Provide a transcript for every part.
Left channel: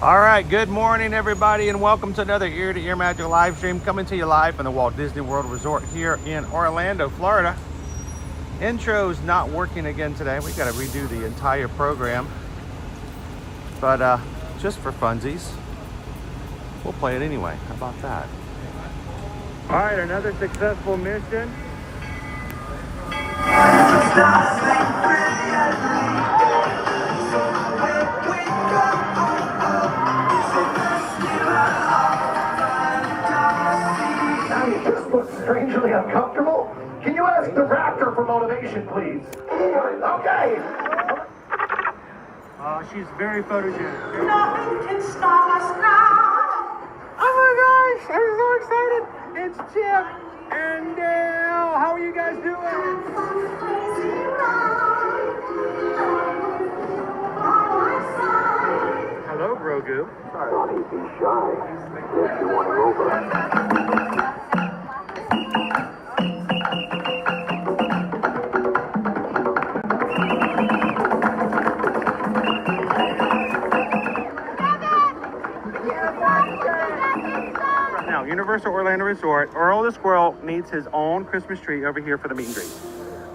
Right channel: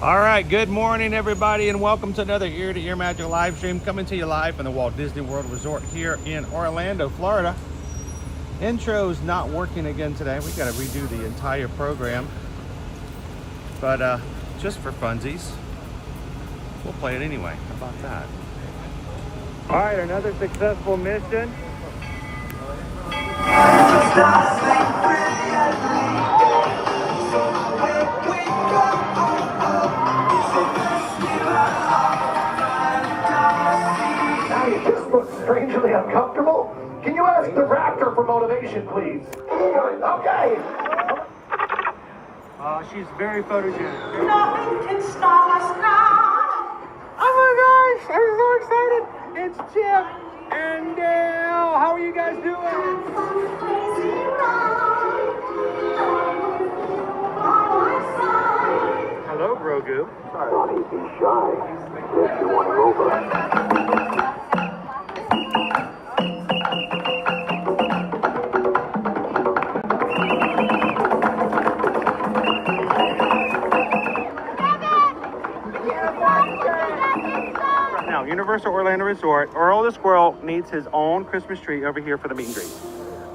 All right, good morning, everybody, and welcome to another Ear to Ear Magic live stream coming to you live from the Walt Disney World Resort here in Orlando, Florida. Intro's not working again today. We got to redo the entire program, but just for funsies, we'll play it anyway. How about that? All right, another successful mission. You just look strangely uncomfortable. Can you ask the raptor for motivation, please? Okay. She's very photogenic. Nothing can stop us now. Oh my gosh, I'm so excited. It's Chip and Dale. How are you guys doing? Hello, Grogu. Sorry, he'd be shy. If you want him over. Now, Universal Orlando Resort, Earl the Squirrel needs his own Christmas tree over here for the meet and greet.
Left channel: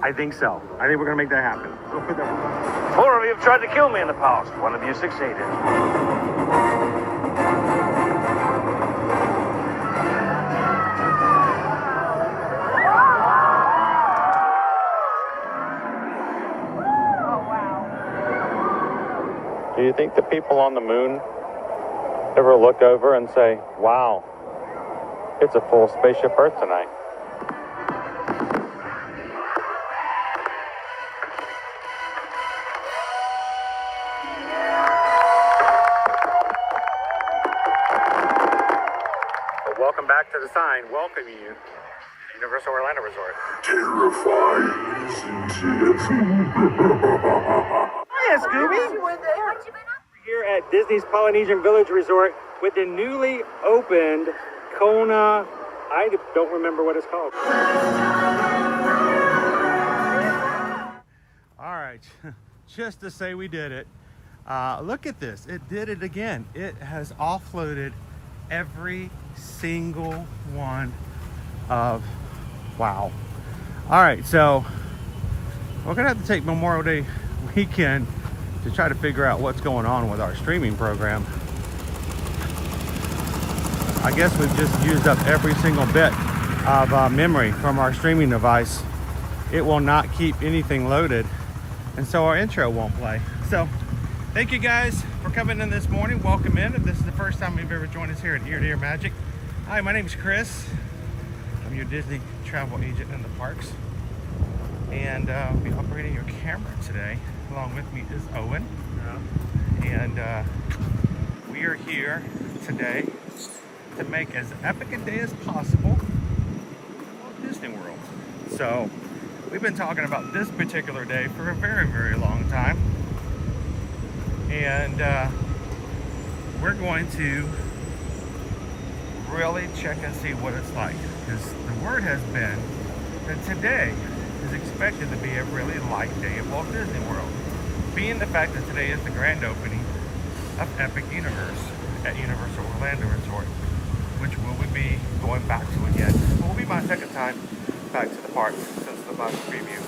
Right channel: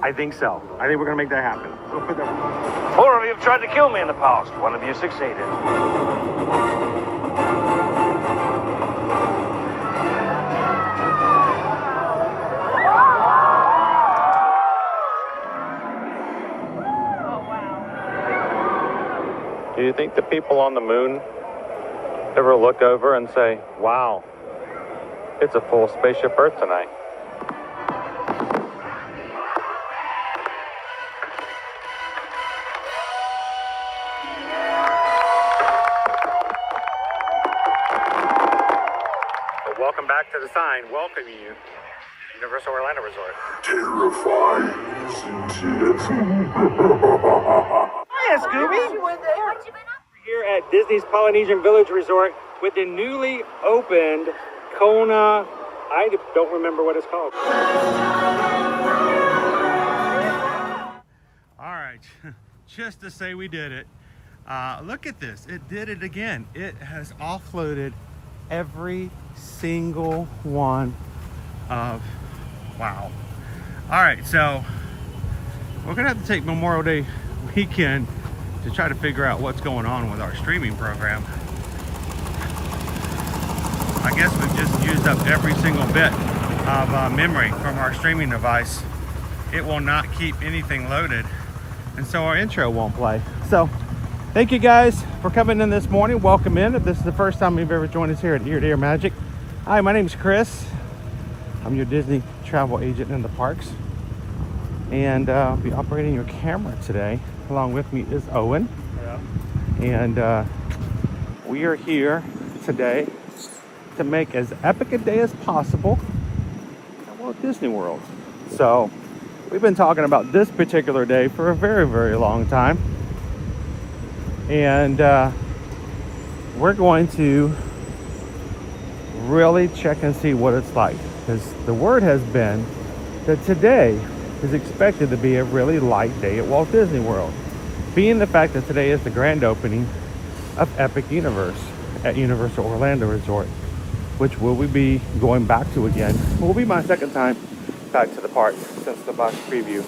I think so. I think we're going to make that happen. We'll put that. 4 of you have tried to kill me in the past. 1 of you succeeded. Do you think the people on the moon ever look over and say, wow, it's a full spaceship Earth tonight? Well, welcome back to the sign welcoming you, Universal Orlando Resort. Terrifying, isn't it? Hiya, Scooby. We're here at Disney's Polynesian Village Resort with the newly opened Kona. I don't remember what it's called. All right, just to say we did it. Look at this. It did it again. It has offloaded every single one of, wow. All right, so we're gonna have to take Memorial Day weekend to try to figure out what's going on with our streaming program. I guess we've just used up every single bit of memory from our streaming device. It will not keep anything loaded, and so our intro won't play. So thank you guys for coming in this morning. Welcome in. If this is the first time you've ever joined us here at Ear to Ear Magic. Hi, my name is Chris. I'm your Disney travel agent in the parks, and I'll be operating your camera today. Along with me is Owen, and we are here today to make as epic a day as possible at Walt Disney World. So we've been talking about this particular day for a very, very long time, and we're going to really check and see what it's like, because the word has been that today is expected to be a really light day at Walt Disney World, being the fact that today is the grand opening of Epic Universe at Universal Orlando Resort, which will we be going back to again. It will be my second time back to the park since the box preview,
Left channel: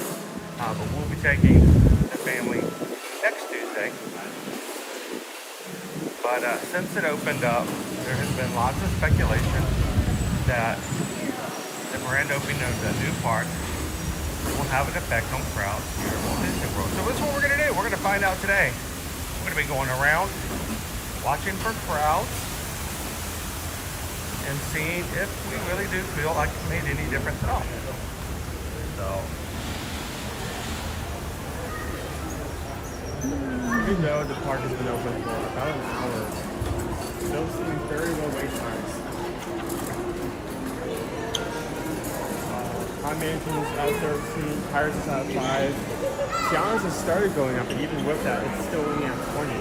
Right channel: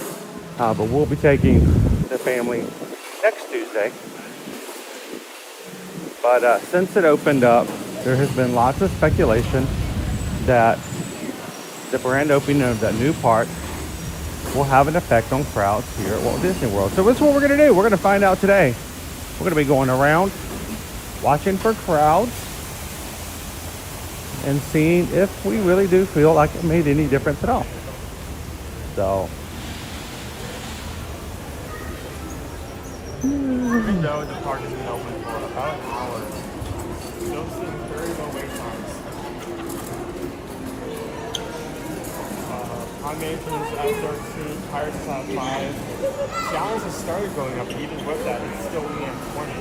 but we'll be taking the family next Tuesday. But since it opened up, there has been lots of speculation that the grand opening of the new park will have an effect on crowds here at Walt Disney World. So that's what we're going to do. We're going to find out today. We're going to be going around, watching for crowds, and seeing if we really do feel like it made any difference at all. So, Pirates is on 5. Showers have started going up, even with that, it's still only at 20.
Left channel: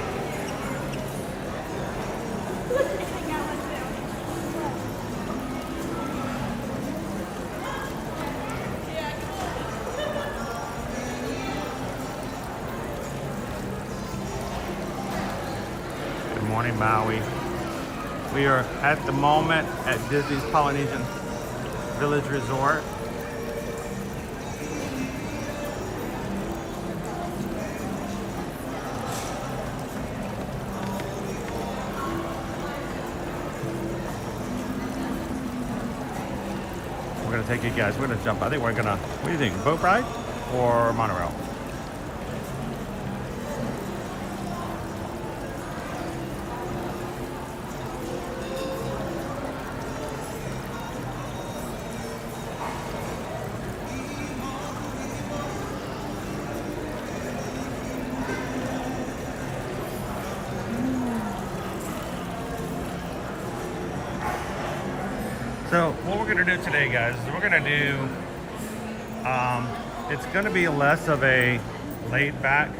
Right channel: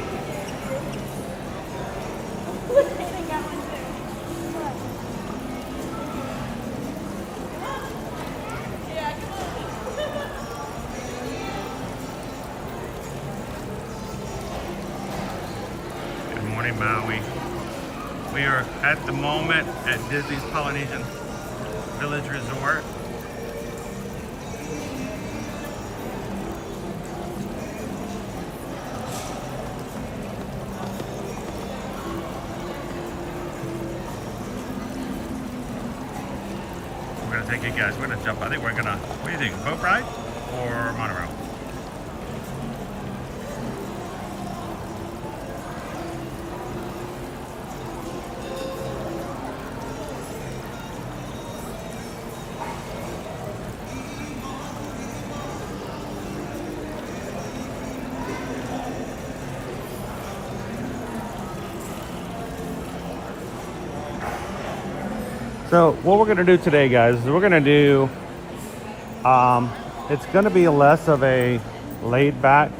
morning, Maui. We are at the moment at Disney's Polynesian Village Resort. We're gonna take you guys, we're gonna jump. I think we're gonna, what do you think, boat ride or monorail? So what we're gonna do today, guys, is we're gonna do, it's gonna be less of a laid back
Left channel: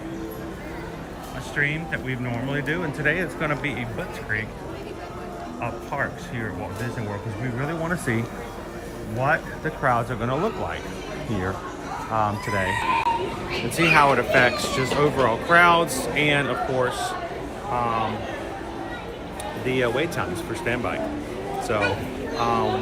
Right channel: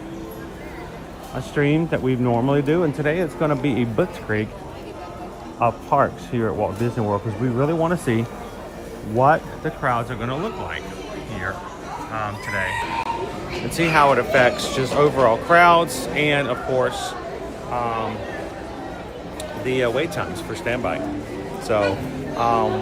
stream that we normally do. And today it's gonna be a blitzkrieg of parks here at Walt Disney World, because we really wanna see what the crowds are gonna look like here today. And see how it affects just overall crowds and of course, the wait times for standby. So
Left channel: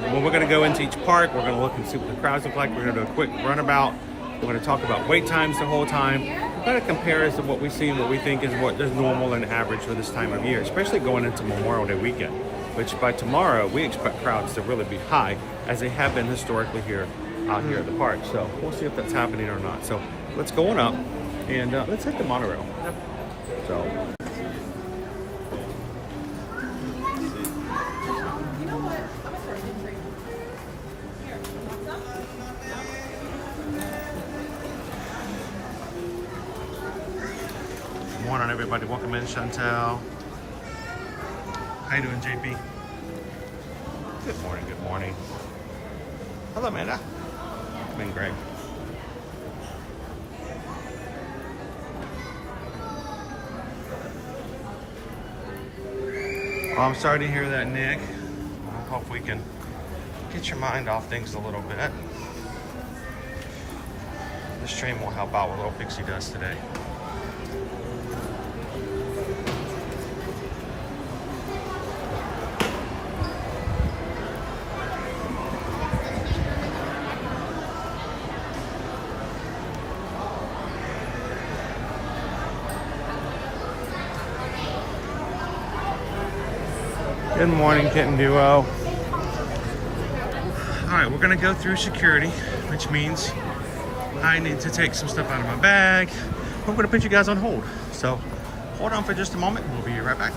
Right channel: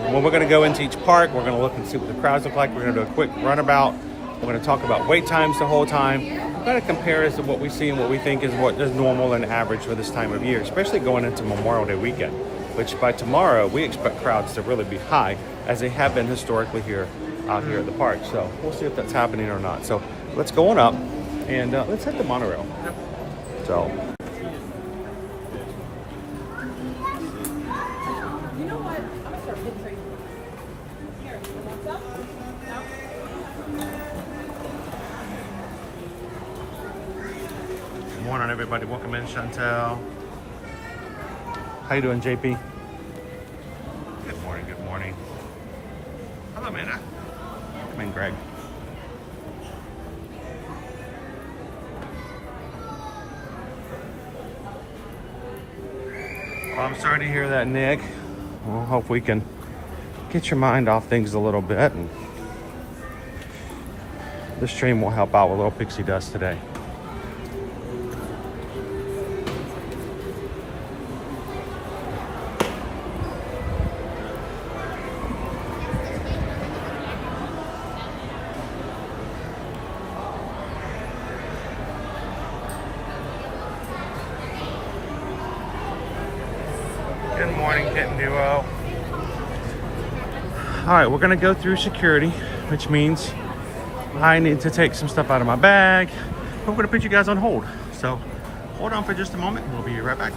when we're going to go into each park, we're going to look and see what the crowds look like. We're going to do a quick runabout. We're going to talk about wait times the whole time. We're going to compare as to what we see and what we think is what is normal and average for this time of year, especially going into Memorial Day weekend, which by tomorrow we expect crowds to really be high as they have been historically here here at the park. So we'll see if that's happening or not. So let's go on up and let's hit the monorail. So. Morning, everybody. Welcome in, Chantel. How you doing, JP? Good morning. Good morning. Hello, Amanda. Come in, Greg. Well, I'm sorry to hear that, Nick. I hope we can get your mind off things a little bit. This stream will help out with little pixie dust today. Good morning, Kitten Duo. All right, we're gonna go through security, which means I need to take some stuff out of my bag. We're gonna put you guys on hold. So hold on for just a moment. We'll be right back.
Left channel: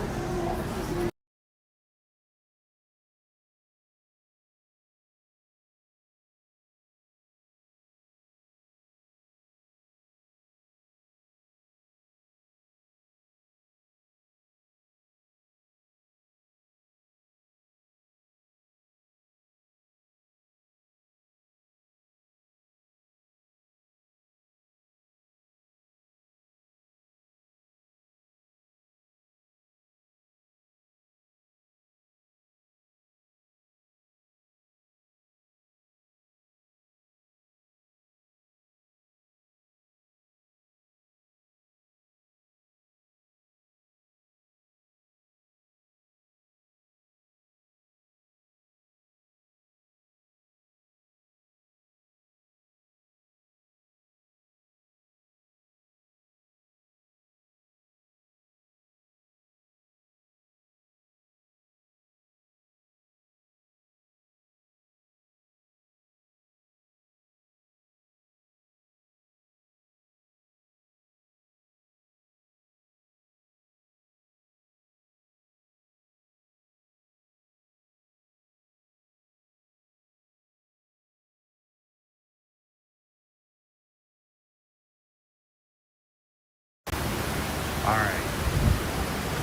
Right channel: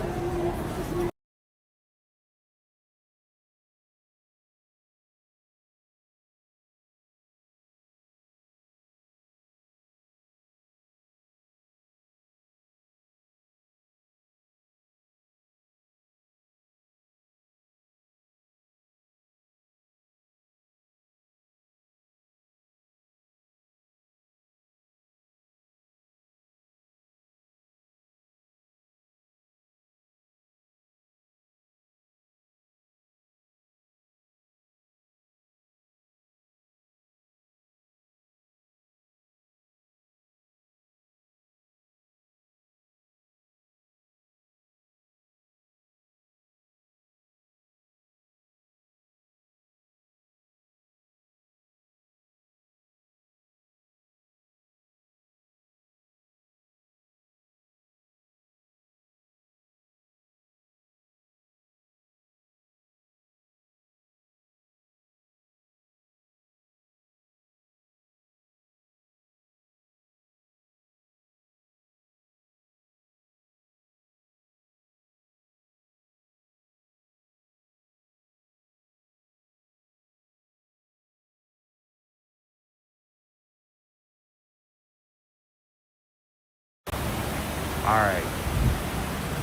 All right,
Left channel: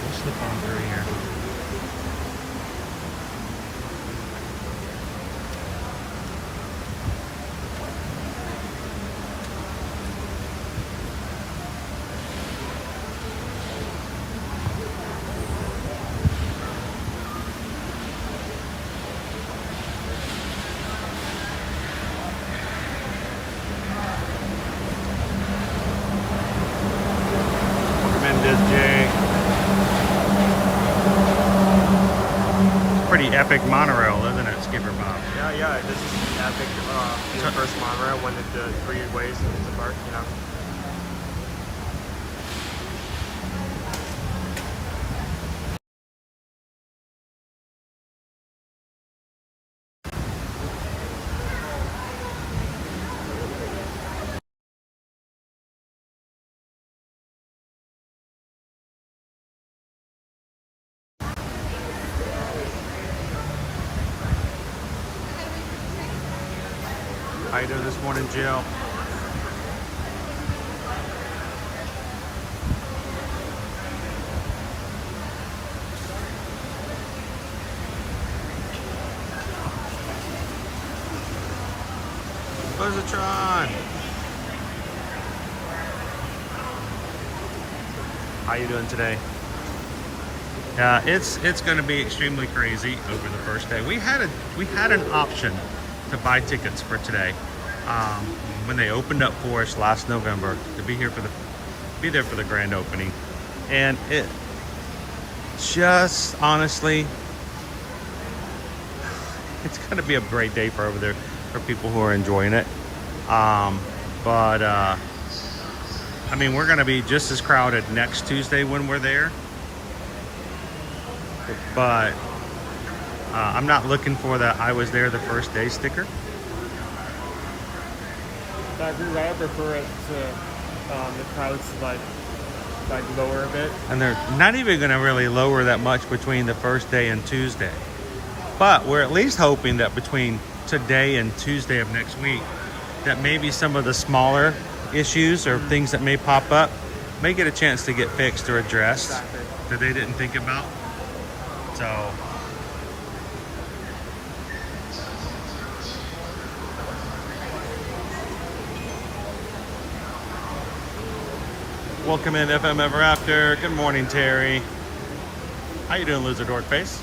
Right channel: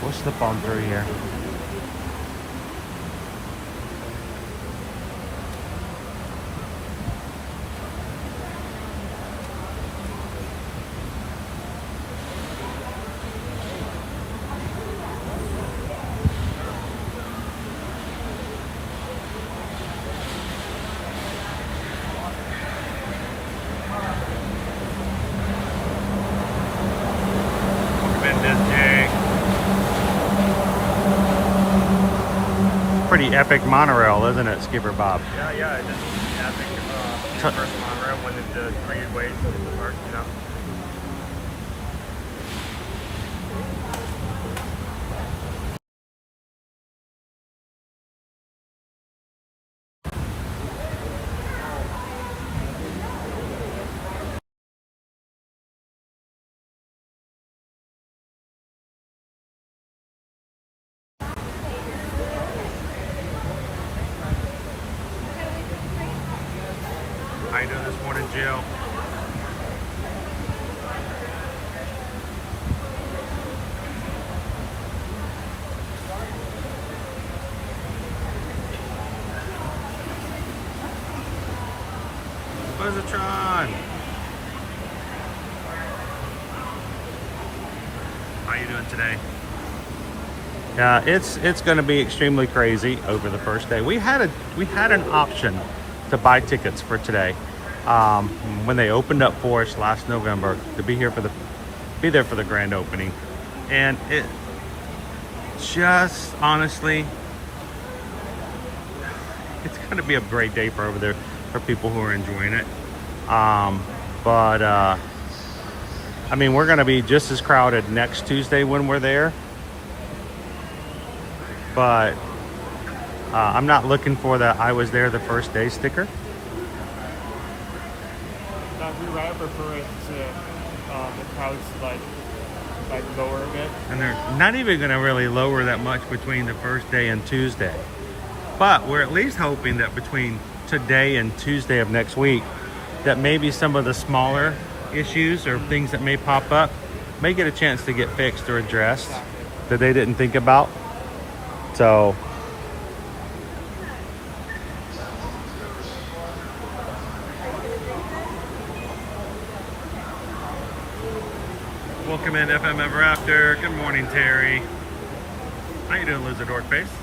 we'll slip on through here. pretty epic monorail, isn't it, Skipper Bob? Yeah, this is epic. First monorail went into 3 ways of the park, you know. How you doing this morning, Jill? Buzzatron! How you doing today? Yeah, it's going to be extremely crazy over the first day. We had an option to buy tickets for today when they opened up for us last November to be there for the grand opening, and it just honestly, it's going to be a great day for over there for people who are enjoying it. But I mean, we're going to be just as crowded next Tuesday when we're there. But I'm not looking for the I was there the first day sticker. I agree. I prefer it to the crowds like lower a bit. And they're not even going to really lower that much between the first day and Tuesday. But we're at least hoping that between today and Tuesday of next week, that maybe some of the smaller issues or things that may pop up may get a chance to get fixed or addressed that they didn't think about. So welcome in FM Ever After. Good morning, Terry. How you doing, Loser Dork Face?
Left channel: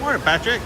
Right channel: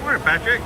Morning, Patrick.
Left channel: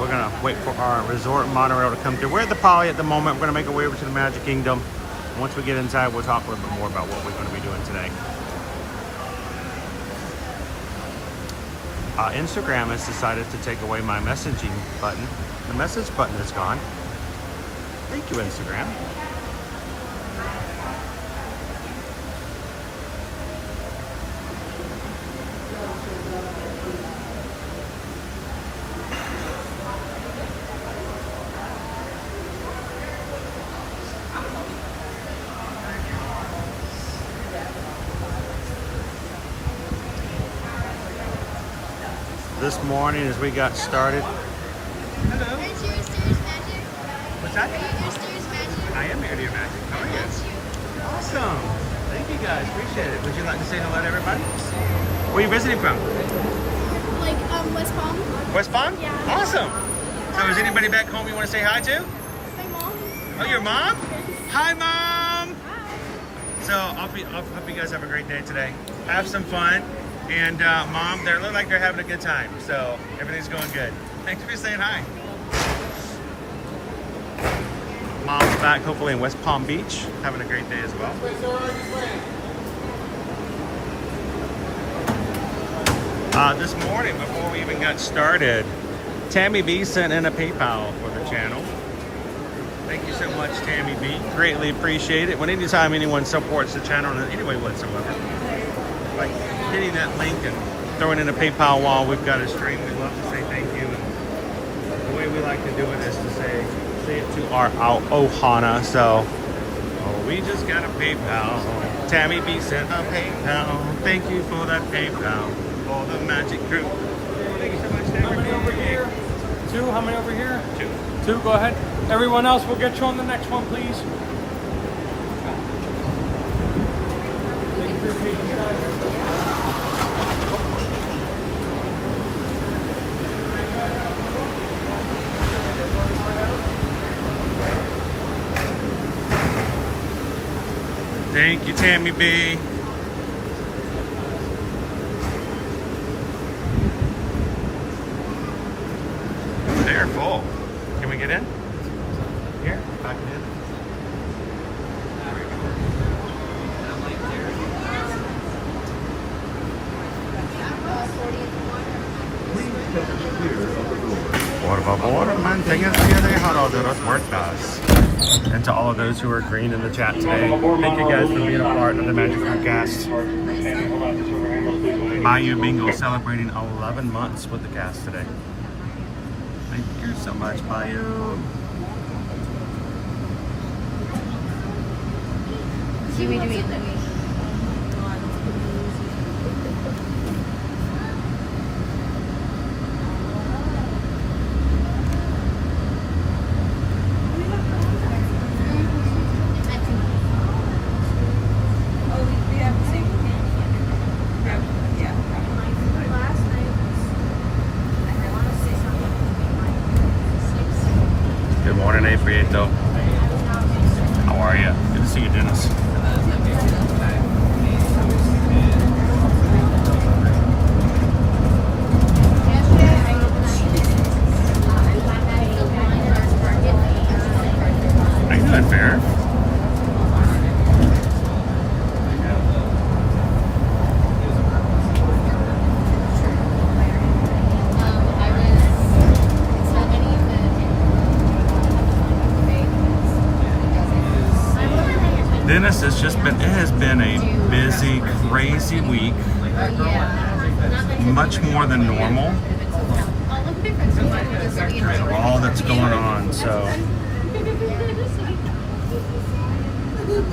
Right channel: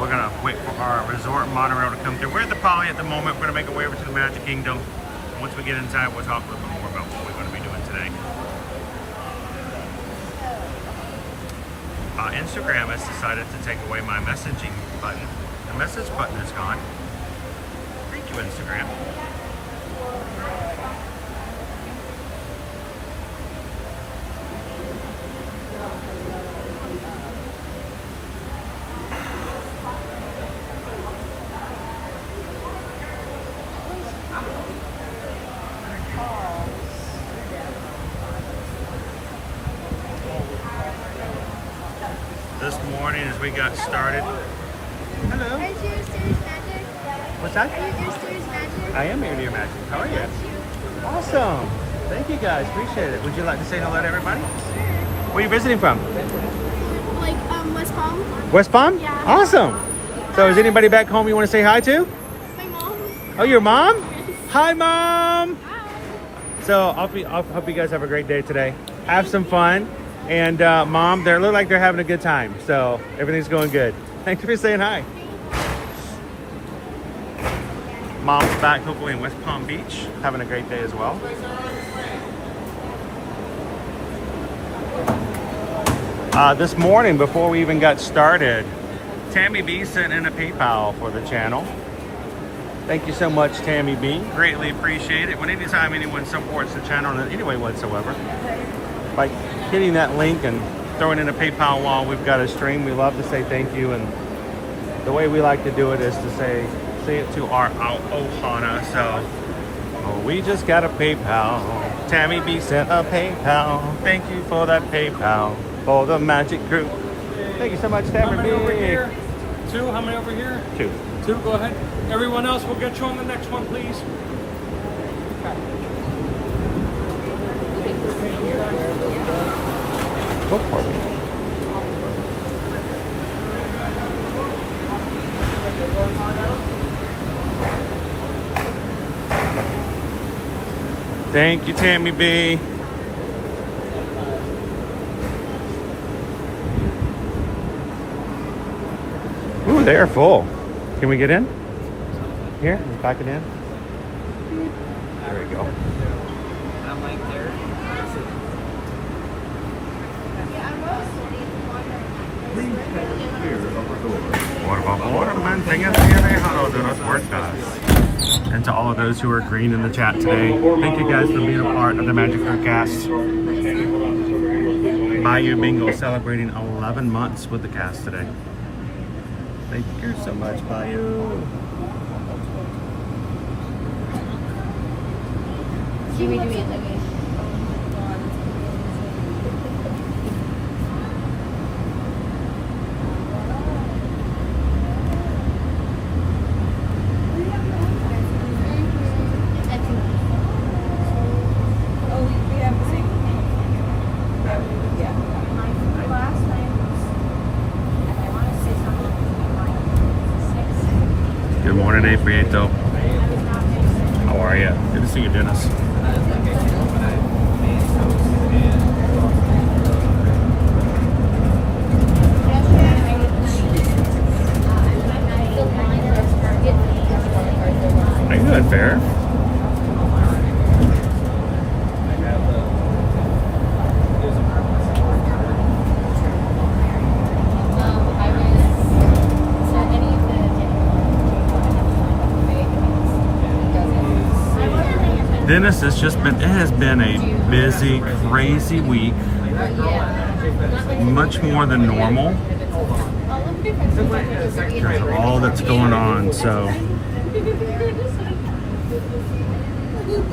We're gonna wait for our resort monorail to come through. We're at the Poly at the moment. We're gonna make our way over to the Magic Kingdom. Once we get inside, we'll talk a little bit more about what we're gonna be doing today. Instagram has decided to take away my messaging button. The message button is gone. Thank you, Instagram. This morning as we got started. Hello. What's that? I am here, dear Magic. How are you? Awesome. Thank you guys. Appreciate it. Would you like to say hello to everybody? Where are you visiting from? Like West Palm. West Palm? Yeah. Awesome. So is anybody back home you want to say hi to? My mom. Oh, your mom? Yes. Hi, Mom. Hi. So I hope you guys have a great day today. Have some fun. And Mom, they look like they're having a good time. So everything's going good. Thanks for saying hi. Mom's back hopefully in West Palm Beach, having a great day as well. This morning, before we even got started, Tammy B sent in a PayPal for the channel. Thank you so much, Tammy B. Greatly appreciate it. When anytime anyone supports the channel in any way whatsoever, like hitting that link and throwing in a PayPal while we've got a stream, we love to say thank you and the way we like to do it is to say it to our ohana. So, oh, we just got a PayPal. Tammy B sent a PayPal. Thank you for that PayPal. Oh, the magic group. Thank you so much, Tammy. How many over here? 2? How many over here? 2. 2, go ahead. Everyone else, we'll get you on the next one, please. Thank you, Tammy B. Ooh, they're full. Can we get in? Here, back it in. There we go. Por favor, manténgase alejado de los puertas. And to all of those who are green in the chat today, thank you guys for being a part of the Magic Fruit Cast. Bayou Bingo celebrating 11 months with the cast today. Thank you so much, Bayou. Good morning, A. Prieto. How are you? Good to see you, Dennis. How you doing, Fair? Dennis has been a busy, crazy week. Much more than normal because of all that's going on. So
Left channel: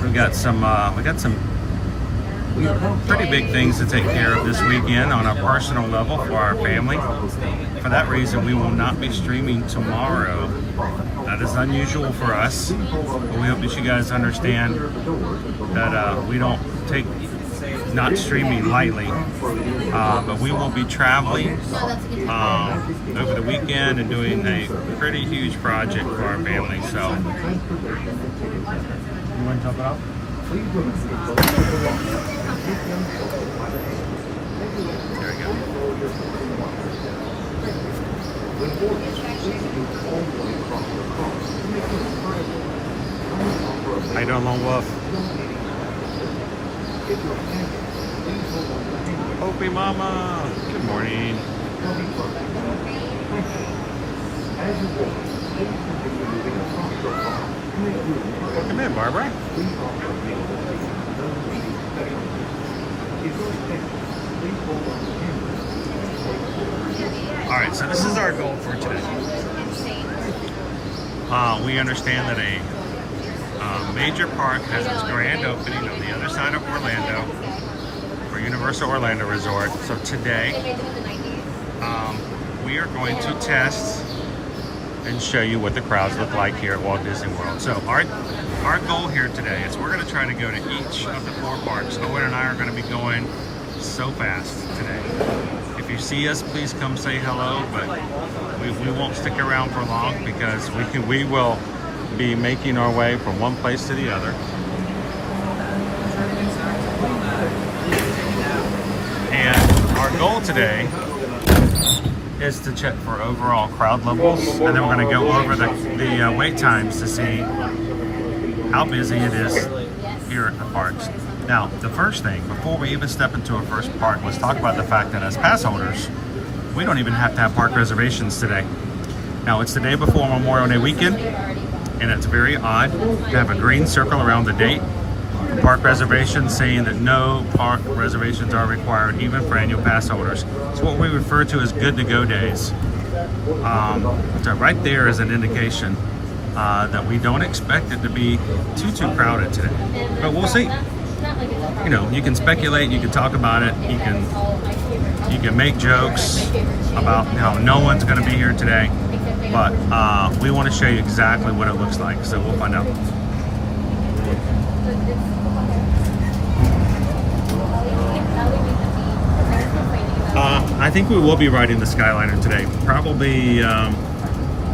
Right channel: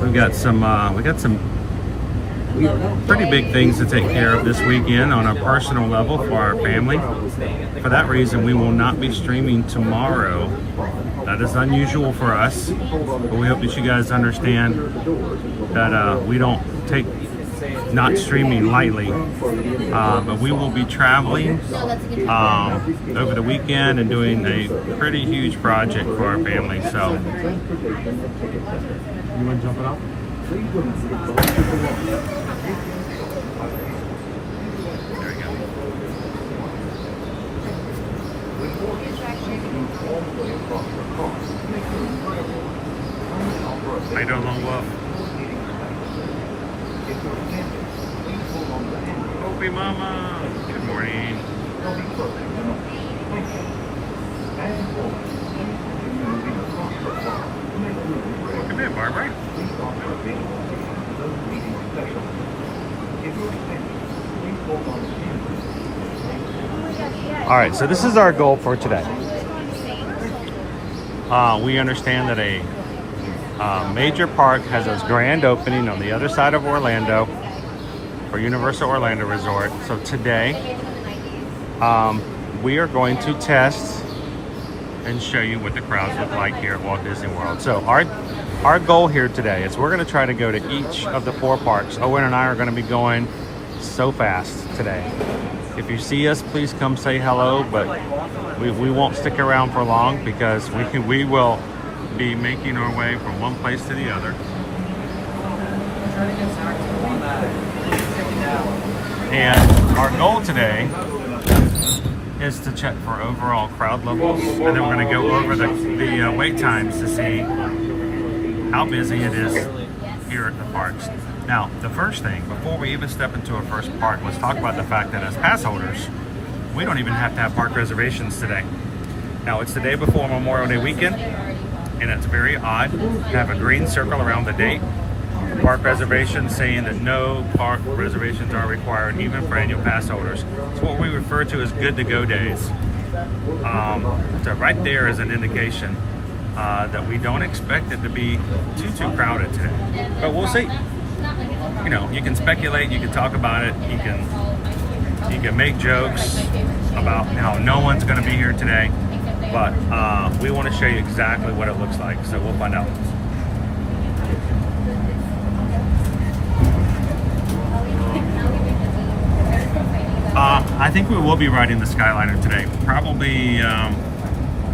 we got some pretty big things to take care of this weekend on a personal level for our family. For that reason, we will not be streaming tomorrow. That is unusual for us, but we hope that you guys understand that we don't take not streaming lightly. But we will be traveling over the weekend and doing a pretty huge project for our family. So, you want to jump it up? There we go. I don't know what. Opie Mama, good morning. Welcome in, Barbara. All right, so this is our goal for today. We understand that a major park has its grand opening on the other side of Orlando for Universal Orlando Resort. So today, we are going to test and show you what the crowds look like here at Walt Disney World. So our goal here today is we're going to try to go to each of the 4 parks. Owen and I are going to be going so fast today. If you see us, please come say hello, but we won't stick around for long because we will be making our way from one place to the other. And our goal today is to check for overall crowd levels, and then we're going to go over the wait times to see how busy it is here at the parks. Now, the first thing, before we even step into our first park, let's talk about the fact that as pass holders, we don't even have to have park reservations today. Now, it's the day before Memorial Day weekend, and it's very odd to have a green circle around the date. Park reservations saying that no park reservations are required, even for annual pass holders. It's what we refer to as good to go days. So right there is an indication that we don't expect it to be too crowded today. But we'll see. You know, you can speculate, you can talk about it, you can make jokes about how no one's going to be here today. But we want to show you exactly what it looks like, so we'll find out. I think we will be riding the Skyliner today. Probably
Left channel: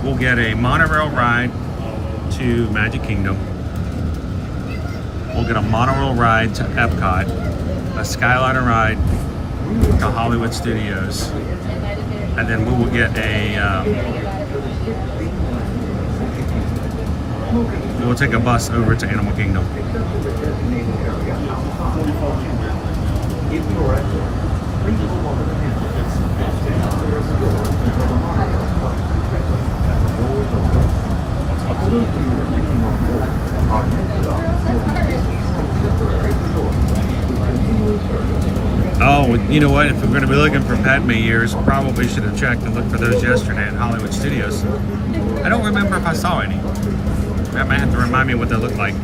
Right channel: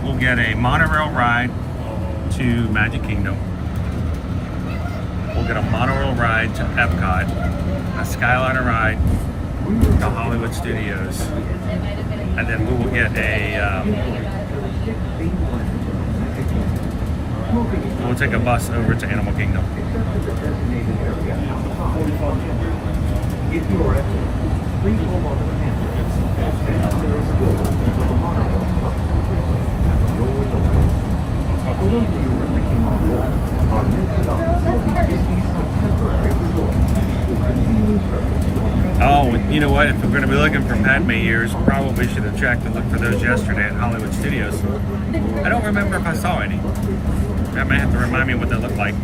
we'll get a monorail ride to Magic Kingdom. We'll get a monorail ride to Epcot, a Skyliner ride to Hollywood Studios, and then we will get we'll take a bus over to Animal Kingdom. Oh, you know what? If we're going to be looking for Padme ears, probably should have checked and looked for those yesterday at Hollywood Studios. I don't remember if I saw any. That might have to remind me what they look like.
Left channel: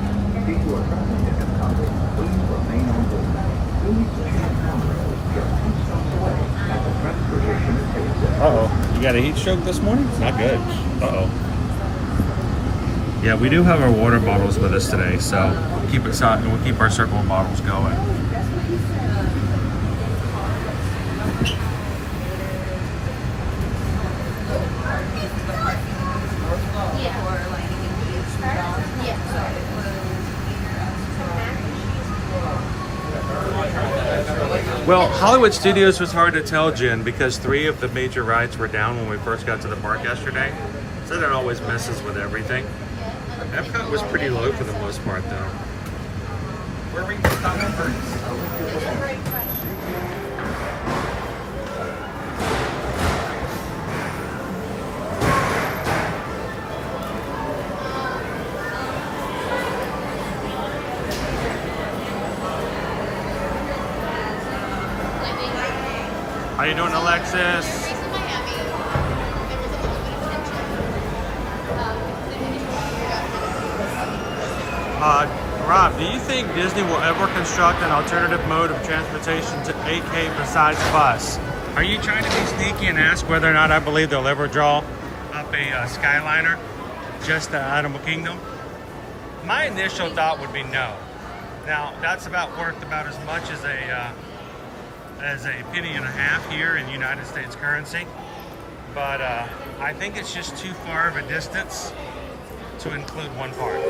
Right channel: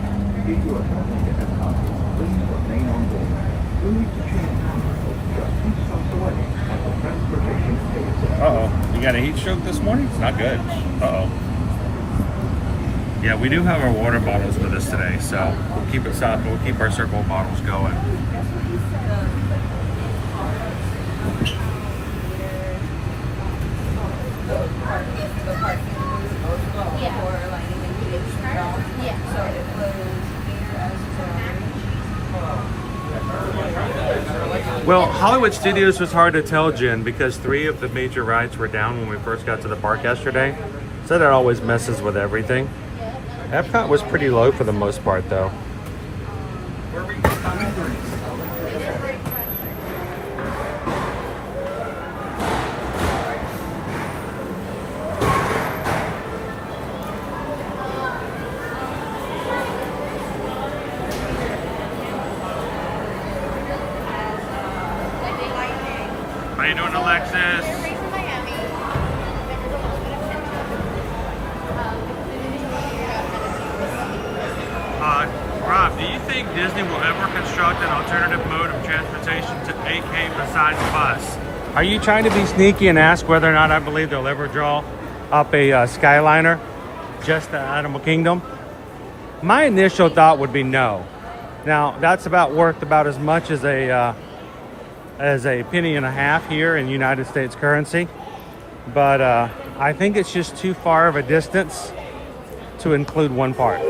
Uh-oh. You got a heat stroke this morning? It's not good. Uh-oh. Yeah, we do have our water bottles with us today, so we'll keep it hot and we'll keep our circle of bottles going. Well, Hollywood Studios was hard to tell, Jen, because 3 of the major rides were down when we first got to the park yesterday. So that always messes with everything. Epcot was pretty low for the most part, though. How you doing, Alexis? Rob, do you think Disney will ever construct an alternative mode of transportation to AK besides bus? Are you trying to be sneaky and ask whether or not I believe they'll ever draw up a Skyliner just to Animal Kingdom? My initial thought would be no. Now, that's worth about as much as a penny and a half here in United States currency. But I think it's just too far of a distance to include one part.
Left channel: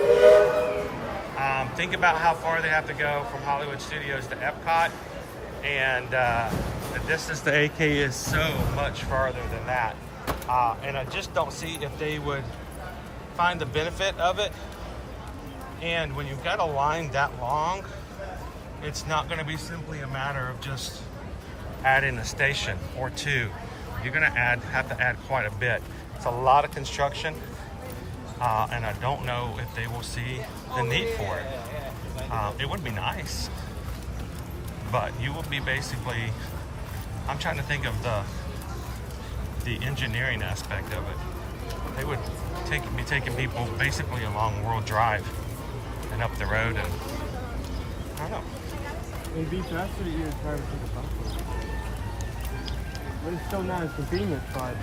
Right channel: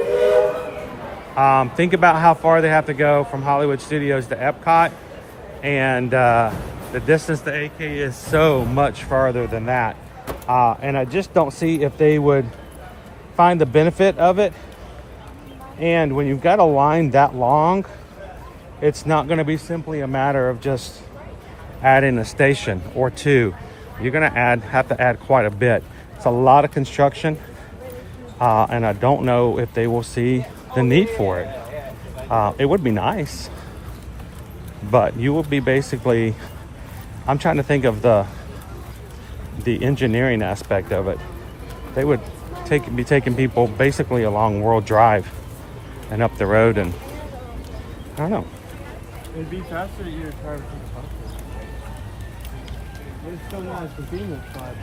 Think about how far they have to go from Hollywood Studios to Epcot, and the distance to AK is so much farther than that. And I just don't see if they would find the benefit of it. And when you've got a line that long, it's not going to be simply a matter of just adding a station or 2. You're going to have to add quite a bit. It's a lot of construction, and I don't know if they will see the need for it. It would be nice, but you will be basically, I'm trying to think of the engineering aspect of it. They would be taking people basically along World Drive and up the road, and I don't know. It'd be faster that you would try to take a bus. But it's still not as convenient, but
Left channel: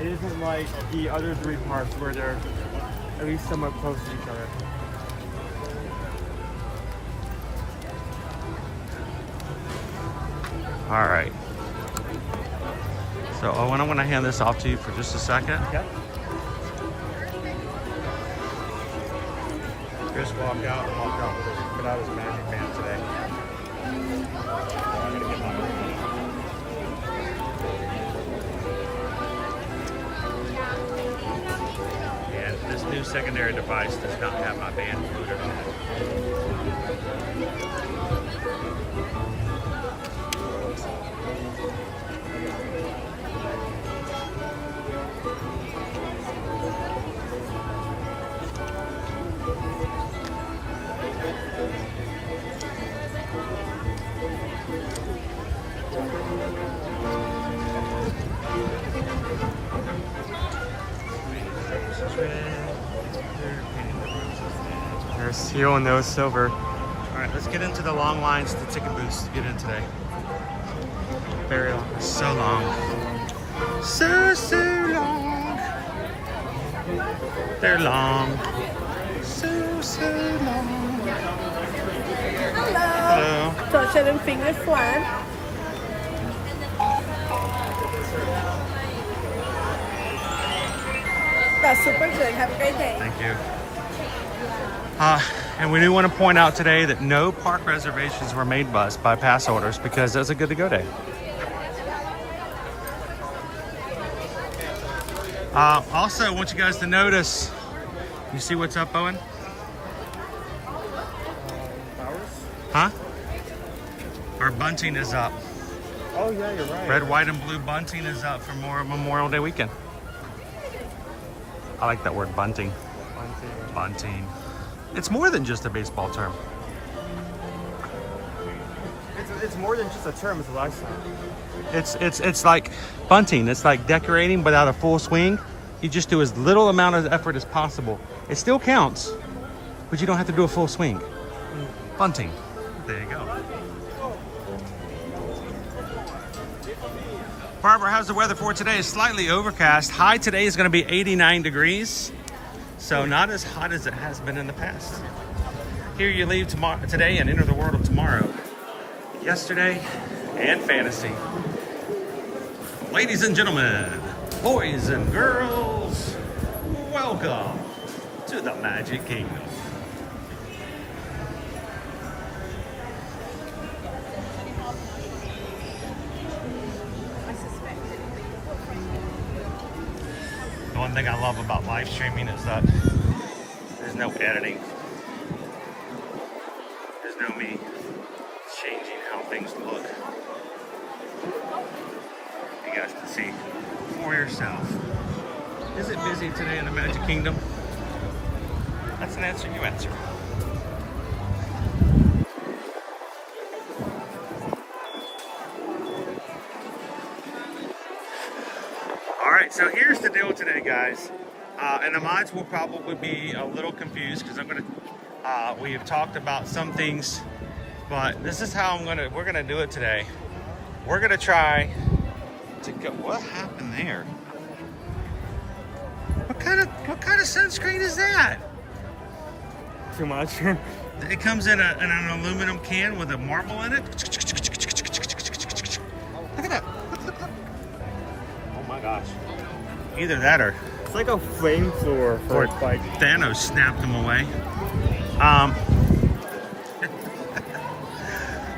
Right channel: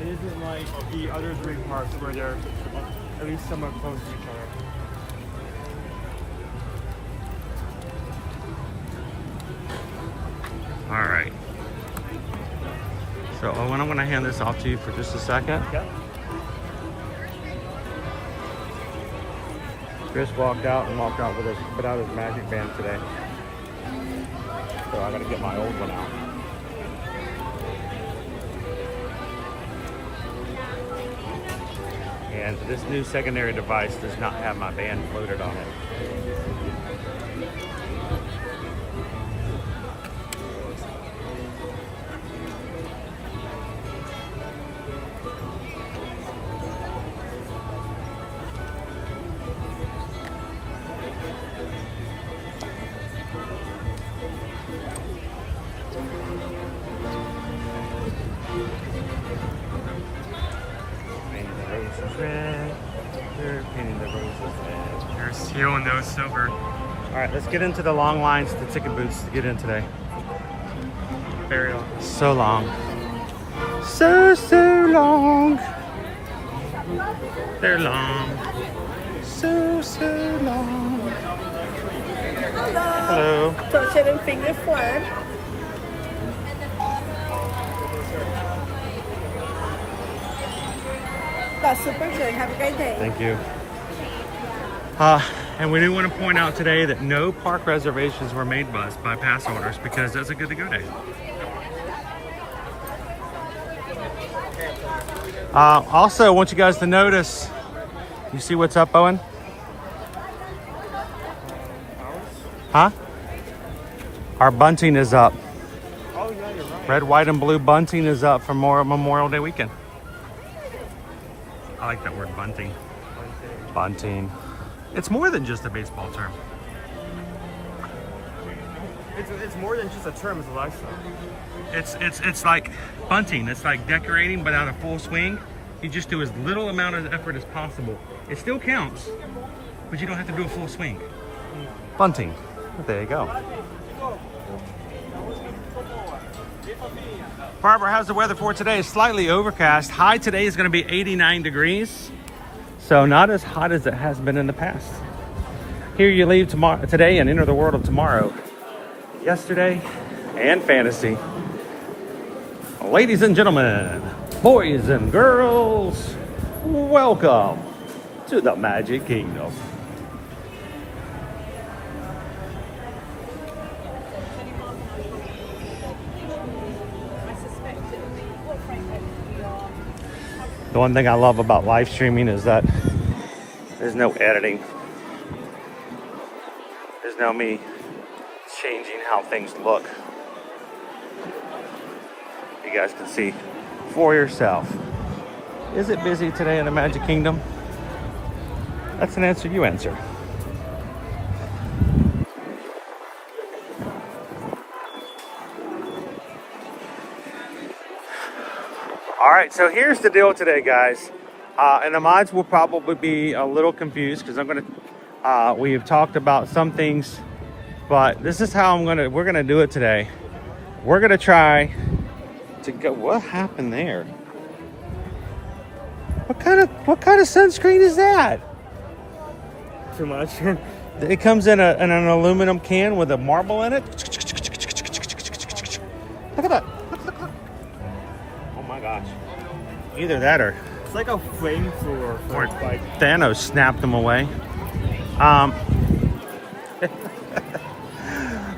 it isn't like the other 3 parks where they're at least somewhat close to each other. All right. So Owen, I'm going to hand this off to you for just a second. Yep. Chris walked out and walked out with us, put out his magic band today. So I got to get my old one. And this new secondary device does not have my band loaded on it. There's Hero No Silver. All right, let's get into the long lines to the ticket booths to get in today. Very long. So long. So long. They're long. So long. Hello. Tortured and finger flan. That's super good. Have a great day. Thank you. And we do want to point out today that no park reservations were made by us by pass holders because that's a good to go day. Also, I want you guys to notice, you see what's up, Owen? Huh? Our bunting is up. Oh yeah, you're right. Red, white, and blue bunting is up for more Memorial Day weekend. I like that word, bunting. Bunting. It's more than just a baseball term. It's more than just a term, it's a lifestyle. It's like bunting. It's like decorating without a full swing. You just do as little amount of effort as possible. It still counts, but you don't have to do a full swing. Bunting. There you go. Barbara, how's the weather for today? It's slightly overcast. High today is going to be 89 degrees. So not as hot as it has been in the past. Here you leave today and enter the world of tomorrow. Yesterday and fantasy. Ladies and gentlemen, boys and girls, welcome to the Magic Kingdom. The one thing I love about live streaming is that there's no editing. There's no me changing how things look. You guys can see for yourself. Is it busy today in the Magic Kingdom? That's an answer you answer. All right, so here's the deal today, guys. And the mods will probably be a little confused because we've talked about some things, but this is how we're gonna do it today. We're gonna try to go. What happened there? What kind of sunscreen is that? Too much. It comes in an aluminum can with a marble in it. Look at that. Oh my gosh. Either that or It's like a flamethrower for like Thanos snapped them away.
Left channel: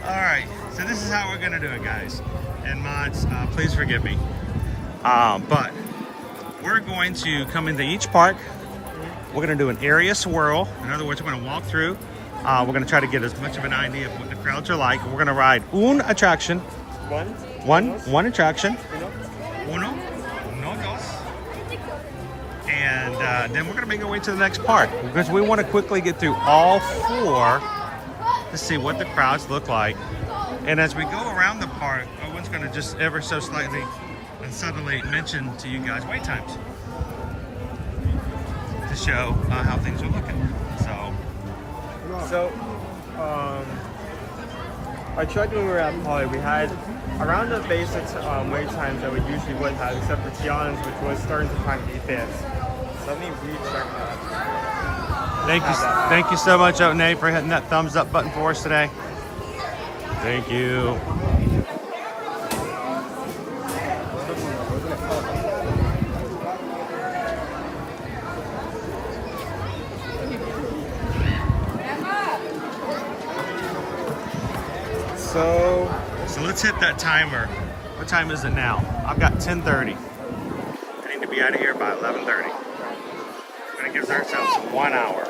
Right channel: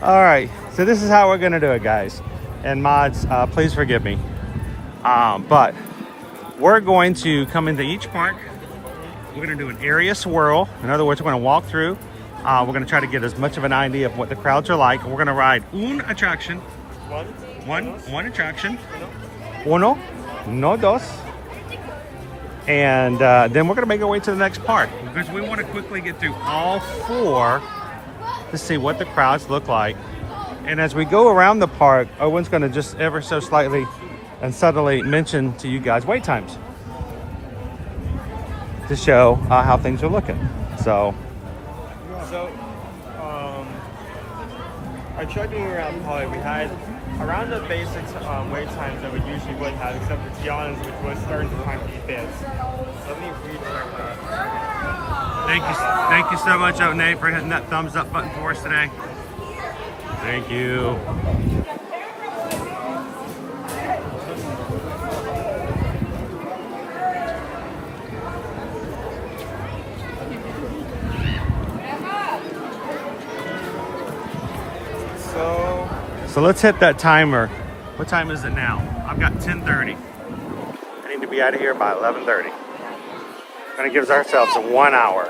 All right, so this is how we're gonna do it, guys. And mods, please forgive me. But we're going to come into each park. We're gonna do an area swirl. In other words, we're gonna walk through. We're gonna try to get as much of an idea of what the crowds are like. We're gonna ride one attraction. One attraction. Uno, dos. And then we're gonna make our way to the next park because we want to quickly get through all four to see what the crowds look like. And as we go around the park, Owen's gonna just ever so slightly and subtly mention to you guys wait times to show how things are looking. So I tried when we were at Hawaii, we had around the basics wait times that we usually would have, except for Tiana's, which was starting to kind of advance. thank you so much, Nate, for hitting that thumbs up button for us today. Thank you. So let's hit that timer. What time is it now? I've got 10:30. I need to be out of here by 11:30. And it gives ourselves 1 hour.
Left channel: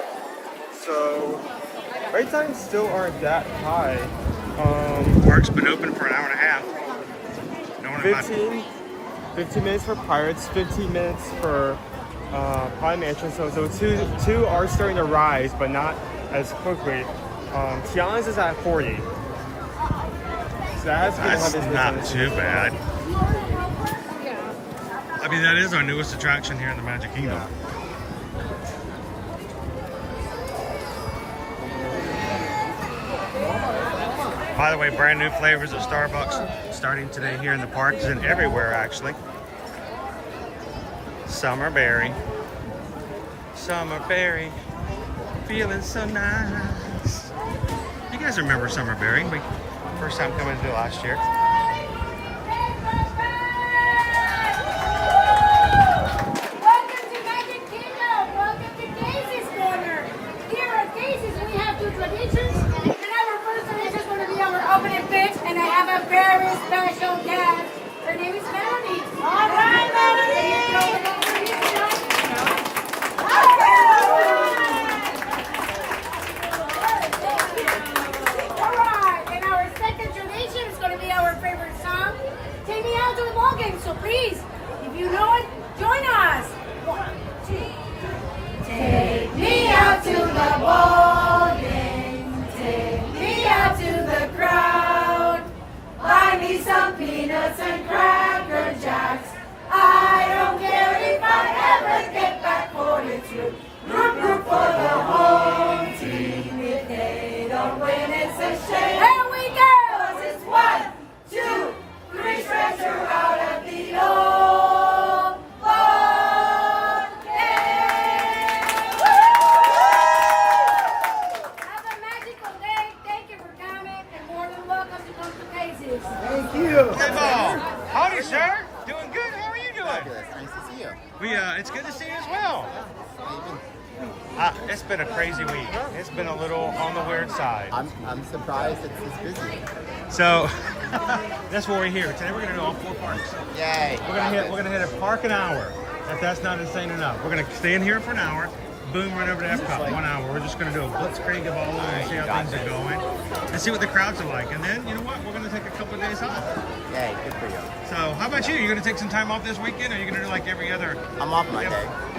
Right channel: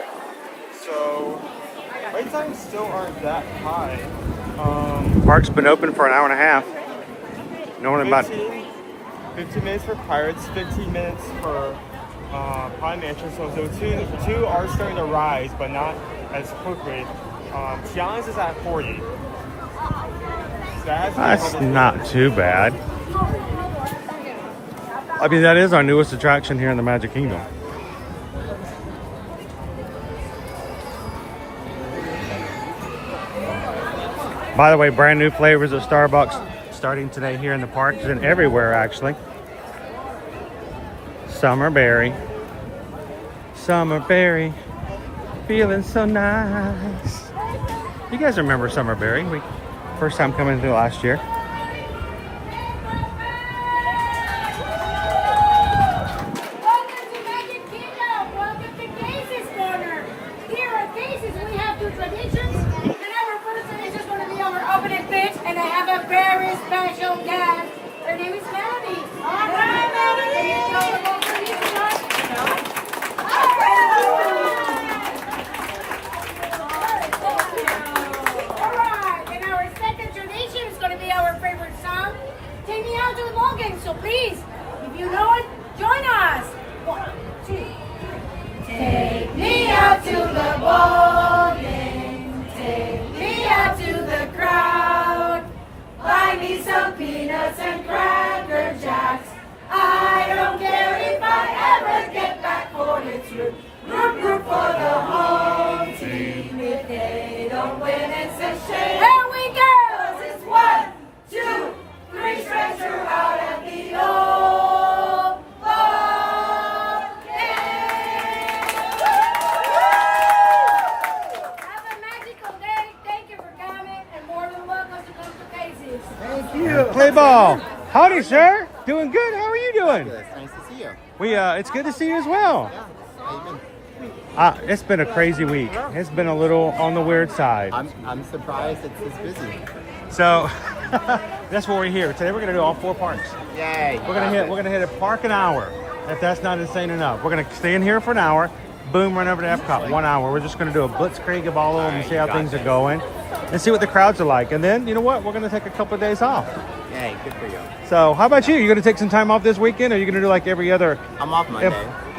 So, wait times still aren't that high. Park's been open for an hour and a half. No one about 15 minutes for Pirates, 15 minutes for Prime Mansion. So two are starting to rise, but not as quickly. Tiana's is at 40. So That's not too bad. I mean, that is our newest attraction here in the Magic Kingdom. By the way, brand new flavors at Starbucks starting today here in the parks and everywhere actually. Summer berry, feeling so nice. You guys remember summer berry? We first time coming into it last year. Welcome to Magic Kingdom. Welcome to Casey's Corner. Here at Casey's, we have two traditions. And our first tradition is going to be our opening pitch. And I have a very special guest. Her name is Melanie. All right, Melanie. All right. And our second tradition is going to be our favorite song. Take me out to the ball game. So please, if you know it, join us. 1, 2, 3. Take me out to the ball game. Take me out to the crowd. Buy me some peanuts and cracker jacks. I don't care if I ever get back for its root. Root for the home team. If they don't win, it's a shame. Here we go. 'Cause it's 1, 2, 3 strikes are out at the old ball game. Have a magical day. Thank you for coming, and more than welcome to come to Casey's. Play ball. Howdy, sir. Doing good. How are you doing? It's nice to see you. It's good to see you as well. It's been a crazy week. It's been a little on the weird side. I'm surprised it's this busy. So that's what we're here. Today we're gonna do all 4 parks. Yay. We're gonna hit a park an hour. If that's not insane enough. We're gonna stay in here for an hour, boom, run over to Epcot, 1 hour. We're just gonna do a blitzkrieg of all of them and see how things are going and see what the crowds are like. And then, you know what? We're gonna take a couple of days off. Yay, good for you. So how about you? You gonna take some time off this weekend, or are you gonna do like every other? I'm off Monday.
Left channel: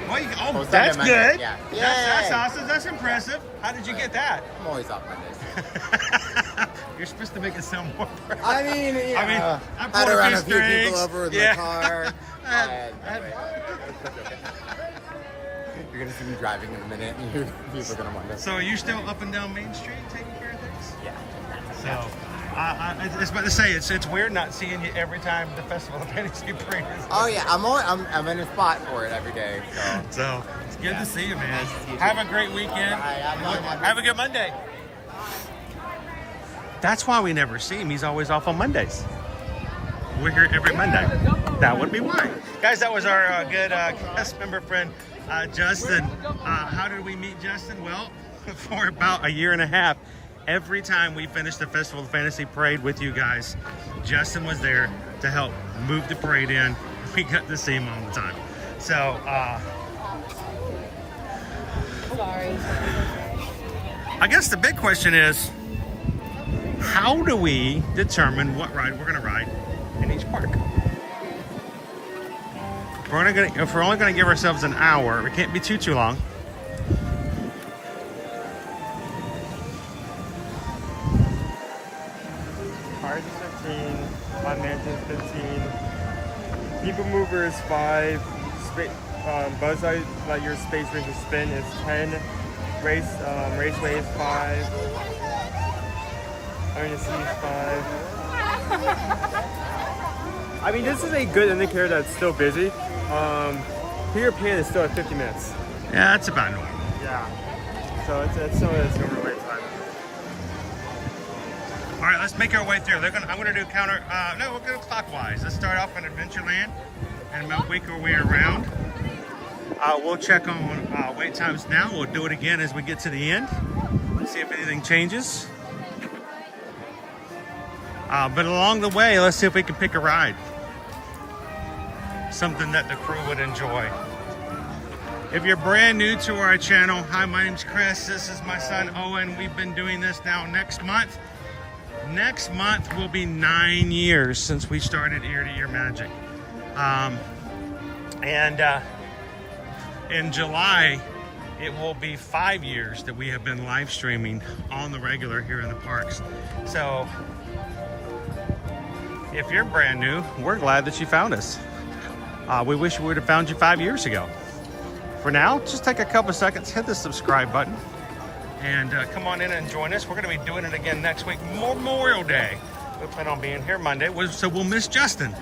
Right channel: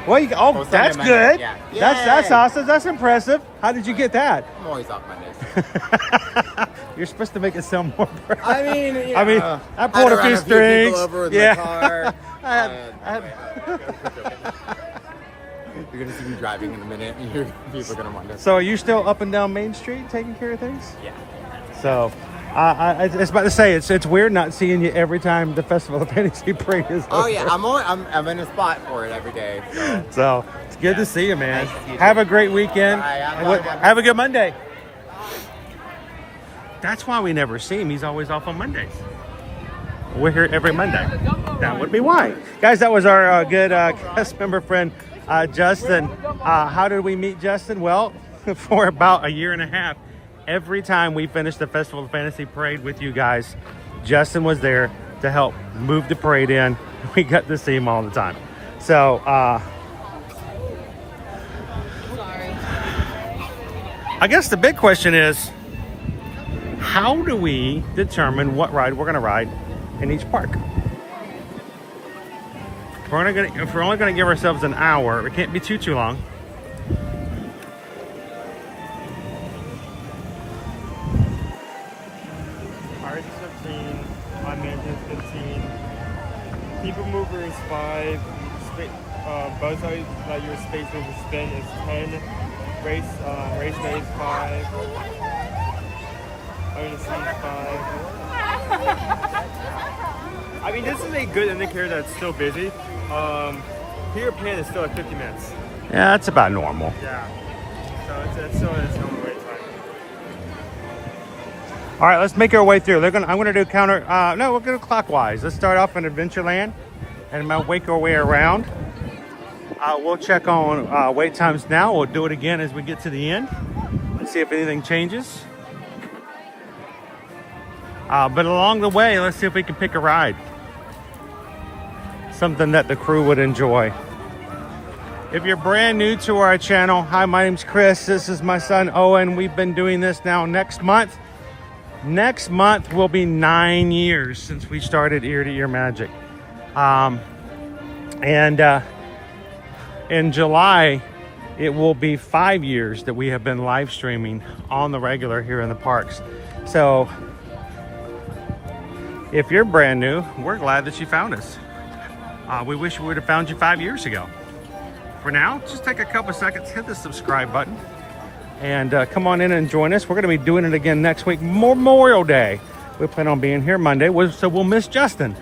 Well, that's Monday, good. yeah. That's Yay. awesome. That's impressive. How did you get that? I'm always off Mondays. You're supposed to make it sound more. I mean, I pulled a few strings. People over in Yeah. the car. I had- You're gonna see me driving in a minute, and people are gonna wonder. So are you still up and down Main Street taking care of things? Yeah. So I was about to say it's weird not seeing you every time the Festival of Fantasy Parade is. Oh yeah, I'm in a spot for it every day. So it's good to see you, man. Nice to see you. Have a great weekend. All right, Have a good Monday. That's why we never see him. He's always off on Mondays. We're here every Monday. That would be why. Guys, that was our good cast member friend, Justin. How did we meet Justin? Well, for about a year and a half, every time we finished the Festival of Fantasy Parade with you guys, Justin was there to help move the parade in. We got to see him all the time. So, I guess the big question is, how do we determine what ride we're going to ride in each park? If we're only going to give ourselves an hour, it can't be too long. People Mover is 5. Buzz Lightyear Space Racer Spin is 10. Raceway is 5. Iron Sea is 5. I mean, this is a good indicator that it's still busy. Peter Pan is still at 50 minutes. Yeah, that's about normal. Yeah. So it's still the right time. All right, let's make our way through. I'm going to do counter. No, we'll go clockwise. Let's start off in Adventureland and make our way around. We'll check on wait times now. We'll do it again as we get to the end. Let's see if anything changes. But along the way, let's see if we can pick a ride. Something that the crew would enjoy. If you're brand new to our channel, hi, my name's Chris. This is my son, Owen. We've been doing this now next month. Next month will be 9 years since we started Ear to Ear Magic. In July, it will be 5 years that we have been live streaming on the regular here in the parks. So if you're brand new, we're glad that you found us. We wish we would have found you 5 years ago. For now, just take a couple seconds, hit the subscribe button, And come on in and join us. We're going to be doing it again next week, Memorial Day. We plan on being here Monday, so we'll miss Justin.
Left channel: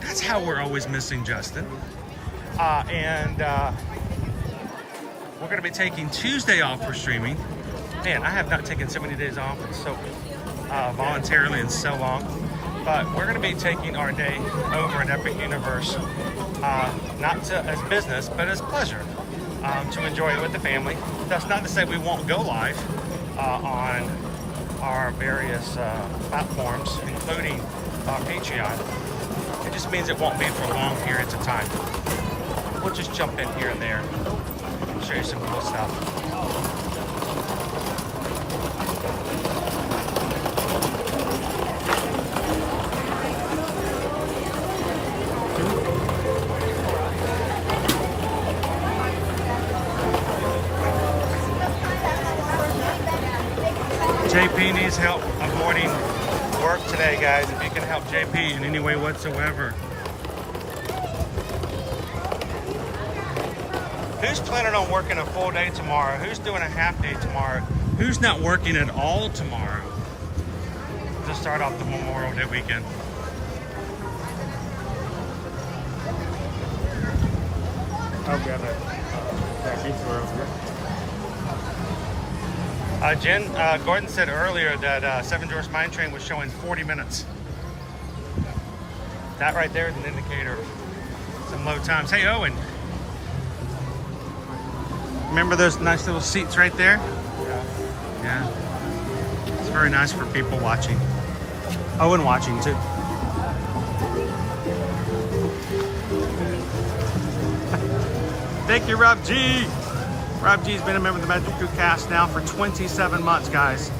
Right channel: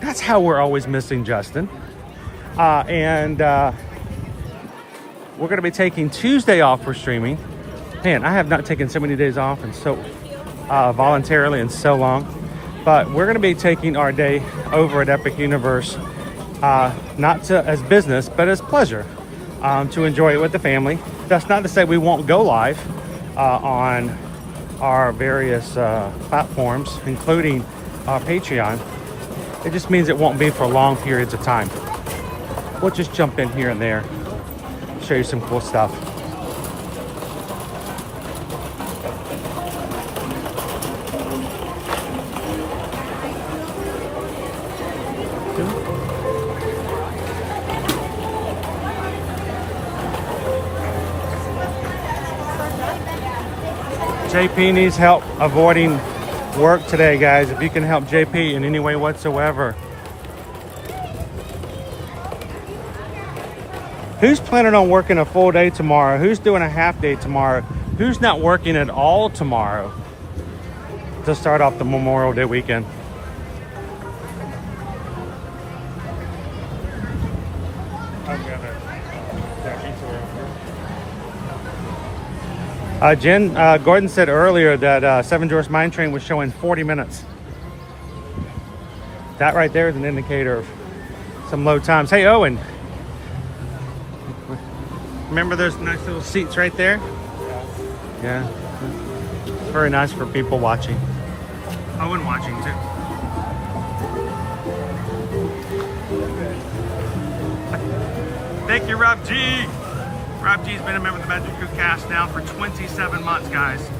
That's how we're always missing Justin. And we're going to be taking Tuesday off for streaming. Man, I have not taken so many days off and so voluntarily in so long. But we're going to be taking our day over at Epic Universe, not as business, but as pleasure, to enjoy it with the family. That's not to say we won't go live on our various platforms, including our Patreon. It just means it won't be for long periods of time. We'll just jump in here and there, show you some cool stuff. JP needs help avoiding work today, guys. If you can help JP in any way whatsoever. Who's planning on working a full day tomorrow? Who's doing a half day tomorrow? Who's not working at all tomorrow to start off the Memorial Day weekend? Jen Gordon said earlier that Seven Dwarfs Mine Train was showing 40 minutes. That right there is an indicator of some low times. Hey, Owen. Remember those nice little seats right there? Yeah. It's very nice for people watching. Owen watching too. Thank you, Rob G. Rob G's been a member of the Magic Crew cast now for 27 months, guys.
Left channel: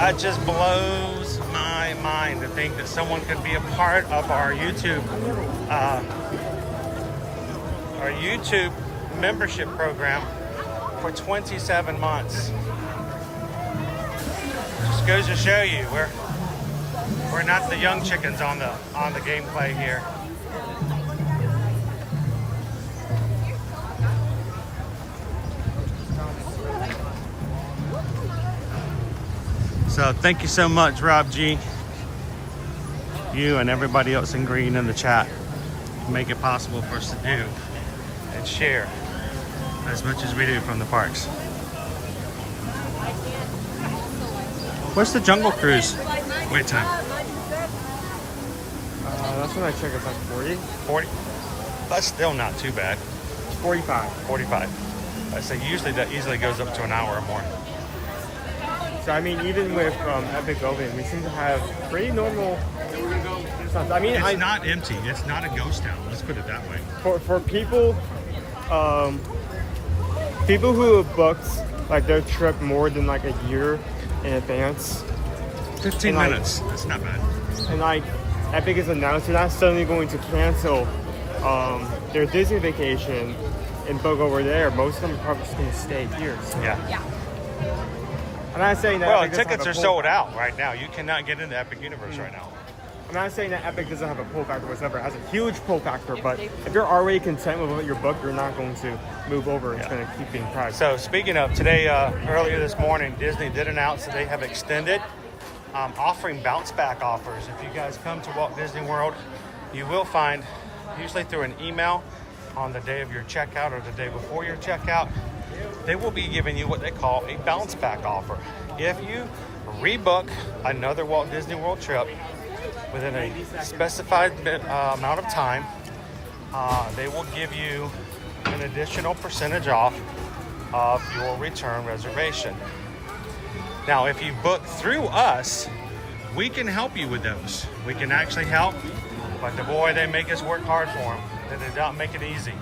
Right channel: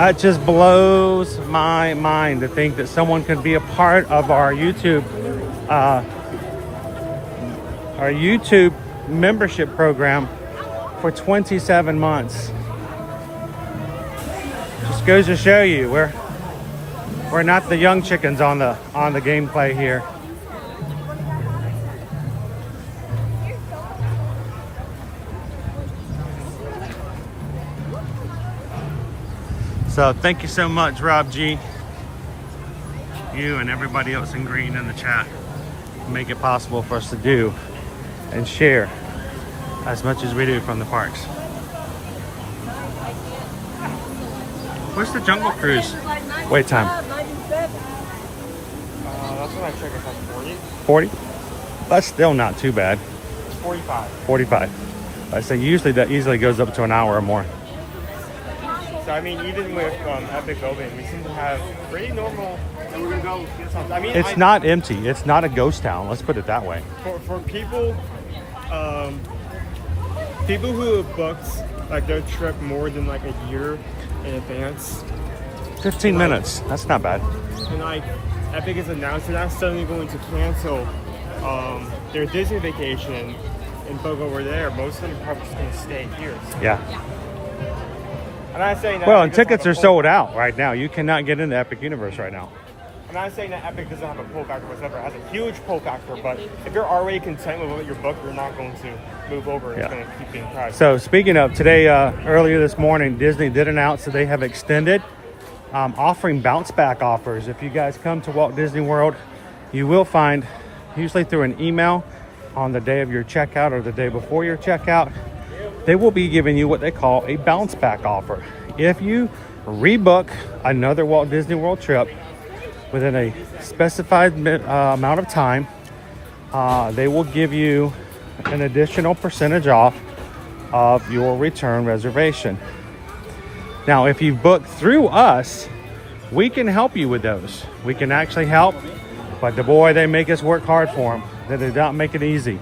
It just blows my mind to think that someone could be a part of our YouTube membership program for 27 months. Just goes to show you we're not the young chickens on the gameplay here. So thank you so much, Rob G. You and everybody else in green in the chat make it possible for us to do and share as much as we do from the parks. What's the Jungle Cruise wait time? That's what I check. It's like 40. 40? That's still not too bad. 45. 45. I say usually that easily goes up to an hour or more. So I mean, even with Epic Open, we seem to have pretty normal stuff. I mean, It's not empty. It's not a ghost town. Let's put it that way. For people, people who have booked like their trip more than like a year in advance. 15 and, minutes. That's not bad. And like Epic has announced they're not suddenly going to cancel their Disney vacation and book over there. Most of them are probably just going to stay here. So. Yeah. I'm not saying that Well, Epic and doesn't tickets have are a sold out right now. You cannot get into Epic Universe right now. I'm not saying that Epic doesn't have a pull factor whatsoever. It has a huge pull factor, but if you're already content with what you're booked, you're not going to move over. It's going to keep being priced. So speaking of today, earlier this morning, Disney did announce that they have extended offering bounce back offers. If you guys come to Walt Disney World, you will find, usually through an email on the day of your checkout or the day before your checkout, they will be giving you what they call a bounce back offer. If you rebook another Walt Disney World trip within a specified amount of time, they will give you an additional percentage off of your return reservation. Now, if you book through us, we can help you with those. We can actually help, but the boy, they make us work hard for them. They don't make it easy.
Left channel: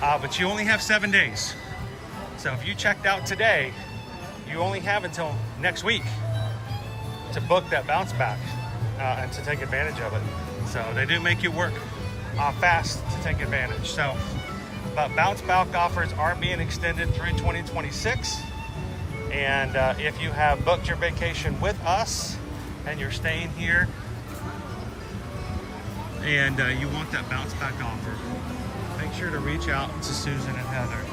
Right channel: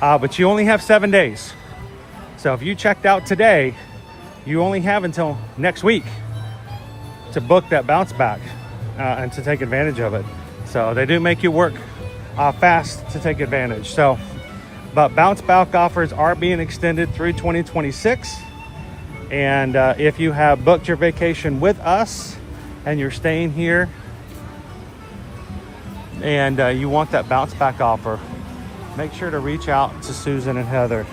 But you only have 7 days. So if you checked out today, you only have until next week to book that bounce back and to take advantage of it. So they do make you work fast to take advantage. So, but bounce back offers are being extended through 2026. And if you have booked your vacation with us and you're staying here and you want that bounce back offer, make sure to reach out to Susan and Heather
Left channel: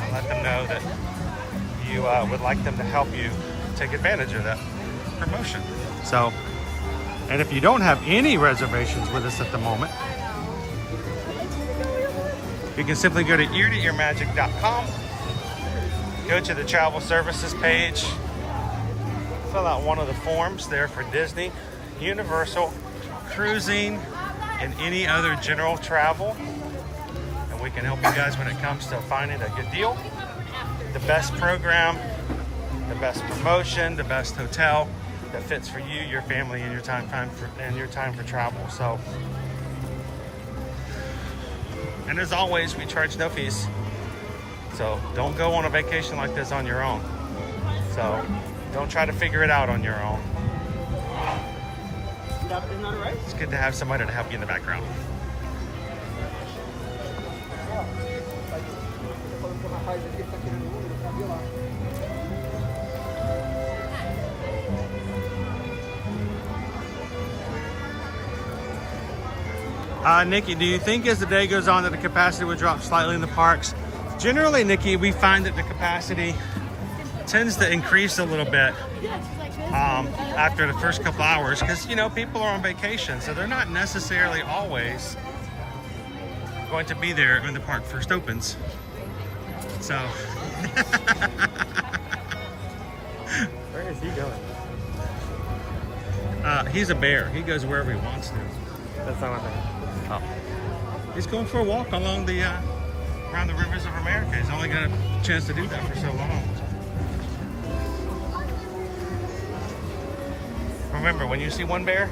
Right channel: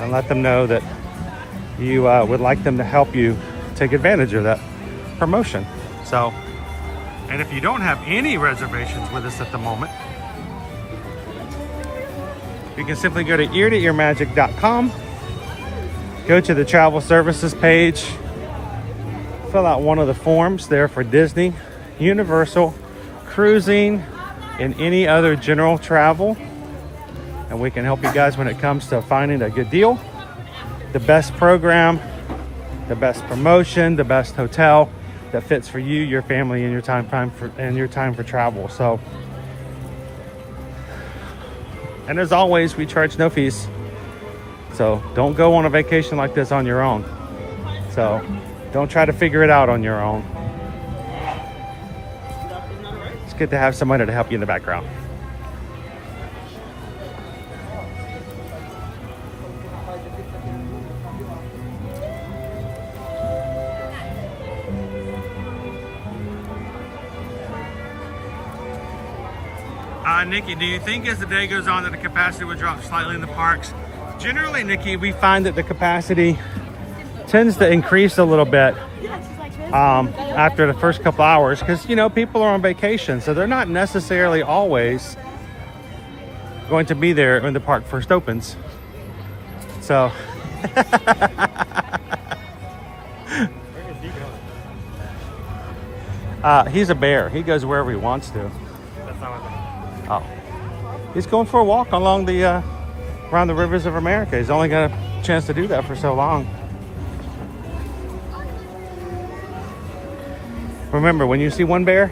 and let them know that you would like them to help you take advantage of that promotion. So, and if you don't have any reservations with us at the moment, you can simply go to eartoearmagic.com, go to the travel services page, fill out one of the forms there for Disney, Universal, cruising, and any other general travel. And we can help you guys when it comes to finding a good deal, the best program, the best promotion, the best hotel that fits for you, your family, and your time for travel. So, and as always, we charge no fees. So don't go on a vacation like this on your own. So don't try to figure it out on your own. It's good to have somebody to help you in the background. Nikki, do you think as the day goes on that the capacity would drop slightly in the parks? Generally, Nikki, we find that the capacity tends to increase a little bit after the first couple hours because, you know, people are on vacation, so they're not necessarily always going to be there when the park first opens. So Where is he going? he's a bear. He goes wherever he wants to. That's not my thing. Oh, he's going for a walk along the around the rivers of America. He's only got a chance to do that for so long. Remember, when you see one bear,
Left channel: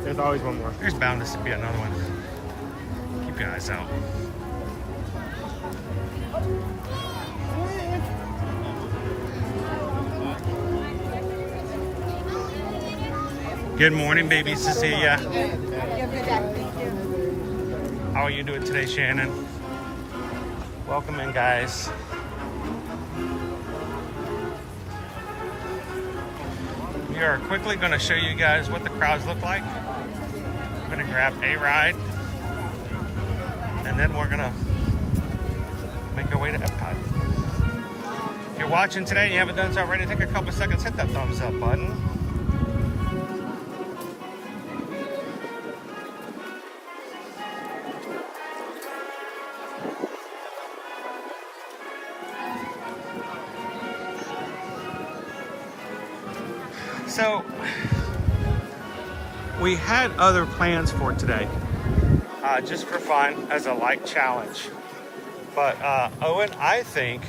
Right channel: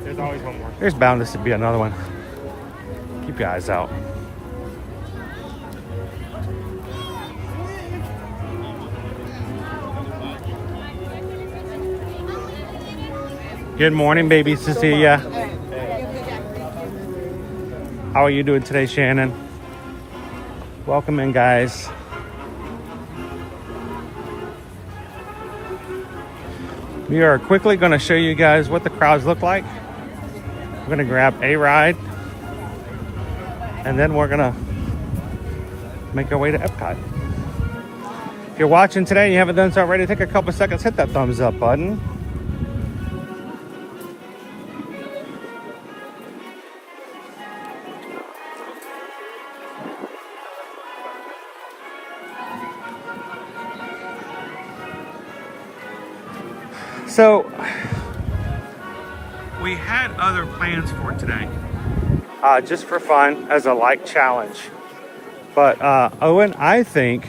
There's always one more. there's bound to be another one. Keep your eyes out. Good morning, baby Cecilia. How are you doing today, Shannon? Welcome in, guys. We are quickly going to show you guys what the crowds look like. We're going to grab a ride, and then we're going to make our way to Epcot. If you're watching today and you haven't done so already, take a couple seconds, hit that thumbs up button. So, we had other plans for today, just for fun as a like challenge. But Owen, I think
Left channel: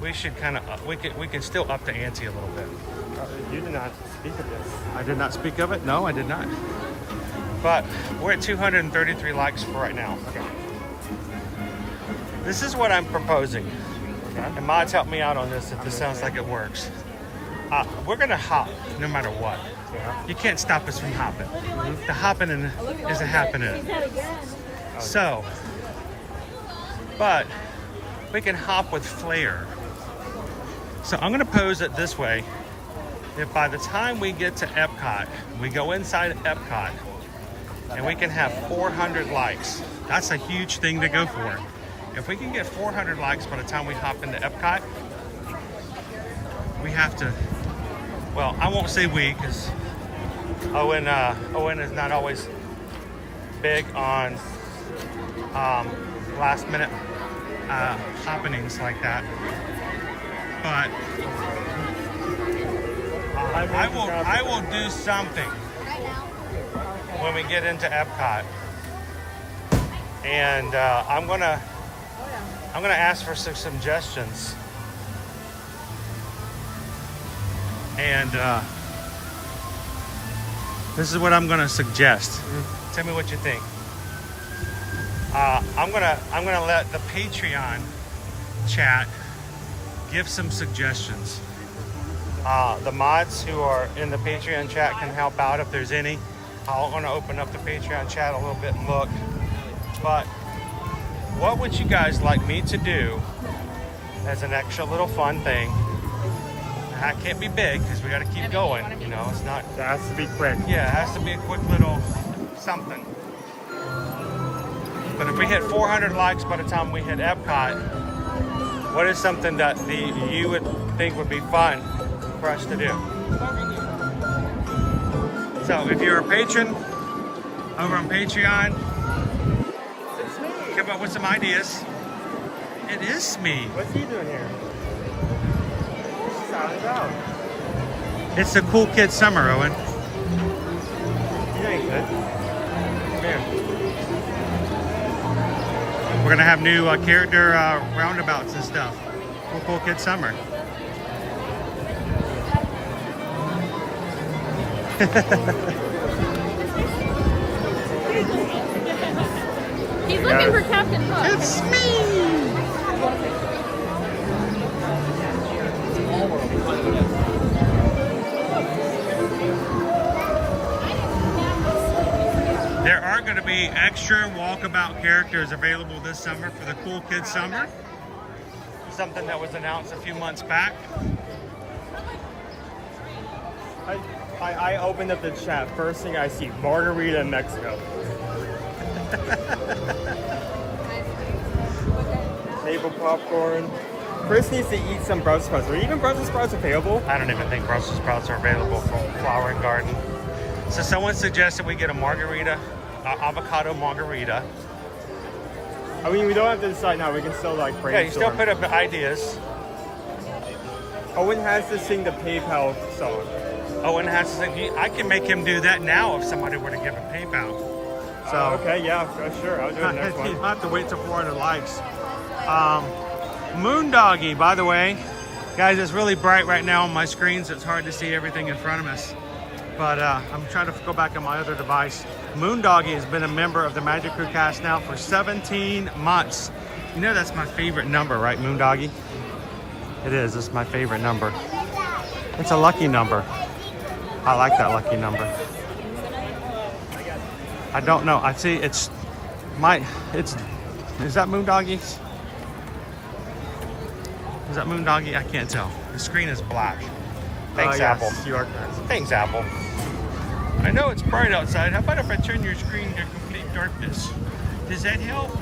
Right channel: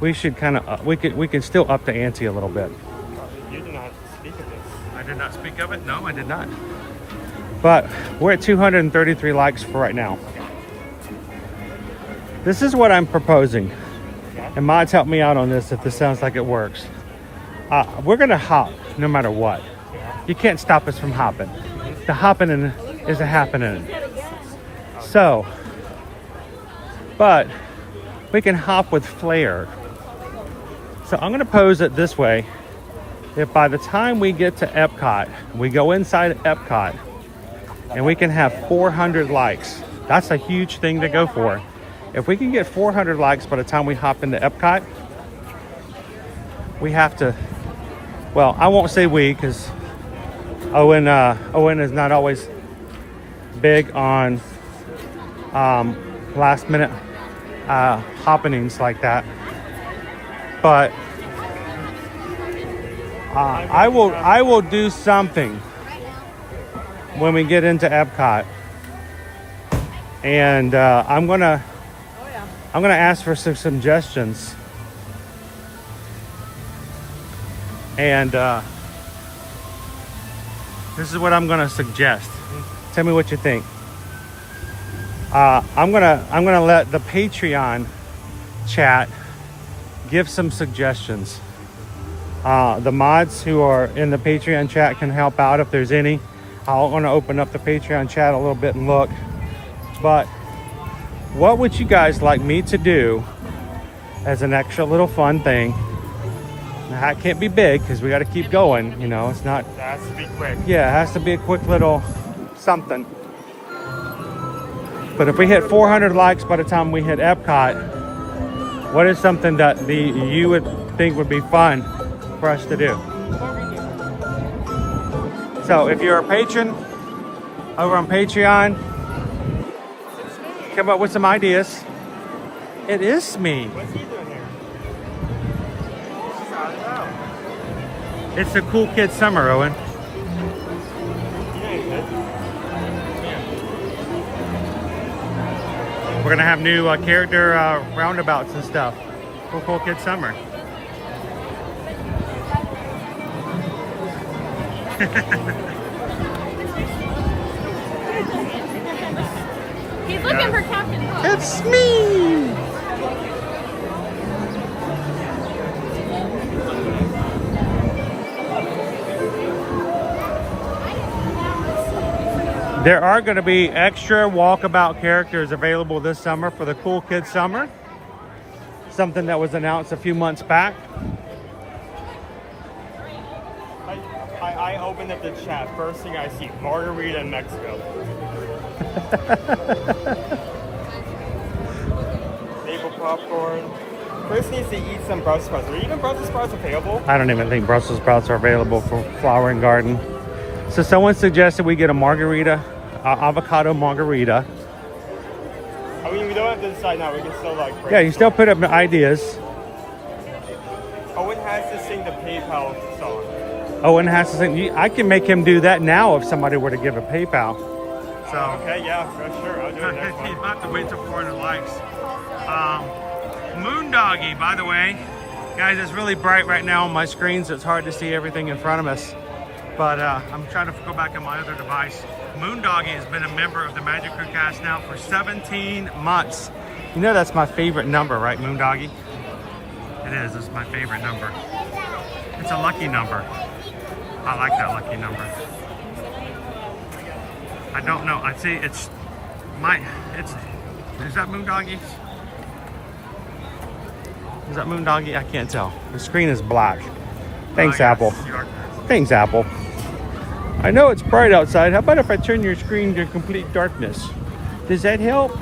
we should kind of we can still up the ante a little bit. You did not speak of this. I did not speak of it. No, I did not. But we're at 233 likes for right now. This is what I'm proposing, and mods help me out on this if this sounds like it works. We're gonna hop no matter what. You can't stop us from hopping. The hopping is a happening. So, but we can hop with flair. So I'm gonna pose it this way. If by the time we get to Epcot, we go inside Epcot, and we can have 400 likes. That's a huge thing to go for. If we can get 400 likes by the time we hop into Epcot, we have to, well, I won't say we, because Owen is not always big on last minute happenings like that. But I will do something when we get into Epcot, and I'm gonna ask for some suggestions. And this is what I'm gonna suggest. Tell me what you think. I'm gonna let the Patreon chat give some suggestions. The mods who are in the Patreon chat can help out if there's any. I'll want to open up the Patreon chat a little bit and look. But what would you guys like me to do as an extra little fun thing? That can't be big because we got to keep going. You know, it's not. It has to be quick. Yeah, it has to be a quick little something. But if we hit 400 likes by the time we hit Epcot, What is something that you would think would be fun for us to do? So if you're a patron over on Patreon, come up with some ideas. It is me. What's he doing here? It's a cool kid summer, Owen. We're gonna have new character roundabouts and stuff for Cool Kid Summer. He's looking for Captain Hook. It's me! There are going to be extra walkabout characters available this summer for the Cool Kids Summer. Something that was announced a few months back. I opened up the chat. First thing I see, margarita in Mexico. Table popcorn. Chris needs to eat some Brussels sprouts. Are even Brussels sprouts available? I don't even think Brussels sprouts are available from Flower and Garden. So someone suggested we get a margarita, avocado margarita. I mean, we don't have to decide now. We can still like brainstorm. Yeah, you still put up ideas. Owen has to sing the PayPal song. Owen has to sing. I can make him do that now if somebody were to give a PayPal. So Okay, yeah, for sure. I'll do the next you one. have to wait till 400 likes. Moondoggy, by the way, guys, it's really bright right now on my screen, so it's hard to see everything in front of us. But I'm trying to go back on my other device. Moondoggy has been a member of the Magic Crew cast now for 17 months. You know that's my favorite number, right, Moondoggy? It is. It's my favorite number. It's a lucky number. I like that lucky number. I don't know. I see is that Moondoggy's? Is that Moondoggy? I can't tell. The screen is black. Thanks, Yes, Apple. you are. Thanks, Apple. I know it's bright outside. How about if I turn your screen to complete darkness? Does that help?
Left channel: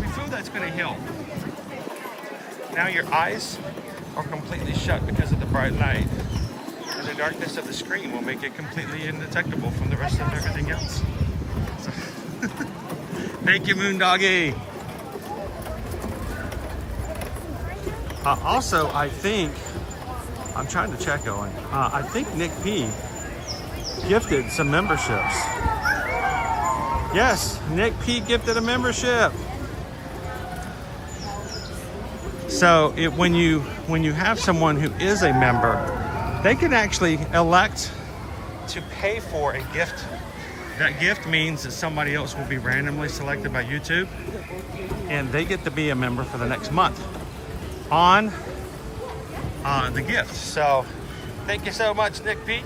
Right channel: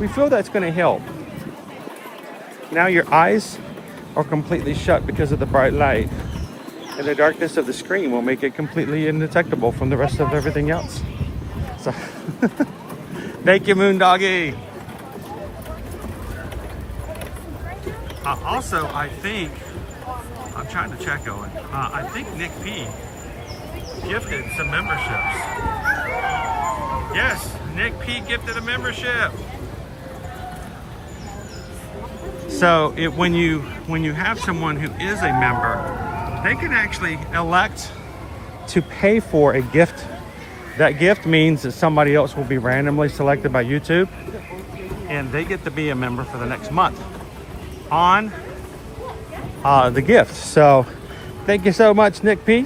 We feel that's going to help. Now your eyes are completely shut because of the bright light. And the darkness of the screen will make it completely indetectable from the rest of everything else. So, thank you, Moondoggy. Also, I think, I'm trying to check, Owen. I think Nick P gifted some memberships. Yes, Nick P gifted a membership. So when you have someone who is a member, they can actually elect to pay for a gift. That gift means that somebody else will be randomly selected by YouTube, and they get to be a member for the next month on the gift. So thank you so much, Nick P.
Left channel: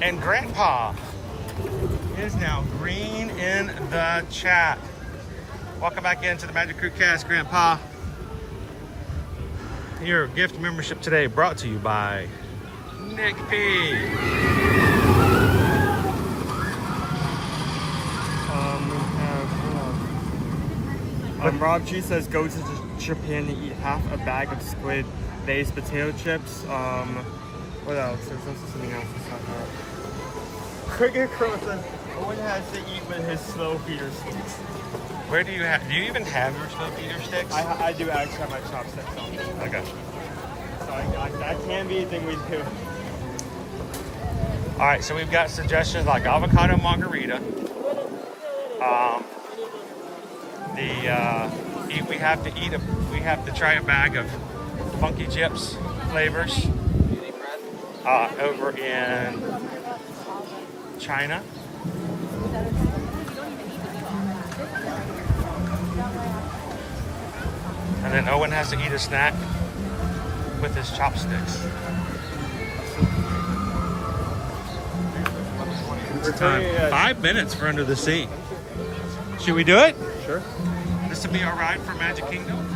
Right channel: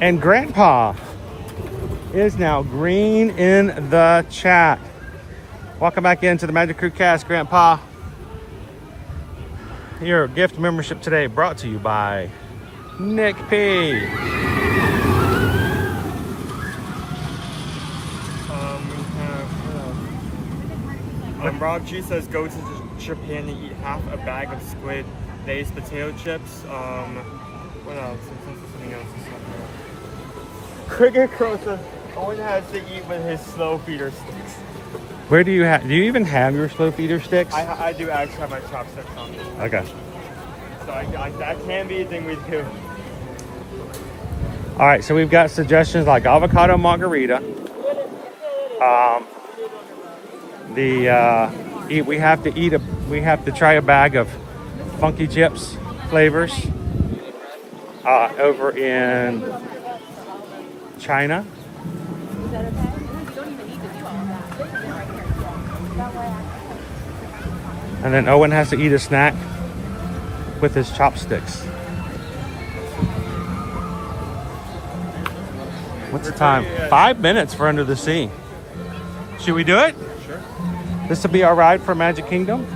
And Grandpa is now green in the chat. Welcome back into the Magic Crew cast, Grandpa. Your gift membership today brought to you by Nick P. Rob G says go to Japan to eat half a bag of squid Lay's potato chips. What else? There's also something else to talk about. Cricket Crow says Owen has to eat with his slow feeder sticks. Where do you even have your slow feeder sticks? I do actually have my chopsticks. Okay. So that can be a thing we do. All right, so we've got suggestions like avocado margarita. We have to try a bag of funky chips flavors over in China. And then Owen has to eat a snack with his chopsticks. What's the time? 5 minutes for Under the Sea. Should we do it? Sure. This will be our ride for Magic Kingdom.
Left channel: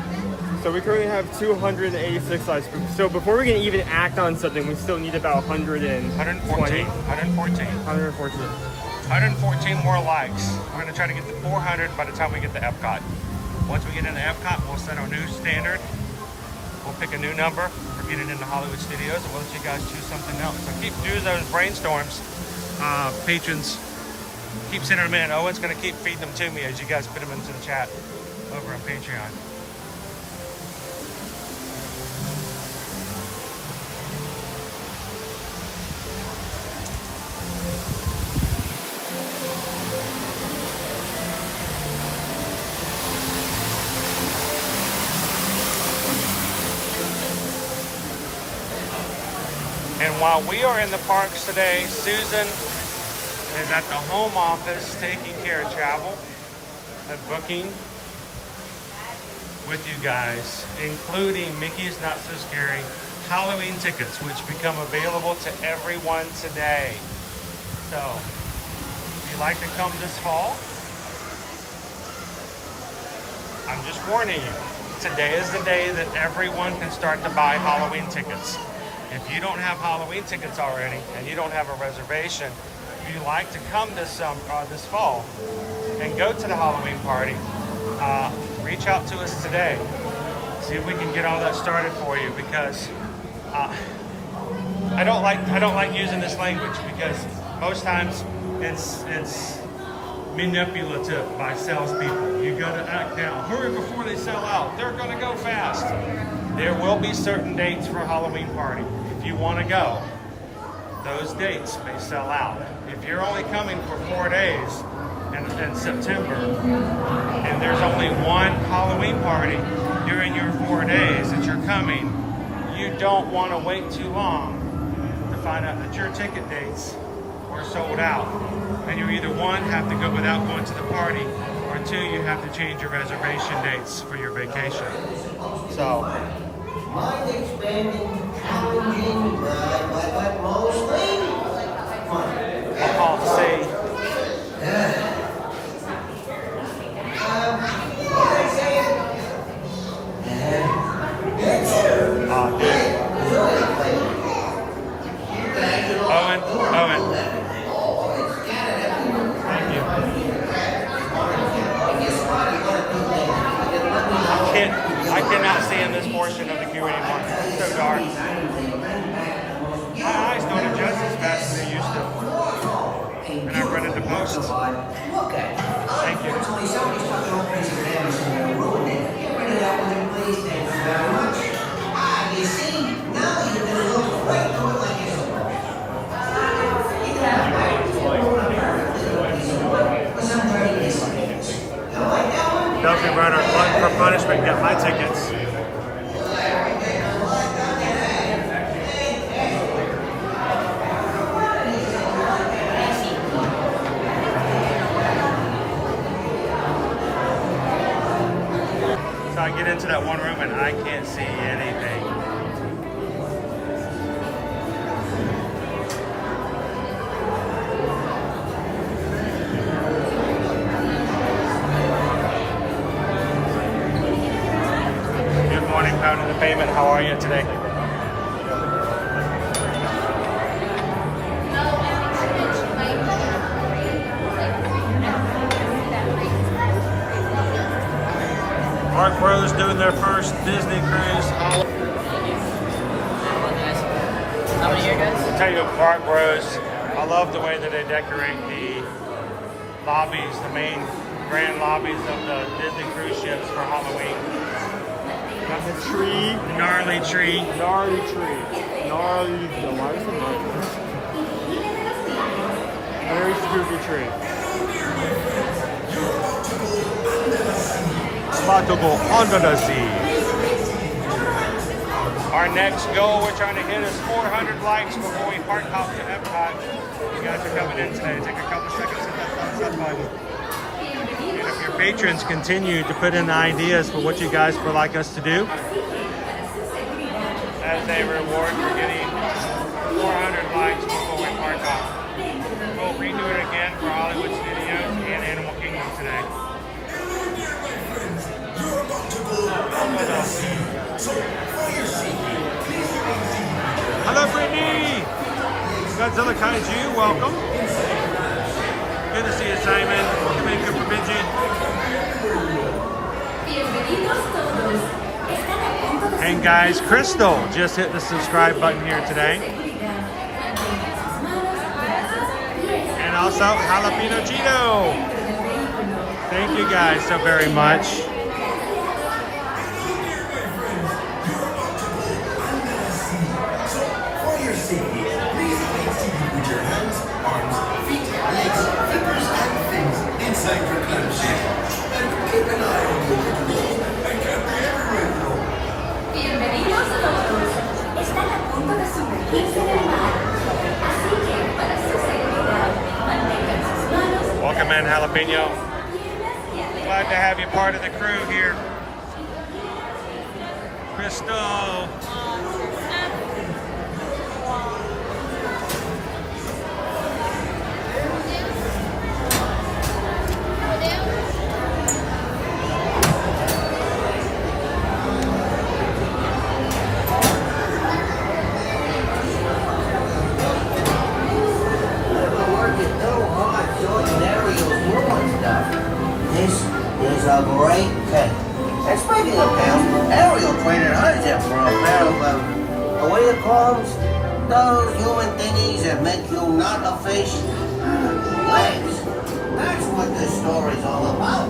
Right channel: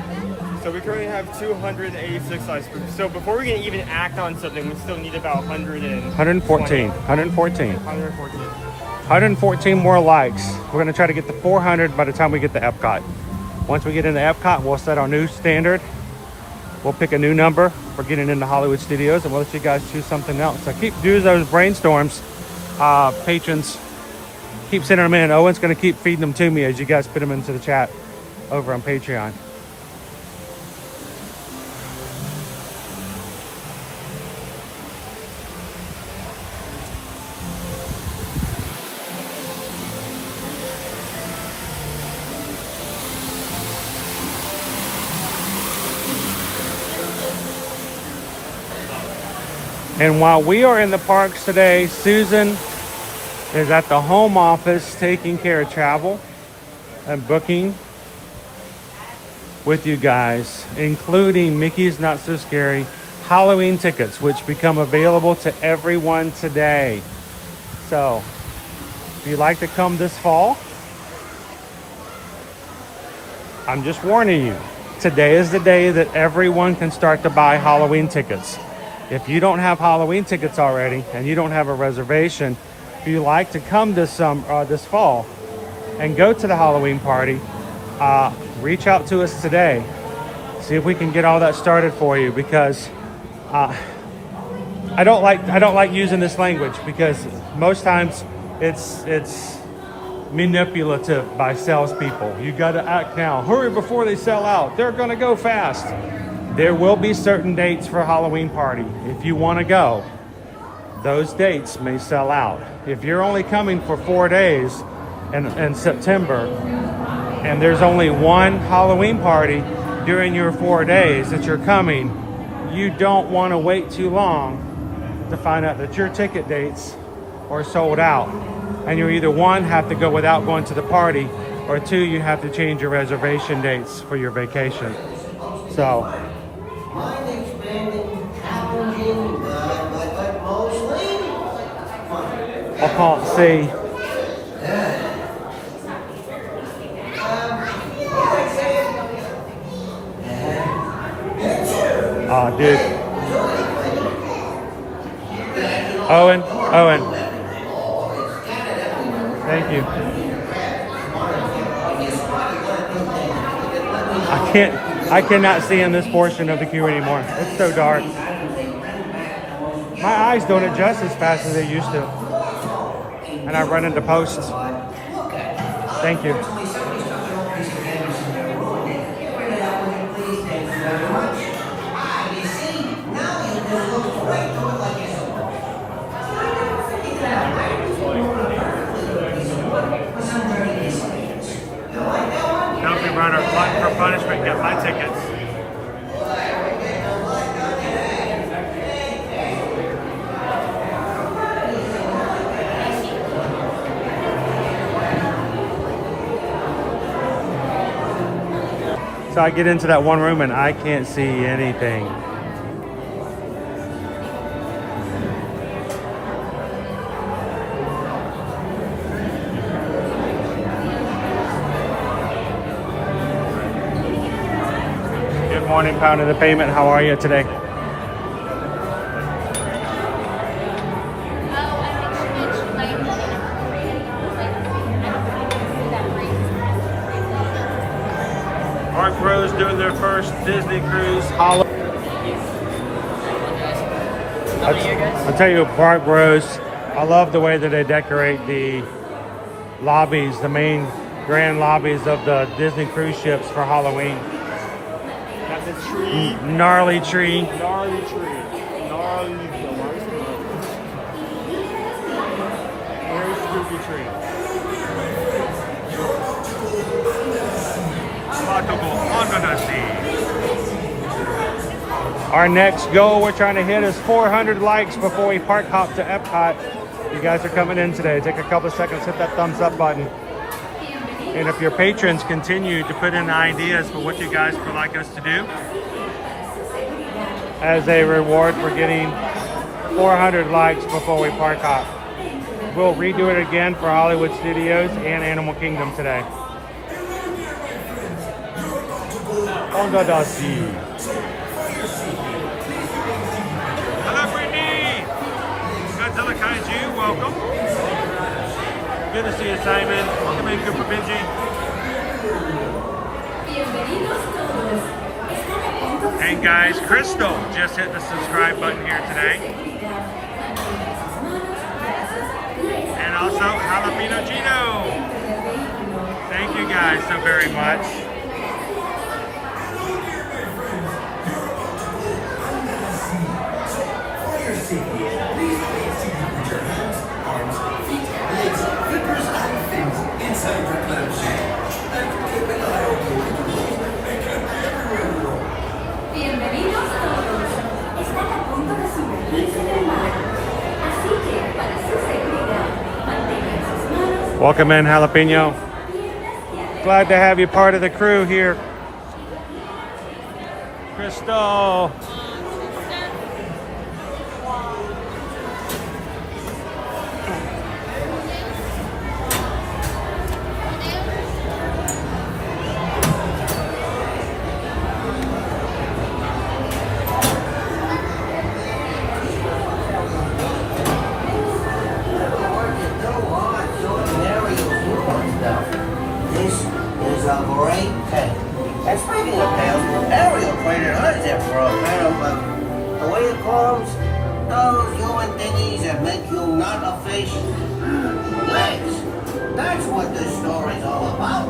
So we currently have 286 ice cream. So before we can even act on something, we still need about 114. 114 more likes. We're going to try to get to 400 by the time we get to Epcot. Once we get into Epcot, we'll set our new standard. We'll pick a new number for getting into Hollywood Studios, and we'll let you guys choose something else. So keep doing those brainstorms, patrons. Keep sending them in. Owen's going to keep feeding them to me as you guys put them into the chat over on Patreon. And while we are in the parks today, Susan is at the home office taking care of travel and booking with you guys, including Mickey's Not So Scary Halloween tickets, which become available to everyone today. So, if you'd like to come this fall, I'm just warning you, today is the day that everyone can start to buy Halloween tickets. If you don't have Halloween tickets already and you don't have a reservation, if you like to come this fall and go to the Halloween party, reach out to us today. See if we can get all that started for you, because I don't like using this language, because most times it's manipulative by salespeople. You got to act now. Hurry before they sell out. They're going to go fast. There will be certain dates for Halloween party. If you want to go, those dates may sell out. If you're only coming for 4 days in September, and there's only one Halloween party during your 4 days that you're coming, you don't want to wait too long to find out that your ticket dates are sold out. And you either, one, have to go without going to the party, or two, you have to change your reservation dates for your vacation. So, I can't see. Oh, dude. Owen. Thank you. I cannot see in this portion of the queue anymore. It's so dark. My eyes don't adjust as fast as they used to. And I run into posts. Thank you. Dumpy Runner, Glutton for Punishment, got my tickets. So I get into that one room and I can't see anything. Good morning, Pound of the Pavement. How are you today? Park Bros doing their first Disney cruise. I'll tell you what, Park Bros, I love the way that they decorate the lobbies, the main grand lobbies of the Disney cruise ships for Halloween. Got the tree. Gnarly tree. Gnarly tree. Gnarly. Why is it gnarly? Very spooky tree. Our next goal we're trying to hit is 400 likes before we park hop to Epcot. You guys are coming in today. Take a couple seconds, hit that thumbs up button. And if your patrons continue to put in ideas for what you guys would like us to do as a reward for getting 400 likes before we park hop, we'll redo it again for Hollywood Studios and Animal Kingdom today. Hello, Brittany! Godzilla Kaiju, welcome. Good to see you, Simon. Welcome in, Cooper Benji. And guys, Crystal just hit the subscribe button here today. And also Jalapeno Gino. Thank you guys so very much. Welcome in, Jalapeno. Glad to have you part of the crew here. Crystal. This is a great pet. And speaking of pets, Ariel traded hers in for a pair of, the way it calls, those human thingies that make you not a fish. Legs. That's what this story's all about.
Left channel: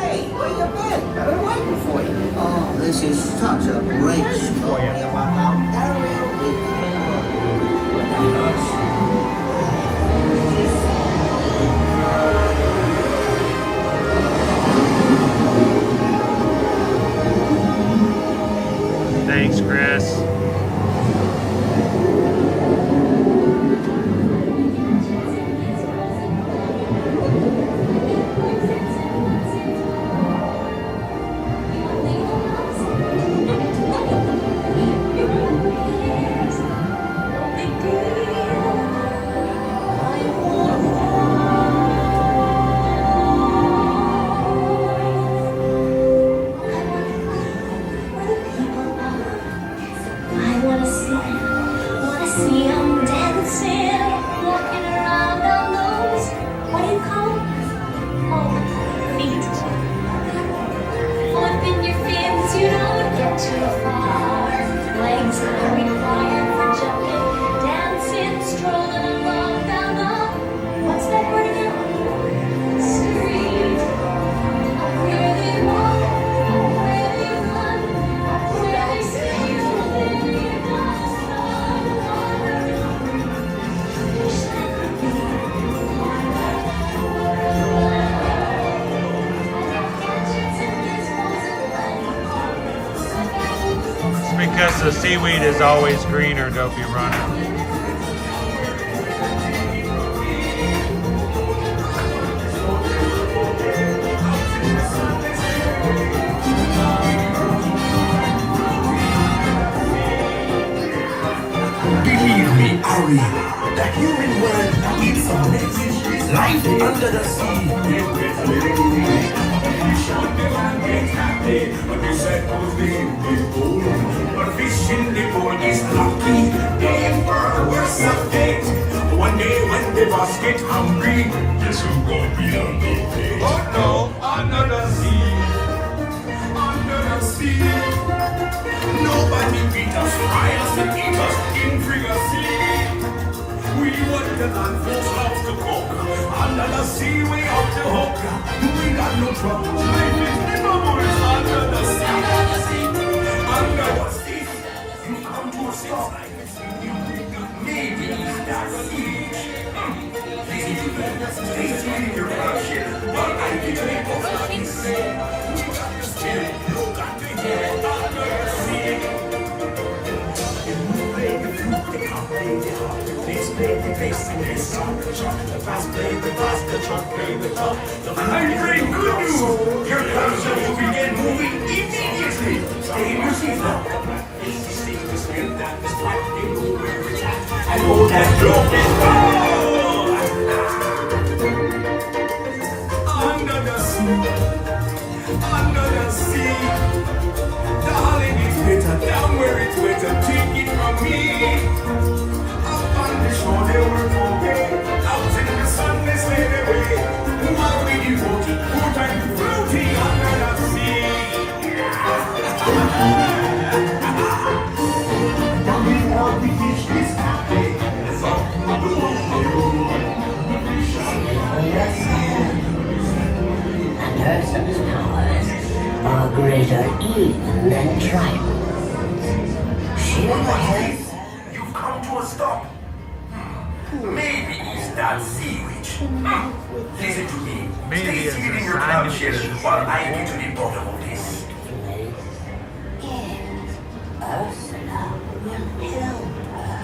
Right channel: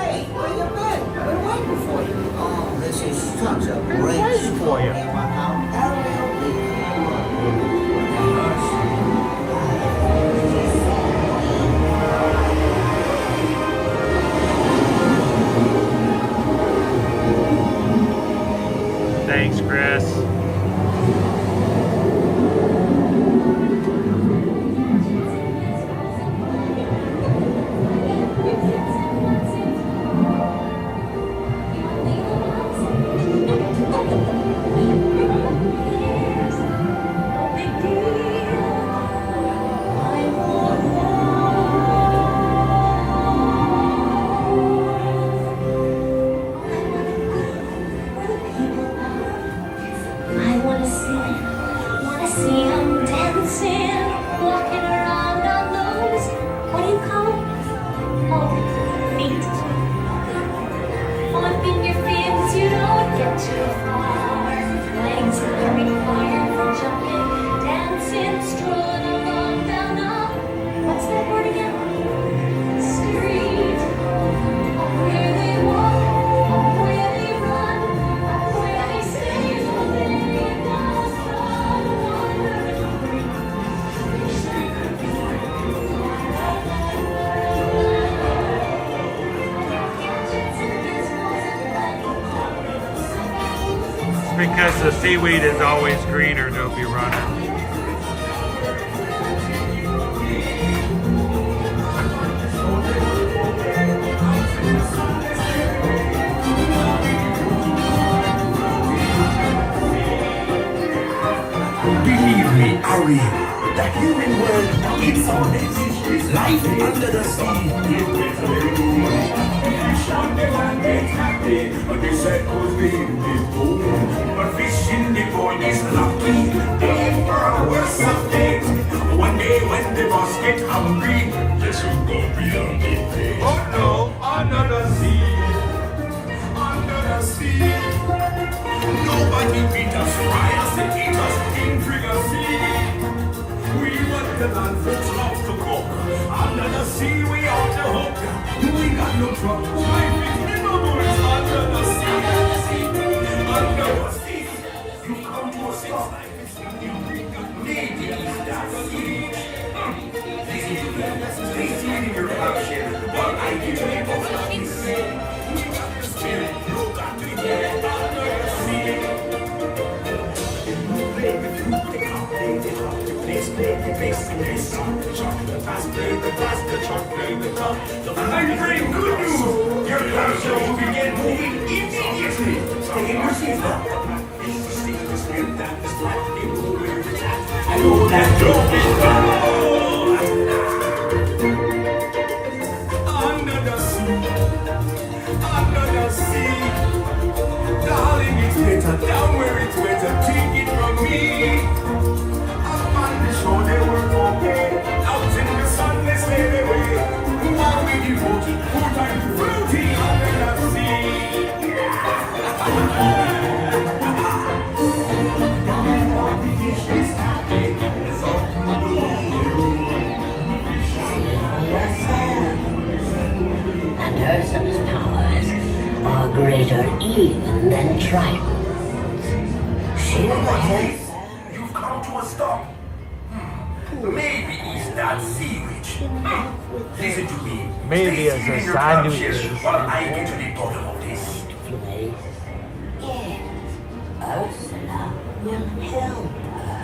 Hey, where you been? I've been waiting for you. Oh, this is such a great story about how Ariel became a Thanks, Chris. Because the seaweed is always greener, Dopey Runner. Believe me, Ari, the human world is a mess. Life under the sea. But fishing the boy is lucky. They are worse of things. One day when the boss get hungry, just who gonna be on the oh no, under the sea. Under the sea. Nobody beat us, fry us, and eat us in privacy. We want the land folks love to cook. Under the sea, we off the hook. We got no trouble. Life is never more under the sea. Under the sea. You come to a sense like this. Maybe that's it. Please take your action. But I give you both of these. We got the spirit. You got to get under the sea. I bring good news. Your culture will begin moving immediately. Stay in your seats now. I know that joke is gone. Under the sea, under the sea. Darling, it's better down where it's wetter. Take it from me. Sure they were okay. Out in the sun they stayed away. While we devoted more time to floating under the sea. And Ursula's powers are greater even than Triton's. She'll help. You've come to a stop. Maybe it's that sea witch. Listen to me. Stay seated in your club chairs while I get to the bottom of this. Place. Yes, Ursula will help her.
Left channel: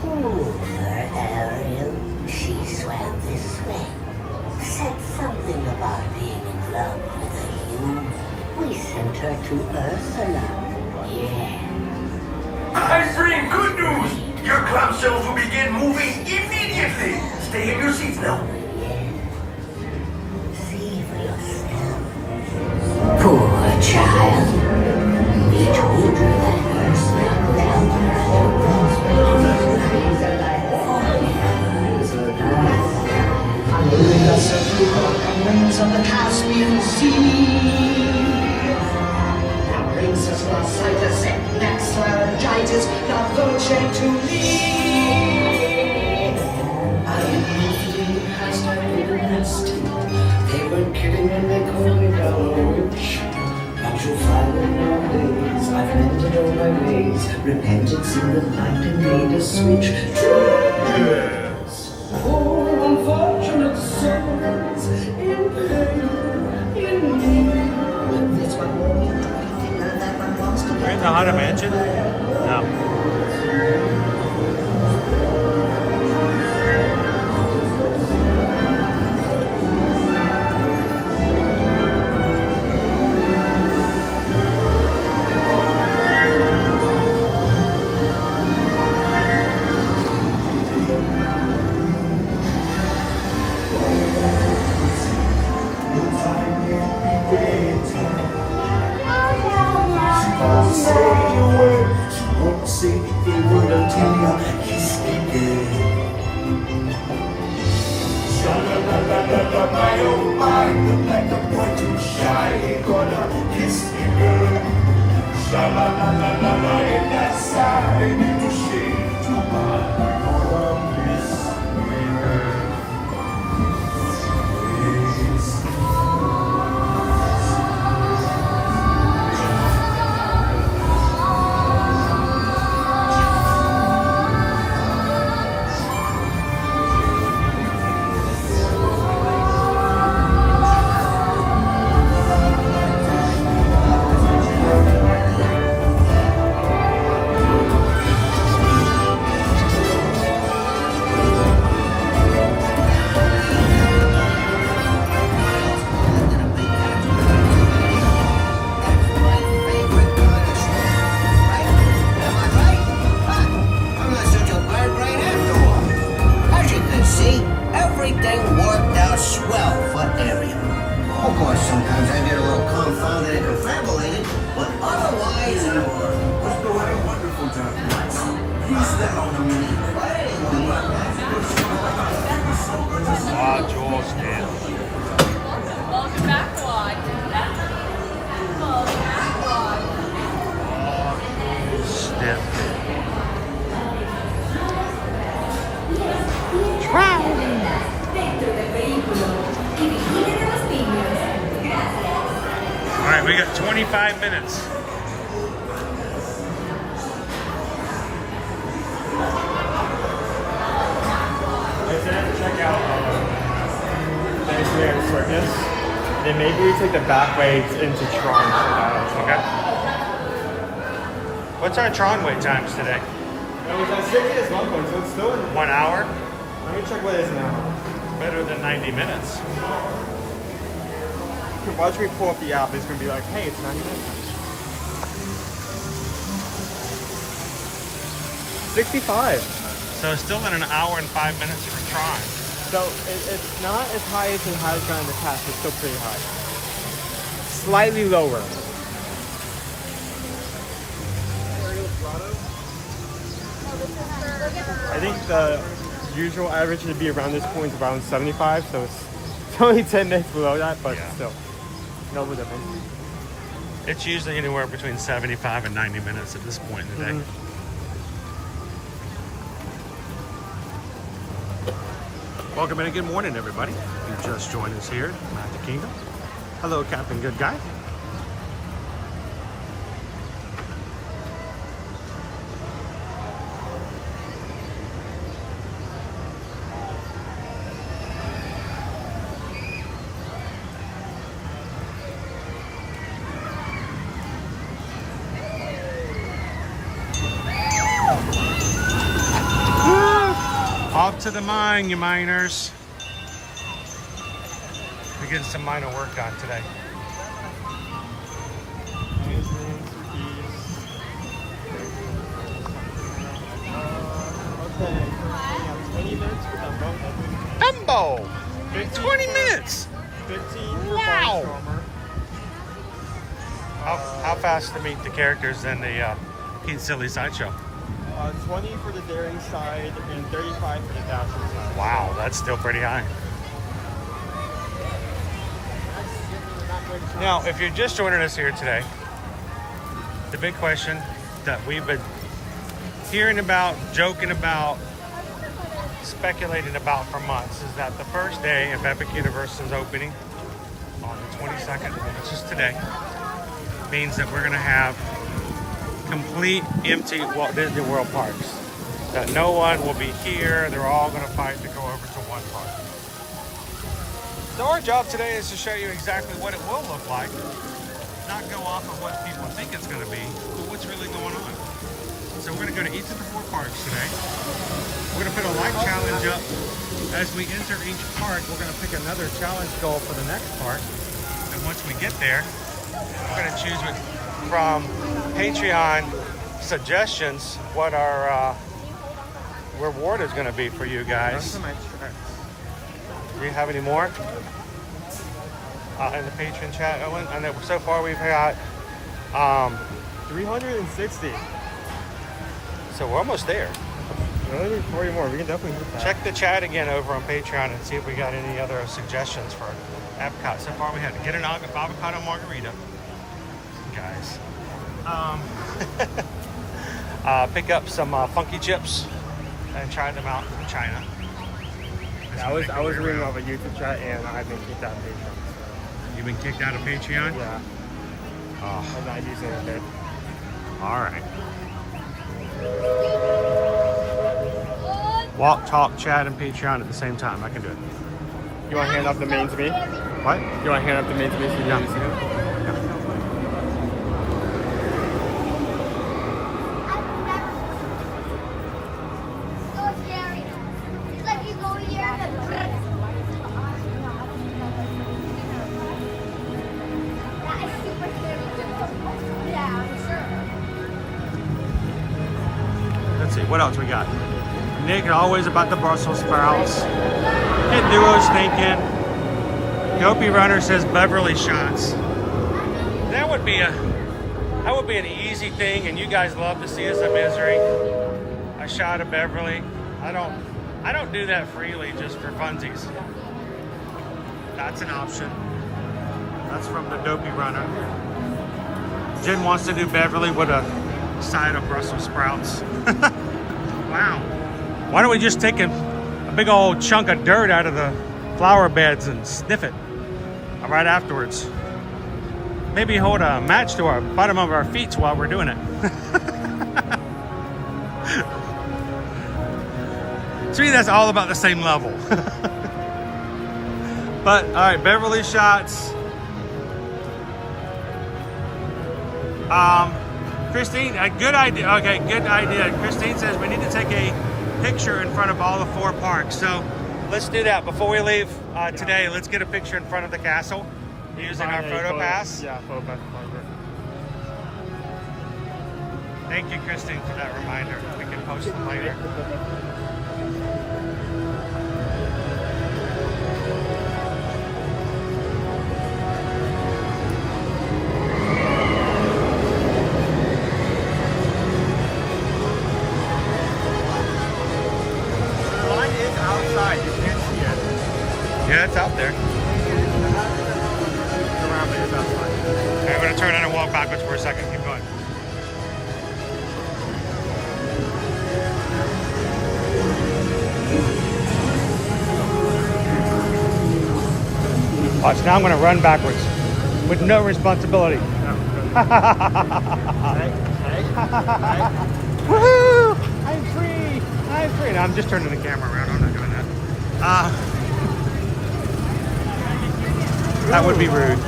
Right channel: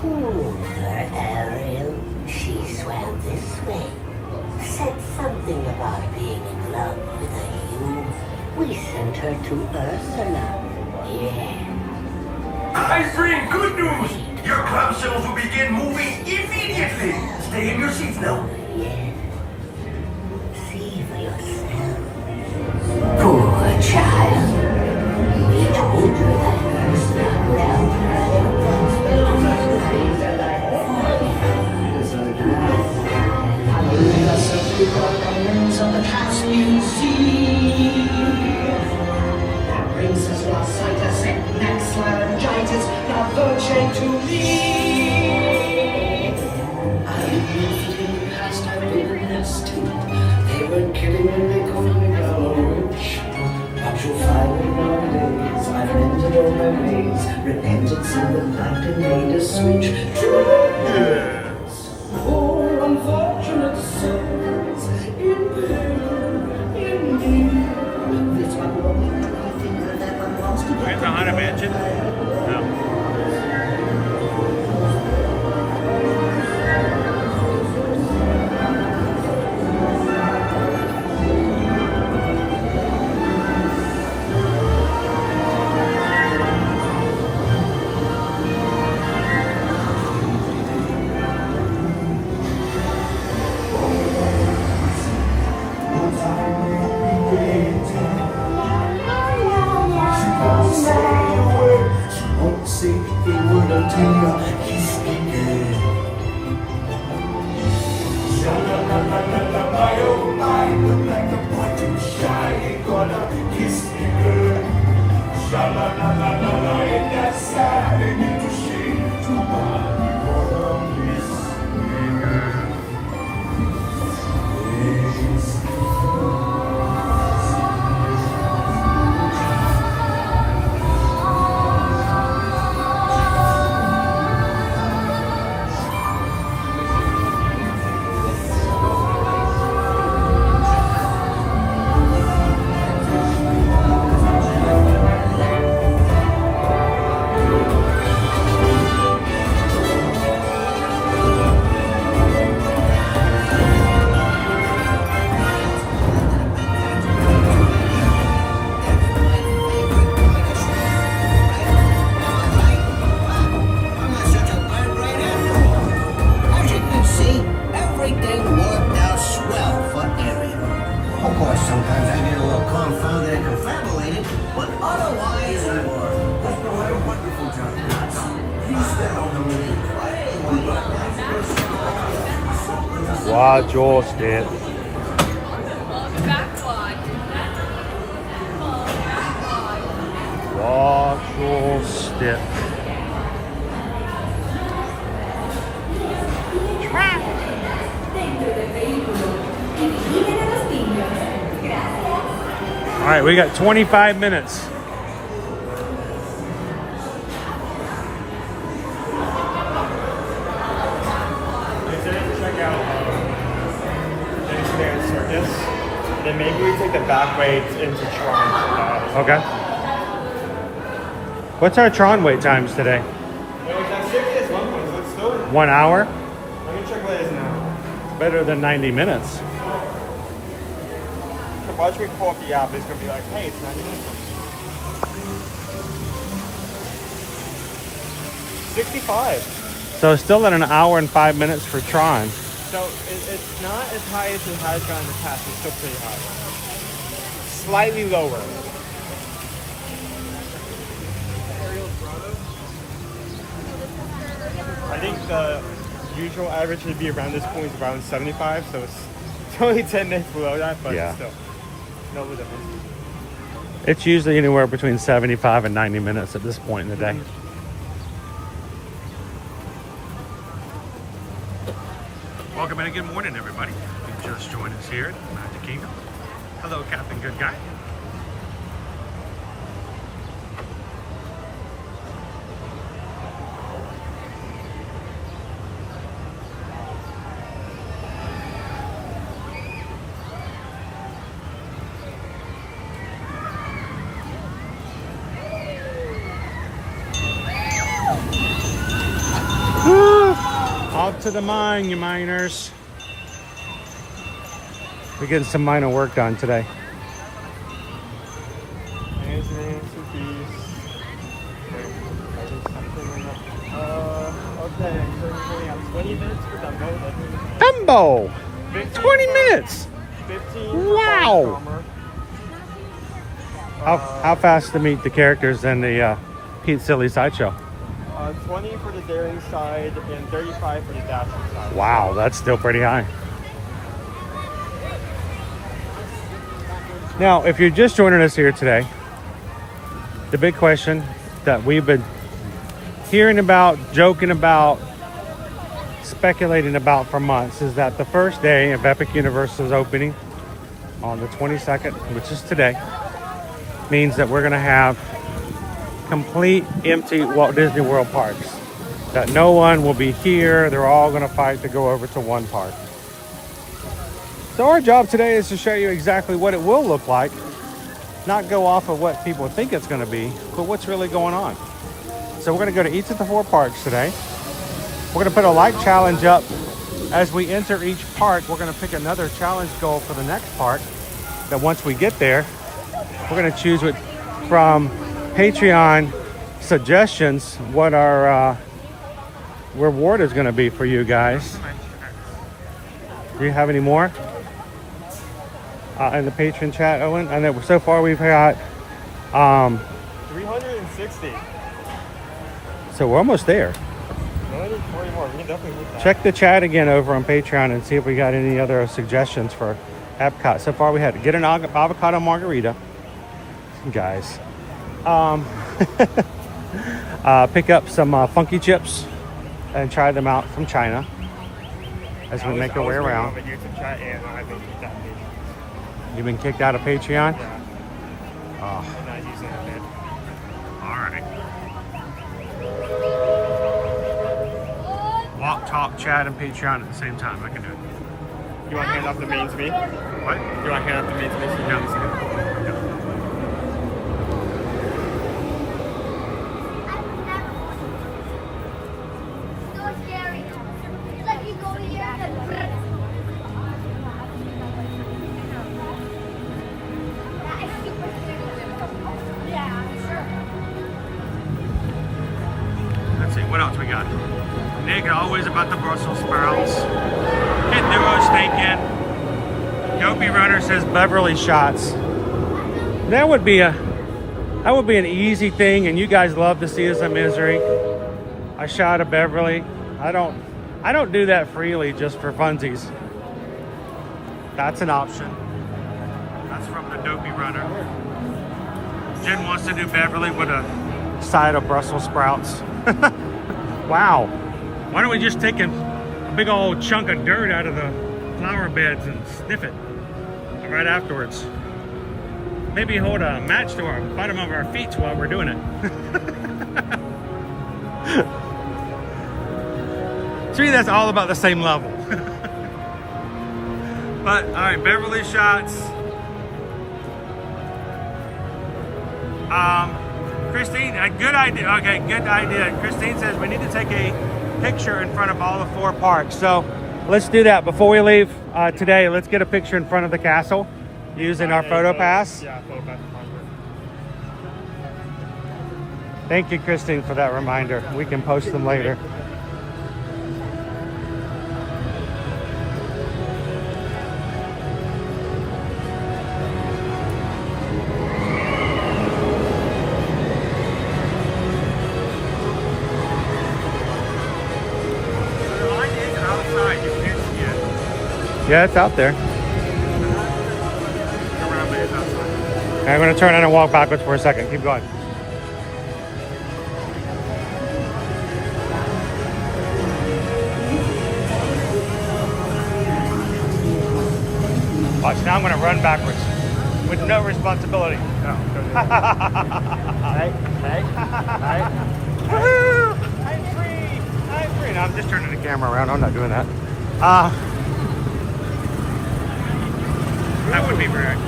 Pull her, Ariel. She swam this way. Said something about being in love with a human. We sent her to Ursula. Yeah. I bring good news. Your clamshells will begin moving immediately. Stay in your seats now. Yes. See for yourself. Poor child. We told her that Ursula would help her at on the Caspian Sea. That brings us lositis and maxillargitis, not voce to me. I lived in the past, I witnessed too. They weren't kidding when they called me Bella Witch. But you'll find that nowadays I've mended all my ways, repented in the night and made a switch. Yes. Oh, unfortunate souls in pain, indeed. But this one won't be that one wants to We're in the Haunted Mansion. Say a word until you kiss me good. Sha-la-la-la-la-la, my oh my, look like a boy too shy, ain't gonna kiss me good. Sha-la-la-la-la-la, in that side, ain't need to shade too much. Gonna miss me good. Watch your step. Watch your step. All right, we got 25 minutes. Then maybe we take the back way into Tron. Okay. What's our Tron wait times today? Well, it's 60 as one point, so it's still 1 hour? I'm gonna check what it is now. Better than 90 minutes. Watch me pull up the app, it's gonna be like, hey, it's 90 minutes. 65. So still at 1 hour and 5 minutes for Tron. So it's not as high as it has gone in the past, but still pretty high. Slightly lower. Ariel's Grotto. I think the usual average would be around this point, around 75, so it's only 10 minutes below that, but Yeah. still. No difference. It's usually anywhere between 75 and 90 minutes at this point in the day. Welcome in and good morning, everybody. You just joined us here at Magic Kingdom. Hello, Captain Good Guy. Off to the mine, you miners. We're getting some minor work done today. Dumbo! 20 minutes! 15. Wow! How fast to meet the characters in the Pete Silly Sideshow? 20 for the daring side and 35 for the dash. Wow, that's still pretty high. Now, if you're just joining us here today, the big question that we've been hearing about, joking about, speculating about for months is that the first day of Epic Universal's opening on the 22nd, which is today, means that we're going to have complete empty Walt Disney World parks. That no one will be here. They're all going to fight to go over to one park. So our job today is to show you exactly what it will look like, not go off of what people think it's going to be, but what's really going on. So we're going to go to each of the 4 parks today. We're going to put a light challenge up as we enter each park. We're going to pick another challenge goal for the next park. That once we get there, we're going to choose it from Patreon suggestions what our reward is going to be for you guys. Do you have any more in the patron chat, Owen? I know so far we've had 360. So we're almost there. 40 more. We can definitely move that. Check the chat again over on Patreon and see if we got any other suggestions for Epcot. So far we had to get an avocado margarita, guys. Pick up some funky chips and try them out from China as we make our way around. I YouTube chat and I've been kicked out of Patreon. You've been kicked out of Patreon? Yeah. Oh. I'm not using it a bit. All right. Walk, talk, chat, and Patreon at the same time. I can do it. You want to hand off the main to me? What? You want to hand off the main to me? So Yeah. Let's see, what else we got? Nick, always about the Brussels sprouts. Get Duo's thinking. Dopey Runner says Beverly shots. That would be an easy thing, and you guys love to see us in misery. A shot of Beverly. I don't do that freely just for funsies. That's an option. That's from the Dopey Runner. Jen wants to do Beverly with a side of Brussels sprouts. Wow. Why don't we just take a big old chunk of dirt out of the flower beds and sniff it right afterwards? Maybe hold a match to our bottom of our feet while we're doing it. To me, that's all about the same level. But, all right, Beverly shots. Christine, a good idea. Okay, good idea. Christine says we need to take a picture in front of all the 4 parks. So let's do that before we leave today. Let's get a picture in front of the castle using our photo pass. Yeah, photo pass. Thank you, Christine, for that reminder. We can post them later. Yeah, it's out there. Okay, I'm gonna turn around and walk backwards for a second. Keep going. So now I'm gonna run backwards with no responsibility. Woohoo! I'm free! I'm free! I'm just turning the camera around. I'm not doing that. That would be rude.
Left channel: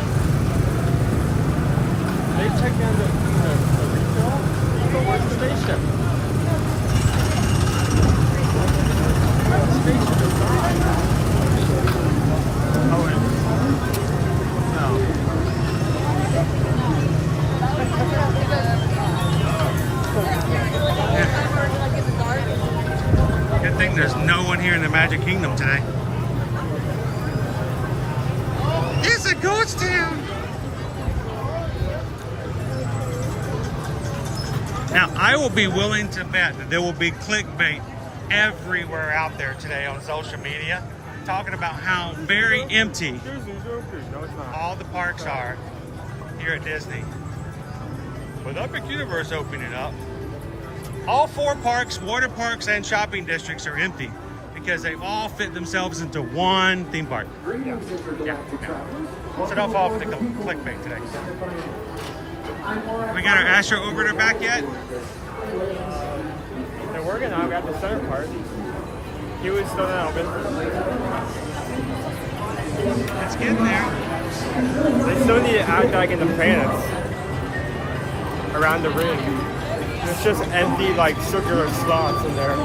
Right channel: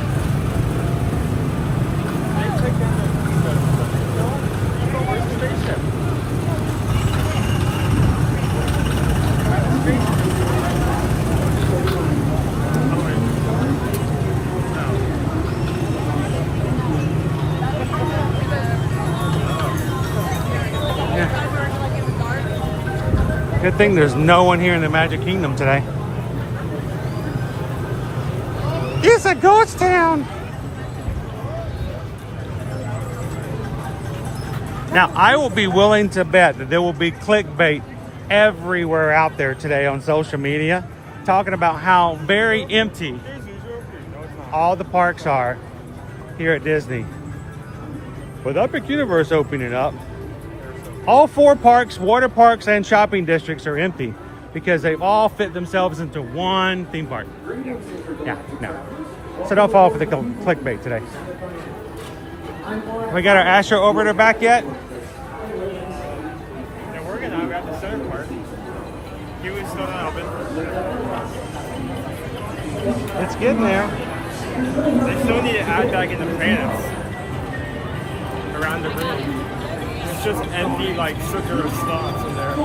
Good thing there's no one here in the Magic Kingdom today. It's a ghost town! Now, I will be willing to bet that there will be clickbait everywhere out there today on social media talking about how very empty all the parks are here at Disney. With Epic Universe opening up, all 4 parks, water parks, and shopping districts are empty because they've all fit themselves into one theme park. Yeah. So don't fall for the clickbait today. We got our Astro Orbiter back yet? And we're gonna grab the center part. He was still open. It's getting there. They still need to act like in the planets around the room. It's just empty, like circular slots in there.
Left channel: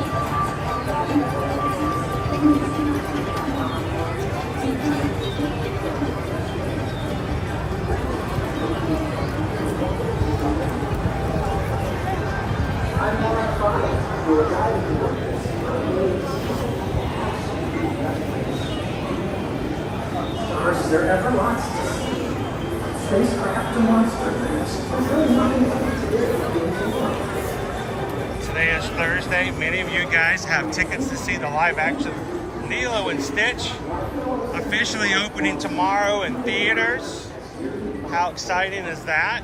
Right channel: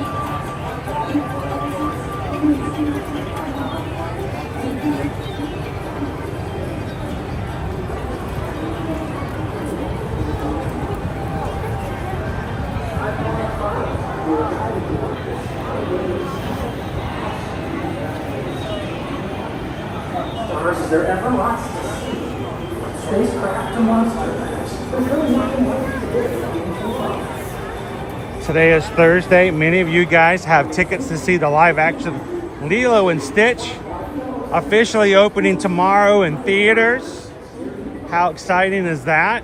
They're everlasting. Spacecraft to monster. Today is Thursday. Many of you guys have tickets to see the live action Lilo and Stitch officially opening tomorrow in theaters. How exciting is that?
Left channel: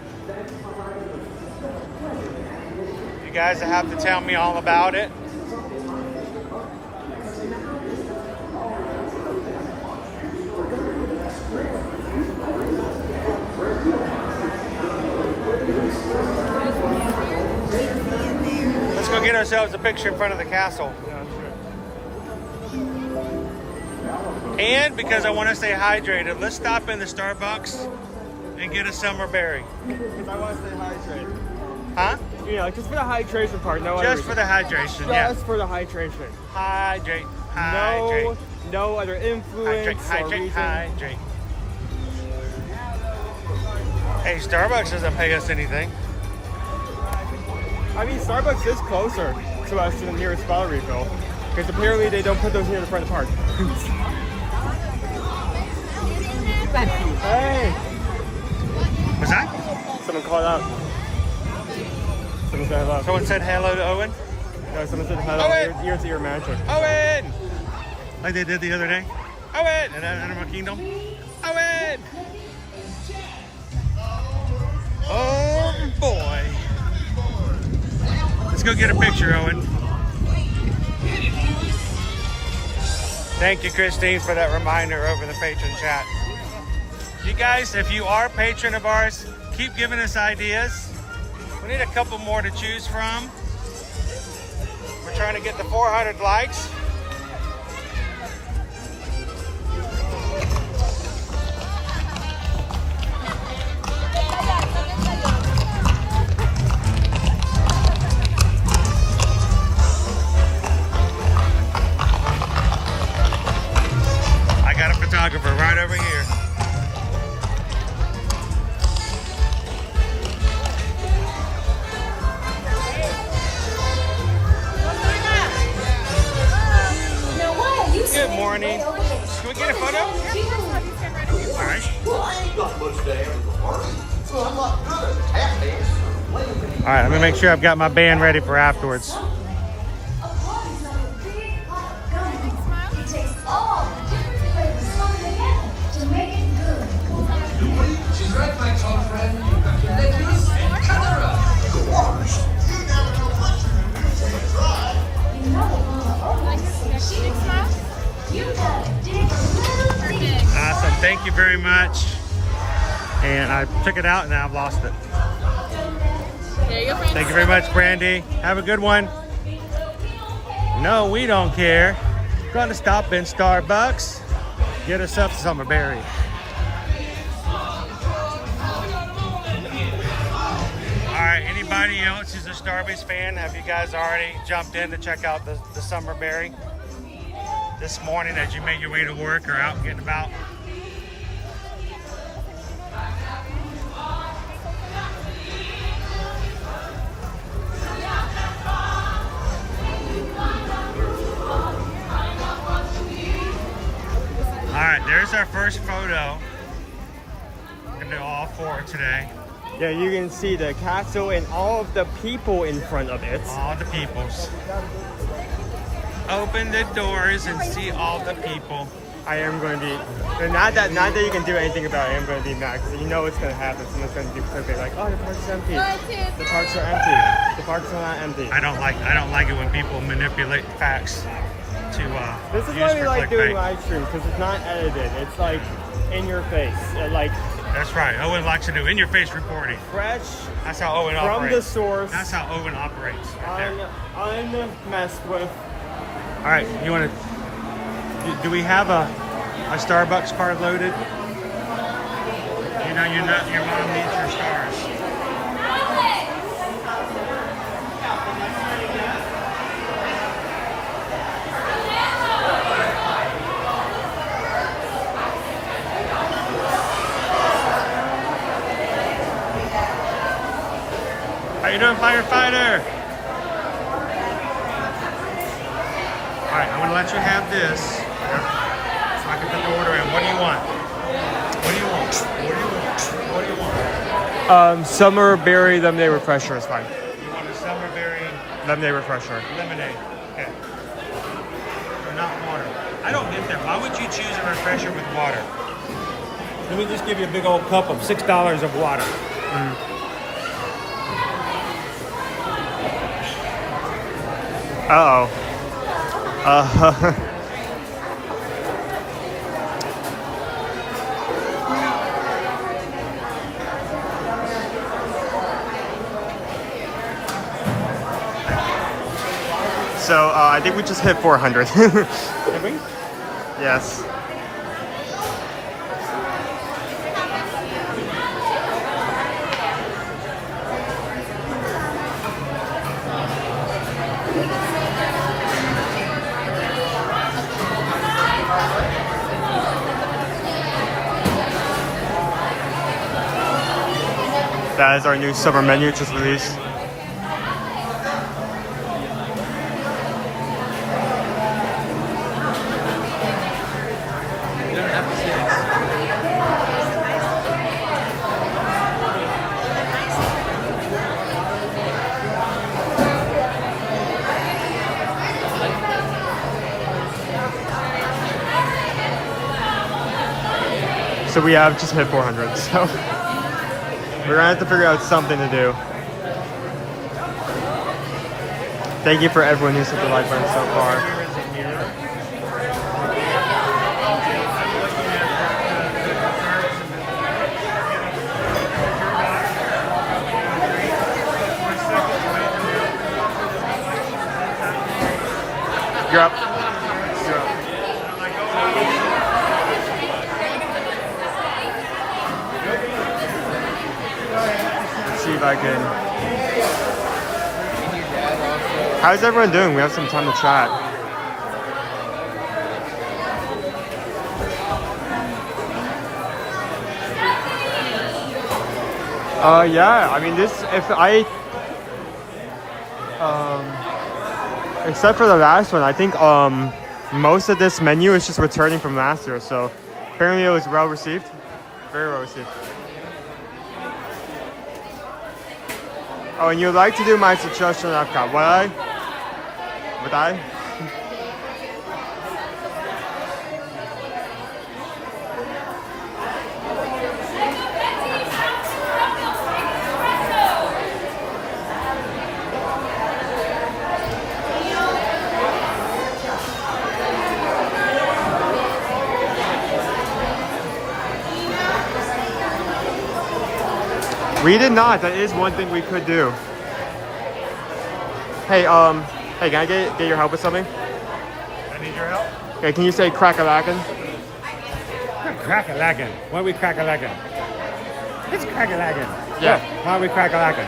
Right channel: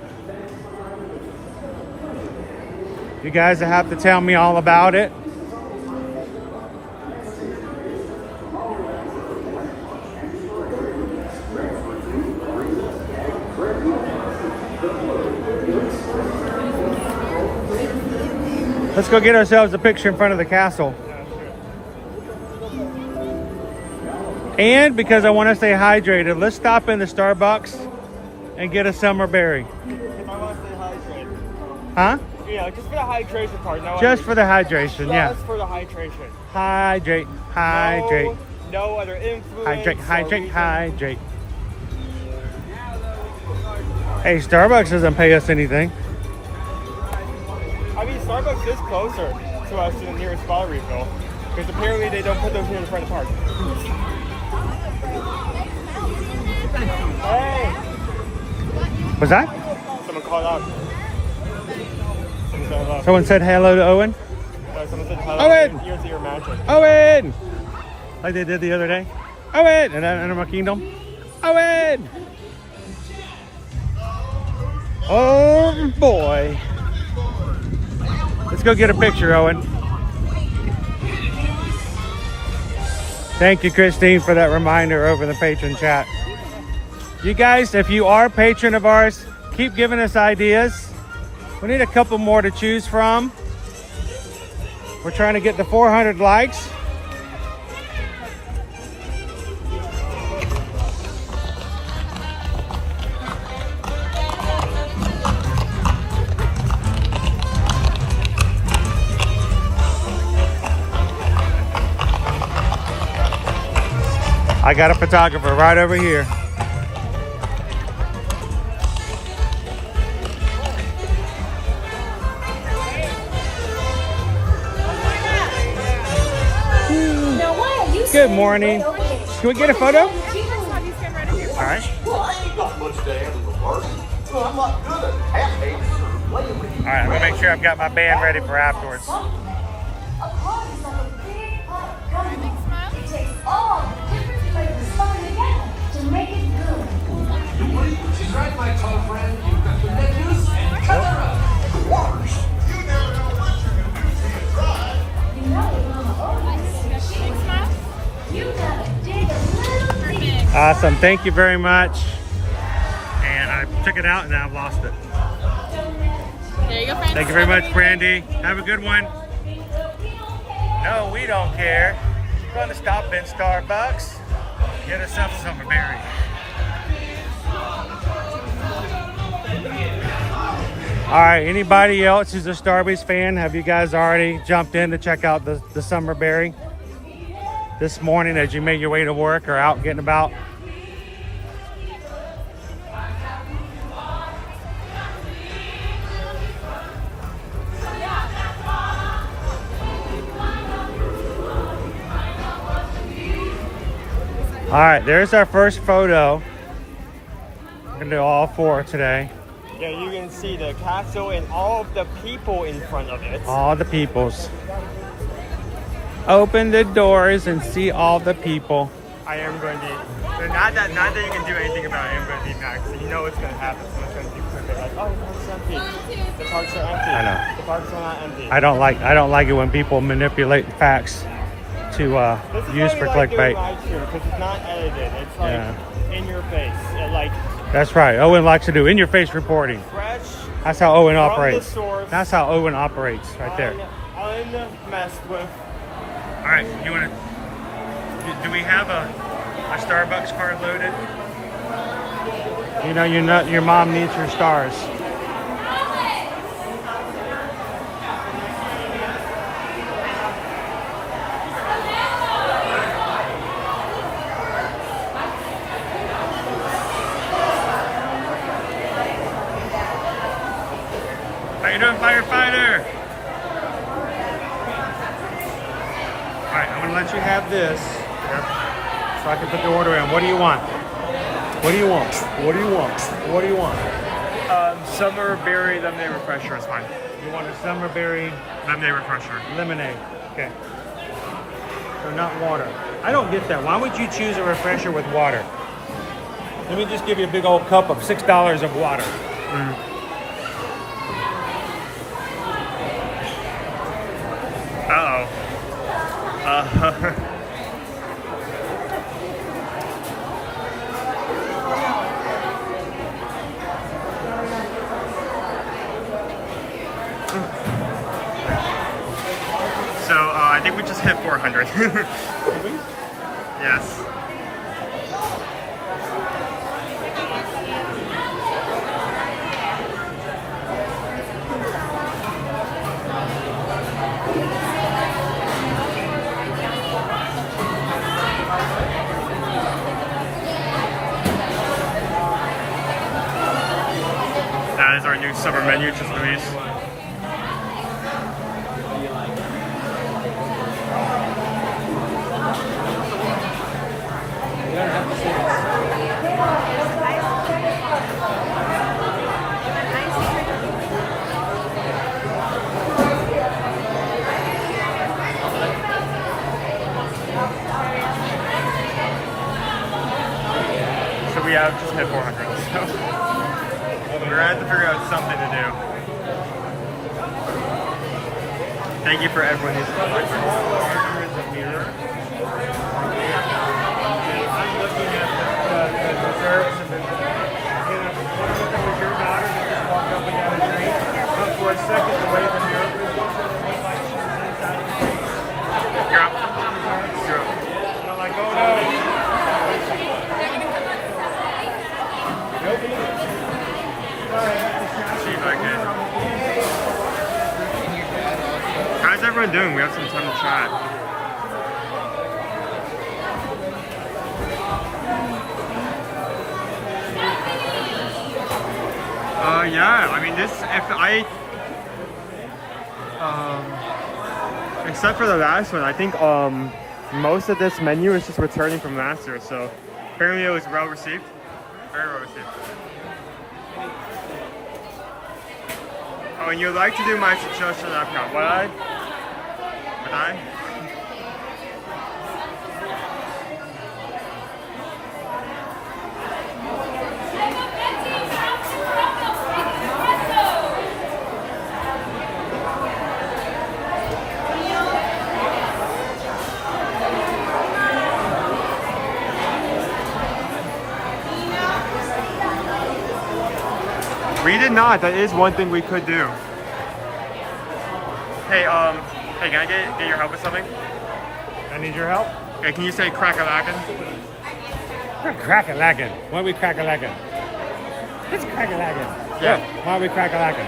You guys have to tell me all about it. Let's go get ourselves a picture in front of the castle. And because I want to stay hydrated, let's stop in the Starbucks and get a summer berry. I want to stay hydrated. Huh? Yeah, just for the hydration part. No Just for the hydration, yeah. Just for the hydration. Hydrate, hydrate. No other influence. Hydrate. Hey, Starbucks doesn't pay us anything. I mean, Starbucks is closer to us than the nearest bottle refill. Because apparently they don't put those in front of the park. Hey! Was that? Someone called out. Someone said hello. Someone said hello to Owen? No, someone said hello. Owen! Here's your magic. Owen! Like they did the other day? Owen! In Animal Kingdom? Owen! Oh boy. Let's go get a picture, Owen. Thank you, Christine, for that reminder over the patron chat. You guys, if you are a patron of ours, keep giving us ideas. We need a couple more to choose from. We're trying to get the 400 likes. I got a photographer right over here. Good morning. Can we get a photo? All right. All right, I'm gonna make sure I've got my band ready for afterwards. She's right, my girlfriend. Awesome. Thank you very much. And I took it out and now I've lost it. There you go, friends. Thank you very much, Brandy. Have a good one. No, we don't care. We're gonna stop in Starbucks. Get ourselves some berry. All right, anybody else who's a Starbucks fan, have you guys already jumped in to check out the summer berry this morning as you make your way to work or out getting about? All right, there's our first photo. We're gonna do all four today. Yeah, you can see the castle and all of the people in front of it. All the peoples. Open the doors and see all the people. I am going to be, and not that you can do anything about it, I'm going to be back. You know what's going to happen. Someone's going to do something like, oh, the park's empty. The parks are empty. The parks are not empty. I don't like it when people manipulate facts to use for clickbait. Live stream because it's not edited. It's like in your face. That's right. Owen likes to do in-your-face reporting. Fresh. That's how Owen from operates. The source. That's how Owen operates right there. Unmessed with. All right, you want to? Do we have a Starbucks card loaded? You know, your mom needs your stars. How you doing, firefighter? All right, I'm gonna let you have this so I can put the order in. What do you want? What do you want? What do you want? What do you want? Summer berry lemonade refresher is fine. You want the summer berry Lemonade refresher. lemonade. Okay. So not water. I don't get that. Why would you choose a refresher with water? Let me just give you a big old cup of $6 of water. Uh-oh. So I think we just hit 400. Did we? Yes. That is our new summer menu just released. So we have just hit 400, so we're gonna have to figure out something to do. Thank you for everyone who's supported so far. You're up. You're up. See if I can. How's everyone doing? We have some time to chat. Yeah, I mean except for the last one, I think most of this menu is just returning from last year, so apparently it was well received. Very well received. Oh, and you'd like to do my suggestion on Epcot. Would I? Would I? We did not. That is one thing we could do. Hey, hey, can I get your help with something? I need your help. Okay, can you say crack-a-lackin'? Crack-a-lackin'. Why are we crack-a-lackin'? It's crack-a-lackin'. Yeah. Why are we crack-a-lackin'?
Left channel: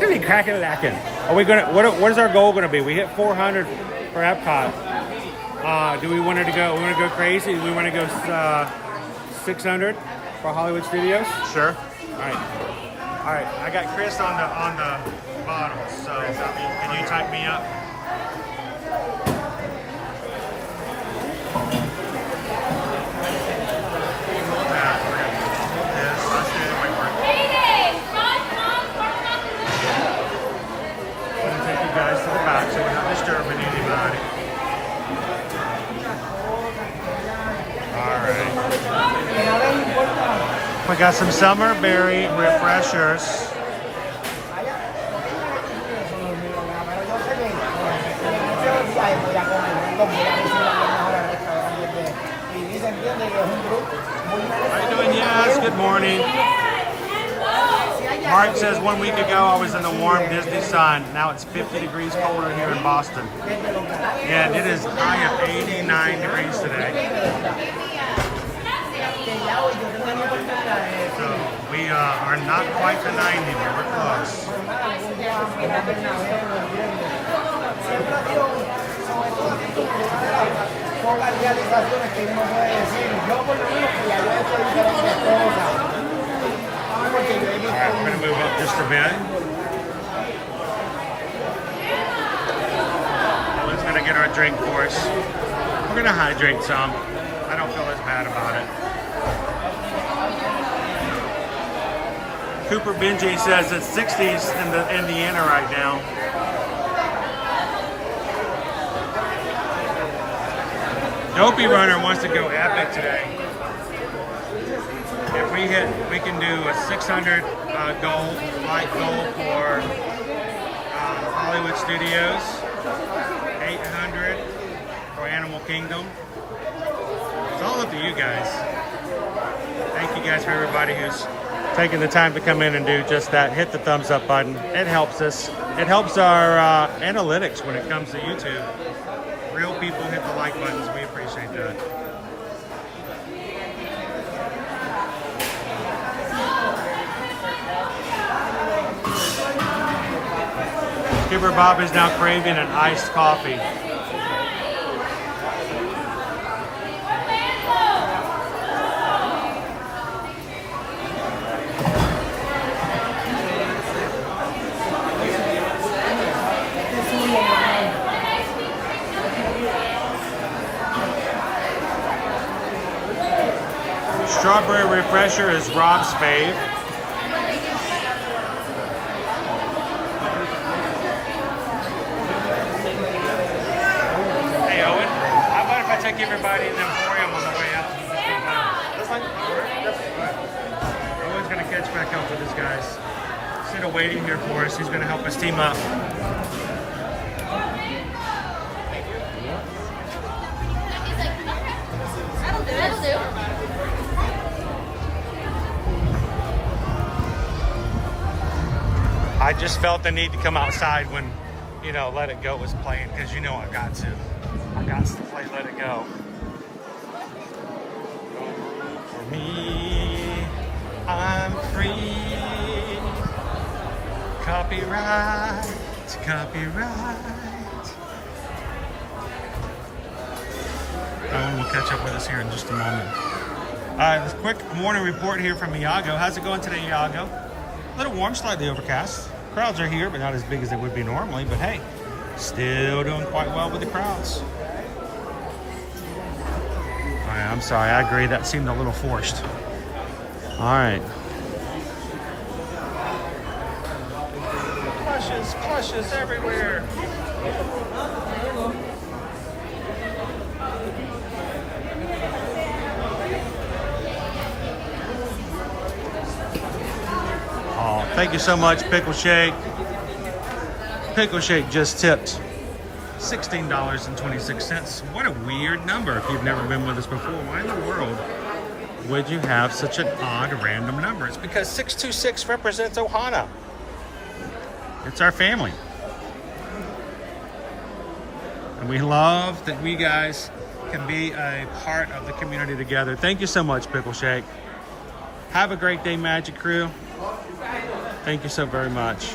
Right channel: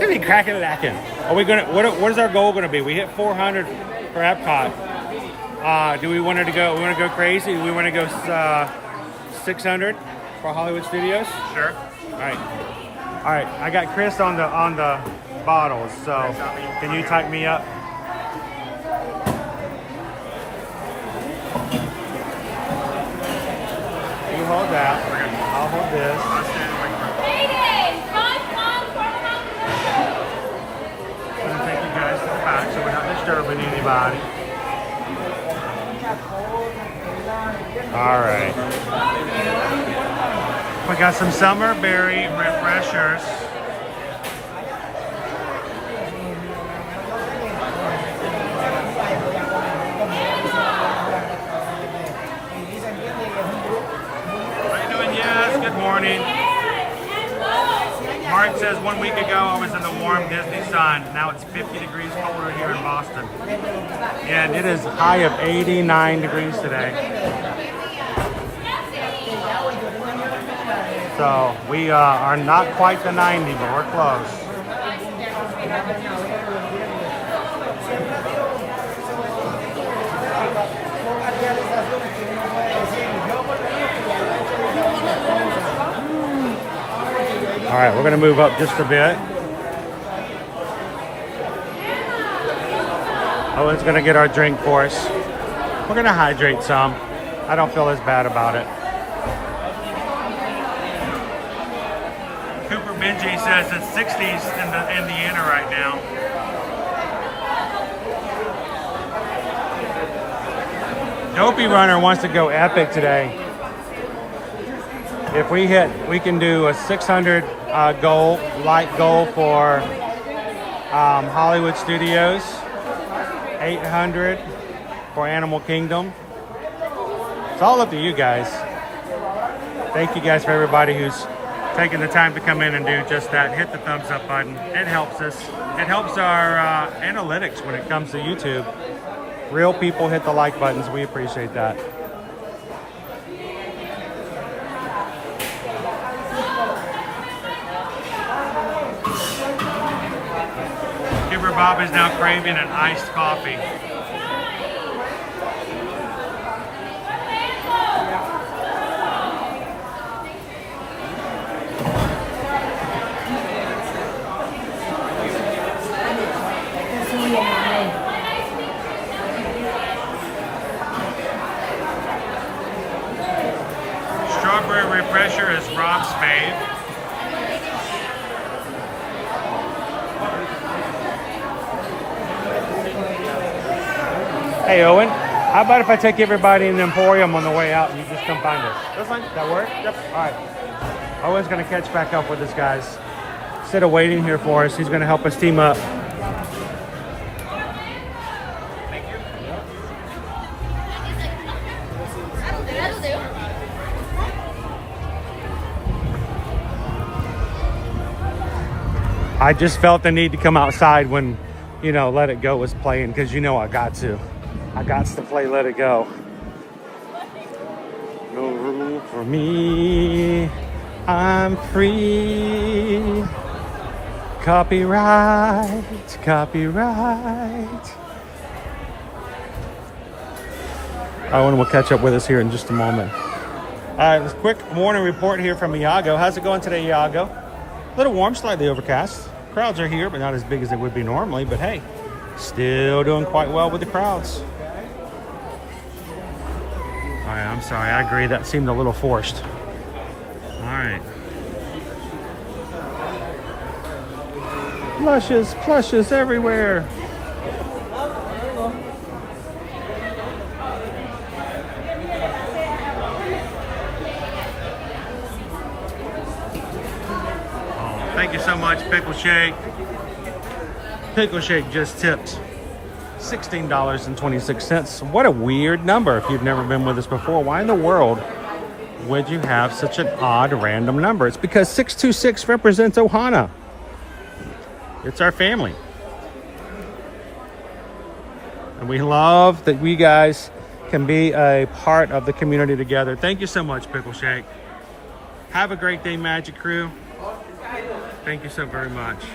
It's be crack-a-lackin'. Are we gonna? What is our goal gonna be? We hit 400 for Epcot. Do we want to go? We want to go crazy. Do we want to go 600 for Hollywood Studios? Sure. All right. All right. I got Chris on the bottles. So can you type me up? You hold that. I'll hold this. I'll stand and wait for it. I'm gonna take you guys to the back so we're not disturbing anybody. All right. We got some summer berry refreshers. How you doing? Yes, good morning. Mark says 1 week ago I was in the warm Disney sun. Now it's 50 degrees colder here in Boston. And it is a high of 89 degrees today. So we are not quite to 90, but we're close. All right, we're going to move up just a bit. Owen's going to get our drink for us. We're going to hydrate some. I don't feel as bad about it. Cooper Benji says it's 60s in Indiana right now. Dopey Runner wants to go epic today. If we hit, we can do a 600 goal, light goal for Hollywood Studios, 800 for Animal Kingdom. It's all up to you guys. Thank you guys for everybody who's taking the time to come in and do just that. Hit the thumbs up button. It helps us. It helps our analytics when it comes to YouTube. Real people hit the like buttons. We appreciate that. Skipper Bob is now craving an iced coffee. Strawberry refresher is Rob's fave. Hey Owen, how about if I take everybody in the Emporium on the way out and you just come find us? That work? Yep. All right. Owen's gonna catch back up with us guys. Instead of waiting here for us, he's gonna help us team up. I just felt the need to come outside when, you know, Let It Go was playing, because you know I got to. I got to play Let It Go. For me, I'm free. Copyright, copyright. Owen will catch up with us here in just a moment. A quick morning report here from Iago. How's it going today, Iago? A little warm, slightly overcast. Crowds are here, but not as big as they would be normally. But hey, still doing quite well with the crowds. All right, I'm sorry. I agree. That seemed a little forced. All right. Plushes, plushes everywhere. Thank you so much, Pickle Shake. Pickle Shake just tipped $16.26. What a weird number. If you've never been with us before, why in the world would you have such an odd random number? It's because 626 represents Ohana. It's our family. And we love that we guys can be a part of the community together. Thank you so much, Pickle Shake. Have a great day, Magic Crew. Thank you so very much.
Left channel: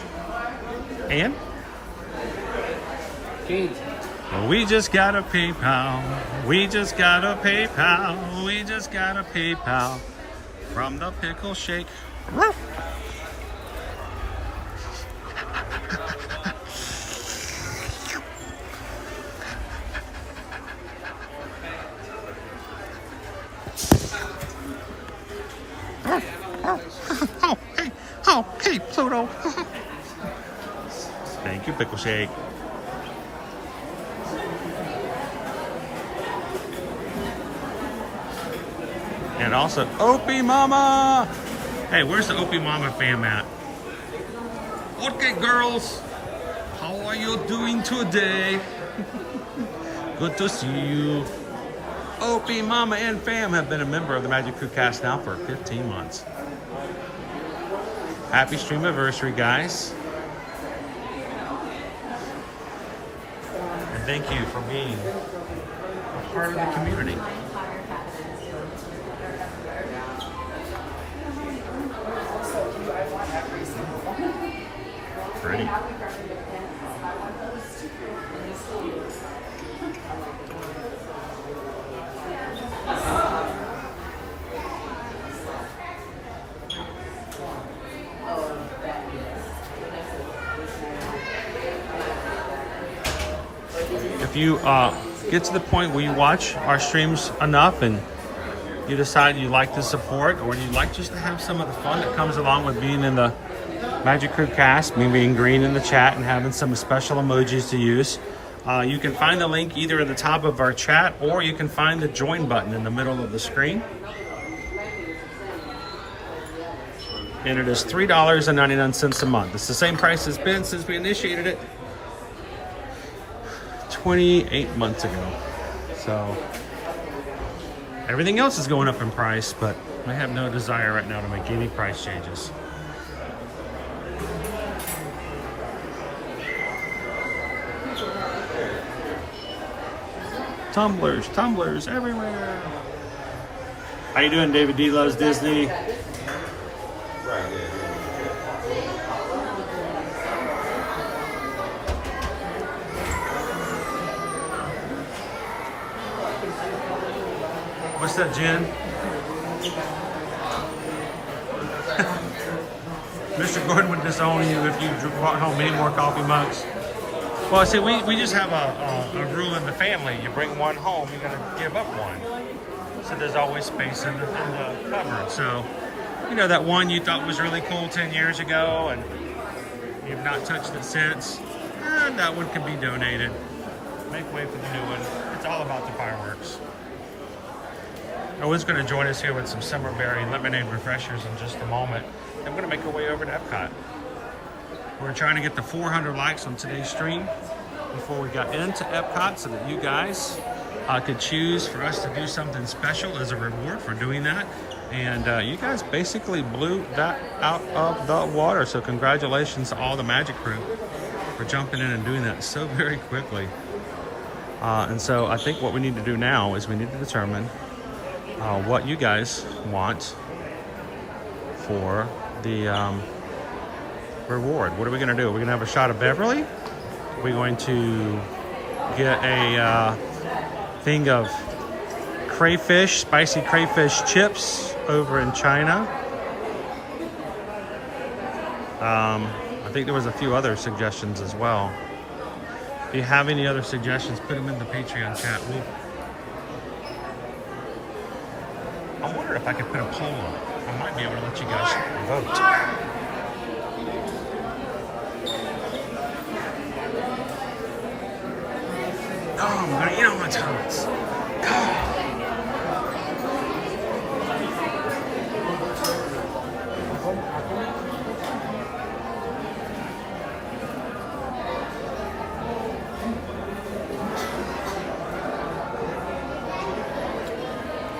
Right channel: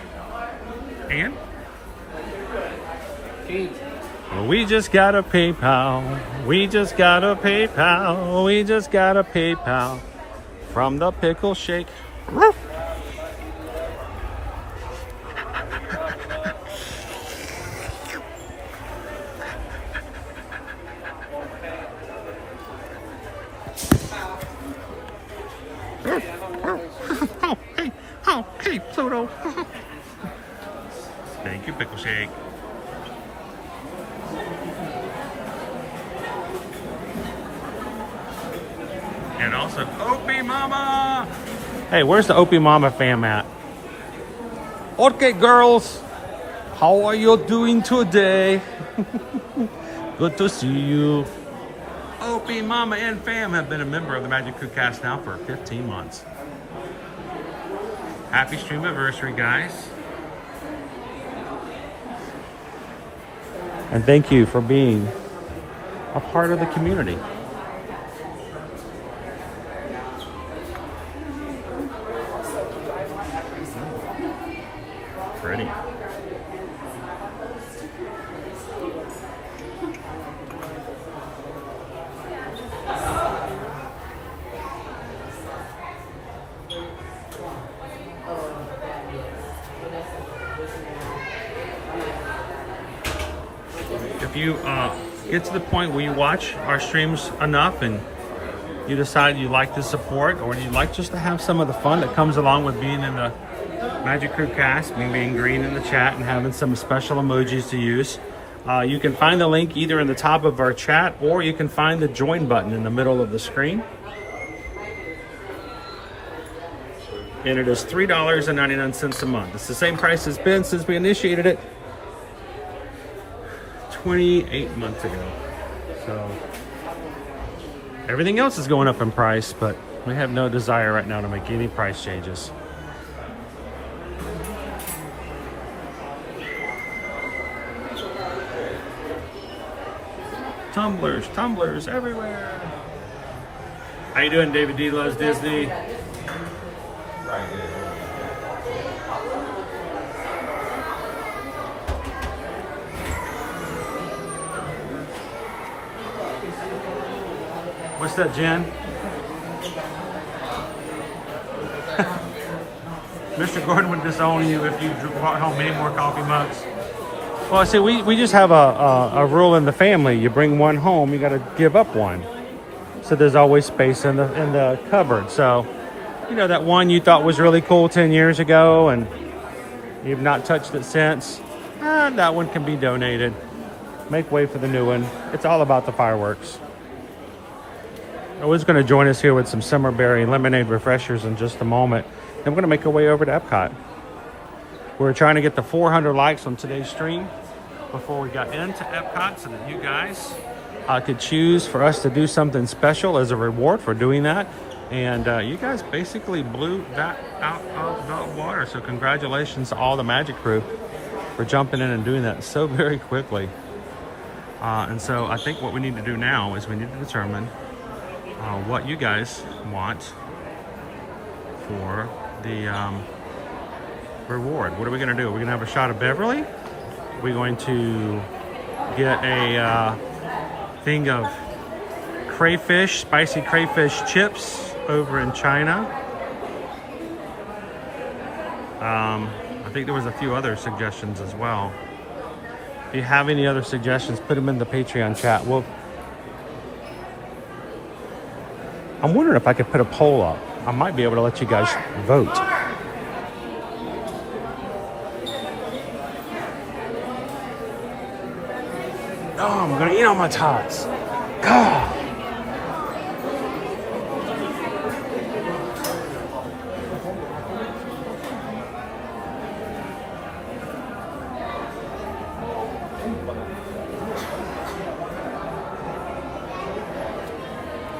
And? Well, we just got a PayPal. We just got a PayPal. We just got a PayPal from the Pickle Shake. Oh, hey, Pluto. Thank you, Pickle Shake. And also, Opie Mama. Hey, where's the Opie Mama fam at? Okay, girls. How are you doing today? Good to see you. Opie Mama and fam have been a member of the Magic Crew cast now for 15 months. Happy stream anniversary, guys. And thank you for being a part of the community. Pretty. If you get to the point where you watch our streams enough and you decide you like the support or you like just to have some of the fun that comes along with being in the Magic Crew cast, me being green in the chat and having some special emojis to use, you can find the link either in the top of our chat or you can find the join button in the middle of the screen. And it is $3.99 a month. It's the same price it's been since we initiated it 28 months ago. So everything else is going up in price, but we have no desire right now to make any price changes. Tumblers everywhere. How you doing, David D Loves Disney? What's that, Jen? Mr. Gordon would disown you if you brought home any more coffee mugs. Well, I say we just have a rule in the family. You bring one home, you got to give up one. So there's always space in the cupboard. So, you know, that one you thought was really cool 10 years ago and you've not touched it since, that one can be donated. Make way for the new one. It's all about the fireworks. Owen's going to join us here with some summer berry and lemonade refreshers in just a moment. Then we're going to make our way over to Epcot. We're trying to get the 400 likes on today's stream before we got into Epcot so that you guys could choose for us to do something special as a reward for doing that. And you guys basically blew that out of the water. So congratulations to all the Magic Crew for jumping in and doing that so very quickly. And so I think what we need to do now is we need to determine what you guys want for the reward. What are we going to do? Are we going to have a shot of Beverly? Are we going to get a thing of crayfish, spicy crayfish chips over in China? I think there was a few other suggestions as well. If you have any other suggestions, put them in the Patreon chat. I'm wondering if I could put a poll up. I might be able to let you guys vote. Oh, I'm gonna eat all my tots. Oh.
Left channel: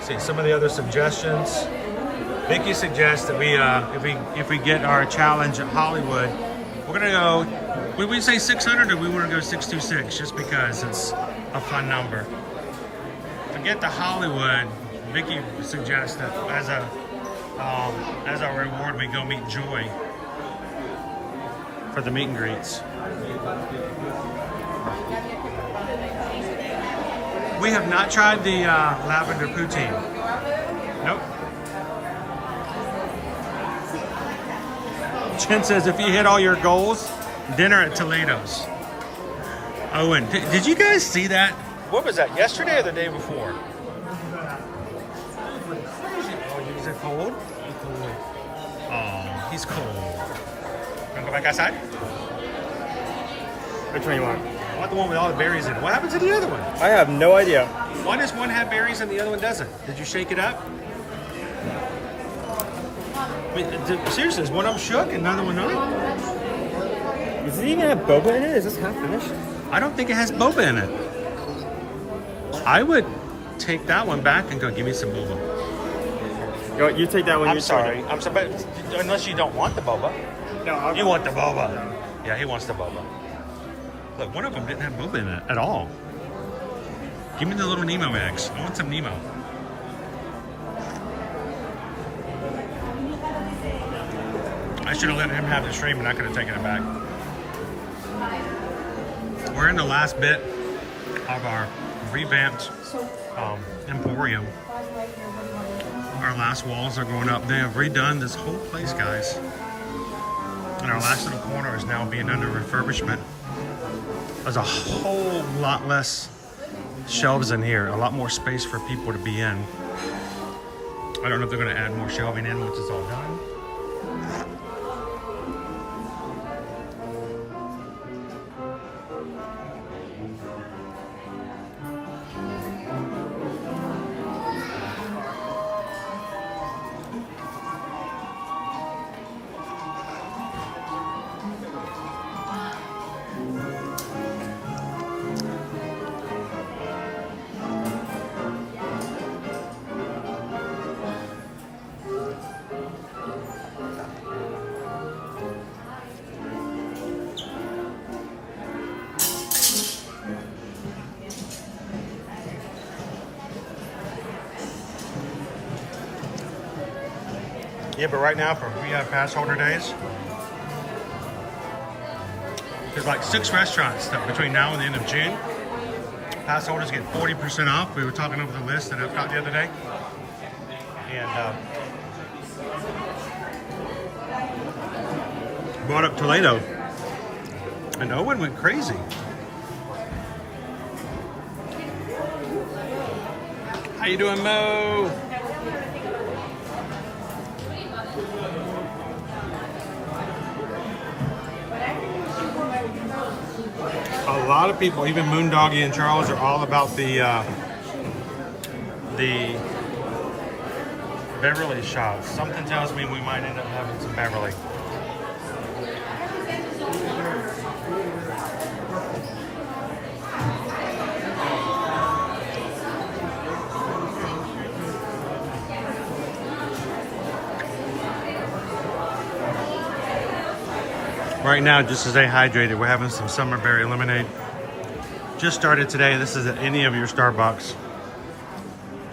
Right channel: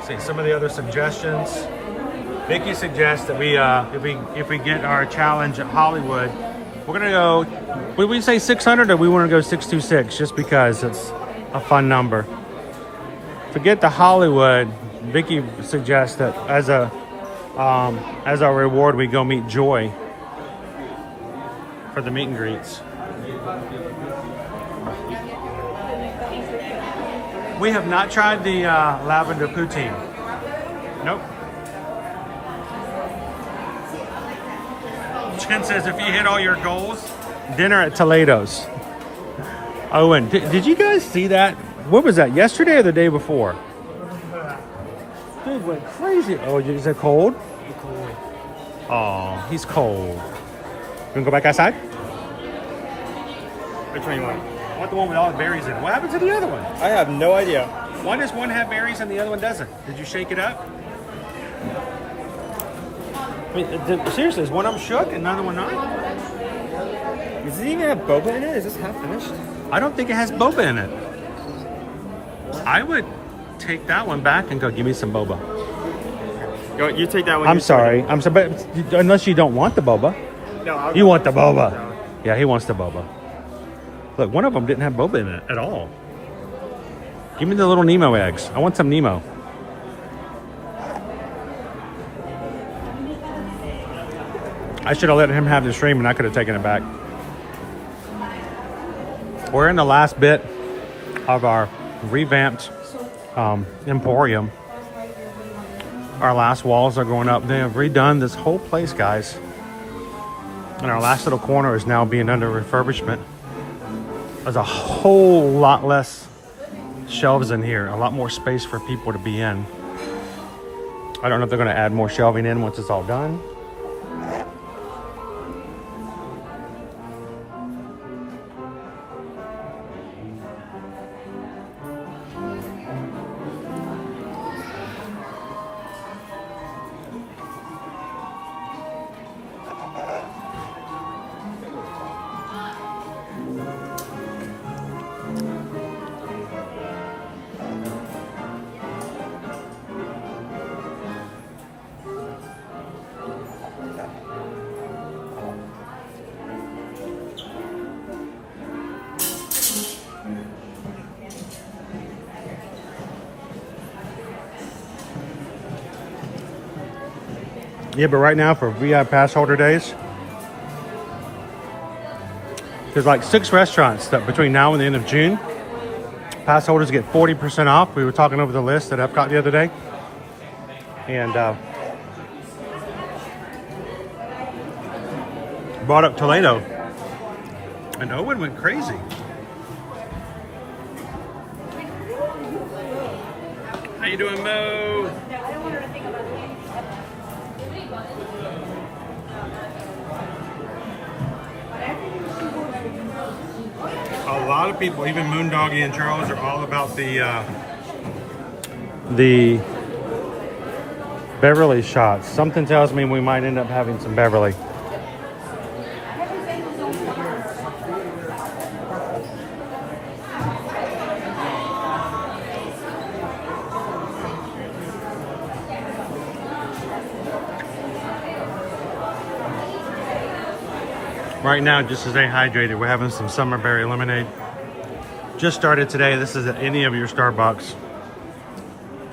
See some of the other suggestions. Vicky suggests that we, if we get our challenge at Hollywood, we're gonna go. Would we say 600 or we want to go 626? Just because it's a fun number. To get to Hollywood, Vicky suggests that as our reward, we go meet Joy for the meet and greets. We have not tried the lavender poutine. Nope. Chen says if you hit all your goals, dinner at Toledo's. Owen, did you guys see that? What was that, yesterday or the day before? It went crazy. Oh, is it cold? It's cold. Oh, he's cold. You wanna go back outside? Which one you want? I want the one with all the berries in it. What happened to the other one? I have no idea. Why does one have berries and the other one doesn't? Did you shake it up? Wait, seriously, is one of them shook and another one not? Does it even have boba in it? Is this half finished? I don't think it has boba in it. I would take that one back and go, give me some boba. You take that one. I'm sorry. I'm sorry, but unless you don't want the boba. No, you want the boba. Yeah, he wants the boba. Look, one of them didn't have boba in it at all. Give me the little Nemo eggs. I want some Nemo. I should have let him have the stream and I could have taken it back. We're in the last bit of our revamped Emporium. Our last walls are going up. They have redone this whole place, guys. And our last little corner is now being under refurbishment. There's a whole lot less shelves in here, a lot more space for people to be in. I don't know if they're going to add more shelving in once it's all done. Yeah, but right now for VIP pass holder days, there's like 6 restaurants that between now and the end of June, pass holders get 40% off. We were talking over the list at Epcot the other day. And brought up Toledo. And Owen went crazy. How you doing, Mo? A lot of people, even Moondoggy and Charles, are all about the Beverly shots. Something tells me we might end up having some Beverly. Right now, just to stay hydrated, we're having some summer berry lemonade. Just started today. This is at any of your Starbucks.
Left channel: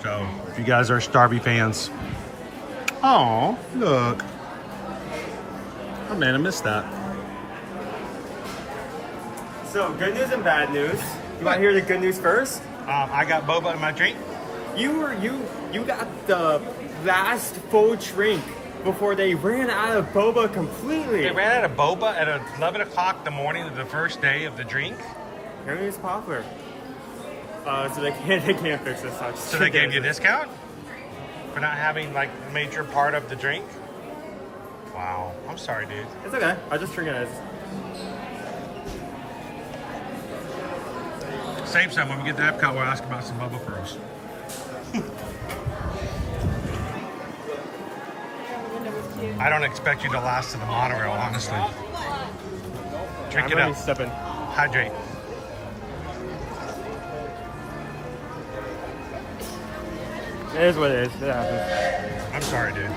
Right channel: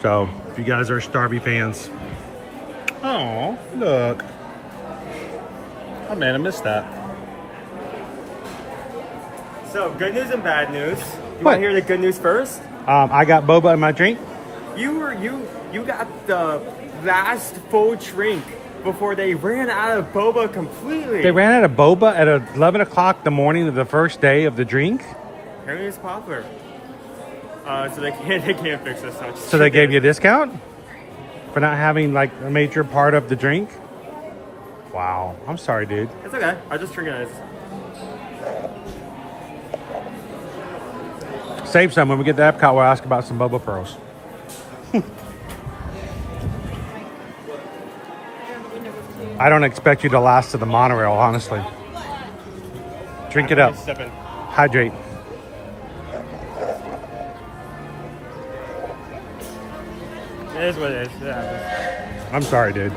So, if you guys are Starby fans. Oh, look. Oh man, I missed that. So, good news and bad news. You want to hear the good news first? I got boba in my drink. You got the last full drink before they ran out of boba completely. They ran out of boba at 11 o'clock the morning of the first day of the drink? Apparently it's popular. So they can't fix this. So they gave you a discount? For not having like a major part of the drink? Wow. I'm sorry, dude. It's okay. I'll just drink it as... Save some. When we get to Epcot, we'll ask about some boba pearls. I don't expect you to last to the monorail, honestly. Drink it up. Hydrate. It is what it is. It happens. I'm sorry, dude.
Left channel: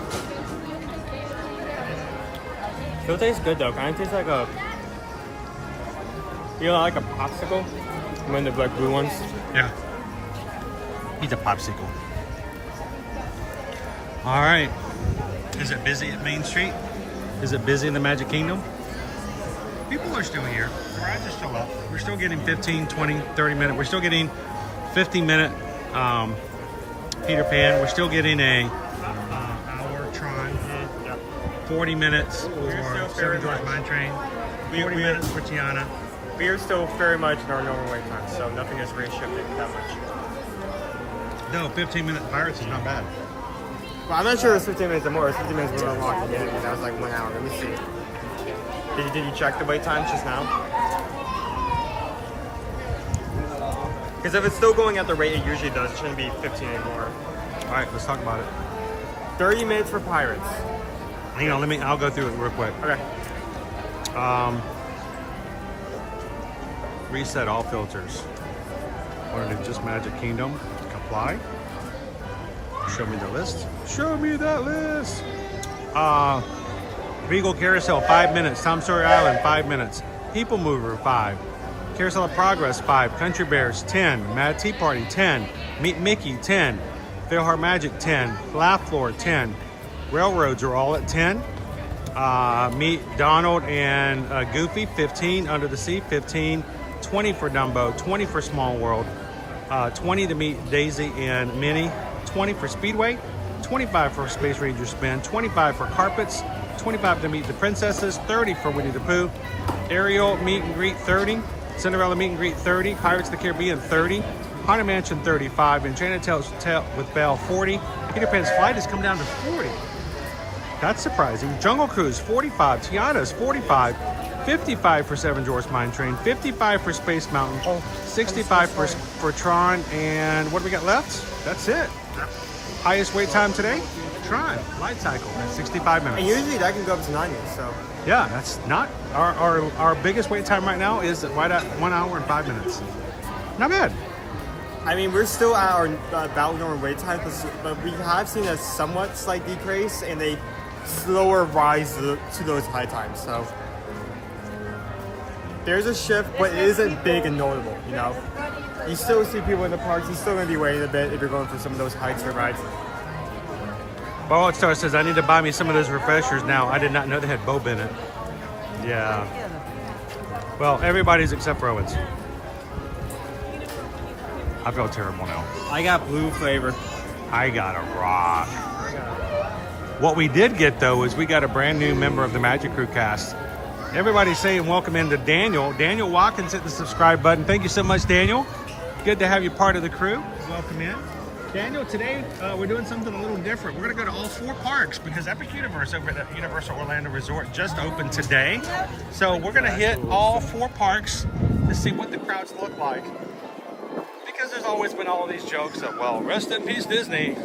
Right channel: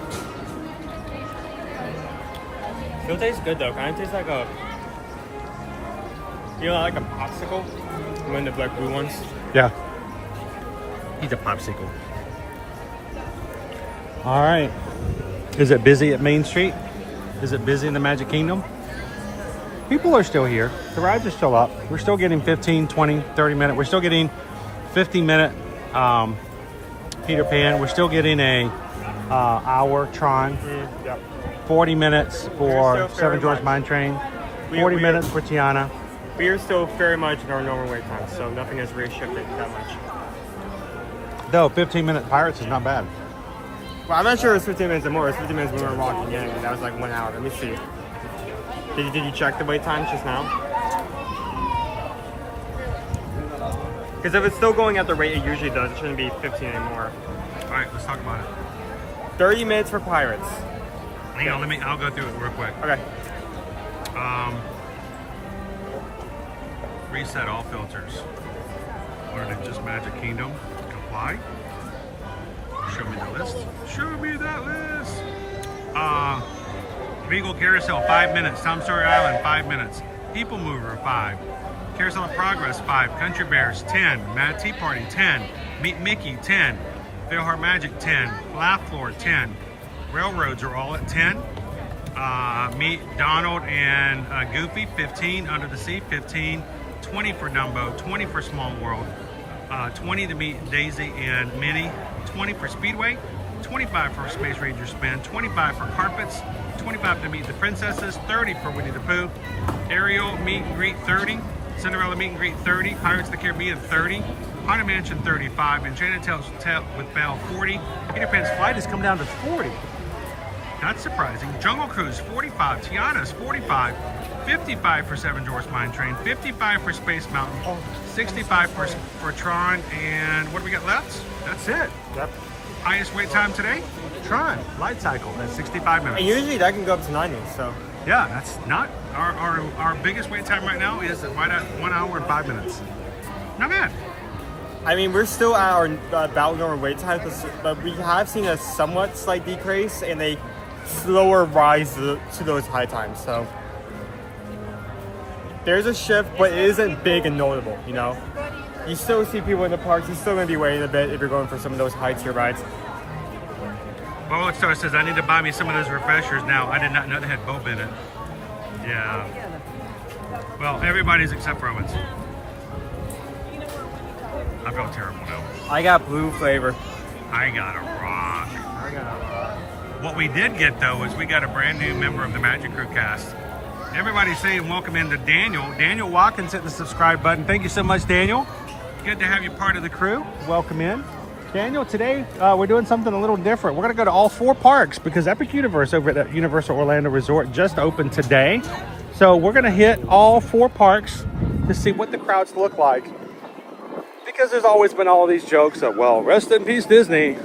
It tastes good though. Kind of tastes like a, you know, like a popsicle. One of the like blue ones. Yeah. He's a popsicle. All right. Is it busy at Main Street? Is it busy in the Magic Kingdom? People are still here. The rides are still up. We're still getting 15, 20, 30 minute. We're still getting 50-minute Peter Pan. We're still getting a hour Tron. 40 minutes for Seven Dwarfs Mine Train. 40 minutes for Tiana. We are still very much in our normal wait time, so nothing has reshifted that much. Though 15-minute Pirates is not bad. Well, I'm not sure it's 15 minutes or more. It's 15 minutes more than walking anyway. That was like 1 hour. Let me see. Did you check the wait times just now? Because if it's still going at the rate it usually does, it shouldn't be 15 anymore. All right, let's talk about it. 30 minutes for Pirates. Hang on, I'll go through it real quick. Okay. Reset all filters. Want to do just Magic Kingdom? Apply. Show me the list. Show me that list. Regal Carousel, 5 minutes. Tom Sawyer Island, 5 minutes. People Mover, 5. Carousel of Progress, 5. Country Bears, 10. Mad Tea Party, 10. Meet Mickey, 10. Failheart Magic, 10. Laugh Floor, 10. Railroads are all at 10. Meet Donald and Goofy, 15. Under the Sea, 15. 20 for Dumbo, 20 for Small World. 20 to meet Daisy and Minnie. 20 for Speedway. 25 for Space Ranger Spin. 25 for Carpets. 25 to meet the Princesses. 30 for Winnie the Pooh. Ariel Meet and Greet, 30. Cinderella Meet and Greet, 30. Pirates of the Caribbean, 30. Haunted Mansion, 35. Enchanted Tales with Belle, 40. Peter Pan's Flight has come down to 40. That's surprising. Jungle Cruise, 45. Tiana's, 45. 55 for Seven Dwarfs Mine Train. 55 for Space Mountain. 65 for Tron. And what do we got left? That's it. Highest wait time today? Tron Light Cycle at 65 minutes. And usually that can go up to 9 minutes, so. Yeah, that's not our biggest wait time right now is right at 1 hour and 5 minutes. Not bad. I mean, we're still at our about normal wait time because we have seen a somewhat slight decrease and a slower rise to those high times. So there's a shift, but it isn't big and notable. You know, you still see people in the parks. You're still gonna be waiting a bit if you're going for some of those high tier rides. Ball Star says I need to buy me some of those refreshers now. I did not know they had boba in it. Yeah. Well, everybody's except for Owens. I feel terrible now. I got blue flavor. I got a rock. What we did get though is we got a brand new member of the Magic Crew cast. Everybody's saying welcome in to Daniel. Daniel Watkins hit the subscribe button. Thank you so much, Daniel. Good to have you part of the crew. Welcome in. Daniel, today we're doing something a little different. We're gonna go to all 4 parks because Epic Universe over at Universal Orlando Resort just opened today. So we're gonna hit all 4 parks to see what the crowds look like. Because there's always been all these jokes of, well, rest in peace Disney.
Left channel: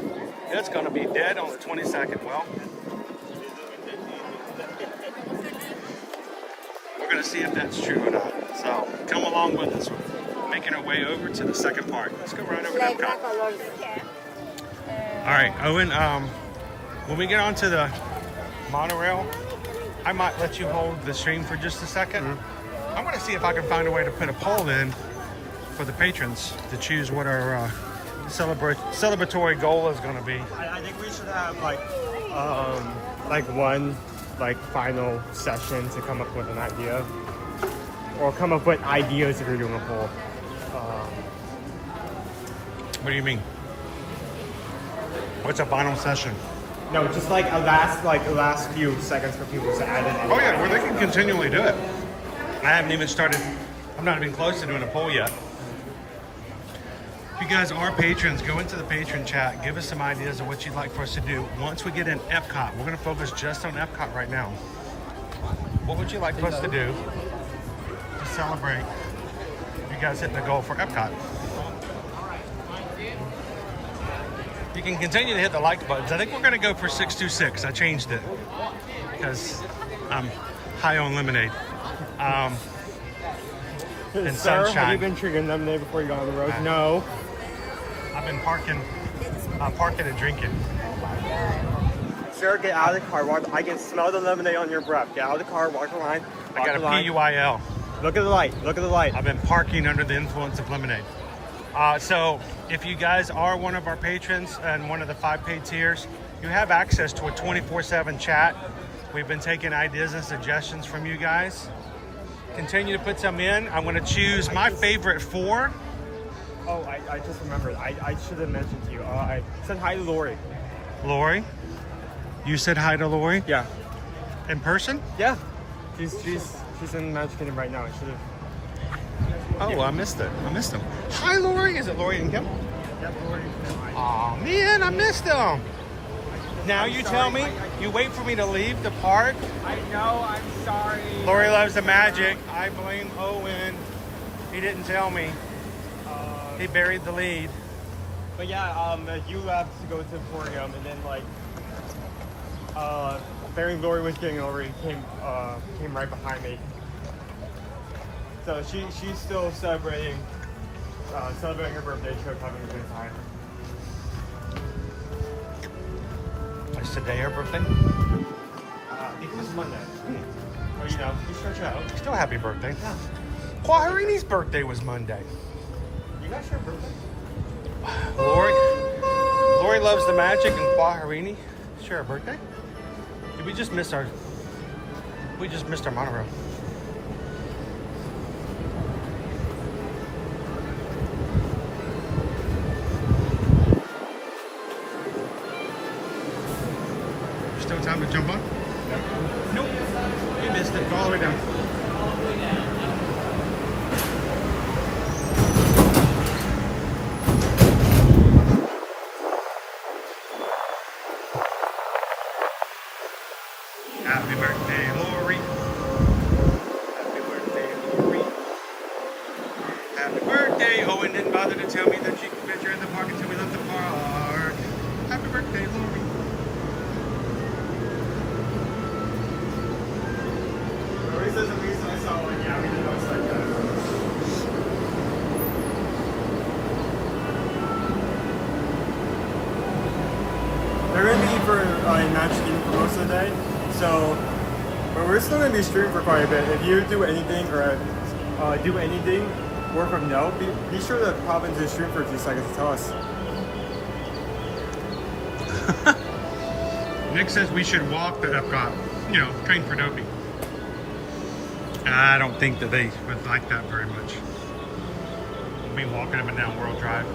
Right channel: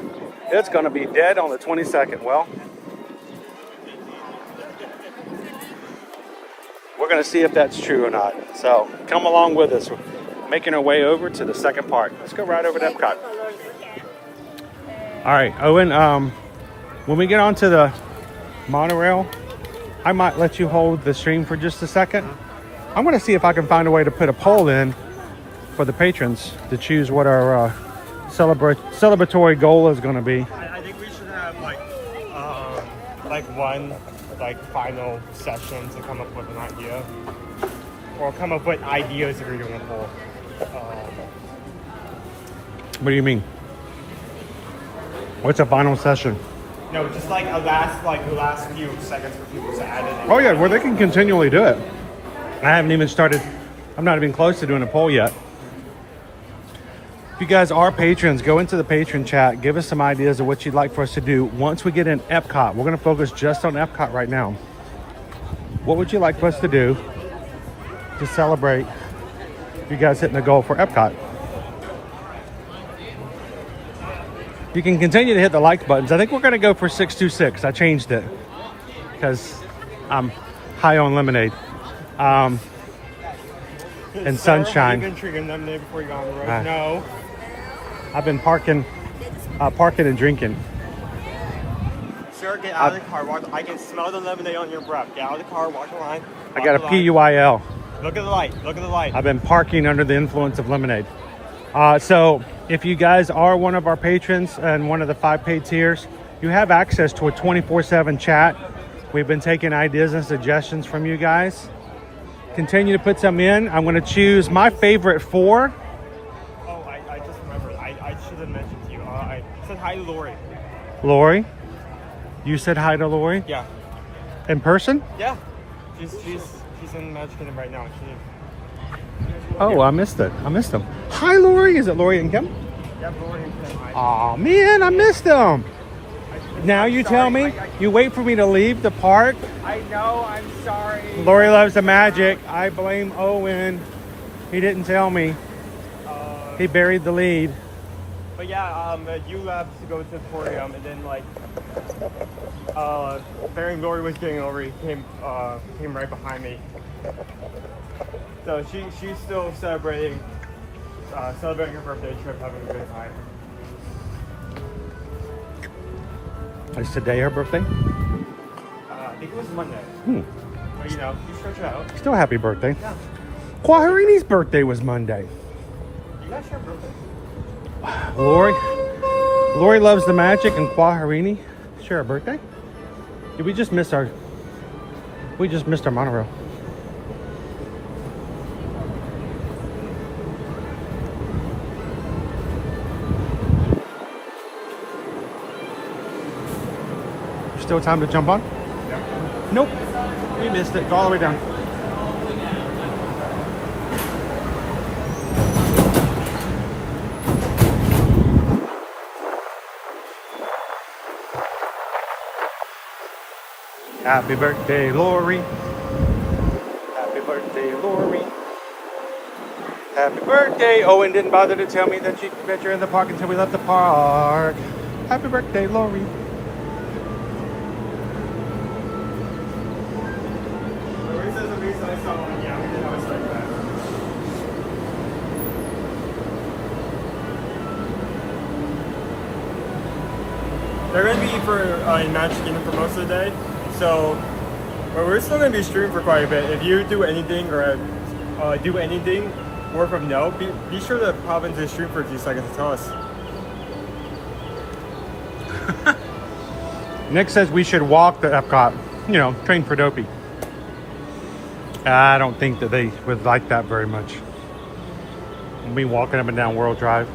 It's gonna be dead on the 22nd. Well, we're gonna see if that's true or not. So come along with us. Making our way over to the second park. Let's go right over to Epcot. All right, Owen, when we get onto the monorail, I might let you hold the stream for just a second. I'm gonna see if I can find a way to put a poll in for the patrons to choose what our celebratory goal is gonna be. I think we should have like one final session to come up with an idea. Or come up with ideas if you're doing a poll. What do you mean? What's a final session? No, just like a last few seconds for people to add in. Oh yeah, well they can continually do it. I haven't even started, I'm not even close to doing a poll yet. If you guys are patrons, go into the patron chat, give us some ideas of what you'd like for us to do once we get in Epcot. We're gonna focus just on Epcot right now. What would you like for us to do to celebrate you guys hitting the goal for Epcot? You can continue to hit the like buttons. I think we're gonna go for 626. I changed it because I'm high on lemonade and sunshine. Have you been drinking lemonade before you go on the road? No. I've been parking parking and drinking. Sir, get out of the car. Watch. I can smell the lemonade on your breath. Get out of the car. Walk the line. I got a PUIL. Look at the light. Look at the light. I've been parking under the influence of lemonade. So if you guys are one of our patrons and one of the 5 paid tiers, you have access to a 24/7 chat. We've been taking ideas and suggestions from you guys. Continue to put some in. I'm going to choose my favorite 4. Oh, I just remembered. I should have mentioned to you. I said hi to Lori. Lori? You said hi to Lori? Yeah. In person? Yeah. She's in Magic Kingdom right now. Oh, I missed it. I missed them. Hi, Lori. Is it Lori and Kim? Oh, man, I missed them. Now you tell me. You wait for me to leave the park. I know. I'm sorry. Lori loves the magic. I blame Owen. He didn't tell me. He buried the lead. But yeah, you have to go to the aquarium, and then like, during Lori was getting over, he came right behind me. So she's still celebrating her birthday trip, having a good time. Is today her birthday? It was Monday. Hmm. You know, you stretch it out. Still happy birthday. Quahirini's birthday was Monday. You guys share birthday? Lori loves the magic, and Quahirini share a birthday? Did we just miss our... We just missed our monorail. Still time to jump on? Yeah. Nope. We missed it. Go all the way down. Happy birthday, Lori. Happy birthday, Lori. Happy birthday. Owen didn't bother to tell me that you're in the park until we left the park. Happy birthday, Lori. Lori says at least I saw one. Yeah, we did most likely. They're going to be for Magic Kingdom for most of the day. So, we're still going to be streaming for quite a bit. If you do anything or do anything, work from no, be sure to pop into the stream for a few seconds to tell us. Nick says we should walk to Epcot. You know, train for Dopey. I don't think that they would like that very much. Me walking up and down World Drive.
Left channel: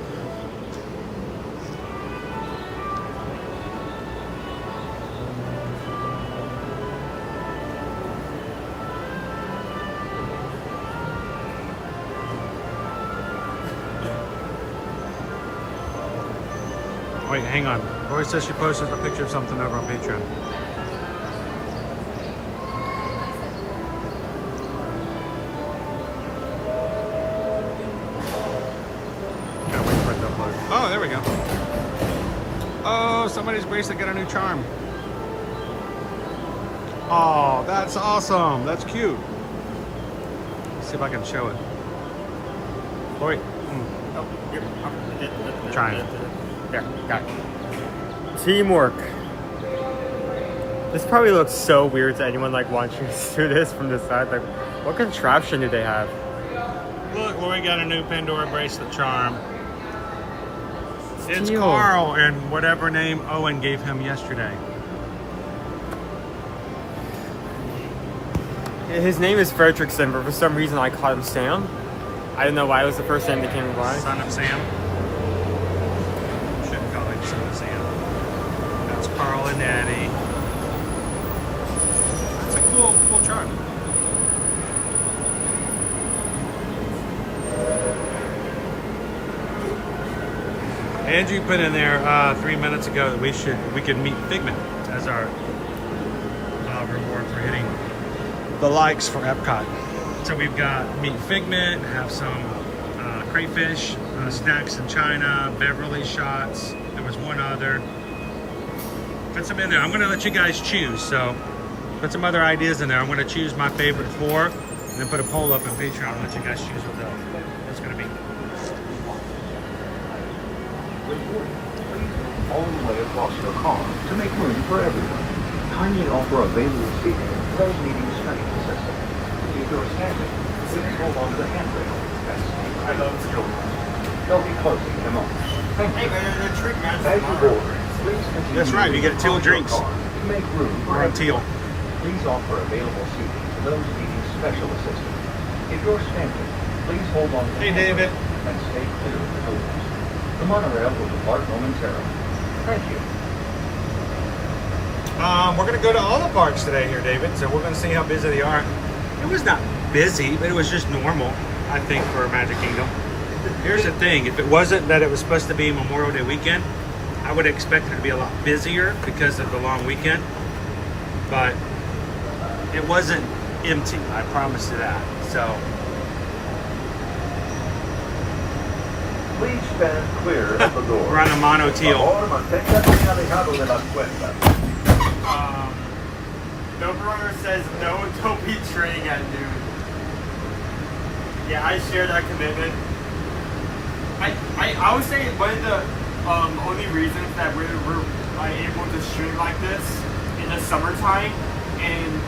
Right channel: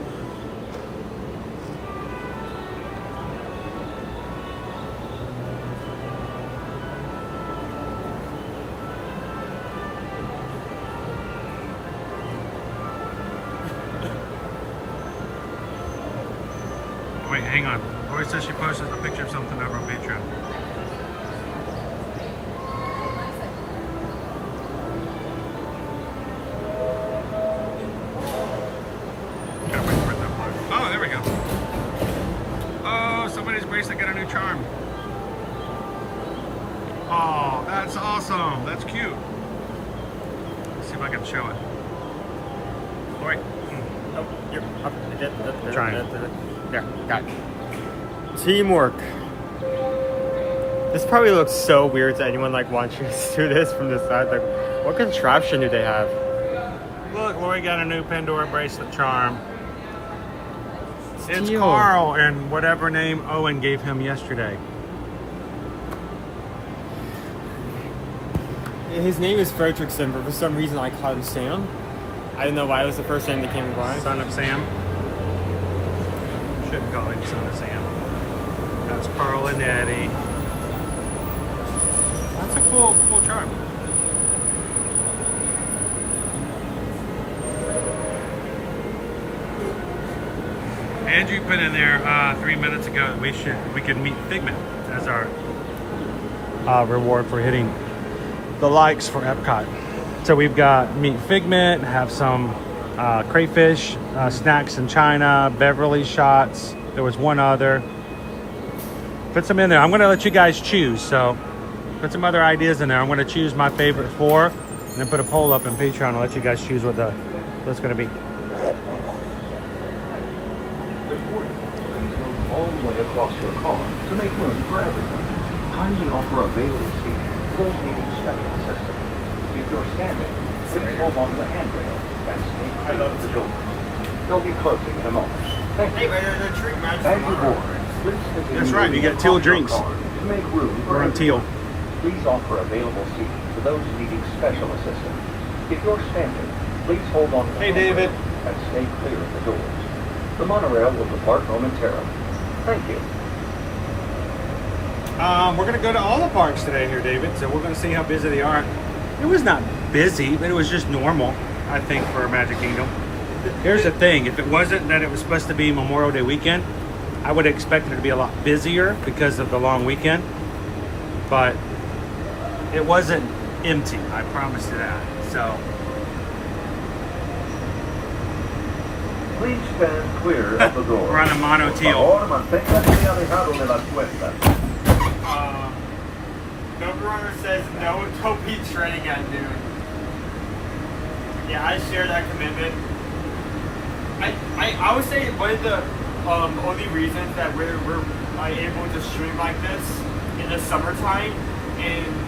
Wait, hang on. Lori says she posted a picture of something over on Patreon. Gotta wait for it to upload. Oh, there we go. Oh, somebody's Grace got a new charm. Oh, that's awesome. That's cute. Let's see if I can show it. Lori. Trying. There, got it. Teamwork. This probably looks so weird to anyone like watching us do this from the side. Like, what contraption do they have? Look, Lori got a new Pandora bracelet charm. It's Steel. Carl and whatever name Owen gave him yesterday. His name is Fredrickson, but for some reason I called him Sam. I don't know why it was the first name that came by. Son of Sam. Shouldn't call him Son of Sam. That's Carl and Eddie. That's a cool charm. Andrew put in there 3 minutes ago that we could meet Figment as our reward for hitting the likes for Epcot. So we've got meet Figment, have some crayfish, snacks in China, Beverly shots. There was one other. Put some in there. I'm gonna let you guys choose. So put some other ideas in there. I'm gonna choose my favorite 4 and then put a poll up in Patreon and let you guys choose what's gonna be. all the way across your car to make room for everyone. Kindly offer available seating to those needing special assistance. If you're standing, please hold on to the handrail and stay clear of the doors. They'll be closing in a moment. Thank you. As you board, please continue. That's right, you get teal drinks. To make room for We're on teal. Please offer available seating to those needing special assistance. If you're standing, please hold on to the David. handrail and stay clear of the doors. The monorail will depart momentarily. Thank you. We're going to go to all the parks today here, David, so we're going to see how busy they are. It was not busy, but it was just normal, I think, for Magic Kingdom. Here's the thing, if it wasn't that it was supposed to be Memorial Day weekend, I would have expected it to be a lot busier because of the long weekend, but it wasn't empty, I promise you that. So Please stand clear of the door. we're on a mono teal. Doberunner says no, don't be training at noon. Yeah, I share that commitment. I would say one of the only reasons that we're able to stream like this in the summertime and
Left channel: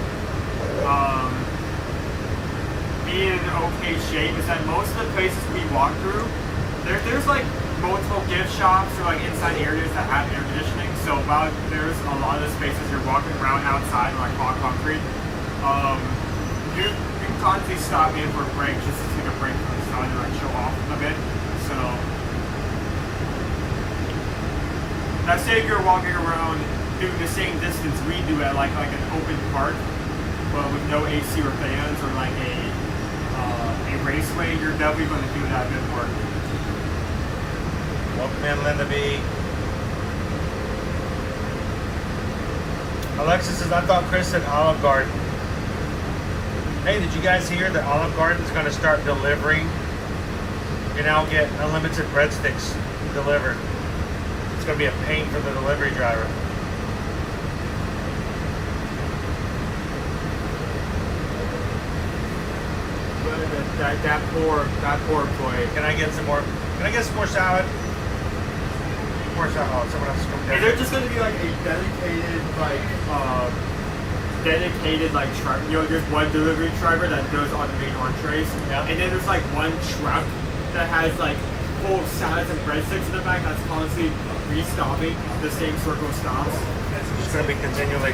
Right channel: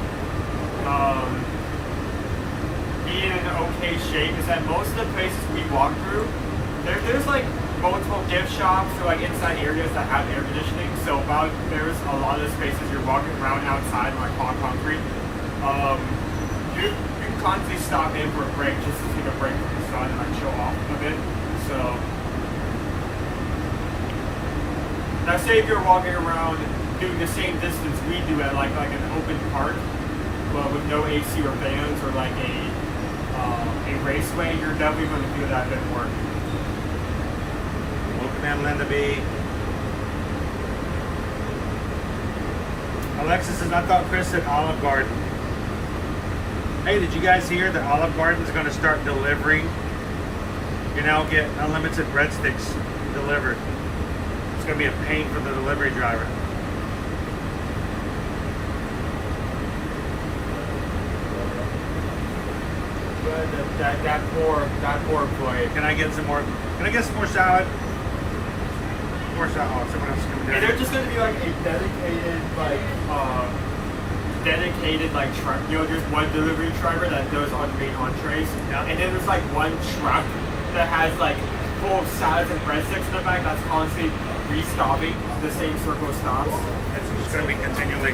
be in okay shape is that most of the places we walk through, there's like multiple gift shops or like inside areas that have air conditioning. So while there's a lot of spaces you're walking around outside on like hot concrete, you can constantly stop in for a break just to take a break from the sun and like show off a bit. So now say if you're walking around doing the same distance we do at like an open park, but with no AC or fans or like a raceway, you're definitely going to do that bit more. Welcome in, Linda B. Alexis says, I thought Chris said Olive Garden. Hey, did you guys hear that Olive Garden is going to start delivering? You know, get unlimited breadsticks delivered. It's going to be a pain for the delivery driver. That poor employee. Can I get some more? Can I get some more salad? More salad. Oh, someone else is coming down. And there's just going to be like a dedicated truck. You know, there's one delivery driver that goes on the main entrees, and then there's like one truck that has like full of salads and breadsticks in the back that's constantly restopping the same circle of stops. It's going to be continually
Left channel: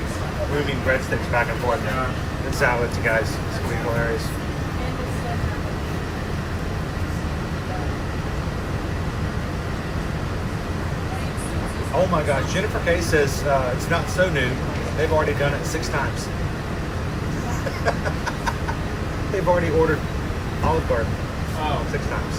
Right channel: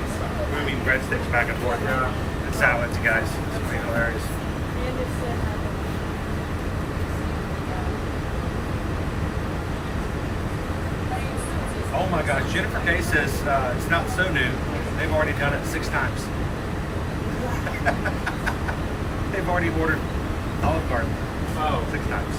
moving breadsticks back and forth. And salads, guys. It's going to be hilarious. Oh my gosh, Jennifer Kay says it's not so new. They've already done it 6 times. They've already ordered Olive Garden. Oh. 6 times.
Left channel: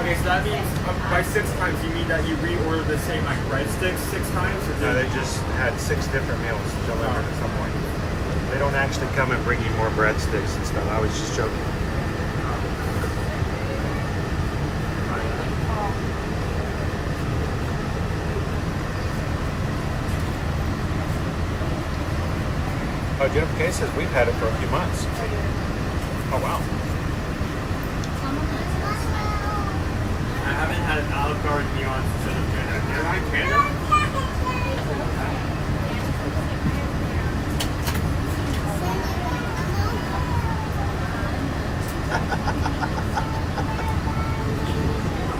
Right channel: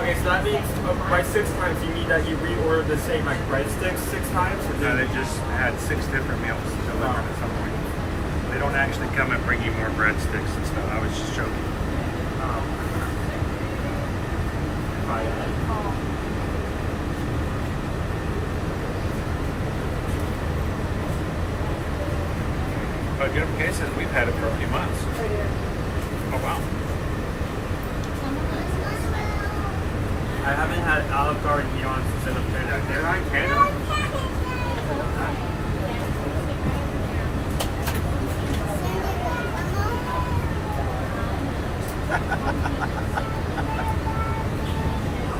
Okay, so that means by 6 times you mean that you reordered the same breadsticks 6 times? Or No, they just had 6 different meals delivered at some point. They don't actually come and bring you more breadsticks and stuff. I was just joking. Oh, Jennifer Kay says we've had it for a few months. Oh, wow. I haven't had Olive Garden neon since I've been out there. I can.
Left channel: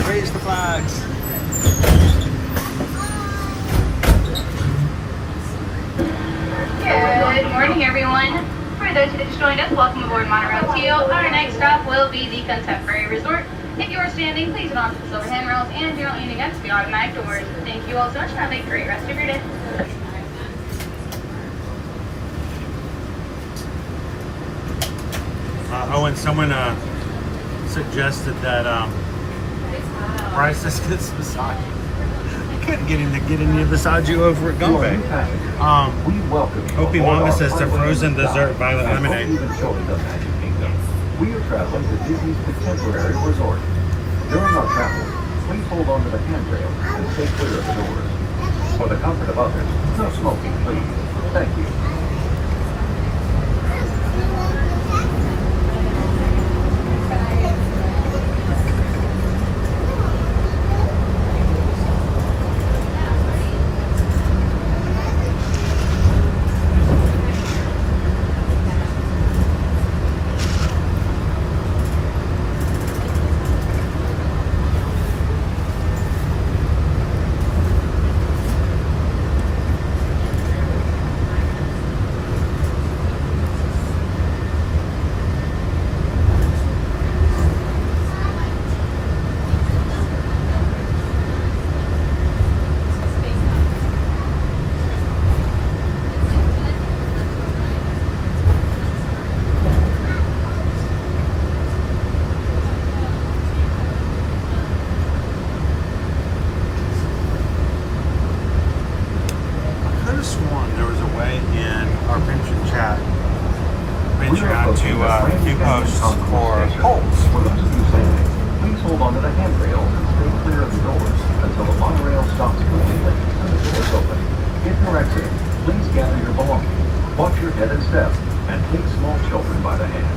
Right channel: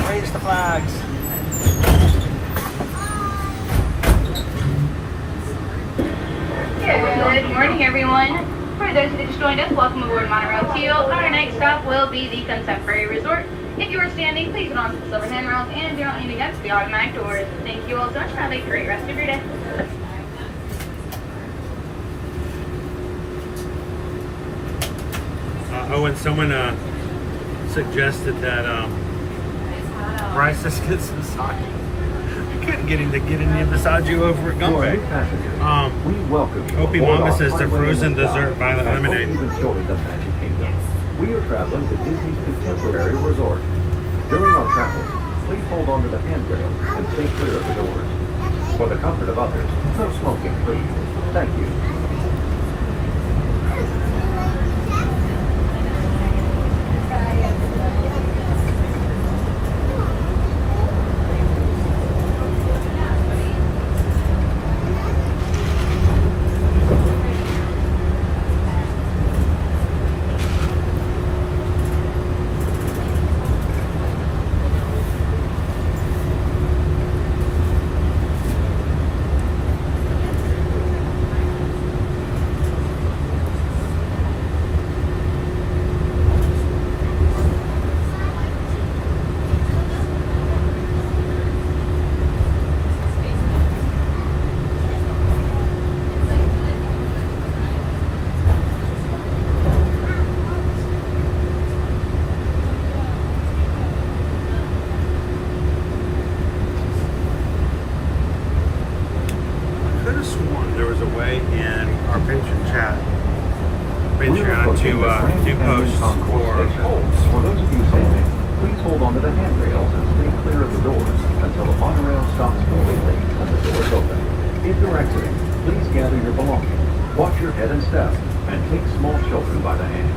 Raise the flags. Good morning, everyone. For those who just joined us, welcome aboard Monorail Teal. Our next stop will be the Contemporary Resort. If you are standing, please get on to the silver handrails and do not lean against the automatic doors. Thank you all so much. Have a great rest of your day. Owen, someone suggested that Bryce just gets massage. You couldn't get him to get in your massage you over at Gumbay. Opie Mama says the frozen dessert violet lemonade. We are traveling to Disney's Contemporary Resort. During our travel, please hold on to the handrails and stay clear of the doors. For the comfort of others, no smoking, please. Thank you. or poles. For those of you standing, please hold on to the handrail and stay clear of the doors until the monorail stops completely and the doors open. If you're exiting, please gather your belongings, watch your head and step, and take small children by the hand.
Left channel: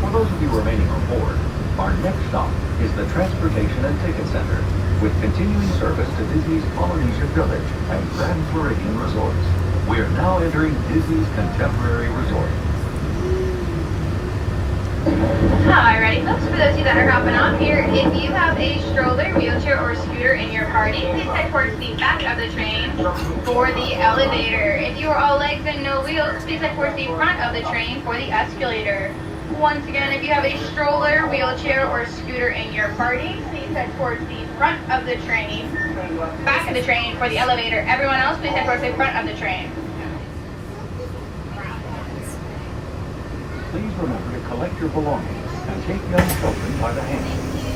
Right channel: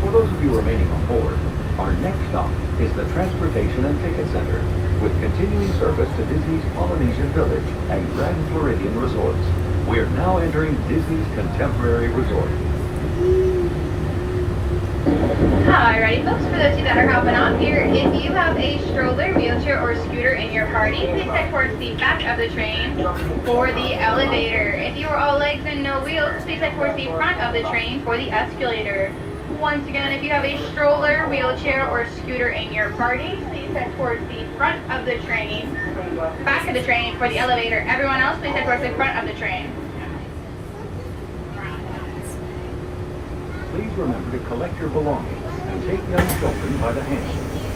For those of you remaining on board, our next stop is the Transportation and Ticket Center, with continuing service to Disney's Polynesian Village and Grand Floridian Resorts. We are now entering Disney's Contemporary Resort. Alrighty folks, for those of you that are hopping off here, if you have a stroller, wheelchair, or scooter in your party, please head towards the back of the train for the elevator. If you are all legs and no wheels, please head towards the front of the train for the escalator. Once again, if you have a stroller, wheelchair, or scooter in your party, please head towards the front of the train, back of the train for the elevator. Everyone else, please head towards the front of the train. Please remember to collect your belongings and take young children by the hand.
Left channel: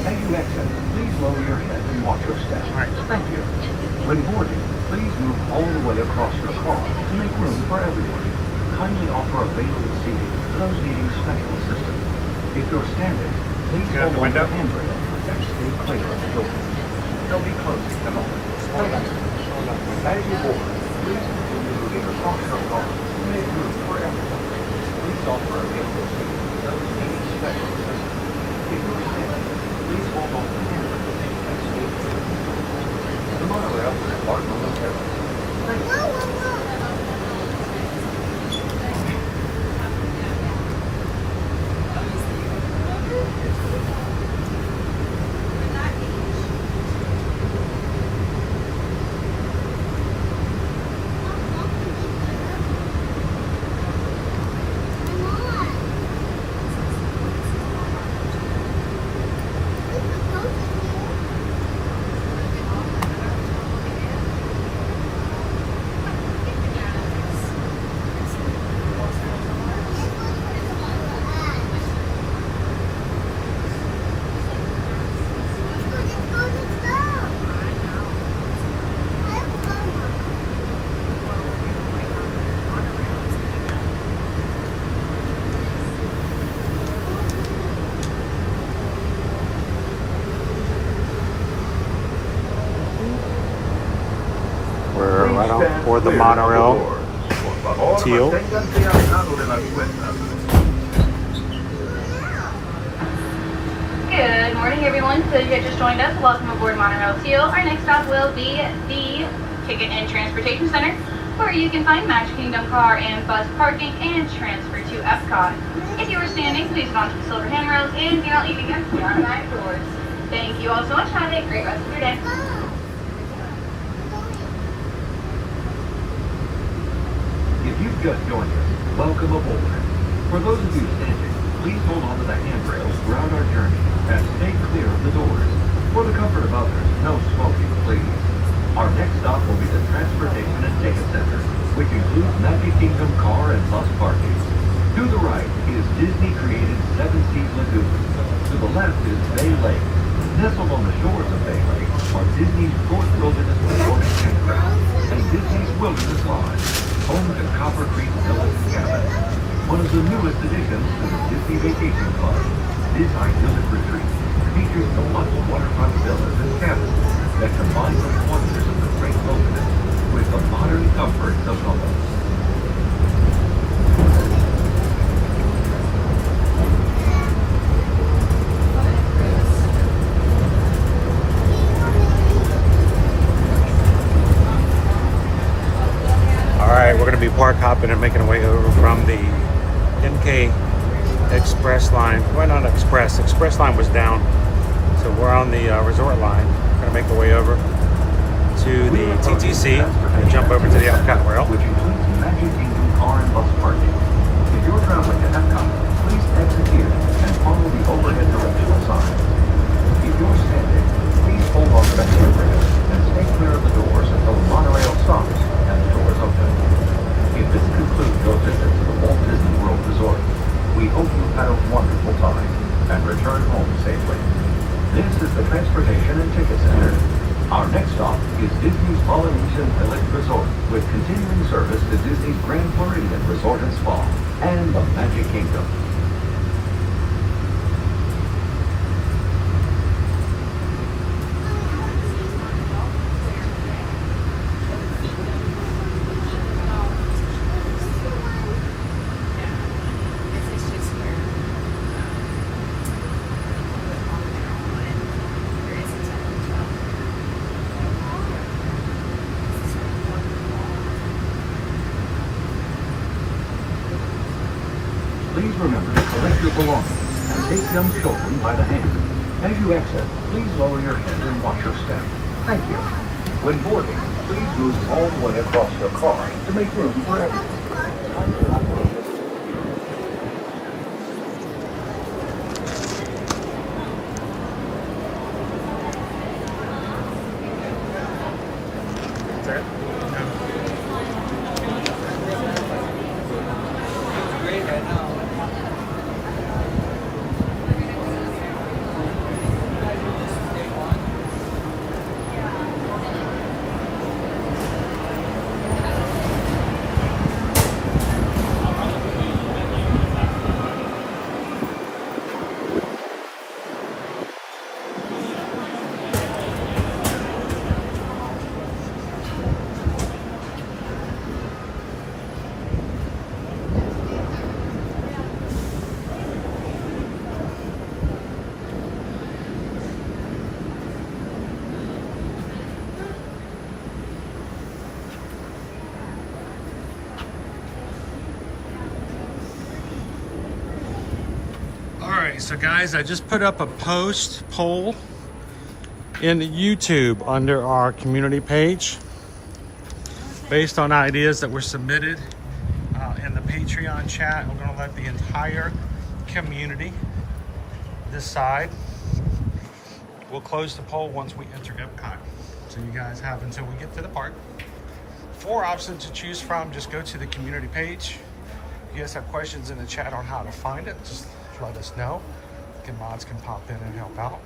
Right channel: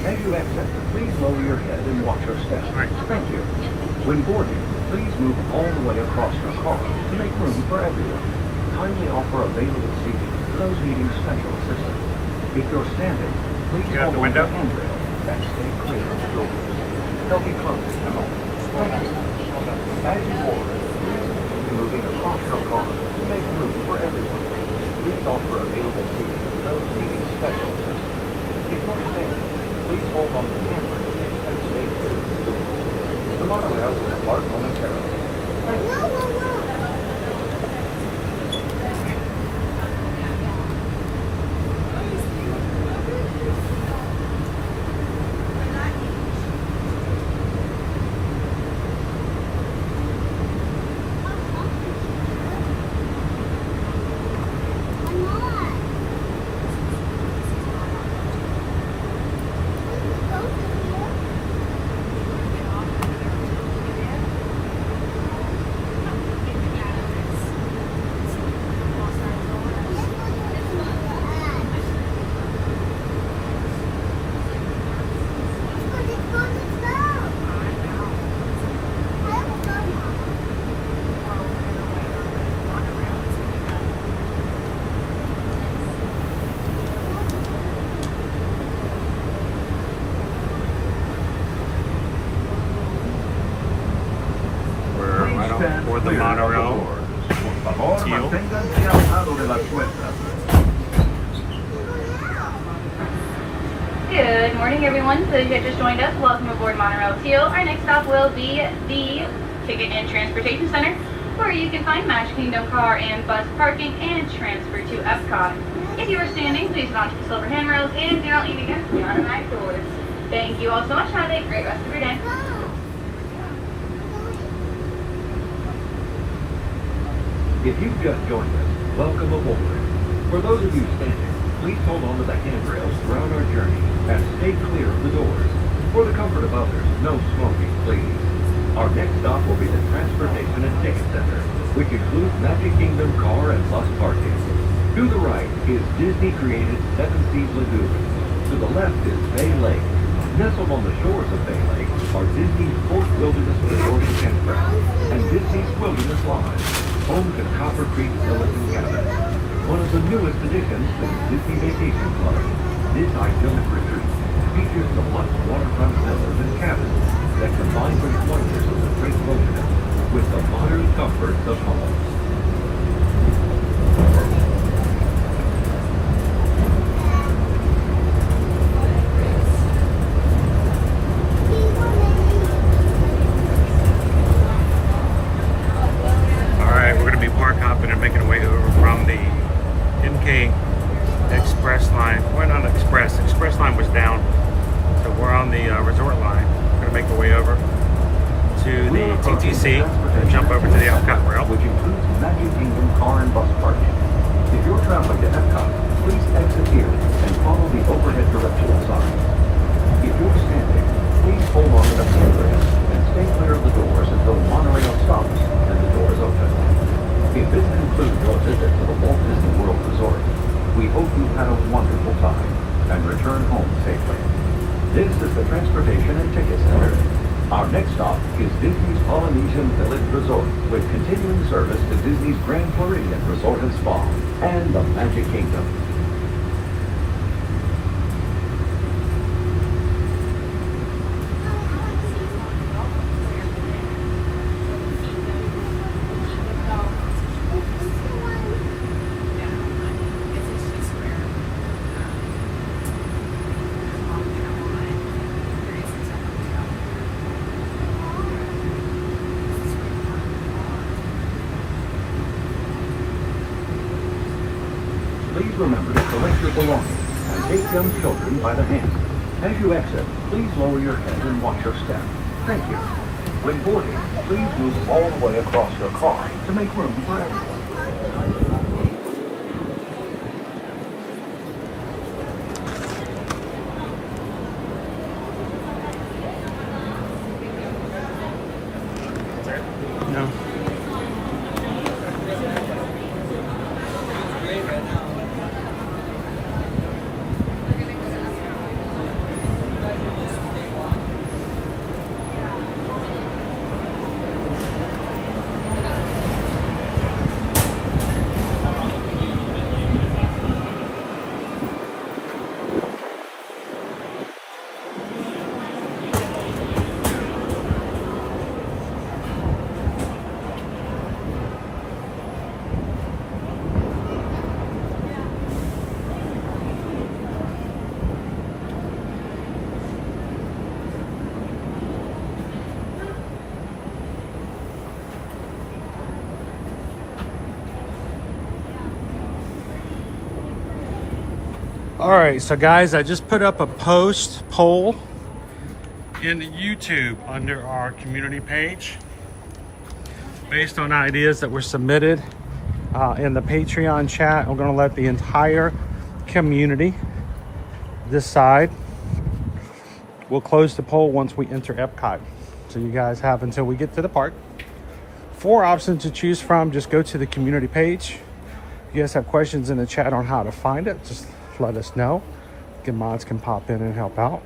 As you exit, please lower your head and watch your step. Thank you. When boarding, please move all the way across your car to make room for everyone. Kindly offer available seating to those needing special assistance. If you're standing, please get out the window. handrail and stay clear of the doors. They'll be closed in a moment. Thank you. As you board, please continue moving across your car to make room for everyone. Please offer available seating to those needing special assistance. If you're standing, please hold on to the handrail and stay clear of the doors. The monorail will depart momentarily. Thank you. Or the monorail teal. Good morning, everyone. So you guys just joined us. Welcome aboard Monorail Teal. Our next stop will be the Ticket and Transportation Center, where you can find Magic Kingdom car and bus parking and transfer to Epcot. If you are standing, please get onto the silver handrails and do not leave against the automatic doors. Thank you all so much. Have a great rest of your day. If you've just joined us, welcome aboard. For those of you standing, please hold on to the handrails throughout our journey and stay clear of the doors. For the comfort of others, no smoking, please. Our next stop will be the Transportation and Ticket Center, which includes Magic Kingdom car and bus parking. To the right is Disney-created Seven Seas Lagoon. To the left is Bay Lake. Nestled on the shores of Bay Lake are Disney's Coast Wilderness Resort and Campground and Disney's Wilderness Lodge, home to Copper Creek Villas and Cabins. One of the newest additions to the Disney Vacation Club, this idyllic retreat features deluxe waterfront villas and cabins that combine the wonders of the great wilderness with the modern comforts of home. We're going to be park hopping and making our way over from the MK Express line. Well, not Express. Express line was down. So we're on the resort line. We're going to make our way over to the TTC and jump over to the Epcot rail. Which includes Magic Kingdom car and bus parking. If you're traveling to Epcot, please exit here and follow the overhead directional sign. If you're standing, please hold on to the handrail and stay clear of the doors until the monorail stops and the doors open. If this concludes your visit to the Walt Disney World Resort, we hope you've had a wonderful time and return home safely. This is the Transportation and Ticket Center. Our next stop is Disney's Polynesian Village Resort, with continuing service to Disney's Grand Floridian Resort and Spa and the Magic Kingdom. children by the gate. As you exit, please lower your head and watch your step. Thank you. When boarding, please move all the way across your car to make room for everyone. All right, so guys, I just put up a poll in YouTube under our community page based on ideas that were submitted in the Patreon chat. I'm gonna let the entire community decide. We'll close the poll once we enter Epcot. So you guys have until we get to the park. 4 options to choose from. Just go to the community page. If you guys have questions in the chat on how to find it, just let us know. Good mods can pop in and help out.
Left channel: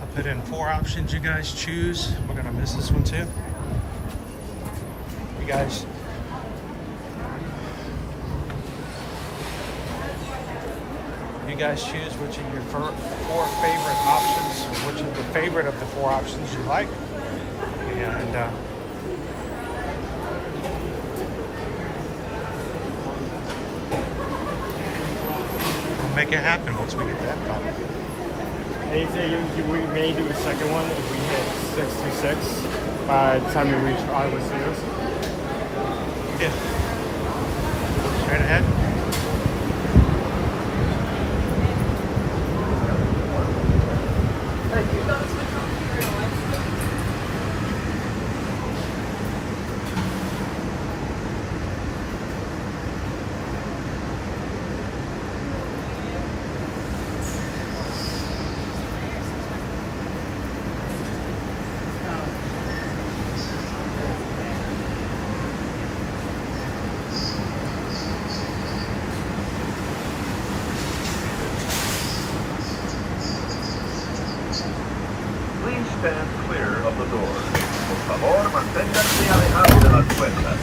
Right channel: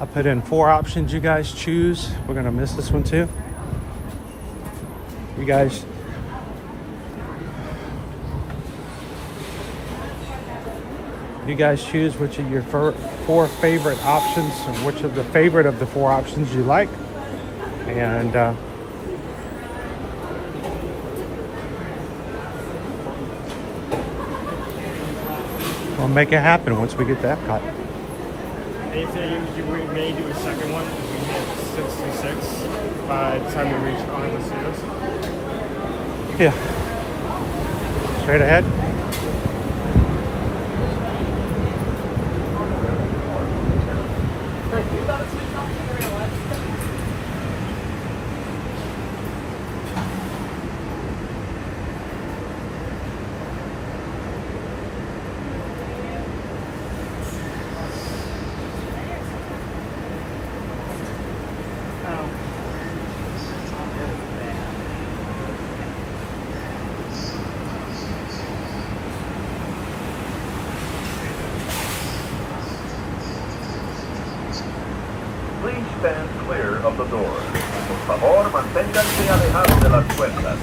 I put in 4 options you guys choose. We're gonna miss this one too. You guys choose which of your 4 favorite options, which of the favorite of the 4 options you like, and we'll make it happen once we get that part. We may do a second one if we hit 66 by the time we reach all the series. Yeah. Straight ahead. Stand clear of the door. Por favor, manténganse alejados de las puertas.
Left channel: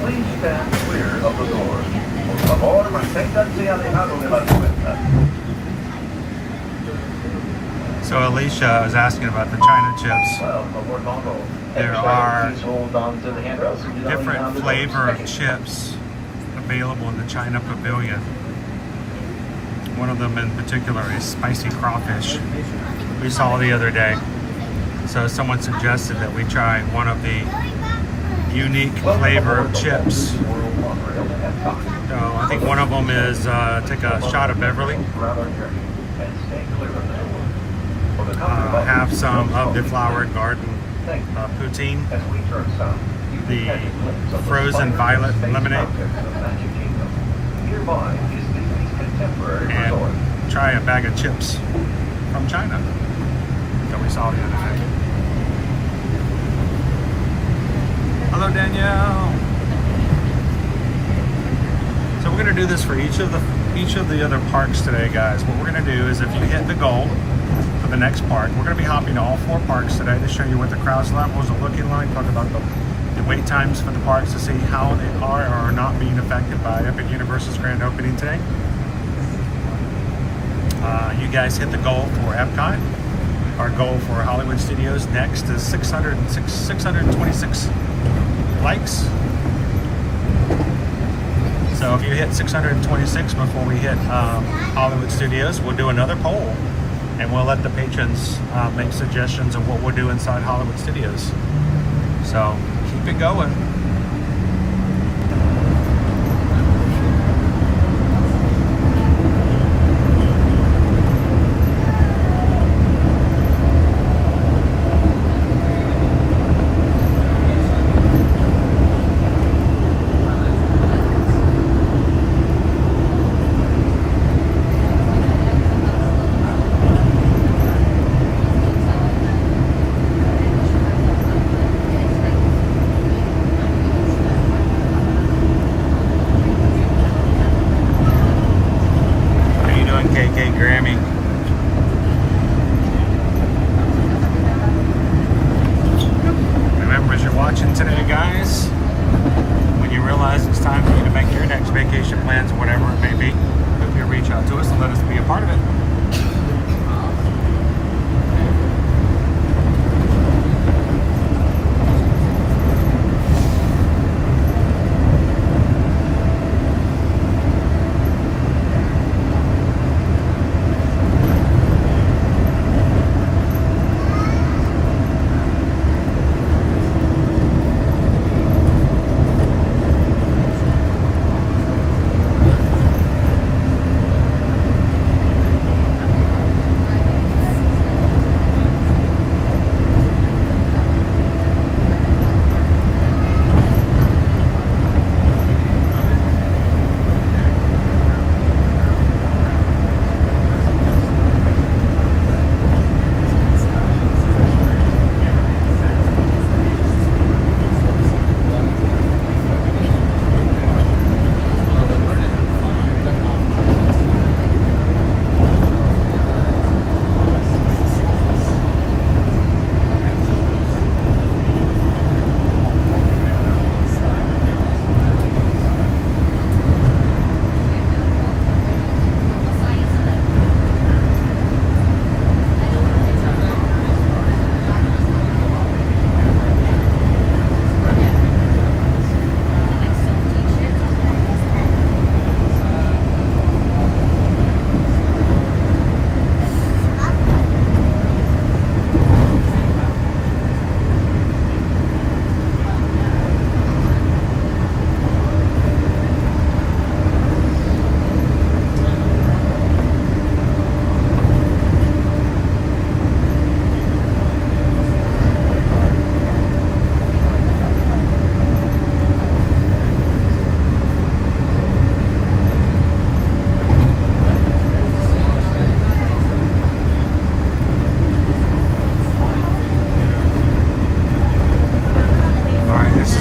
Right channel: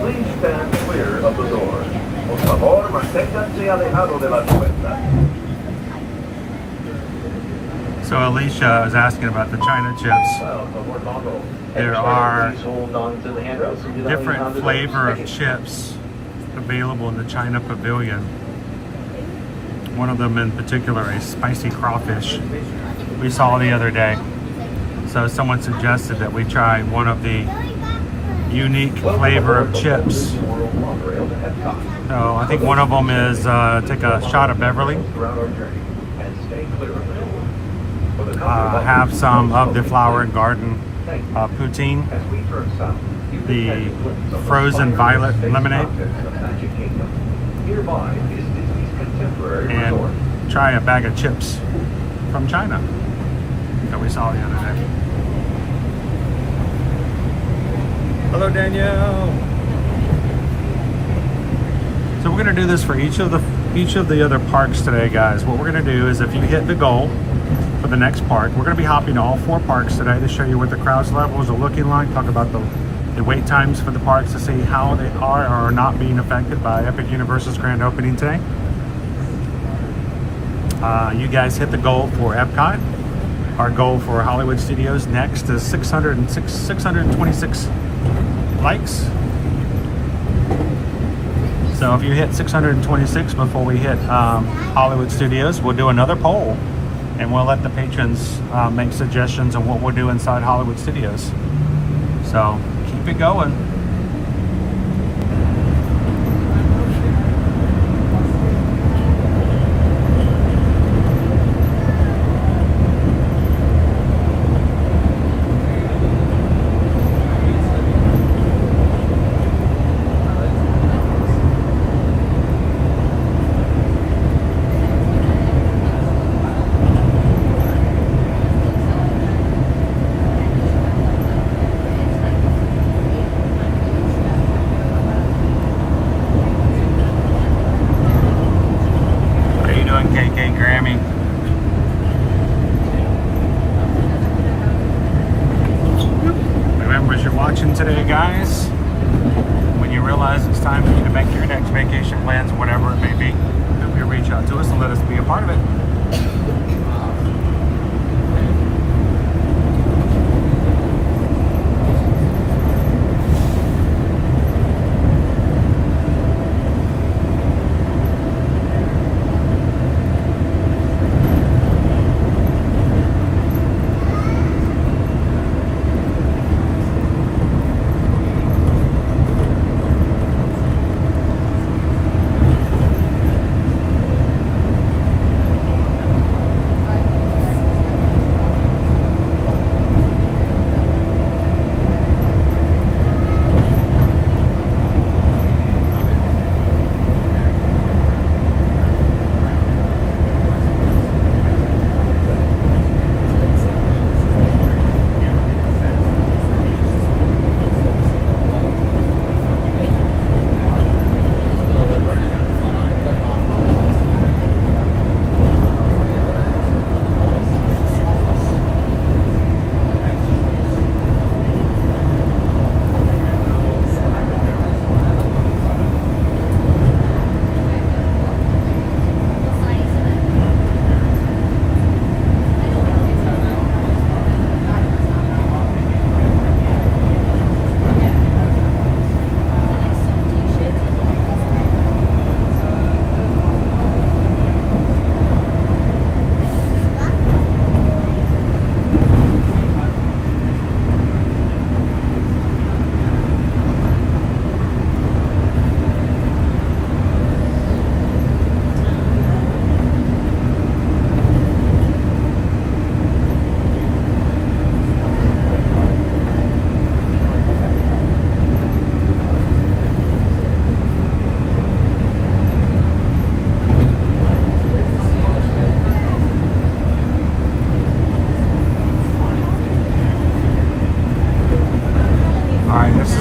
Please stand clear of the door. Por favor, manténganse alejados de las puertas. So Alicia was asking about the China chips. There are different flavor of chips available in the China Pavilion. One of them in particular is spicy crawfish we saw the other day. So someone suggested that we try one of the unique flavor of chips. So I think one of them is take a shot of Beverly. Have some of the Flower and Garden poutine, the frozen violet lemonade, and try a bag of chips from China that we saw the other day. Hello, Danielle. So we're gonna do this for each of the other parks today, guys. What we're gonna do is, if you hit the goal for the next park, we're gonna be hopping to all 4 parks today to show you what the crowds levels are looking like, talk about the wait times for the parks to see how they are or not being affected by Epic Universe's grand opening today. You guys hit the goal for Epcot. Our goal for Hollywood Studios next is 626 likes. So if you hit 626 before we hit Hollywood Studios, we'll do another poll, and we'll let the patrons make suggestions of what we'll do inside Hollywood Studios. So keep it going. Grammy. Remember, as you're watching today, guys, when you realize it's time for you to make your next vacation plans, whatever it may be, feel free to reach out to us and let us be a part of it.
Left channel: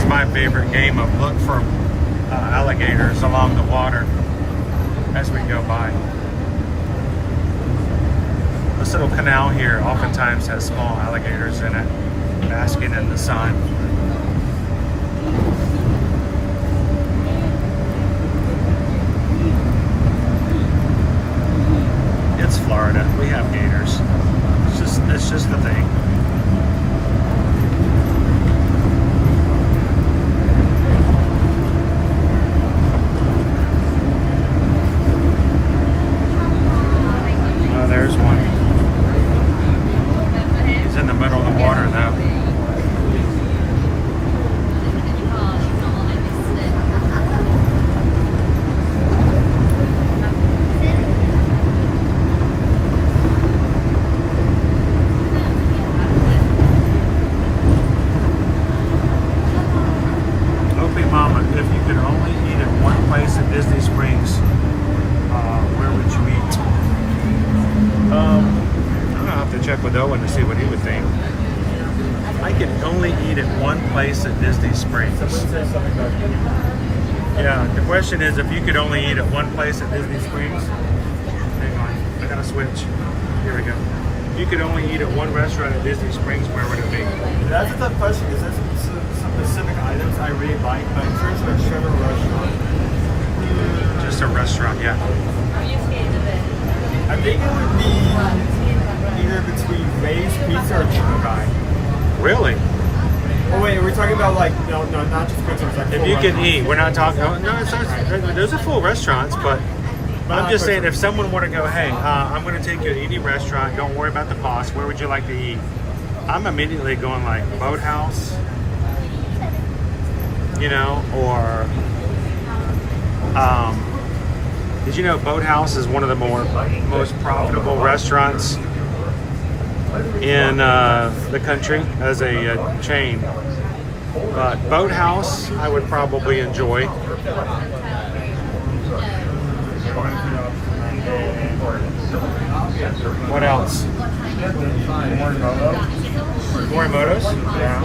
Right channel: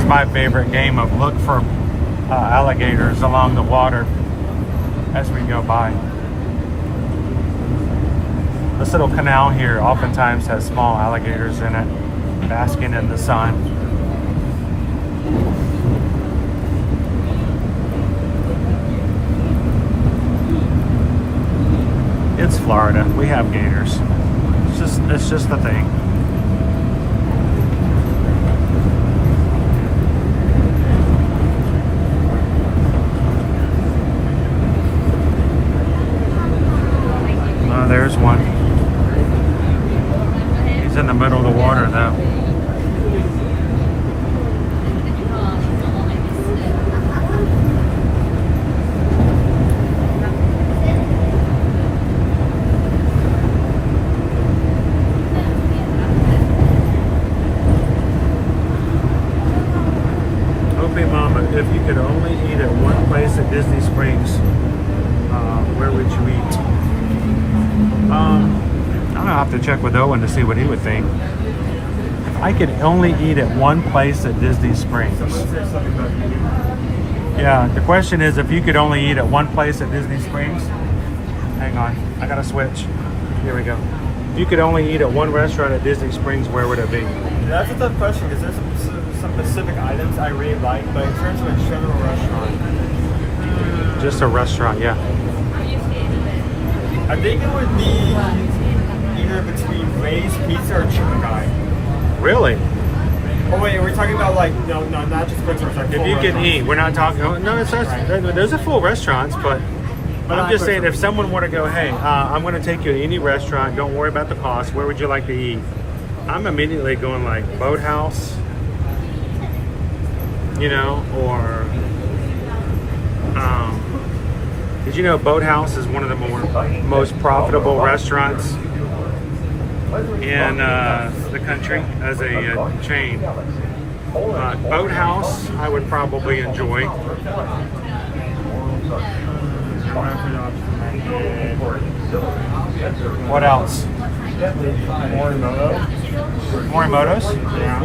My favorite game of look for alligators along the water as we go by. This little canal here oftentimes has small alligators in it, basking in the sun. It's Florida. We have gators. It's just the thing. Place at Disney Springs. Yeah, the question is if you could only eat at one place at Disney Springs. Hang on, I gotta switch. Here we go. If you could only eat at one restaurant at Disney Springs, where would it be? That's a tough question because there's some specific items I really like, but in terms of a restaurant. Just a restaurant, yeah. I think it would be either between Ray's Pizza or Chicken Guy. Really? Oh wait, we're talking about like no, not just pizza. Like If you can eat, we're not talking. Oh, no, it's not, those are full restaurants, but I'm just saying if someone were to go, hey, I'm going to take you to any restaurant. Don't worry about the cost. Where would you like to eat? I'm immediately going like Boathouse, you know, or did you know Boathouse is one of the most profitable restaurants in the country as a chain? But Boathouse, I would probably enjoy. What else? Morimoto's? Yeah.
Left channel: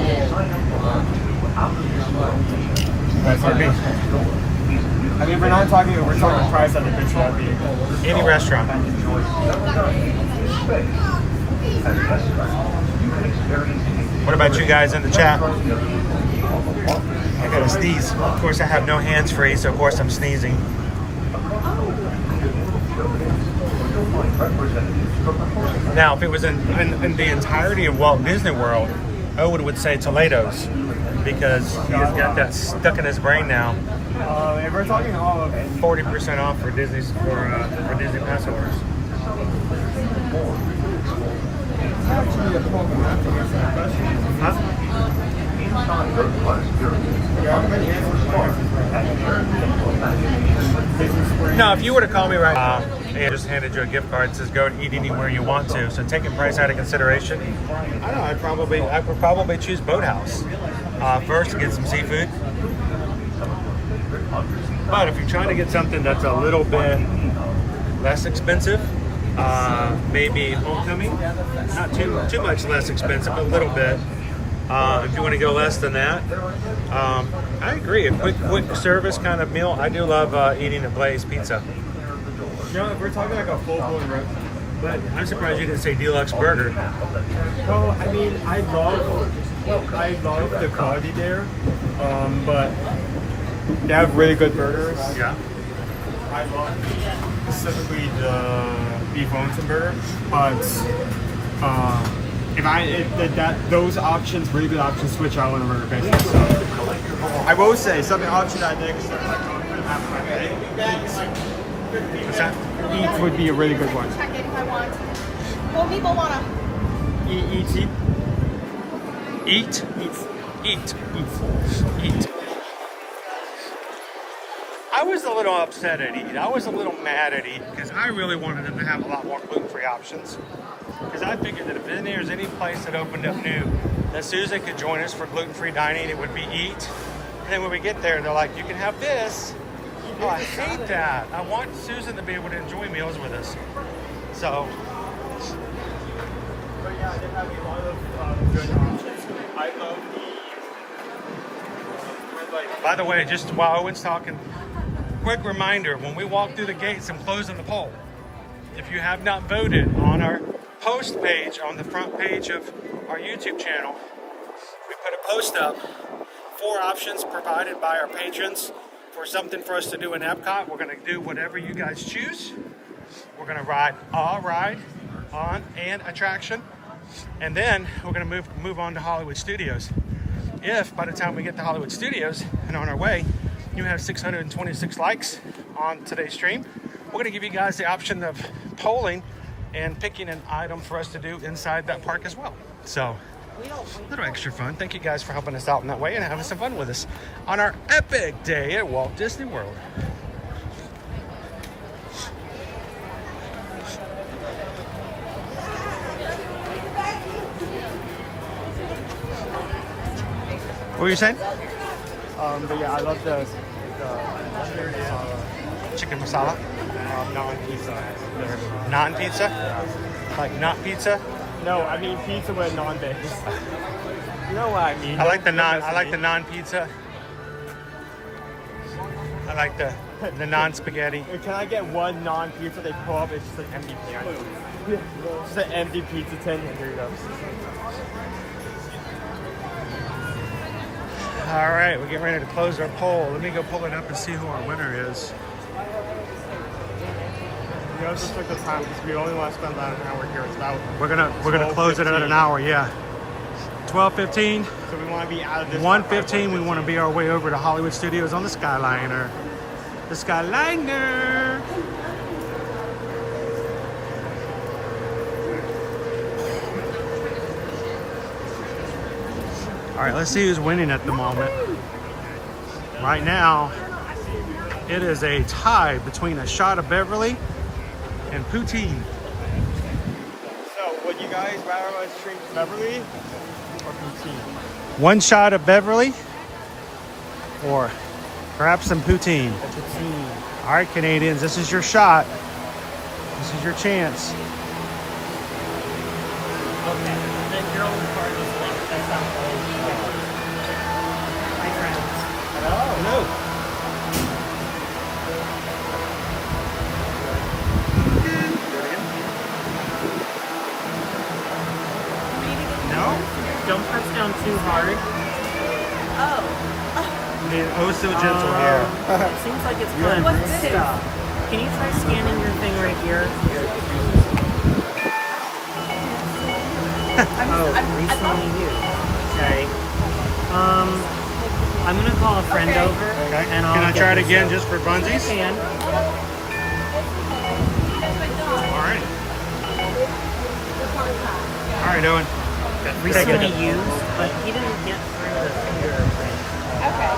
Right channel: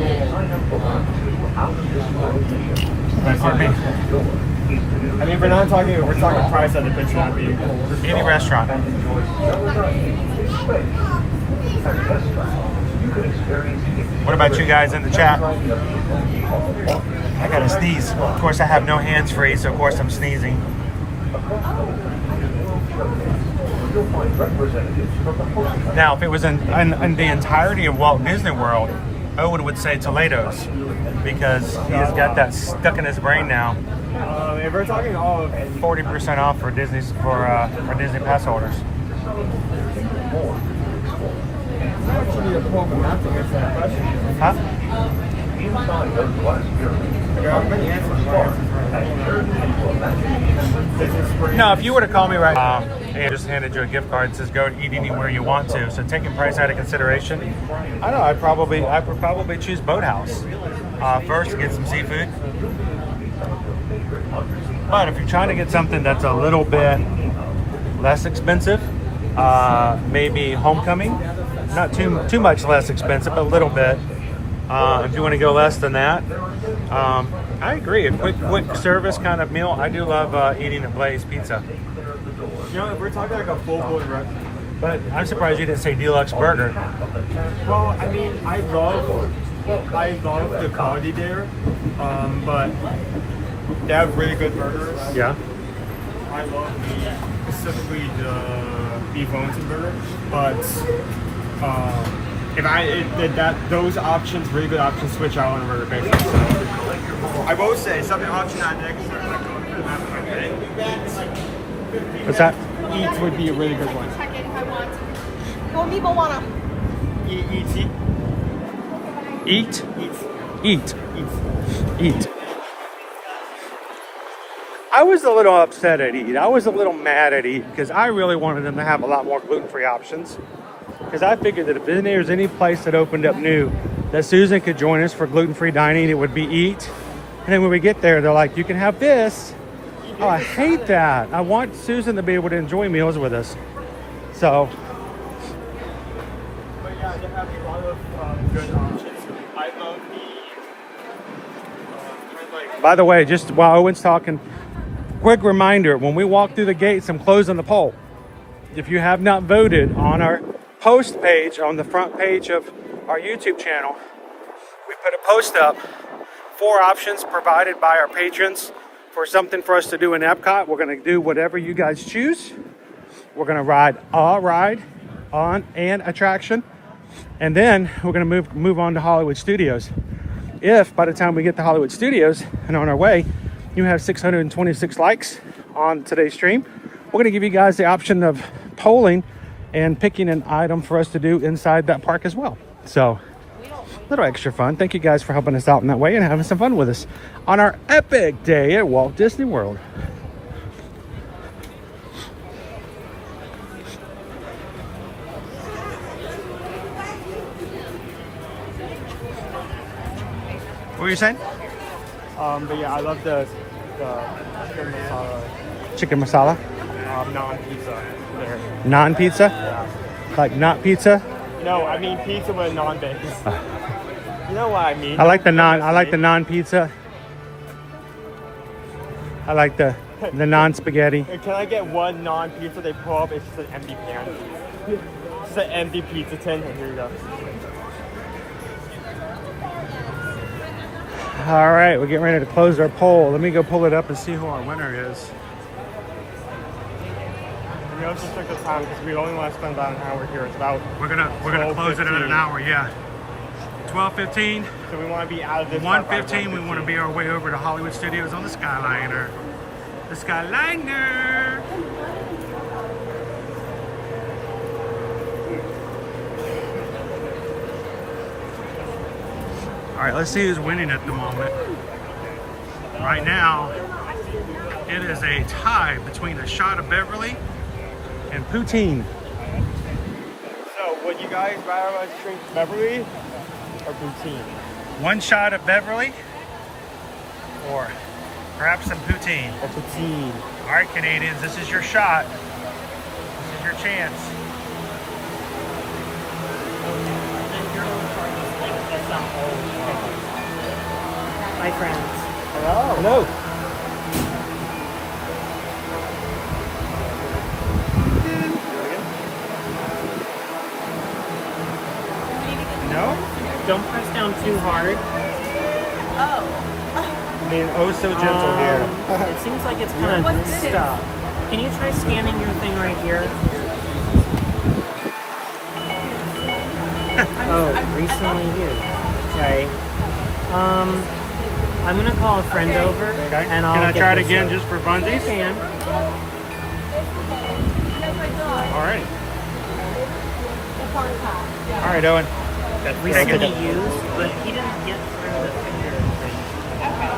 I mean, we're talking price at the picture. Any restaurant. What about you guys in the chat? I gotta sneeze. Of course, I have no hands free, so of course I'm sneezing. Now, if it was in the entirety of Walt Disney World, Owen would say Toledo's because he's got that stuck in his brain now. If we're talking all of it, 40% off for Disney Pass holders. Huh? No, if you were to call me right now and just handed you a gift card that says go and eat anywhere you want to, so taking price out of consideration, I don't know, I would probably choose Boathouse first to get some seafood. But if you're trying to get something that's a little bit less expensive, maybe Homecoming, not too much less expensive, but a little bit. If you want to go less than that, I agree. A quick service kind of meal. I do love eating at Blaze Pizza. You know, if we're talking like a full-blown restaurant. But I'm surprised you didn't say deluxe burger. Well, I mean, I love the quality there, but they have really good burgers. Yeah. I love specifically the beef Wellington burger, but those options, really good options, switch out on a burger basis. I will say something option that I think is like going for the map of my day. What's that? Eats would be a really good one. Check it if I want. Go me, Moana. Eat. I was a little upset at Eat. I was a little mad at Eat because I really wanted them to have a lot more gluten-free options. Because I figured that if there's any place that opened up new that Susan could join us for gluten-free dining, it would be Eat. And then when we get there, they're like, you can have this. Oh, I hate that. I want Susan to be able to enjoy meals with us. So. But yeah, they have a lot of good options. I love the By the way, just while Owen's talking, quick reminder, when we walk through the gates, I'm closing the poll. If you have not voted on our post page, on the front page of our YouTube channel, we put a post up, 4 options provided by our patrons for something for us to do in Epcot. We're going to do whatever you guys choose. We're going to ride a ride on an attraction, and then we're going to move on to Hollywood Studios. If by the time we get to Hollywood Studios and on our way, you have 626 likes on today's stream, we're going to give you guys the option of polling and picking an item for us to do inside that park as well. So, a little extra fun. Thank you guys for helping us out in that way and having some fun with us on our epic day at Walt Disney World. What were you saying? But yeah, I love the chicken masala. Non-pizza. Non-pizza? Like not pizza? No, I mean pizza with non-base. You know what I mean? I like the non-pizza. I like the non-spaghetti. Can I get one non-pizza they pull up? It's just an empty pan. Just an empty pizza tin. Here we go. All right, we're getting ready to close our poll. Let me go pull it up and see who our winner is. You know let's just look at the time because we only want to spend that time over here. It's about We're gonna close it at an hour. Yeah. 12:15. So we want to be out of this. 1:15. We want to be our way over to Hollywood Studios on the Skyliner. The Skyliner. All right, let's see who's winning at the moment. Right now, it is a tie between a shot of Beverly and poutine. So would you guys rather us drink Beverly or poutine? One shot of Beverly or perhaps some poutine. A poutine. All right, Canadians, this is your shot. This is your chance. Okay. The girl in the car just like that's not all. Hi friends. Hello. No? Don't press down too hard. I mean, oh, so gentle here. It seems like it's good. What's this? Can you try scanning your thing right here? Okay. I'm gonna call a friend over. Okay. And Can I get try it this again up. just for funsies? Can. All right. All right, Owen. Recently used, but he didn't get fingerprint. Okay.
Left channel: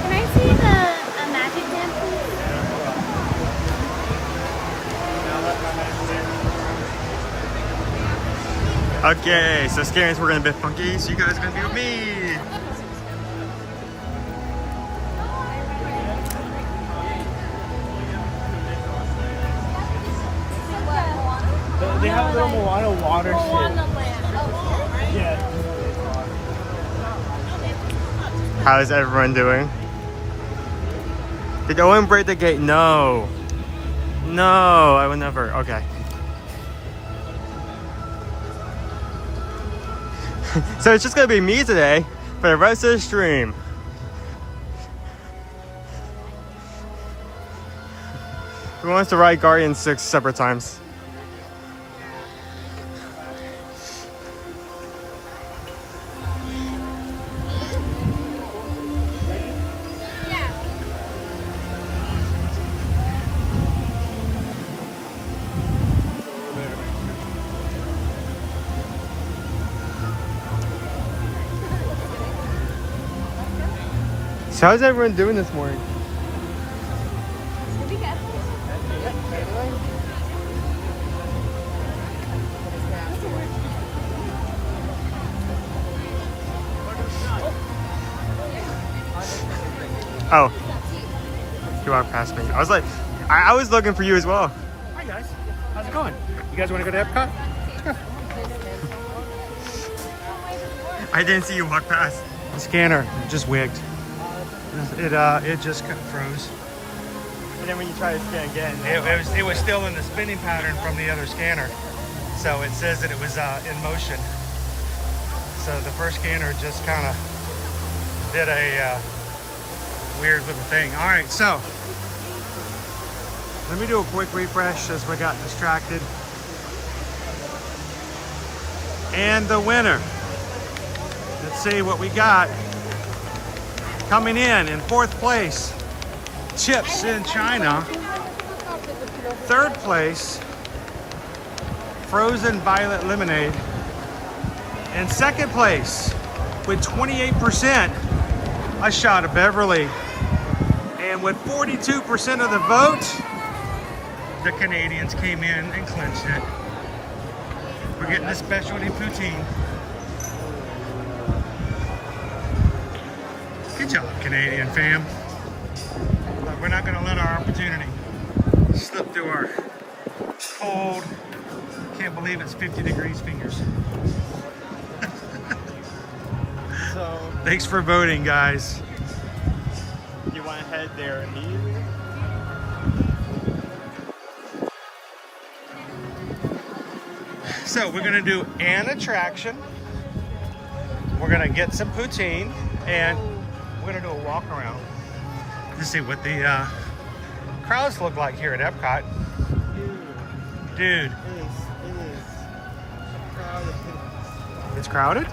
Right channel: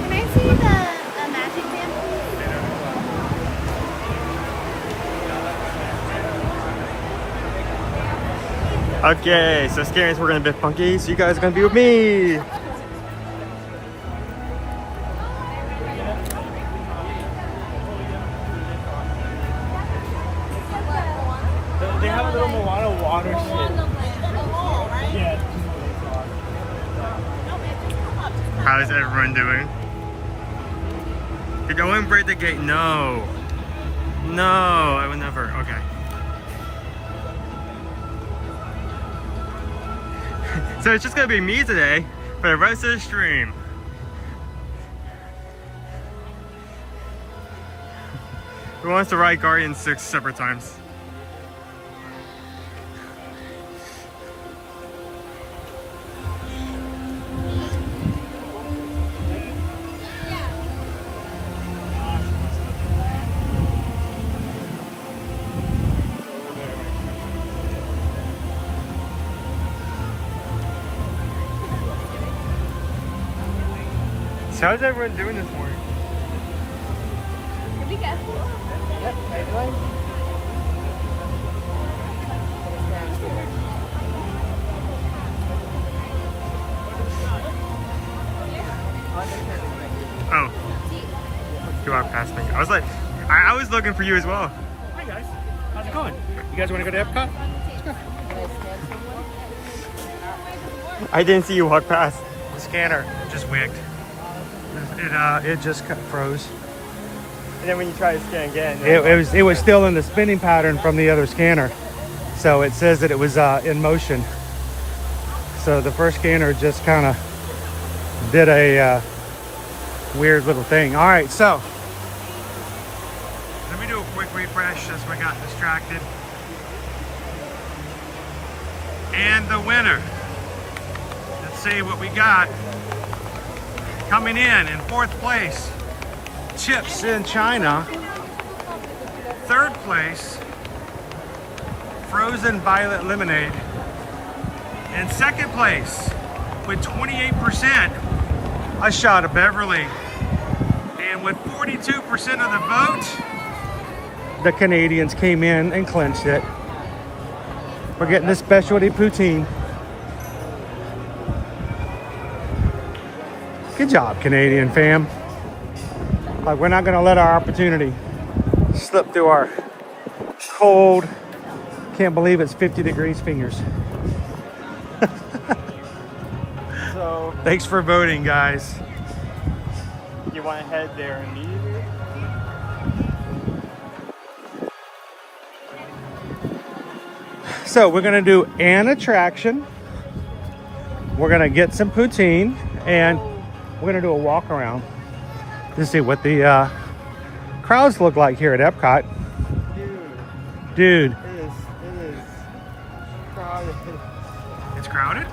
Can I see the magic pen? Okay, so Scarians, we're gonna be funky, so you guys are gonna be with me. They have a lot of water shit. Yeah. How's everyone doing? Did Owen break the gate? No. No, I would never. Okay. So it's just gonna be me today for the rest of the stream. Who wants to ride Guardian 6 separate times? So how's everyone doing this morning? Be careful. Oh, you walked past me. I was like, I was looking for you as well. Hi guys, how's it going? You guys want to go to Epcot? I didn't see you walk past. Scanner just wigged. It just froze. And then when you try to scan again, It was still in the spinning pattern from the other scanner, so it says that it was in motion. So the first scanner just kind of did a weird little thing. All right, so let me do a quick refresh as we got distracted. And the winner. Let's see what we got. Coming in fourth place, Chips in China. Third place, Frozen Violet Lemonade. And second place, with 28%, a shot of Beverly. And with 42% of the vote, the Canadians came in and clinched it. We're getting the specialty poutine. Good job, Canadian fam. Like, we're not gonna let our opportunity slip through our cold, can't believe it's 50 degrees fingers. so Thanks for voting, guys. you want to head there and leave? So we're gonna do an attraction. We're gonna get some poutine, and we're gonna do a walk around to see what the crowds look like here at Epcot. Dude, It is crowded. it's crowded?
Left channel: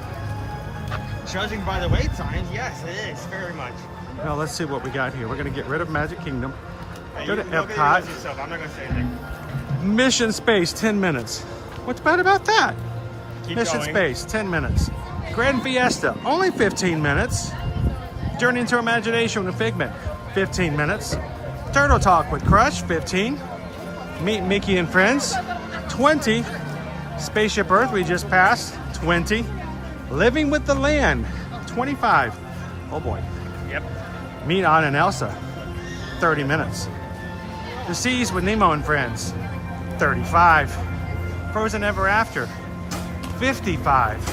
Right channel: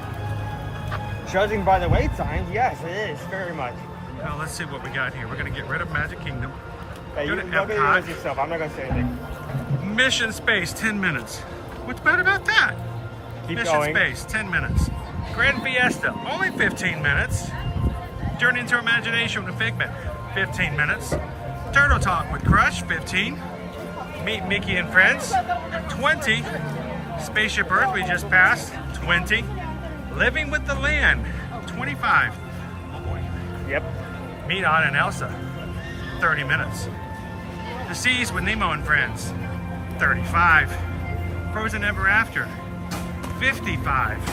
Judging by the wait times, yes, it is very much. Now let's see what we got here. We're gonna get rid of Magic Kingdom. Hey, Go you to can Epcot. yourself. I'm not gonna say anything. Mission Space, 10 minutes. What's bad about that? Keep Mission going. Space, 10 minutes. Grand Fiesta, only 15 minutes. Journey into Imagination with Figment, 15 minutes. Turtle Talk with Crush, 15. Meet Mickey and Friends, 20. Spaceship Earth, we just passed, 20. Living with the Land, 25. Oh boy. Yep. Meet Anna and Elsa, 30 minutes. The Seas with Nemo and Friends, 35. Frozen Ever After, 55.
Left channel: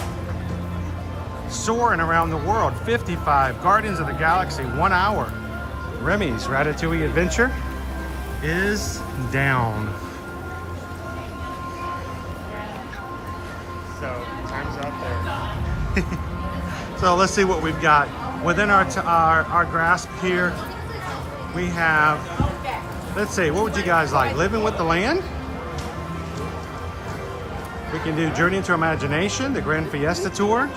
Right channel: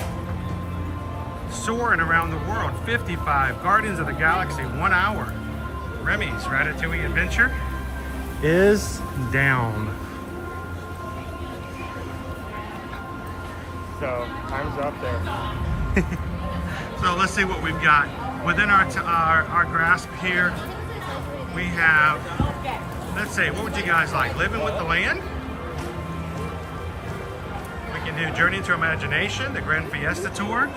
Soarin' Around the World, 55. Guardians of the Galaxy, 1 hour. Remy's Ratatouille Adventure is down. So, time's up there. So let's see what we've got. Within our grasp here, we have, let's see, what would you guys like? Living with the Land? We can do Journey into Imagination, the Grand Fiesta Tour.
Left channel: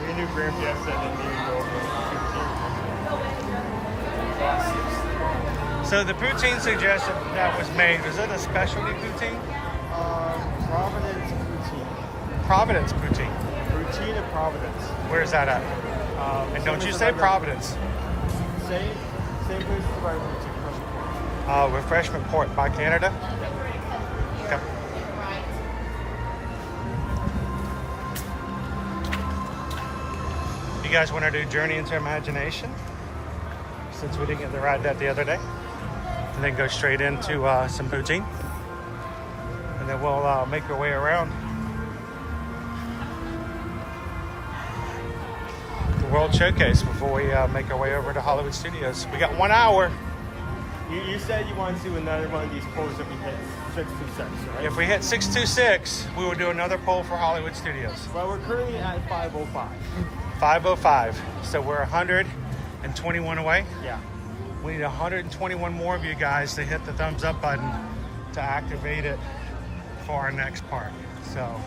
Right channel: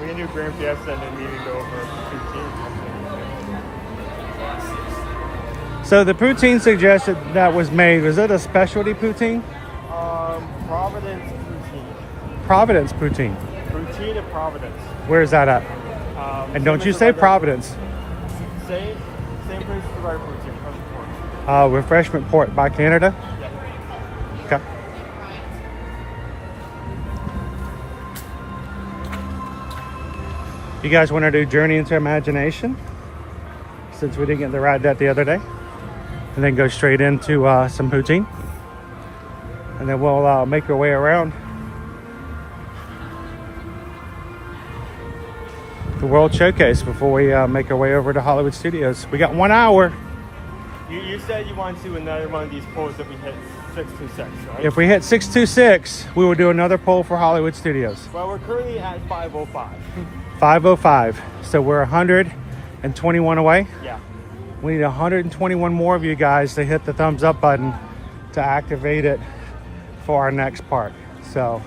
We can do Grand Fiesta and then So the poutine suggested that was made, was it a specialty poutine? Providence poutine. Providence poutine. Poutine at Providence. Where is that at? And don't you say Providence. Same place as our poutine. Refreshment Port by Canada. Okay. You guys want to do Journey into Imagination? Since we didn't get to ride that the other day. And then go straight into some poutine. And then we'll make our way around the World Showcase before we make our way over to Hollywood Studios. We got 1 hour. You said you wanted to do another one of these polls if we hit 626, right? If we hit 626, we will do another poll for Hollywood Studios. Well, we're currently at 505. 505. So we're 121 away. Yeah. We need 121 more of you guys to hit the thumbs up button to activate it for our next part. So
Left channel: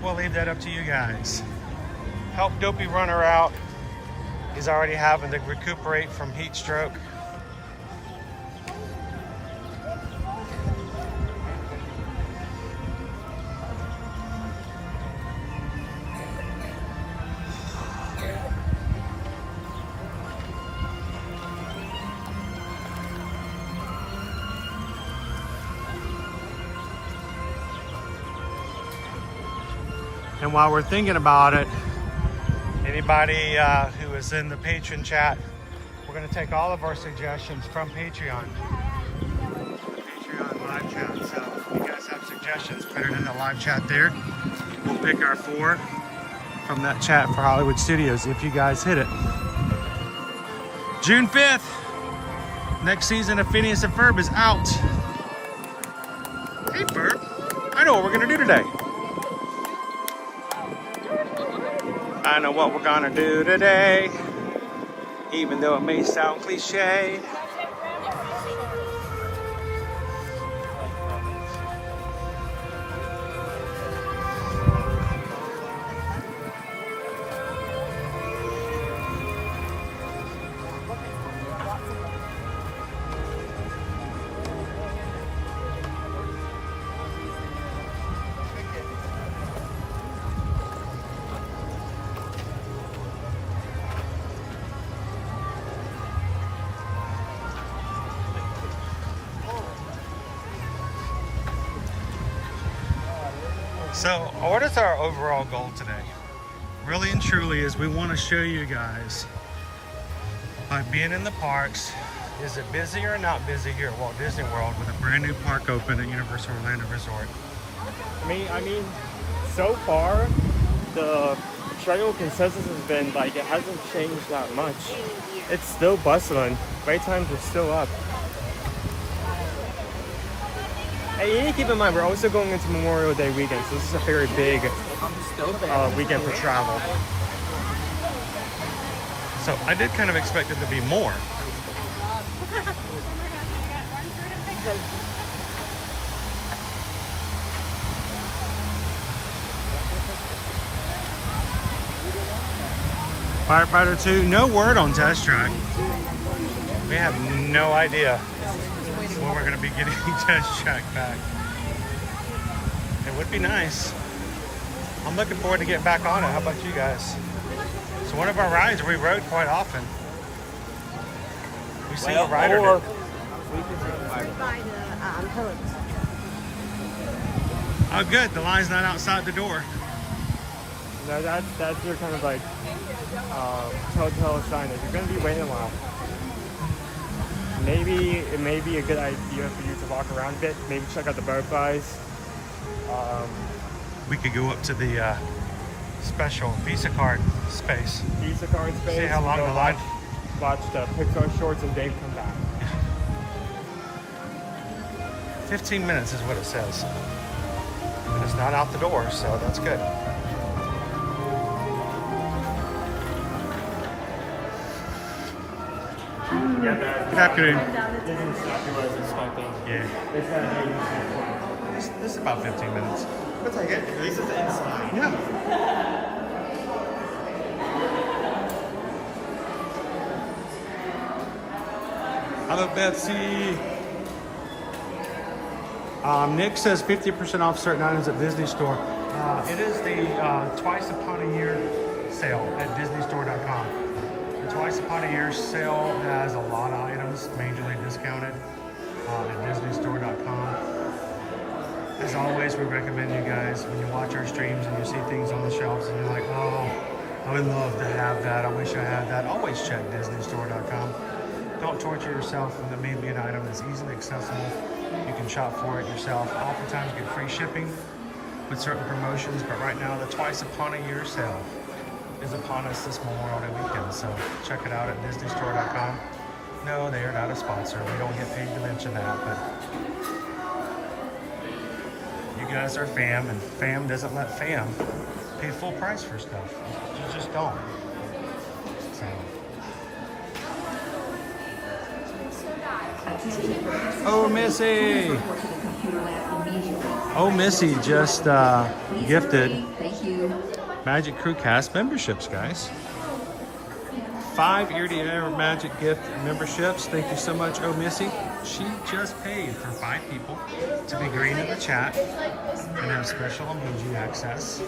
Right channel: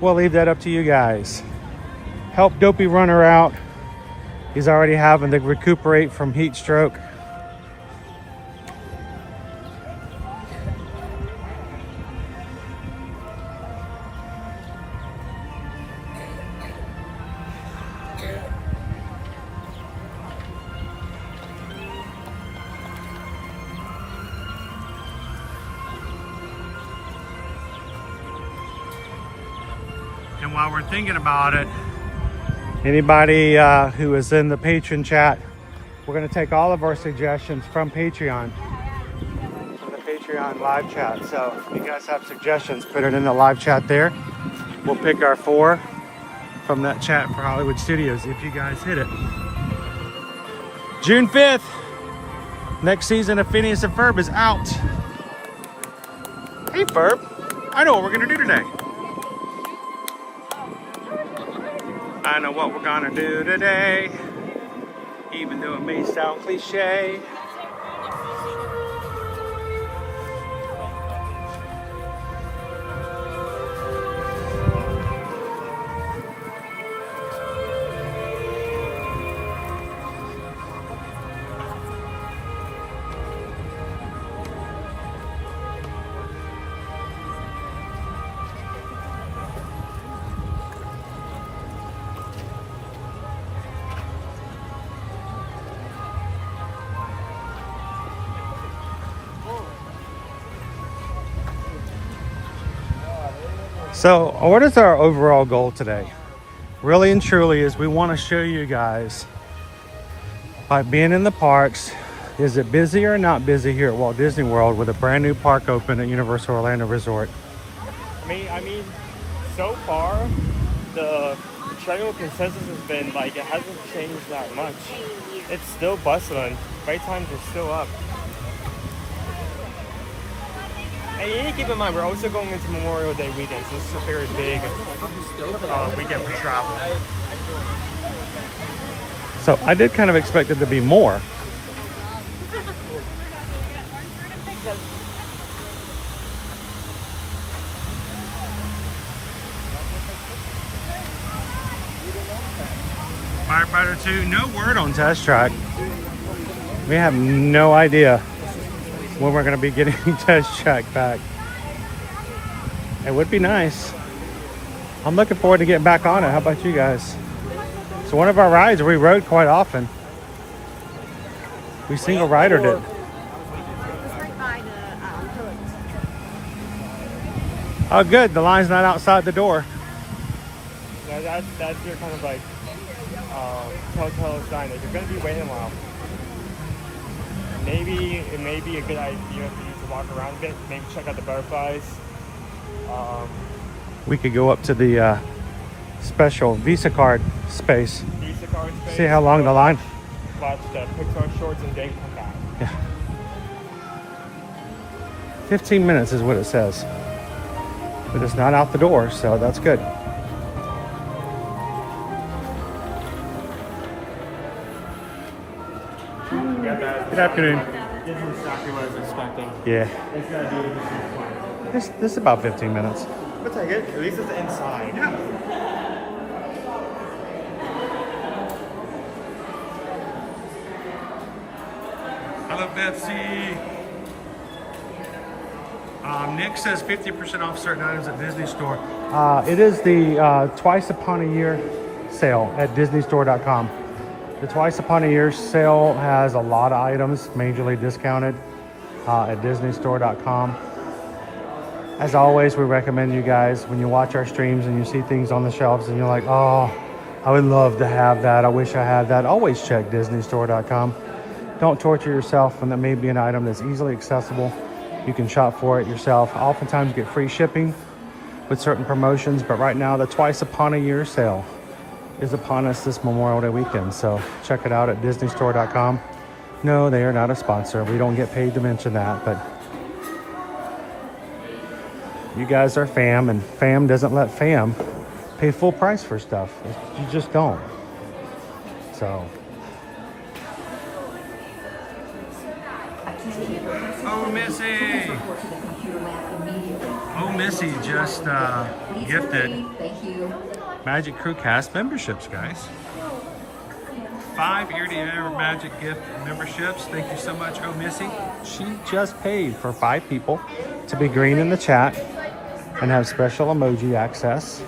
we'll leave that up to you guys. Help Dopey Runner out. He's already having to recuperate from heat stroke. And while we're thinking about it, anybody who is in the patron chat, we're going to take all of our suggestions from Patreon. Patreon live chat. So if you guys have suggestions, put it in the live chat there. We'll pick our 4 from that chat for Hollywood Studios if you guys hit it. June 5th, next season of Phineas and Ferb is out. Hey Ferb, I know what we're going to do today. I know what we're gonna do today, even though it may sound cliche. So what is our overall goal today? Really and truly is we want to show you guys, by being in the parks, is it busy or not busy here at Walt Disney World with a brand new park open at Universal Orlando Resort? I mean, so far, the general consensus has been like it hasn't changed that much. It's still bustling. Wait times are still up. And you need to keep in mind, we're also going into Memorial Day weekend, so this is a very big weekend for travel. So I did kind of expect it to be more. Firefighter 2, no word on test track. We have no idea when we're gonna be getting test track back. It would be nice. I'm looking forward to getting back on it. How about you guys? It's one of our rides we rode quite often. We see the rider did. Oh good, the line's not outside the door. No, that's your kind of like telltale sign. If you're gonna be waiting a while, maybe it may be a good idea for you to walk around a bit. Maybe check out the butterflies. We could go up to the special Visa card space. Visa card space. See how long the line. Watch the Pixar shorts and Dave come back. 15 minutes is what it says. But it's not out the door, so that's good. Good afternoon. Yeah. This is about 15 minutes. But I get at least it's inside. Yeah. Hello, Betsy. Nick says 50% off certain items at Disney Store. It is the twice upon a year sale at DisneyStore.com. The twice upon a year sale has a lot of items majorly discounted at DisneyStore.com. As always, we recommend you guys, when you watch our streams and you see things on the shelves and you're like, oh, I would love to have that, I wish I had that, always check DisneyStore.com. Don't torture yourself when there may be an item that's easily accessible. You can shop for it yourself. Oftentimes you get free shipping with certain promotions, but right now the twice upon a year sale is upon us this Memorial Day weekend. So check it out at DisneyStore.com. No, they are not a sponsor. We don't get paid to mention that, but you guys are fam, and fam doesn't let fam pay full price for stuff. You just don't. So. Oh, Missy! Oh, Missy just gifted Magic Crew Cast memberships, guys. 5 ear-to-ear Magic gift memberships. Thank you so much, Oh Missy. She just paid for 5 people to be green in the chat and have special emoji access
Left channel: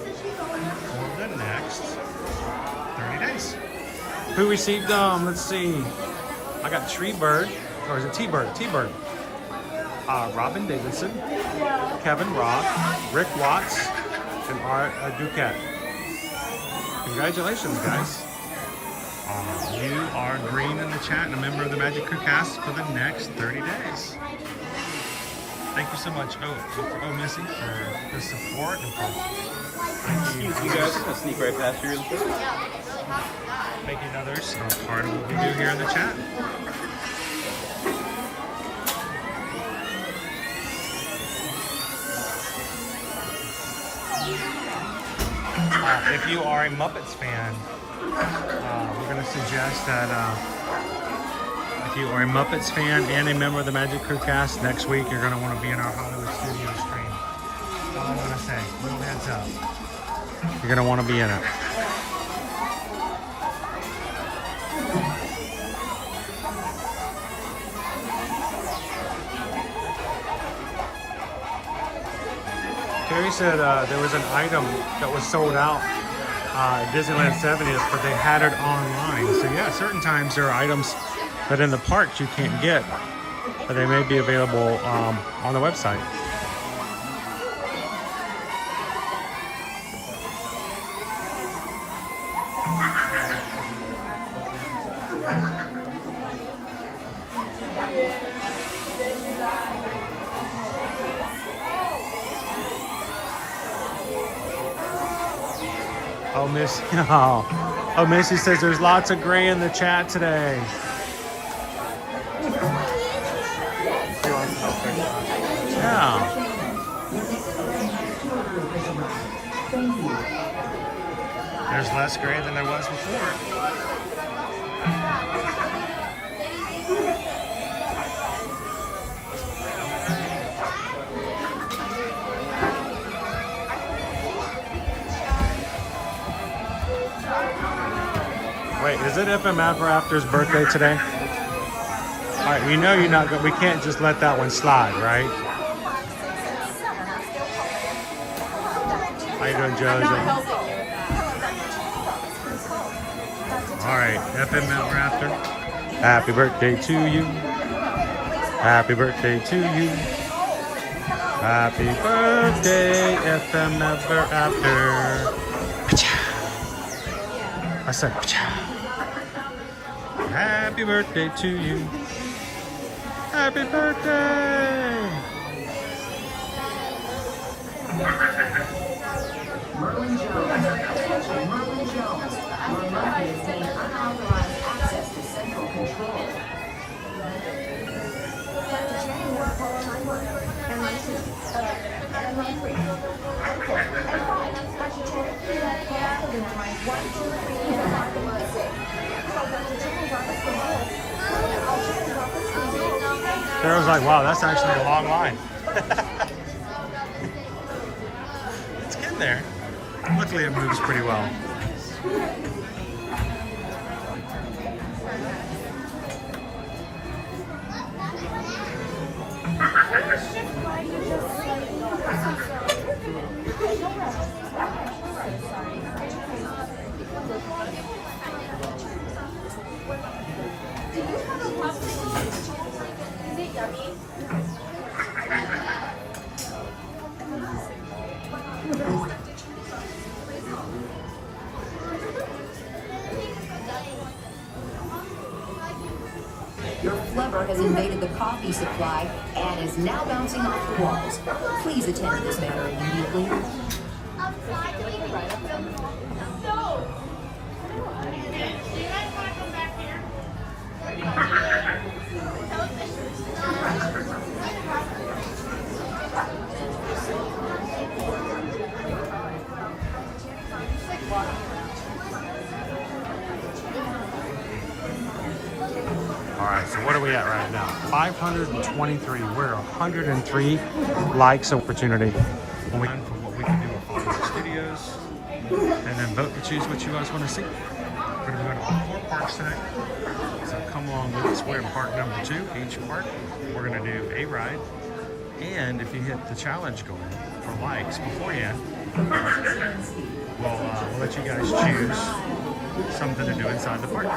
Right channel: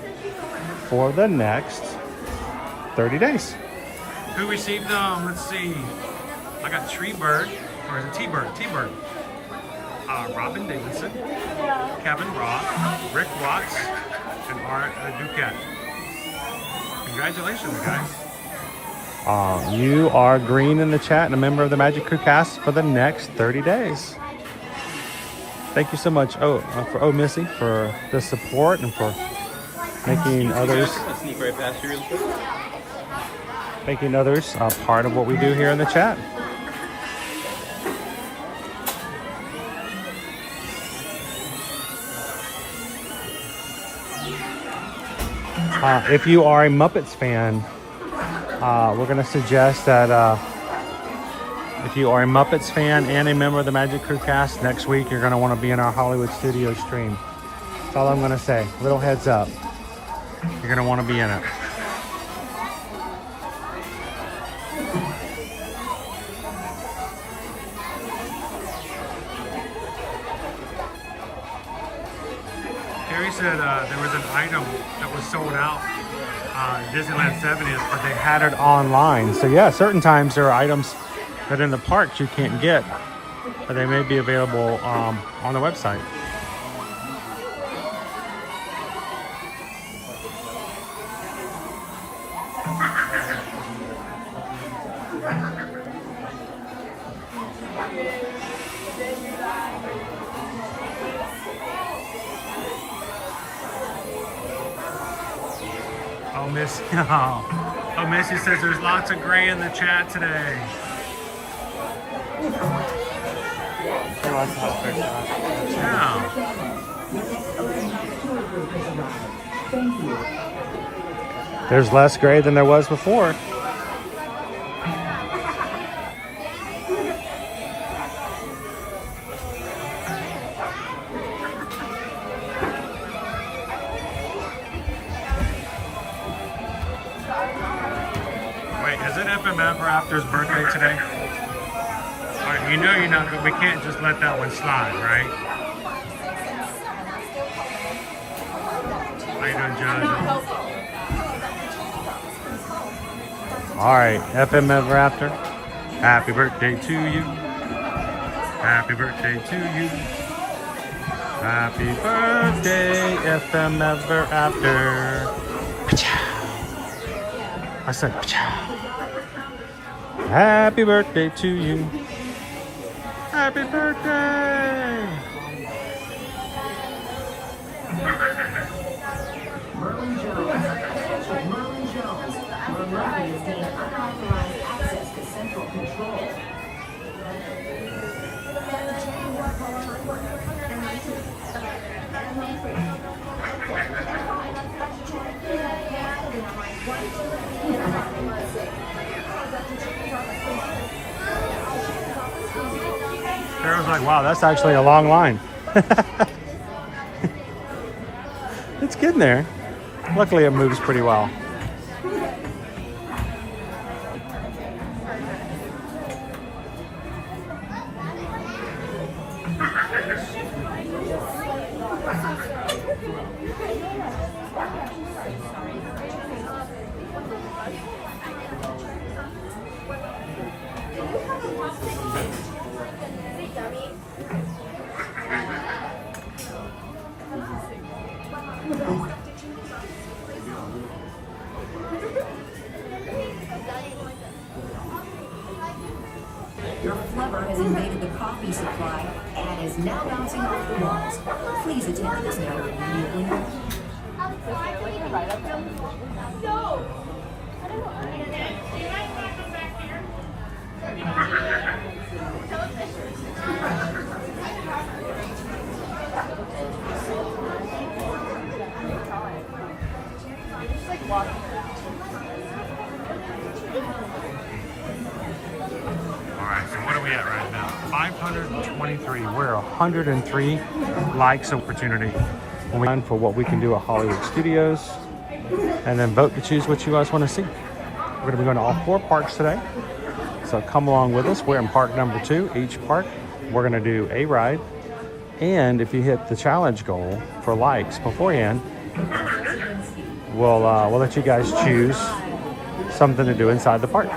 for the next 30 days. Who received them? Let's see. I got Treebird, or is it T-Bird? T-Bird. Robin Davidson, Kevin Roth, Rick Watts, and Art Duquette. Congratulations, guys. You are green in the chat and a member of the Magic Crew Cast for the next 30 days. Thank you so much, for Missy, for the support and for making others. I'll sneak right past you real quick. Making others part of what we do here in the chat. If you are a Muppets fan, we're going to suggest that if you are a Muppets fan and a member of the Magic Crew Cast, next week you're going to want to be in our Hollywood Studios stream. That's all I'm going to say. Little heads up. You're going to want to be in it. Harry said there was an item that was sold out at Disneyland 70th, but they had it online. So yeah, certain times there are items that in the parks you can't get, but they may be available on the website. Oh, Missy says there's lots of gray in the chat today. Yeah. There's less gray than there was before. FM Ever After's birthday today? All right, you know you're not good. We can't just let that one slide, right? How you doing, Josie? All right, FM Ever After. Happy birthday to you. Happy birthday to you. Happy birthday, FM Ever After. I said, happy birthday to you. Happy birthday. Merlin Jones. Attention, Merlin Jones. Your monkey is being unauthorized access to central control. Sarah was like, wow, that's actually a long line. It's good in there. Luckily it moves pretty well. Your flubber has invaded the coffee supply and is now bouncing off the walls. Please attend to this matter immediately. Alright, so what are we at right now? 523. We're 103 likes opportunity when we for what we can do at Hollywood Studios. And then vote to choose what you guys want to see. We're going to be going to all 4 parks today. So come along with us. We're in park number 2. Each park, we're going to do a ride. And if you hit the challenge goal for likes beforehand, we'll let you guys choose something to do inside the park.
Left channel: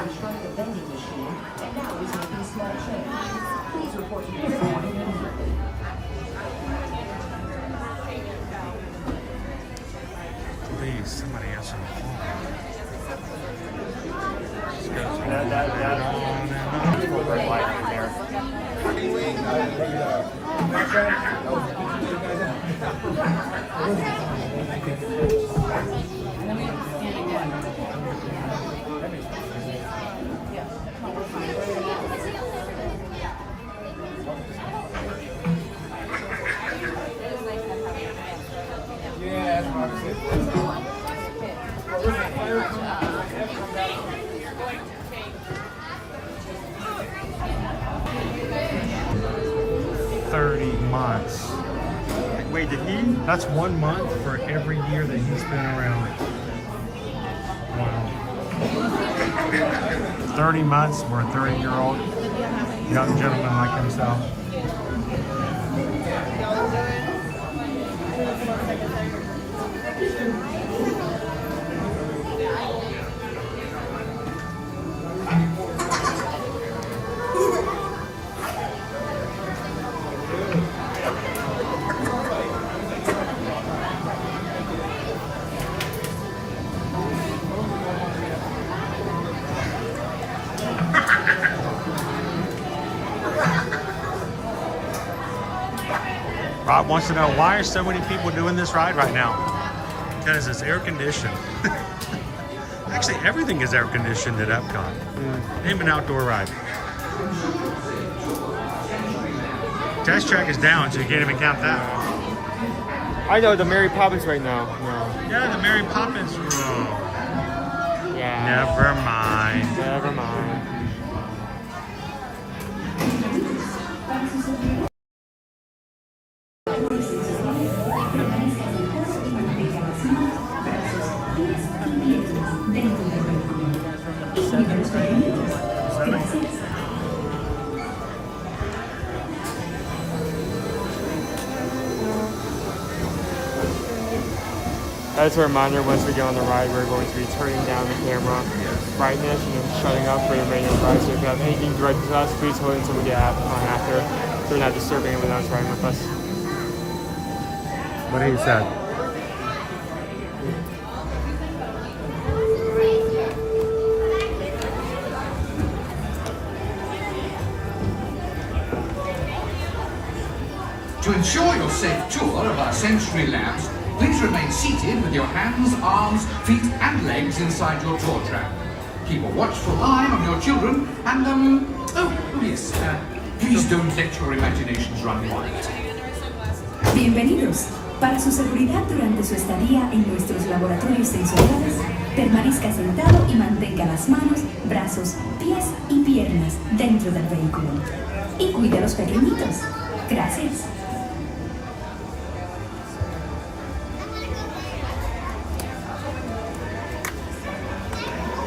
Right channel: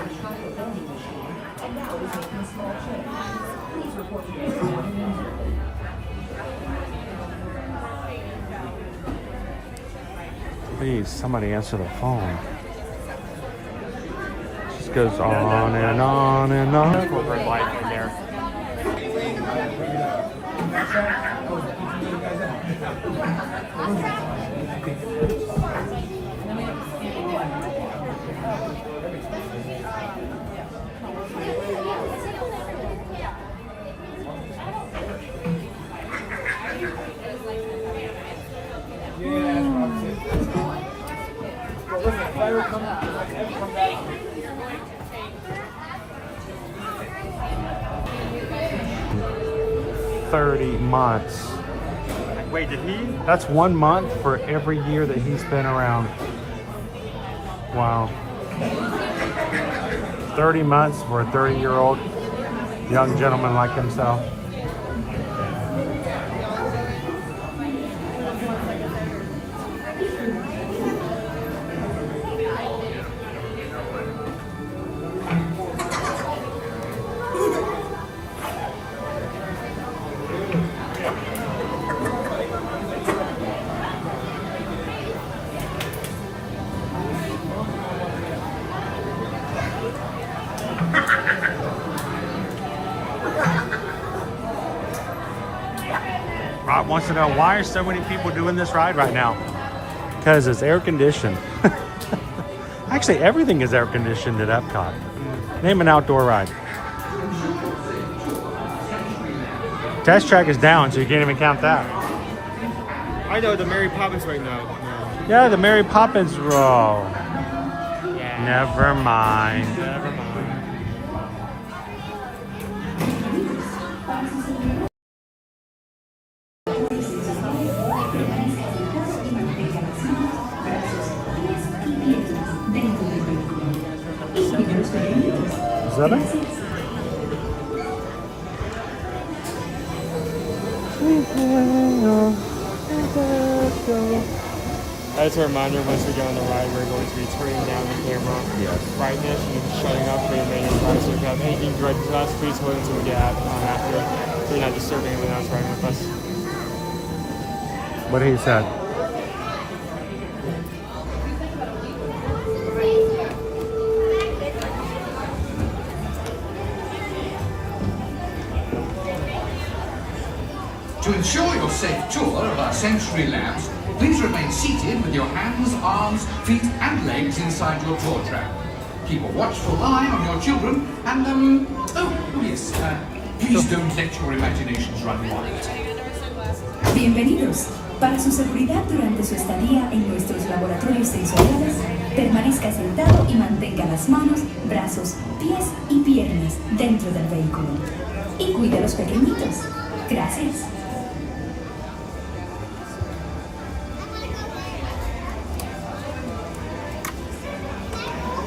Please, somebody answer the phone. Just goes on and on and on. Months. Wait, did he? That's 1 month for every year that he's been around. Wow. 30 months for a 30-year-old young gentleman like himself. Rob wants to know, why are so many people doing this ride right now? Because it's air conditioned. Actually, everything is air conditioned at Epcot. Name an outdoor ride. Test track is down, so you can't even count that. I know the Mary Poppins right now. No. Yeah, the Mary Poppins. Oh. Yeah. Never mind. Never mind. As a reminder, once we get on the ride, we're going to be turning down the camera brightness and shutting up for the remainder of the ride. So if you have anything directed to us, please hold it until we get on after, so we're not disturbing anyone else riding with us. What he said. To ensure your safe tour of our sensory labs, please remain seated with your hands, arms, feet and legs inside your tour trap. Keep a watchful eye on your children and, please don't let your imaginations run wild. Bienvenidos. Para su seguridad durante su estadía en nuestros laboratorios sensoriales, permanezca sentado y mantenga las manos, brazos, pies y piernas dentro del vehículo. Y cuide a los pequeñitos. Gracias.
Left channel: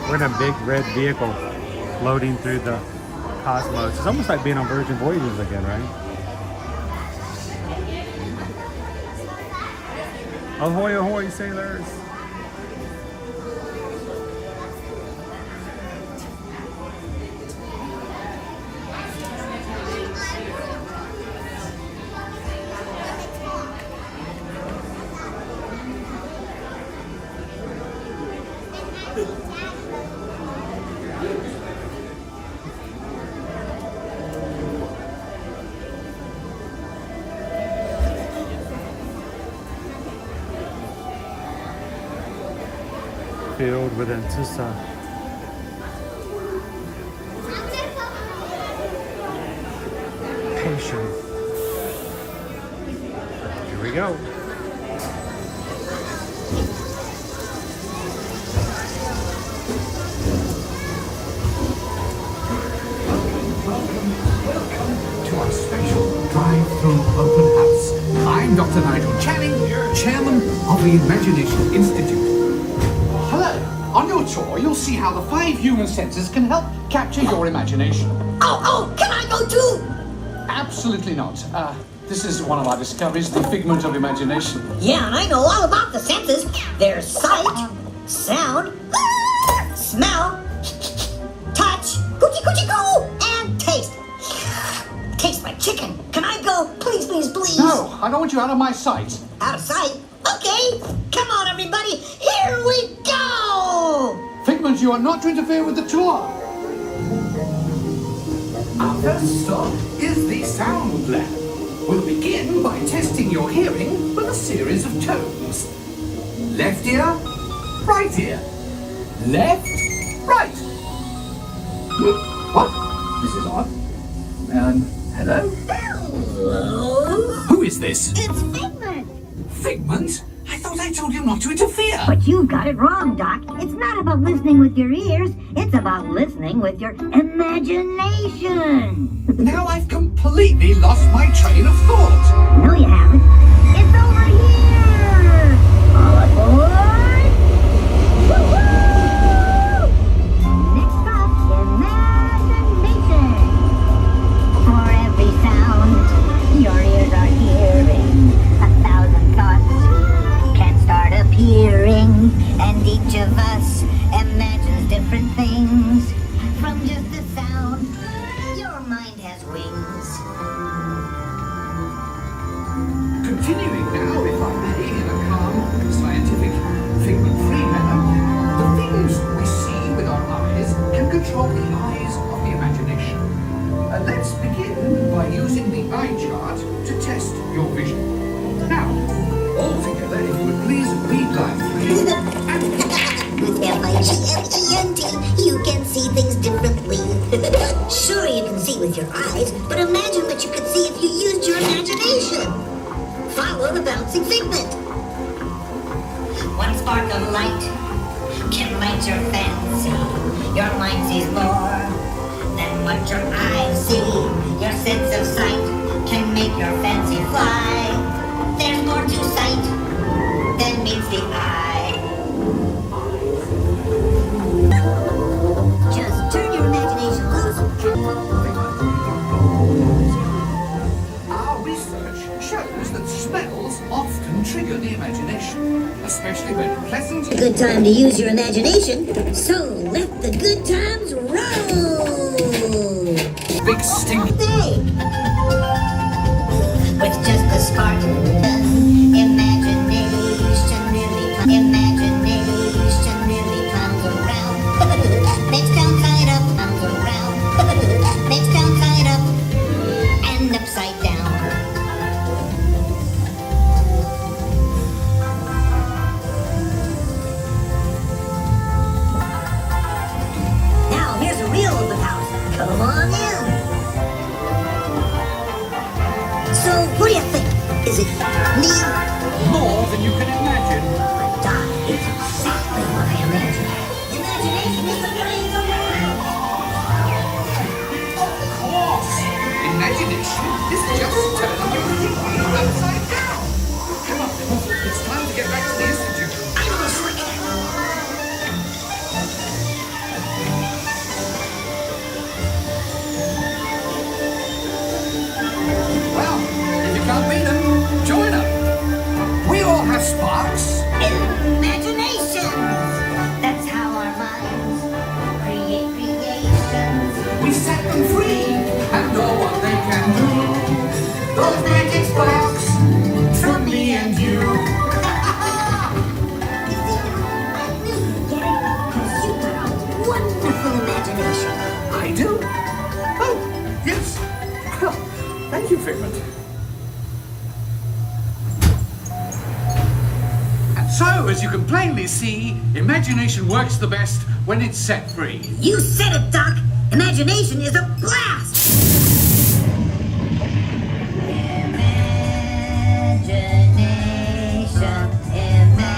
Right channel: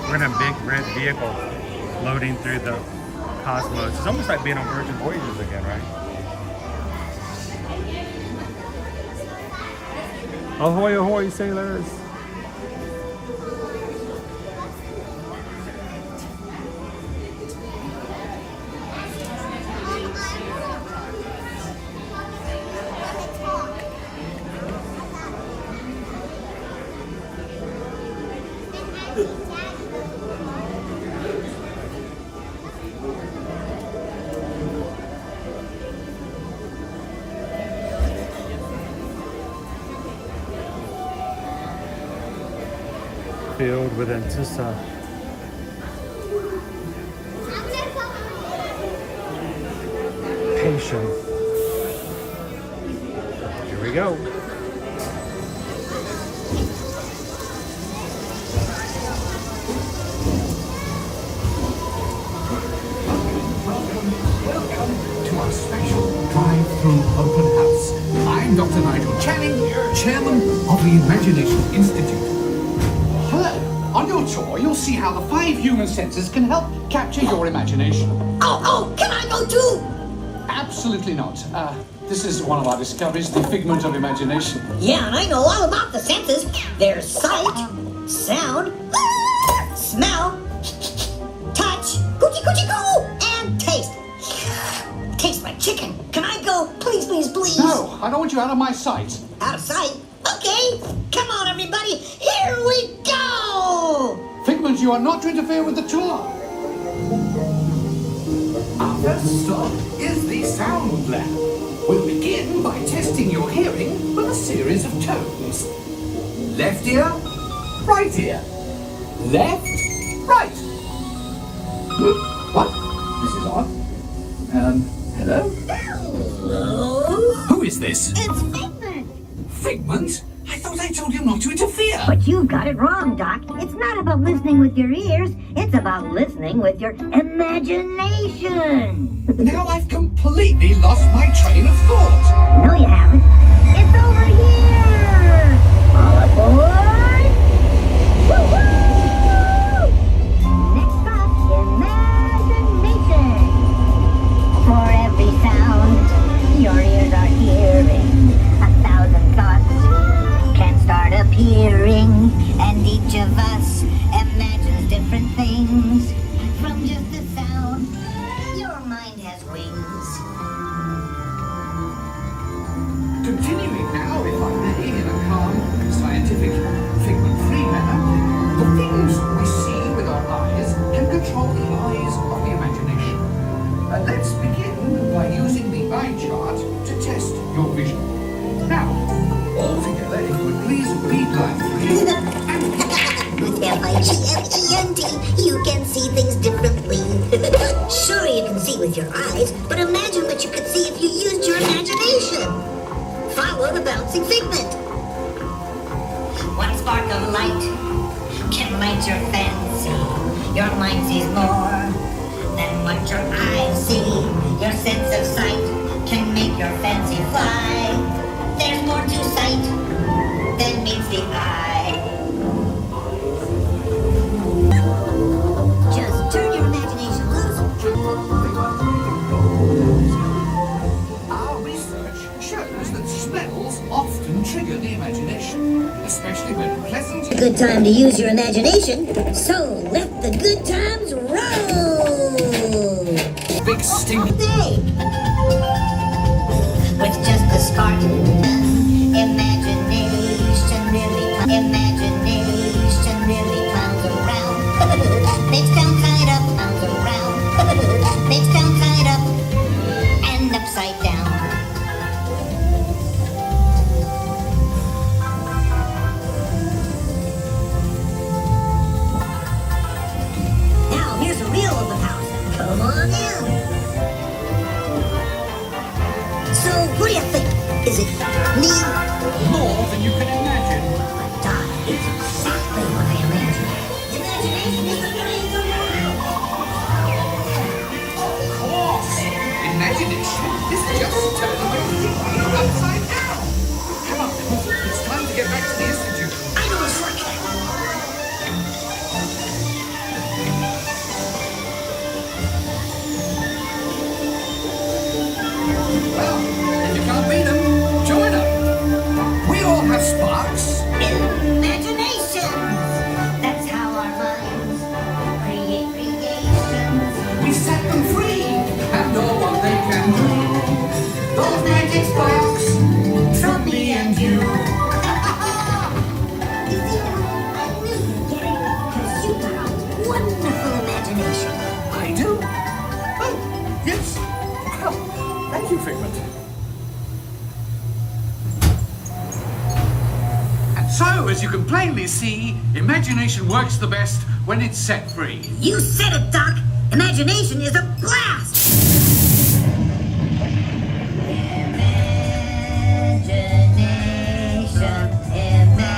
We're in a big red vehicle floating through the cosmos. It's almost like being on Virgin Voyages again, right? Ahoy, ahoy, sailors! Filled with anticipation. Here we go. Welcome to our special drive-through open house. I'm Dr. Nigel Channing, Chairman of the Imagination Institute. On your tour, you'll see how the 5 human senses can help capture your imagination. Oh, can I go too? Absolutely not. This is one of our discoveries, the figment of imagination. Yeah, and I know all about the senses. There's sight, sound, smell, touch, coochie-coochie-coo, and taste. Tastes like chicken. Can I go? Please, please, please. No, I don't want you out of my sight. Out of sight? Okay, come on everybody, here we go! Figment, you are not to interfere with the tour. Our first stop is the sound lab. We'll begin by testing your hearing with a series of tones. Left ear, right ear. Left, right. What? This is odd. Hello? Hello? Who is this? It's Figment! Figment? I thought I told you not to interfere. But you got it wrong, Doc. It's not about listening with your ears. It's about listening with your imagination. Now I've completely lost my train of thought. No, you haven't. It's over here. All aboard. Woo-hoo! Next stop, imagination. For every sound your ears are hearing, 1,000 thoughts can start appearing, and each of us imagines different things. From just the sound, your mind has wings. Continuing now, if I may, in a calm, scientific, figment-free manner, the things we see with our eyes can control the eyes of the imagination. Let's begin by using the eye chart to test your vision. Now, all together, if you would please read line 3. With F-I-G-M-E-N-T, you can see things differently. Sure, you can see with your eyes, but imagine what you could see if you used your imagination. Follow the bouncing figment. One spark of light can light your fancy. Your mind sees more than what your eyes see. Your sense of sight can make your fancy fly. There's more to sight than meets the eye. Just turn your imagination loose. Our research shows especially when pleasant. A good time to use your imagination, so let the good times roll! Big stink. Day! With just a spark, imagination really comes around. Makes down, side up, comes around. Makes down, side up, and upside down. Now here's the real open house. Come on in. So, what do you think? Is it neat? More than you can imagine. That is exactly what I imagined. Imagination is the brains of the world. Of course. Imagination is just turning everything upside down. Come on, it's time to get back to the Institute. I know a shortcut. Well, if you can't beat them, join them. We all have sparks. Imagination. That's how our minds create creations. We set them free and know what they can do. Those magic sparks from me and you. Because you got a wonderful imagination. I do? Oh, yes. Well, thank you, Figment. And so, as you can plainly see, imagination works the best when it's set free. You said it, Doc. Imagination is a blast. Imagination.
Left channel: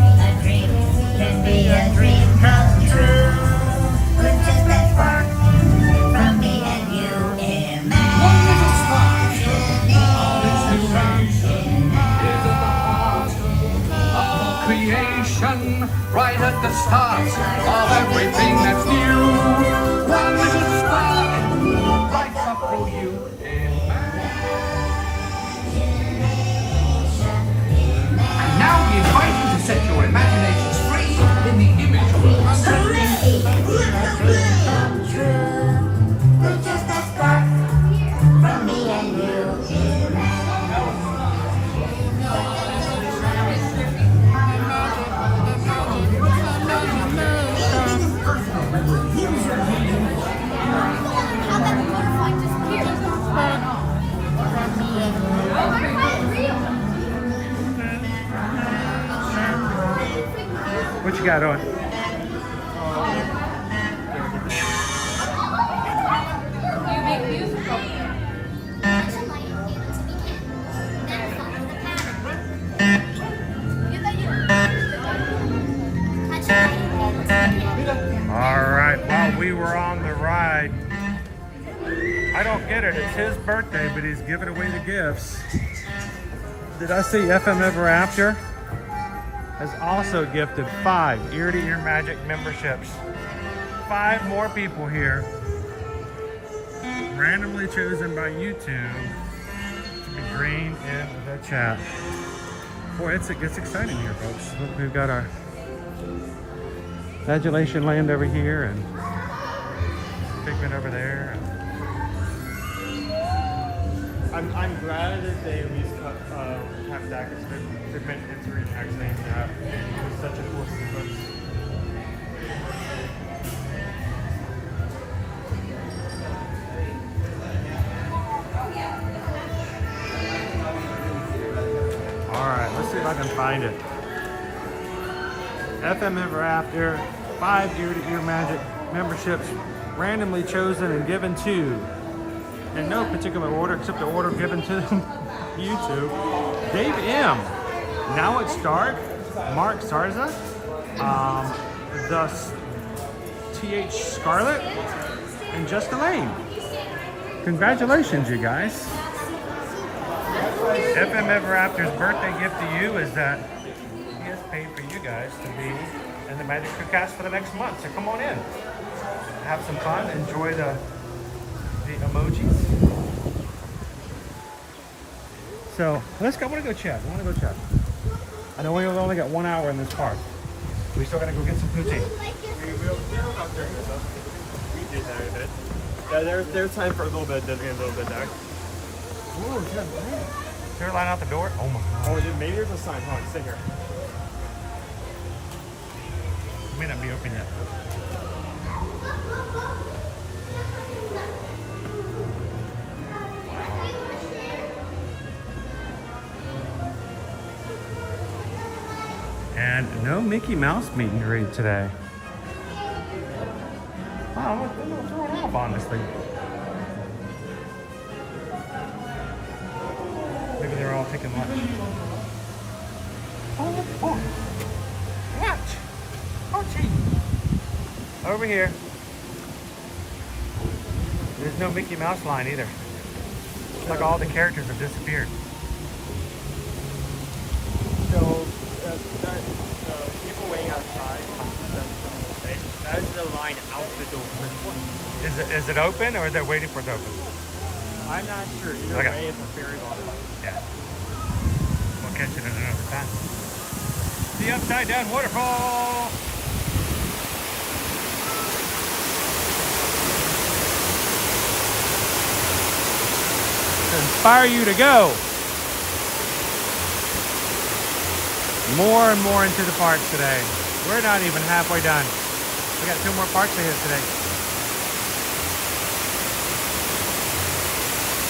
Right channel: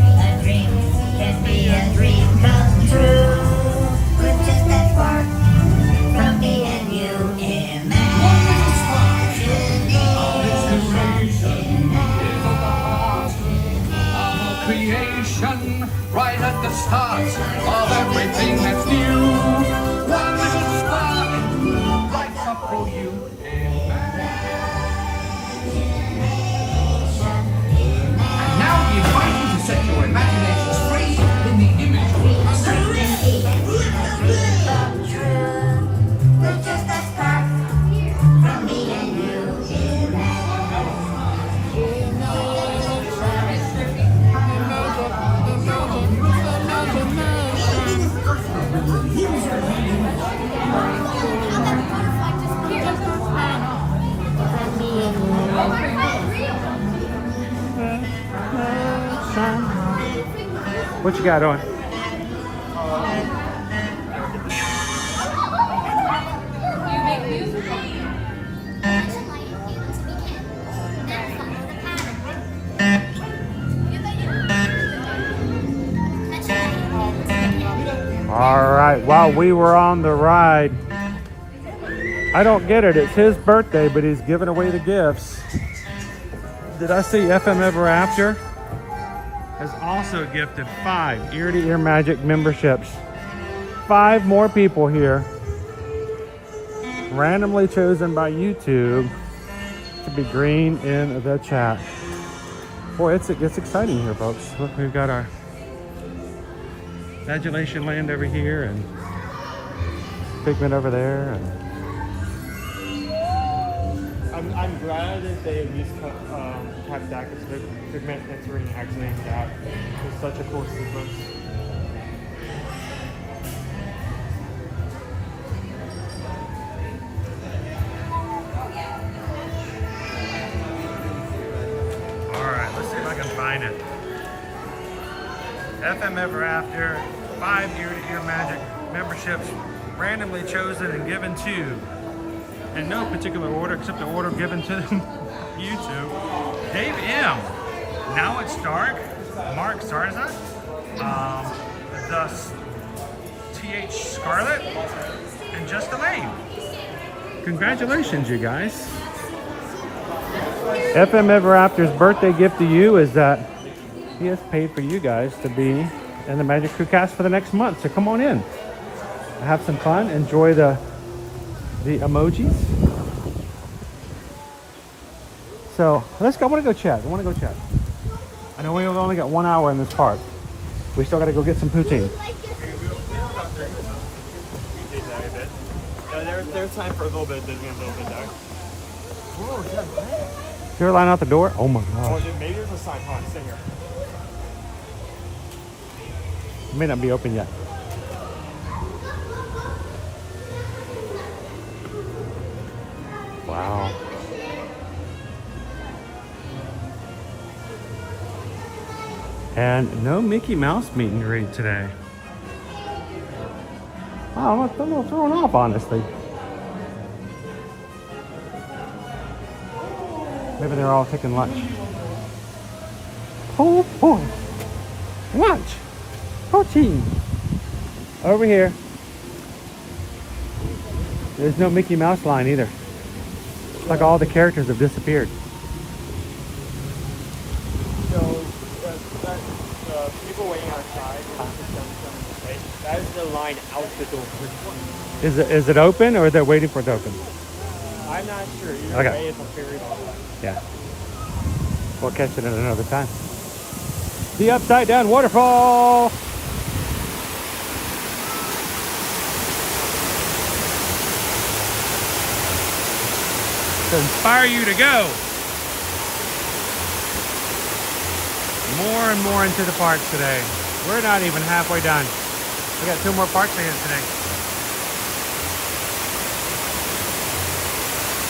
A dream can be a dream come true. With just that spark from me and you. Creation, right at the start of everything that's new. One little spark lights up for you. And now we invite you to set your imaginations free in the image world. With just that spark from me and you. What you got on? All right, while we were on the ride, I don't get it. It's his birthday, but he's giving away the gifts. Did I see FM Ever After has also gifted 5 Ear to Ear Magic memberships. 5 more people here, randomly chosen by YouTube to be green in the chat. Boy, it gets exciting here, folks. Look, we've got our Imagination Land over here and Figment over there. I'm glad that they at least have that because Figment, it's really nice to have. It's such a cool sequence. Alright, let's see if I can find it. FM Ever After, 5 Ear to Ear Magic memberships randomly chosen and given to, in no particular order except the order given to YouTube. Dave M. Now It's Dark. Mark Sarza. The TH Scarlet. And Just Elaine. Congratulations, you guys. FM Ever After's birthday gift to you is that he has paid for you guys to be in the Magic Crew cast for the next month. So come on in. Have some fun. Enjoy the emojis. So let's go. I want to go check. I know we've only got 1 hour in this park. We still got to go get some poutine. Yeah, there's time for a little bit. There's gonna be a little bit there. You're lying out the door? Oh my god. Oh, dude, maybe there's a sign. Hold on, stay here. It may not be open yet. Wow. And no Mickey Mouse meet and greet today. Wow, I'm a little thrown off, honestly. Maybe they're all taking lunch. Oh boy. Lunch. Protein. Over here. There's no Mickey Mouse line either. It's like all the characters have disappeared. Is it open or they're waiting for it to open? I'm not sure. Either Okay. way, it's very... Yeah. We'll catch it at another time. The upside down waterfall. To inspire you to go. More and more into the parks today. We're not even halfway done. We got 2 more parks ahead today.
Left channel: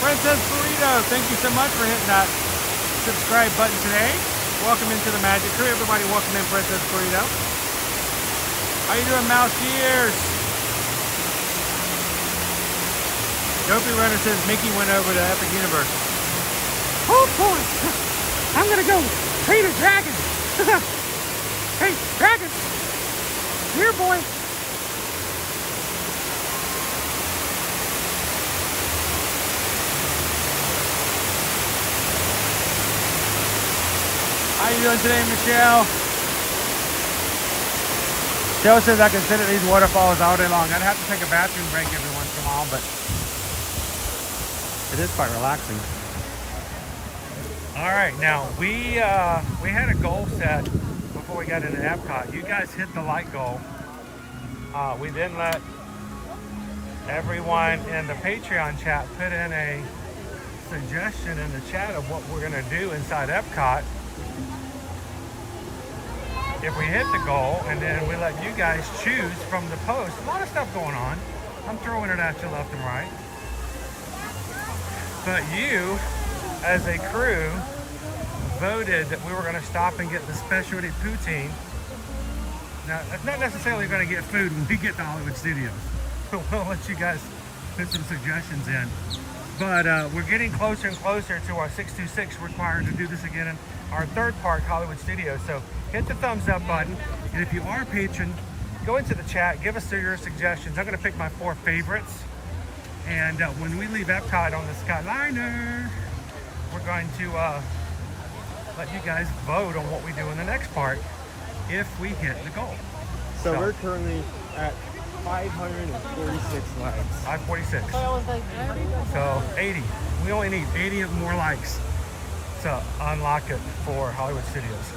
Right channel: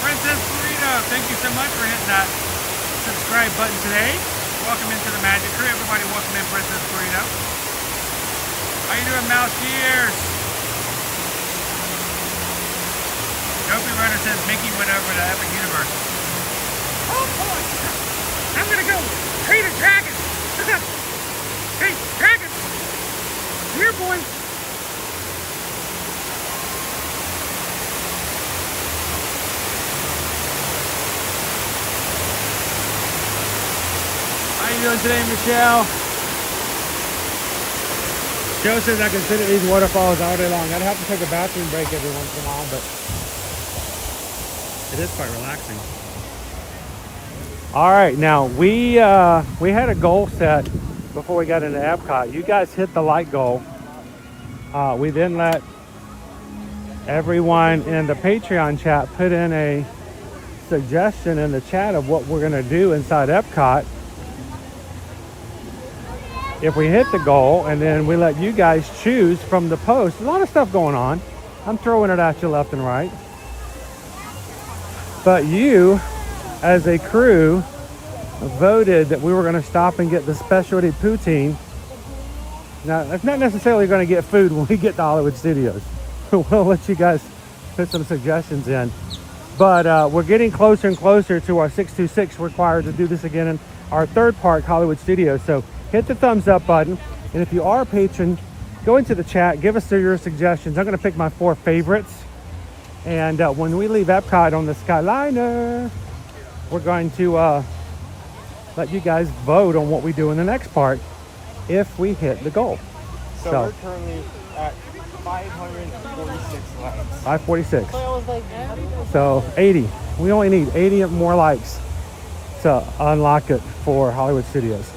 Princess Burrito, thank you so much for hitting that subscribe button today. Welcome into the Magic Crew. Everybody welcome in Princess Burrito. How you doing, Mouse Gears? Dopey Runner says Mickey went over to Epic Universe. Oh boy, I'm gonna go treat a dragon. Hey, dragon, here boy. How you doing today, Michelle? Joe says I can sit at these waterfalls all day long. I'd have to take a bathroom break every once in a while, but it is quite relaxing. All right, now we had a goal set before we got into Epcot. You guys hit the light goal. We then let everyone in the Patreon chat put in a suggestion in the chat of what we're gonna do inside Epcot if we hit the goal, and then we let you guys choose from the post. A lot of stuff going on. I'm throwing it at you left and right. But you, as a crew, voted that we were going to stop and get the specialty poutine. Now, it's not necessarily going to get food when we get to Hollywood Studios. We'll let you guys put some suggestions in. But we're getting closer and closer to our 626 required to do this again in our 3rd park, Hollywood Studios. So hit the thumbs up button. And if you are a patron, go into the chat, give us your suggestions. I'm going to pick my 4 favorites. And when we leave Epcot on the Skyliner, we're going to let you guys vote on what we do in the next park if we hit the goal. So we're currently at 546 likes. 546. So 80. We only need 80 more likes to unlock it for Hollywood Studios.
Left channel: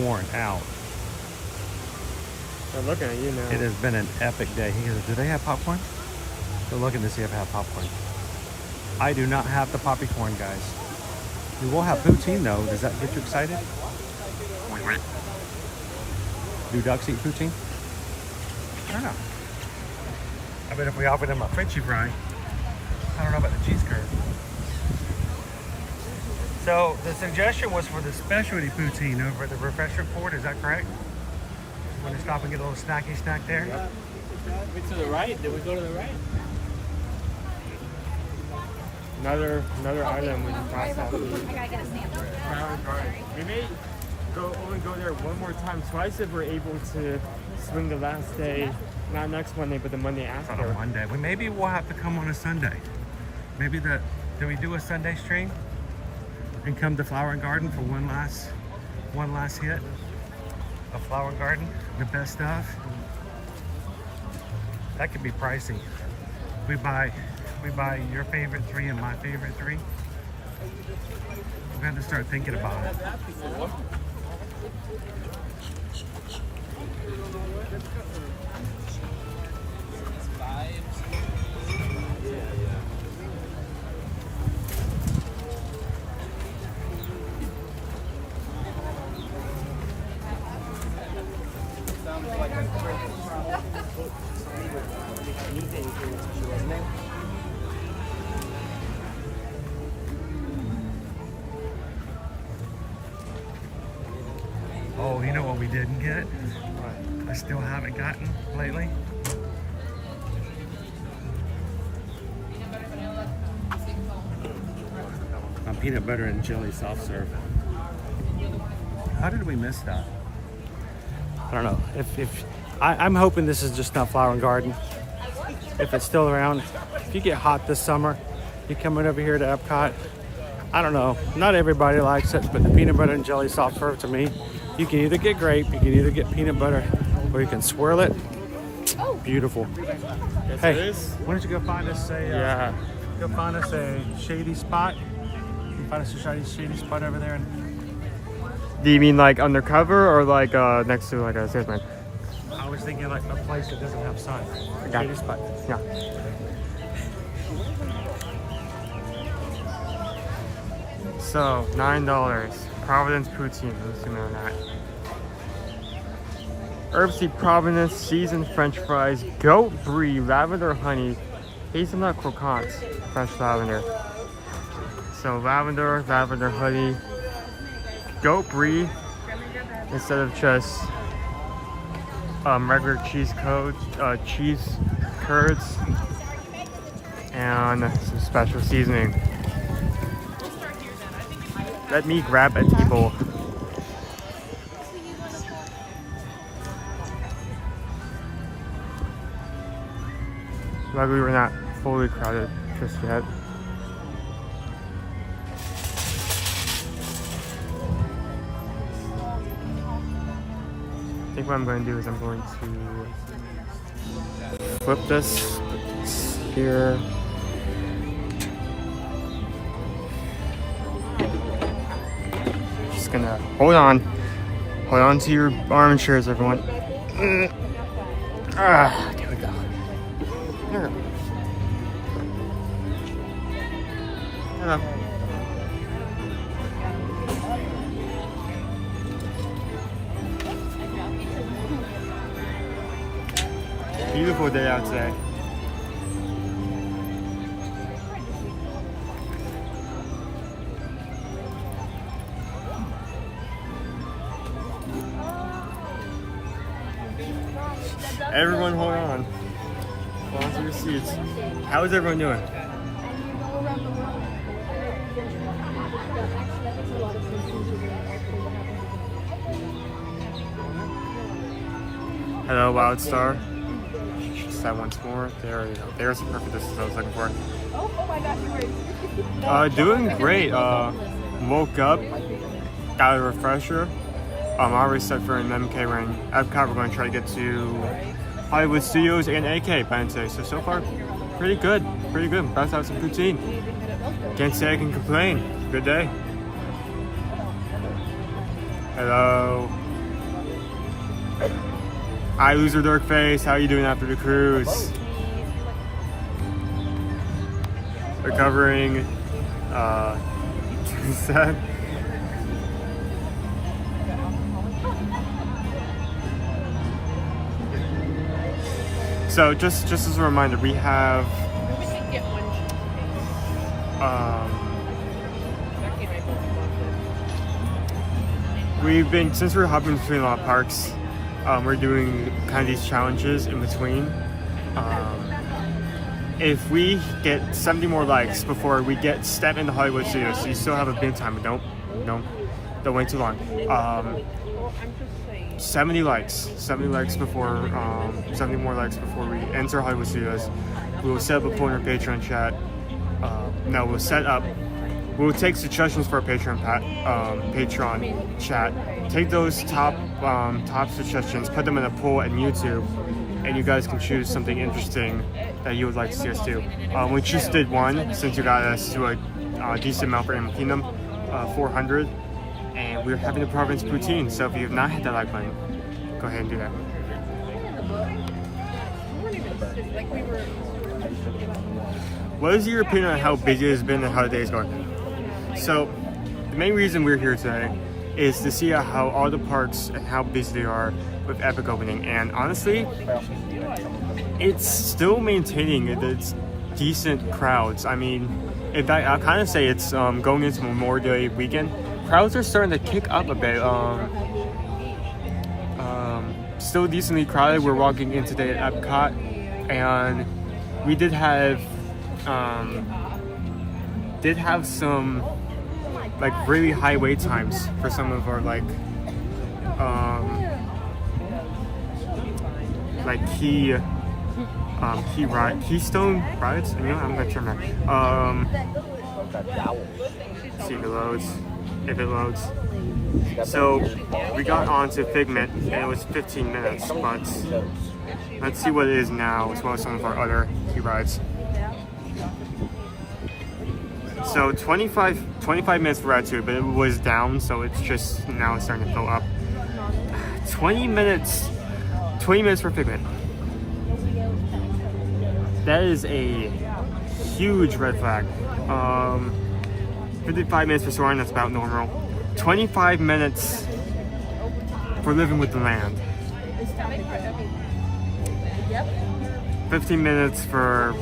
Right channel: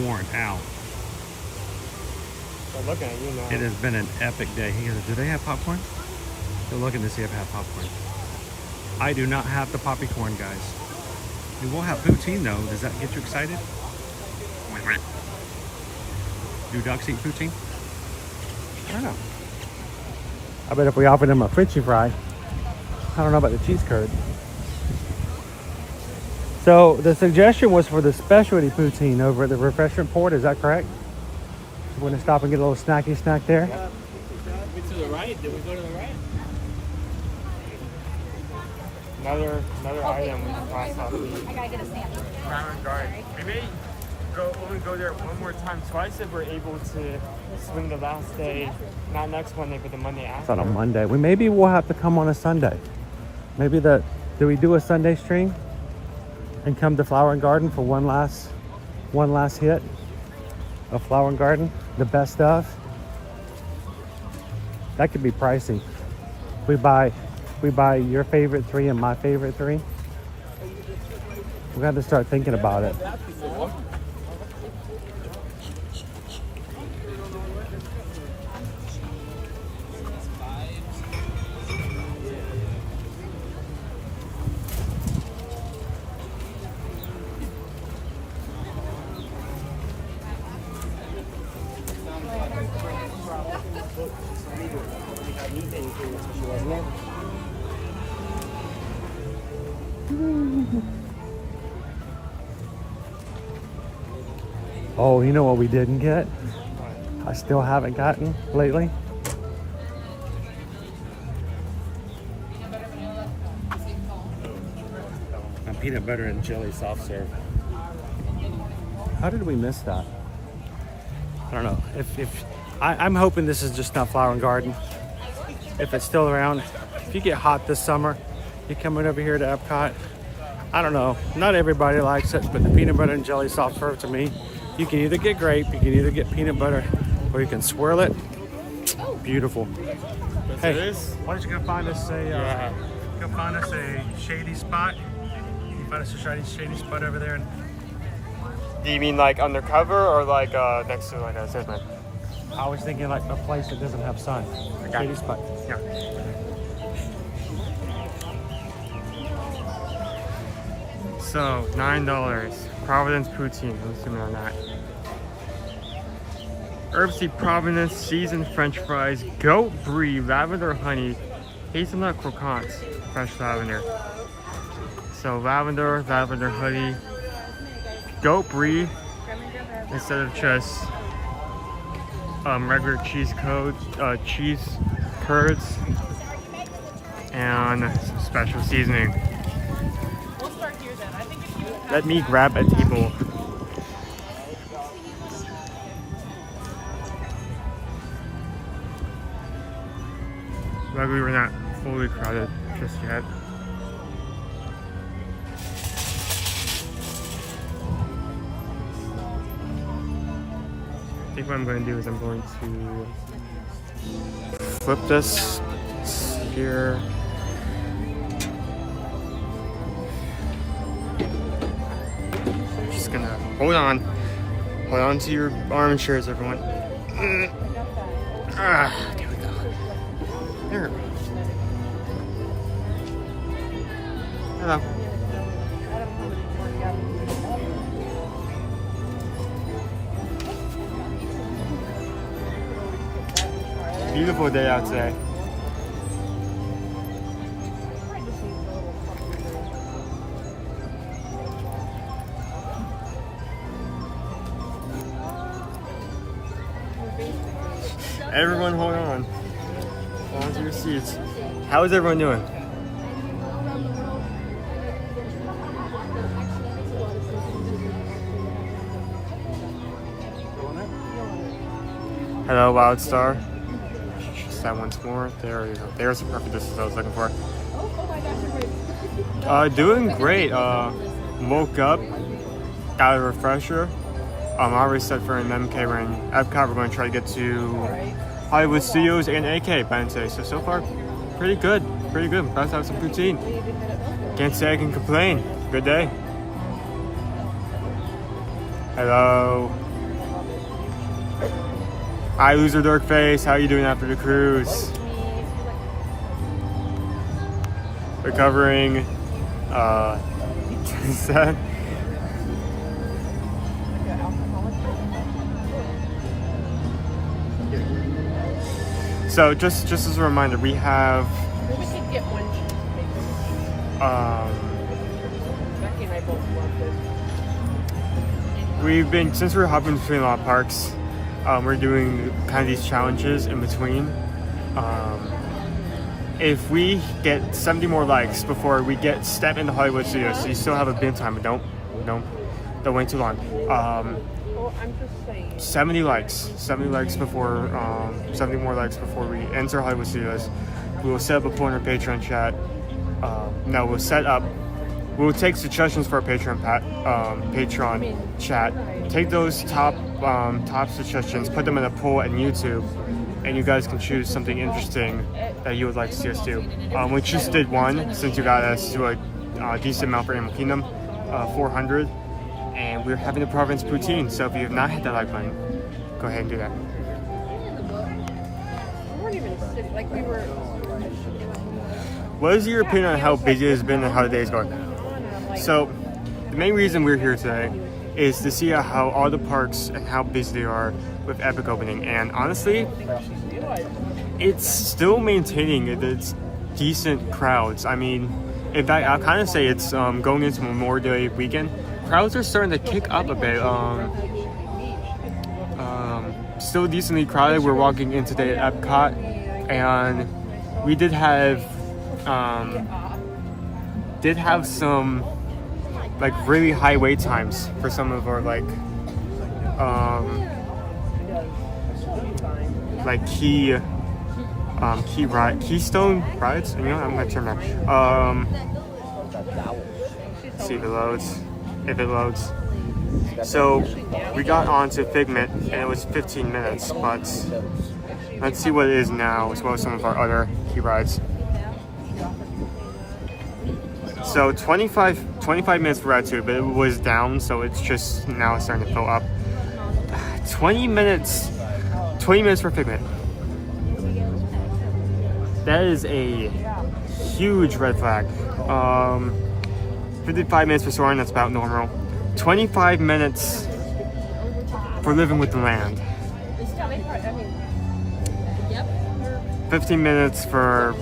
Worn out. They're looking at you now. It has been an epic day. He goes, do they have popcorn? They're looking to see if I have popcorn. I do not have the poppy corn, guys. We will have poutine though. Does that get you excited? Do ducks eat poutine? I don't know. I bet if we offered them a Frenchie fry, I don't know about the cheese curd. So the suggestion was for the specialty poutine over at the refreshment port. Is that correct? We're gonna stop and get a little snacky snack there. To the right? Did we go to the right? Another item. I gotta get a sandwich. Maybe only go there one more time. Twice if we're able to swing the last day, not next Monday, but the Monday It's after. on a Monday. Maybe we'll have to come on a Sunday. Maybe do we do a Sunday stream and come to Flower and Garden for one last hit of Flower and Garden, the best of? That could be pricey. We buy your favorite 3 and my favorite 3. We have to start thinking about it. Oh, you know what we didn't get? I still haven't gotten lately. A peanut butter and jelly soft serve. How did we miss that? I don't know. I'm hoping this is just not Flower and Garden. If it's still around, if you get hot this summer, you're coming over here to Epcot. I don't know. Not everybody likes it, but the peanut butter and jelly soft serve to me, you can either get grape, you can either get peanut butter, or you can swirl it. Beautiful. Yes, Hey, it is. why don't you go find us a shady spot? Find us a shady spot over there. Do you mean like undercover or like next to like a salesman? I was thinking like a place that doesn't have sun. Shady spot. Yeah. So $9. Providence poutine. Let's zoom in on that. Herbsy Providence seasoned French fries, goat brie, lavender honey, hazelnut croquants, fresh lavender. So lavender honey, goat brie instead of just regular cheese curds, and some special seasoning. Let me grab a table. Luckily we're not fully crowded just yet. I think what I'm going to do is I'm going to flip this, put this here. Just gonna hold on to your armchairs, everyone. Here we go. Here. Hello. Beautiful day out today. Everyone hold on. Hold on to your seats. How is everyone doing? Hello, Wild Star. Just that once more. There you go. There's the perfect distance I was looking for. Doing great. Woke up, got a refresher. I'm already set for an MK. We're in Epcot. We're going to try to get to Hollywood Studios and AK by today. So far, pretty good. Pretty good. I'm about to have some poutine. Can't say I can complain. Good day. Hello. Hi, loser dork face. How you doing after the cruise? Recovering. Sad. So just as a reminder, we have we've been, since we're hopping between a lot of parks, we're doing kind of these challenges in between. If we get 70 more likes before we step into Hollywood Studios, so you still have a bit of time, but don't wait too long. 70 likes before 70 more likes before we enter Hollywood Studios. We will set up a poll in our Patreon chat No, we'll set up. We'll take suggestions for our Patreon chat. Take those top suggestions, put them in a poll on YouTube, and you guys can choose something interesting that you would like to see us do. We just did one since you got us to a decent amount for Animal Kingdom, 400, and we're having the Providence Poutine. So if you have not hit that like button, go ahead and do that. What is your opinion on how big it has been and how the day is going? So, the main reason we're here today is to see how all the parks and how busy they are with Epic opening. And honestly, it's still maintaining its decent crowds. I mean, in fact, I'll kind of say it's going into Memorial Day weekend. Crowds are starting to kick up a bit. Still decently crowded. We're walking in today at Epcot, and we did have some like really high wait times for some of our like keystone rides. You know, I'm gonna turn that. See if it loads. If it loads. So we got onto Figment and it was 15 minutes, but let's see what it is now, as well as some of our other key rides. So 25 minutes for Ride 2, but it was down, so it's just now starting to fill up. 20 minutes for Figment. That is a huge red flag. 55 minutes for Soarin', that's about normal. 25 minutes for Living with the Land. 15 minutes for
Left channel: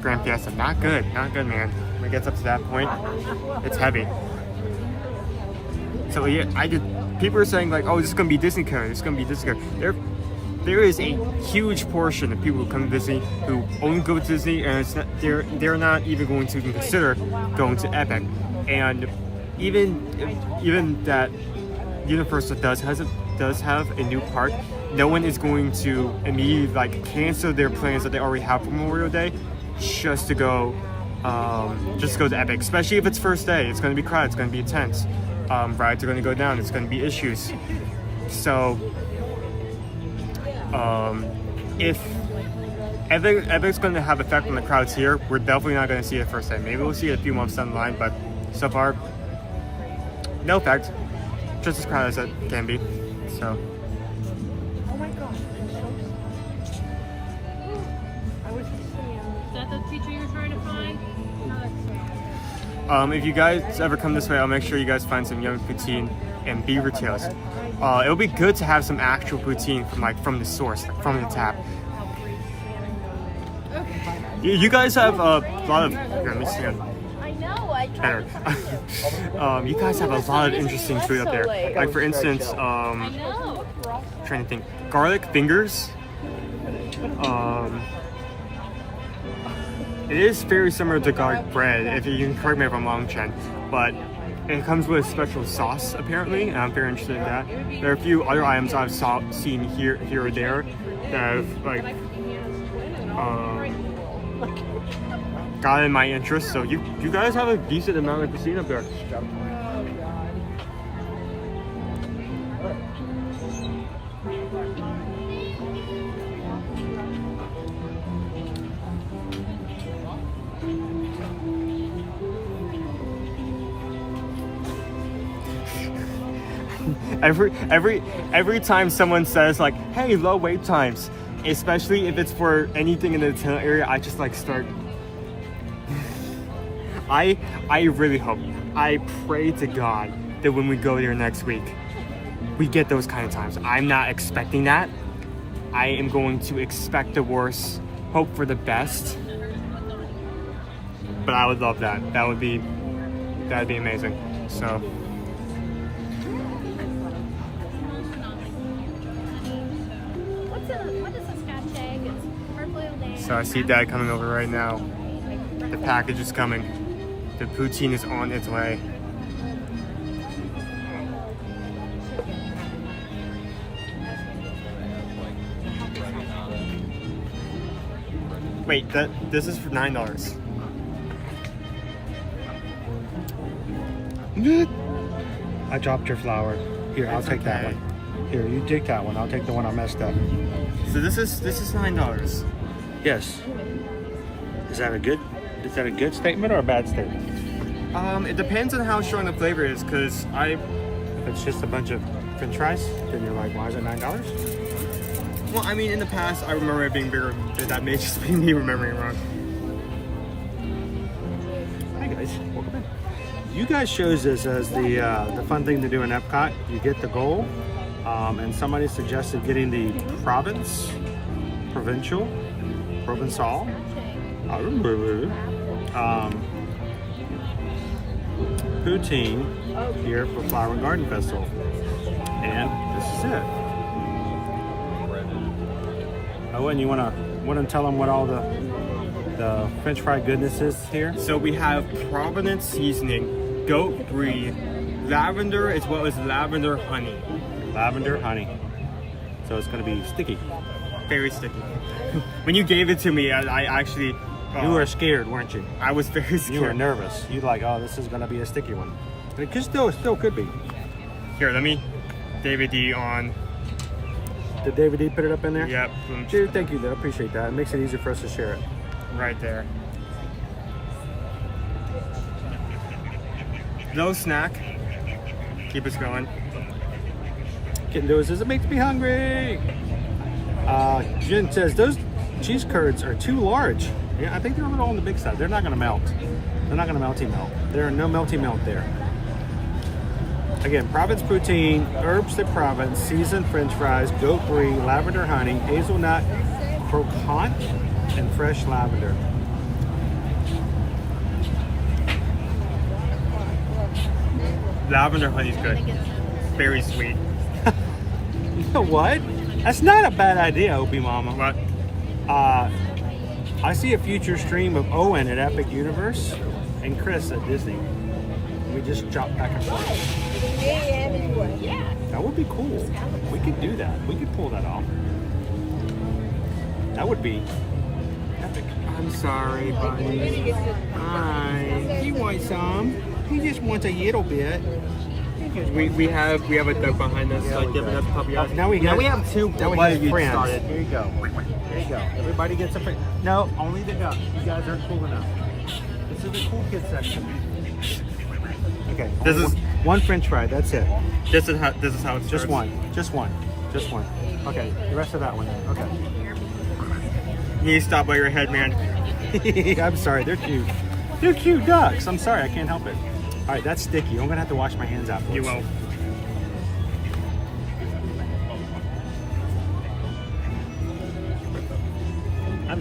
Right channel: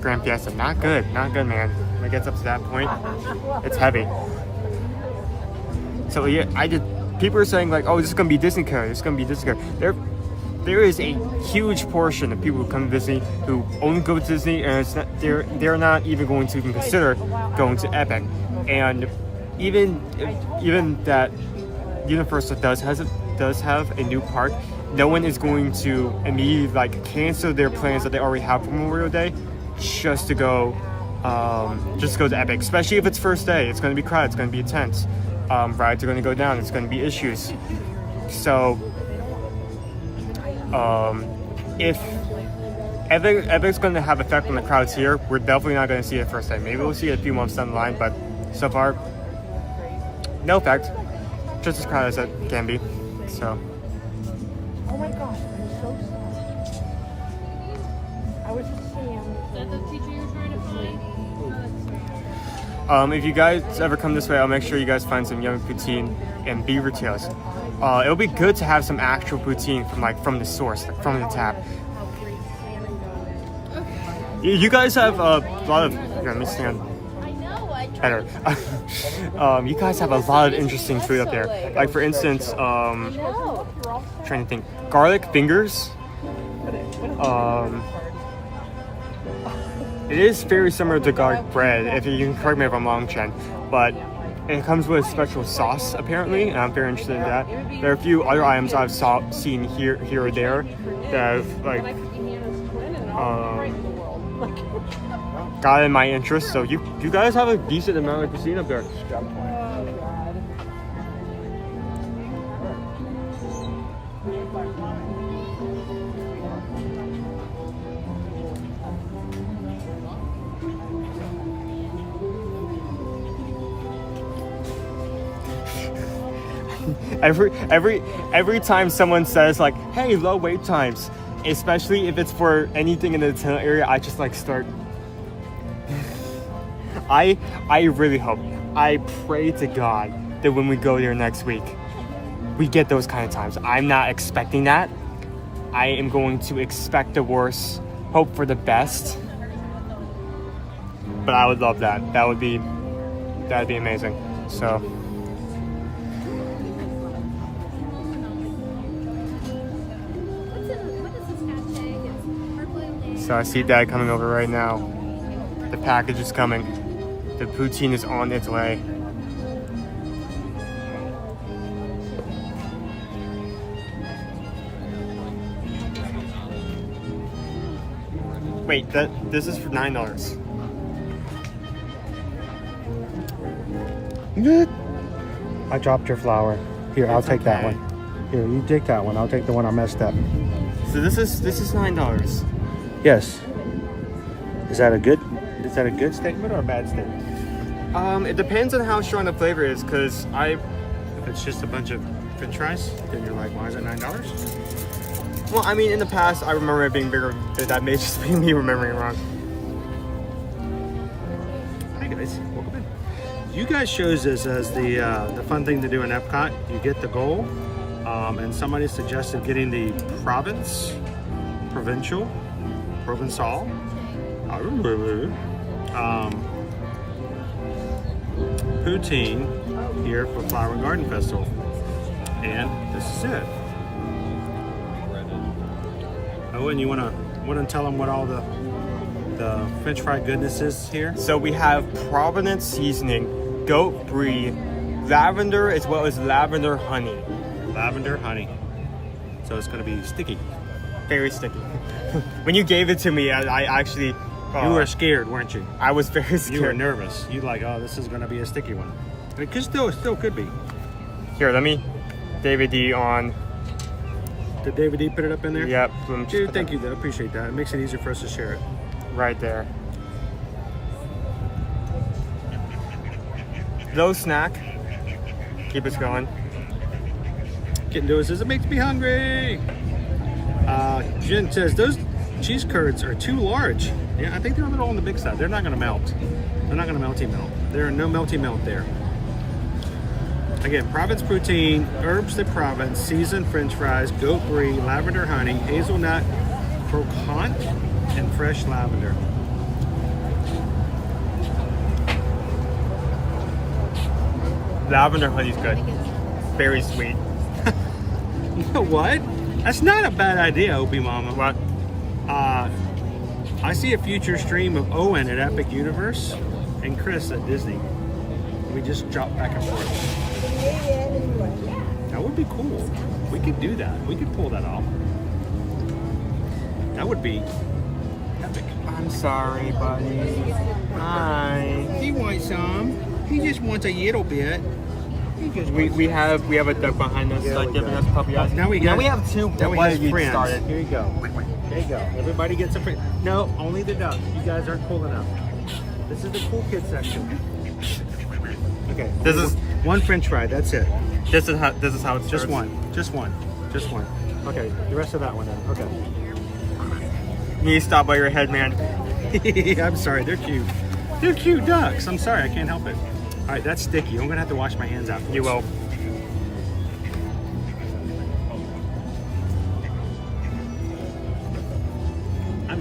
Grand Fiesta. Not good, man. When it gets up to that point, it's heavy. So yeah, people are saying like, oh, this is gonna be Disney Code. This is gonna be Disney Code. There is a huge portion of people who come to Disney who only go to Disney, and they're not even going to even consider going to Epic. And even that Universal does have a new park, no one is going to immediately like cancel their plans that they already have for Memorial Day just to go to Epic, especially if it's first day. It's going to be crowded, it's going to be intense. Rides are going to go down, it's going to be issues. So if Epic's going to have effect on the crowds here, we're definitely not going to see it first day. Maybe we'll see it a few months down the line, but so far, no effect. Just as crowded as it can be. So. If you guys ever come this way, I'll make sure you guys find some yummy poutine and beaver tails. It'll be good to have some actual poutine from the source, like from the tap. You guys have a lot of. Here, let me stand better. You guys have a lot of interesting food up there. Like for instance, trying to think, garlic fingers. It is very similar to garlic bread, if you can correct me if I'm wrong, Chen, but it comes with a special sauce apparently, and I'm very interested in that. There are a few other items I've seen here or there that have like got in my interest. So you guys have a decent amount of cuisine up there. Every time someone says like, hey, low wait times, especially if it's for anything in the tunnel area, I just like start. I really hope, I pray to God that when we go there next week, we get those kind of times. I'm not expecting that. I am going to expect the worst, hope for the best. But I would love that. That'd be amazing. So. So I see Dad coming over right now. The package is coming. The poutine is on its way. Wait, this is for $9. I dropped your flower. Here, I'll take that one. Here, you take that one. I'll take the one I messed up. So this is $9. Yes. Is that a good statement or a bad statement? It depends on how strong the flavor is, because If it's just a bunch of French fries, then you're like, why is it $9? well, I mean, in the past, I remember it being bigger. That may just be me remembering wrong. Hi guys, welcome in. You guys chose this as the fun thing to do in Epcot. You get the goal, and somebody suggested getting the Provençal, poutine here for Flower and Garden Festival, and this is it. Owen, you wanna tell them what all the French fry goodness is here? So we have Provenance seasoning, goat brie, lavender, as well as lavender honey. Lavender honey. So it's gonna be sticky. Very sticky. When you gave it to me, I actually... you were scared, weren't you? I was very scared. You were nervous. You like, oh, this is gonna be a sticky one. And it still could be. Here, let me David D on. Did David D put it up in there? Yep. Dude, thank you, I appreciate that. It makes it easier for us to share it. Right there. Little snack. Keep us going. Getting to it says, it makes me hungry. Jen says, those cheese curds are too large. Yeah, I think they're a little on the big side. They're not gonna melt. They're not gonna melty melt. There are no melty melt there. Again, Provence poutine, herbs de Provence, seasoned French fries, goat brie, lavender honey, hazelnut, croquant, and fresh lavender. Lavender honey's good. Very sweet. You know what? That's not a bad idea, Opie Mama. What? I see a future stream of Owen at Epic Universe and Chris at Disney. We just jump back and forth. Yeah. That would be cool. We could do that. We could pull that off. That would be epic. I'm sorry, buddy. Hi. He wants some. He just wants a little bit. We have a duck behind us, Yeah, like we giving do. us puppy eyes. Now we have two. Now we Why have you friends. started? Here you go. There you go. Everybody gets a friend. No, only the ducks. You guys aren't cool enough. This is the cool kid section. Okay. This is one French fry. That's it. This is how it starts. Just one. Okay. The rest of that one then. Okay. You need to stop by your head, man. I'm sorry. They're cute. They're cute ducks. I'm sorry. I can't help it. All right. That's sticky. I'm gonna have to wash my hands afterwards. You will.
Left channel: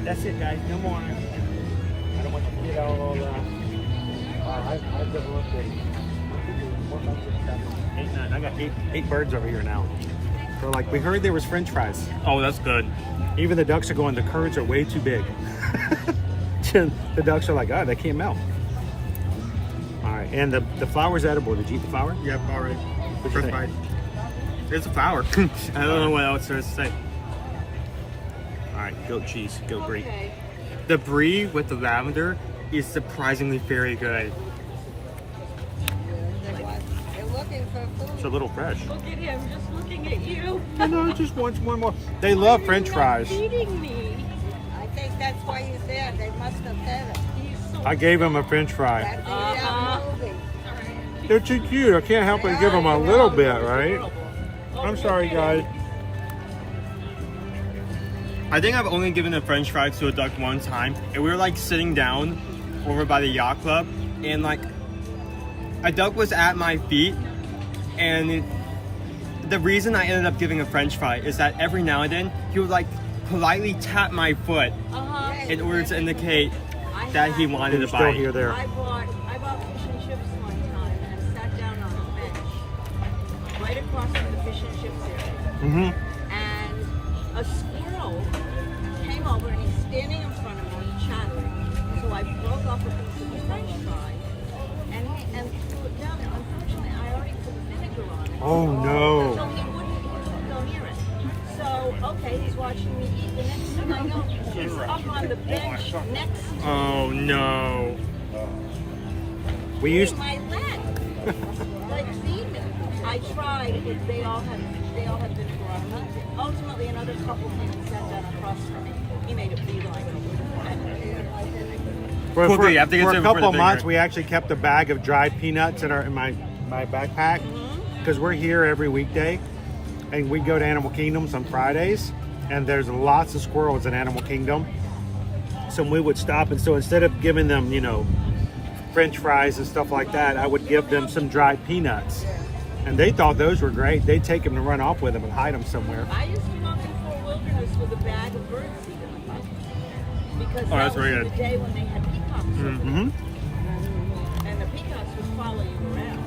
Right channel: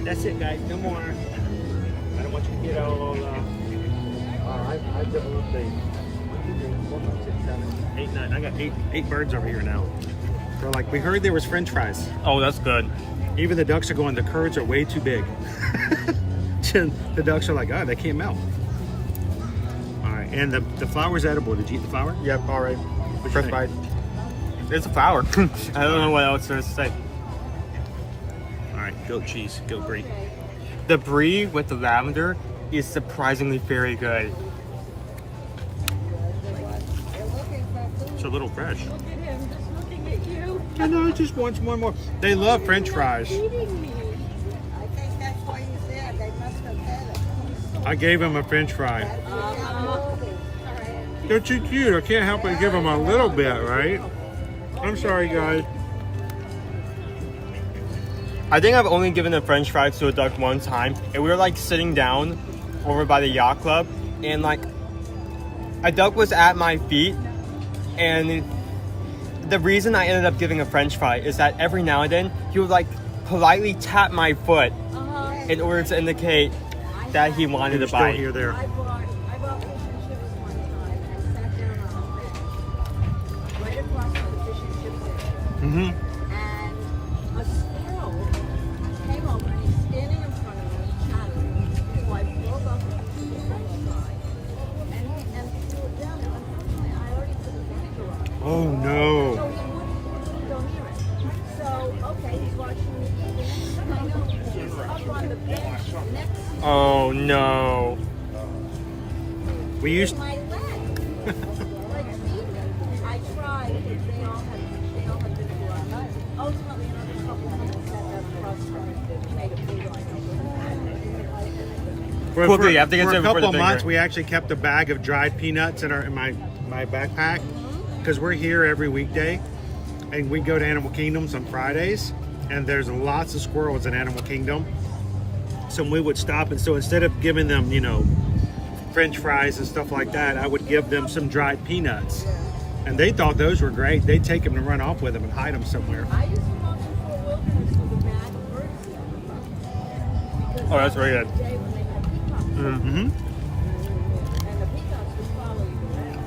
That's it, guys. No more. I don't want you to get all. Wow, I've developed a 1, 2, 3, 4, 5, 6, 7, 8, 9. I got eight birds over here now. So like we heard there was French fries. Oh, that's good. Even the ducks are going. The curds are way too big. The ducks are like, oh, they can't melt. All right, and the flour's edible. Did you eat the flour? Yep. All right. First bite. It's a flower. I don't know what else there is to say. All right, goat cheese, goat brie. The brie with the lavender is surprisingly very good. It's a little fresh. Look at him, just looking at you. I know, just wants one more. They love French fries. Feeding me. I think that's why he's there. They must have said it. I gave him a French fry. They're too cute. I can't help but give them a little bit, right? I'm sorry, guys. I think I've only given a French fry to a duck one time, and we were like sitting down over by the yacht club, and like a duck was at my feet, and the reason I ended up giving a French fry is that every now and then he would like politely tap my foot in order to indicate that he wanted to bite. Here, there. I bought fish and chips one time and sat down on a bench right across from the fish and chips area. Mm-hmm. And a squirrel came over and he's standing in front of me chatting. So I broke off a piece of the French fry and threw it down. And unfortunately, I already put vinegar on it. Oh no! So he wouldn't go near it. So okay, he's watching me eat. The next thing I know, he's up on the bench next to Oh no! We used my leg. Like vegan. I tried, but they all had vinegar on them. Ultimately, another couple people sent that across from me. He made it vegan. For Cool, good. You have to get for a some before couple the of months, bigger. we actually kept a bag of dried peanuts in my backpack because we're here every weekday, and we go to Animal Kingdoms on Fridays, and there's lots of squirrels in Animal Kingdom. So we would stop, and so instead of giving them, you know, French fries and stuff like that, I would give them some dried peanuts, and they thought those were great. They'd take them and run off with them and hide them somewhere. I used to walk in Fort Wilderness with a bag of birdseed in them. Because Oh, that's that was really the good. day when they had peacocks. Mm-hmm. And the peacocks would follow you around.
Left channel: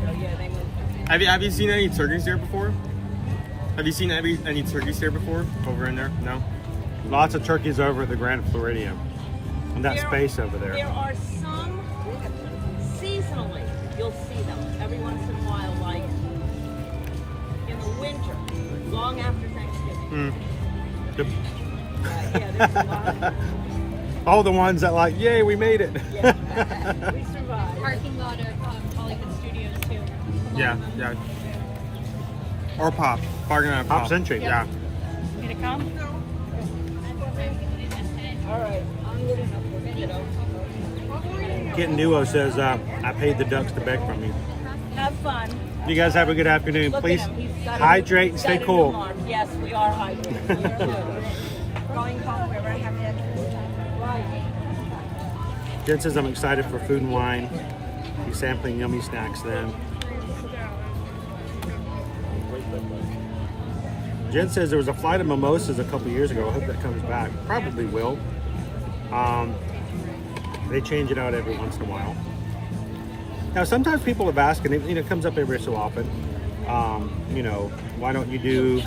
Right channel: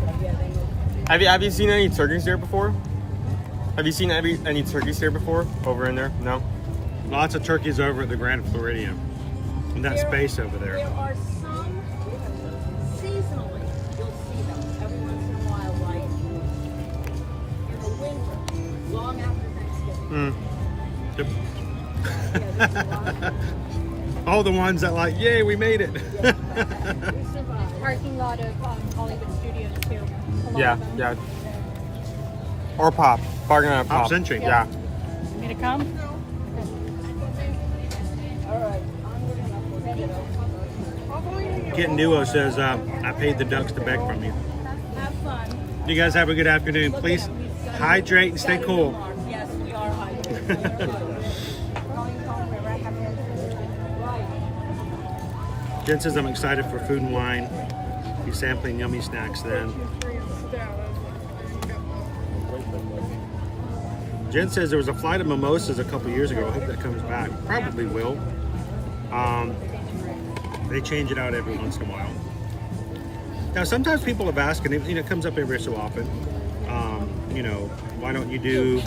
So yeah, they moved. Have you seen any turkeys here before? Have you seen any turkeys here before? Over in there? No? Lots of turkeys over at the Grand Floridian. And that space over there. There are some seasonally, you'll see them every once in a while, like in the winter, long after Thanksgiving. All the ones that like, yay, we made it. We survived. Parking lot of Hollywood Studios too. A lot Yeah, of them. yeah. Or Pop. Parking lot of Pop Pop. Century, yeah. Want me to come? All right, I'm good enough for kiddo. Kitten Duo says, I paid the ducks to beg from you. Have fun. You guys have a good afternoon. Look Please at him. He's got hydrate and got stay it cool. in arm. Yes, we are hydrating. We are hydrating. Going home wherever I have to. Jen says I'm excited for food and wine. Be sampling yummy snacks then. Jen says there was a flight of mimosas a couple years ago. I hope that comes back. Probably will. They change it out every once in a while. Now, sometimes people have asked, and it comes up every so often, you know, why don't you do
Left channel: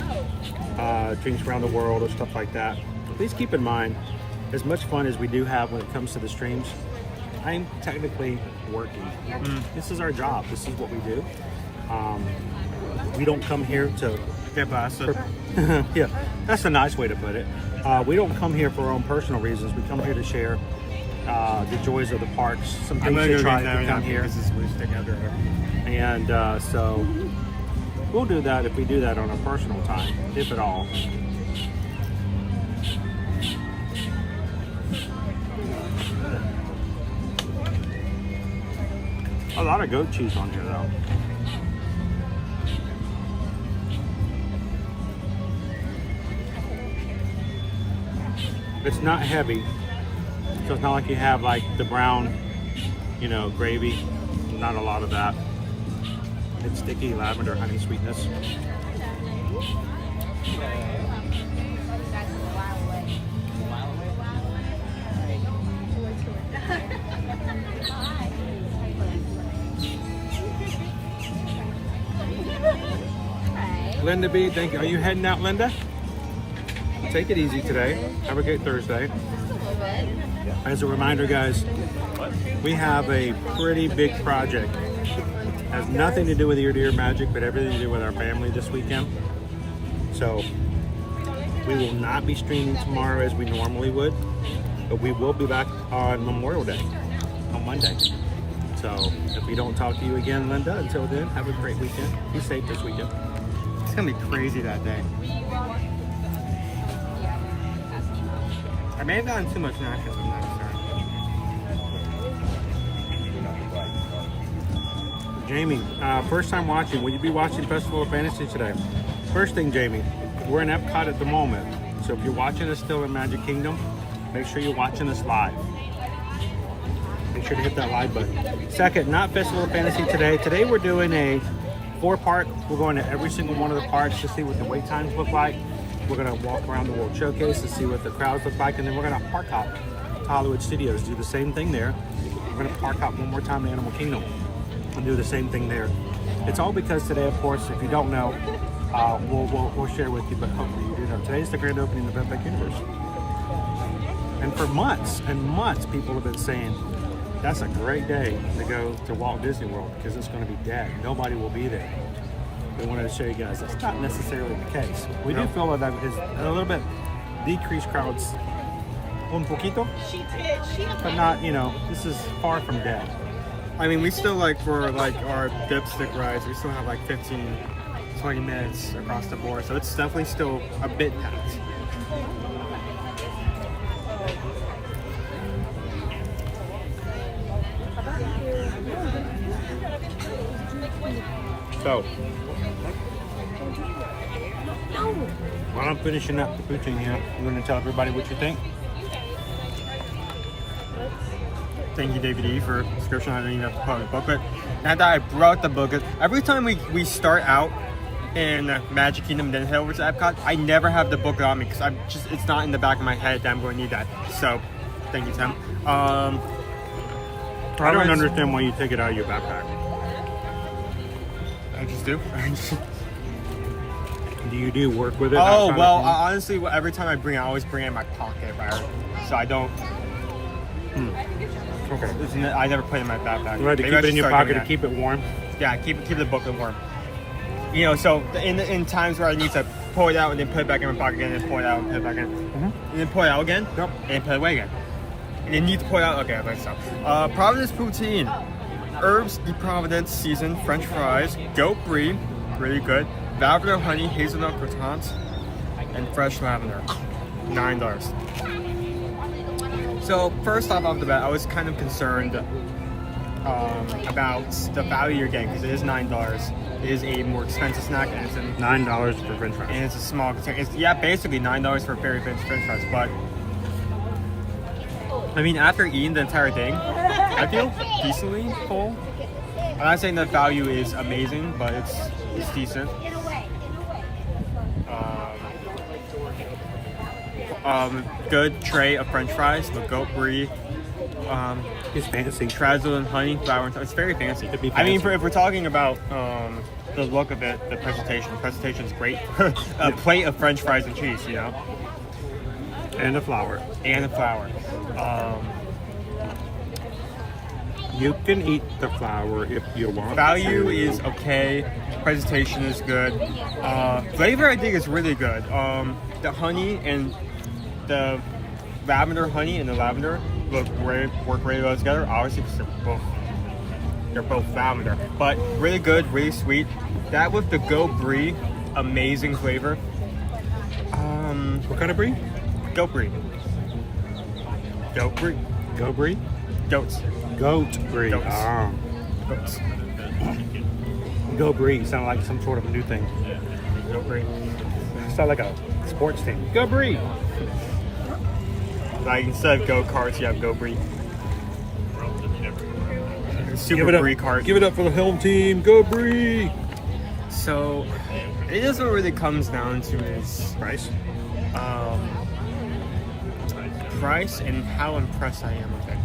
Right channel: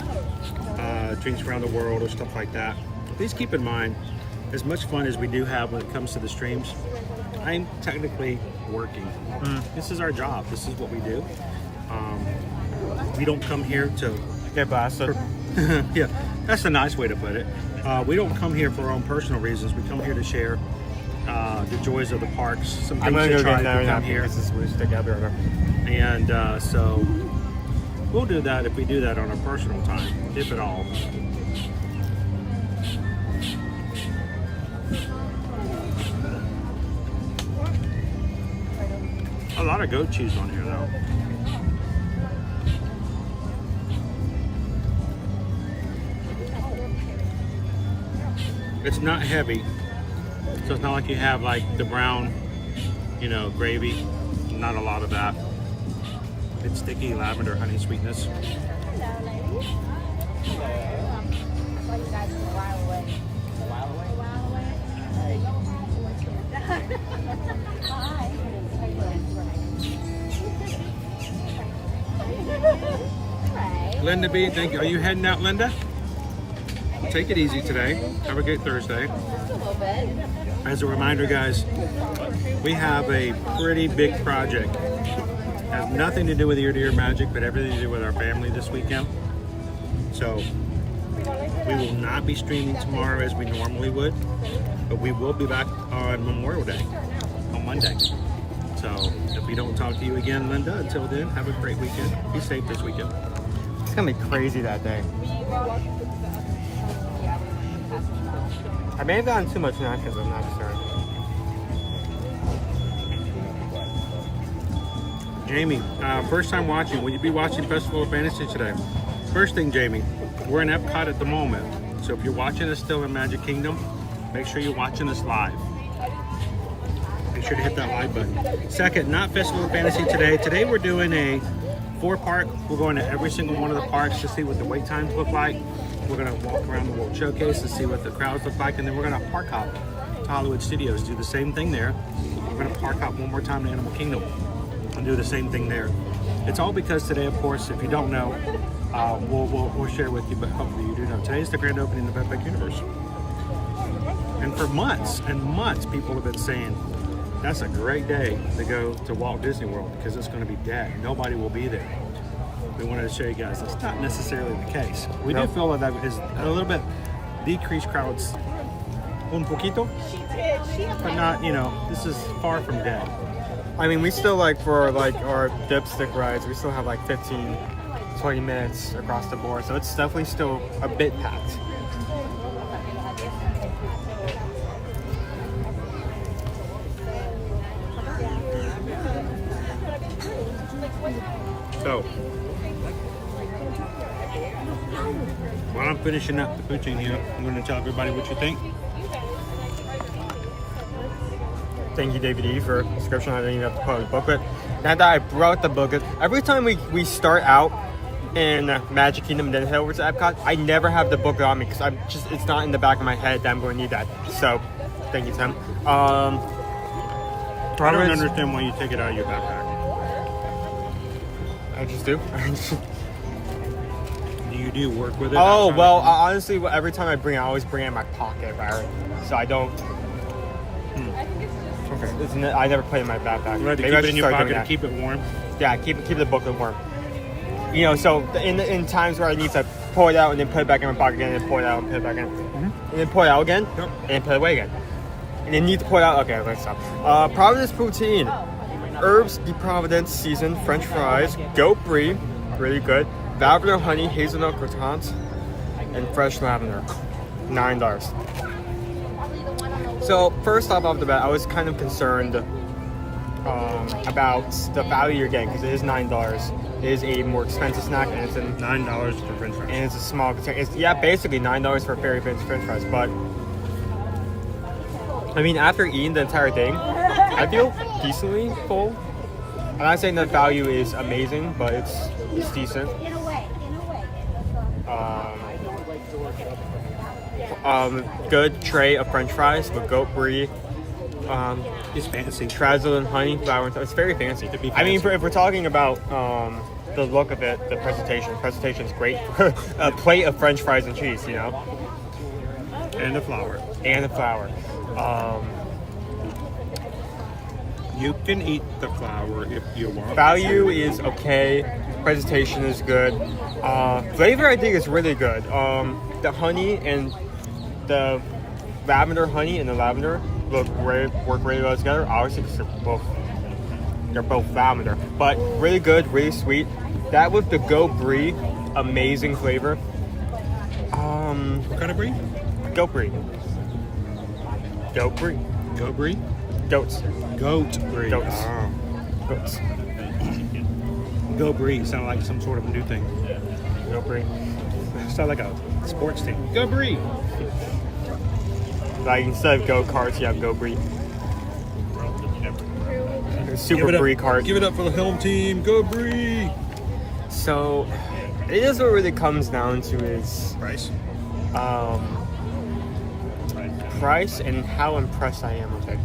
drinks around the world or stuff like that? Please keep in mind, as much fun as we do have when it comes to the streams, I'm technically working. This is our job. This is what we do. We don't come here to yeah, that's a nice way to put it. We don't come here for our own personal reasons. We come here to share the joys of the parks. Some things to try to come here. And so we'll do that if we do that on our personal time, if at all. A lot of goat cheese on here though. It's not heavy, so it's not like you have like the brown, you know, gravy. Not a lot of that. It's sticky lavender honey sweetness. Linda B, thank you. Are you heading out, Linda? Take it easy today. Have a great Thursday. As a reminder, guys, we have a pretty big project. Has nothing to do with ear-to-ear magic, but everything to do with our family this weekend. So we will not be streaming tomorrow as we normally would, but we will be back on Memorial Day, on Monday. So if we don't talk to you again, Linda, until then, have a great weekend. Be safe this weekend. It's gonna be crazy that day. I may have gotten too much nachos, I'm not sorry. Jamie, first time watching. Will you be watching Festival of Fantasy today? First thing, Jamie, we're in Epcot at the moment. So if you're watching us still in Magic Kingdom, make sure you're watching us live. Make sure to hit that like button. Second, not Festival of Fantasy today. Today we're doing a 4-park. We're going to every single one of the parks to see what the wait times look like. We're gonna walk around the World Showcase to see what the crowds look like, and then we're gonna park hop to Hollywood Studios, do the same thing there. We're gonna park hop one more time to Animal Kingdom and do the same thing there. It's all because today, of course, if you don't know, we'll share with you, but hopefully you do know. Today is the grand opening of Epic Universe. And for months and months, people have been saying, that's a great day to go to Walt Disney World because it's gonna be dead. Nobody will be there. We wanted to show you guys that's not necessarily the case. We do feel that is a little bit decreased crowds, un poquito, but not, you know, this is far from dead. I mean, we still like for like our dipstick rides, we still have like 15, 20 minutes across the board. So it's definitely still a bit packed. So, while I'm finishing up the poutine here, I'm going to tell everybody what you think. Thank you, David E, for the description. I didn't even have to put the booklet. Now that I brought the booklet, every time we start out in Magic Kingdom and then head over to Epcot, I never have the booklet on me because it's not in the back of my head that I'm going to need that. So, thank you, Tim. I don't understand why you take it out of your backpack. I just do. Do you work with it? Oh, well, honestly, every time I bring it, I always bring it in my pocket, right? So I don't... Okay. I never put it in my backpack. You have to keep it in your pocket to keep it warm? Yeah, keep the booklet warm. You know, so in times where I need to pull it out and then put it back in my pocket again, and then pull it out and put it back in, and then pull it out again, and then put it away again. And then need to pull it out. Okay, let's stop. Providence poutine, herbs de Providence seasoned French fries, goat brie, really good, lavender honey hazelnut croissants, and fresh lavender, $9. So first off the bat, I was kind of concerned about the value you're getting because it is $9. It is a more expensive snack, and it's $9 for French fries. And it's a small container. It's basically $9 for very French fries. But I mean, after eating the entire thing, I feel decently full. I'm not saying that value is amazing, but it's decent. Good tray of French fries with goat brie. It's fancy. Trazzle and honey flour. It's very fancy. I mean, if we're talking about the look of it, the presentation's great for a plate of French fries and cheese, you know. And the flour. You can eat the flour if you want. Value is okay. Presentation is good. Flavor, I think, is really good. The honey and the lavender honey and the lavender work really well together. Obviously, because they're both lavender, but really good, really sweet. That with the goat brie, amazing flavor. What kind of brie? Goat brie. Goat brie. Goat brie? Goats. Goat brie. Goats. Wow. Goats. Goat brie sound like some sort of a new thing. Goat brie. Sound like a sports team. Goat brie. Like instead of go-karts, you have goat brie. Super brie cart. Give it up for the home team. Go brie. So, it is what really comes down to is price. Price and how impressed I am with it.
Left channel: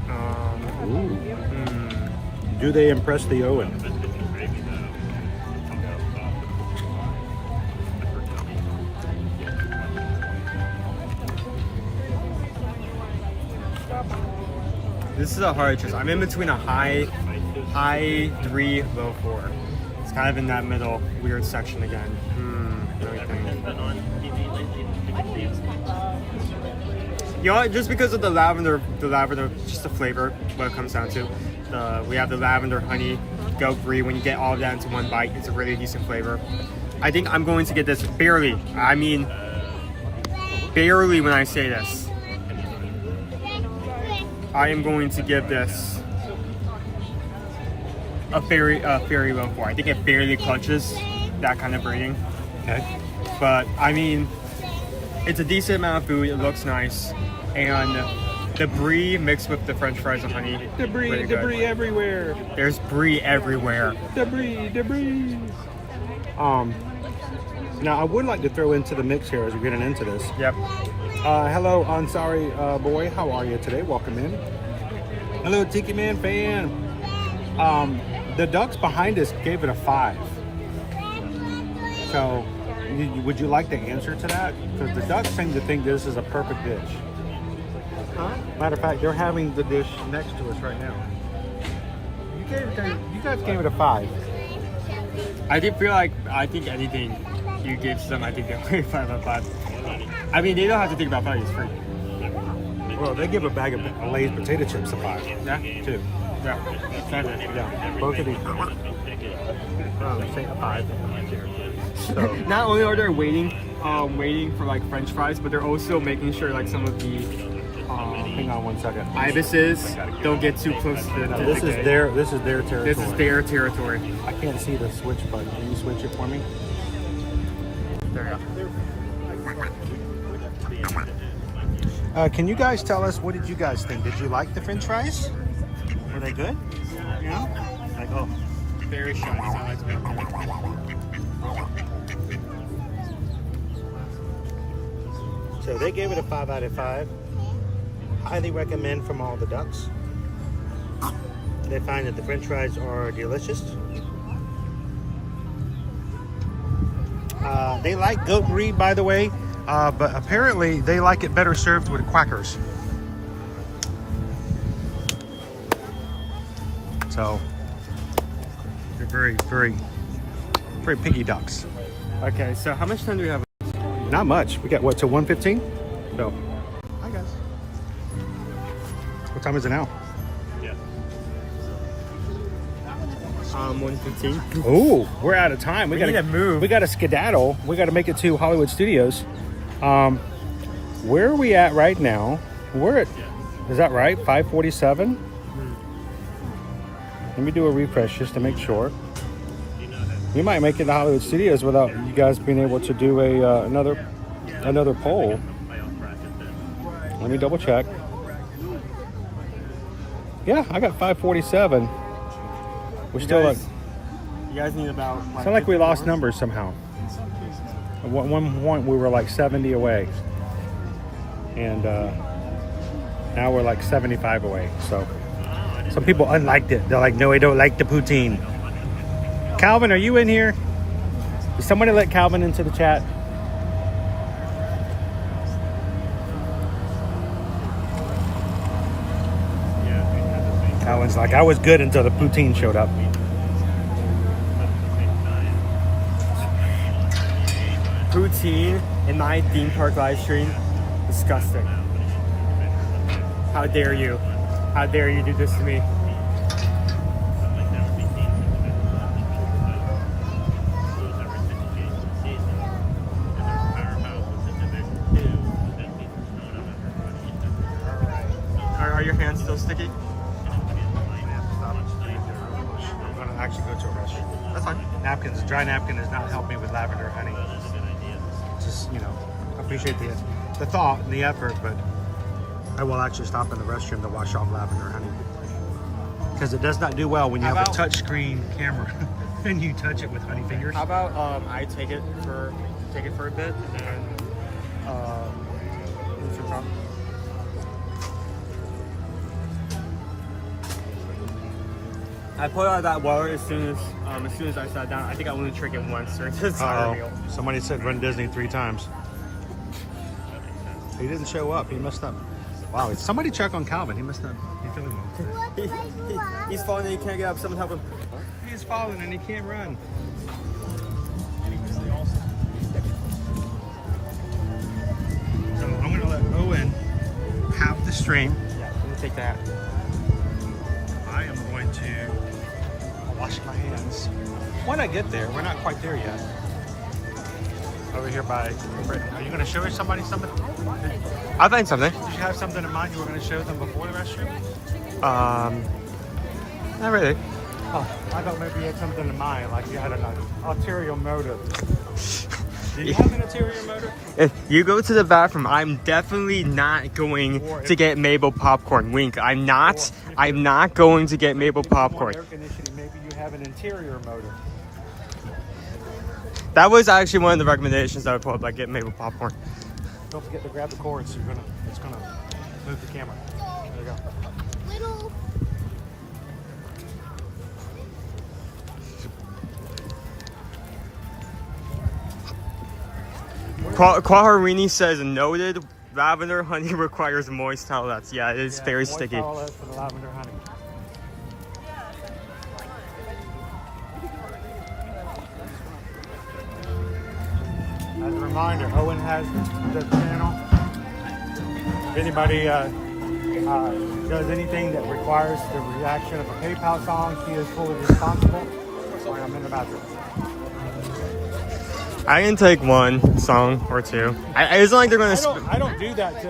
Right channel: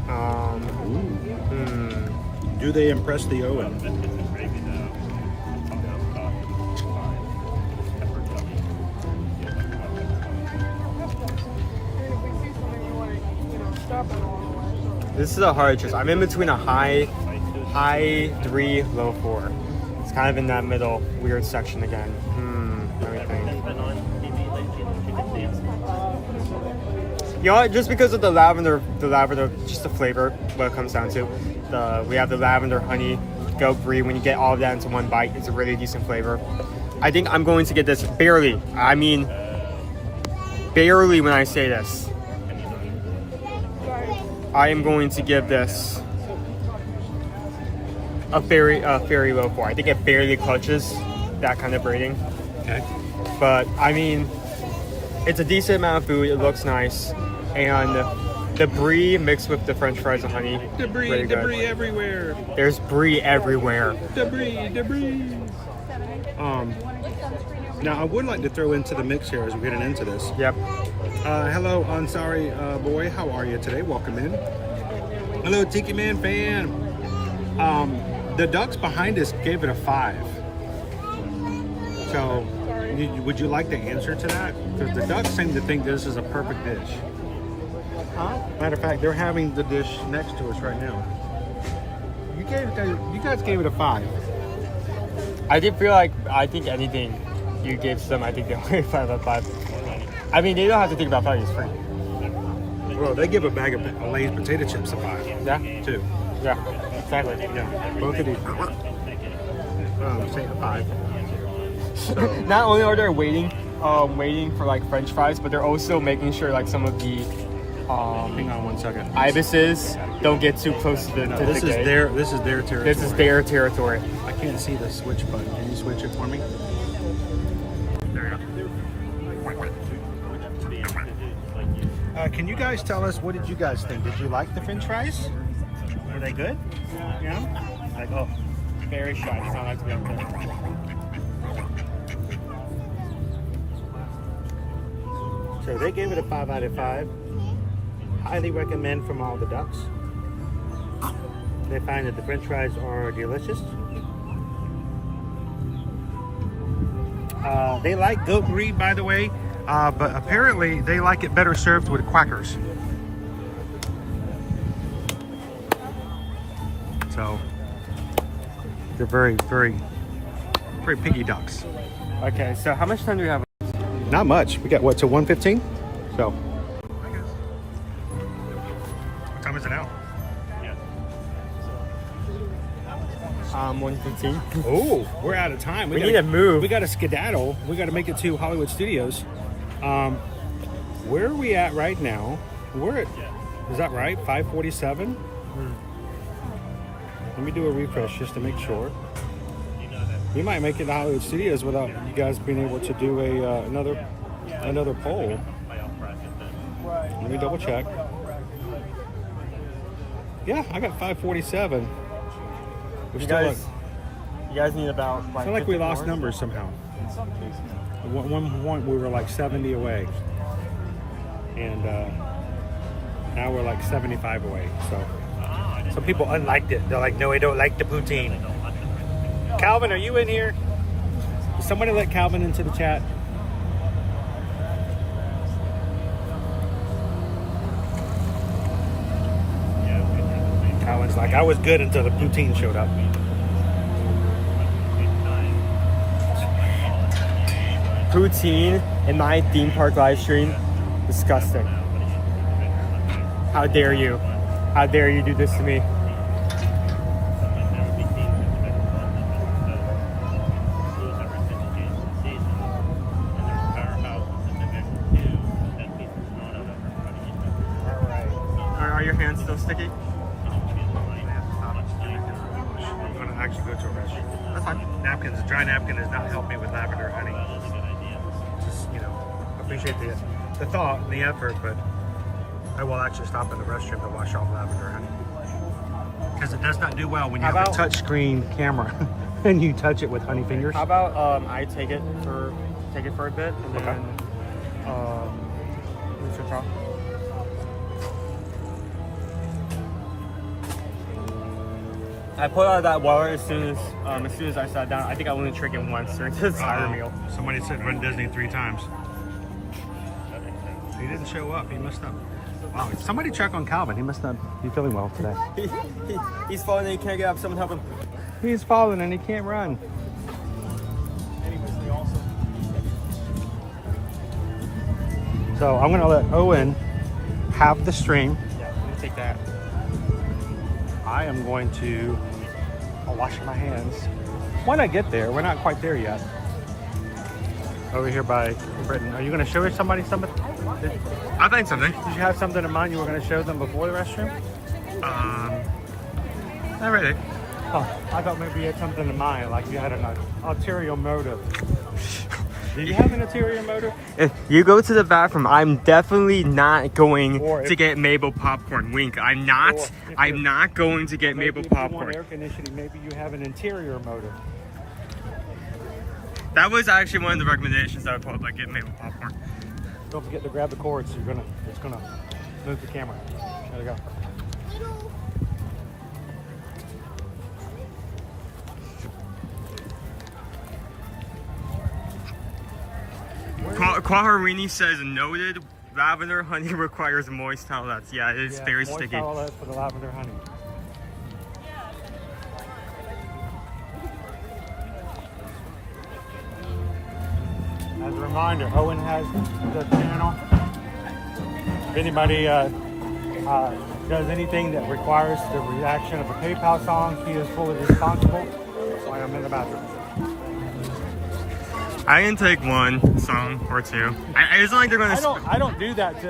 Do they impress the Owen? This is a hard choice. I'm in between a high 3, low 4. It's kind of in that middle weird section again. Let me think. You know what? Just because of the lavender, just the flavor, what it comes down to. We have the lavender honey, goat brie. When you get all of that into one bite, it's a really decent flavor. I think I'm going to get this barely. I mean, barely when I say this. I am going to give this a very low 4. I think it barely clutches that kind of rating. Okay. But I mean, it's a decent amount of food. It looks nice, and the brie mixed with the French fries and honey. Debris everywhere. There's brie everywhere. Debris. Now I would like to throw into the mix here as we're getting into this. Yep. Hello, Ansari boy. How are you today? Welcome in. Hello, Tiki Man fan. The ducks behind us gave it a 5. So, would you like the answer to that? Because the ducks seem to think this is a perfect dish. Matter of fact, they're having the dish next to us right now. You guys gave it a 5. I think anything you give them, I think they'll give 5 out of 5. I mean, they don't have to think about 5. It's free. Well, they give a bag of Lay's potato chips a 5. Yeah. Too. Yeah, exactly. Yeah, both of these. Say a 5. So Not only are they waiting for like French fries, but they're also making sure like some of the hang on 1 second. ibises don't get too close to the. No, this is their territory. This is their territory. I can't see the switch button. Can you switch it for me? There you go. Can you guys tell us, what did you guys think? Did you like the French fries? Were they good? Yeah. Like, oh, Very shy. Sound like me. so they gave it a 5 out of 5. Highly recommend from all the ducks. They find that the French fries are delicious. They like goat grease, by the way, but apparently they like it better served with quackers. So they're very, very, very piggy ducks. Okay, so how much time do we have? Not much. We got what, to 1:15? So, hi guys. What time is it now? 1:15. Ooh, we're out of time. We need to move. We got to skedaddle. We got to make it to Hollywood Studios. Where are we at right now? We're at, is that right? 5:47? Let me do a refresh just to make sure. We might make it to Hollywood Studios without you guys being able to do a another poll. Let me double check. Yeah, I got 5:47. We're still like, You guys need about. it's not like we lost numbers somehow. At one point we were like 70 away, and now we're like 75 away. So some people unliked it. They're like, no, I don't like the poutine. Calvin, are you in here? Did somebody let Calvin into the chat? Calvin's like, I was good until the poutine showed up. Poutine in my theme park live stream, disgusting. How dare you? How dare you do this to me? Are your hands still sticky? I'm gonna actually go to a restroom. That's fine. Napkins, dry napkin does not help me with lavender honey. Just, you know, I appreciate the thought and the effort, but I will actually stop in the restroom to wash off lavender honey. Because it does not do well when you have a touchscreen camera and you touch it with honey fingers. How about I take it for a bit and then switch off. I pulled out of that water as soon as I sat down. I think I only tried it once. Somebody said run Disney 3 times. He didn't show up. He messed up. Wow, somebody check on Calvin. He must not be feeling well today. He's falling and he can't get up. Someone help him. He's falling and he can't run. So I'm gonna let Owen have the stream. Yeah, let me take that. I am going to wash my hands when I get there. We're not quite there yet. Over here by Britain. Are you going to show somebody something? I think something. Did you have something in mind you were going to show them before the restaurant? Not really. Oh, I thought maybe you had something in mind, like you had an ulterior motive. Did you have an ulterior motive? If you go to the bathroom, I'm definitely not going to get Mabel popcorn. Wink. I'm not going to get Mabel popcorn. Air conditioning, maybe you have an interior motive. That was actually one of the recommendations that I pulled by getting Mabel popcorn. Don't forget to grab the cords. It's gonna move the camera. There you go. Quaharini says noted. Lavender honey requires moist towelettes. Yeah, it is very sticky. As a reminder, Owen has the channel. If anybody does anything that requires the reaction of the PayPal song, he is fully responsible. And I'm in the bathroom. I can take one song or two. It's not like they're gonna. I don't do that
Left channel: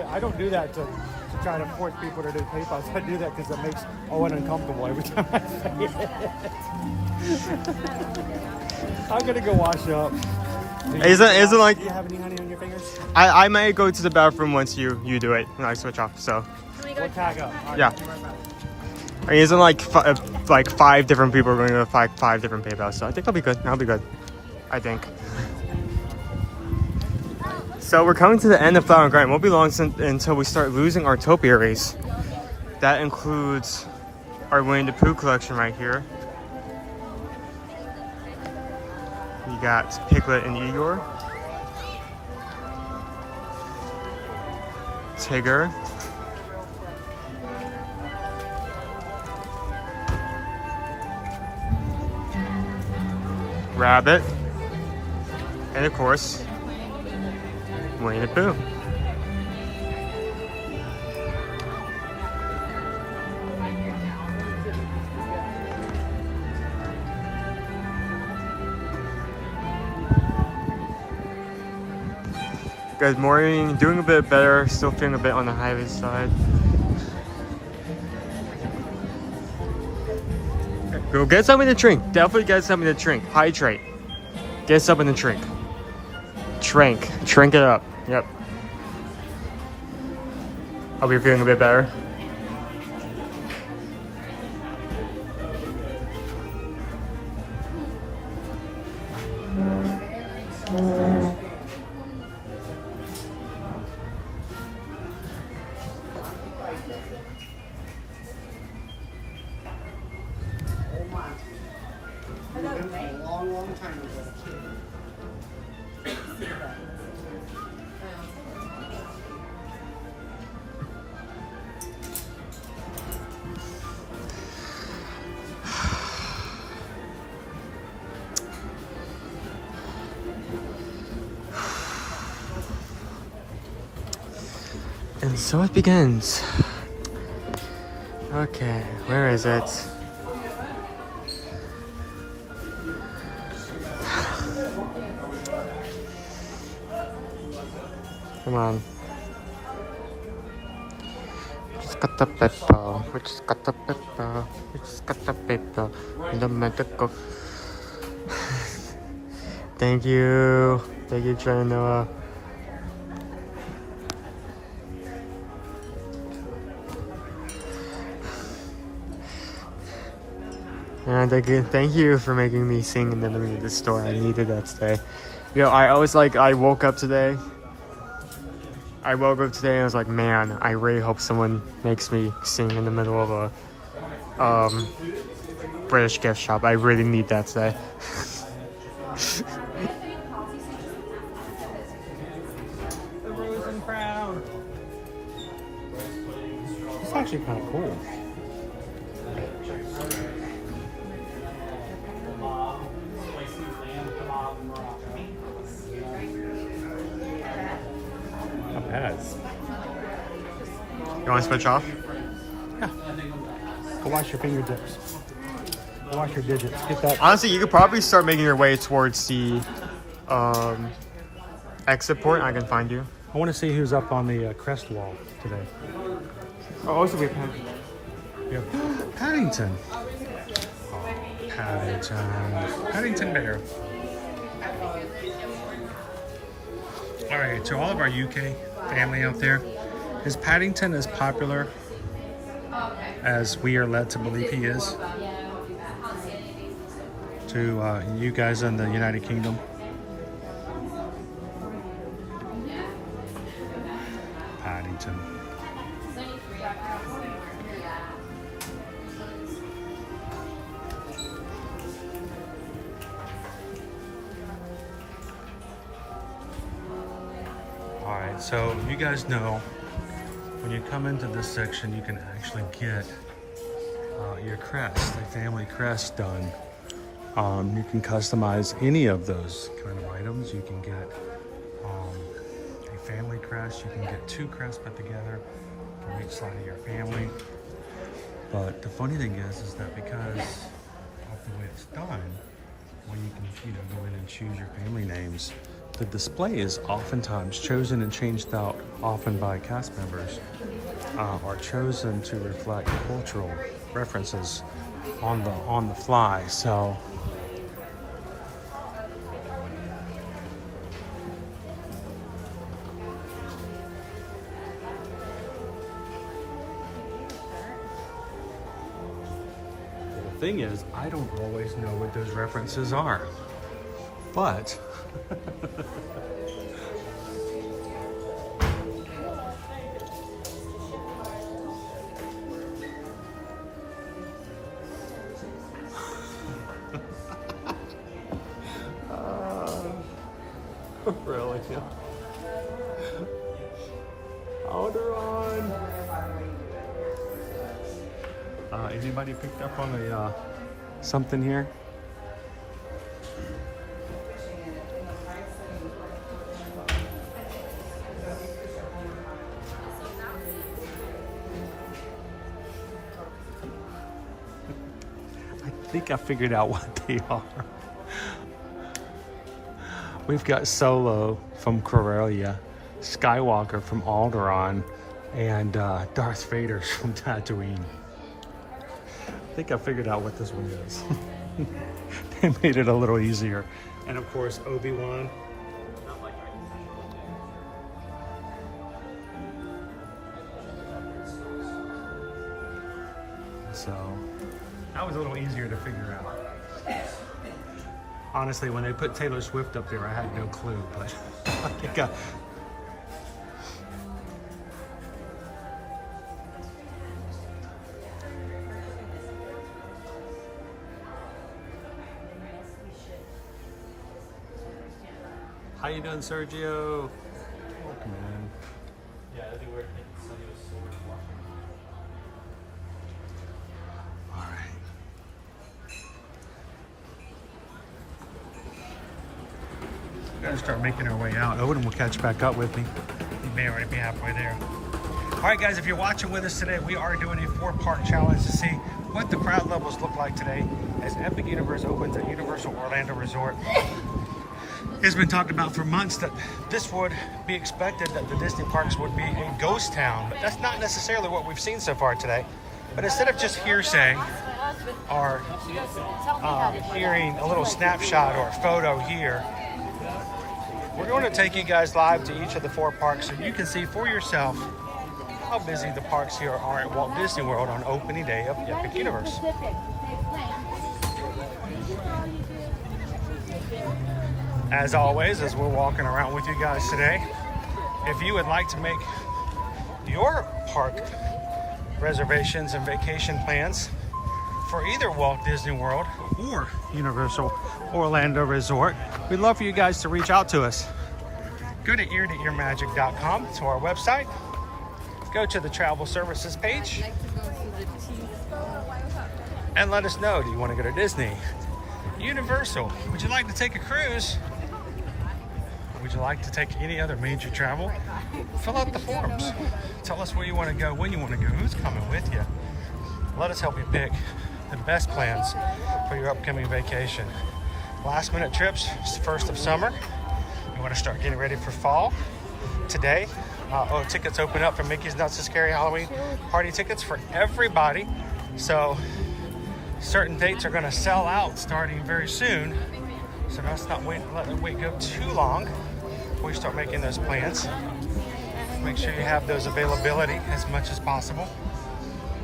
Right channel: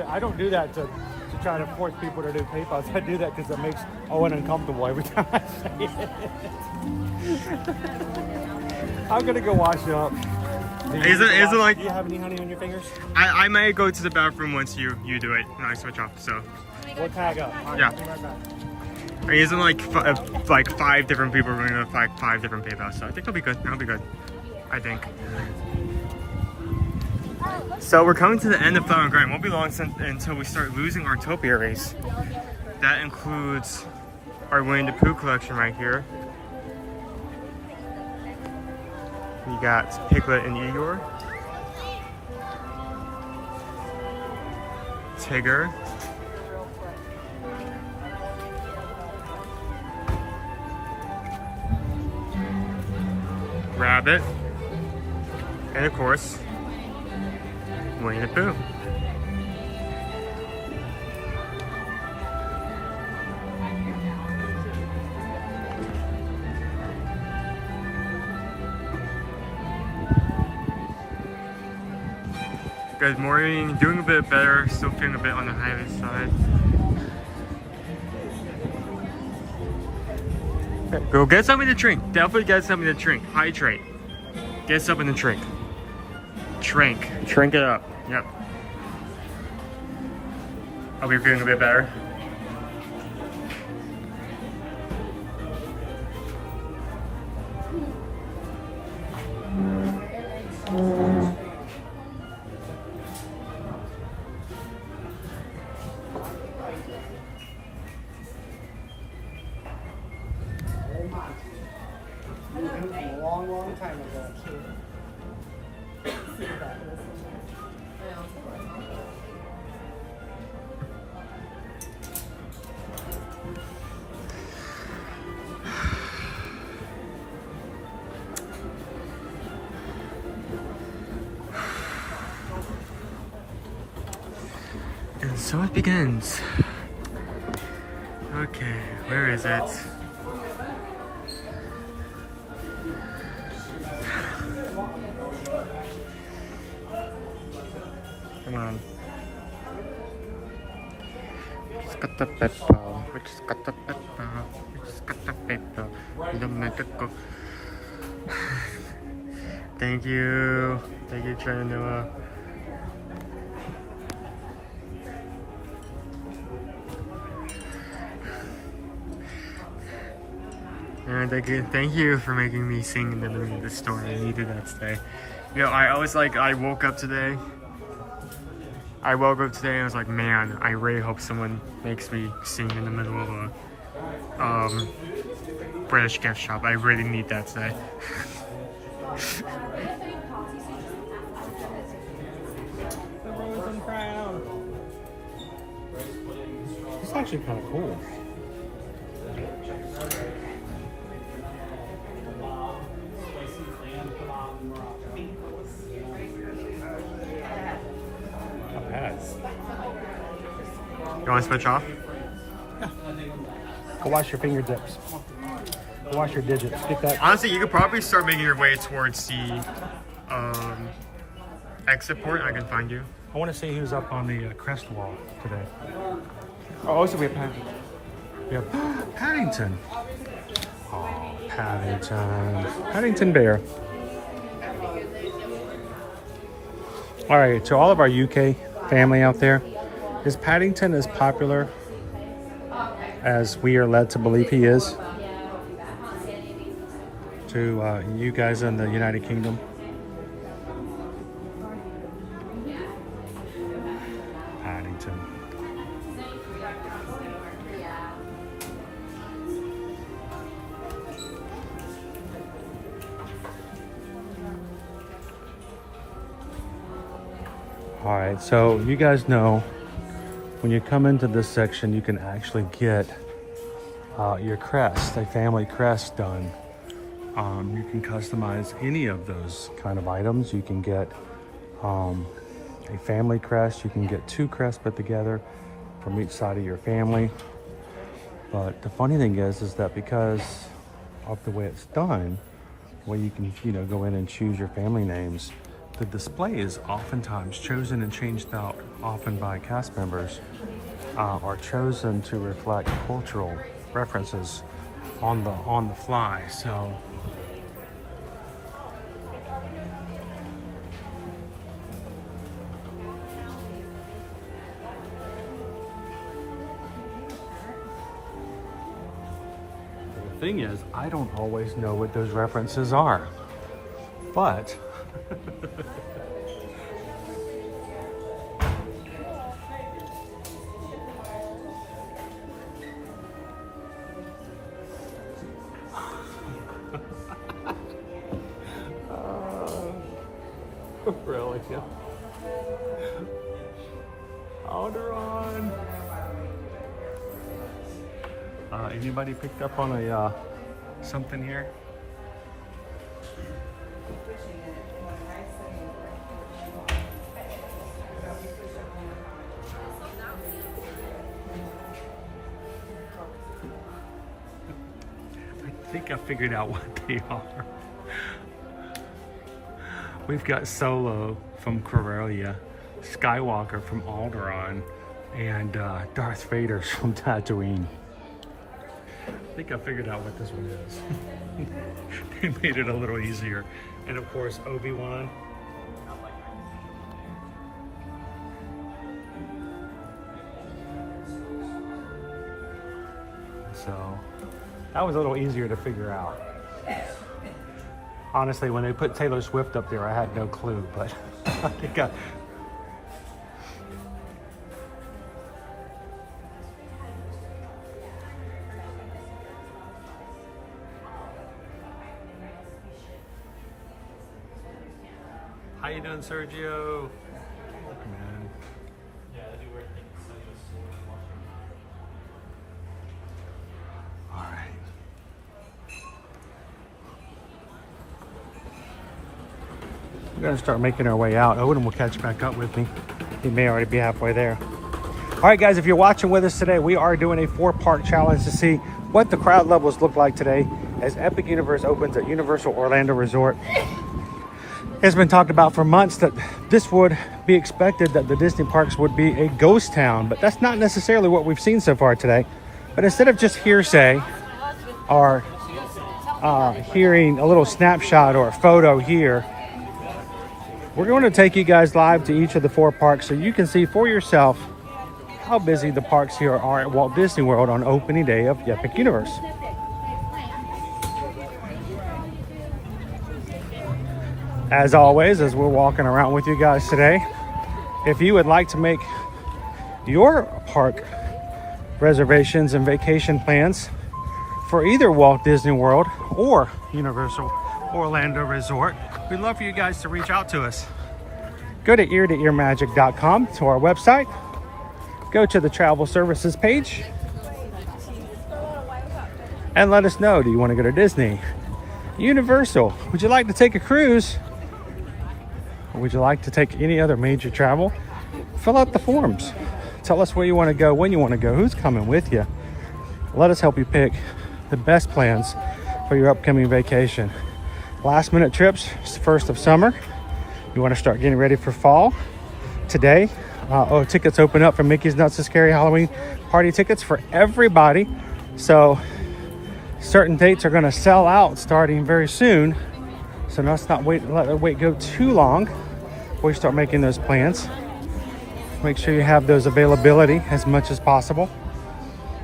to try to force people to do PayPal. I do that because it makes Owen uncomfortable every time I say it. I'm gonna go wash up. Isn't like? Do you have any honey on your fingers? I may go to the bathroom once you do it and I switch off. So. Where can I go? Yeah. I mean, isn't like 5 different people are going to five different PayPal, so I think I'll be good. I'll be good. I think. So we're coming to the end of Flower and Garden. Won't be long until we start losing our topiaries. That includes our Winnie the Pooh collection right here. We got Piglet and Eeyore. Tigger. Rabbit. And of course, Winnie the Pooh. Good morning, doing a bit better, still feeling a bit on the high side. Okay, go get something to drink. Definitely get something to drink. Hydrate. Get something to drink. Drink it up. Yep. Hope you're feeling a bit better. Long time ago. And so it begins. Okay, where is it? Come on. Just got the paper. We just got the paper. We just got the paper. The medical. Thank you. Thank you, Noah. And thank you for making me sing in the middle of the store. I needed that today. You know, I woke up today and I was like, man, I really hope someone makes me sing in the middle of a British gift shop. I really need that today. It's actually kind of cool. You want to switch off? Yeah. Go wash your fingertips. Go wash your digits. Get that. Honestly, you could probably start making your way towards the exit port. I can find you. I want to see who's up on the crest wall today. Oh, also we have Paddington. We have Paddington. Oh, Paddington. Paddington Bear. All right, to all of our UK family out there, is Paddington as popular as we are led to believe he is to you guys in the United Kingdom? Paddington. All right, so you guys know when you come into this section, you can actually get your crest, a family crest done. You can customize any of those kind of items. You can get a family crest. You can get 2 crests put together from each side of your family. But the funny thing is that because of the way it's done, where you can, you know, go in and choose your family names, the display is oftentimes chosen and changed out often by cast members, are chosen to reflect cultural references on the fly. So the thing is, I don't always know what those references are, but really? Alderaan. Anybody picked up on a something here? I think I figured out what they are. We've got Solo from Corellia, Skywalker from Alderaan, and Darth Vader from Tatooine. I think I figured out what this one is. They made it a little easier. And of course, Obi-Wan. So that was a little easier to figure out. Honestly, when they put Taylor Swift up there, I had no clue, but I think How you doing, Sergio? Welcome in. All right. We're gonna start making our way out. Owen will catch back up with me. He may already be halfway there. All right, guys, if you're watching with us today, we are doing a 4-part challenge to see what the crowd levels look like today as Epic Universe opens at Universal Orlando Resort. It's been talked about for months that this would be expected, that the Disney parks would be a ghost town, but that's not necessarily what we've seen so far today. But instead of just hearsay or hearing a little snapshot or a photo here, we're going to take you guys live to each of the 4 parks so you can see for yourself how busy the parks here are at Walt Disney World on opening day of Epic Universe. As always, as we're walking around with you guys today, if you would like to make your park reservations and vacation plans for either Walt Disney World or Universal Orlando Resort, we'd love for you guys to reach out to us. Go to eartoearmagic.com, to our website. Go to the travel services page and let us know, do you want to go to Disney, Universal? Would you like to take a cruise? Would you like to take any other major travel? Fill out the forms. Tell us where you want to go, when you want to go, who's coming with you. Let us help you pick the best plans for your upcoming vacation. Last minute trips, it's the first of summer. You want to start getting ready for fall. Today, tickets open up for Mickey's Not So Scary Halloween party tickets for everybody. So certain dates are going to sell out starting very soon. So let's not let the wait go too long before you start making those plans. Make sure you have those availability as much as possible.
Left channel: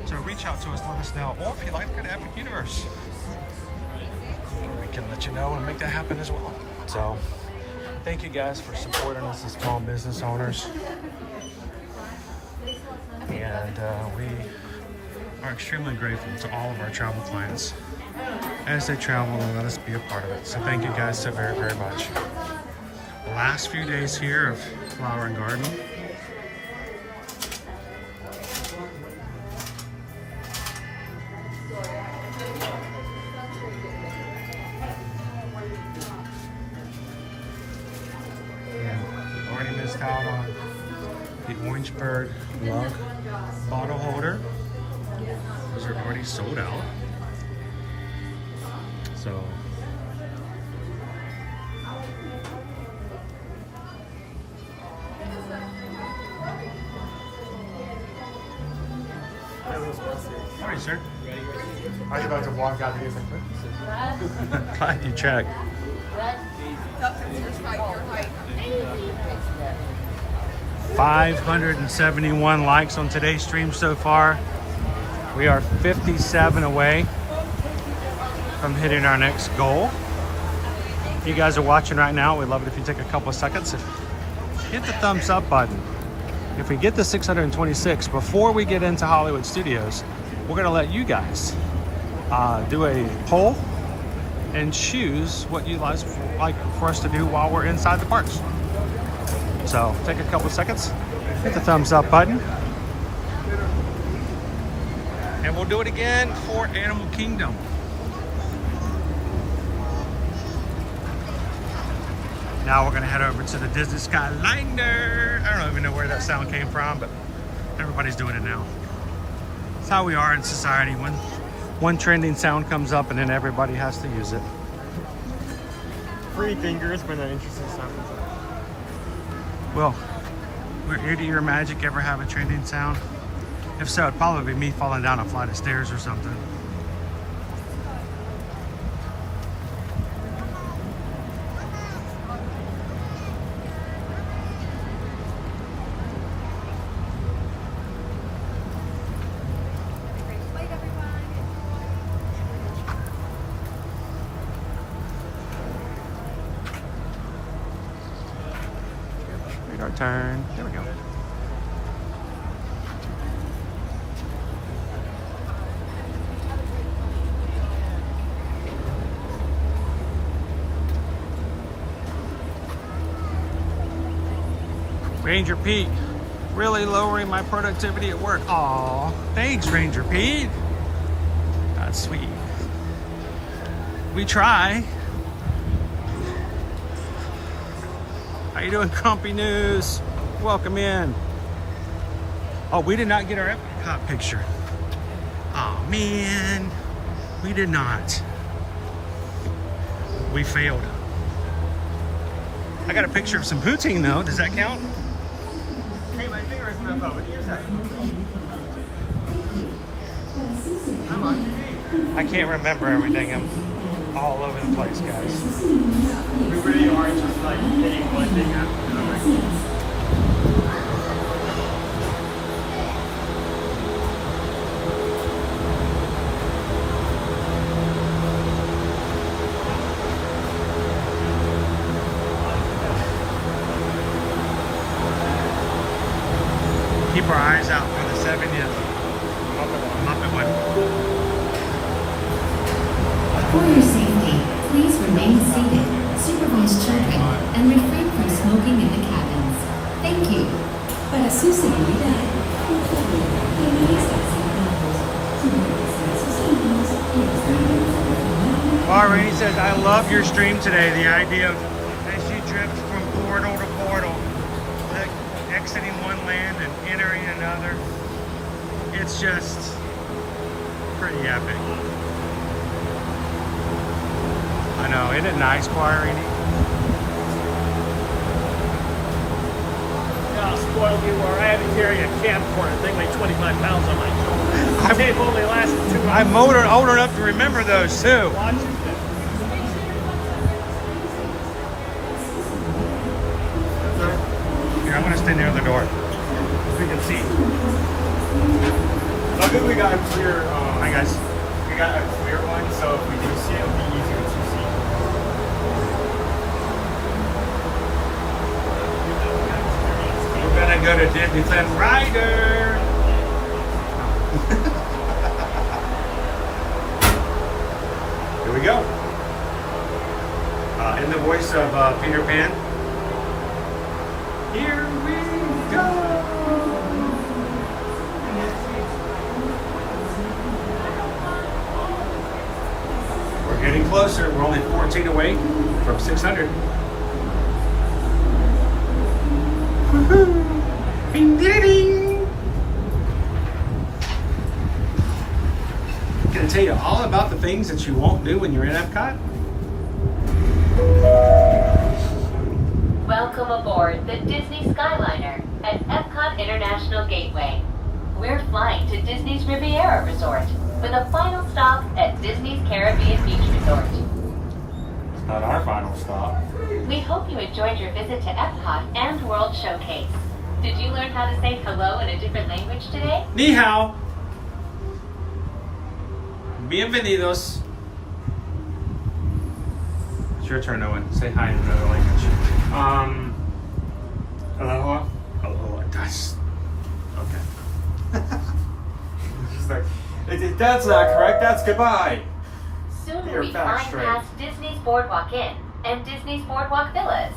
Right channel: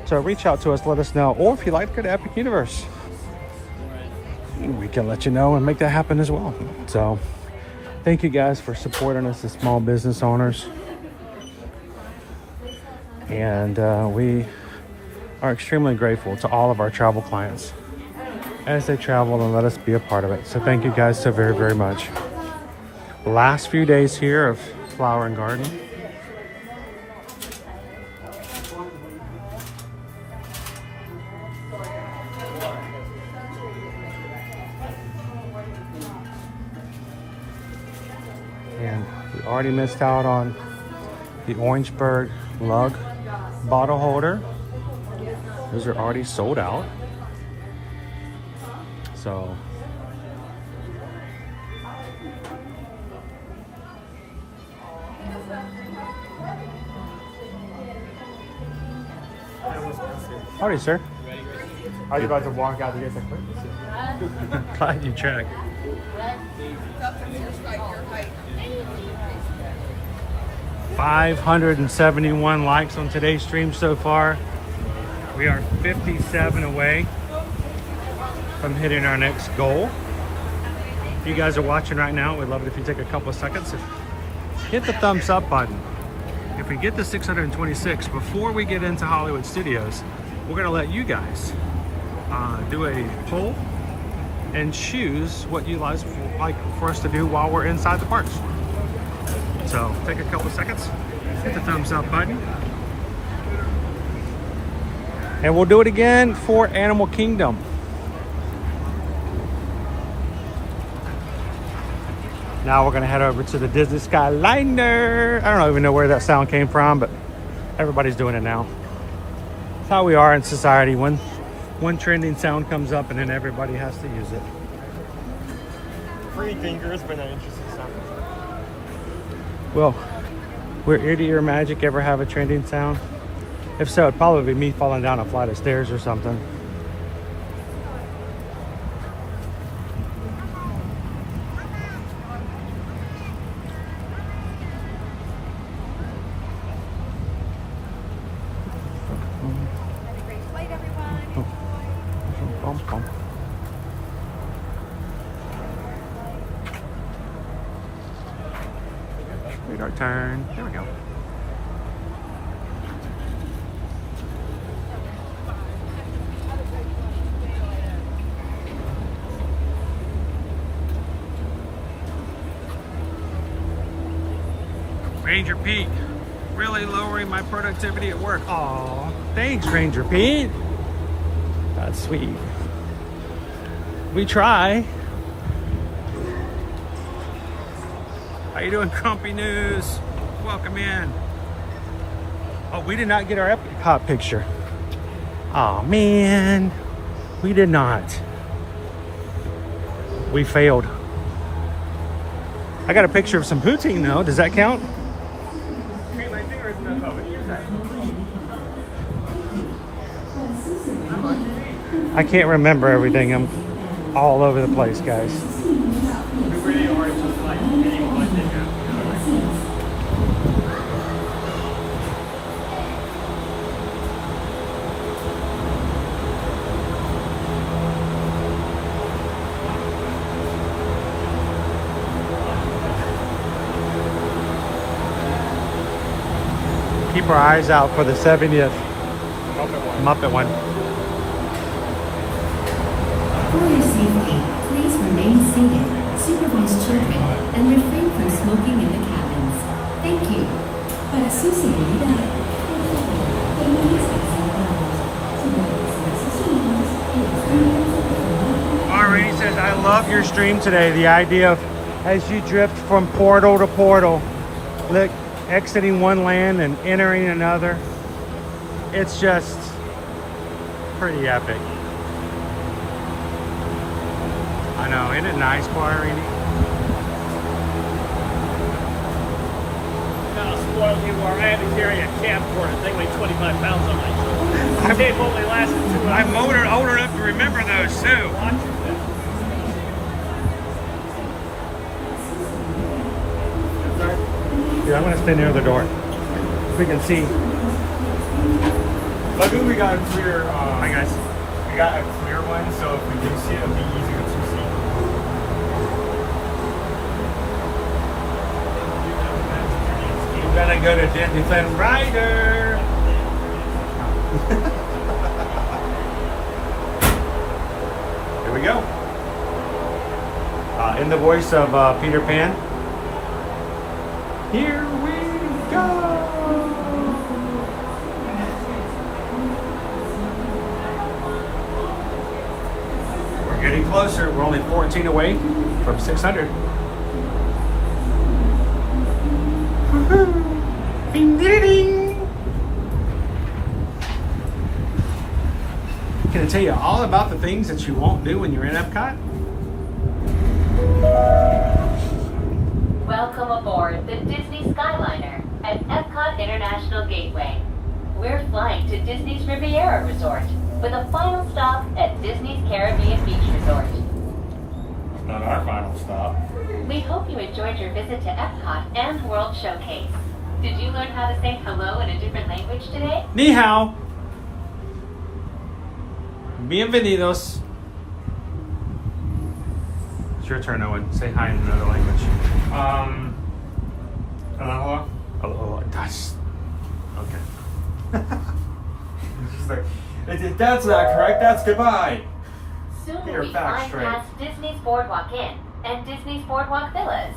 So reach out to us, let us know. Or if you'd like to go to Epic Universe, we can let you know and make that happen as well. So thank you guys for supporting us as small business owners. And we are extremely grateful to all of our travel clients as they travel and let us be a part of it. So thank you guys so very, very much. Last few days here of Flower and Garden. And we already missed out on the Orangeburg lug bottle holder. Those are already sold out. So howdy, sir. I was about to walk out here. Glad you checked. 571 likes on today's stream so far. We are 57 away from hitting our next goal. If you guys are watching right now, we'd love it if you take a couple of seconds. Hit the thumbs up button. If we get to 626 before we get into Hollywood Studios, we're gonna let you guys do a poll and choose what you guys like for us to do while we're inside the parks. So take a couple seconds, hit the thumbs up button, and we'll do it again for Animal Kingdom. Now we're gonna head over to the Disney Skyliner. I don't even know where that sound came from, but everybody's doing it now. It's how we are in society. One trending sound comes up and then everybody has to use it. Three fingers with an interesting sound. Well, will Ear to Ear Magic ever have a trending sound? If so, it'd probably be me falling down a flight of stairs or something. Radar turn. There we go. Ranger Pete, really lowering my productivity at work. Aw, thanks, Ranger Pete. That's sweet. We try. How you doing, Crumpy News? Welcome in. Oh, we did not get our Epcot picture. Oh man, we did not. We failed. I got a picture of some poutine though. Does that count? I can't remember everything. I'm all over the place, guys. We really are just like getting one thing after another. Keep our eyes out for the 70th Muppet one. For your safety, please remain seated, supervise children, and refrain from smoking in the cabins. Thank you. Para su seguridad, Already says, I love your stream today. The idea of as you drift from portal to portal, look, exiting one land and entering another. It's just pretty epic. I know, isn't it nice, Quarini? Spoiled people are having to carry a camp for it. They weigh 25 pounds each. The tape only lasted 2 months. I'm old enough to remember those too. Here, I'm gonna stay near the door. We can see. Luckily, we got a clear. Hi guys. We got a clear one, so if we do see it, it'll be easier to see. We're gonna go to Disneyland Rider. Here we go. In the voice of Peter Pan. Here we go. We're getting closer. We're only 14 away from 600. Woohoo! Bing, ding, ding. to tell you all about the things that you won't do when you're in Epcot? Welcome aboard the Disney Skyliner at Epcot International Gateway. We're flying to Disney's Riviera Resort with a final stop at Disney's Caribbean Beach Resort. It's not our final stop. We hope you enjoyed your visit to Epcot and World Showcase. Did you learn how to say hello in a different language today? Ni hao. Bienvenidos. It's your turn, Owen. Say hi in another language. Aloha. Oh, that's okay. Just like, that's not correct. That's goodbye. Soon You're we'll be back flying straight. past Disney's Boardwalk Inn and Disney's Boardwalk Villas.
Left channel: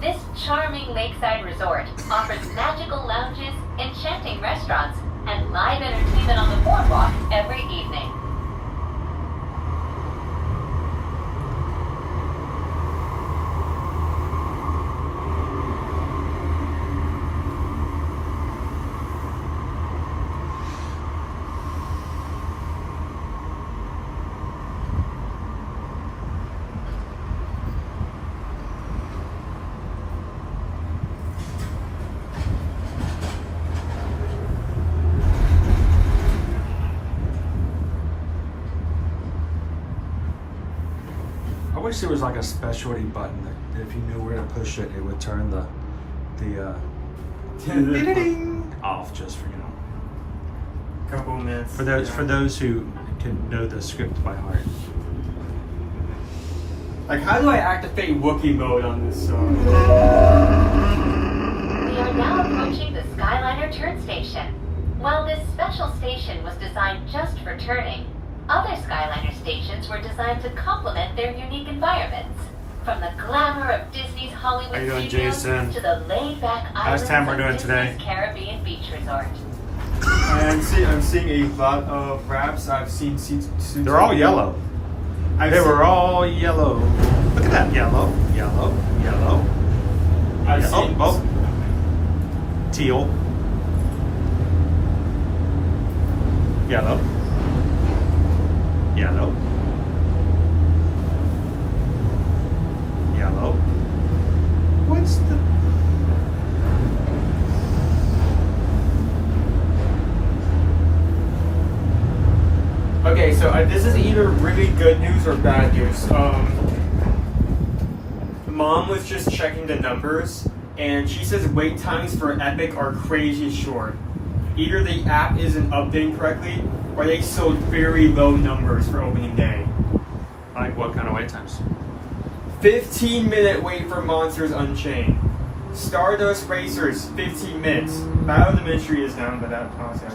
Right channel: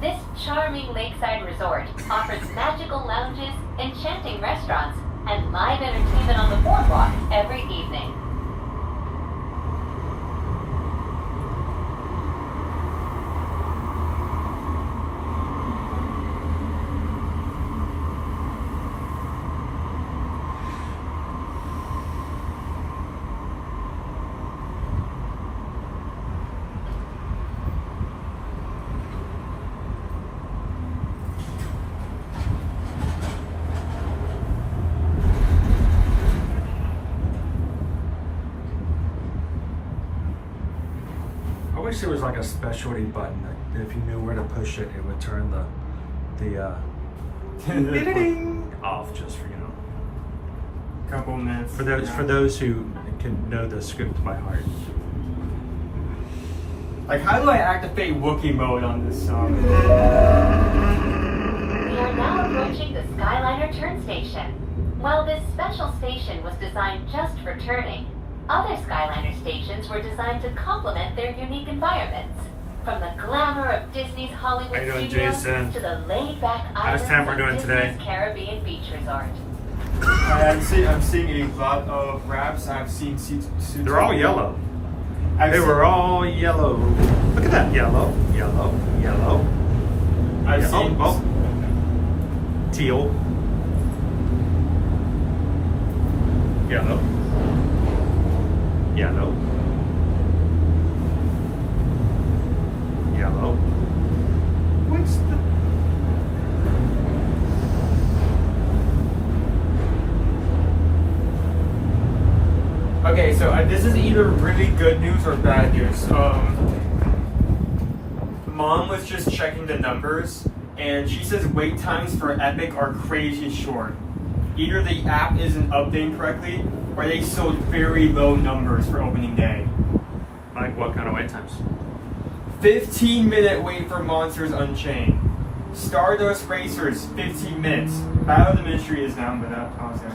This charming lakeside resort offers magical lounges, enchanting restaurants, and live entertainment on the boardwalk every evening. I wish there was like a specialty button that if you knew where to push it, it would turn the ding off just for Couple minutes. for those who can know the script by heart. Like, how do I activate Wookiee mode on this song? We are now approaching the Skyliner turn station. While this special station was designed just for turning, other Skyliner stations were designed to complement their unique environments. From the glamour of Disney's Hollywood How you doing, studios Jason? to the laid-back How's islands Tamara of doing Disney's today? Caribbean Beach Resort. I'm seeing a lot of wraps. I've seen suits. They're all yellow. They were all yellow. Look at that, yellow, yellow, yellow. I've Yeah, seen. oh, teal, yellow, yellow, yellow. What's the? Okay, so this is either really good news or bad news. Mom was just checking the numbers, and she says wait times for Epic are crazy short. Either the app isn't updating correctly, or they sold very low numbers for opening day. Like what kind of wait times? 15-minute wait for Monsters Unchained. Stardust Racers, 15 minutes. Battle of the Ministry is down, but that honestly,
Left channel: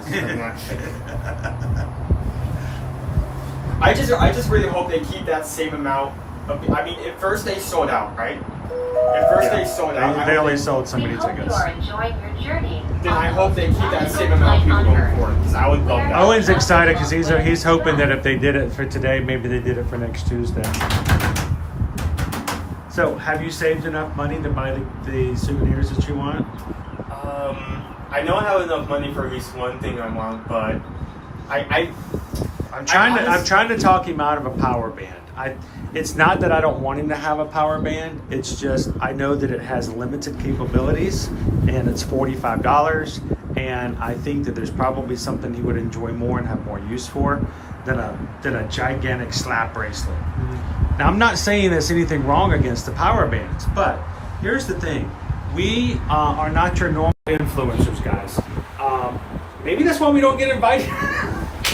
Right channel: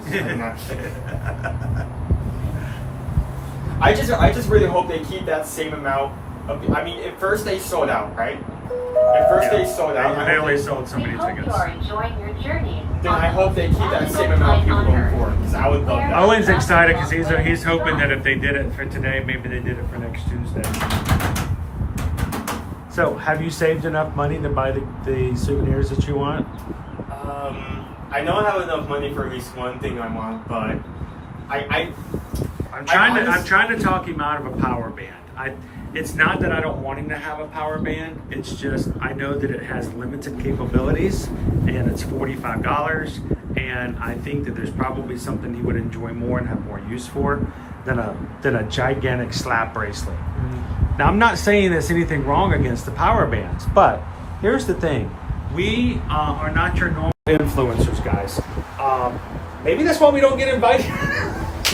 I just really hope they keep that same amount of. I mean, at first they sold out, right? At first they sold out. They only sold so We many hope tickets. you are enjoying your journey. Then I hope they keep that same amount of people going for it, because I would love that. Owen's excited because he's hoping that if they did it for today, maybe they did it for next Tuesday. So, have you saved enough money to buy the souvenirs that you want? I know I have enough money for at least one thing I want, but I'm trying to talk him out of a power band. It's not that I don't want him to have a power band. It's just I know that it has limited capabilities, and it's $45. And I think that there's probably something he would enjoy more and have more use for than a gigantic slap bracelet. Now, I'm not saying there's anything wrong against the power bands, but here's the thing: we are not your normal influencers, guys. Maybe that's why we don't get invited.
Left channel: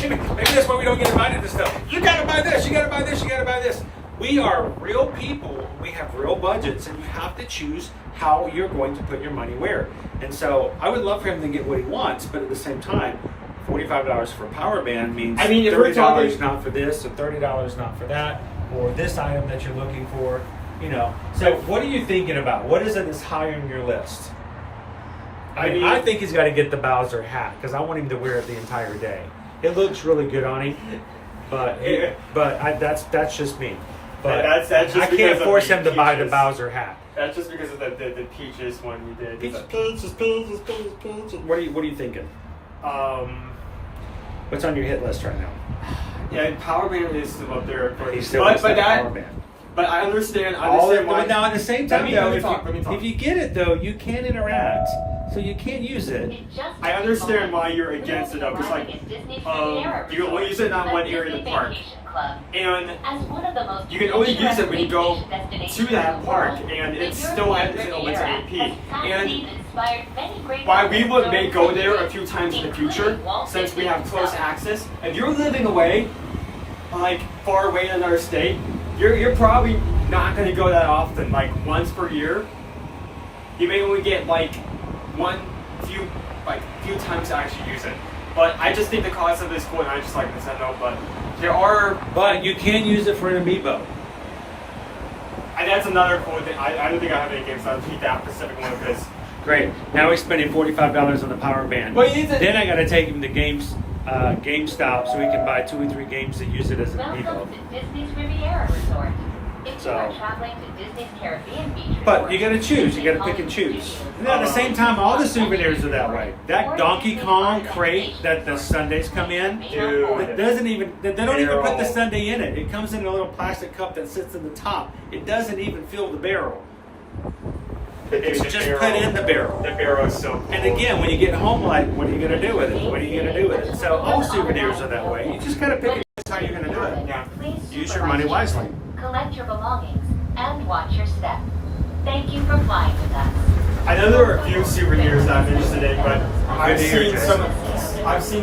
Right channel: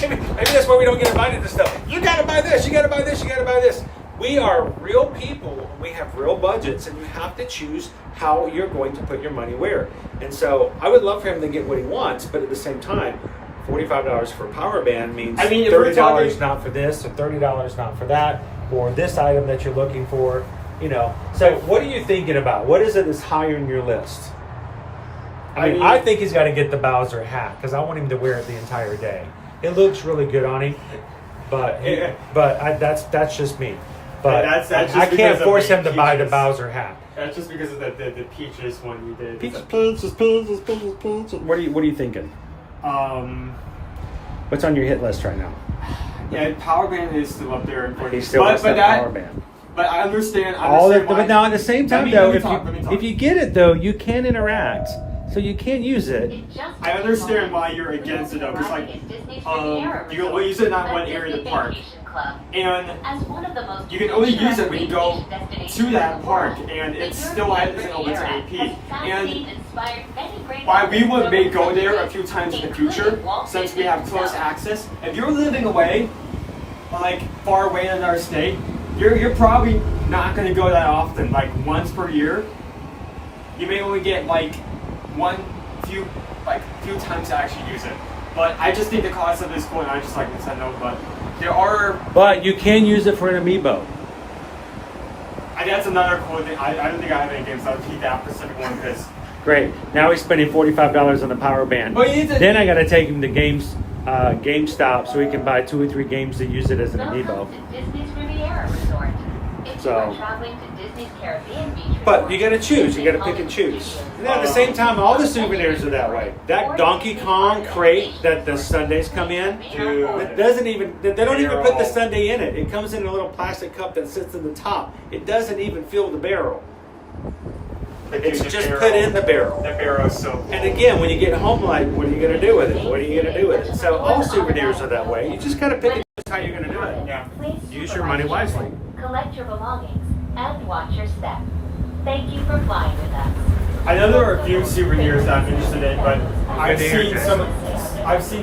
Maybe that's why we don't get invited to stuff. You gotta buy this, you gotta buy this, you gotta buy this. We are real people, we have real budgets, and you have to choose how you're going to put your money where. And so I would love for him to get what he wants, but at the same time, $45 for a power band means I mean, if we're $30 talking- not for this, or $30 not for that, or this item that you're looking for, you know. So what are you thinking about? What is it that's higher in your list? I mean, I think he's got to get the Bowser hat because I want him to wear it the entire day. It looks really good on him, but that's just me. But That's I just can't because of force the him to buy the peaches. Bowser hat. That's just because of the Peaches one we did. Peaches. What are you thinking? What's on your hit list right now? Yeah, power band is still up there. He still wants the power band. But I understand All why. but now at the same time, though, let me talk. if you get it though, you can interact, so you can't use it. I understand why you're against it though. It's like you can only use it in that one area of the park, and you can only use it when you go to that park, and it still isn't open to repeat. And why we may go there a few times in the future, since we have close access. If you're living away, like far away in our state, you're probably not going to go that often, like once per year. You may only get like few times to actually use it. But I just think the concept is cool, and I just like Nintendo. But there are. But you can use it for an amiibo. And that's another cool thing. I don't think I have any games that would keep that specific one because. Great. Now he's spending $45 on a power band. But then I got to take him to GameStop so he can buy 2 or 3 games to use it as an amiibo. Welcome to Disney's Riviera Resort. If you are So. traveling to Disney's Caribbean Beach But you got to choose. You got to pick and choose. And then at the same time, all the souvenirs are that way. That Donkey Kong crate that the sundaes come in, it doesn't even. They don't even put the sundae in it. It comes in a little plastic cup that sits in the top. It doesn't even fill the barrel. It's just put in the barrel. The barrel is so cool. And again, when you get home, like, what are you going to do with it? What are you going to do with it? So all souvenirs are that way. You just got to pick and choose how you're going to do it. Yeah. Use your money wisely. collect your belongings, and watch your step. Thank you for flying with us. I know there are a few souvenirs that I'm interested in, but I've seen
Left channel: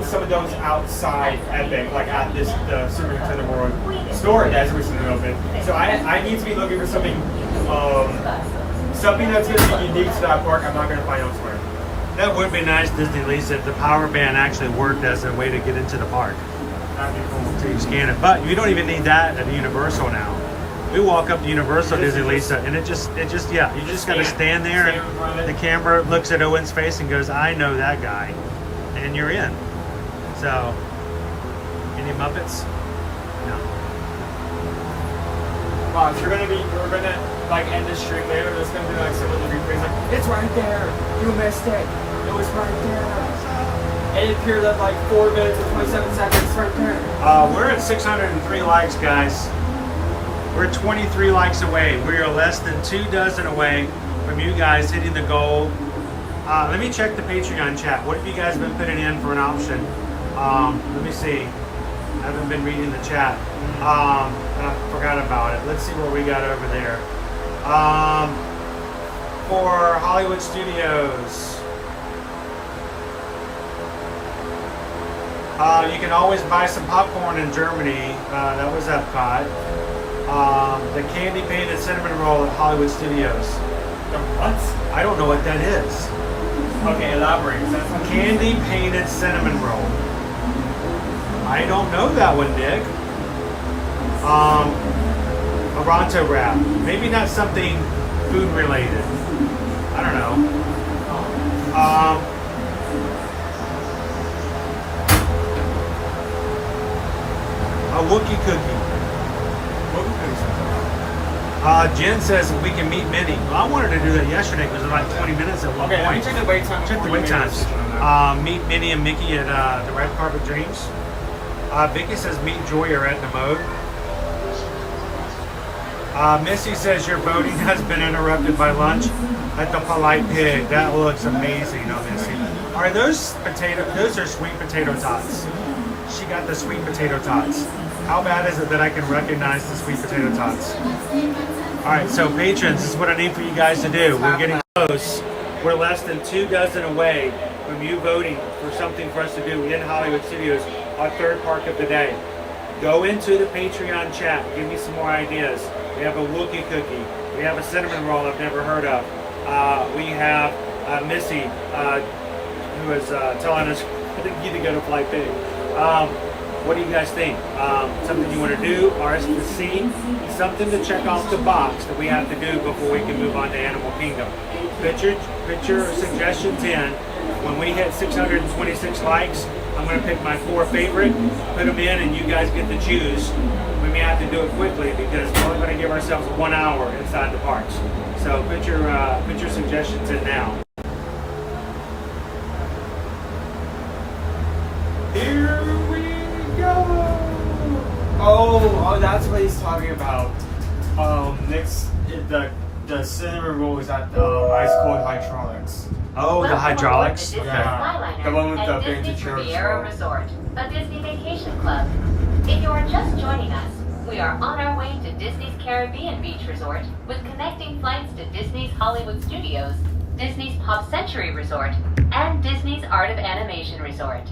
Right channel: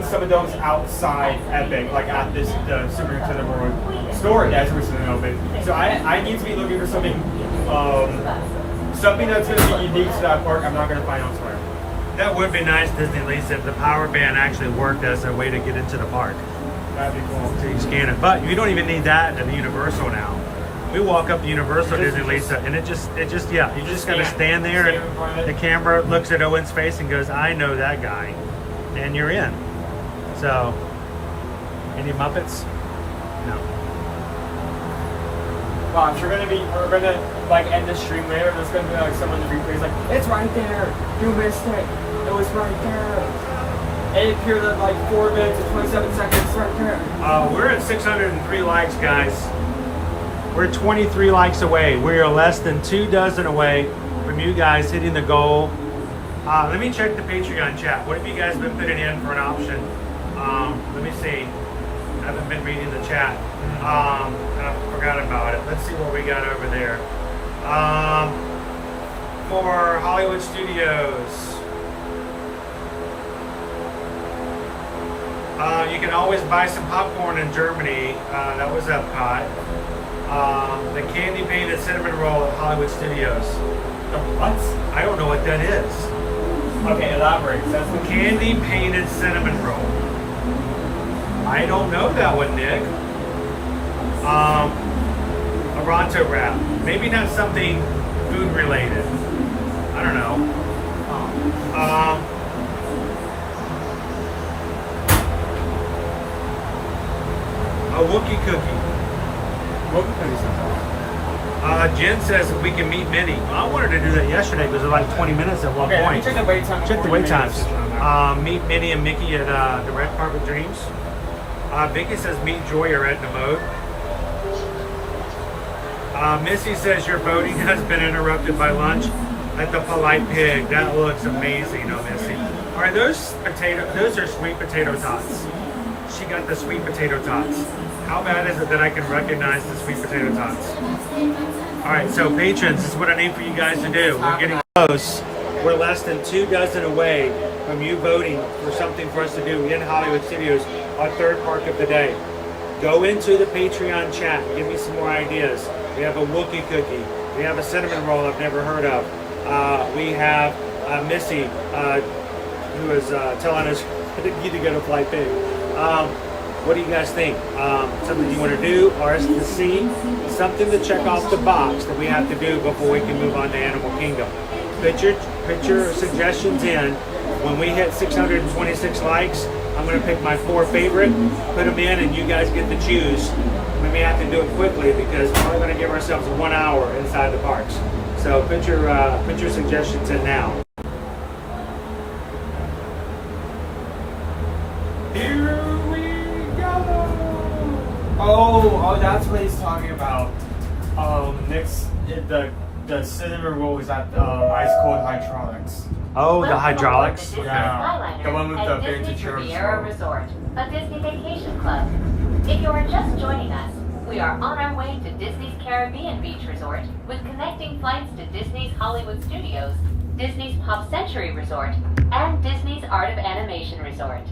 some of those outside Epic, like at the Super Nintendo World store that's recently open. So I need to be looking for something something that's going to be unique to that park. I'm not going to find elsewhere. That would be nice, Disney Lisa, if the power band actually worked as a way to get into the park. That'd be cool. So you scan it. But you don't even need that at Universal now. We walk up to Universal Disney Lisa, and it just yeah, you just got to stand there, and the camera looks at Owen's face and goes, "I know that guy," and you're in. So, any Muppets? No. So we're gonna like end the stream later. There's gonna be like someone rephrase like, "It's right there. You missed it. It was right there." It appeared at like 4 minutes and 27 seconds right there. We're at 603 likes, guys. We're 23 likes away. We are less than 2 dozen away from you guys hitting the goal. Let me check the Patreon chat. What have you guys been putting in for an option? Let me see. I haven't been reading the chat. I forgot about it. Let's see what we got over there. For Hollywood Studios. You can always buy some popcorn in Germany. That was Epcot. The candy painted cinnamon roll at Hollywood Studios. What? I don't know what that is. Okay, elaborate. That's what Candy painted cinnamon roll. I don't know that one, Nick. A Ronto wrap. Maybe not something food related. I don't know. A Wookiee cookie. Wookiee cookies. Jen says we can meet Minnie. I wanted to do that yesterday because it was like 20 minutes at one point. Check the wait time. Check the wait times. Meet Minnie and Mickey at the Red Carpet Dreams. Vicky says meet Joyer at the mode. Missy says your voting has been interrupted by lunch at the Polite Pig. That looks amazing, Missy. Are those those are sweet potato tots. She got the sweet potato tots. How bad is it that I can recognize the sweet potato tots? All right, so patrons, this is what I need for you guys to do. We're getting close. We're less than 2 dozen away from you voting for something for us to do in Hollywood Studios, our third park of the day. Go into the Patreon chat. Give me some more ideas. We have a Wookiee cookie. We have a cinnamon roll I've never heard of. We have Missy, who is telling us you to go to Fly Pig. What do you guys think? Something you want to do, or to see? Something to check off the box that we have to do before we can move on to Animal Kingdom. Put your suggestions in. When we hit 626 likes, I'm going to pick my 4 favorite, put them in, and you guys get to choose. We may have to do it quickly because we're only going to give ourselves 1 hour inside the parks. So put your suggestions in now. Here we go. Oh, that's what he's talking about. Next, the cinema roll is at ice cold hydraulics. Oh, the hydraulics. Yeah, the one with the Disney vintage Riviera Resort, a Disney vacation club. If you are just joining us, we are on our way to Disney's Caribbean Beach Resort with connecting flights to Disney's Hollywood Studios, Disney's Pop Century Resort, and Disney's Art of Animation Resort.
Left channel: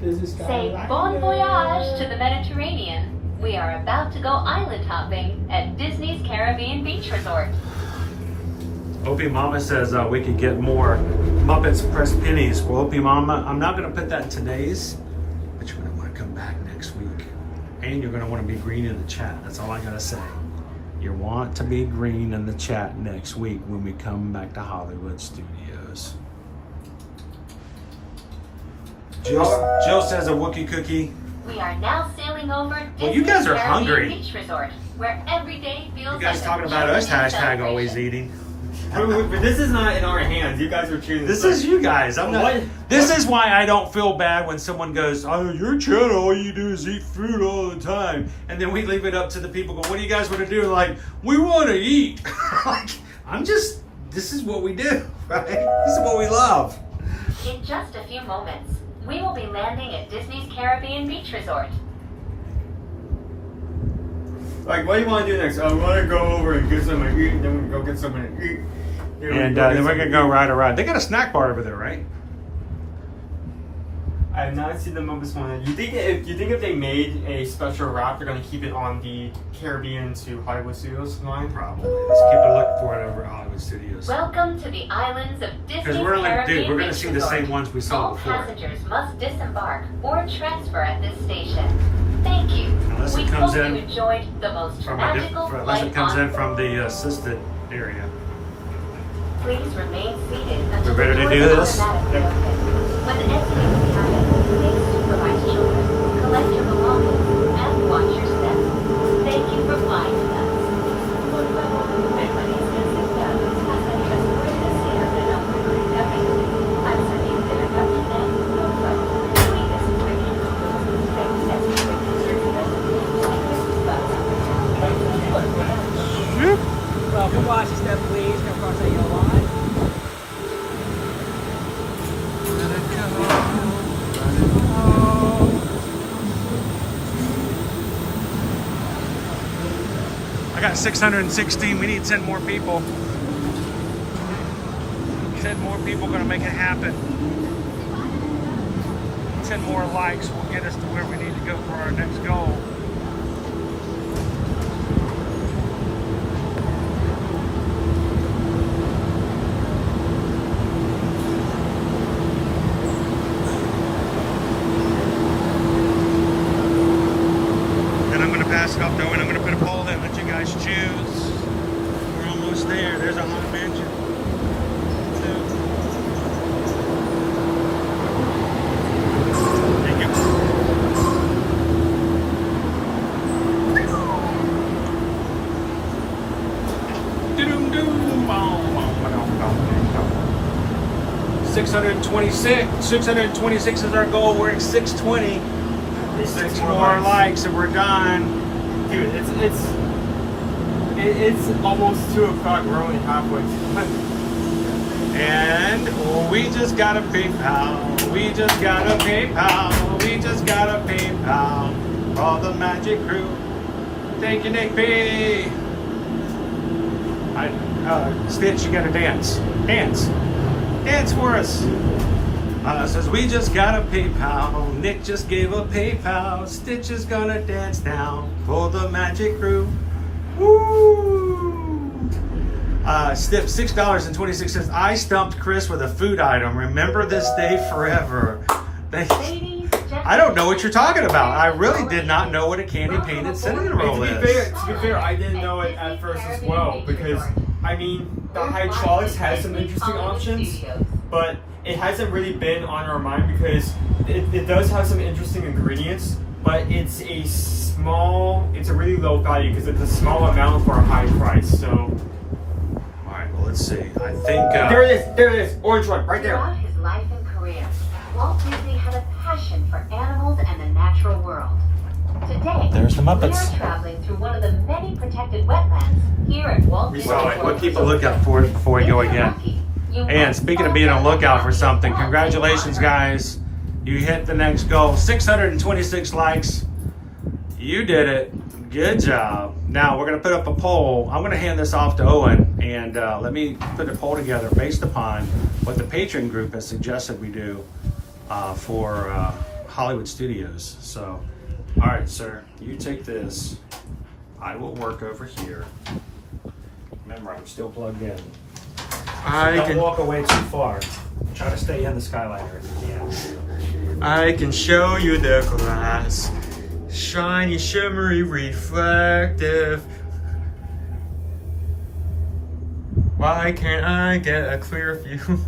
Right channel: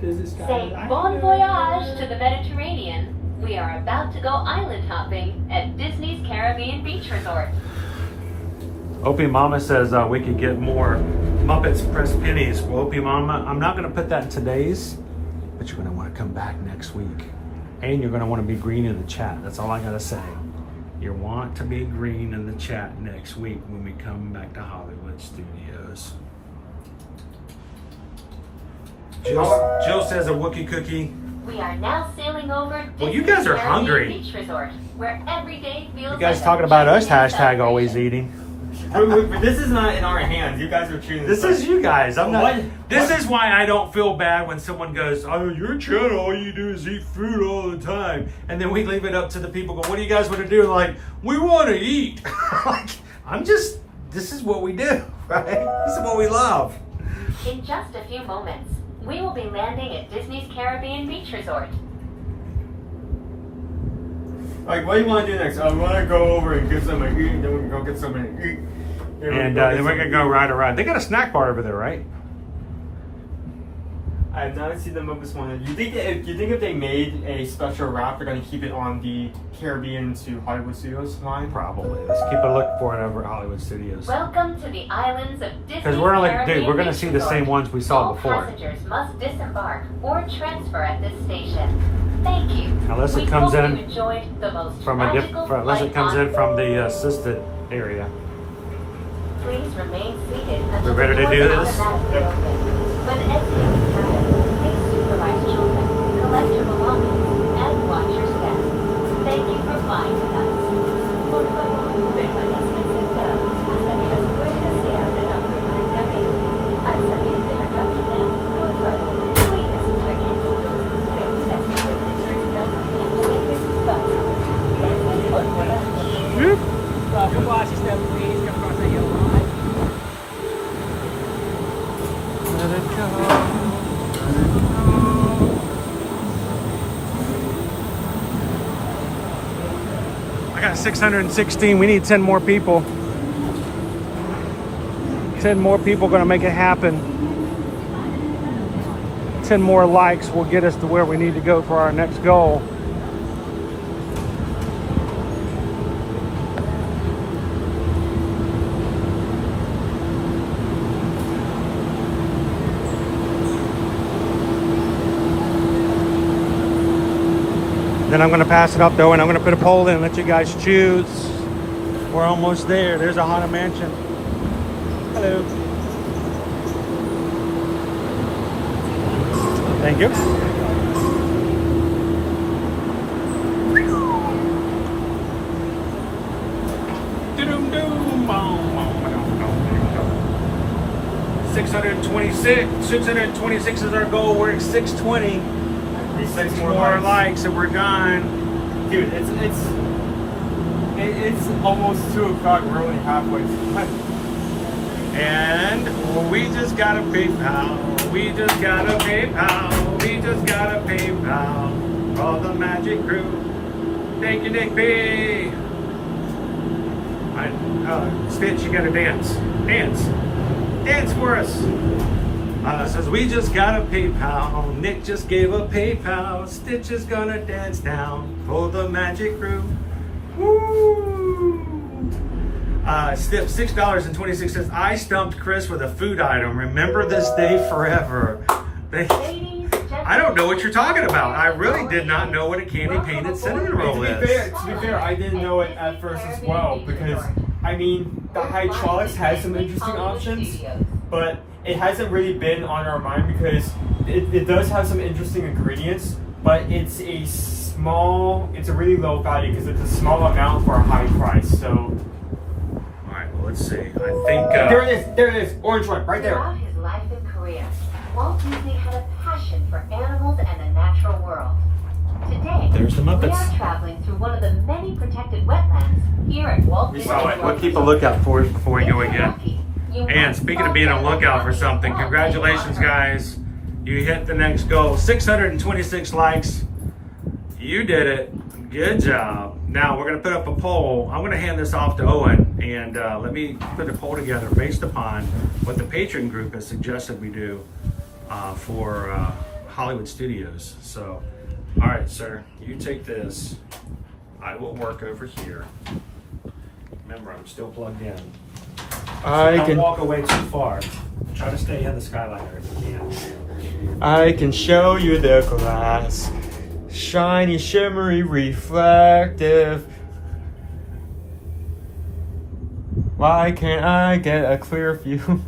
Say bon voyage to the Mediterranean. We are about to go island hopping at Disney's Caribbean Beach Resort. Opie Mama says we could get more Muppets Press Pennies. Well, Opie Mama, I'm not going to put that in today's, but you're going to want to come back next week. And you're going to want to be green in the chat. That's all I got to say. You want to be green in the chat next week when we come back to Hollywood Studios. Jill says a Wookiee cookie. We are now sailing over Disney's Well, you guys are Caribbean hungry. Beach Resort, where every day feels You guys like talking a about us, genuine hashtag always celebration. eating. But this is not in our hands. You guys are choosing. This is you guys. I'm not. What? This is why I don't feel bad when someone goes, "Oh, your channel, all you do is eat food all the time," and then we leave it up to the people. Go, "What do you guys want to do?" Like, we want to eat. Like, this is what we do, right? This is what we love. In just a few moments, we will be landing at Disney's Caribbean Beach Resort. Like, what do you want to do next? I want to go over and get something to eat, and then we can go get something to eat. And then we're gonna go ride a ride. They got a snack bar over there, right? I have not seen the Muppets one. You think if they made a special route, they're going to keep it on the Caribbean to Hollywood Studios line? Probably. Let's keep a look for it over at Hollywood Studios. Welcome to the islands of Disney's Because we're Caribbean going to Beach see the Resort. same ones we saw All before. passengers must disembark or transfer at this station. Thank you. Unless it we comes hope in you enjoyed the most From magical unless it flight comes on in from the assisted area. Please remain seated until We're ready to the do doors this? automatically open. When exiting the cabin, please supervise children, collect your belongings, and watch your steps. Thank you for flying with us. Por favor, permanezcan sentados hasta que las puertas se abran automáticamente. Al salir de la cabina, por favor, cuídese tranquilos. Protect your seatbelt and your seatbelt. Let it go, let it go. I got 616. We need 10 more people. 10 more people gonna make it happen. 10 more likes will get us to where we need to go for our next goal. Then I'm gonna pass it up though, and I'm gonna put a poll in and let you guys choose. We're almost there. There's a Haunted Mansion. Thank you. Doom, 626 is our goal. We're at 620. 6 more likes and we're done. Dude, it's almost 2 o'clock. We're only halfway. And we just got a PayPal. We just got a PayPal. We just got a PayPal. For all the magic crew. Thank you, Nick B. Stitch, you gotta dance. Dance for us. Says we just got a PayPal. Nick just gave a PayPal. Stitch is gonna dance now for the magic crew. Woo! $6.26. I stumped Chris with a food item. Remember this day forever. I don't know what you're talking about. I really did not know what a candy painted cinnamon roll is. To be fair, I didn't know it at first as well because, I mean, the hydraulics has some interesting options, but it hasn't really been on our mind because it does have some interesting ingredients, but it's a really low value because it's a small amount for a high price. So, all right, well, let's see. I think there it is, orange one right there. Throughout his life and career, Walt Disney had a passion for animals and the natural world. Today, There's the we Muppets. are traveling through one of the many protected wetlands here at Walt Disney World. We'll keep a lookout for it before we go again. And speaking of being on lookout for something, congratulations guys. You hit the next goal, 626 likes. You did it, good job. Now we're gonna put up a poll. I'm gonna hand this off to Owen and let me put a poll together based upon what the patron group has suggested we do for Hollywood Studios. So, all right, sir, you take this. I will work over here. Remember, I'm still plugged in. Don't walk away too far. Try to stay in the Skyliner if you can. I can show you the glass. Shiny, shimmery, reflective. Why can't I get a clear view?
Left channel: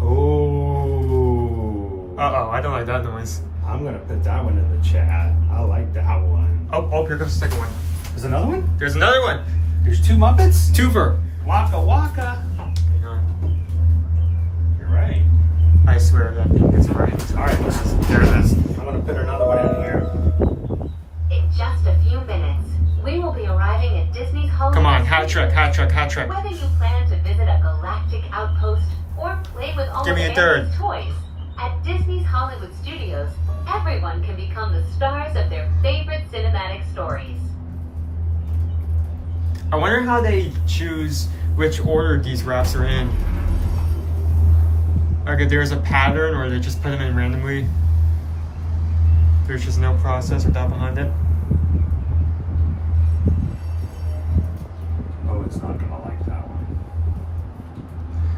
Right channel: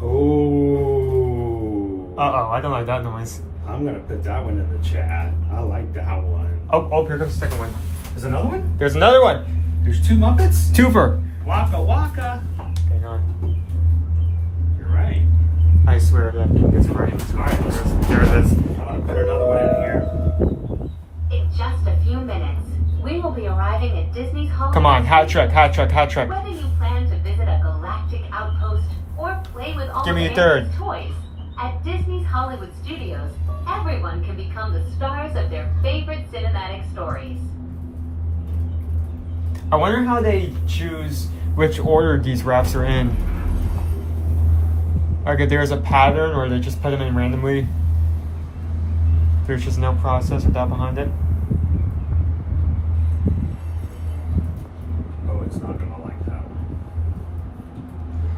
Oh. Uh-oh, I don't like that noise. I'm gonna put that one in the chat. I like that one. Oh, here comes the second one. There's another one? There's another one. There's two Muppets? Twofer. Waka waka. You're right. I swear that thing is right. Alright, there it is. I'm gonna put another one in here. In just a few minutes, we will be arriving at Disney's Hollywood. Come on, hot truck, hot truck, hot truck. Whether you plan to visit a galactic outpost or play with all Give of me a third. Andy's toys, at Disney's Hollywood Studios, everyone can become the stars of their favorite cinematic stories. I wonder how they choose which order these wraps are in. Like if there's a pattern or they just put them in randomly. There's just no process or thought behind it. Oh, it's not gonna like that one.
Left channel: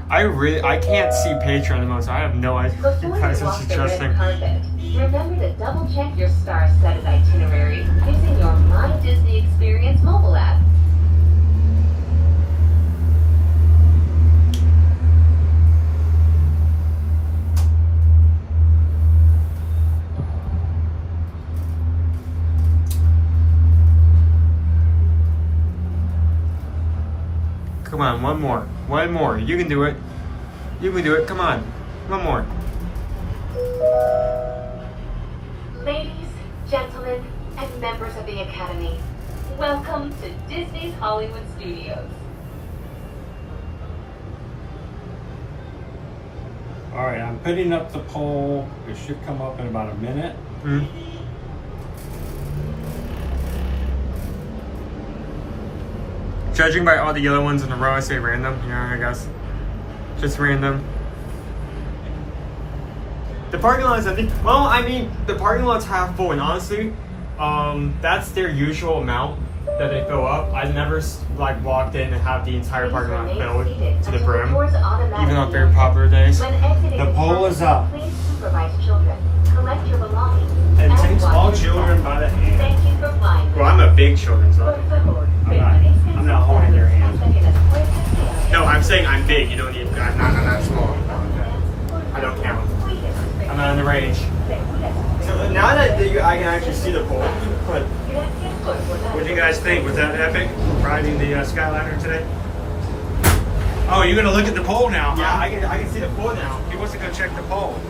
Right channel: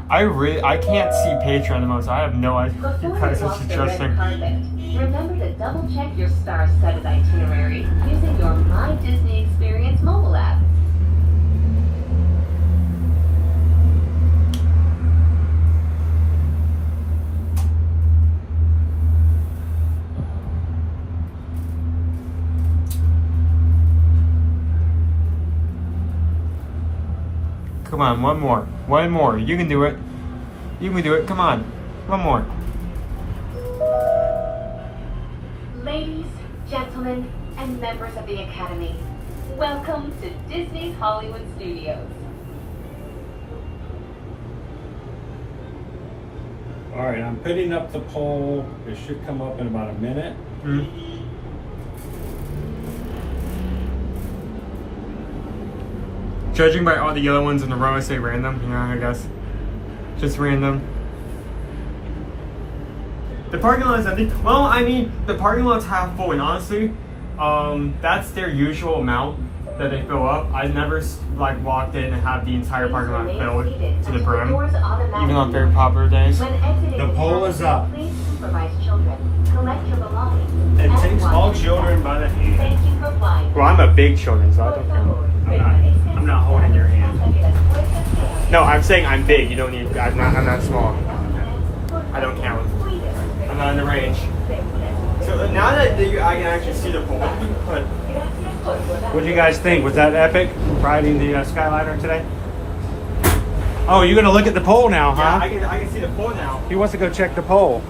I can't see Patreon the most. I have no idea what you Before guys you are walk the red suggesting. carpet, remember to double check your star-studded itinerary using your My Disney Experience mobile app. Come on, one more. One more. You can do it. You can do it. Come on. One more. Ladies, gentlemen, and members of the Academy, welcome to Disney's Hollywood Studios. All right, I'm putting up the poll. It should come up in about a minute. Judging by all the yellow ones in a row, I say random. Yeah, I guess. Just random. The parking lot is empty. Well, I mean, the parking lot's half full, and honestly, that's their usual amount that they fill up. I've never like walked in and have the entire parking lot filled to the brim, even on very popular days. The poll is up. Please supervise children. Collect your belongings. And and takes watch all your children by the hand. Thank you for flying. Well, I'm a big children, so I'm not holding your hand. no, I'm saying I'm big. You don't need. I'm not small. I don't count. I'm not in the range. So now that I can actually see the pole, but What do you guys think? Was that epic? Riding the Skyliner today? Oh, you're gonna look at the poll now, huh? yeah, I can see the pole now. He wants to go check the poll.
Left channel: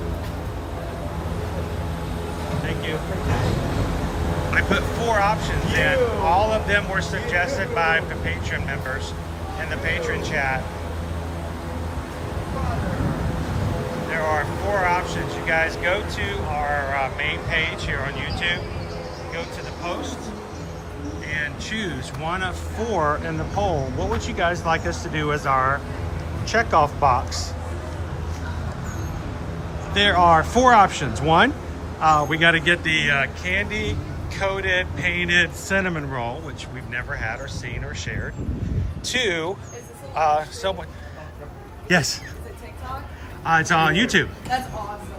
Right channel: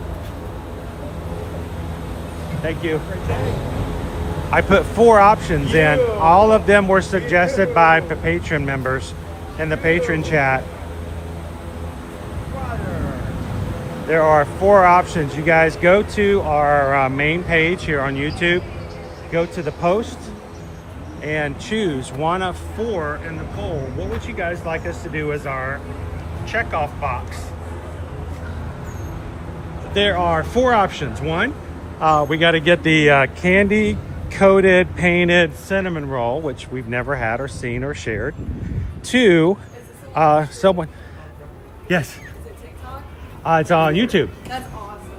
Thank you. I put 4 options in. All of them were suggested by the patron members in the patron chat. There are 4 options. You guys go to our main page here on YouTube, go to the post, and choose one of 4 in the poll. What would you guys like us to do as our checkoff box? There are 4 options. 1, we got to get the candy coated painted cinnamon roll, which we've never had or seen or shared. 2, someone, yes, it's on YouTube. That's awesome.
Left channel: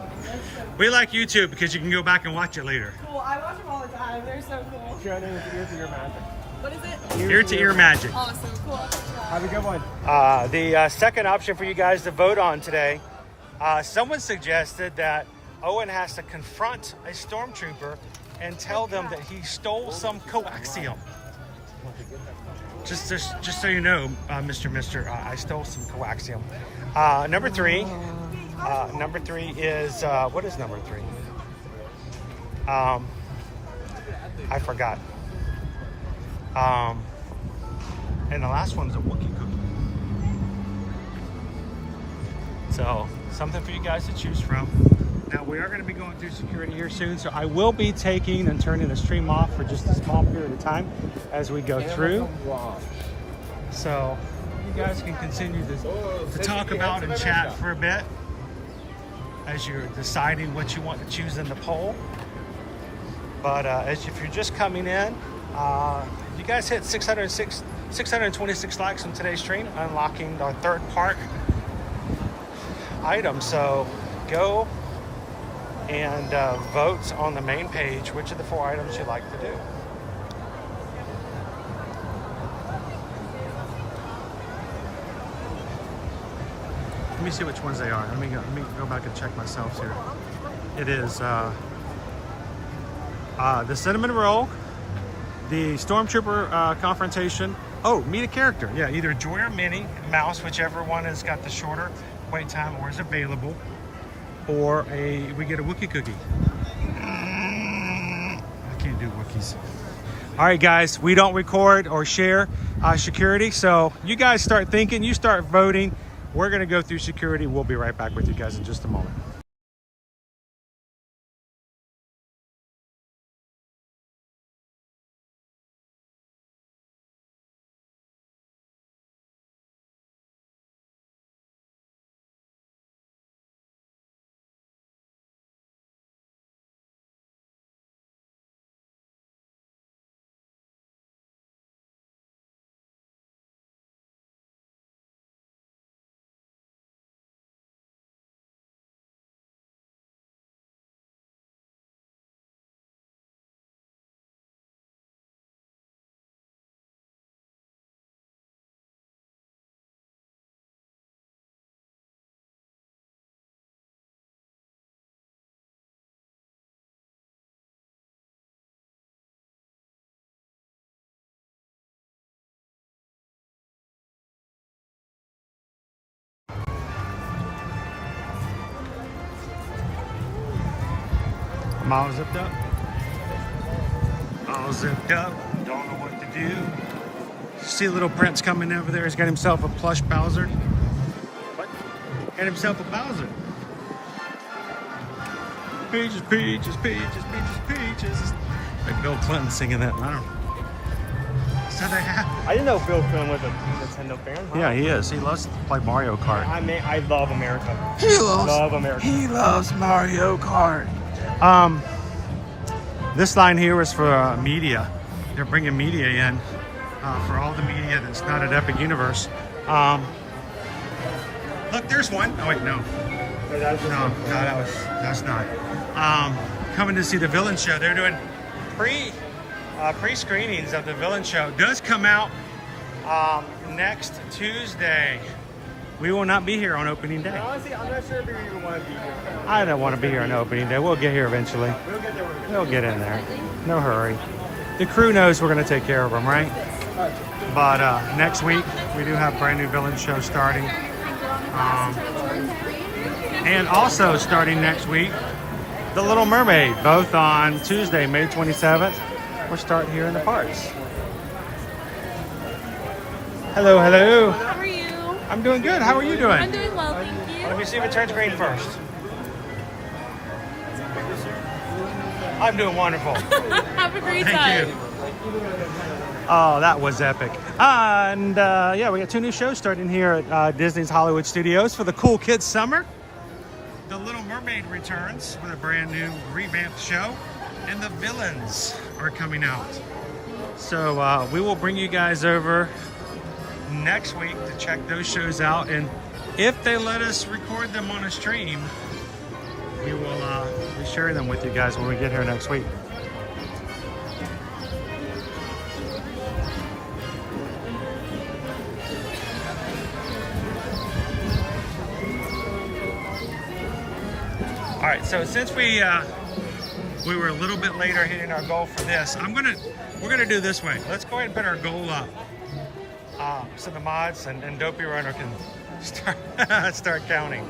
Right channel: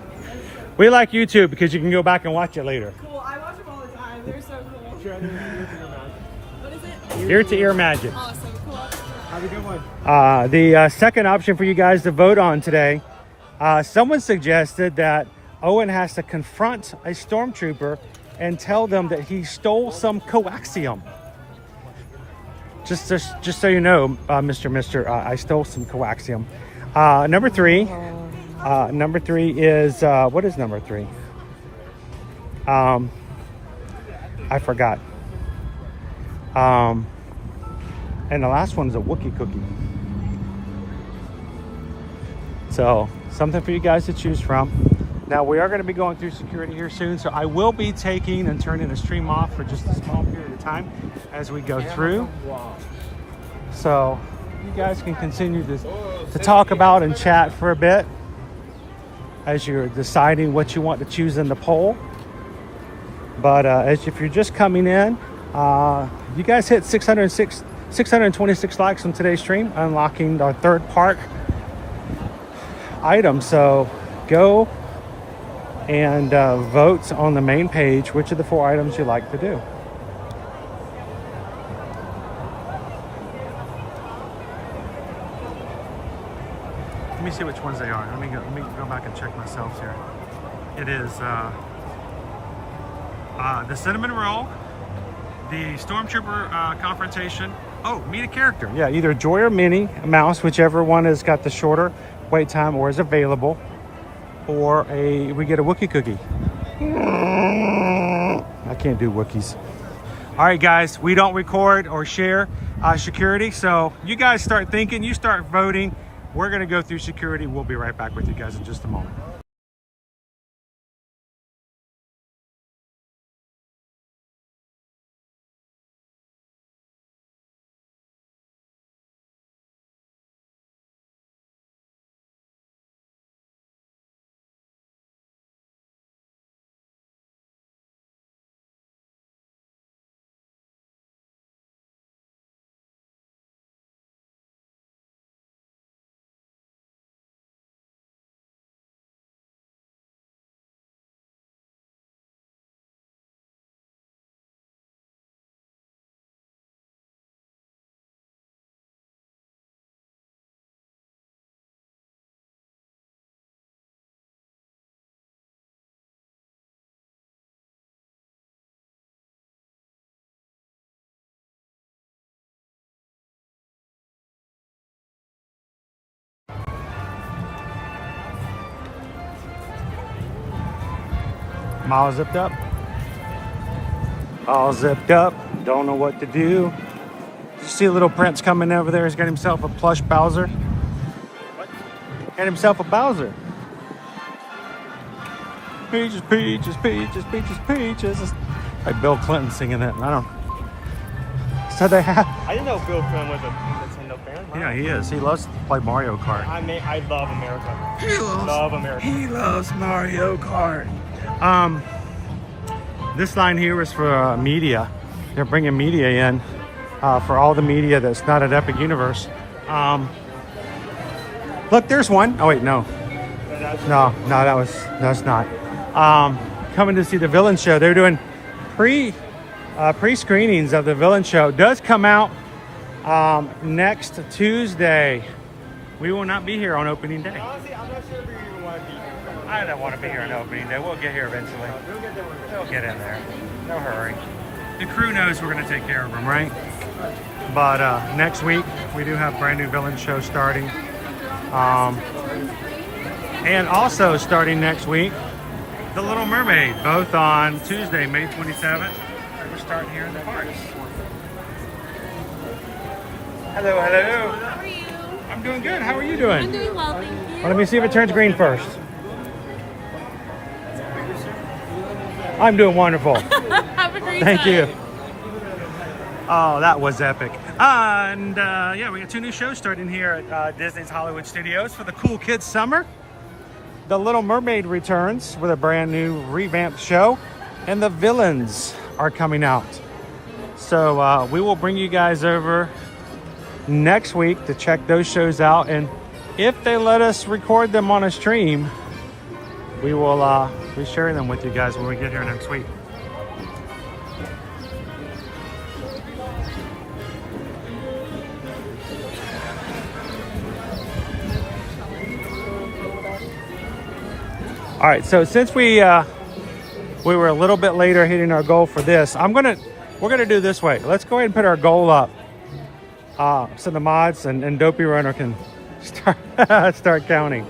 We like YouTube because you can go back and watch it later. Cool. I watch them all the time. They're so cool. What is it? Ear to ear magic. Awesome. Cool. Have a good one. The second option for you guys to vote on today, someone suggested that Owen has to confront a stormtrooper and tell them that he stole some coaxium. Just so you know, Mr. I stole some coaxium. Number 3 is what is number 3? I forgot. And the last one is a Wookiee cookie. So something for you guys to choose from. Now we are going to be going through security here soon, so I will be taking and turning the stream off for just a small period of time as we go through. So you guys can continue to talk about and chat for a bit as you're deciding what you want to choose in the poll. But if you're just coming in, you guys hit 626 likes on today's stream, unlocking our third park item. So go and vote on the main page which of the 4 items you like to do. Let me see which ones they are. Let me go back and check myself here. It is the cinnamon roll, the stormtrooper confrontation. Oh, meet a character. Yeah, either Joy or Minnie Mouse, whichever one has got the shorter wait time or is available, or we get a Wookiee cookie. I can't do Wookiees. All right, guys, we don't record or share security, so you guys start thinking, you start voting. We're gonna go through security. We'll be right back with you guys in just a moment. I'm all zipped up. All zipped up. Don't know what to do. See a little Prince coming over there. He's got himself a plush Bowser. Got himself a Bowser. Peaches, peaches, peaches, peaches, peaches. Like Bill Clinton singing that. I don't know. So they have. I didn't know Bill Clinton was a Nintendo fan. Yeah, he is. He loves to play Mario Kart. I love America. He loves Mario Kart. This line here is for media. They're bringing media in for all the media that's not at Epic Universe. Look, there's one. Oh wait, no, that's not. Coming to see the Villain Show. They're doing pre-screenings of the Villain Show. Does come out next Tuesday. We will not be here on opening day. Honestly, I'm not sure if you're even want to be here. I don't want to be here on opening day. We'll get here eventually. We'll get in there. No hurry. The crew knows we're going to take care of them, right? But next week, we do have brand new Villain Show starting. And also starting next week, The Little Mermaid, both on Tuesday, May 27th. We're starting here in the parks. Hello, hello. How are you? I'm doing good. How are you doing? I'm doing well, thank you. Let me see if it turns green first. I'm doing wonderful. Have a great Thank time. you. Oh, that was epic. And yeah, we got 2 new shows starting here at Disney's Hollywood Studios for the Cool Kids Summer. The Little Mermaid returns with a brand new revamped show, and the Villains are coming out. So we will bring you guys over next week to check those shows out, and if they let us record them on a stream, we will be sharing them with you guys when we get here next week. All right, so since we were a little bit later hitting our goal for this, we're gonna do it this way. Let's go ahead and put our goal up, so the mods and Dopey Runner can start counting.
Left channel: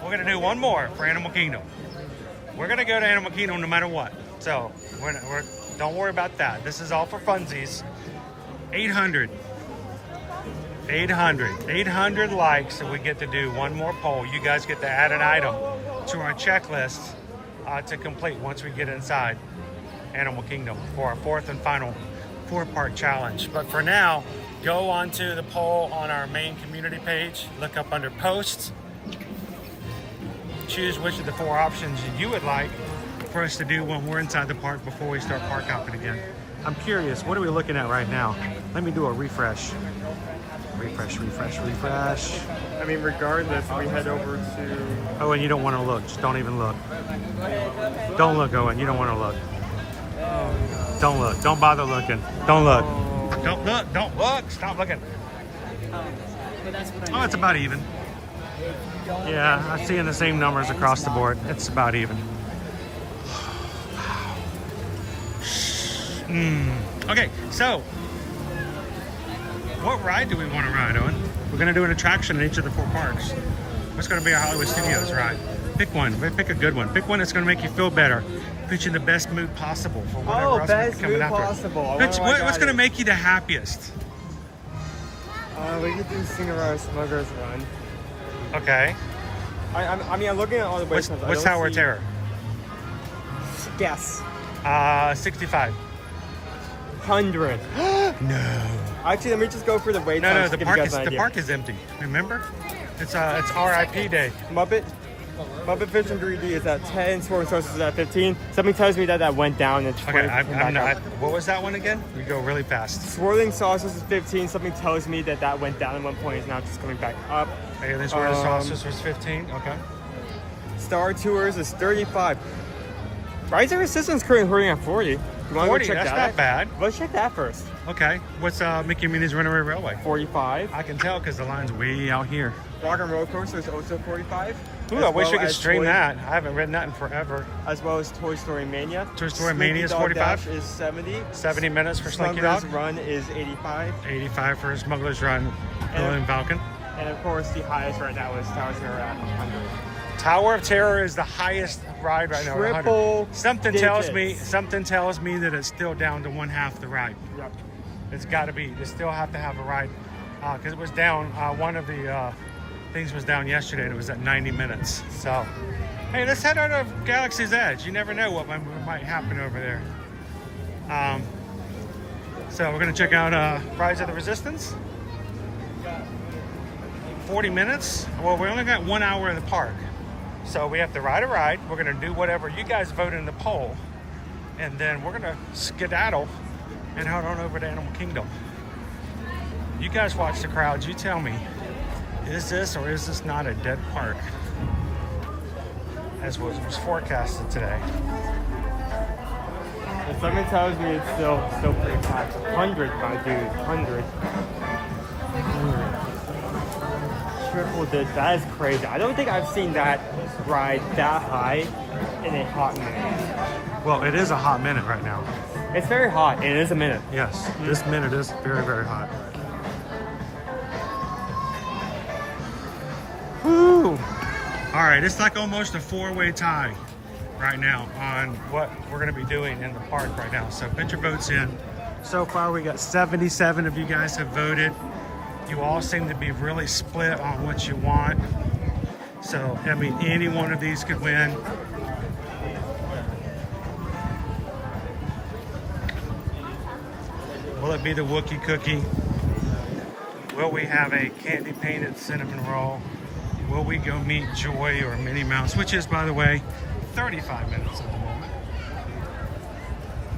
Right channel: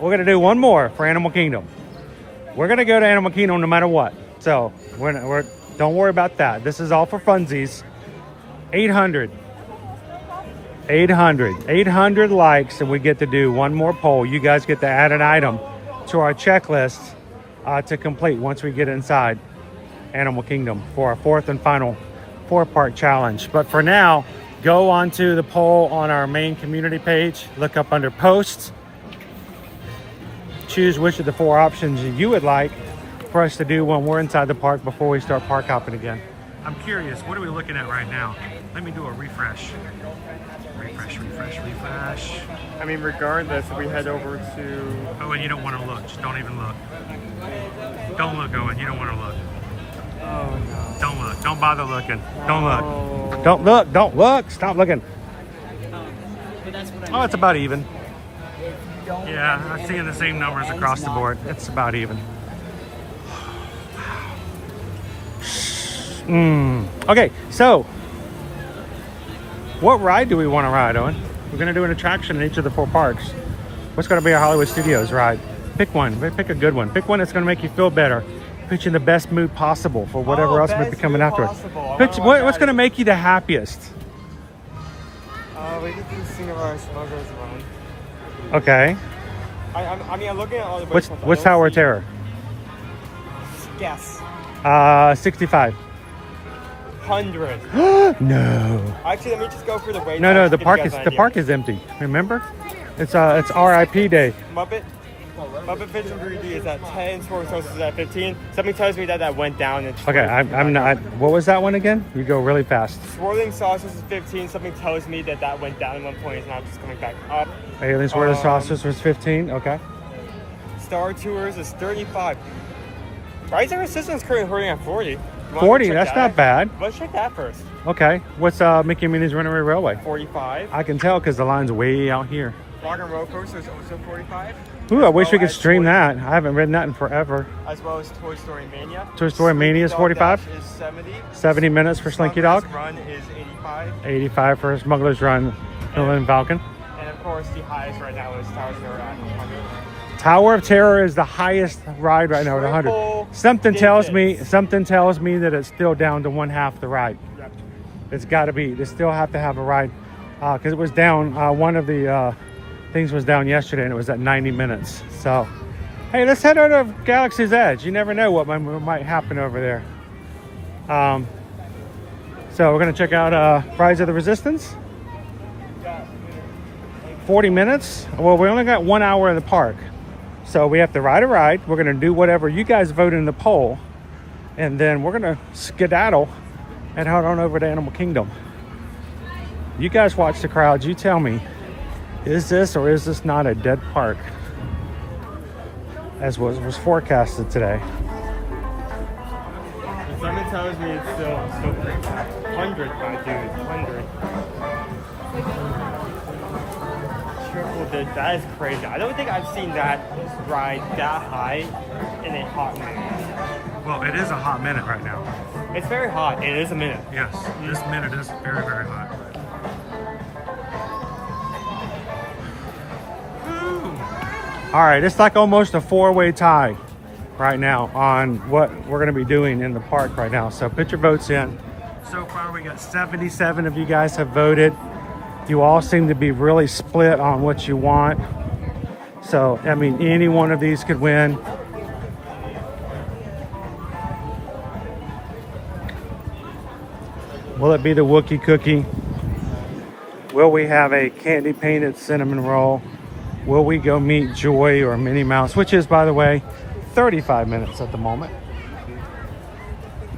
We're gonna do one more for Animal Kingdom. We're gonna go to Animal Kingdom no matter what. So So don't worry about that. This is all for funsies. 800 likes, and we get to do one more poll. You guys get to add an item to our checklist to complete once we get inside Animal Kingdom for our fourth and final 4-part challenge. But for now, go onto the poll on our main community page, look up under posts, choose which of the 4 options you would like for us to do when we're inside the park before we start park hopping again. I'm curious, what are we looking at right now? Let me do a refresh. Refresh. I mean, regardless, we head over to... Owen, you don't want to look. Just don't even look. Don't look, Owen. You don't want to look. Don't look. Don't bother looking. Don't look. Don't look. Don't look. Stop looking. But that's what Oh, it's about even. Yeah, I'm seeing the same numbers across the board. It's about even. Okay, so what ride do we want to ride, Owen? We're going to do an attraction in each of the 4 parks. What's going to be a Hollywood Studios ride? Pick one. Pick a good one. Pick one that's going to make you feel better. Put you in the best mood possible for whatever else might be coming after it. What's going to make you the happiest? We get to Cinderella Smuggler's Run. Okay. I mean, I'm looking at all the What's Tower of Terror? Guess. 65. 100. No. Actually, let me just go for the wait. No, the park is empty. Remember? It's RIP day. Muppet Vision 3D is at 10. Sword Sources is at 15. Something tells me that went down. Okay, I'm not. What was that one again? You go really fast. Swirling Saucers is 15. Something tells me that went down at one point. It's now just coming back up. Aliens Swirling Saucers was 15. Okay. Star Tours is 35. Rise of Resistance currently holding at 40. 40, that's not bad. Let's check that first. Okay, what's Mickey and Minnie's Runaway Railway? 45. I can tell because the line's way out here. Rock and Roller Coaster is also 45. Ooh, I wish we could stream that. I haven't ridden that in forever. As well as Toy Story Mania. Toy Story Mania is 45. Is 70. 70 minutes for Slinky Dog. Smuggler's Run is 85. 85 for Smuggler's Run, and Falcon. And of course, the highest right now is Tower of Terror. Tower of Terror is the highest ride right now at 100. Something tells me that it's still down to 1/2 the ride. Yep. It's got to be. They still have to have a ride because it was down. One of the things was down yesterday, and it was at 90 minutes. So, hey, let's head out of Galaxy's Edge. You never know what might happen over there. So we're gonna check out Rise of the Resistance. 40 minutes. Well, we only got 1 hour in the park. So we have to ride a ride. We're going to do whatever you guys vote in the poll. And then we're going to skedaddle and head on over to Animal Kingdom. You guys watch the crowds. You tell me, is this or is this not a dead park? As was forecasted today. If someone tells me it's still pretty packed. 100, my dude. 100. Triple did. That is crazy. I don't think I've seen that ride that high in a hot minute. Well, it is a hot minute right now. It's very hot. It is a minute. Yes, this minute is very, very hot. Woo! All right, it's like almost a 4-way tie right now on what we're going to be doing in the park right now. So put your votes in. So far, we got 77 of you guys have voted. You all seem to be really split on what you want. So, I mean, any one of these could win. Will it be the Wookiee cookie? Will we have a candy painted cinnamon roll? Will we go meet Joy or Minnie Mouse, which is, by the way, 35 minutes at the moment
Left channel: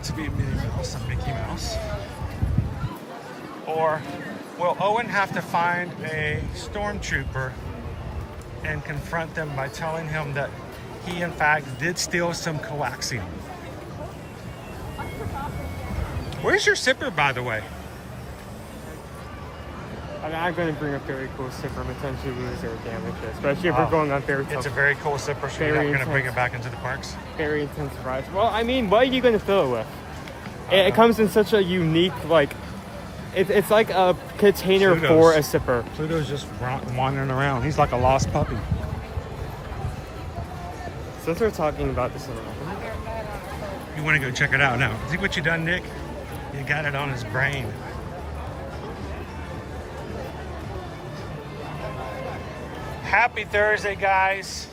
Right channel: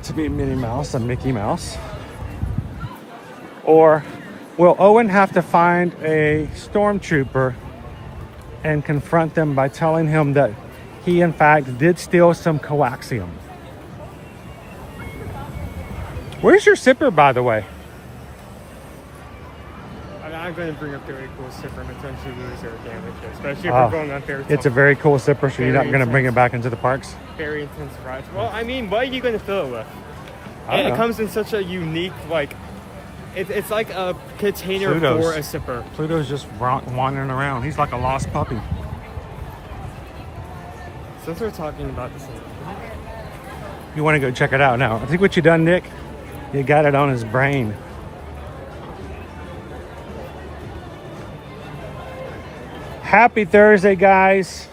to be Minnie Mouse and Mickey Mouse? Or will Owen have to find a stormtrooper and confront them by telling him that he, in fact, did steal some coaxium? Where's your zipper, by the way? I'm going to bring a very cool zipper and potentially lose or damage it, especially if we're going on very tough. It's a very cool zipper, so you're not going to bring it back into the parks? Very intense rides. Well, I mean, what are you going to fill it with? It comes in such a unique, like, it's like a container for a zipper. Pluto's just wandering around. He's like a lost puppy. Since we're talking about this, You want to go check it out now. I think what you done, Nick, you got it on his brain. Happy Thursday, guys.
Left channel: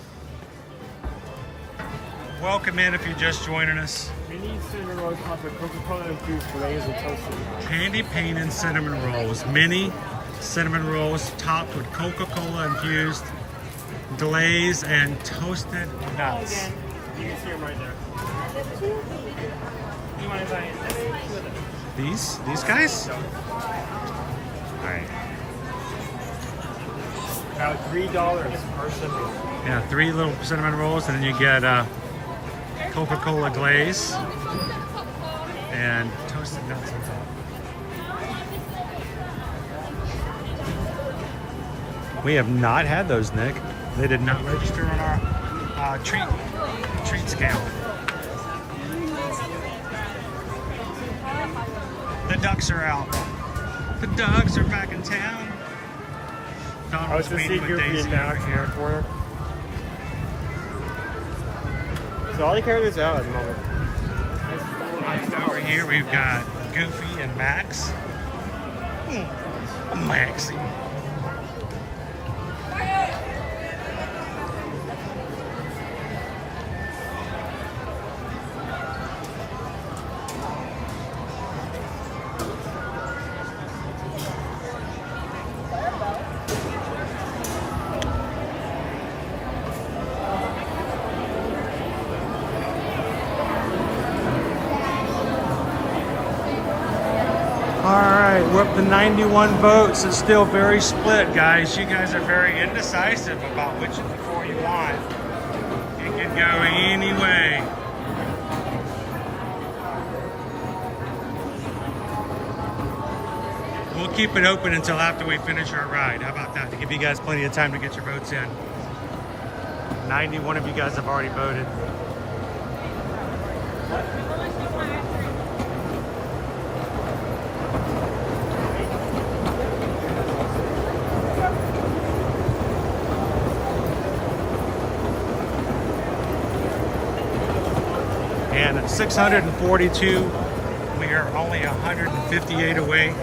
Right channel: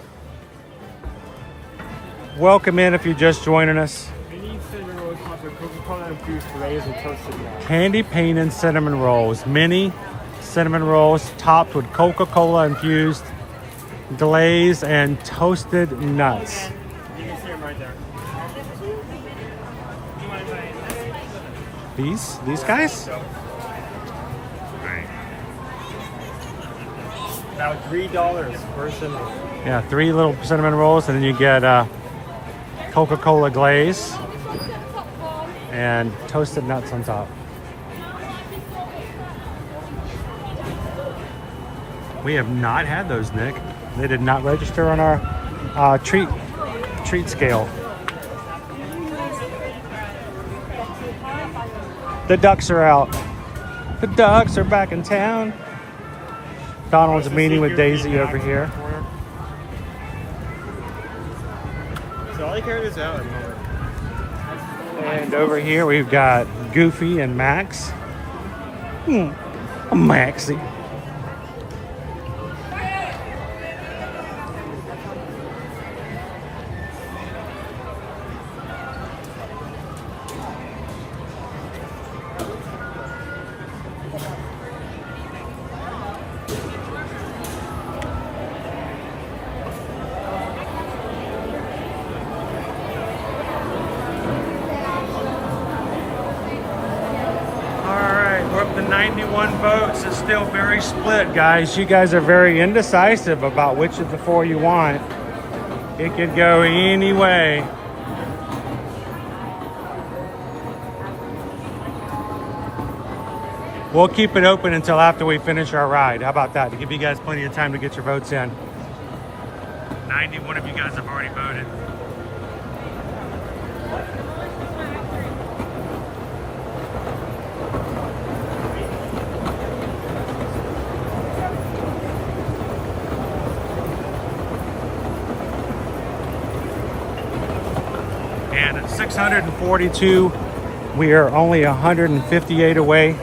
Welcome in if you're just joining us. Mini cinnamon rolls topped with Coca-Cola infused fillets and toasted nuts. Candy cane and cinnamon rolls. Mini cinnamon rolls topped with Coca-Cola infused glaze and toasted nuts. You can see them right there. These guys? All right. About $3 per cinnamon. Yeah, 3 little cinnamon rolls, and then you get Coca-Cola glaze and toasted nuts on top. We have not had those, Nick. They did not register on a treat scale. The ducks are out. The ducks are back in town. Donald's meeting with Daisy over here. So all the characters out at the moment. And over here we've got Goofy and Max. Maxie. The 91 votes is still very split, guys. You guys are very indecisive about which of the 4 you want. It could go any way. We'll keep it open until after we finish our ride. How about that? To give you guys plenty of time to get your votes in. 91 of you guys have already voted. And at 642, we are only 158 away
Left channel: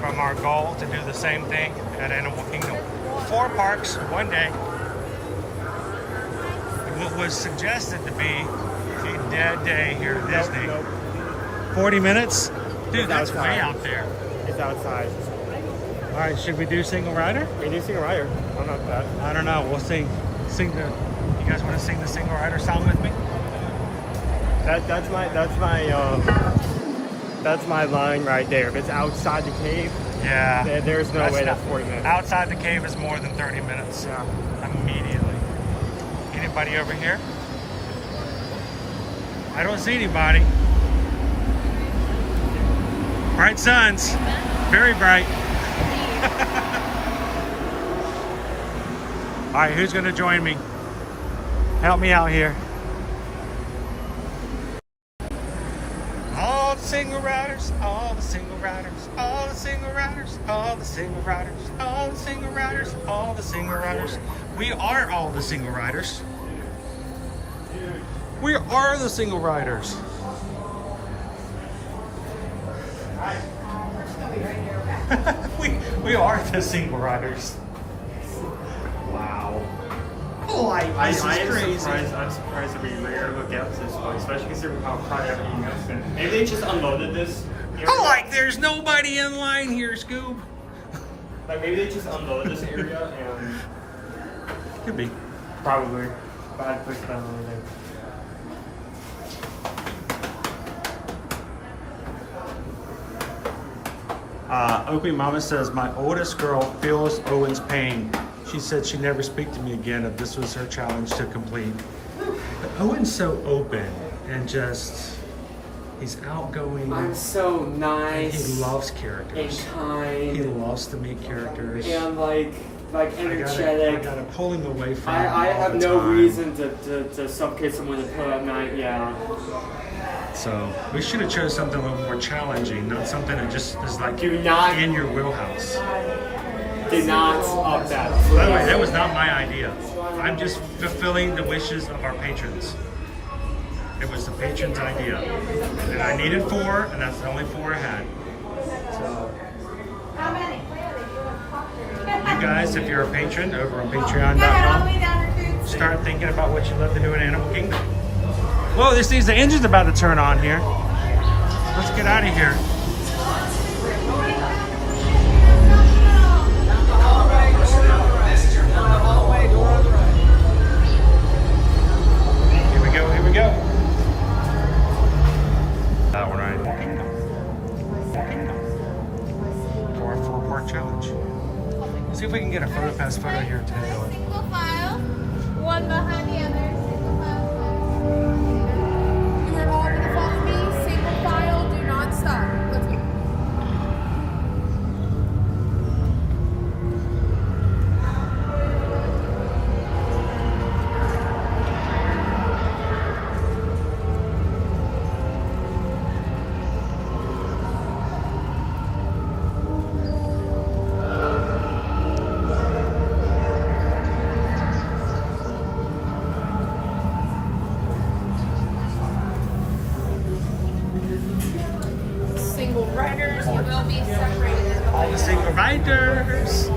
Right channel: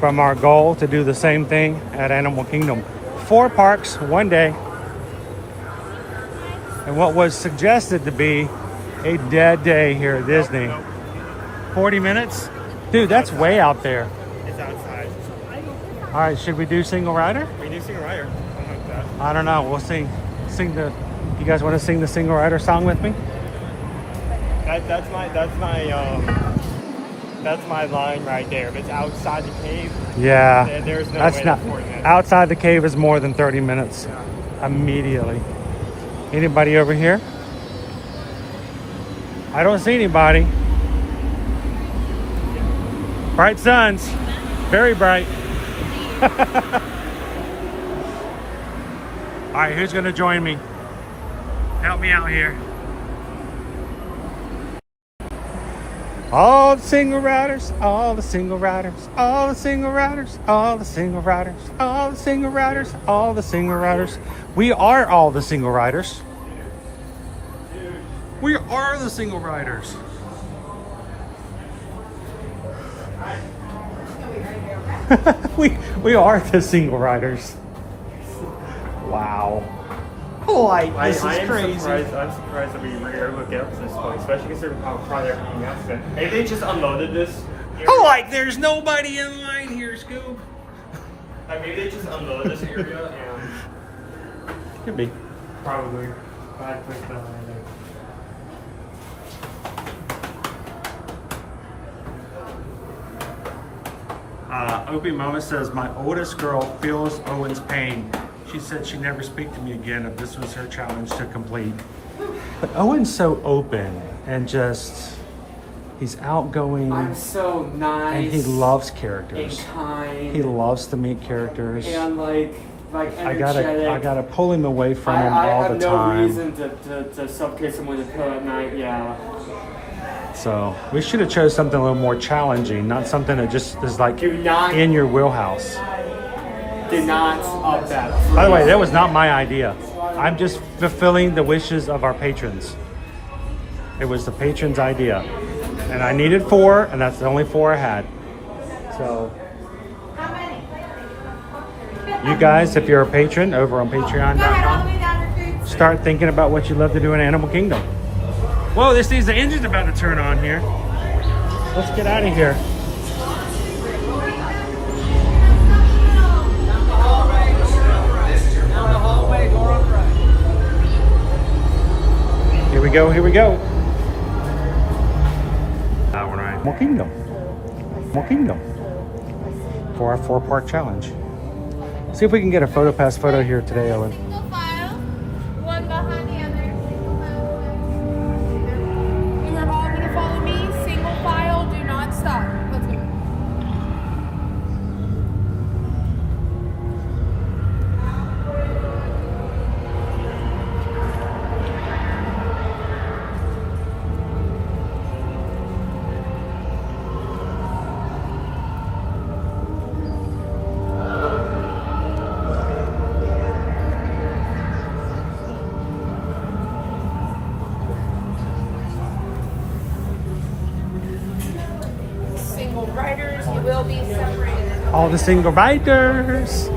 from our goal to do the same thing at Animal Kingdom. 4 parks, 1 day. And what was suggested to be a dead day here at Disney. 40 minutes? Dude, that's way out there. It's outside. All right, should we do single rider? We do single rider. I'm not that. I don't know. We'll sing the. You guys want to sing the single rider song with me? That's my line right there. If it's outside the cave, Yeah. there's no That's way not, that's 40 minutes. outside the cave is more than 30 minutes. Yeah. Immediately. Anybody over here? I don't see anybody. Bright suns. Very bright. All right, who's going to join me? Help me out here. All the single riders, all the single riders, all the single riders, all the single riders, all the single riders, all the single riders. We are all the single riders. We are the single riders. we are the single riders. Wow. This is crazy. I'm surprised that we were able to get up to this point, especially considering how crowded everything has been. Maybe they just unloaded this. There's nobody in line here, Scoob. Like maybe they just unloaded this area and Could be. probably. But I pushed down on anything. Opie Mama says, my oldest girl feels Owen's pain. She said she'd never speak to me again if this was her challenge to complete. But Owen's so open and just, he's outgoing. I'm so nice. And he loves characters. And kind. He loves to meet characters. And like energetic. I gotta pull him away from him I all have the no time. reason to suffocate someone in the pill at night, yeah. So we should have chose something a little more challenging, not something that just is like in your wheelhouse. Do not up that. By the way, that was not my idea. I'm just fulfilling the wishes of our patrons. It was the patron's idea. And I needed 4, and that's the only 4 I had. So, you guys, if you're a patron over on patreon.com, start thinking about what you love to do in Animal Kingdom. Whoa, this needs the engine's about to turn on here. Let's get out of here. Here we go. That one right. Animal Kingdom. Animal Kingdom. For our 4-part challenge. See if we can get a photo pass photo here today, Ellen. Single file, one behind the other. You're all going to follow me. Single file, do not stop. Let's go. Single riders, you will be separated. All the single bikers.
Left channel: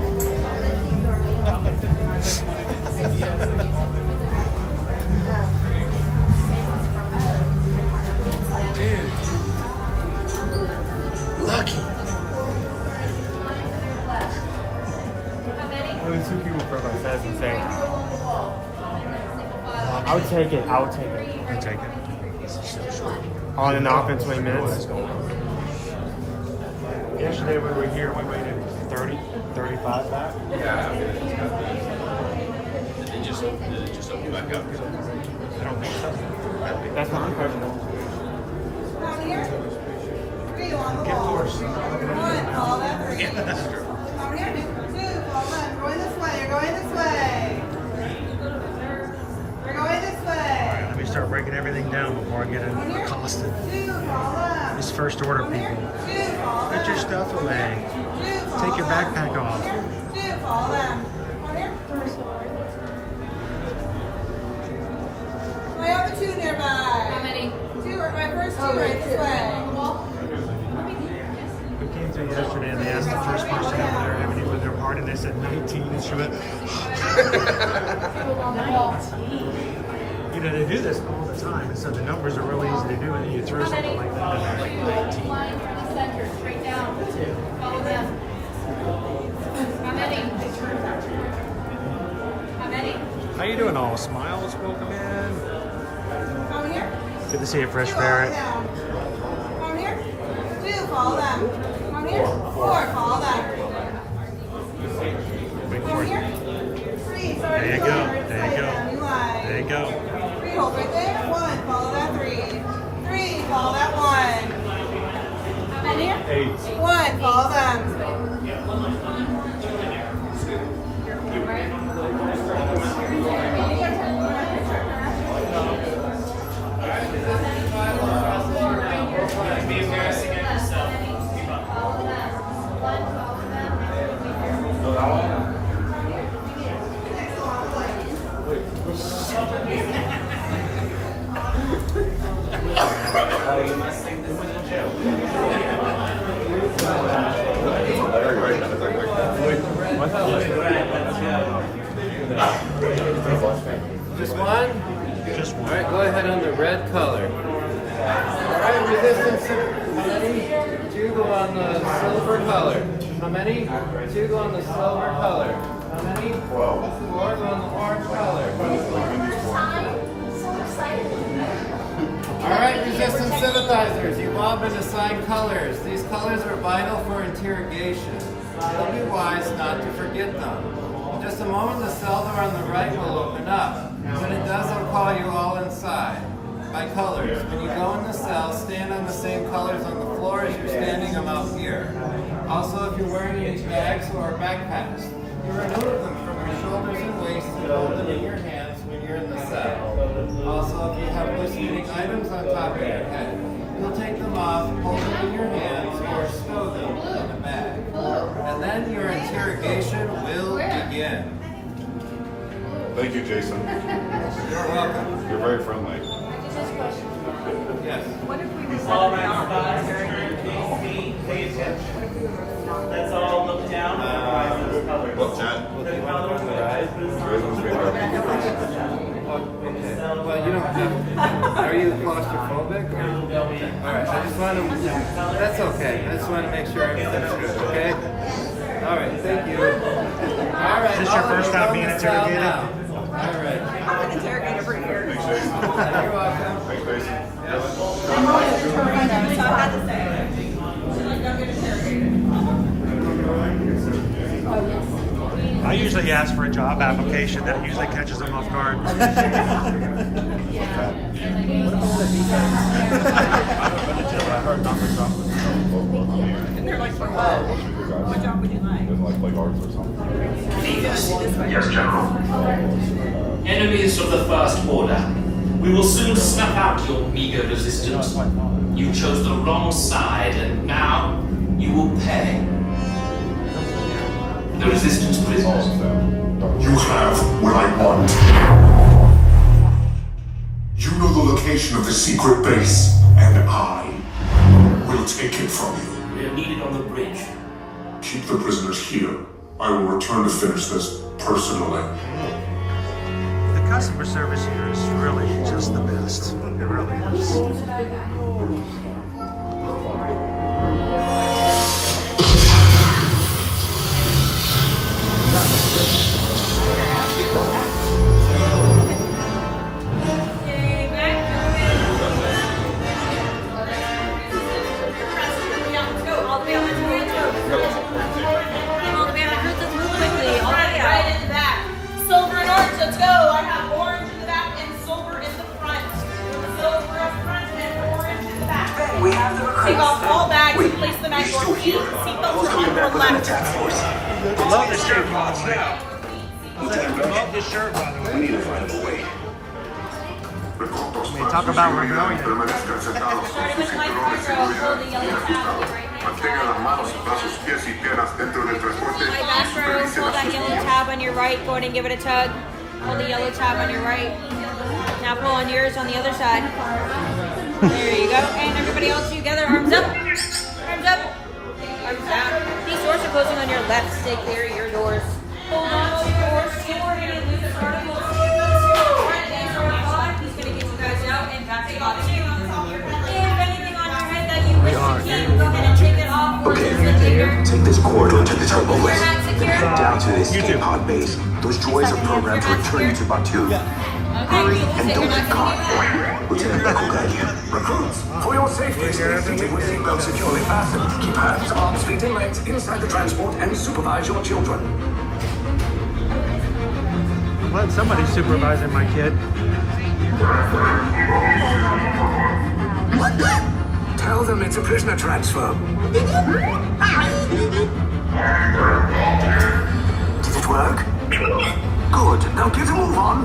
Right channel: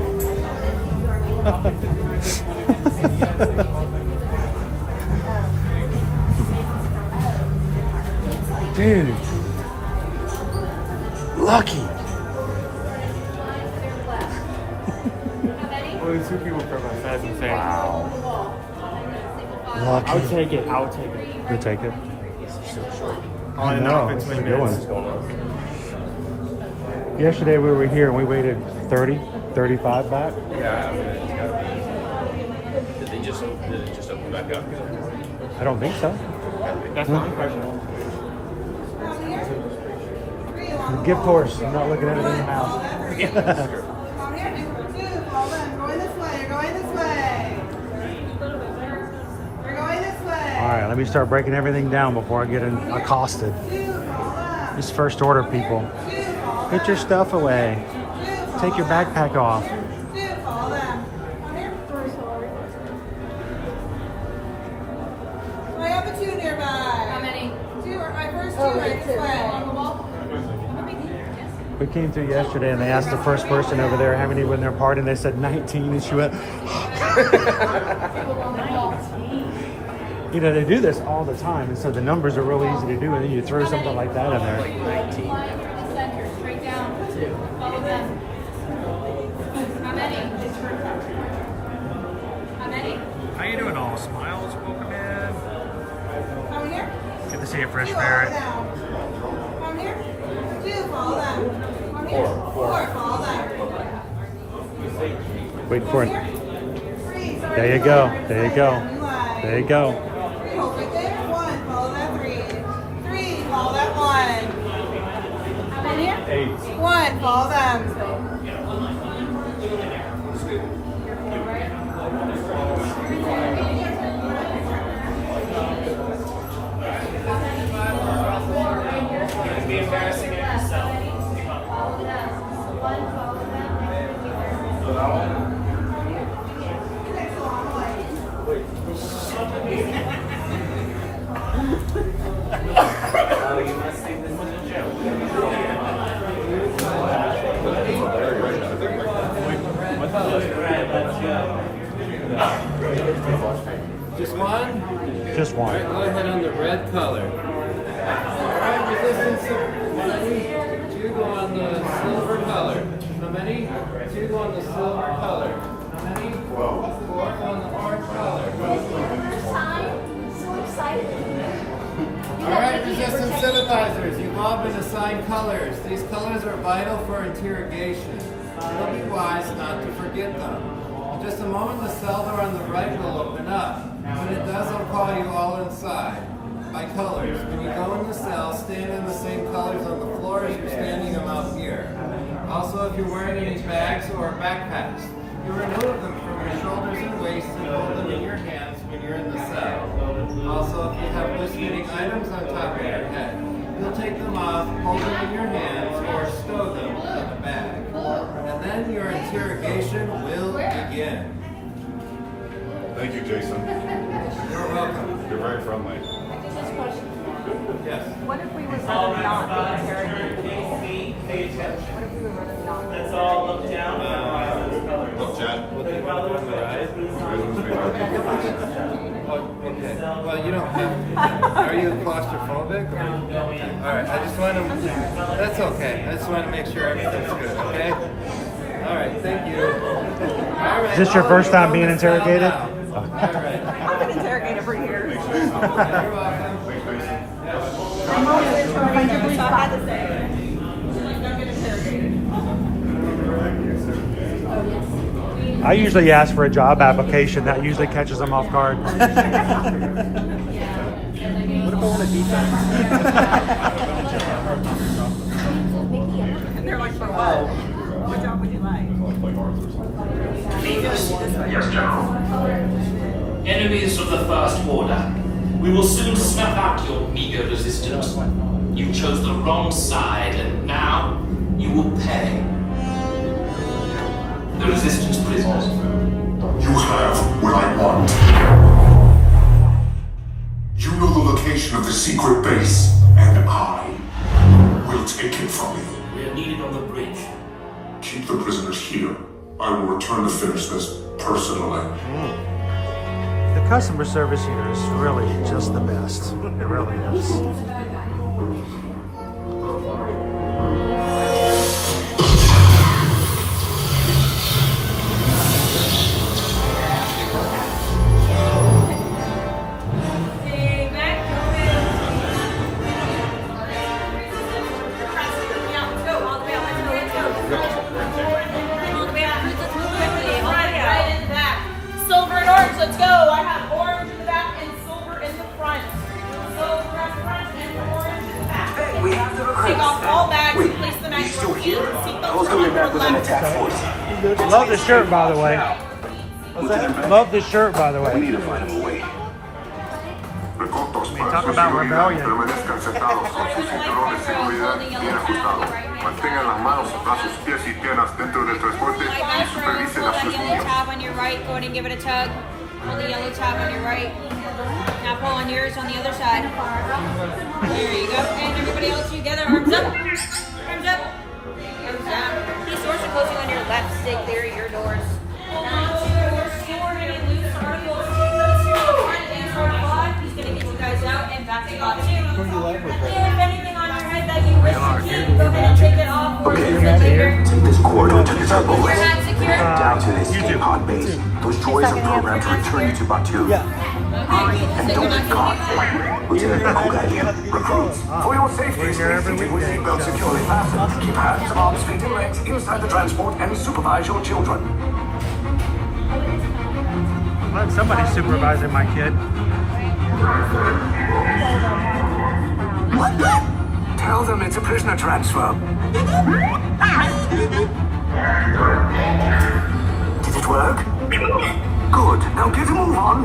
Dude. Lucky. Only 2 people for us. That's insane. I would take it. I would take it. You take it. On and off in 20 minutes. Yesterday we were here and we waited 30, 35 back. Yeah. Did they just open back up? I don't think so. That's my impression. Gift horse. I'm not looking at it. Going this way, you're going this way. We're going this way. All right, let me start breaking everything down before I get accosted. These first order people. Put your stuff away. Take your backpack off. I have a 2 nearby. How many? 2 are my first 2 right this way. We came through yesterday and they asked the first person over there how many were in their party and they said 19 and she went, you know, they do this all the time and so the numbers are really easy to do and then you throw something like that in there. Line from the center, straight down. Follow them. How many? How many? How you doing all? Smiles, welcome in. Come here. Good to see you, Fresh Parrot. Come here. 2, follow them. Come here. 4, follow them. Wait for it. 3, sorry. There you go. There you go. There you go. 3, hold right there. 1, follow that 3. 3, follow that 1. Come here. 8. 1, follow them. Just one? Just one. All right, go ahead on the red color. All right, resistance. How many? 2 go on the silver color. How many? 2 go on the silver color. How many? 4 on the orange color. All right, resistance synthesizers. You've all been assigned colors. These colors are vital for interrogation. You'll be wise not to forget them. In just a moment, the cell door on the right will open up. When it does, I'll call you all inside. By colors. When you go in the cell, stand on the same colors on the floor as you're standing them out here. Also, if you're wearing any bags or backpacks, you remove them from your shoulders and waist and hold them in your hands when you're in the cell. Also, if you have loose-fitting items on top of your head, you'll take them off, hold them in your hands, or stow them in a bag. And then your interrogation will begin. Thank you, Jason. You're welcome. You're very friendly. Yes. What if we were running not interrogated? What if we were running not? That's all look down. What, do you want to go on the ride? Oh, okay. Well, you don't have. Are you claustrophobic? Or? All right. I just want to. That's okay. I just want to make sure everything's good. Okay. All right. Thank you. All right. Is this your first time being interrogated? All right. I've been interrogated for years. You're welcome. I usually ask for a job application. That usually catches them off guard. And they're like, for what? What job would you like? Yes, General. Enemies of the First Order. We will soon snuff out your meager resistance. You chose the wrong side, and now you will pay. The resistance prisoners. You have what I want. You know the location of the secret base, and I will take it from you. We are needed on the bridge. Keep the prisoners here. I will return to finish this personally. The customer service here is really just the best. It really is. Let's go. I have orange in the back and silver in the front. Silver in the front and orange in the back. We have the recruits. Take off all bags and place them at your feet. Seatbelts are on your left. Love the shirt, by the way. Love the shirt, by the way. We need to find him a way. I mean, talk about rebellion. Permanezcan sentados con sus cinturones de seguridad bien ajustados. Mantengan las manos, brazos, pies y piernas dentro del transporte y supervisen Hold a that sus yellow niños. tab on your right. Go ahead and give it a tug. Hold the yellow tab on your right. Now pull on yours on the other side. There you go. And everybody else together. Arms up. Arms up. Arms down. These doors are closing on your left. Stay clear of your doors. Hold on to your sword and loose articles. He's going to get you guys out and back to God. If anything on your head that you wish to keep, go ahead and take it off. Okay, take this corridor to the turbo lift. Not secure. Head down to the escape pod base. Those droids are programmed to return you to Batu. Hurry and don't get caught. Lieutenant Beck will guide you. Recruits, for your safety, stay seated with seatbelts securely fastened. Keep hands, arms, feet, and legs inside the transport and supervise your children. I'm glad somebody's supervising my kid. Tell them it's a prisoner transfer. Did it work? Good. Now get a move on.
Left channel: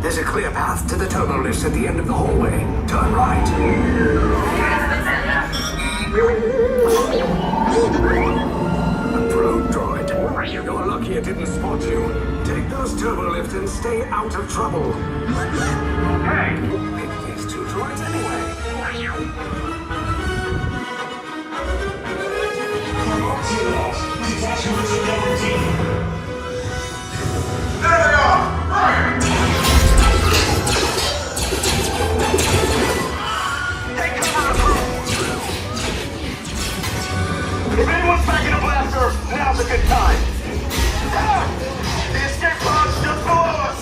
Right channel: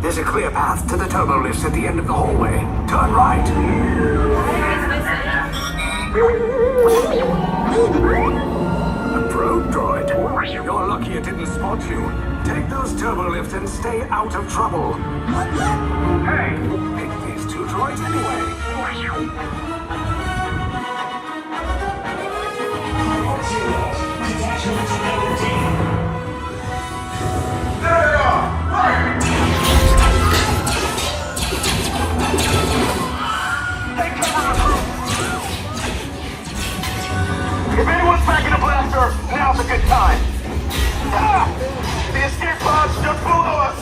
There's a clear path to the turbo lifts at the end of the hallway. Turn right. A probe droid. You're lucky it didn't spot you. Take those turbo lifts and stay out of trouble. Hey, pick these two droids anyway. There they are! If anyone's packing a blaster, now's a good time. Ah! The escape pod's just below us.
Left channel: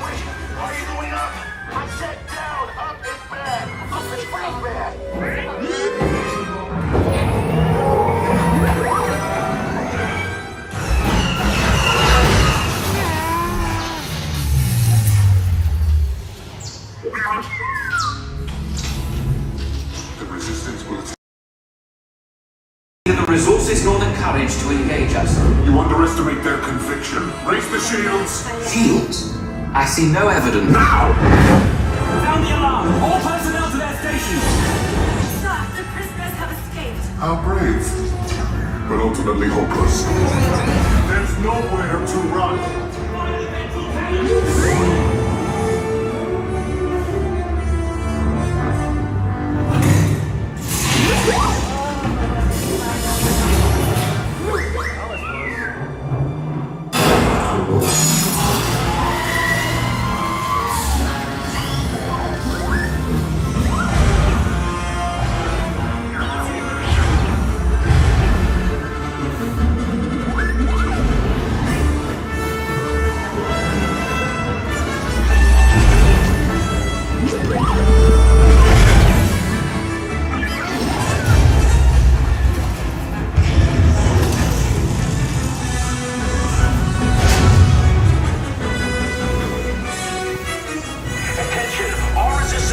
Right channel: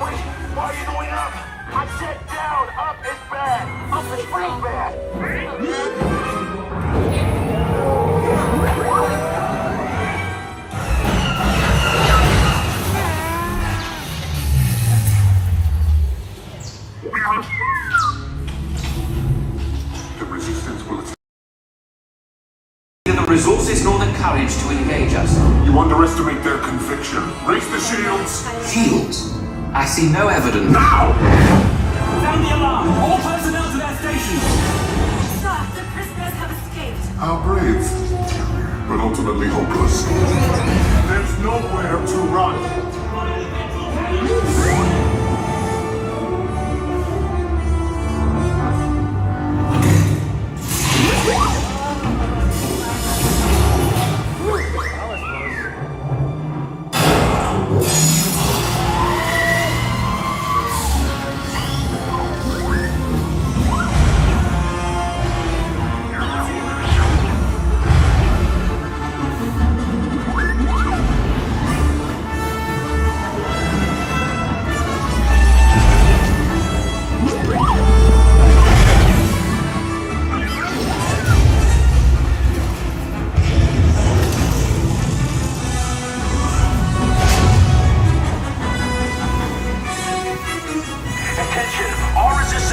Wait, why are you going up? I said down. Up is bad. Up is real bad. The resistance will Neither the resources nor the courage to engage us. You underestimate their conviction. Raise the shields. Shields? I see no evidence. Now! Sound the alarm! All personnel to their stations! Sir, the prisoners have escaped. How brave, but ultimately hopeless. There's nowhere to run.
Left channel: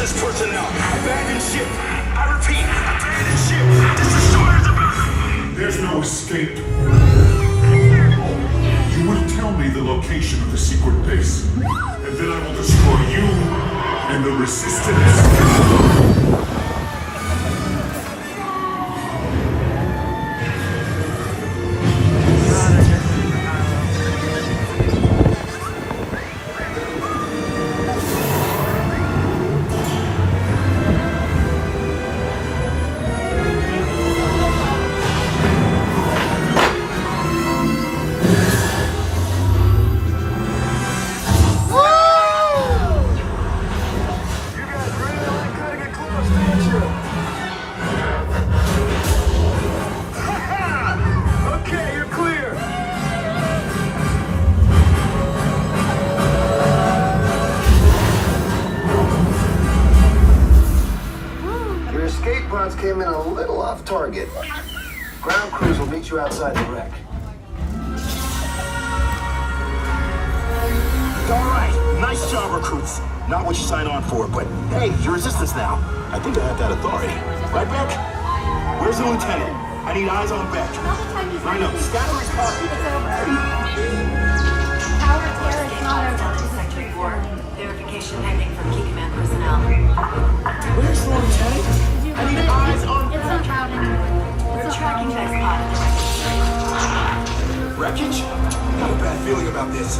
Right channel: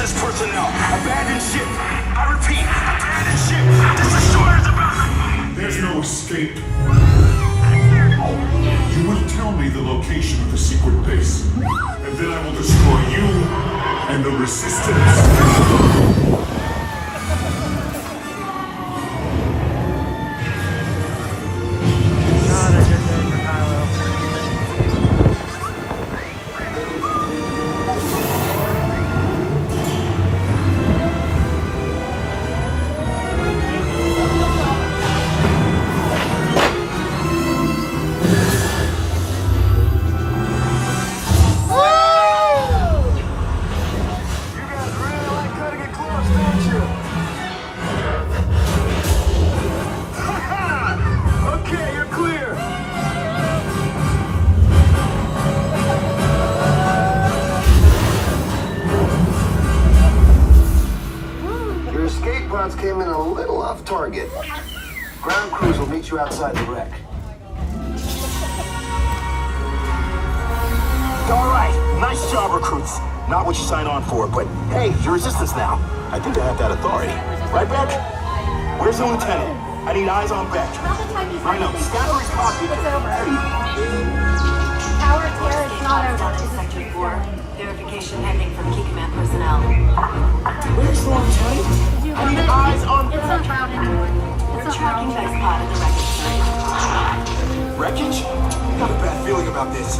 This personnel, abandon ship. I repeat, abandon ship. This destroyer is about. There's no escape. You will tell me the location of the secret base, and then I will destroy you and the resistance. Okay, you're clear. Your escape pods came in a little off target. Ground crews will meet you outside the wreck. All right, nice job, recruits. Not what you signed on for, but hey, you're resistance now. I think I have that authority. Right, Beck? Where's the lieutenant? I need eyes on Beck. I know, scatter his pocket. Tower tear is not over. This is Sector 4. Verification pending from Key Command personnel. Where's the lieutenant? I need eyes on It's not loud anymore. We're tracking that spot in the wreckage, sir. Wreckage? Got a bad feeling about this.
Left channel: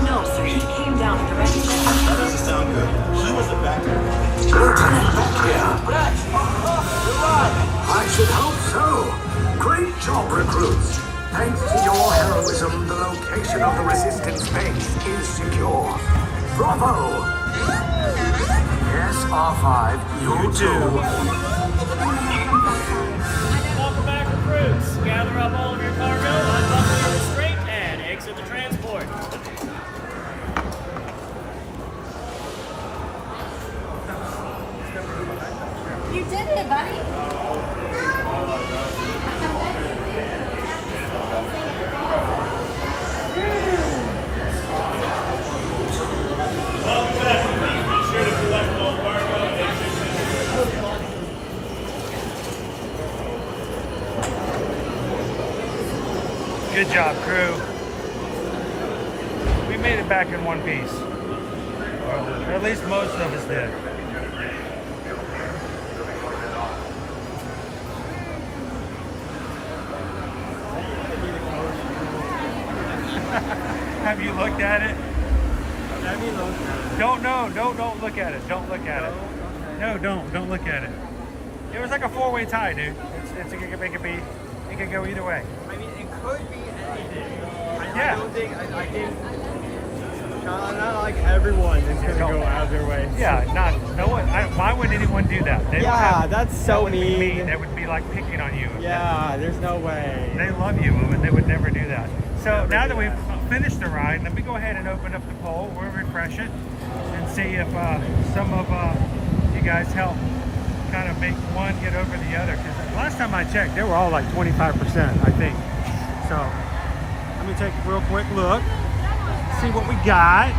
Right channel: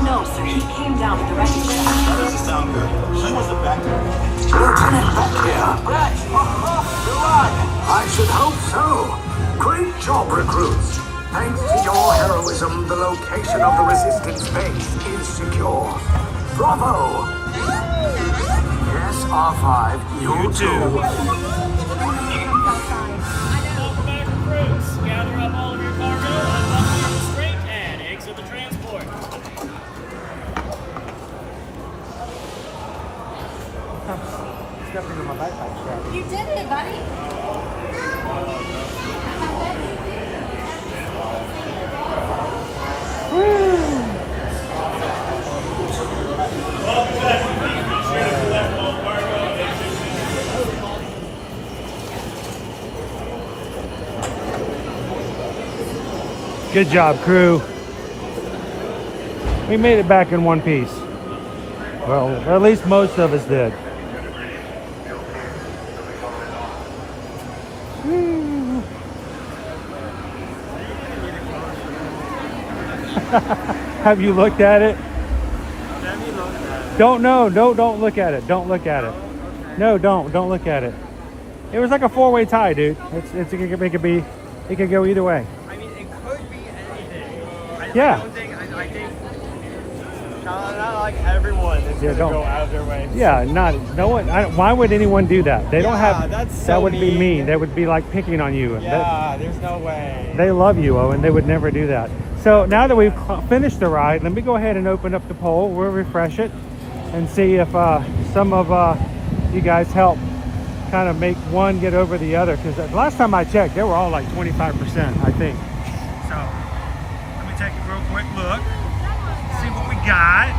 No, sir. He came down with the wreckage. That doesn't sound good. He wasn't back there. Lieutenant Beck here. Beck! You're alive! I should hope so. Great job, recruits. Thanks to your heroism, the location of the resistance base is secure. Bravo! Yes, R5, you too. Welcome back, recruits. Gather up all of your cargo, unbuckle your restraint, and exit the transport. You did it, buddy. Good job, crew. We made it back in one piece. Well, or at least most of us did. Have you looked at it? Don't look at it. Don't look at it. No, don't look at it. It was like a four-way tie, dude. It could go either way. I mean, it could be anything. Yeah. I don't think, not like everyone is going to go out of their way. Yeah, no one. Why would anyone do that? They don't Yeah, have. that's so that would be mean. mean. That would be like picking on you. Yeah, there's no way. They love you, Owen. They would never do that. So now that we've finished the ride, let me go ahead and open up the poll. We'll refresh it and see if some of you guys help kind of make one get over the other. Because last time I checked, they were all like 25%, I think. So let me take a real quick look, see what we got.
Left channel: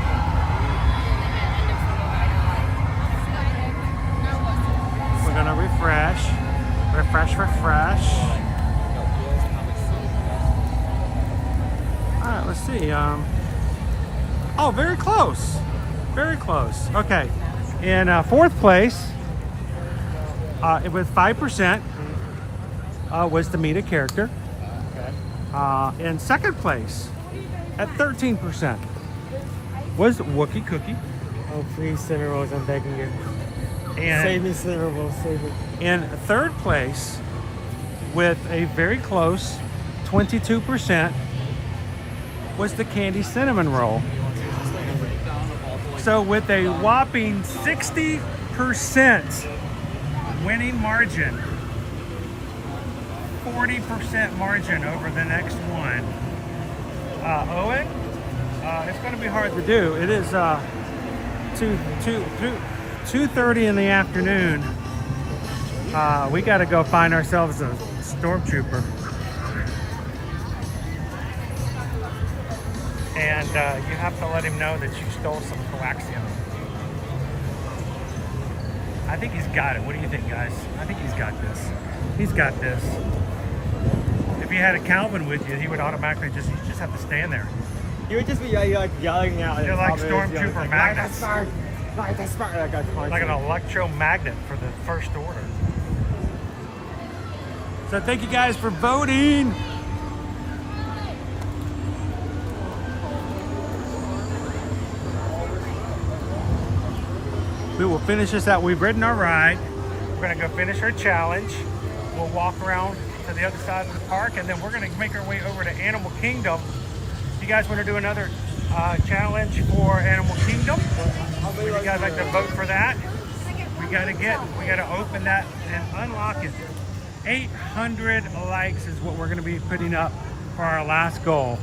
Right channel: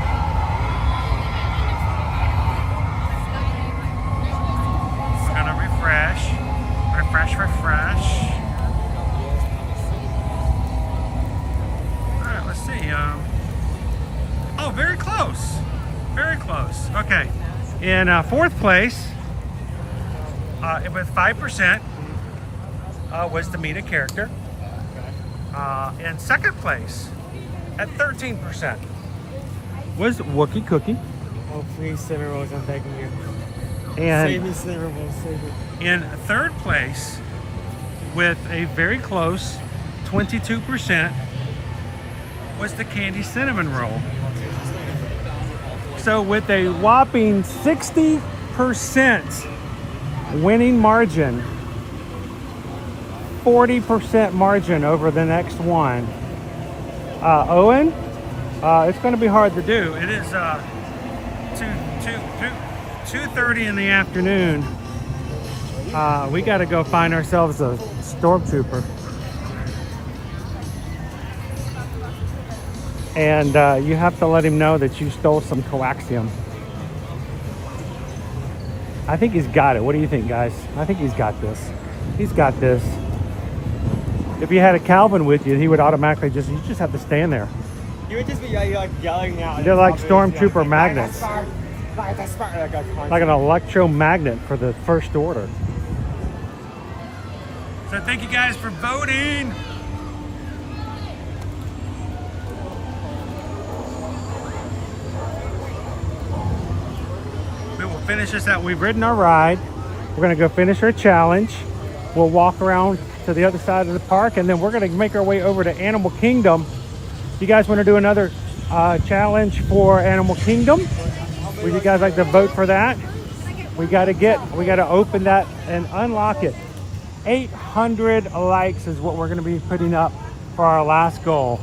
We're gonna refresh. All right, let's see. Oh, very close. Okay, in fourth place, with 5%, was to meet a character. In second place, at 13%, was Wookie Cookie. Oh, please, Cinnamon Rolls, I'm begging you. And Save me, Cinnamon Rolls, save me. in third place, with a very close 22%, was the candy cinnamon roll. So with a whopping 60% winning margin, 40% margin over the next one. Owen, it's going to be hard to do. It is 2:30 in the afternoon. We got to go find ourselves a stormtrooper. And you have to let him know that you stole some coaxium. I think he's got it. What do you think, guys? I think he's got this. He's got this. If you had a Calvin with you, he would automatically just, you just have to stand there. You would just be like yelling out. They're like stormtrooper magnets. Like Like an electromagnet for the first order. So thank you guys for voting. We will finish this out. We've ridden our ride. We're gonna go finish our challenge. We'll walk around to the other side of the park, and then we're gonna make our way over to Animal Kingdom. You guys wanna do another challenge for Animal Kingdom? Would you guys like to vote for that? We gotta open that and unlock it. 800 likes is what we're gonna be putting up for our last goal.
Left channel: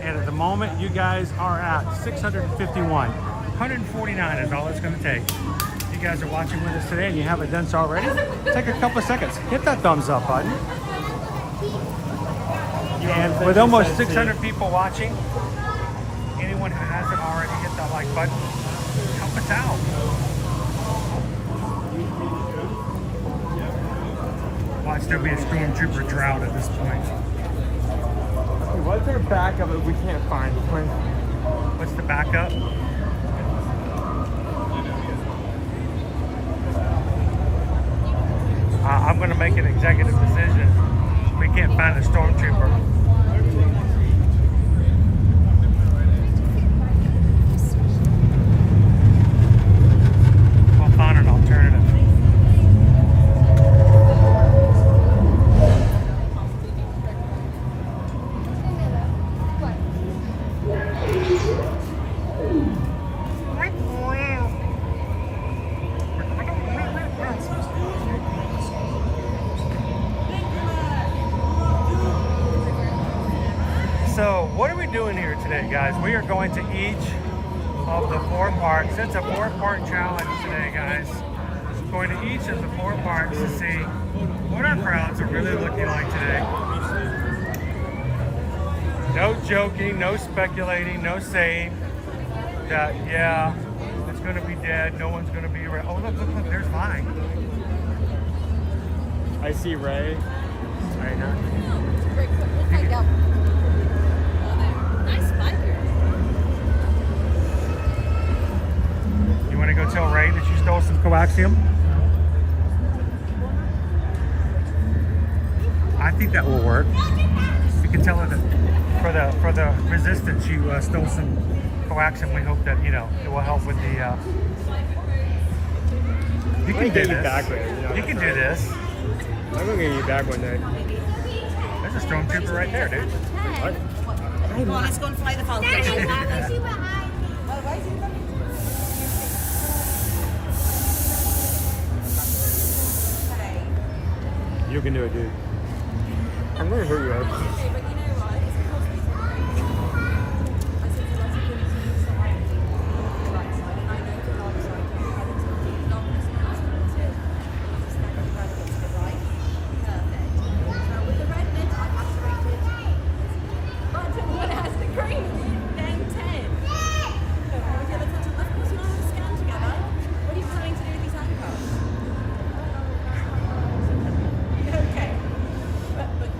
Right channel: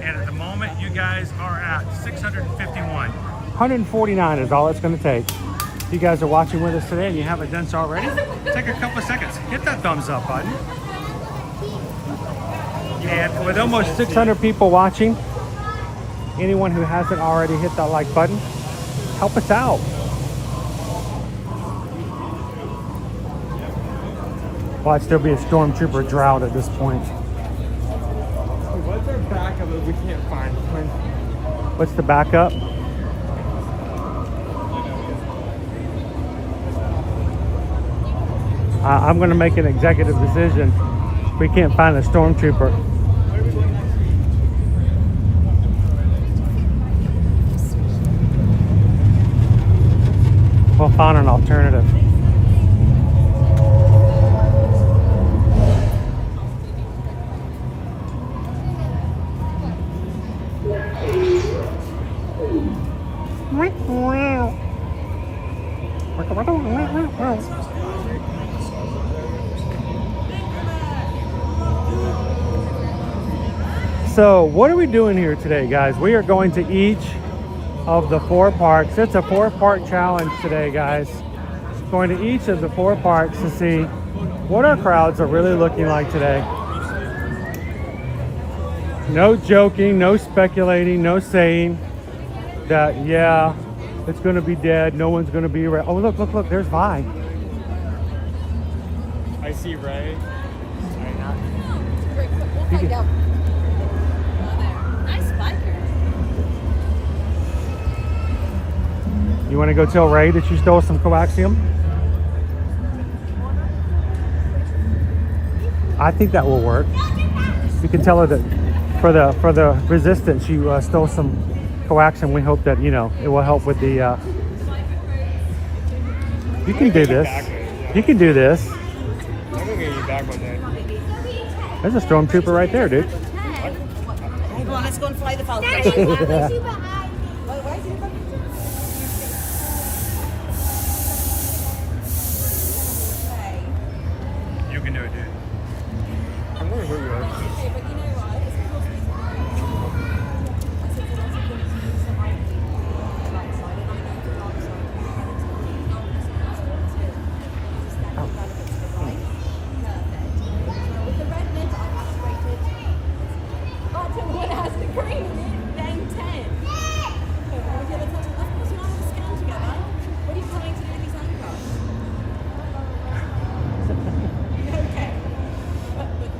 And at the moment, you guys are at 651. 149 is all it's gonna take. If you guys are watching with us today and you haven't done so already, take a couple of seconds. Hit that thumbs up button. And with almost 600 people watching, anyone who hasn't already hit that like button, help us out. Well, it'd still be a stormtrooper drought at this point. What's our backup if we can't find one? What's the backup? I'm going to make an executive decision. We can't find a stormtrooper. We'll find an alternative. So what are we doing here today, guys? We are going to each of the 4 parks. It's a 4-part challenge today, guys. Going to each of the 4 parks to see what our crowds are really looking like today. No joking, no speculating, no saying that, yeah, it's going to be dead. No one's going to be around. Oh, look, look, look, there's Vi. I see Ray. Nice biker. You want to go tell Ray that you stole some coaxium? I think that will work. You can tell her that for the resistance, you stole some coaxium. We hope that, you know, it will help with the. You can do this. You can do this. I'm gonna get you back one day. There's a stormtrooper right there, dude. Come on, let's go and fly the Falcon. You can do it, dude. I'm gonna hurt you, Ed.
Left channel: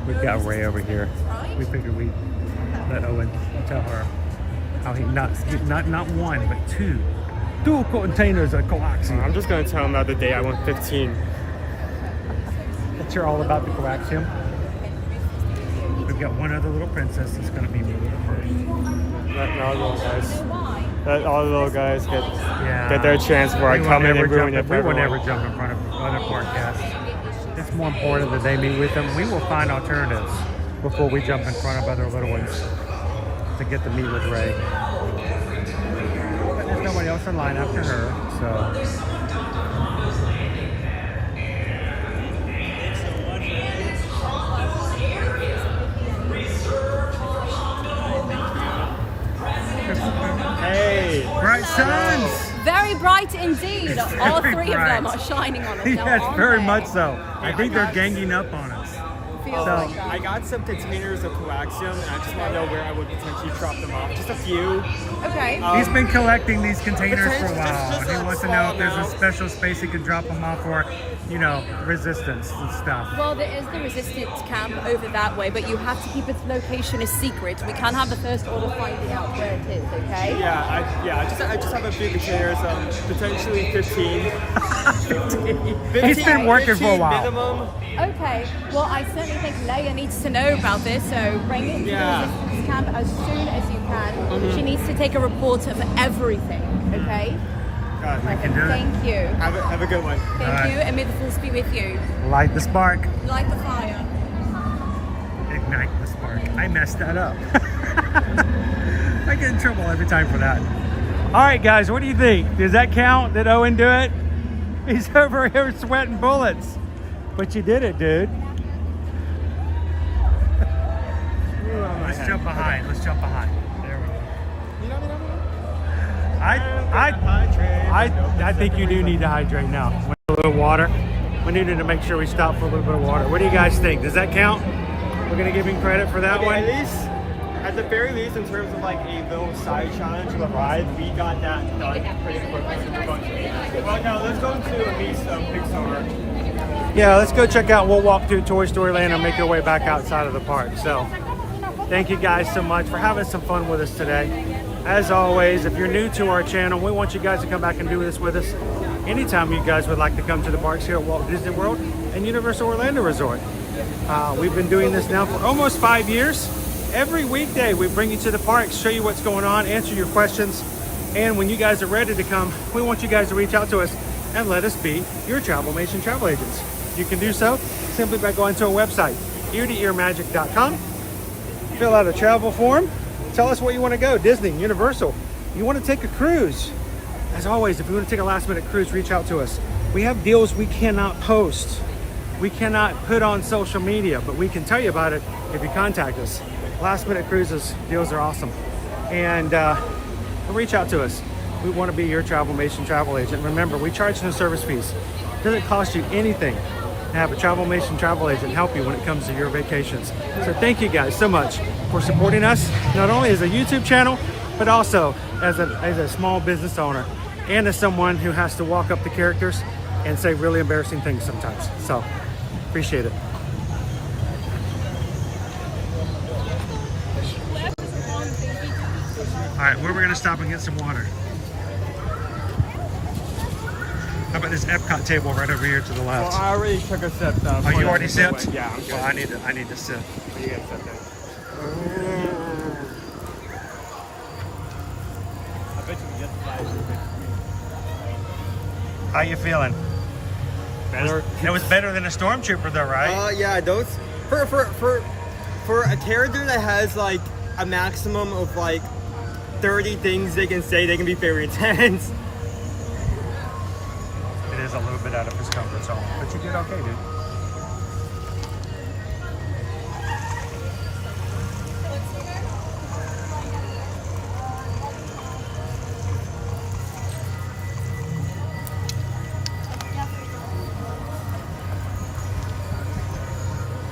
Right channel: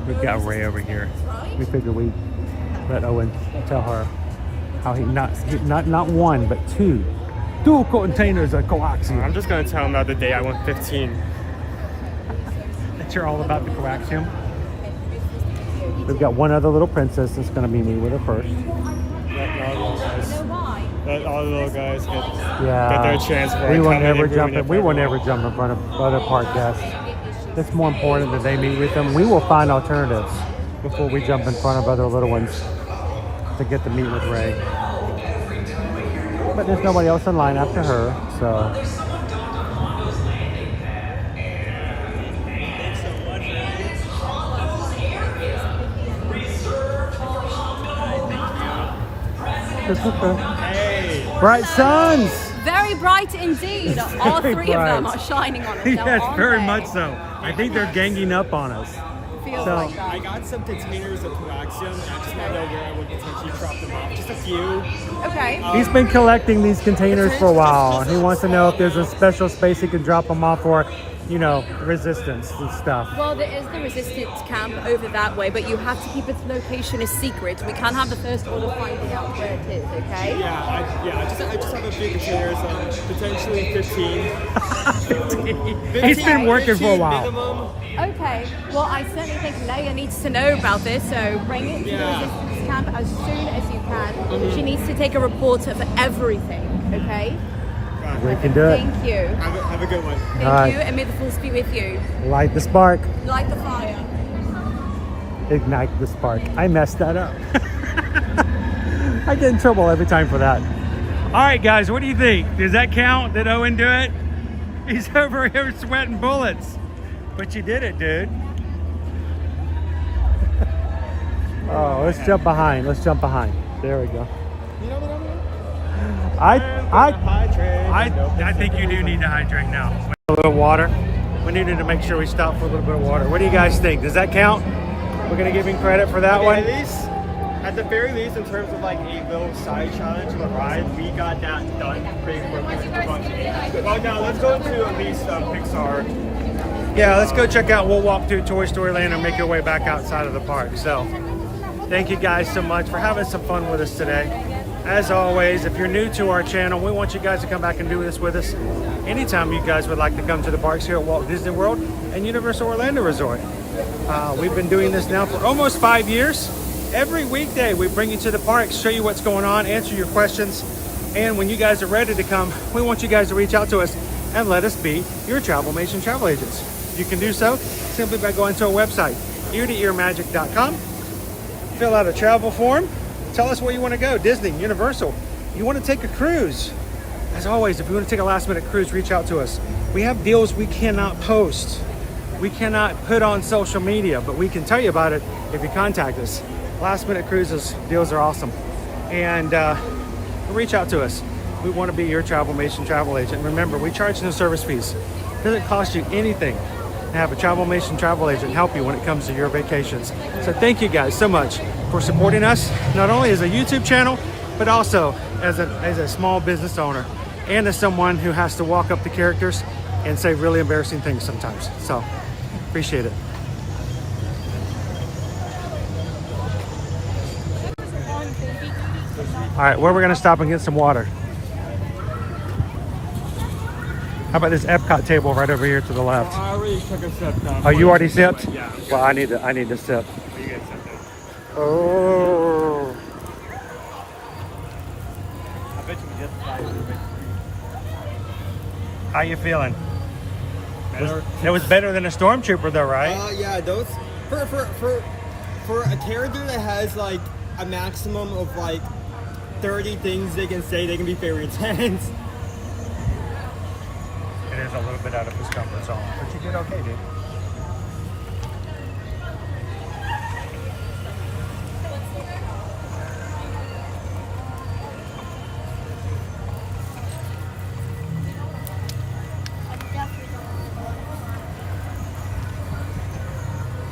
We've got Ray over here. We figured we'd let Owen tell her how he not one but two dual containers of coaxium. I'm just gonna tell him about the day I won 15. That you're all about the coaxium. We've got one other little princess that's gonna be me with her first. Let all the little guys. Let all the little guys get their chance before I We come in and ruin it for we will everyone. never jump in front of other park guests. It's more important that they meet with them. We will find alternatives before we jump in front of other little ones to get to meet with Ray. But there's nobody else in line after her, so. Hey! Bright suns! Very bright indeed. All Very three of them bright. are shining on us. Yes, now, aren't very they? much so. I think they're ganging up on us. feels So- like that. I got some containers of coaxium, and I just want to know where I would potentially drop them off. Just a few. Okay. He's been collecting these containers for a while. He wants to know if there's a special space he can drop them off for, you know, resistance and stuff. Well, there is the resistance camp over that way, but you have to keep its location a secret. We can't have the first order finding out where it is, okay? I just have a few containers, potentially 15. 15. He's been working for a 15 while. minimum. Okay, well, I certainly think Leia needs to know about this, so bring it to the resistance camp as soon as you can. She needs to take a report of everything, okay? We can do it. Thank you. Have a good one. Thank All right. you, and may the force be with you. Light the spark. Light the fire. Ignite the spark. I messed that up. I get in trouble every time for that. All right, guys, what do you think? Does that count? Did Owen do it? He's over here sweating bullets. But you did it, dude. Oh, let's jump behind. Let's jump behind. There we go. I think you do need to hydrate now. A little water. We needed to make sure we stop for a little bit of water. What do you guys think? Does that count? We're gonna give him credit for that one. At least, at the very least, in terms of like a little side challenge to the ride, we got that done pretty quickly. Well, now let's go into at least Pixar. Yeah, let's go check out. We'll walk through Toy Story Land and make our way back outside of the park. So thank you guys so much for having some fun with us today. As always, if you're new to our channel, we want you guys to come back and do this with us anytime you guys would like to come to the parks here at Walt Disney World and Universal Orlando Resort. We've been doing this now for almost 5 years. Every weekday we bring you to the parks, show you what's going on, answer your questions, and when you guys are ready to come, we want you guys to reach out to us and let us be your Travelmation travel agents. You can do so simply by going to our website, ear-to-earmagic.com. Fill out a travel form. Tell us where you want to go, Disney, Universal. You want to take a cruise. As always, if you want to take a last minute cruise, reach out to us. We have deals we cannot post. We cannot put on social media, but we can tell you about it if you contact us. Last minute cruises, deals are awesome. And reach out to us. We want to be your Travelmation travel agent. Remember, we charge no service fees. It doesn't cost you anything to have a Travelmation travel agent help you when it comes to your vacations. So thank you guys so much for supporting us, not only as a YouTube channel, but also as a small business owner and as someone who has to walk up to characters and say really embarrassing things sometimes. So appreciate it. All right, where we're gonna stop and get some water. How about this Epcot table right over here to the left? Well, I already took a sip. Oh, you already sipped? Yeah. Well, I need to sip. You get something. Oh. I bet you can justify it. How you feeling? Better. It was better than a stormtrooper though, right? Yeah, those for a character that has like a maximum of like 30 things they can say, they can be very intense. It is a little bit out of his comfort zone, but you did okay, dude.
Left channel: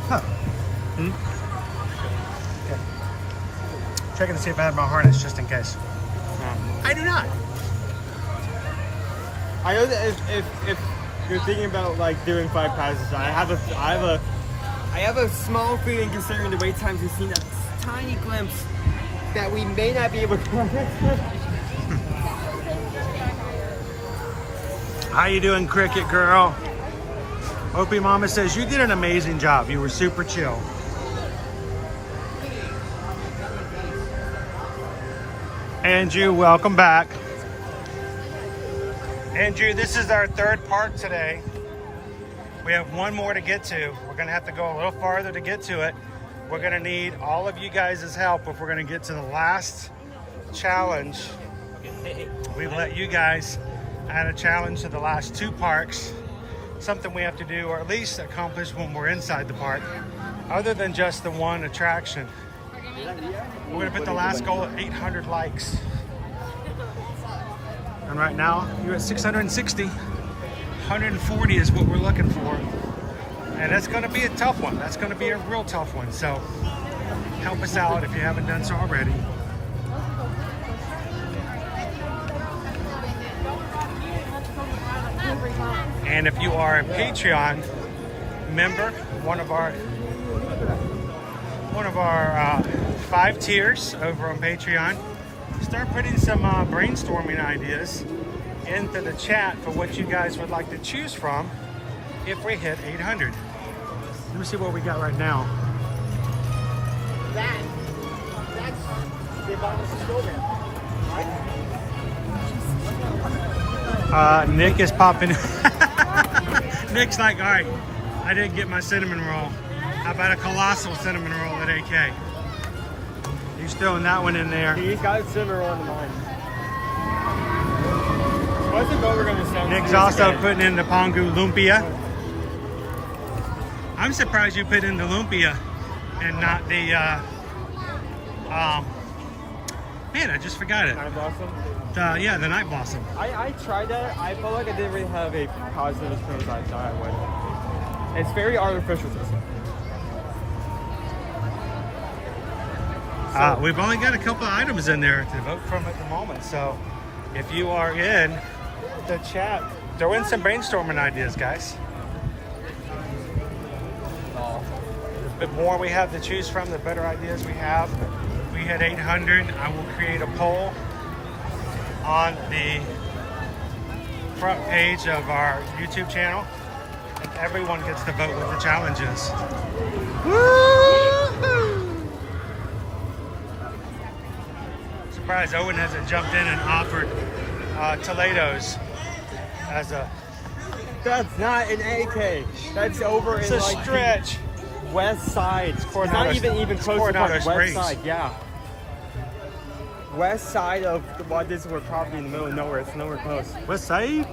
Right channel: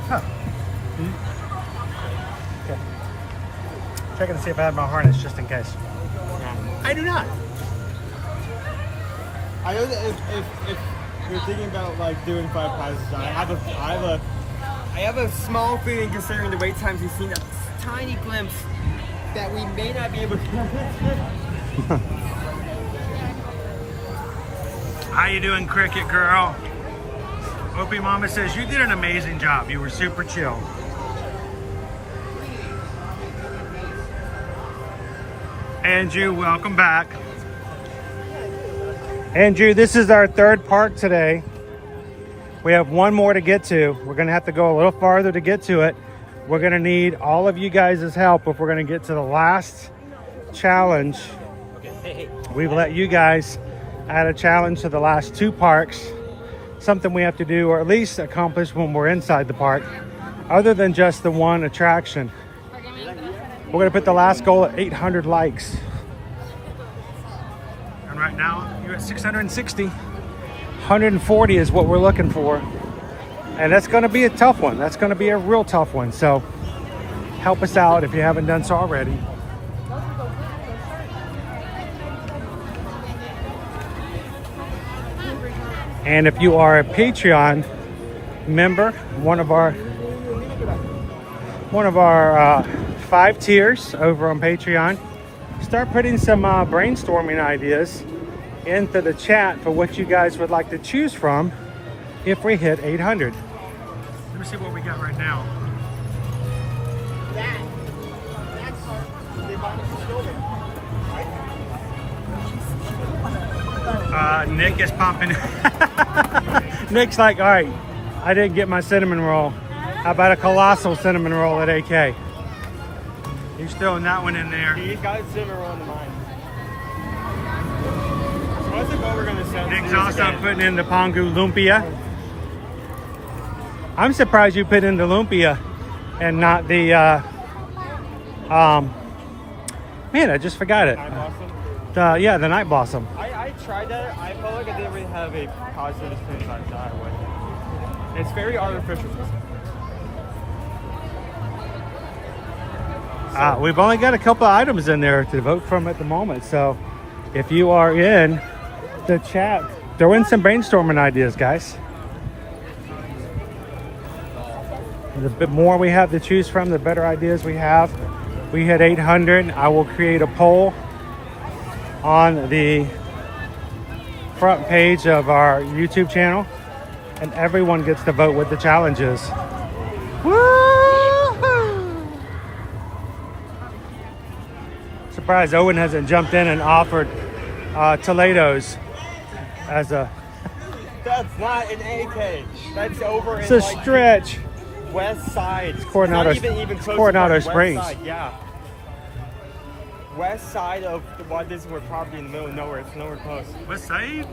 Huh. Okay. Checking to see if I had my harness just in case. I do not. I know that if you're thinking about like doing 5 passes, I have a small feeling, considering the wait times we've seen, a tiny glimpse that we may not be able to. How you doing, Cricket Girl? Opie Mama says you did an amazing job. You were super chill. Andrew, welcome back. Andrew, this is our third park today. We have one more to get to. We're gonna have to go a little farther to get to it. We're gonna need all of you guys' help if we're gonna get to the last challenge. We've let you guys add a challenge to the last 2 parks. Something we have to do, or at least accomplish when we're inside the park, other than just the one attraction. We're gonna put the last goal at 800 likes. And right now, you're at 660. 140 is what we're looking for. And that's going to be a tough one. That's going to be a real tough one. So help us out if you haven't done so already. And if you are a Patreon member, one of our 5 tiers over on Patreon, start putting some brainstorming ideas into the chat for what you guys would like to choose from if we hit 800. Let me see what we got right now. Nick is popping. Nick's like, all right, I didn't get my cinnamon roll. How about a colossal cinnamon roll at AK? He's throwing that one in there. He's got cinnamon roll in mind. I think what we're gonna say. Nick's also putting in the Pongu Lumpia. I'm surprised you put in the Lumpia and not the, man, I just forgot it. Night Blossom? Yeah, the Night Blossom. I tried it. I felt like I didn't really have a positive experience I thought I would. It's very artificial. We've only got a couple of items in there to vote from at the moment. So if you are in the chat, throw in some brainstorming ideas, guys. The bit more we have to choose from, the better ideas we have. We hit 800. I will create a poll on the front page of our YouTube channel, and everyone gets to vote with the challenges. Woo-hoo! Surprised Owen hasn't jumped in and offered Toledo's as a... That's not an AK. That's over It's in a stretch. West Side. It's Coronado, not even close Coronado to Springs. West Side, yeah. West side of what is we're probably in the middle of nowhere. It's nowhere close. West Side?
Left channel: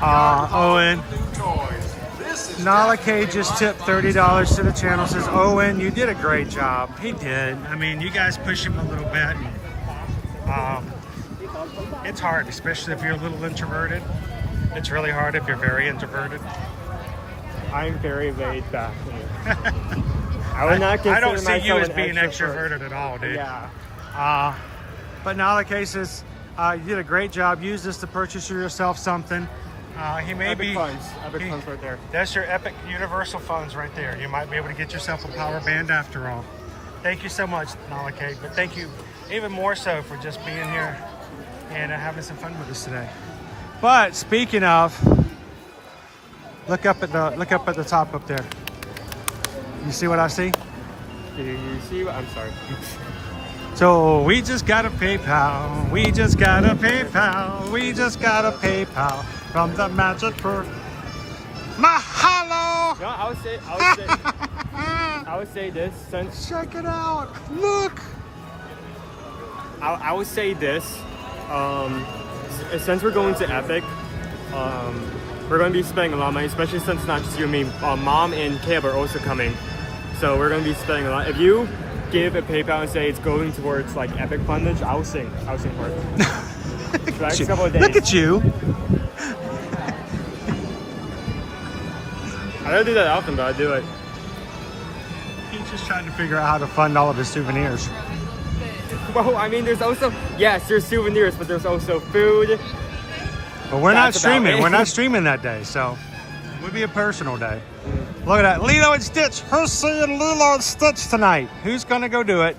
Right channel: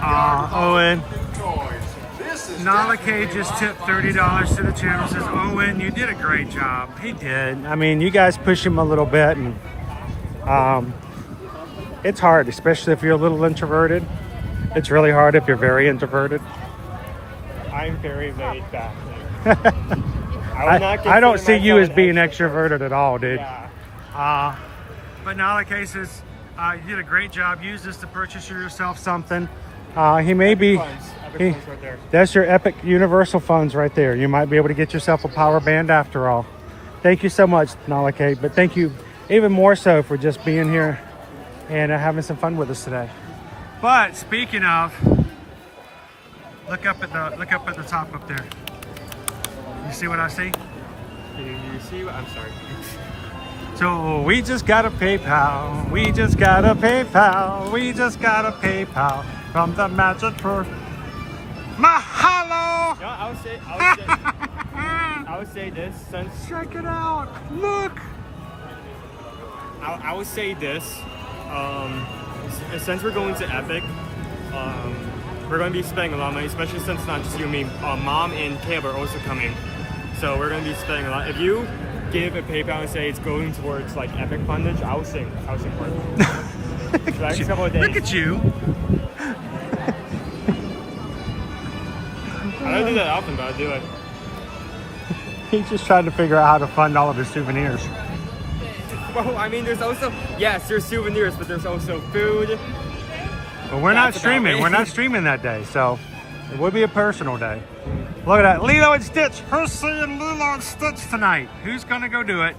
Owen. Nala K just tipped $30 to the channel. Says, Owen, you did a great job. He did. I mean, you guys push him a little bit, and it's hard, especially if you're a little introverted. It's really hard if you're very introverted. I'm very laid back. I don't see you as being extroverted at all, dude. Yeah. But Nala K says, you did a great job. Use this to purchase yourself something. He may Epic be... funds. Epic funds right there. That's your Epic Universal funds right there. You might be able to get yourself a power band after all. Thank you so much, Nala K. But thank you even more so for just being here and having some fun with us today. But speaking of, look up at the top up there. You see what I see? You see what? I'm sorry. So we just got a PayPal. We just got a PayPal. We just got a PayPal from the Magic Crew. Mahalo! Yeah, I would say this since. Check it out. Look. I would say this. Since we're going to Epic, we're going to be spending a lot of money, especially since not just you and me, Mom and Caleb are also coming. So we're going to be spending a lot. If you give a PayPal and say it's going towards like Epic fundage, I'll sing for it. Look at you. I don't do that often, but I do it. He's just trying to figure out how to fund all of his souvenirs. Well, I mean, there's also, yes, there's souvenirs, but there's also food. But we're not streaming. We're not streaming that day, so it would be a personal day. Look at that. Lilo and Stitch. Who's seeing Lilo and Stitch tonight? Who's going to go do it?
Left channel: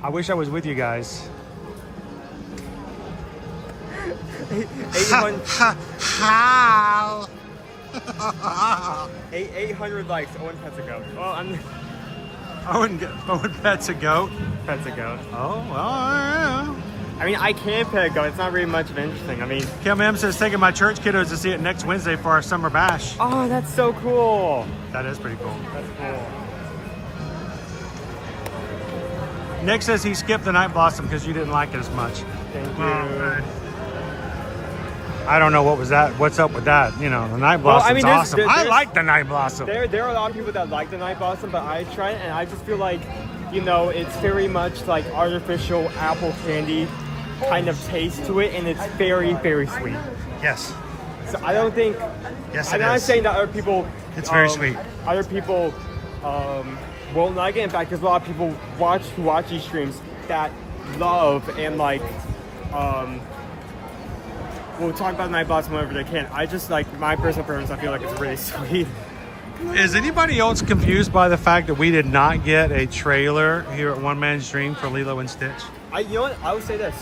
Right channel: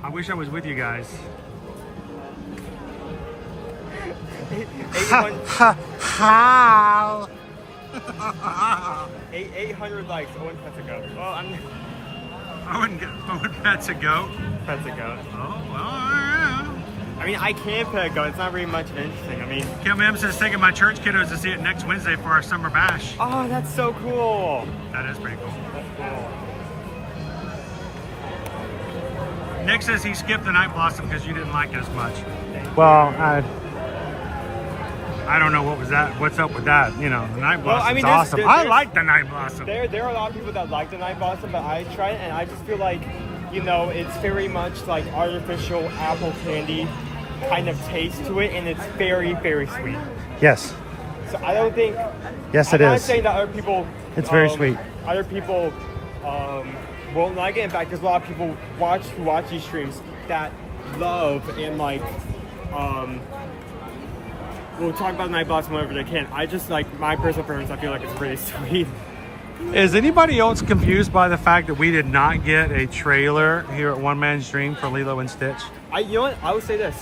I wish I was with you guys. How? 800 likes. One pet's a goat. Well, Owen pets a goat. Pet's a goat. Oh, well, yeah. I mean, I can pet a goat. It's not very much of anything. I mean, Kim M says taking my church kiddos to see it next Wednesday for our summer bash. Oh, that's so cool. That is pretty cool. That's cool. Nick says he skipped the Night Blossom because you didn't like it as much. Thank well, you. I don't know what's up with that. You know, the Night Blossom's awesome. I like the Night Blossom. There are a lot of people that like the Night Blossom, but I tried it and I just feel like, you know, it's very much like artificial apple candy kind of taste to it, and it's very, very sweet. Yes. So I don't think. Yes, I'm it not is. saying that other people. It's very sweet. Other people won't like it. In fact, there's a lot of people who watch these streams that love and like. We'll talk about Night Blossom whenever they can. I just like my personal preference. I feel like it's really sweet. Is anybody else confused by the fact that we did not get a trailer here at One Man's Dream for Lilo and Stitch? You know what? I would say this.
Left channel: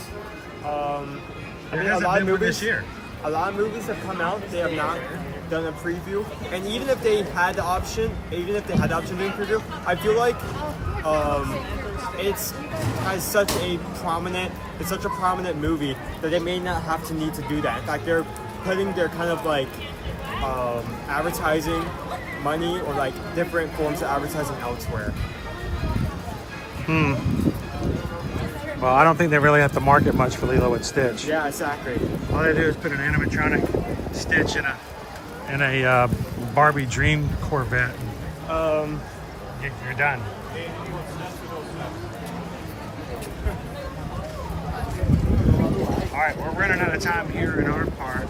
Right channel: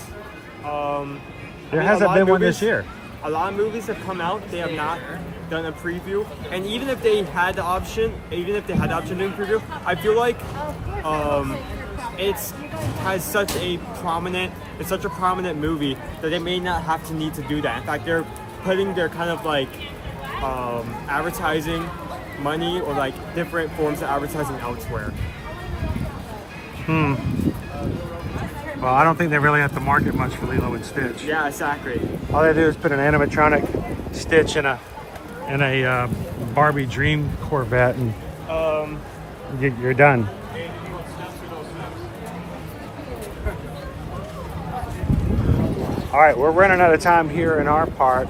There hasn't been one this year. A lot of movies have come out. They have not done a preview, and even if they had the option, to do a preview, I feel like it's such a prominent movie that they may not have to need to do that. In fact, they're putting their kind of like advertising money or like different forms of advertising elsewhere. Well, I don't think they really have to market much for Lilo and Stitch. Yeah, exactly. All they do is put an animatronic Stitch in a Barbie Dream Corvette, and you're done. All right, we're running out of time here in our park.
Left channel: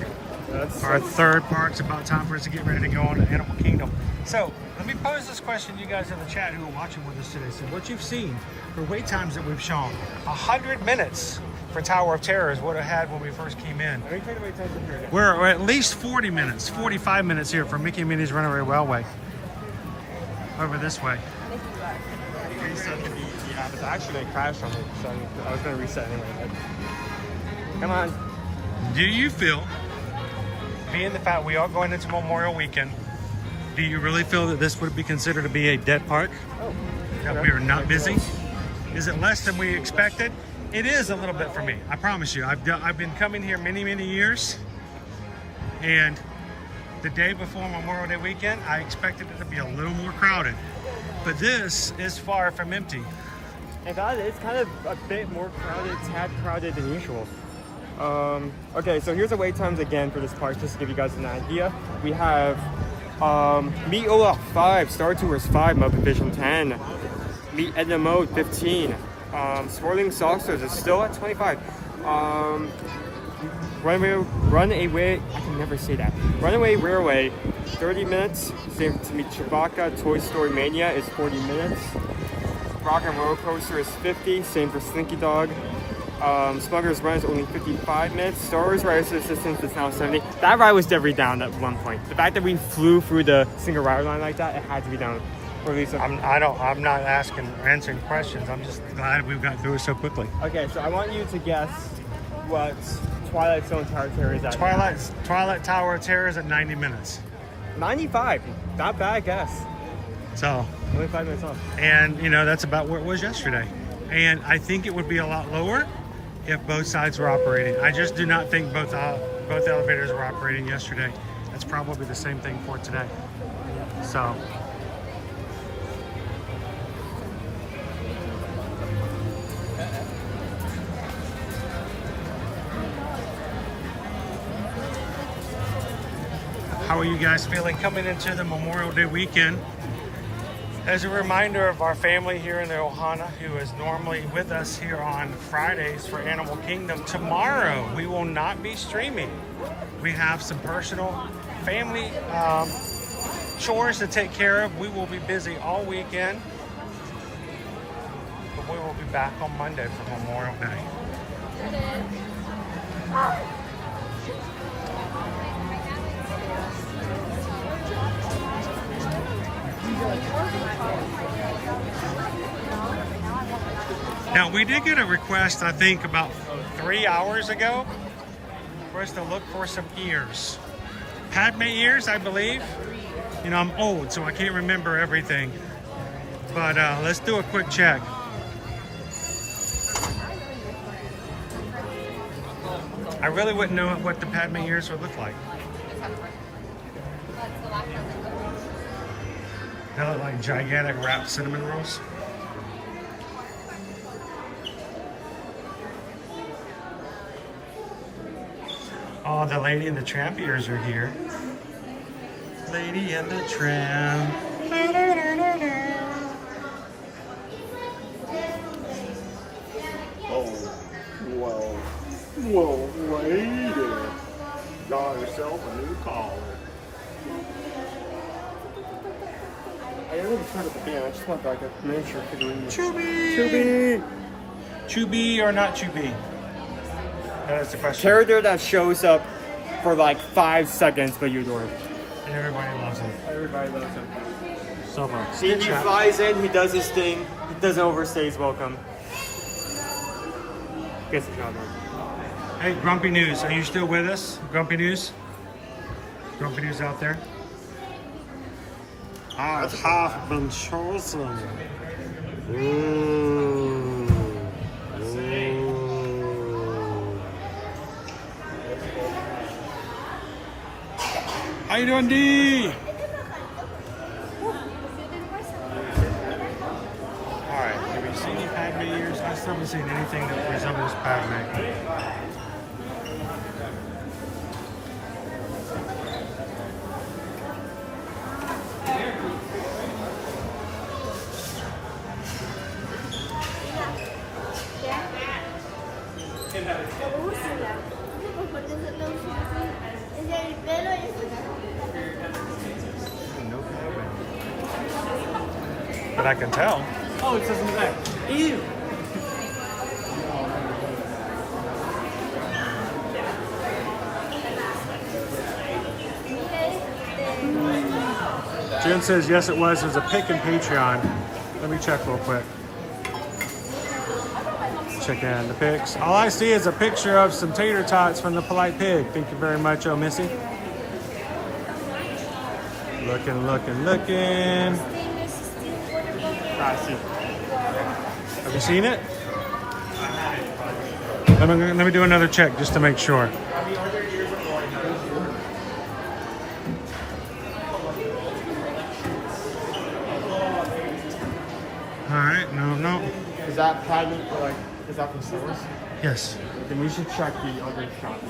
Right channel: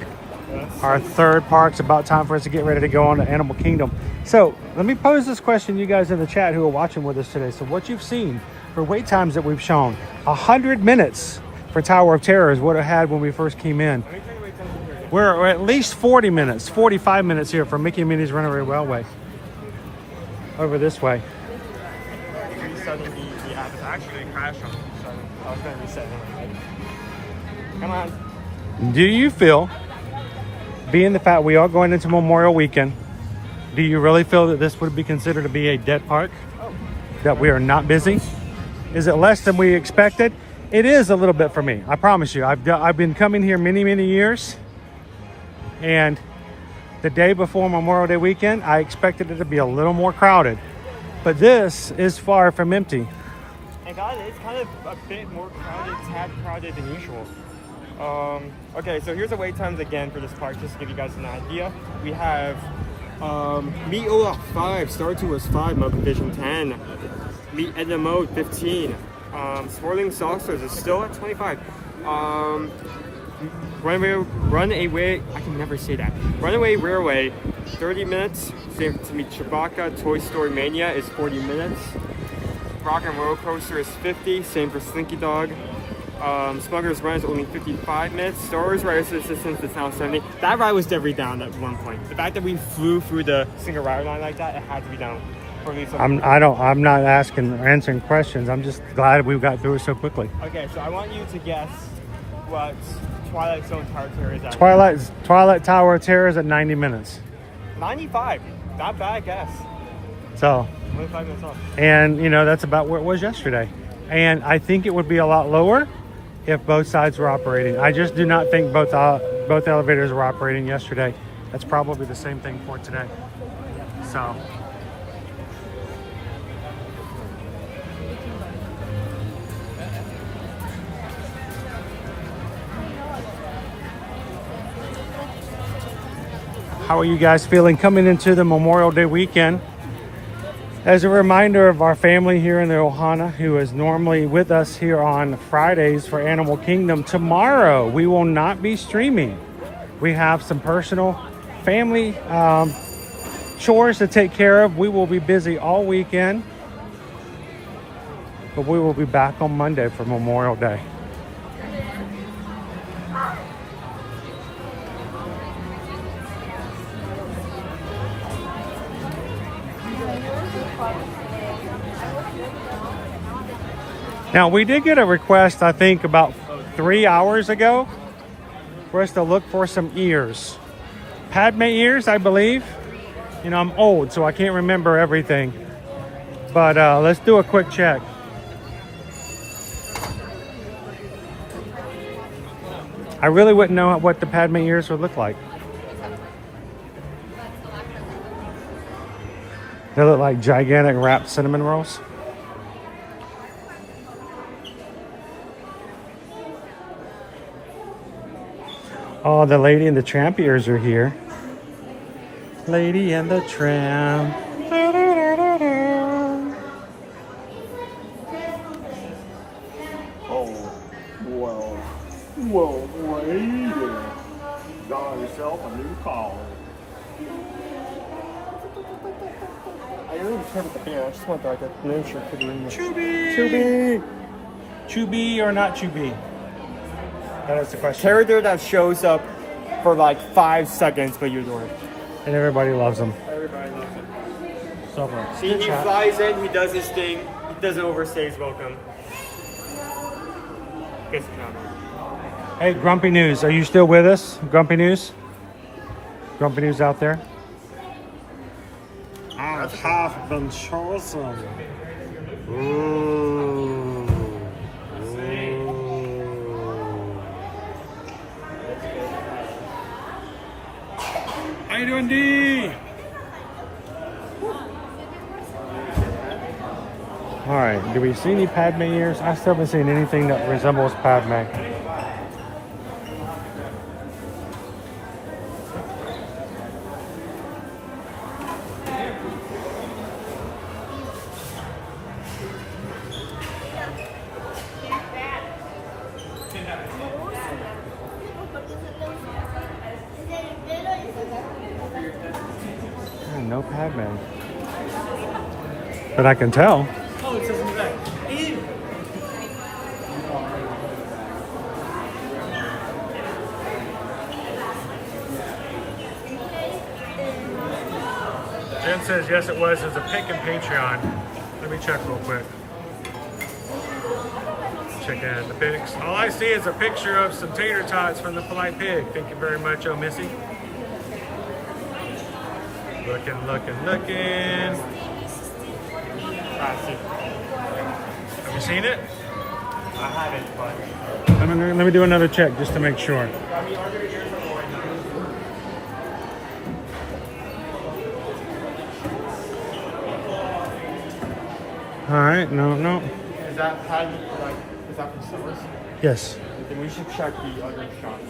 Our third park's about time for us to get ready to go on to Animal Kingdom. So let me pose this question to you guys in the chat who are watching with us today. So what you've seen for wait times that we've shown, 100 minutes for Tower of Terror is what it had when we first came in. We're at least 40 minutes, 45 minutes here for Mickey and Minnie's Runaway Railway. Over this way. Reset the app. It's actually crashed on me, so I was going to reset it. Come on. Do you feel, being the fact we are going into Memorial Weekend, do you really feel that this would be considered to be a dead park? That we are not busy? Is it less than we expected? It is a little bit for me. I promise you. I've been coming here many years, and the day before Memorial Day weekend, I expected it to be a little more crowded, but this is far from empty. It's kind of a bit more crowded, tad crowded than usual. Okay, so here's the wait times again for this park, just to give you guys an idea. We have Meet Olaf 5, Star Tours 5, Muppet Vision 10, Meet Edna Mode 15, Swirling Saucers is still at 25. Runaway, I can never say that. Runaway Railway, 30 minutes. Same to meet Chewbacca. Toy Story Mania is 40 minutes. Rock and Roller Coaster is 50. Same for Slinky Dog. Smuggler's Run is only 55 minutes. Star Wars Riders Resistance is now 70. That ride was definitely down at one point. The fact that we flew through the single rider line like that, it had to be down. For at least I'm not answering questions. I'm just glad we got through it so quickly. Okay, so I want you to guess what Twilight Zone Tower of Terror is at. Twilight Tower of Terror is at 90 minutes. 95. Not bad guess. So 25 minutes off. And you know, that's about where it was yesterday. And I think it would be a lot lower if both sides were operating. I just do not think both elevators were operating yesterday. That's probably the same thing for today. So how are you guys feeling coming into the Memorial Day weekend? As a reminder of our family here in the Ohana, who is normally with us here on Fridays for Animal Kingdom, tomorrow we will not be streaming. We have some personal family chores to take care of. We will be busy all weekend, but we will be back on Monday for Memorial Day. Now, we did get a request, I think, about 3 hours ago for us to look for some ears. Padme ears, I believe. You know, I'm old, so I can't remember everything. But let's do a quick check. I really wouldn't know what the Padme ears would look like. They look like gigantic wrapped cinnamon rolls. Oh, the Lady and the Tramp ears are here. Lady and the Tramp. Oh, well, lady, got yourself a new collar. Hey, let me turn at the bin. I just want like a miniature for the Chubby! Chubby or not Chubby? That's the question. Character that shows up for like 5 seconds, but you adore him. And everybody loves him. Everybody loves him. So far. See, he flies in, he does his thing, he doesn't overstay his welcome. Gets it done. Hey, Grumpy News, are you still with us? Grumpy News? Grumpy News out there? I have been chosen. Ooh. How you doing, D? Alright, do we see any Padme ears? I still haven't seen anything that resembles Padme. Oh, no Padme. But I can tell. Oh, it says in the back. Ew! Jen says yes it was. There's a pic in Patreon. Let me check real quick. Check in the pics. All I see is a picture of some tater tots from the Polite Pig. Thank you very much, oh Missy. Looking. Have you seen it? Let me do another check just to make sure. All right, no. Is that Padme, like, is that from stores? Yes. Then you should check the other shops.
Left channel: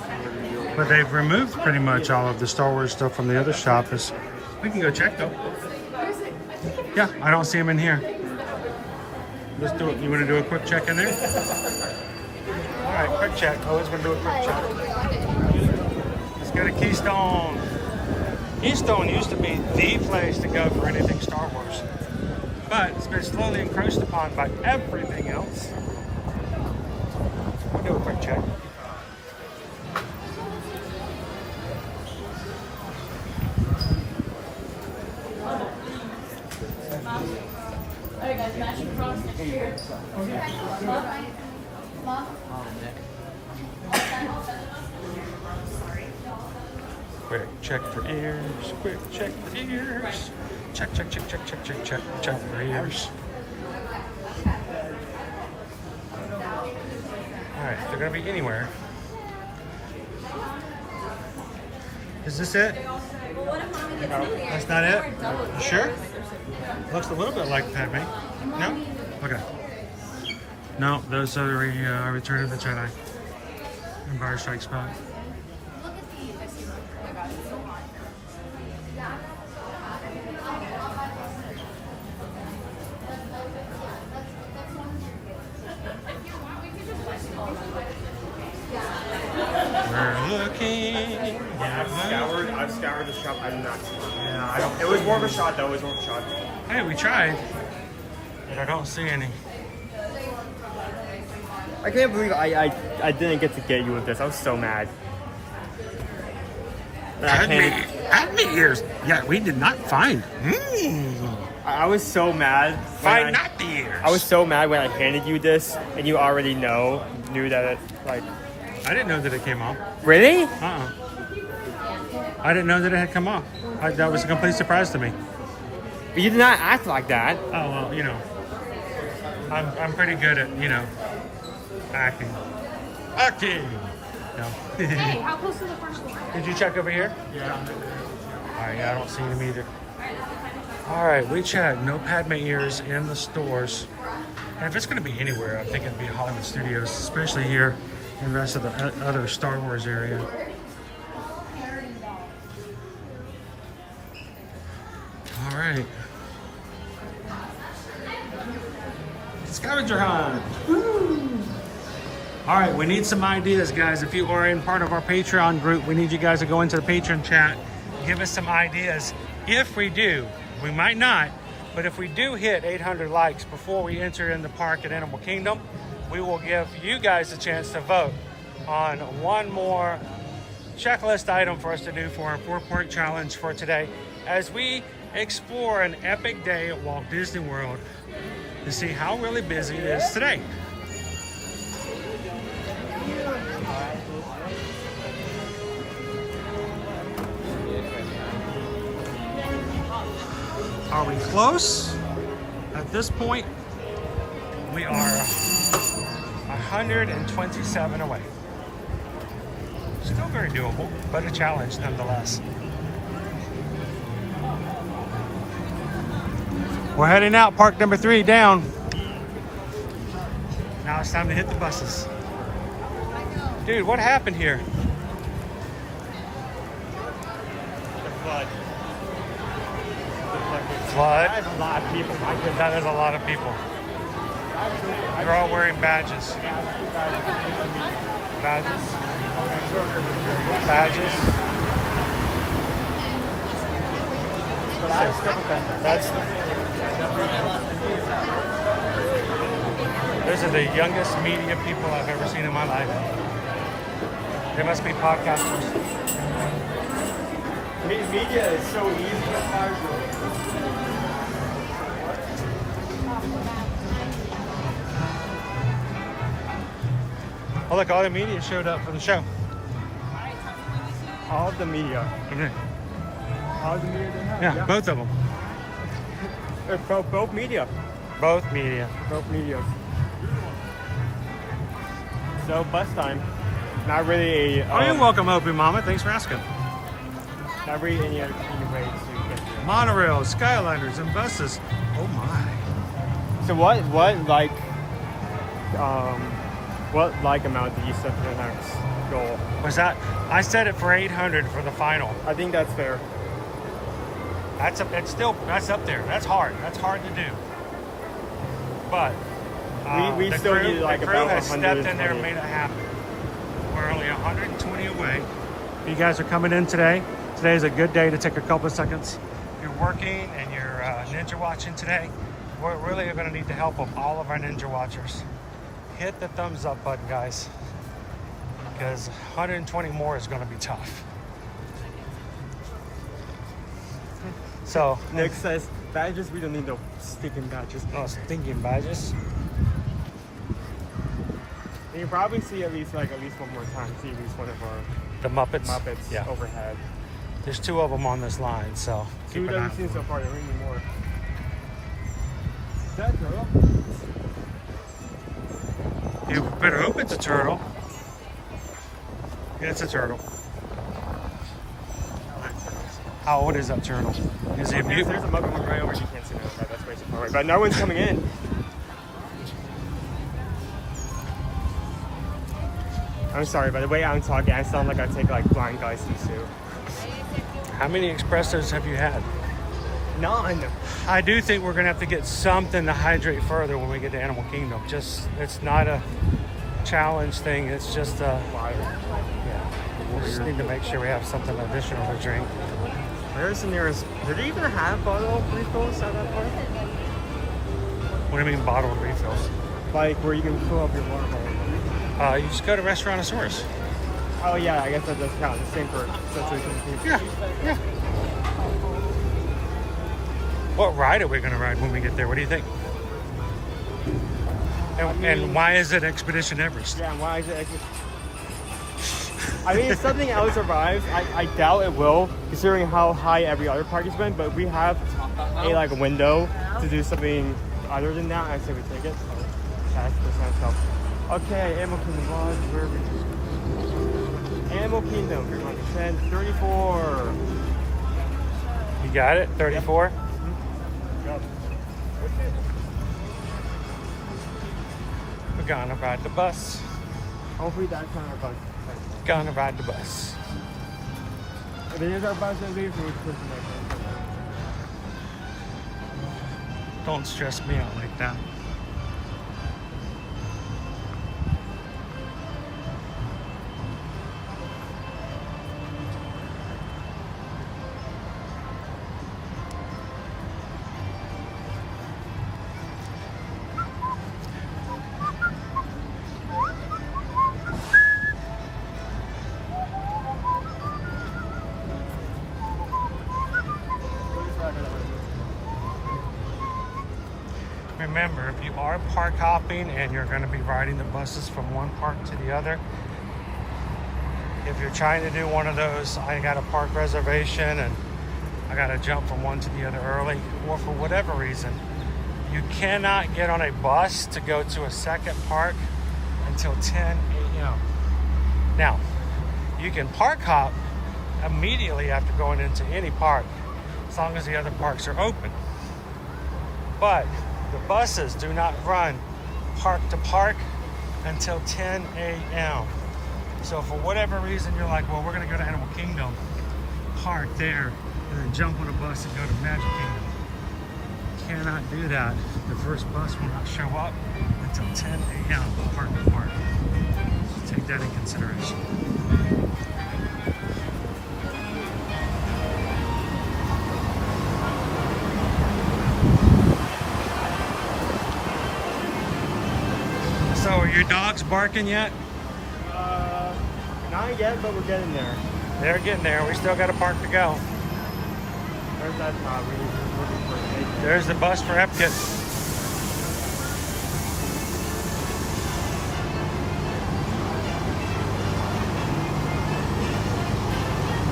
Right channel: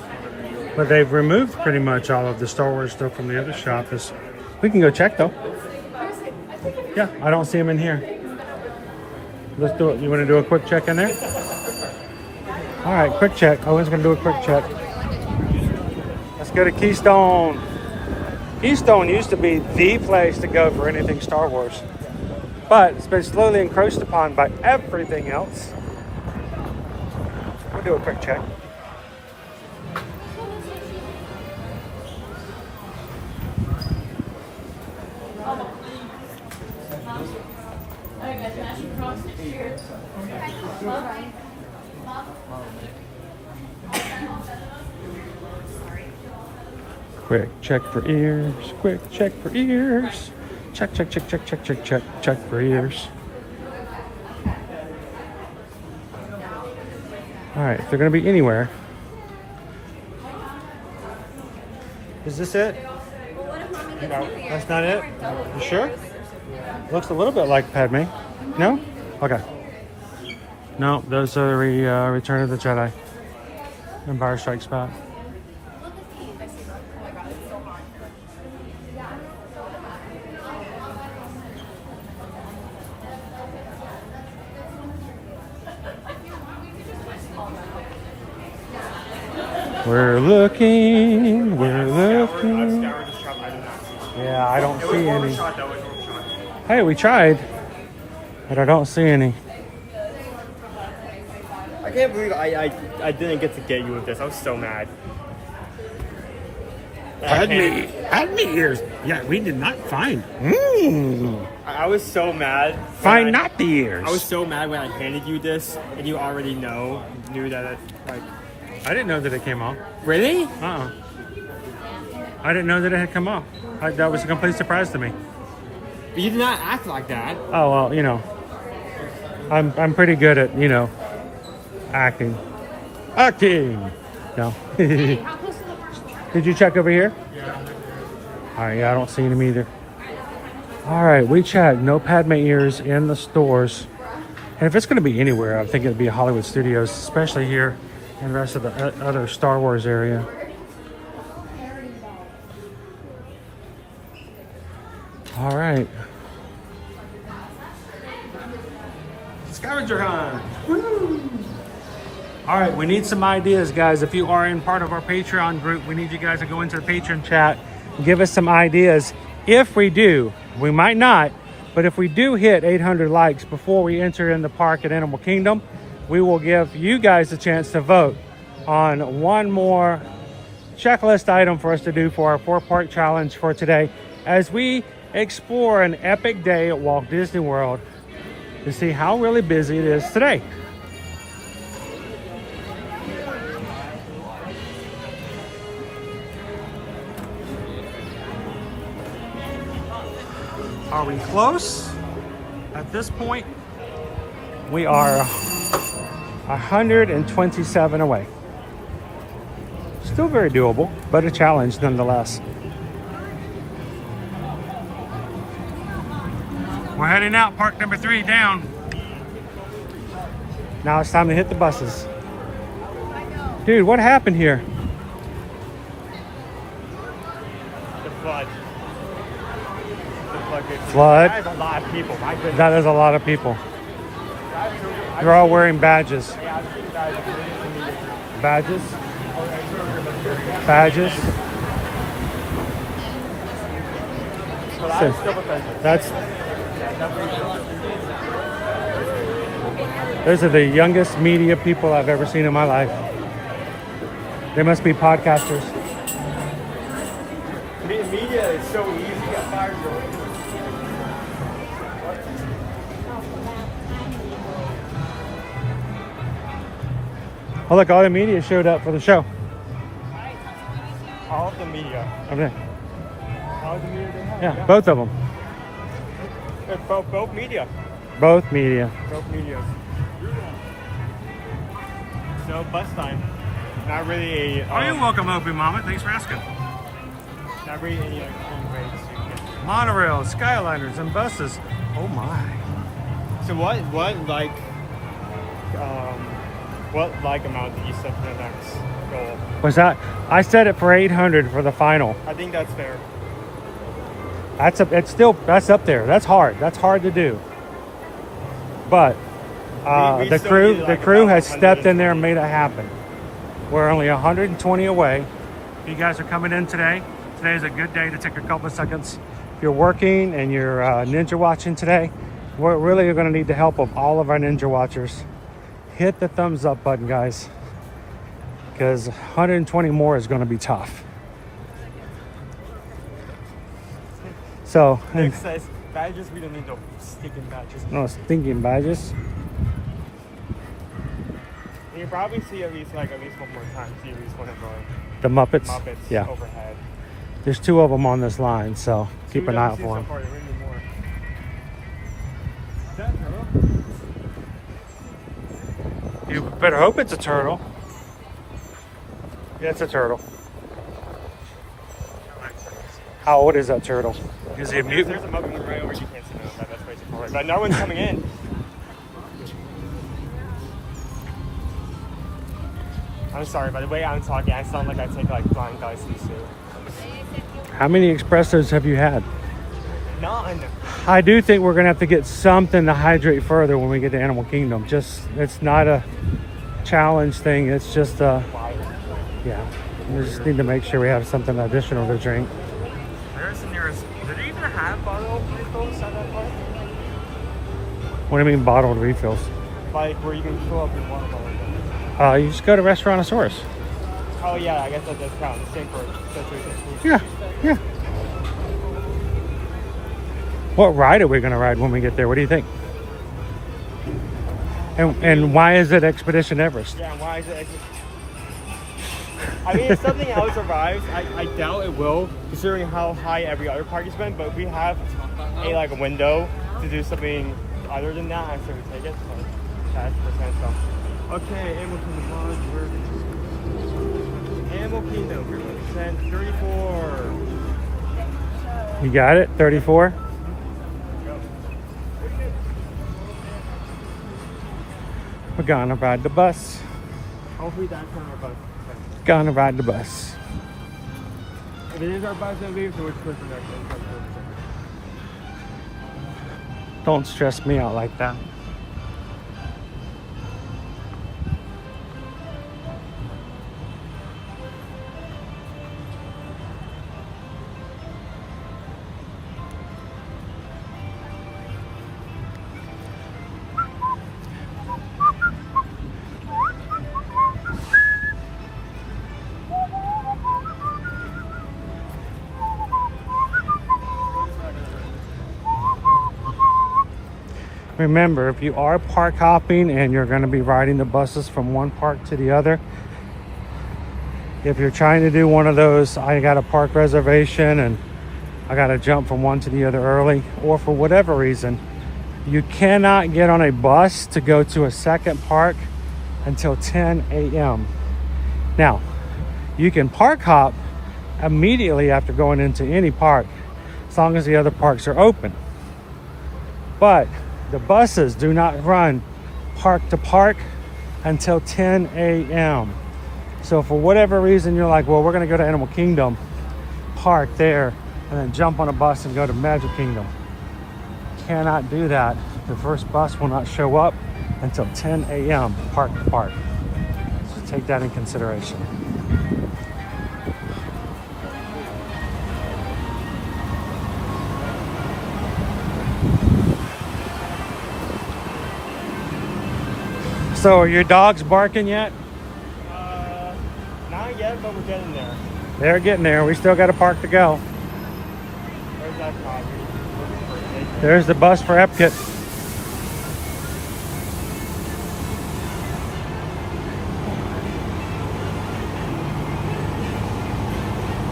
But they've removed pretty much all of the Star Wars stuff from the other shop. We can go check though. Yeah, I don't see them in here. Let's do it. You want to do a quick check in there? All right, quick check. I was going to do a quick check. Let's go to Keystone. Keystone used to be the place to go for anything Star Wars. But it's been slowly encroached upon by everything else. We'll do a quick check. Quick check for ears. Quick check for ears. Check for ears. Alright, if they're gonna be anywhere. Is this it? That's not it? You sure? Looks a little bit like Padme. No? Okay. No, those are the Return of the Jedi. Empire Strikes Back. We're looking. Yeah, I don't see any. Hey, we tried, but I don't see any. I can't believe I didn't get to get you with this. I'm so mad. Padme ears. Yeah, we did not find. I was so mad. Find not the ears. I was so mad when I handed you this, and you already knew that it, like. I didn't know that it came off. Really? I didn't know that it had come off. That was a complete surprise to me. But you did not act like that. Oh well, you know, I'm pretty good at acting. No. Hey, how close to the front? Did you check over here? Yeah. All right, yeah, I don't see them either. All right, we checked. No Padme ears in the stores. And if it's going to be anywhere, I think it'd be Hollywood Studios, especially here in the rest of the other Star Wars area. Scavenger hunt. Woo. All right, we need some ideas, guys. If you are in part of our Patreon group, we need you guys to go into the Patreon chat and give us some ideas. If we do, we might not, but if we do hit 800 likes before we enter in the park at Animal Kingdom, we will give you guys a chance to vote on one more checklist item for us to do for our 4-part challenge for today as we explore an epic day at Walt Disney World to see how really busy it is today. Are we close? At this point, we are 127 away. Still very doable, but a challenge nonetheless. We're heading out, park number 3 down. Now it's time to hit the buses. Dude, what happened here? Flood. That is a lot of people. They're all wearing badges. Badges. Badges. Those are the youngest media people I've ever seen in my life. They must be podcasters. Media is so easy. Oh look, all the media showed up for the show. All of the media. Okay. All of the media? Yeah, both of them. Both media. Both media. Both media. So bus time. Not really a... Oh, you're welcome, Opie Mama. Thanks for asking. Not really any way to get... Monorail, Skyliners, and buses. Oh my. So what amount did you set for the next goal? What's that? I set it for 800 for the final. I think that's fair. That's up there. That's hard. That's hard to do. But the crew has stepped in there and made it happen. We're only 120 away. If you guys are coming in today, today is a good day to take a couple of seconds. If you're working and you're ninja watching today, we're really going to need the help of all of our ninja watchers. Hit the thumbs up button, guys, because 120 more is going to be tough. So Nick says badges, we don't need no stinking badges. No stinking badges. You can probably see at least one more time. See at least one of our The Muppets. Yeah. Overhead. There's 2 of them on this line, so keep an eye out for them. You better hope it's a turtle. Yeah, it's a turtle. How old is that turtle? Is he a mutant? There's a Muppet right over. You can't see that. That's way too far. But no one's coming in. I'm sorry, by the way I'm talking, I sound like I take blind guys in the suit. How many espressos have you had? None. I do think we're gonna have to get something to hydrate further when we get to Animal Kingdom. It's not a challenge thing. It's just we just need to make sure we have something additional to drink. Were they even have bottle of refills out there? What do you mean bottled refills? Like where you can fill up your water. You just go to Restaurantosaurus. Oh yeah, I guess that does count. The same for situation. Yeah. What ride are we gonna ride when we get there? What do you think? And why is it Expedition Everest? Yeah, why is it Expedition? I mean, if something else arrives, I doubt it will, considering how high every other park has been. But we have a window to do something other than that. I say we take it. Okay, Animal Kingdom. Animal Kingdom. You're going to send 34. You got it? 34? Yep. We're gonna ride the bus. Hopefully that's not our bus. Gonna ride the bus. If it is our bus, then leave, so it's good for nothing. Don't stress me out like that. remember, if you are park hopping and you're going to be riding the buses from one park to the other, if you're trying to do one of those, I got a park reservation and I got to jump from one to the other early, or for whatever reason, you cannot get on a bus to go to a second park until 10 a.m. Now, you can park hop immediately after going into any park, as long as the other parks are open. But the buses do not run park to park until 10 a.m. So for whatever reason, you're like, well, we're gonna go to Animal Kingdom, park there, and then jump on a bus and go to Magic Kingdom. Cannot do that. The first bus will not show up until 10 a.m. park to park. Take that in consideration. So are your dogs barking yet? Not yet, but we're getting there. They're getting there. We still got a park to go. Where's that from? There's the bus for Epcot.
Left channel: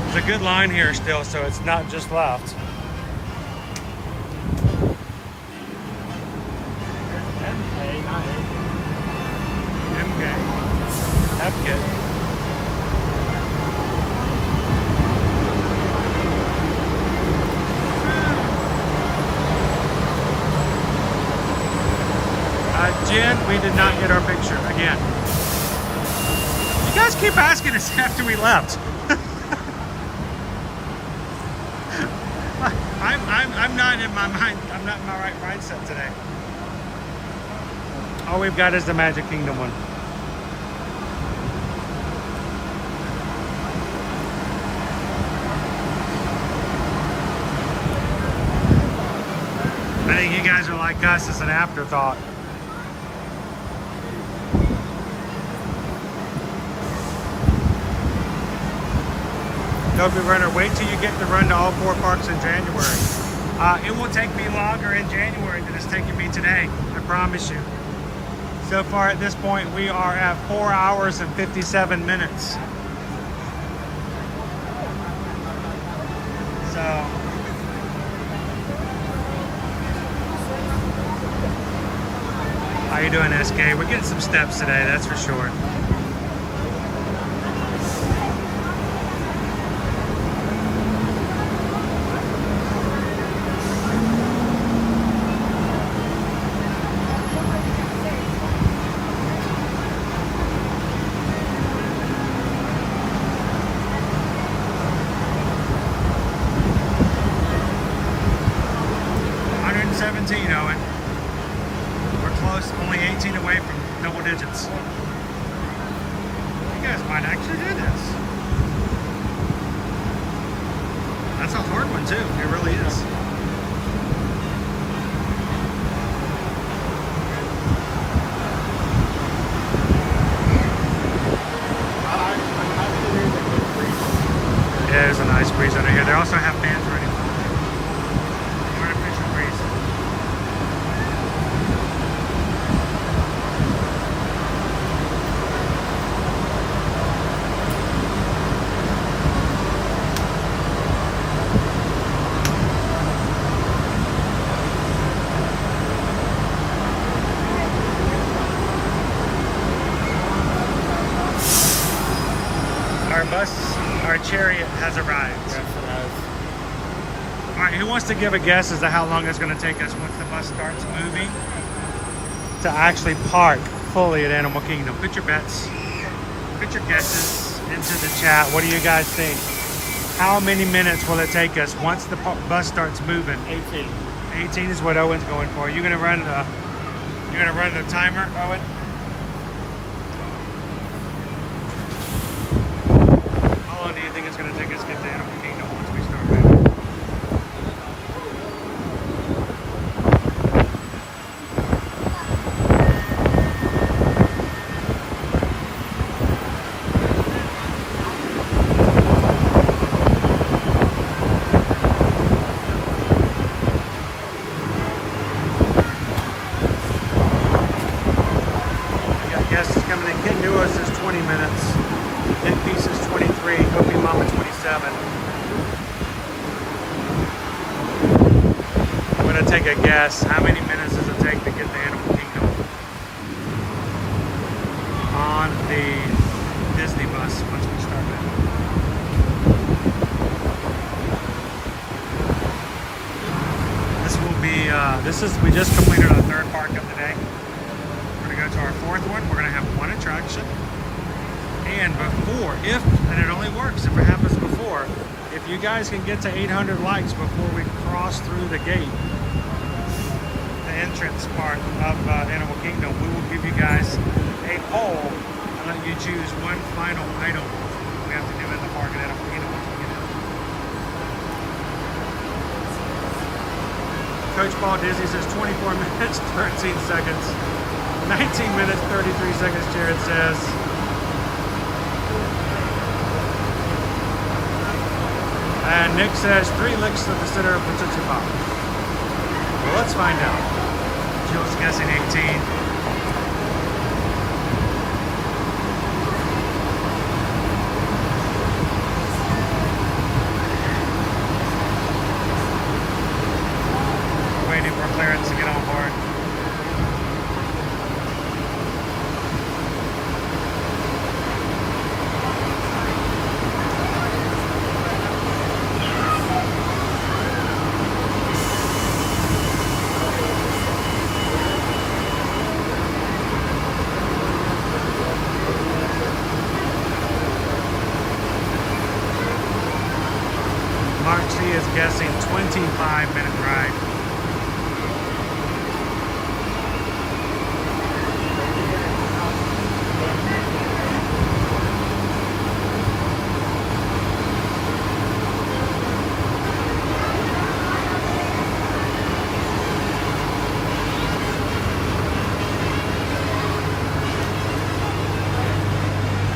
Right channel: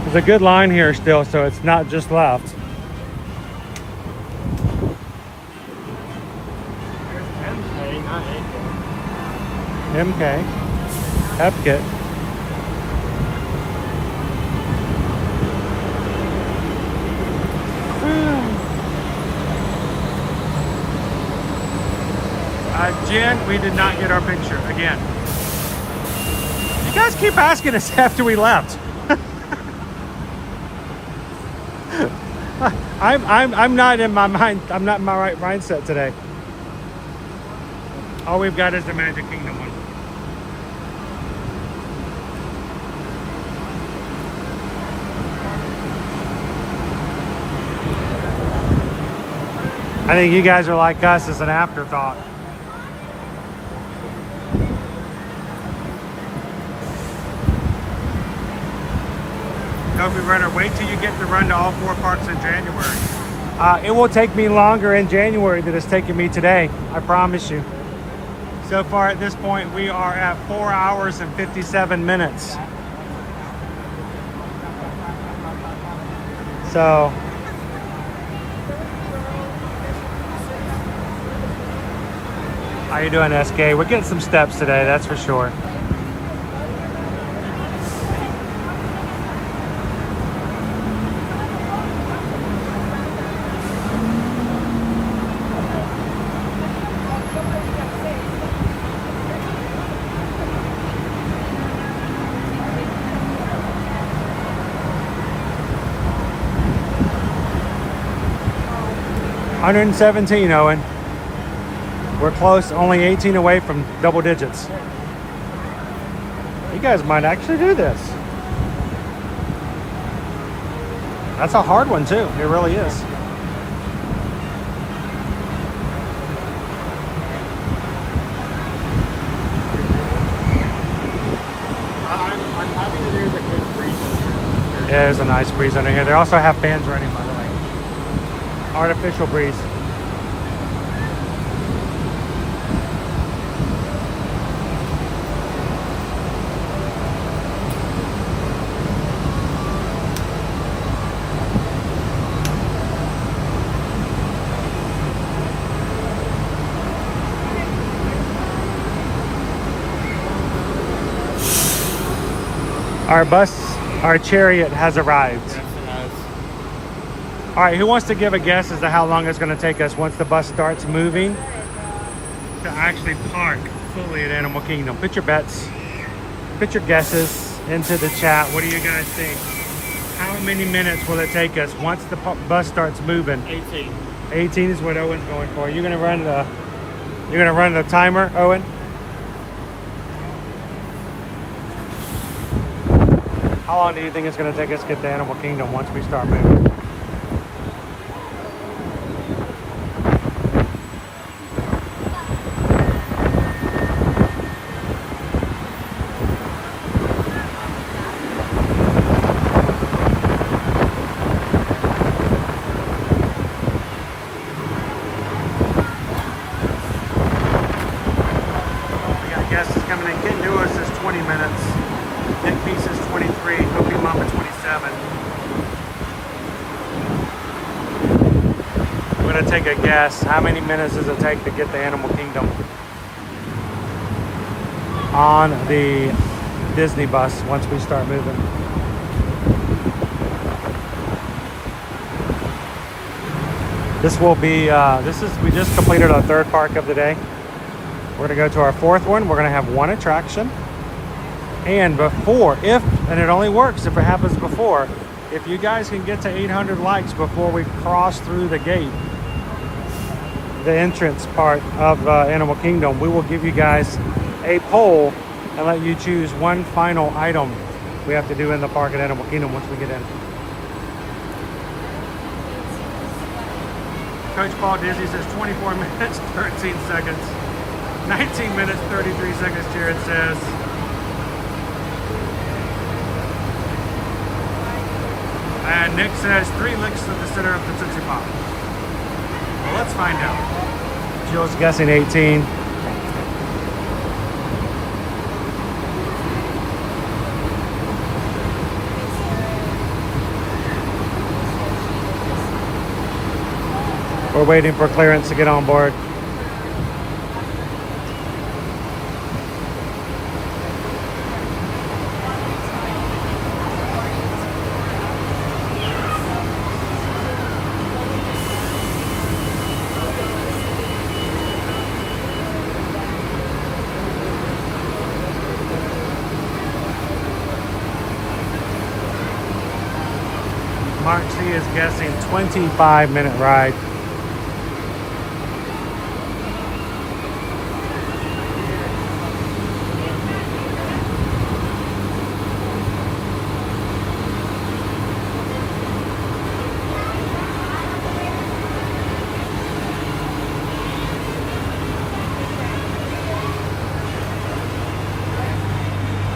There's a good line here still, so it's not just left. MK, Epcot. Jen, we did not get our picture again. You guys keep asking us after we left. I'm not in my mind. I'm not in my right mindset today. All we've got is the Magic Kingdom one. I think you guys are like us as an afterthought. Toby Runner, wait till you get to run to all 4 parks in January. It will take me longer in January than it's taken me today, I promise you. So far at this point, we are at 4 hours and 57 minutes. So, how you doing, SK? We're getting some steps today, that's for sure. $117, Owen. We're close, only 18 away from double digits. You guys might actually do this. That's a hard one too, it really is. Yeah, there's a nice breeze under here. They also have fans running, by the way. Artificial breeze. Our bus, our chariot has arrived. Yes, it has. All right, who wants to give a guess as to how long it's going to take us once the bus starts moving to actually park fully at Animal Kingdom? Put your bets, put your guesses into the chat. What do you guys think? How many minutes will it take us once the bus starts moving? 18. 18 is what Owen's going for. You're gonna run the timer, Owen? How long do you think it's gonna take us to get to Animal Kingdom once we start moving? guest is coming in. Ken Newis is 20 minutes. Nick Peace is 23. Hopi Mama 27. I'm gonna take a guess. How many minutes does it take to get to Animal Kingdom on the Disney bus once we start moving? This will be, we just completed our third park of the day. We're gonna go to our fourth one. We're gonna have one attraction. And and it only works if it happens before, if you guys can get to 800 likes before we cross through the gate, the entrance part of Animal Kingdom, we will give you guys a poll and let you choose one final item we have to do in the park at Animal Kingdom, which will be there. Coach Paul Disney says 24 minutes, 13 seconds. 19 minutes, 33 seconds, Jared says. And Nick says 3 licks to the center of the Tootsie Pop. Well, let's find out. Jill's guessing 18. We're waiting for clearance to get on board. Mark C is guessing 25-minute ride.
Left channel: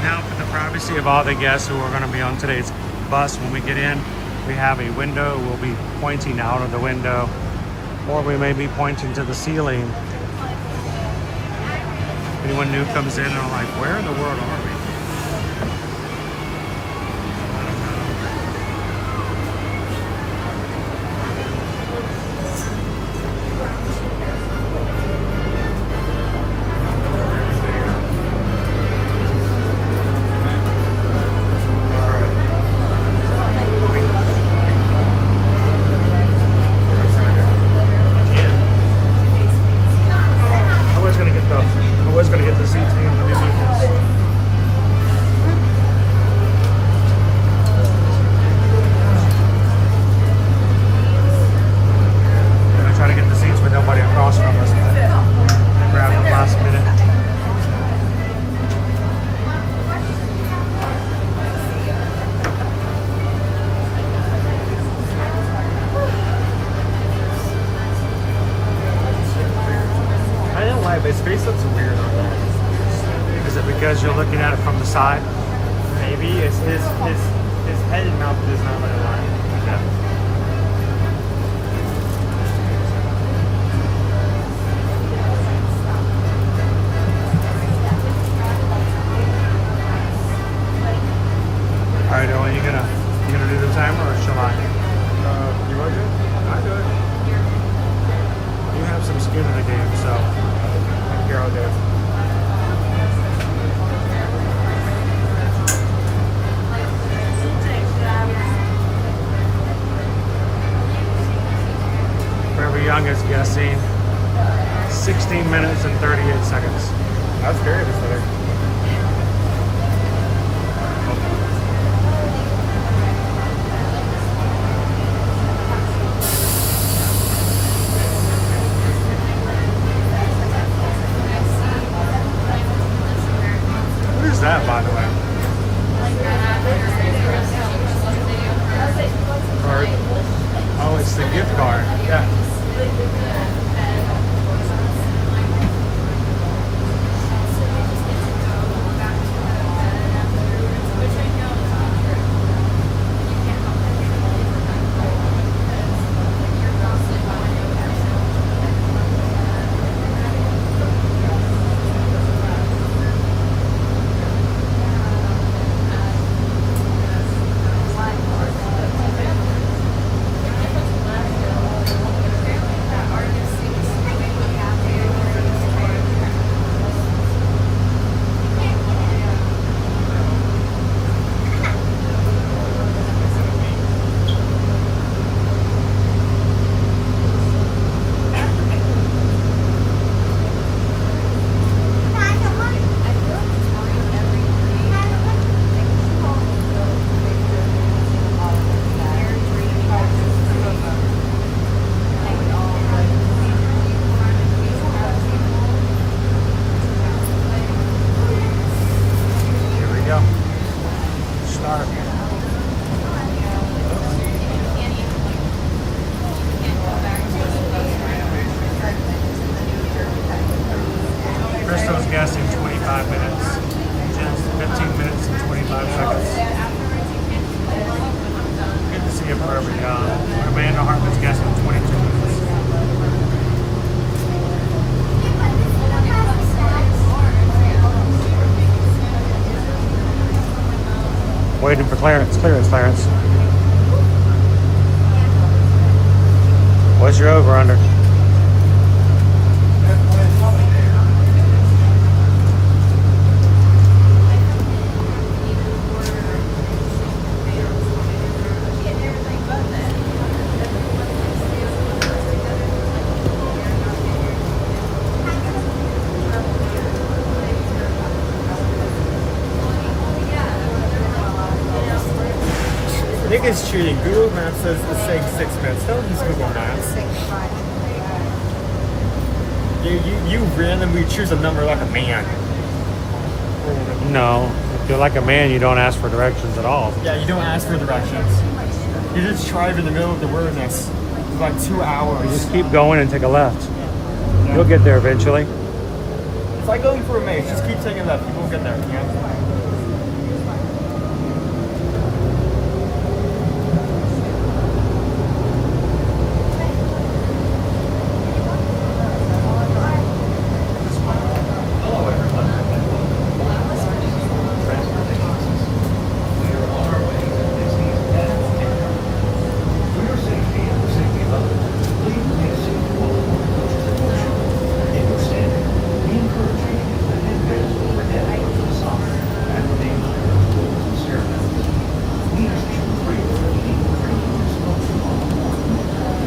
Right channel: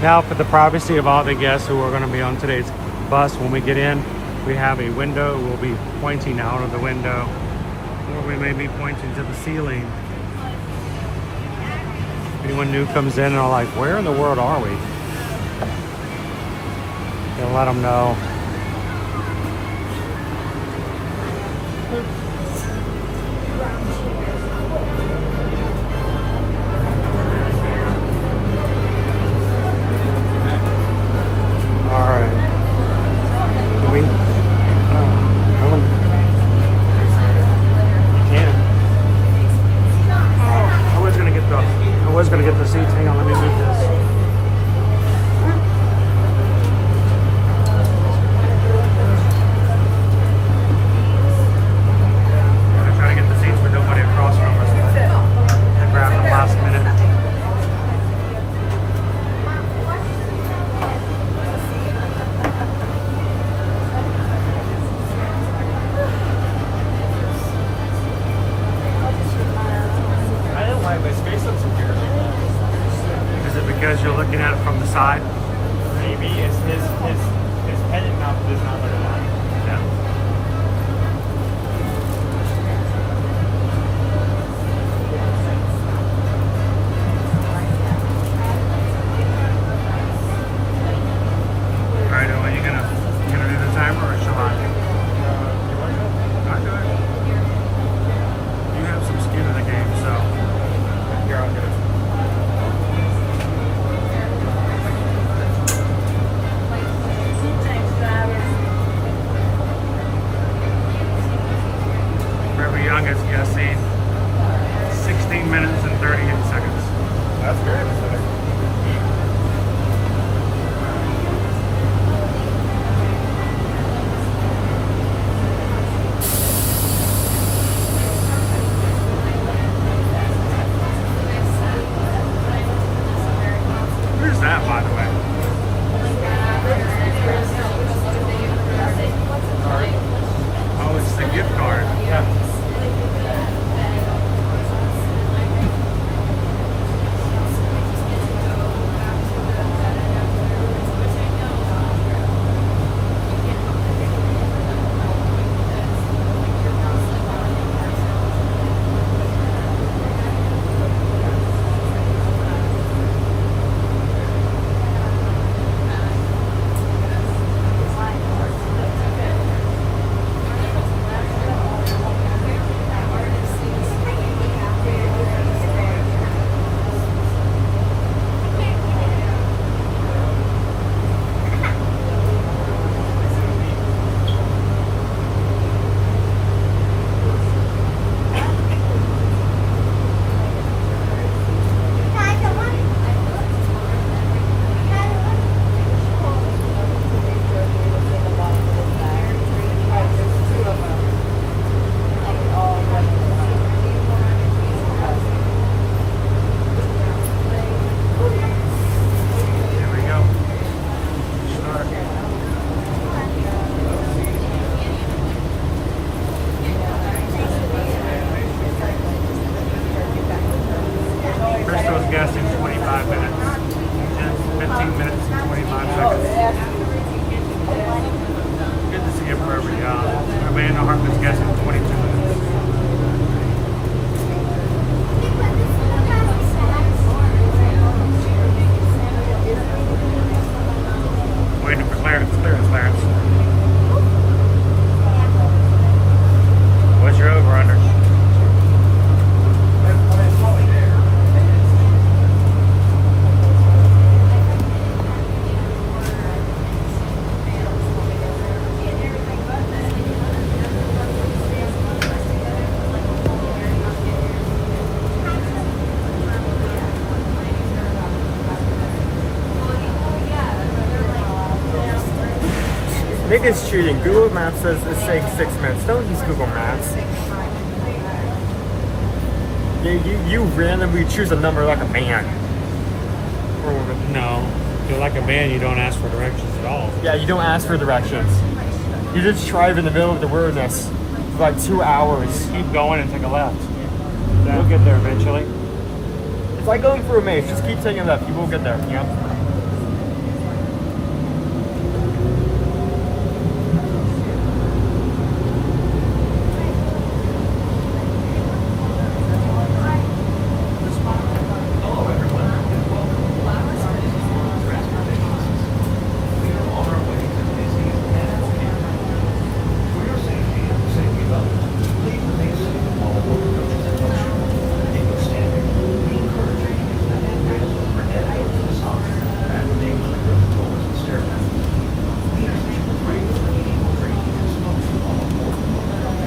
Now, for the privacy of all the guests who are going to be on today's bus, when we get in, we have a window. We'll be pointing out of the window, or we may be pointing to the ceiling. If anyone new comes in and are like, where in the world are we? We'll let them know. Because you're looking at it from the side? Maybe it's his head, not this one. Yeah. All right, Noah, you gonna do the timer or shall I? I'll do it. You have some skin in the game, so here, I'll do it. Youngest guessing 16 minutes and 38 seconds. That's very interesting. What is that, by the way? Oh, it's the gift card. Yeah. guessing 25 minutes. Jen's 15 minutes and 25 seconds. Good to see a perfect job. Amanda Hartman's guessing 22 minutes. Waiting for clearance, Clarence. What's your over under? I think it's cheating. Google Maps says it's saying 6 minutes. Don't use Google Maps. You randomly choose a number like a man. Or woman. No. If you're like a man, you don't ask for directions at all. Yeah, you don't ask for directions. You just drive in the middle of the wilderness for like 2 hours. Just keep going and take a left. You'll get there eventually. It's like going for a maze. Just keep taking left. You will get there. Yeah.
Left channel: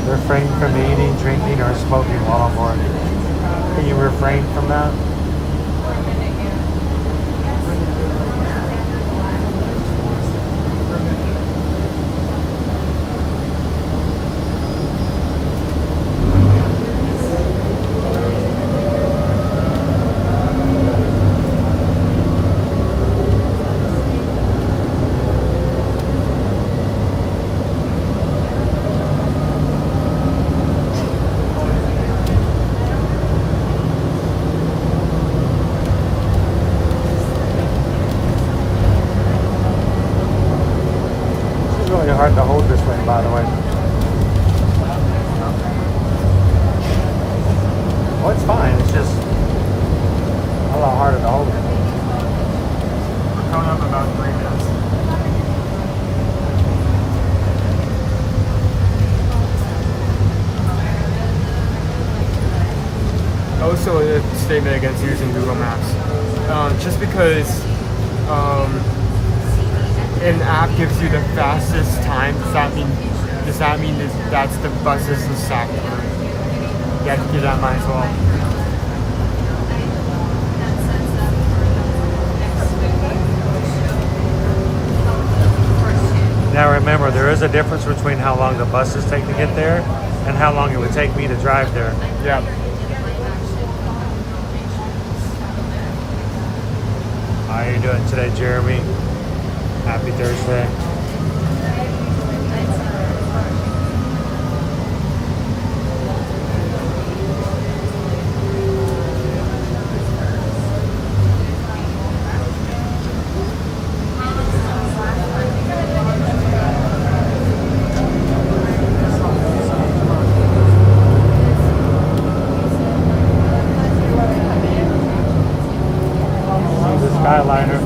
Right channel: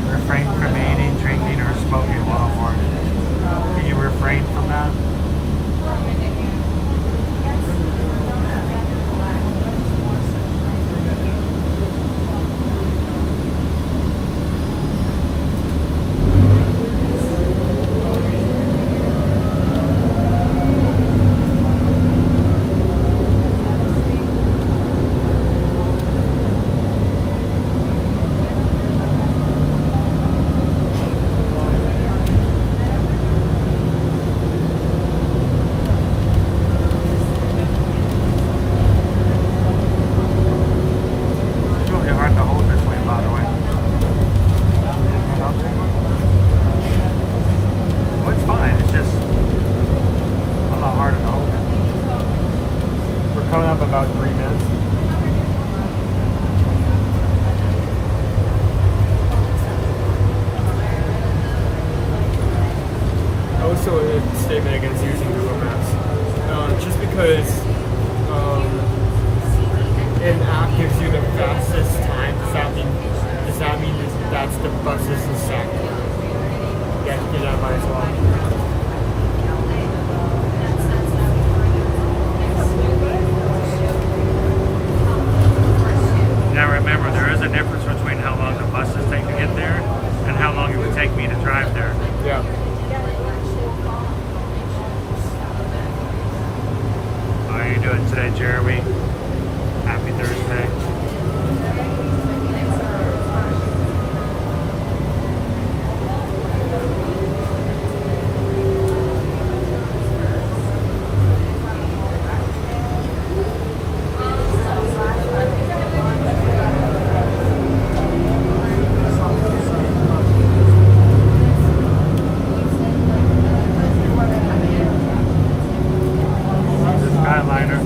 Refrain from eating, drinking, or smoking while on board. Can you refrain from that? Hard to hold this way, by the way. Well, it's fine. It's just a lot harder to hold it. We're coming up about 3 minutes. Also, a statement against using Google Maps. Just because an app gives you the fastest time, does that mean that's the fastest exact? Yeah, keep that in mind as well. Now remember, there is a difference between how long the buses take to get there and how long it would take me to drive there. Yeah. How are you doing today, Jeremy? Happy Thursday. Skyliner.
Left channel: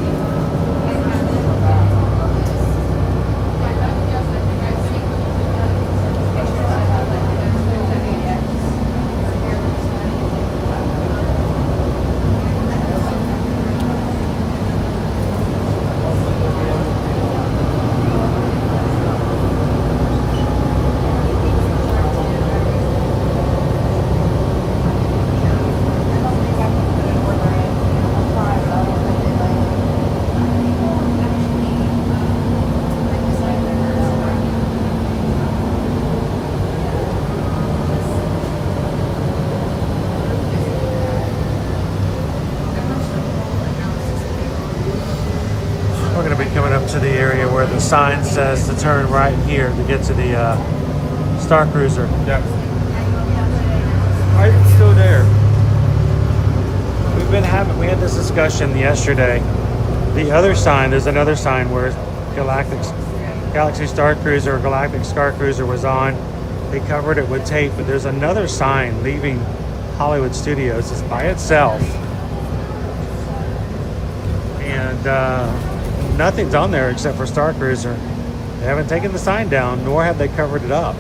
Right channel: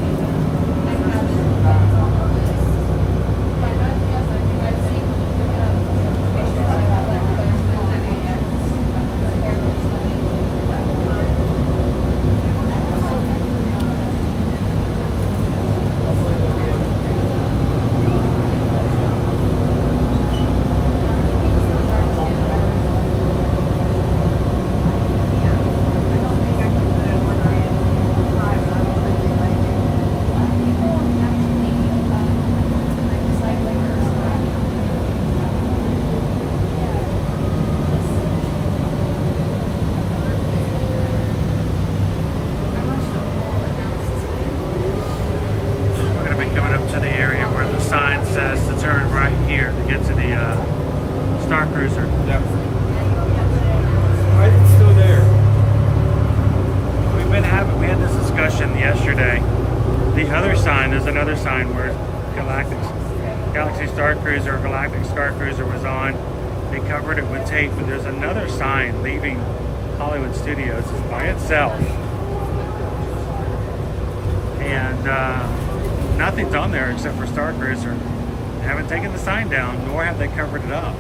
To the area where the sign says to turn right here to get to the Star Cruiser. Yeah. Why is it still there? We had discussion yesterday. The other sign, there's another sign where Galaxy Star Cruiser or Galactic Star Cruiser was on. They covered it with tape, but there's another sign leaving Hollywood Studios. It's by itself. And nothing's on there except for Star Cruiser. They haven't taken the sign down, nor have they covered it up.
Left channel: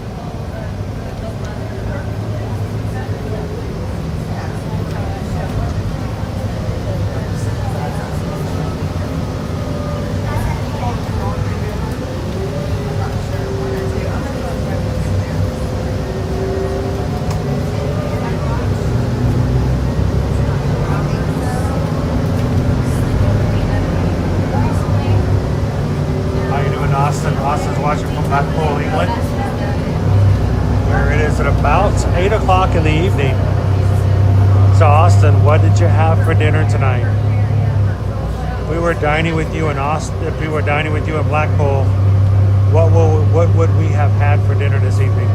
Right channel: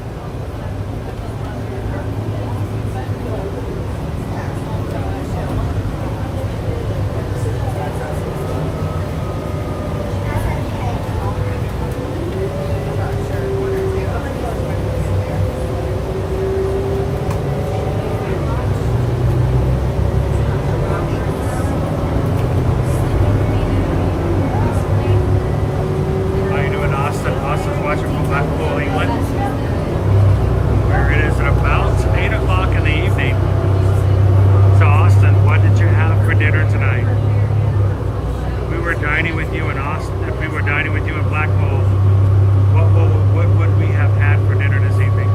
Dining with you in Austin, if we were dining with you in Blackpool, what would we have had for dinner this evening?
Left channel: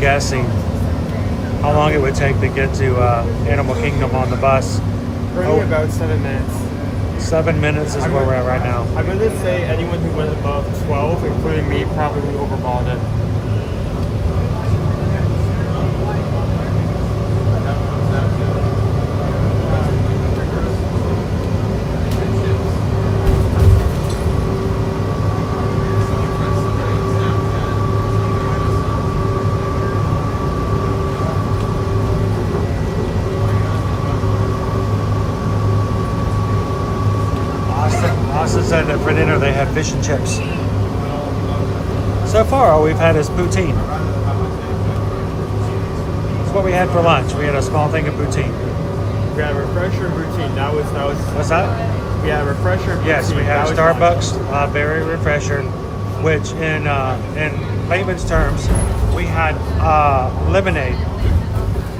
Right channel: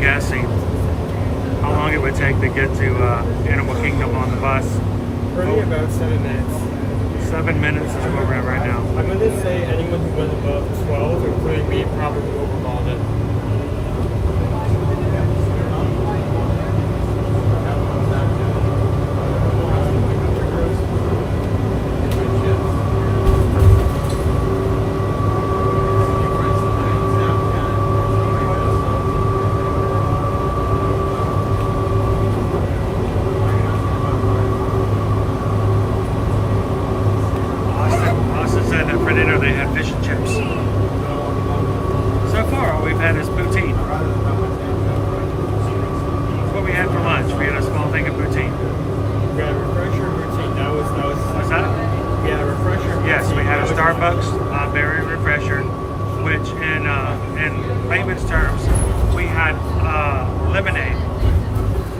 Guessing how long it would take to get to Animal Kingdom on the bus. Probably about 7 minutes. 7 minutes is where we're at right now. I'm going to say anyone who went above 12, including me, probably overballed it. Said that for dinner they had fish and chips. So far all we've had is poutine. That's what we had for lunch. We had a small thing of poutine. We had a refresher poutine. That was What's that? We had a refresher poutine. Yes, we had a Starbucks berry refresher, which in layman's terms, we had lemonade.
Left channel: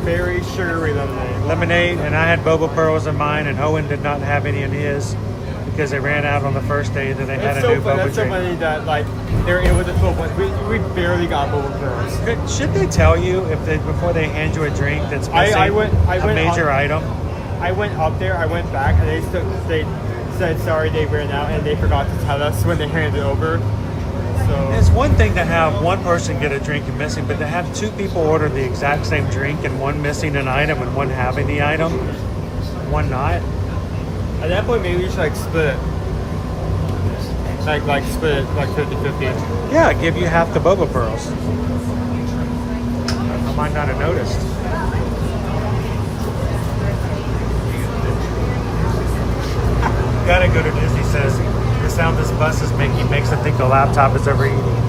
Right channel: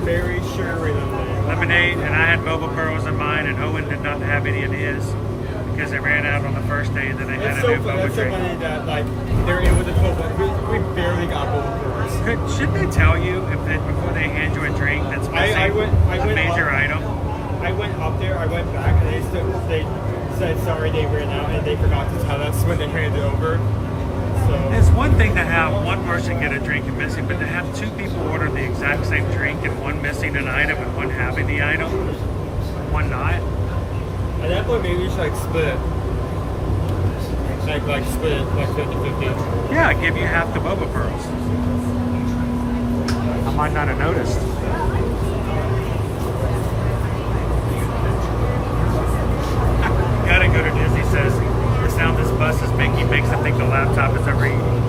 Berry sugary lemonade. Lemonade, and I had boba pearls in mine, and Owen did not have any in his. Because they ran out on the first day, and then they had a new boba drink. It's so funny that like they're able to pull one. We barely got boba pearls. Should they tell you before they hand you a drink that's missing a major item? I went up there, I went back, and they said sorry they ran out, and they forgot to tell us when they handed it over. So it's one thing to have one person get a drink and missing, but to have two people order the exact same drink and one missing an item and one having the item, one not. At that point, maybe we should split it. Like split it, like 50-50. Yeah, give you half the boba pearls. I might not have noticed. Gotta go to Disney says the sound this bus is making makes them think the laptop is overheating.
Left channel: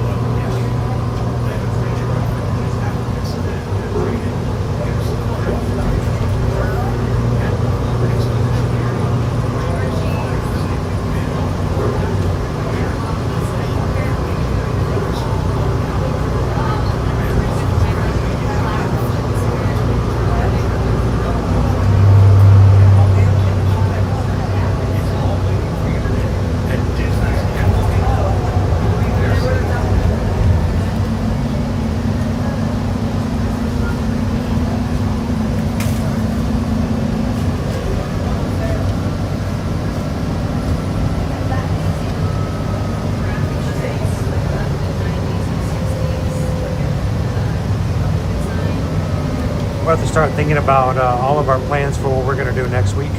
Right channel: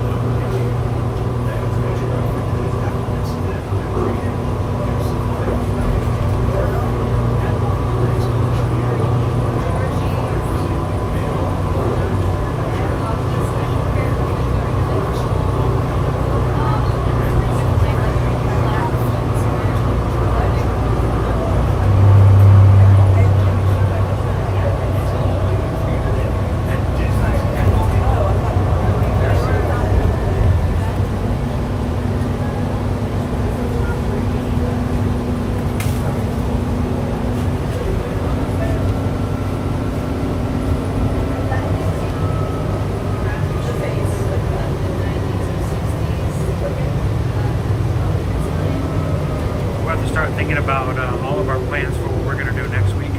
We'll have to start thinking about all of our plans for what we're going to do next week.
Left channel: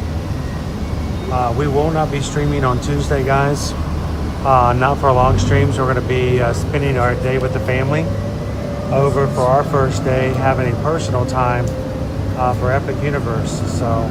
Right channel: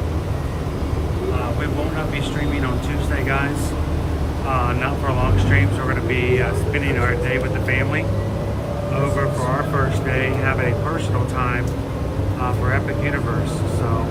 We will not be streaming on Tuesday, guys. Not for long streams. We're going to be spending our day with the family over for our first day, having a personal time for Epic Universe. So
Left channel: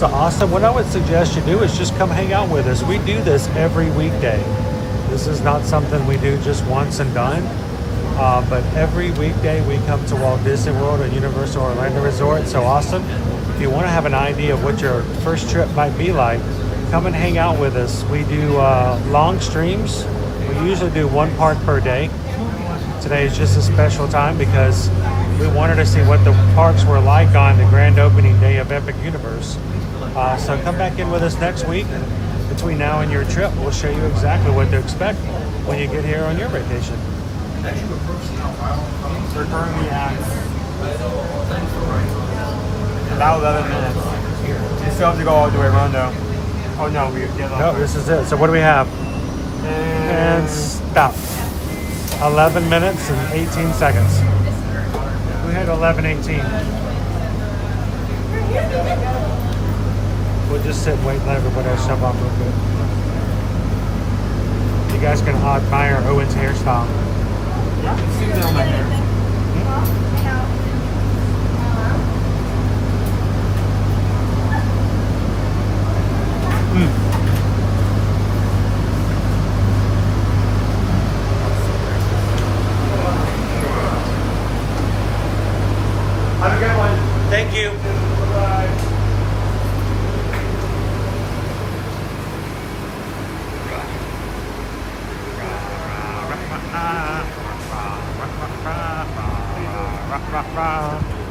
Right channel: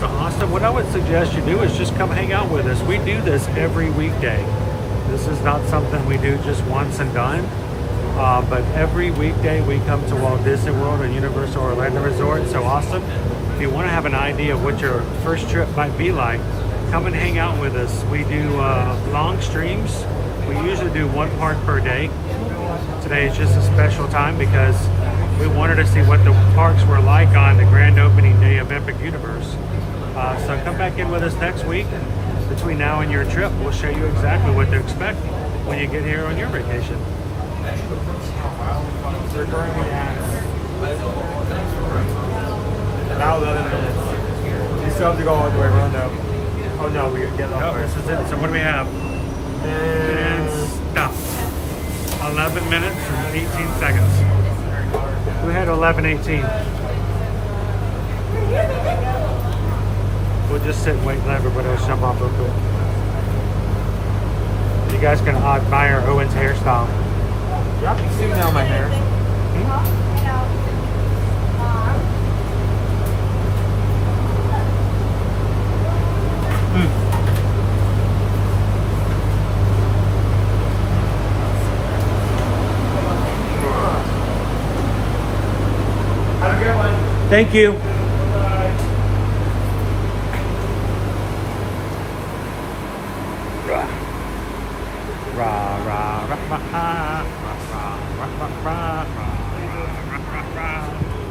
So awesome. What I would suggest you do is just come hang out with us. We do this every weekday. This is not something we do just once and done. But every weekday we come to Walt Disney World and Universal Orlando Resort. So awesome. If you want to have an idea of what your first trip might be like, come and hang out with us. We do long streams. We usually do one park per day. Today is just a special time because we wanted to see what the parks were like on the grand opening day of Epic Universe. So come back in with us next week. Between now and your trip, we'll show you exactly what to expect when you get here on your vacation. We're currently at about 11 minutes. We still have to go all the way around though. Oh no, we get off. No, this is it. So what do we have? And stop. 11 minutes and 18 seconds. We had 11:18. We'll just sit and wait and let everybody else jump off real quick. You guys can admire Owen's hairstyle. Yeah, I can zoom down my hair. Have a good one. Thank you. Bye-bye.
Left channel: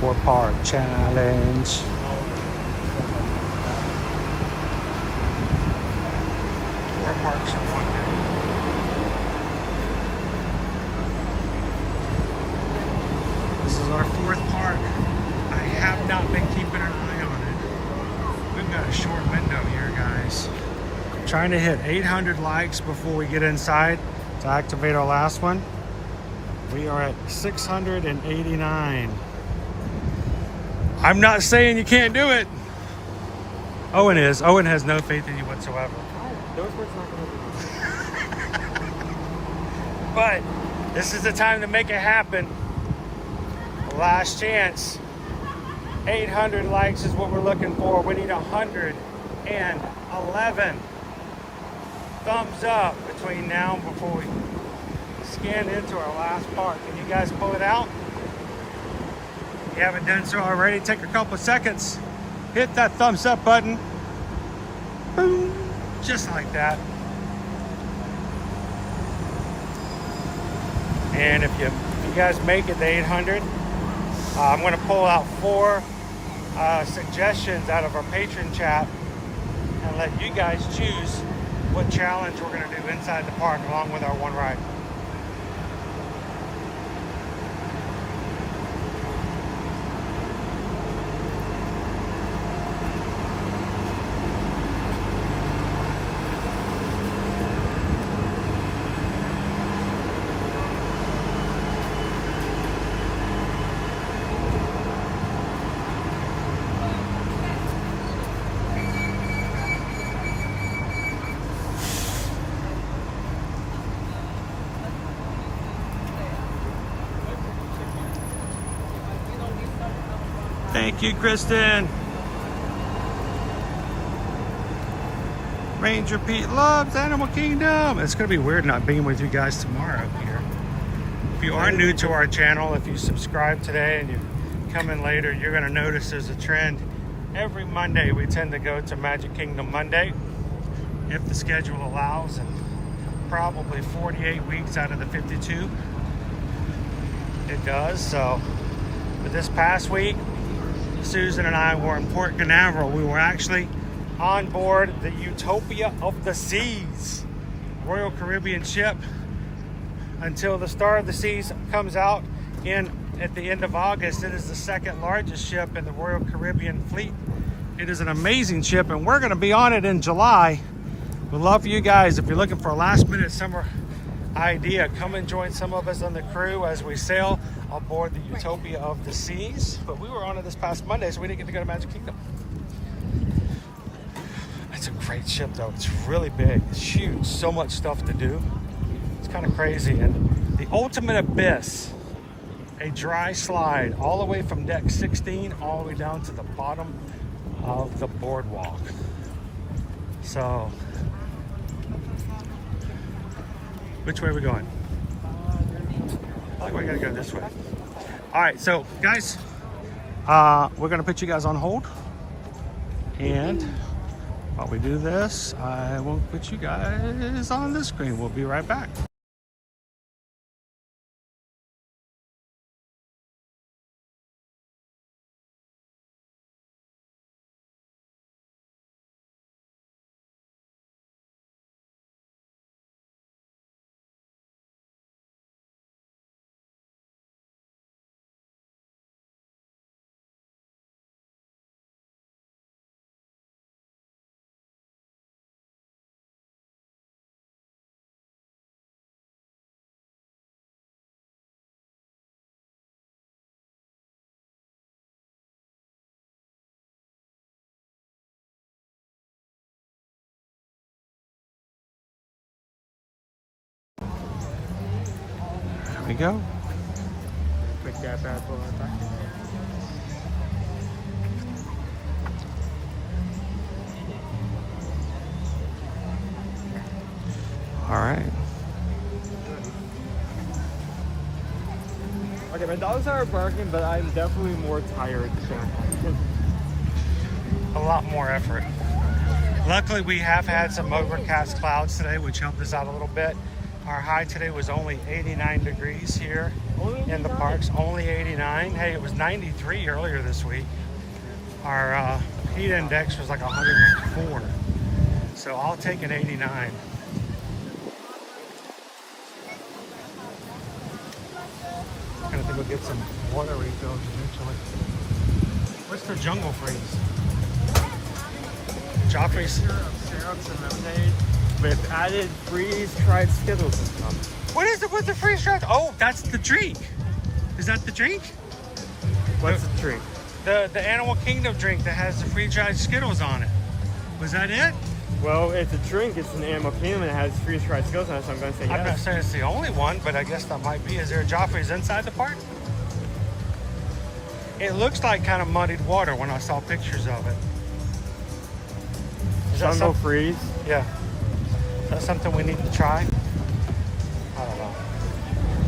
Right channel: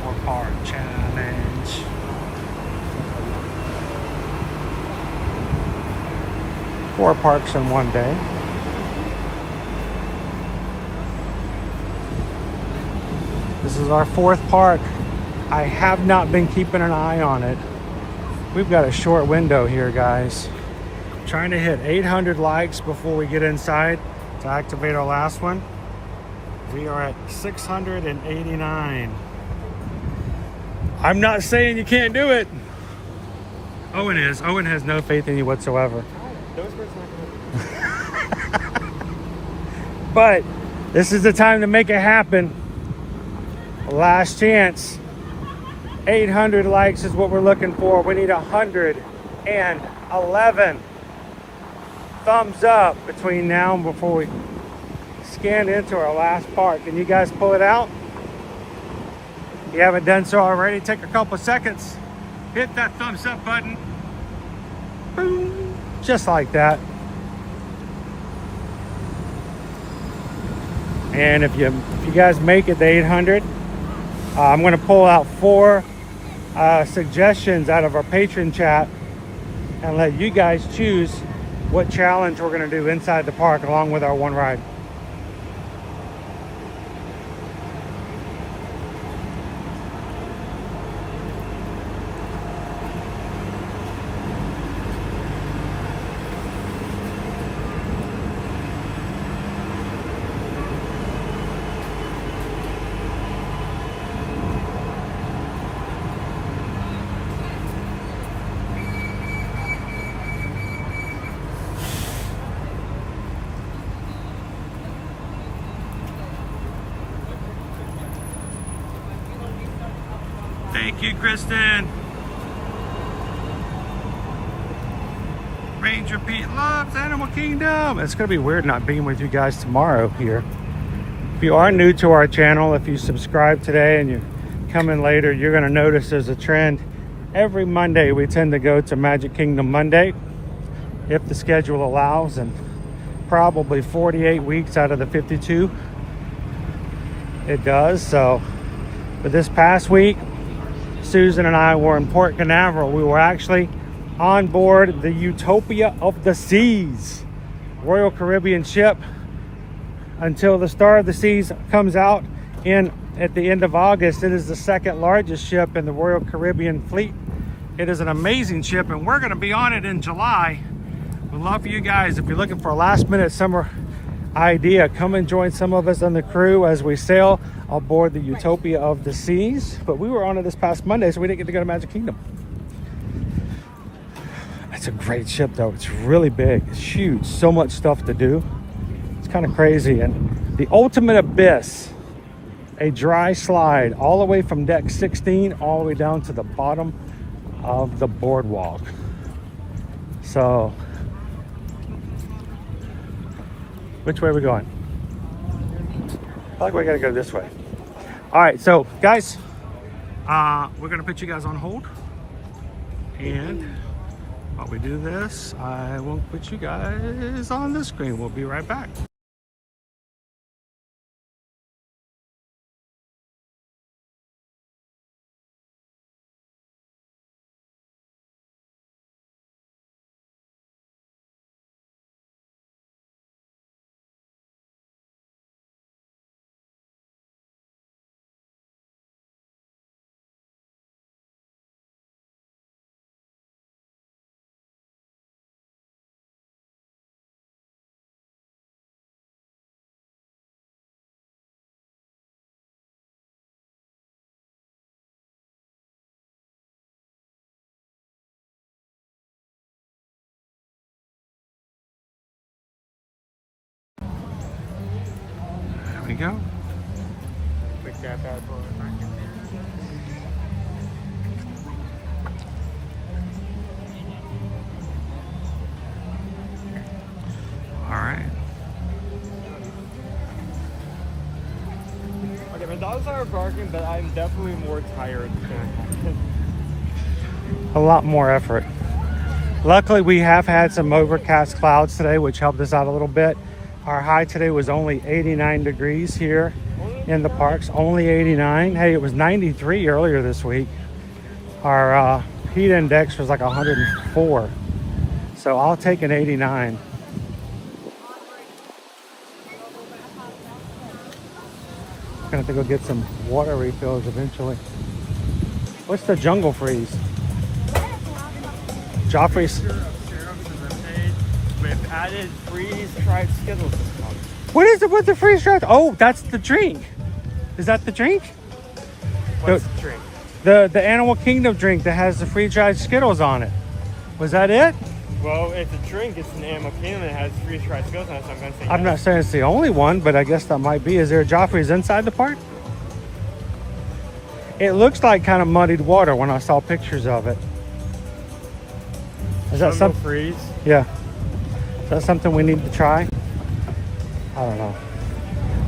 Four-part challenge. Four parks in one day. This is our fourth park. I have not been keeping an eye on it. We've got a short window here, guys. Trying to hit 800 likes before we get inside to activate our last one. We are at 689. I'm not saying you can't do it. Owen is. Owen has no faith in you whatsoever. But this is the time to make it happen. Last chance. 800 likes is what we're looking for. We need 111 thumbs up between now and before we scan into our last park. Can you guys pull it out? If you haven't done so already, take a couple seconds. Hit that thumbs up button. Boom. Just like that. And if you guys make it to 800, I'm going to pull out 4 suggestions out of our patron chat and let you guys choose what challenge we're going to do inside the park along with our one ride. Thank you, Kristen. Ranger Pete loves Animal Kingdom. It's going to be weird not being with you guys tomorrow here. If you are new to our channel, if you subscribe today and you come in later, you're going to notice there's a trend. Every Monday, we tend to go to Magic Kingdom Monday, if the schedule allows, and probably 48 weeks out of the 52, it does. So, but this past week, Susan and I were in Port Canaveral. We were actually on board the Utopia of the Seas Royal Caribbean ship until the Star of the Seas comes out at the end of August. It is the second largest ship in the Royal Caribbean fleet. It is an amazing ship, and we're going to be on it in July. We'd love for you guys, if you're looking for a last minute summer idea, come and join some of us on the crew as we sail aboard the Utopia of the Seas. But we were on it this past Monday, so we didn't get to go to Magic Kingdom. It's a great ship though. It's really big, it's huge, so much stuff to do. It's kind of crazy. And the ultimate abyss, a dry slide all the way from deck 16 all the way down to the bottom of the boardwalk. So, which way are we going? I feel like we gotta go this way. All right, so guys, we're gonna put you guys on hold. And while we do this, I will put you guys on the screen. We'll be right back. There we go. All right. Okay, my dogs are barking, but I'm definitely more tired too. A lot more effort. Luckily, we have had some overcast clouds today, which helped us out a little bit. Our high today was only 89 degrees here in the parks, only 89. Hey, it was 93 earlier this week. Our heat index was like 104. So I'll take an 89. Gonna have to go get some water refills eventually. What's the jungle freeze? Joffrey's. Syrups and lemonade with added freeze-dried Skittles. What is it with the freeze-dried? Oh, that's the drink. Is that the drink? What's the drink? The Animal Kingdom drink that has the freeze-dried Skittles on it. Was that it? Well, it's a drink. It's an Animal Kingdom that has freeze-dried Skittles on it, so I'm going to say yes. I'm not saying it's the only one, but I guess that might be. Is there a Joffrey's inside the park? It looks like kind of muddied water when I saw pictures of it. Is that something? Freeze? Yeah. Is that something we need to try? I don't know.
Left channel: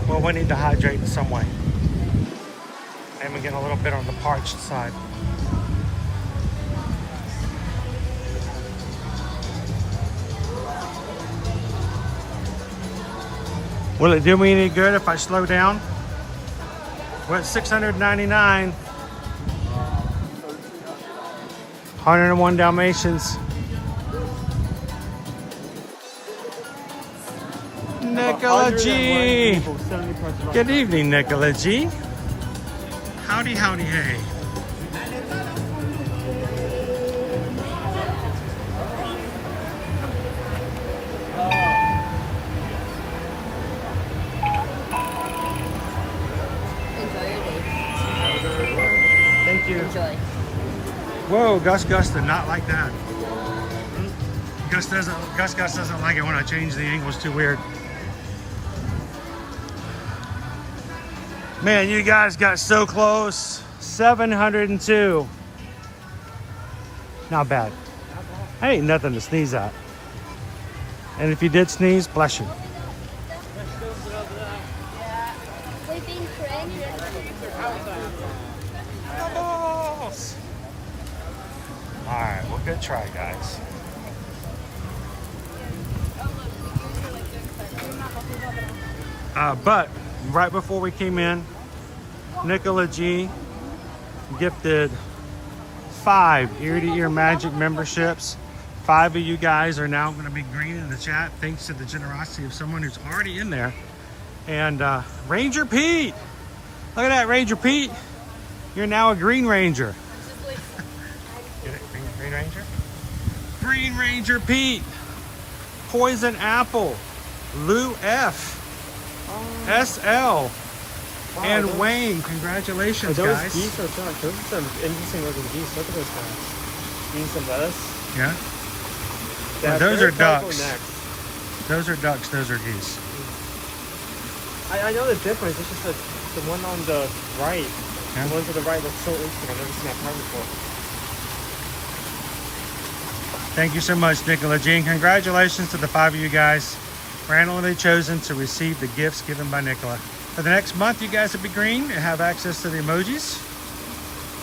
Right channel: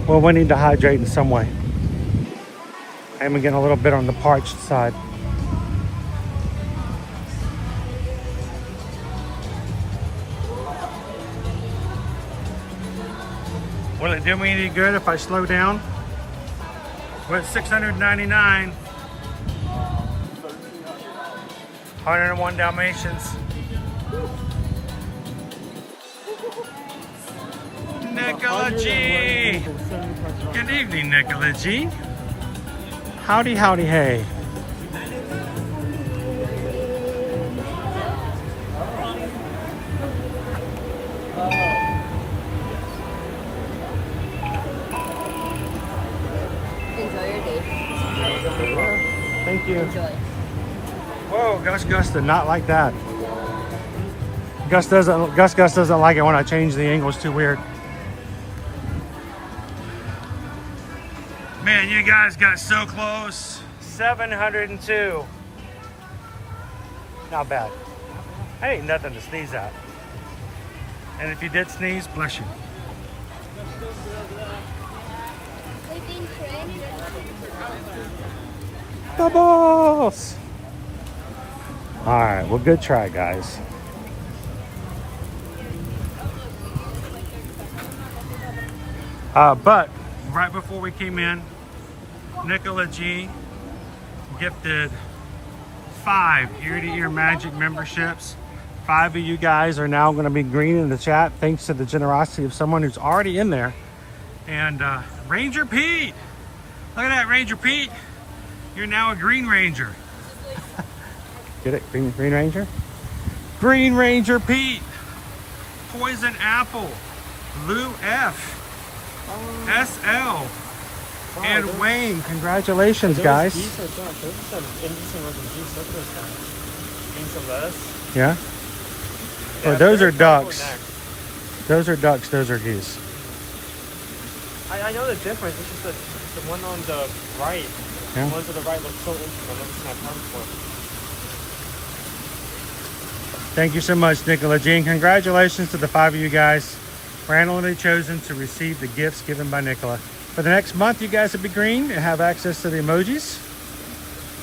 Well, we need to hydrate in some way. And we're getting a little bit on the parched side. Will it do me any good if I slow down? We're at 699. 101 Dalmatians. Nicola G. Good evening, Nicola G. Howdy, howdy, hey. Enjoy your day. Thank you. Enjoy. Whoa, Gus did not like that. Gus doesn't like it when I change the angles too weird. Man, you guys got so close. 702. Not bad. That ain't nothing to sneeze at. And if you did sneeze, bless you. Bubbles! Alright, well, good try, guys. But right before we came in, Nicola G gifted 5 ear-to-ear magic memberships. 5 of you guys are now going to be green in the chat thanks to the generosity of someone who's already in there. And Ranger Pete, look at that, Ranger Pete. You're now a Green Ranger. Get it? Green Ranger? Green Ranger Pete. Poison Apple. Lou F. SL. And Wayne. Congratulations, guys. Those are some interesting looking geese. Look at those guys. Geese and lettuce. Yeah? Well, those are ducks. Those are ducks. Those are geese. I know the difference. It's just the one on the right. Yeah. The ones on the right look so interesting. I've never seen that part before. Thank you so much, Nicola Jean. Congratulations to the 5 of you guys randomly chosen to receive the gifts given by Nicola. For the next month, you guys will be green and have access to the emojis.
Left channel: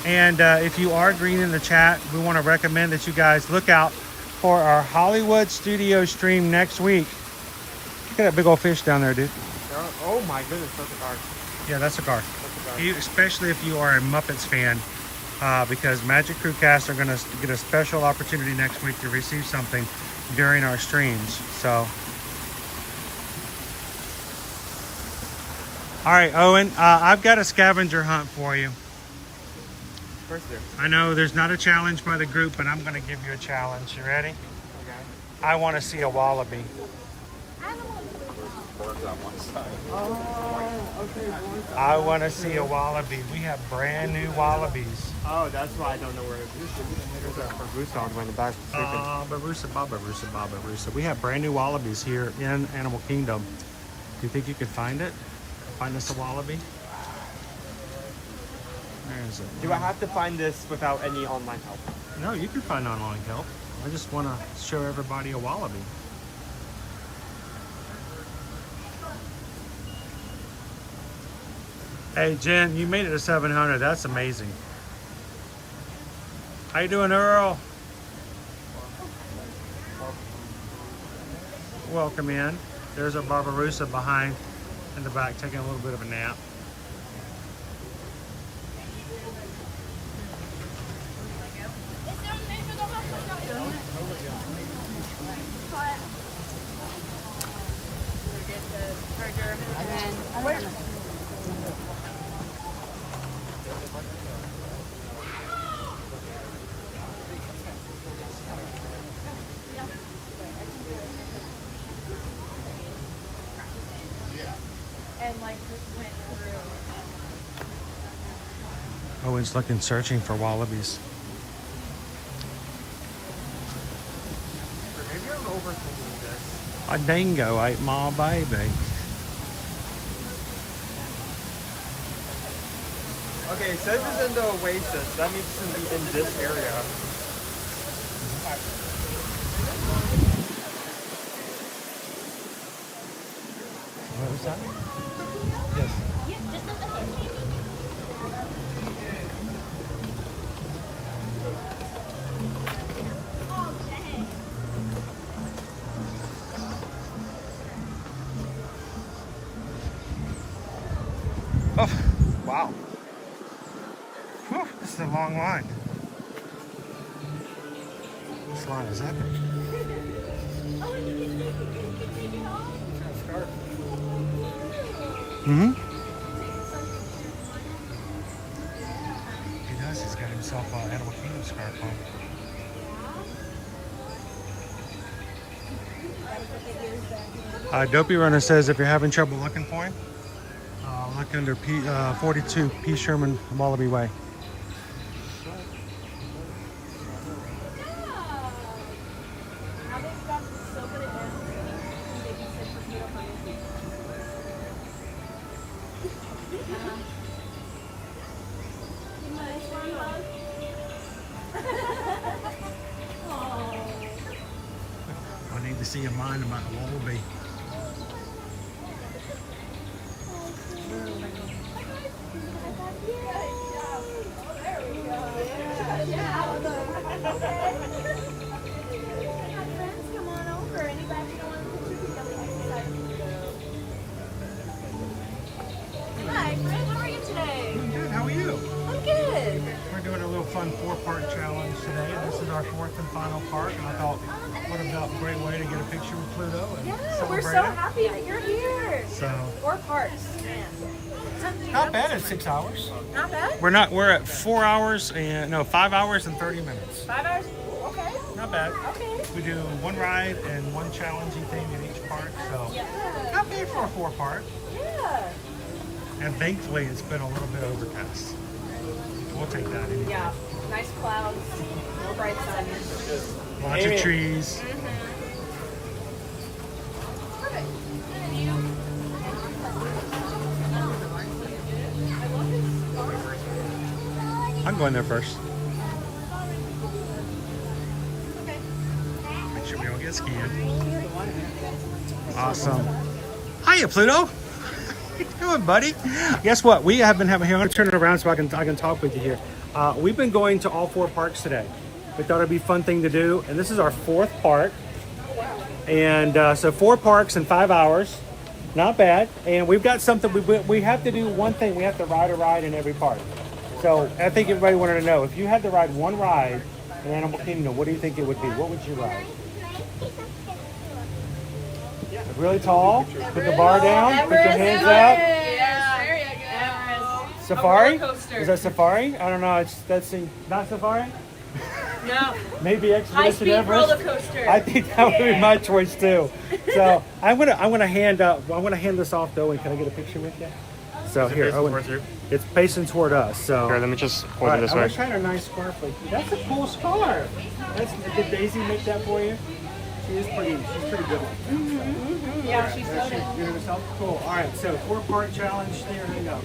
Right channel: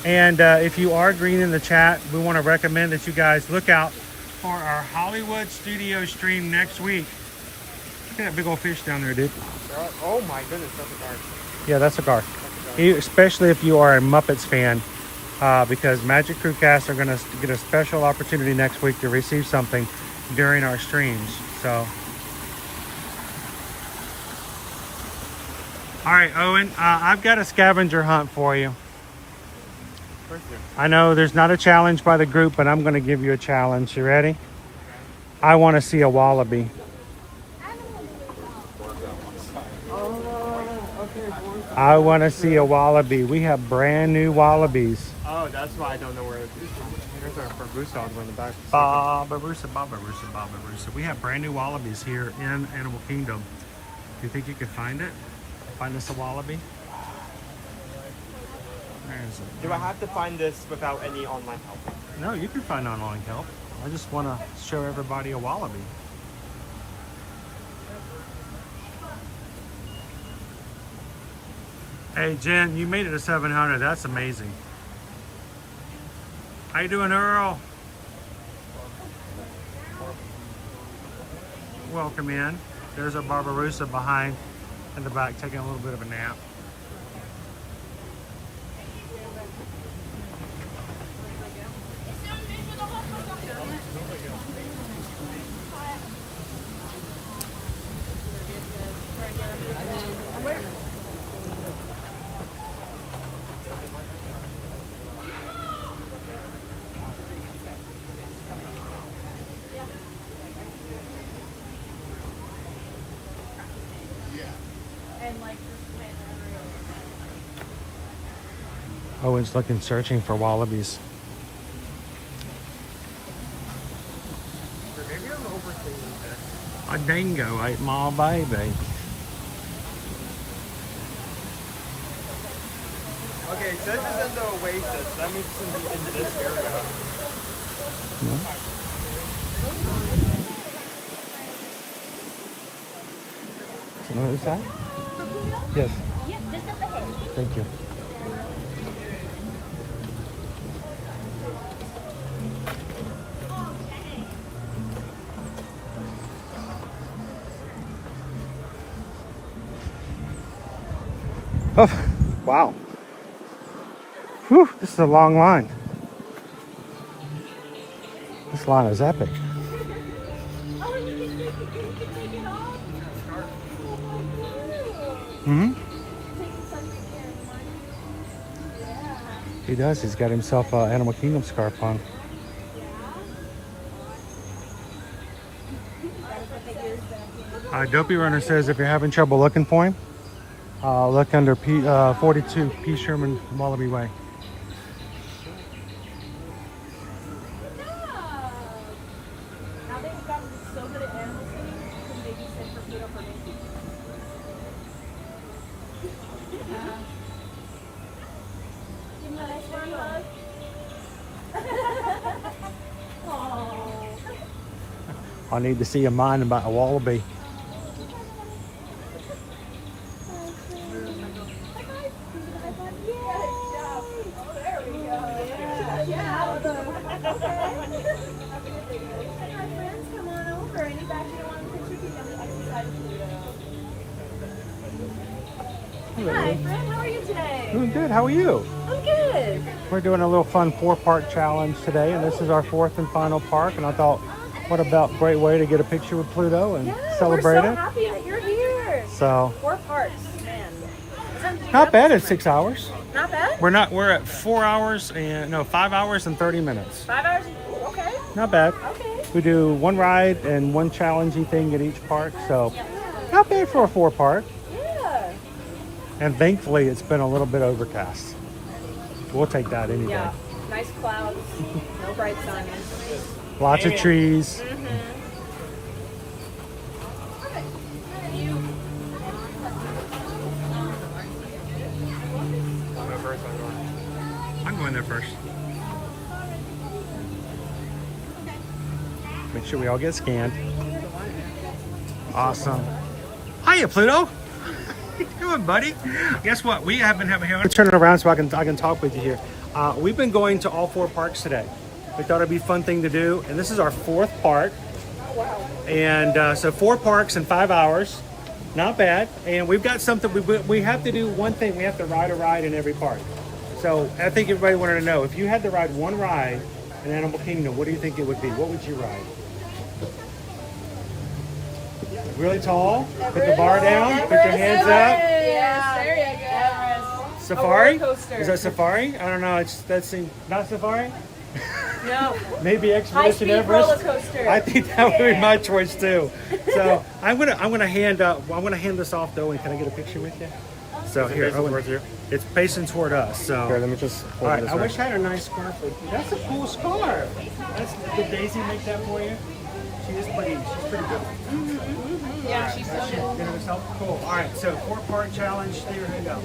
And if you are green in the chat, we want to recommend that you guys look out for our Hollywood studio stream next week. Look at that big old fish down there, dude. Oh my goodness, that's a car. Yeah, that's a car. Especially if you are a Muppets fan, because Magic Crew Cast are going to get a special opportunity next week to receive something during our streams. So, all right, Owen, I've got a scavenger hunt for you. I know there's not a challenge by the group, but I'm going to give you a challenge. You ready? I want to see a wallaby. I want to see a wallaby. We have brand new wallabies. Oh, that's why I don't know where it is. There's our Barbusa on the way in the back. Barbusa. We have brand new wallabies here in Animal Kingdom. Do you think you could find it? Find us a wallaby? There's it. Do I have to find this without any online help? No, you can find online help. I just want to show everybody a wallaby. Hey, Jen, you made it to 700. That's amazing. How you doing, Earl? Welcome in. There's a Barbarossa behind in the back taking a little bit of a nap. Owen's looking, searching for wallabies. A dingo ate my baby. Okay, so this is in the Oasis. That means it's going to be in this area. What was that? Yes. Thank you. Oh, wow. Whew, this is a long line. This line is epic. He does. He's got himself an Animal Kingdom scarf on. Dopey Runner says if you're having trouble looking for him, look under 42 P. Sherman Wallaby Way. I need to see a mind about a wallaby. Hi, how are you today? Doing good. How are you? I'm good. We're doing a little fun 4-park challenge today, and this is our 4th and final park. And I thought, what about a great way to get a picture with Pluto and celebrate We're so it? happy that you're here. So 4 parks. not bad at 6 hours. Not bad? We're at 4 hours and 5 hours and 30 minutes. 5 hours? Okay. Not bad. Okay. We do one ride and one challenging thing at each park, so not bad for a 4-park. Yeah. And thankfully, it's been a little bit overcast. We'll take that anyway. Yeah. Nice clouds. No bright sun. Lots of trees. I'm going there first. Should we all get scanned? Awesome. Hiya, Pluto. How you doing, buddy? Guess what? We have been having here. Let's turn it around so I can talk with you here. We've been going to all 4 parks today. We thought it'd be a fun thing to do, and this is our 4th park. And so 4 parks in 5 hours. Not bad. And we've got something. We have to do one thing. We have to ride a ride in every park. So I think everybody wanted to know, if you had to ride one ride in Animal Kingdom, what do you think it would be? What would you ride? Really tall? Put the bar down? Put your hands up? Yes, there you go. Safari? Is that Safari? I don't know. That's not Safari? No. Maybe Expedition High-speed Everest. roller coaster. I think that would be my choice too. So I'm gonna hand this off to Owen. Can I get a picture with you? So here, Owen. It's facing toward us. So here, let me just hold it this I way. wish I had a nice scarf like you. That's a cool scarf. Did Daisy make that for you? She's pretty good like that. Yeah, she's Did it herself? Cool. All right, so 4-part challenge. Here we go.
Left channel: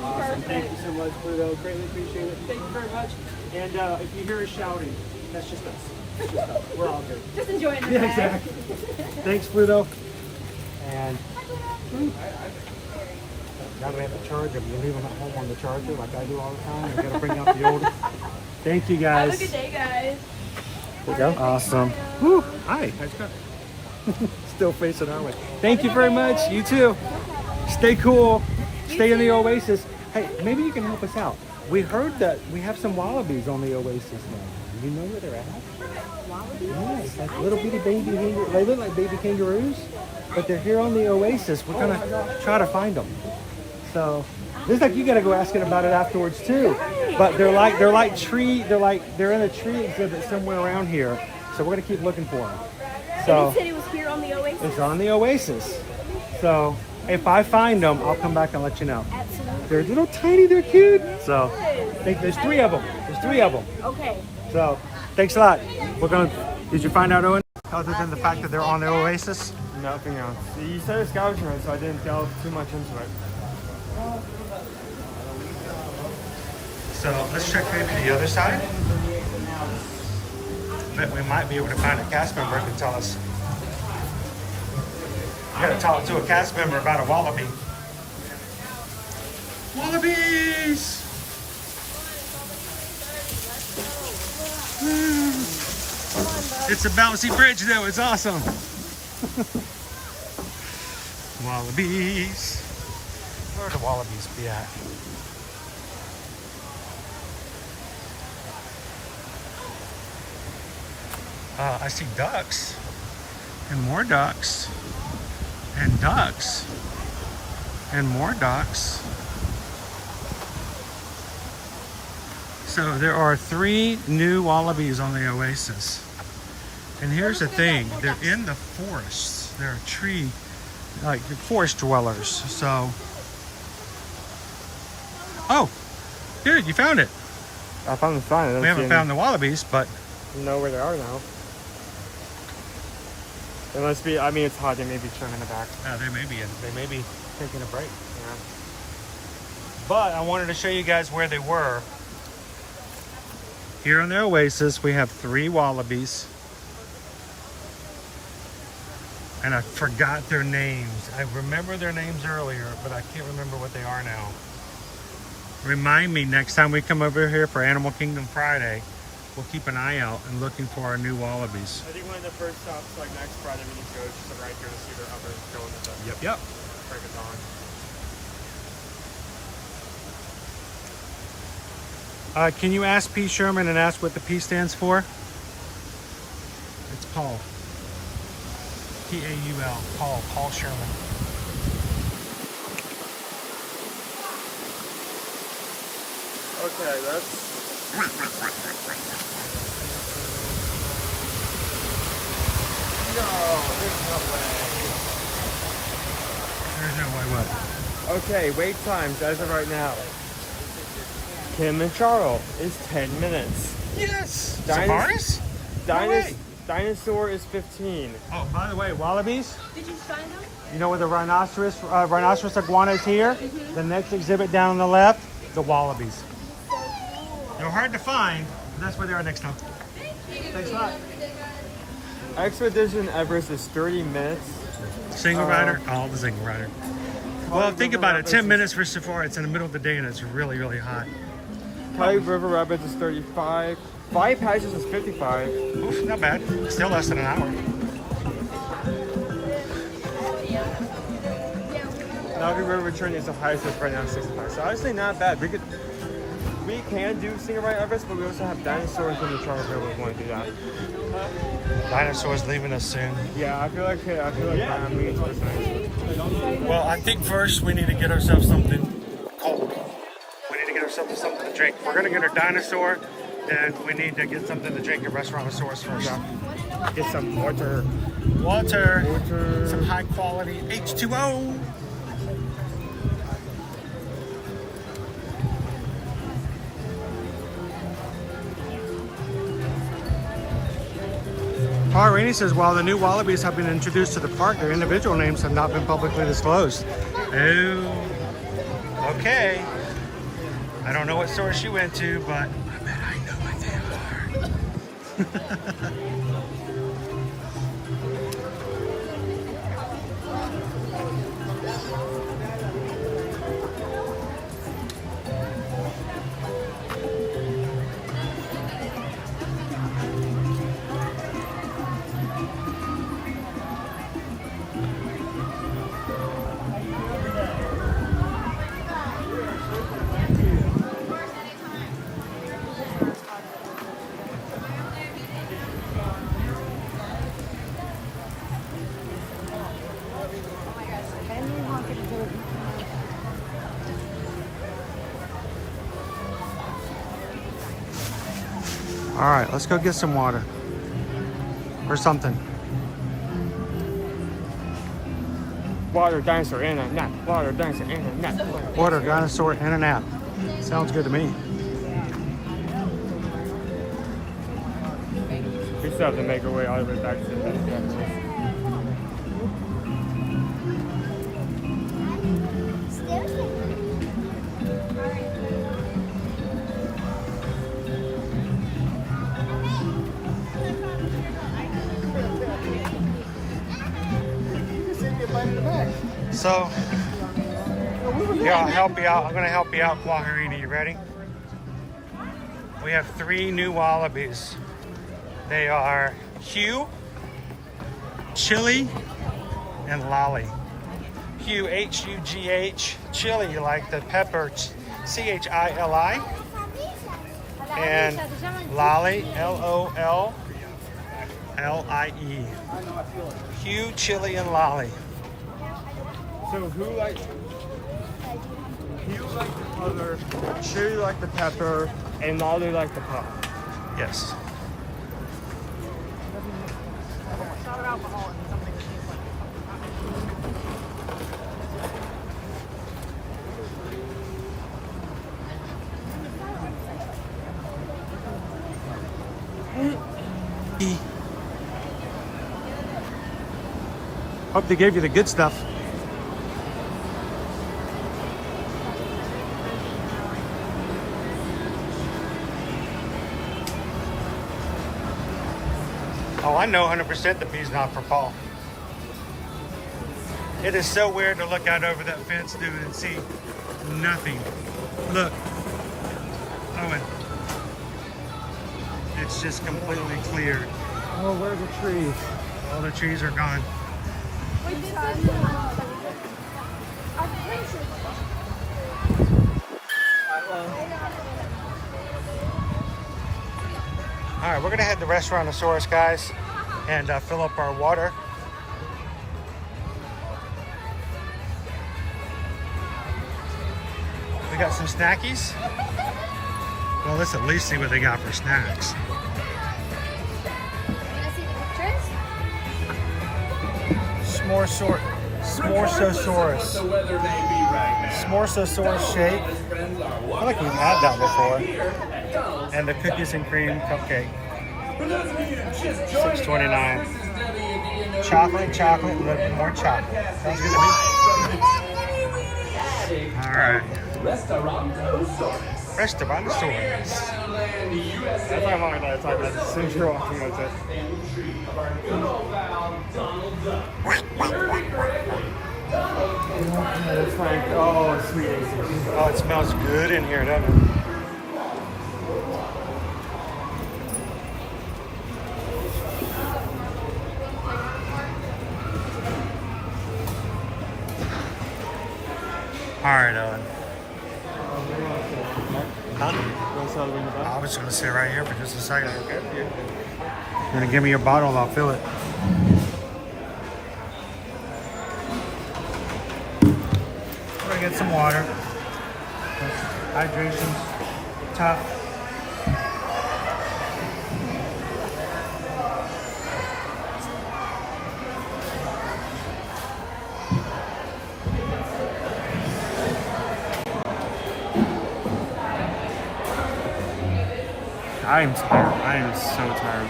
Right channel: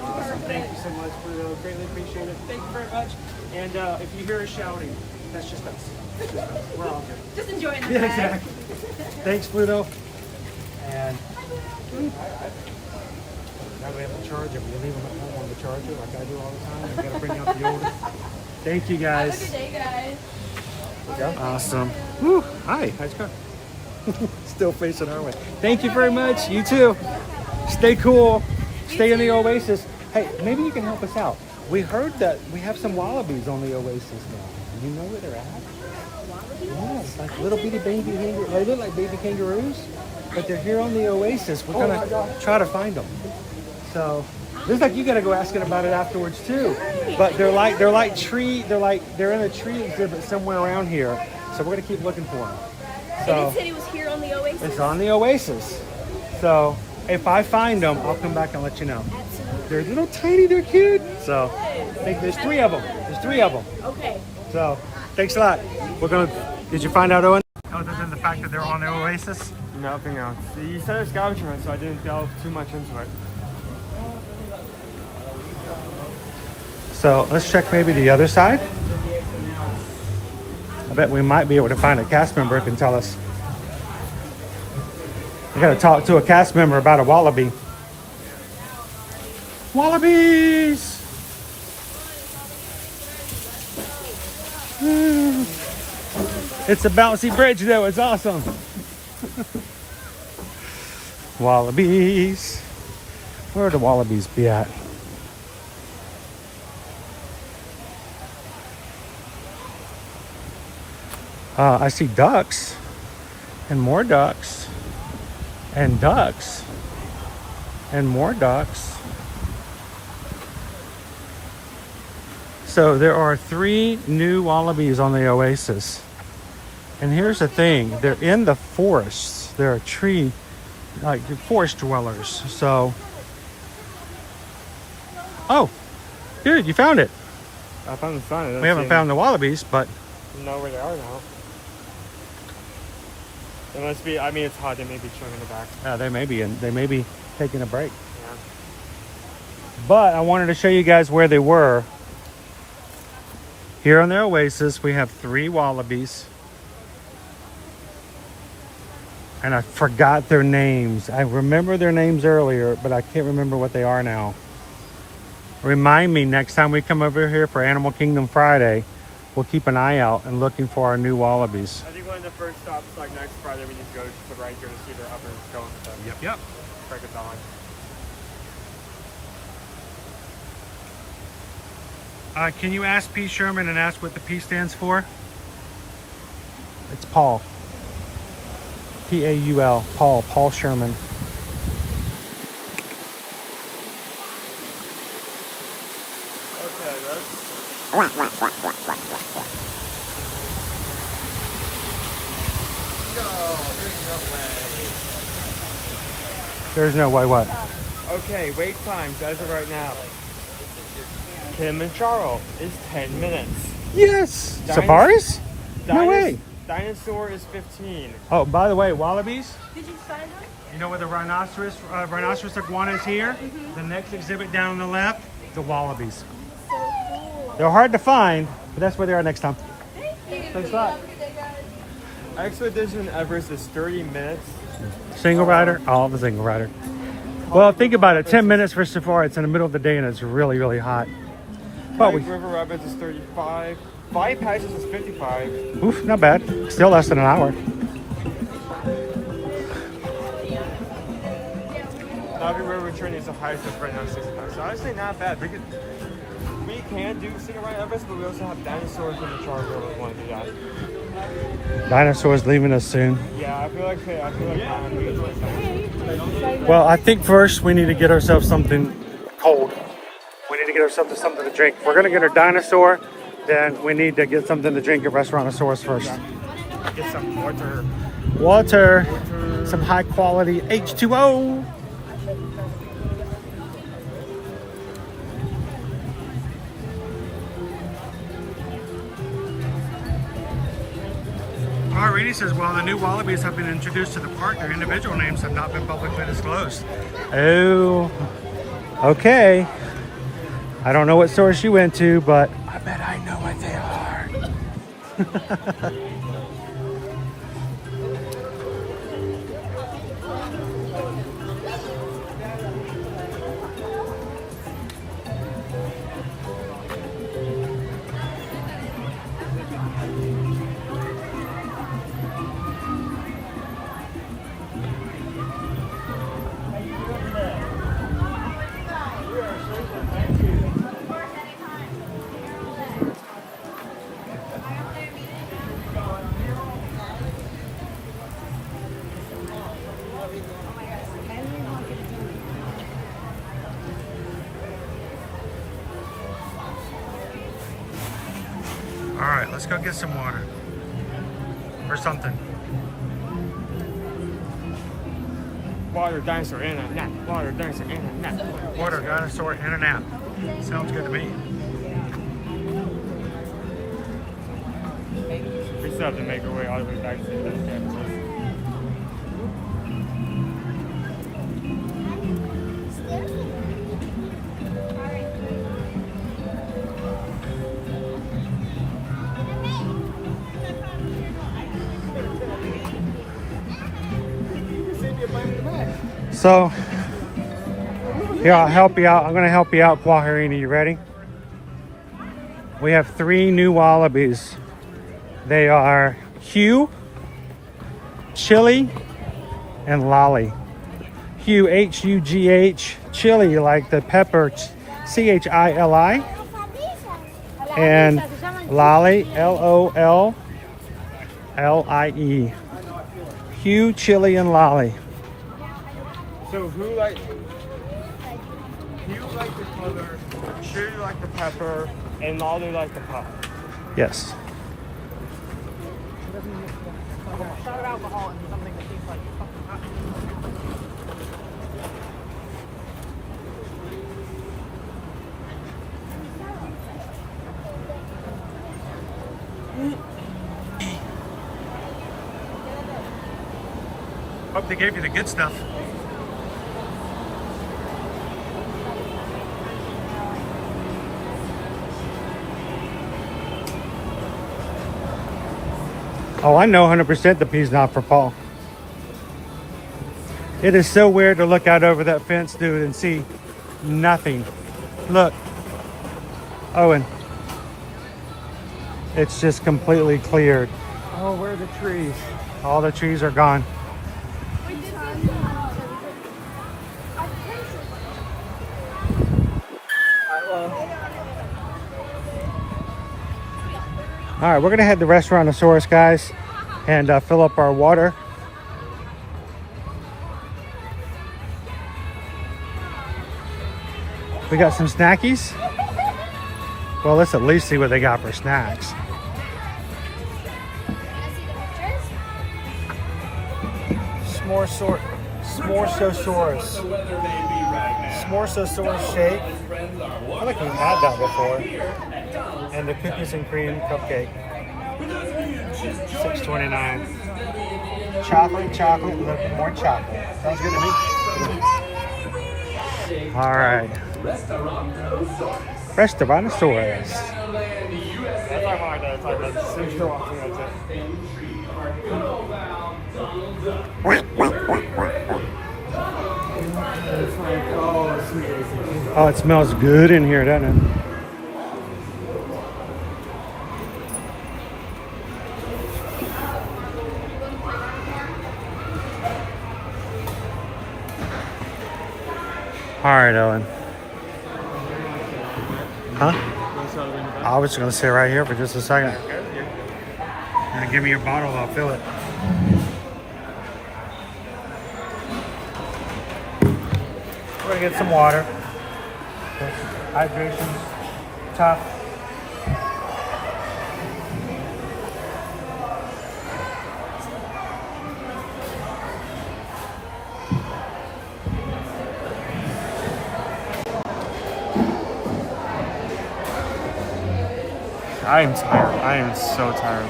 Awesome. Thank you so much, Pluto. Greatly appreciate it. Thank you very much. And if you hear us shouting, that's just us. It's just us. We're all good. Just enjoying the Yeah, ride. exactly. Thanks, Pluto. And now that we have to charge them, you're leaving them on the charger like I do all the time. You're gonna bring out the old. Thank you, guys. Have a good day, guys. There we go. Awesome. Woo. Hi. How's it going? Still facing our way. Thank you very much. You too. Stay cool. Stay in the Oasis. Hey, maybe you can help us out. We heard that we have some wallabies on the Oasis now. Do you know where they're at? Wallabies? Yeah, it's like little bitty baby kangaroos. They look like baby kangaroos, but they're here on the Oasis. We're gonna try to find them. So looks like you gotta go asking about it afterwards too. But they're in a tree exhibit somewhere around here. So we're gonna keep looking for them. So And you said it was here on the Oasis? it's on the Oasis. So if I find them, I'll come back and let you know. They're little tiny, they're cute. So I think there's 3 of them. There's 3 of them. Okay. So thanks a lot. Did you find out, Owen? Other than the fact that they're on the Oasis? Nothing else. You said it's scavenger hunt, so I didn't delve too much into it. So let's check maybe the other side. I bet we might be able to find a cast member who can tell us. We gotta talk to a cast member about a wallaby. Wallabies! It's a bouncy bridge though, it's awesome. Wallabies. Where would the wallabies be at? I see ducks and more ducks and ducks and more ducks. So there are 3 new wallabies on the Oasis. And here's the thing, they're in the forests. They're forest dwellers. So, oh, here, you found it. I found the sign. We haven't found the wallabies, but know where they are now. It must be. I mean, it's hot. They may be chilling in the back. they may be taking a break. Yeah. But I wanted to show you guys where they were. Here on the Oasis, we have 3 wallabies. And I forgot their names. I remember their names earlier, but I can't remember what they are now. Remind me next time we come over here for Animal Kingdom Friday, we'll keep an eye out and looking for our new wallabies. I think one of the first stops, like next Friday, we need to go to the right here to see the others going. Yep. Track it on. Can you ask P. Sherman and ask what the P stands for? It's Paul. P-A-U-L. Paul Sherman. Okay, that's... There's no way what? Okay, wait times as of right now. Kilimanjaro is 10 minutes. Yes. Safaris? No way. Dinosaur is 15. Oh, by the way, wallabies. Did you find them? You know where the rhinoceros iguana is here? The next exhibit down on the left, the wallabies. They're hard to find, but that's where they are next time. Thanks a lot. Expedition Everest is 30 minutes. Single rider? Oh, the single rider. Well, think about it. 10 minutes for safari. It's in the middle of the day and it's really, really hot. Five River Rapids is 35. Five Patches is 55. Oof, not bad. Still less than an hour. Davenport River Return is the highest right now, 6 minutes. So honestly, not bad. We can do Single Ride Everest, but we also have Dinosaur and the charger if we want to do that. Dinosaur's leaving us soon. Yeah, I feel like Well, I think first we need to get ourselves something cold. We need to get ourselves something to drink. If we're gonna get our Dinosaur, then we need to get something to drink at Restaurantosaurus first. Get some water. Water. Some high quality H2O. Rainey says, while the new wallabies have been introduced to the park, their individual names have not been publicly disclosed. Oh, okay. I don't know what store she went to, but I bet I know what they are. All right, let's go get some water or something. Water, dinosaur, and a nap. Water, dinosaur, and a nap. Water, dinosaur, and a nap. Sounds good to me. We still have to make our way all the way back to the So, here, I'll help you out. I'm going to help you out, Kwaharini. You ready? We have 3 new wallabies. They are Hugh, Chili, and Lolly. Hugh, H-U-G-H, Chili, like the pepper, C-H-I-L-I. And Lolly, L-O-L-L-I-E. Hugh, Chili, and Lolly. So who like the color, Chili like the pepper, and Lolly like the pop? Yes. Hope they gave you the good stuff. Oh, I know 100% the P's not for Paul. It is so weird to look out over that fence, dude, and see nothing. Look, Owen. It's just completely cleared. Oh, where are the trees? All the trees are gone. All right, we're gonna head to Restaurantosaurus, guys, and fill up our water. We got some snackies. Well, let's at least see what they got for snacks. S'moresosaurus. S'moresosaurus shake. I feel like we've had that before. And the cookies and cream cupcake. $6.29. Chocolate, look, more chocolate. Sounds good to me. All right. Best of dinosaurs. That's ironic that it's like that. As soon as you're walking, it's like... It's like, oh, sweet AC. Oh, it smells good in here, doesn't it? All right, Owen. Huh? I was going to sit right here for just a second. You're going to give me your bottle, I'll fill it. We're going to get some water. Hydration's tough. I am tired. I am so tired.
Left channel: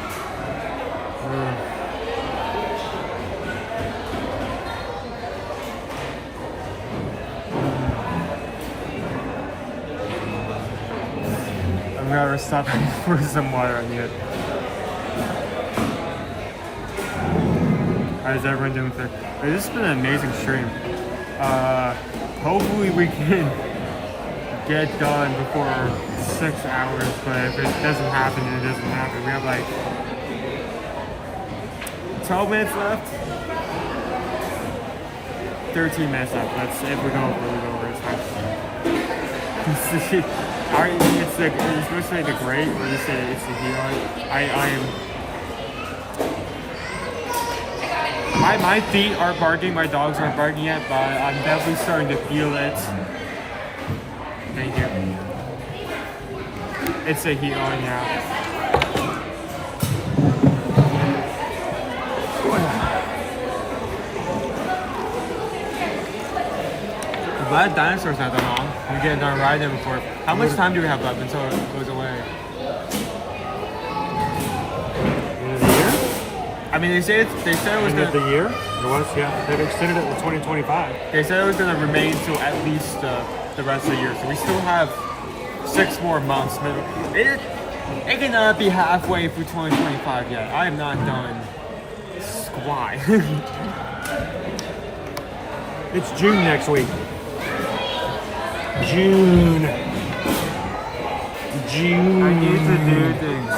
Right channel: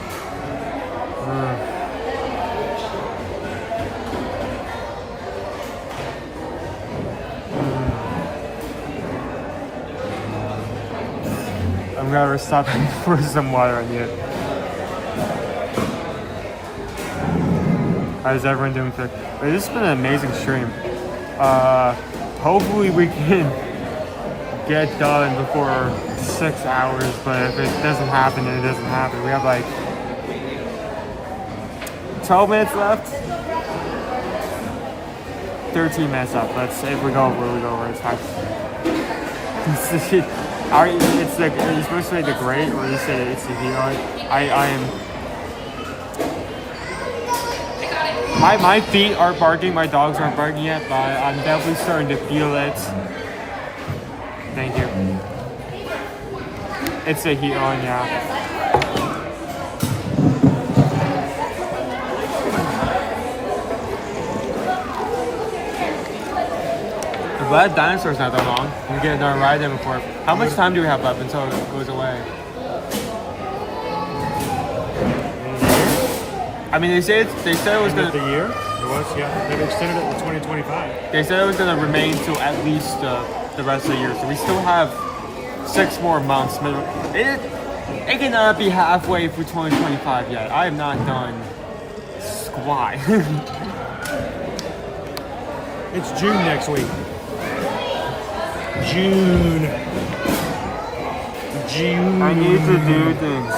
I'm gonna stop for some water. I need it. How's everyone doing today? This has been an amazing stream. Hopefully we can get done before 6 hours, but if it doesn't happen, then it doesn't happen. We have like 12 minutes left. 13 minutes left. Let's if we go over, we go over. It's fine. It's like it's supposed to be the great, or you say it's the heal. I am. My feet aren't barking. My dogs aren't barking yet, but I'm definitely starting to feel it. Thank you. It's a heat on, yeah. I'm glad Dinosaur's not that long. We get another ride in before. How much time do we have left until it goes away? I mean, they said it was gonna. The year? It was, yeah. They've extended it to 2025. They said it was gonna remain till at least the rest of the year. So we still have 6 more months. It cannot be halfway through 2025 yet. I am not done squat. It's June next week. June. I need to do things.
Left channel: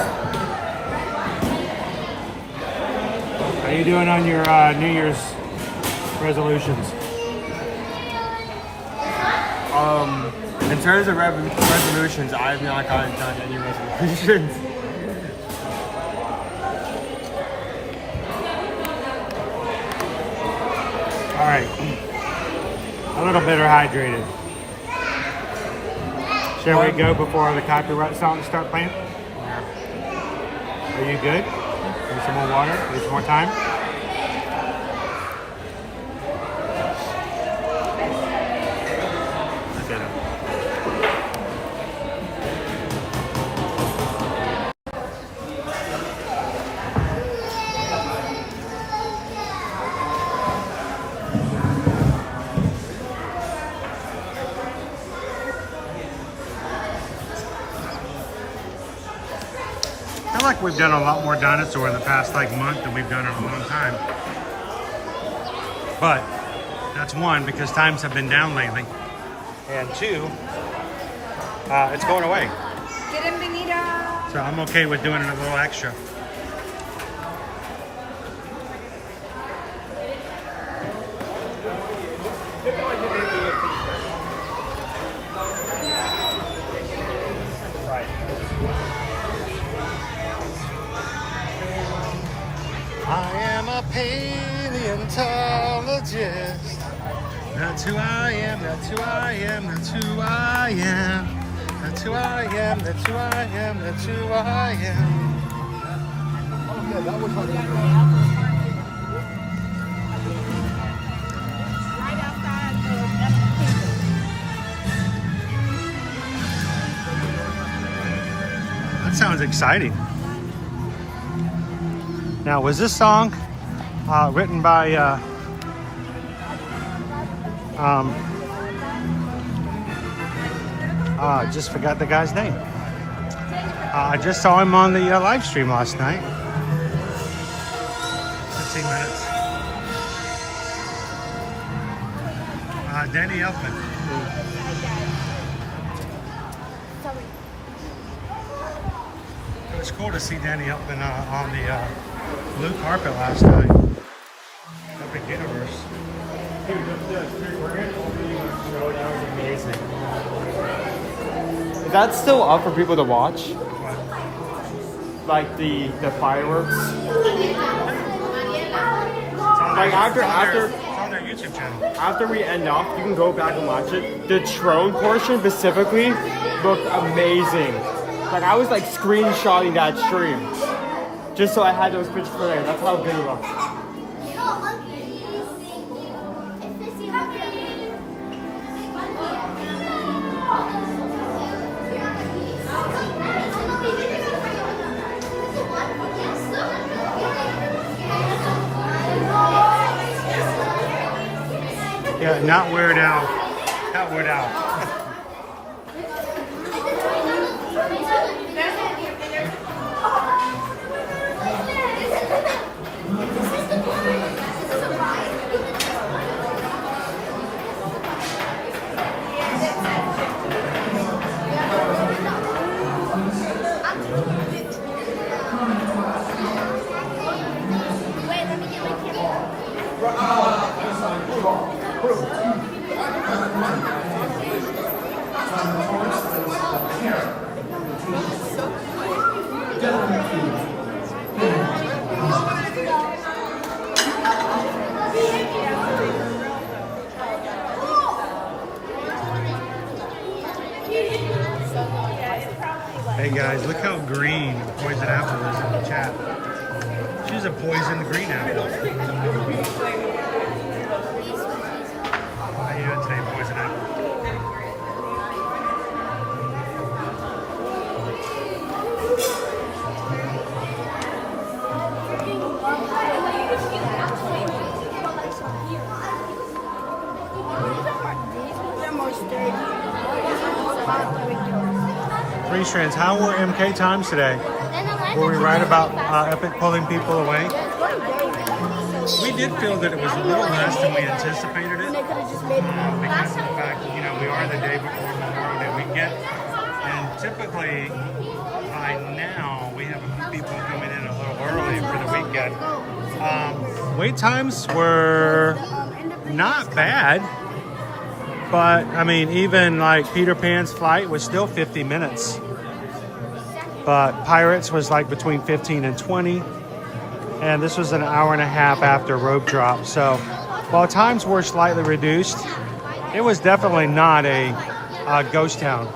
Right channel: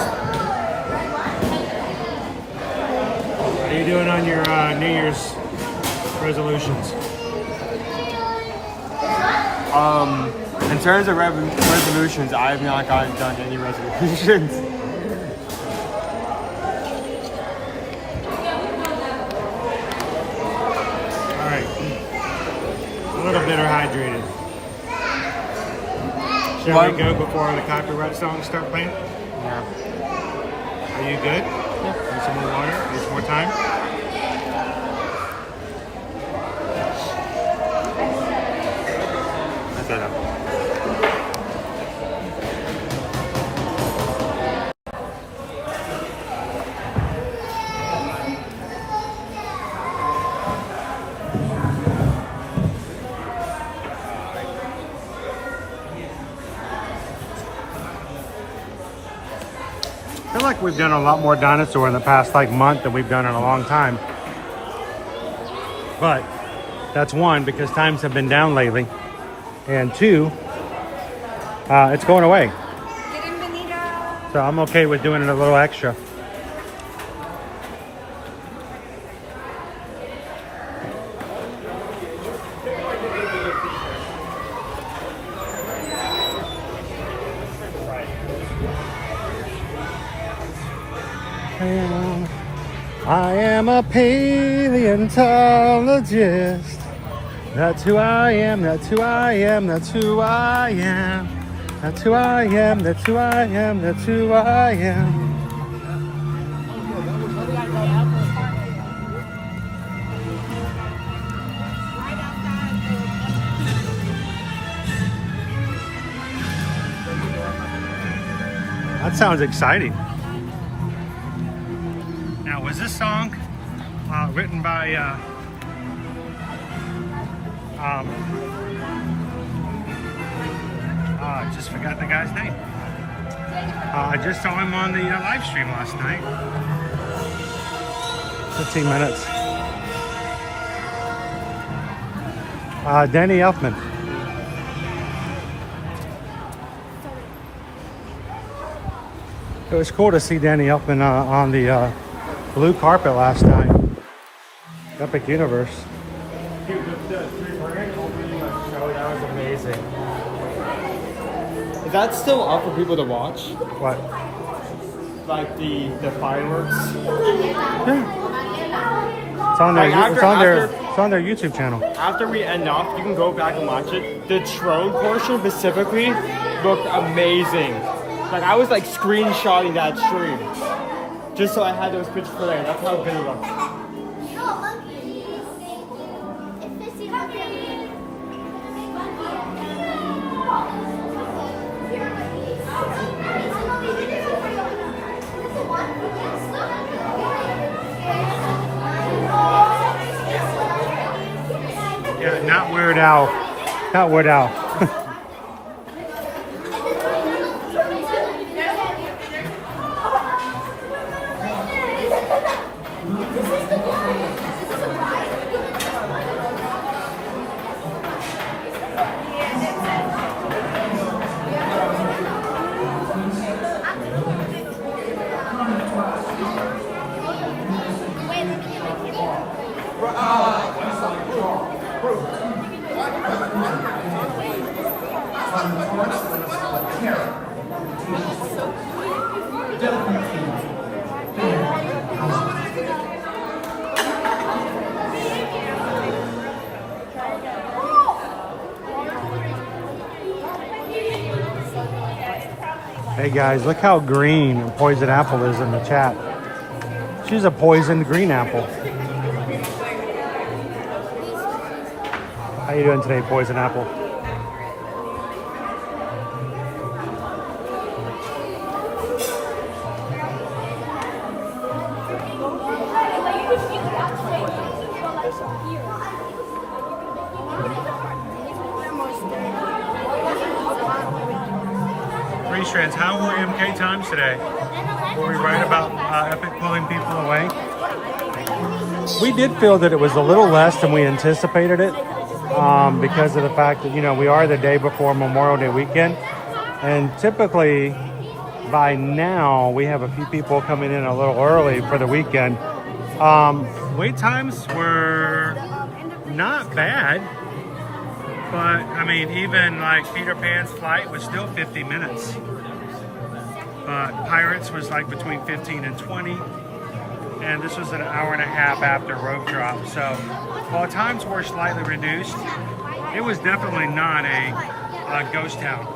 How you doing on your New Year's resolutions? In terms of resolutions, I have not gotten done any resolutions. Alright. A little bit hydrated. Shall we go before the copyright songs start playing? Yeah. Are you good? Yeah. Need some more water? Need some more time? That's it. I feel like we've done a lot more Dinosaur in the past month than we've done in a long time. But that's one, because times have been down lately. And two, it's going away. So I'm okay with doing it a little extra. I am a paleontologist. That's who I am, that's who I am, that's who I am. That's who I am, that's who I am, that's who I am. That sounds exciting. Now, was this song written by I just forgot the guy's name. I just saw him on the live stream last night. 15 minutes. Danny Elfman. It was cool to see Danny Elfman on the blue carpet last night. Epic Universe. Dude, the grand opening show, that was amazing. Is that still up for people to watch? What? Like the fireworks? It's on Like their, after it's on their YouTube channel. After we end off, you can go back and watch it. The drone portion specifically looked amazing. Like I was like screenshotting that stream. Just so I had those pictures for later. That's how good it looked. Yeah, not Weird Al. Not Weird Al. Hey guys, look how green Poison Apple is in the chat. She's a poisoned green apple. How you doing today, Poison Apple? Strands, how were MK times today? Were we right about Epic pulling people away? We did feel that it was a little less than we anticipated it because of the fact that, you know, we are the day before Memorial Day weekend. And typically by now we have a few people coming in a little early for the weekend. Wait times were not bad. But, I mean, even like Peter Pan's flight was still 50 minutes. But Pirates was like between 15 and 20. And this was an hour and a half after Rope Drop. So, while times were slightly reduced, it was definitely not a ghost town.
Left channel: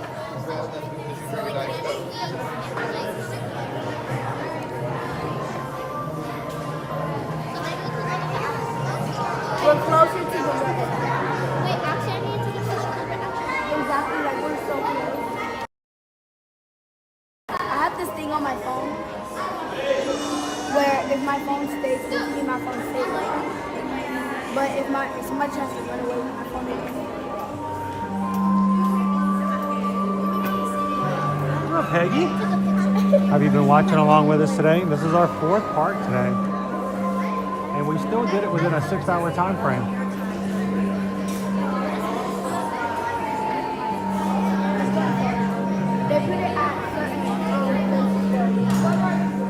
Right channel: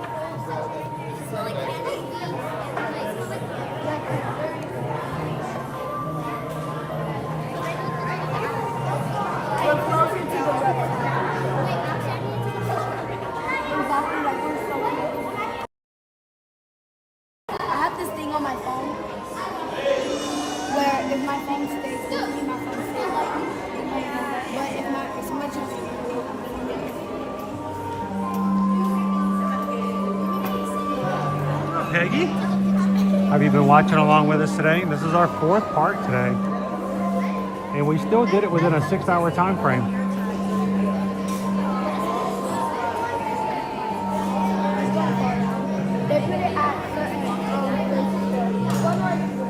We're closer to the red side. Wait, actually, I need to take a picture. Exactly, like we're so close. I have this thing on my phone where if my phone stays with me, my phone stays like me. But if somebody tries to run away with my phone, What's up, Peggy? Have you been watching along with us today? This is our 4th part today. And we still did it within a 6-hour time frame. they put it at certain places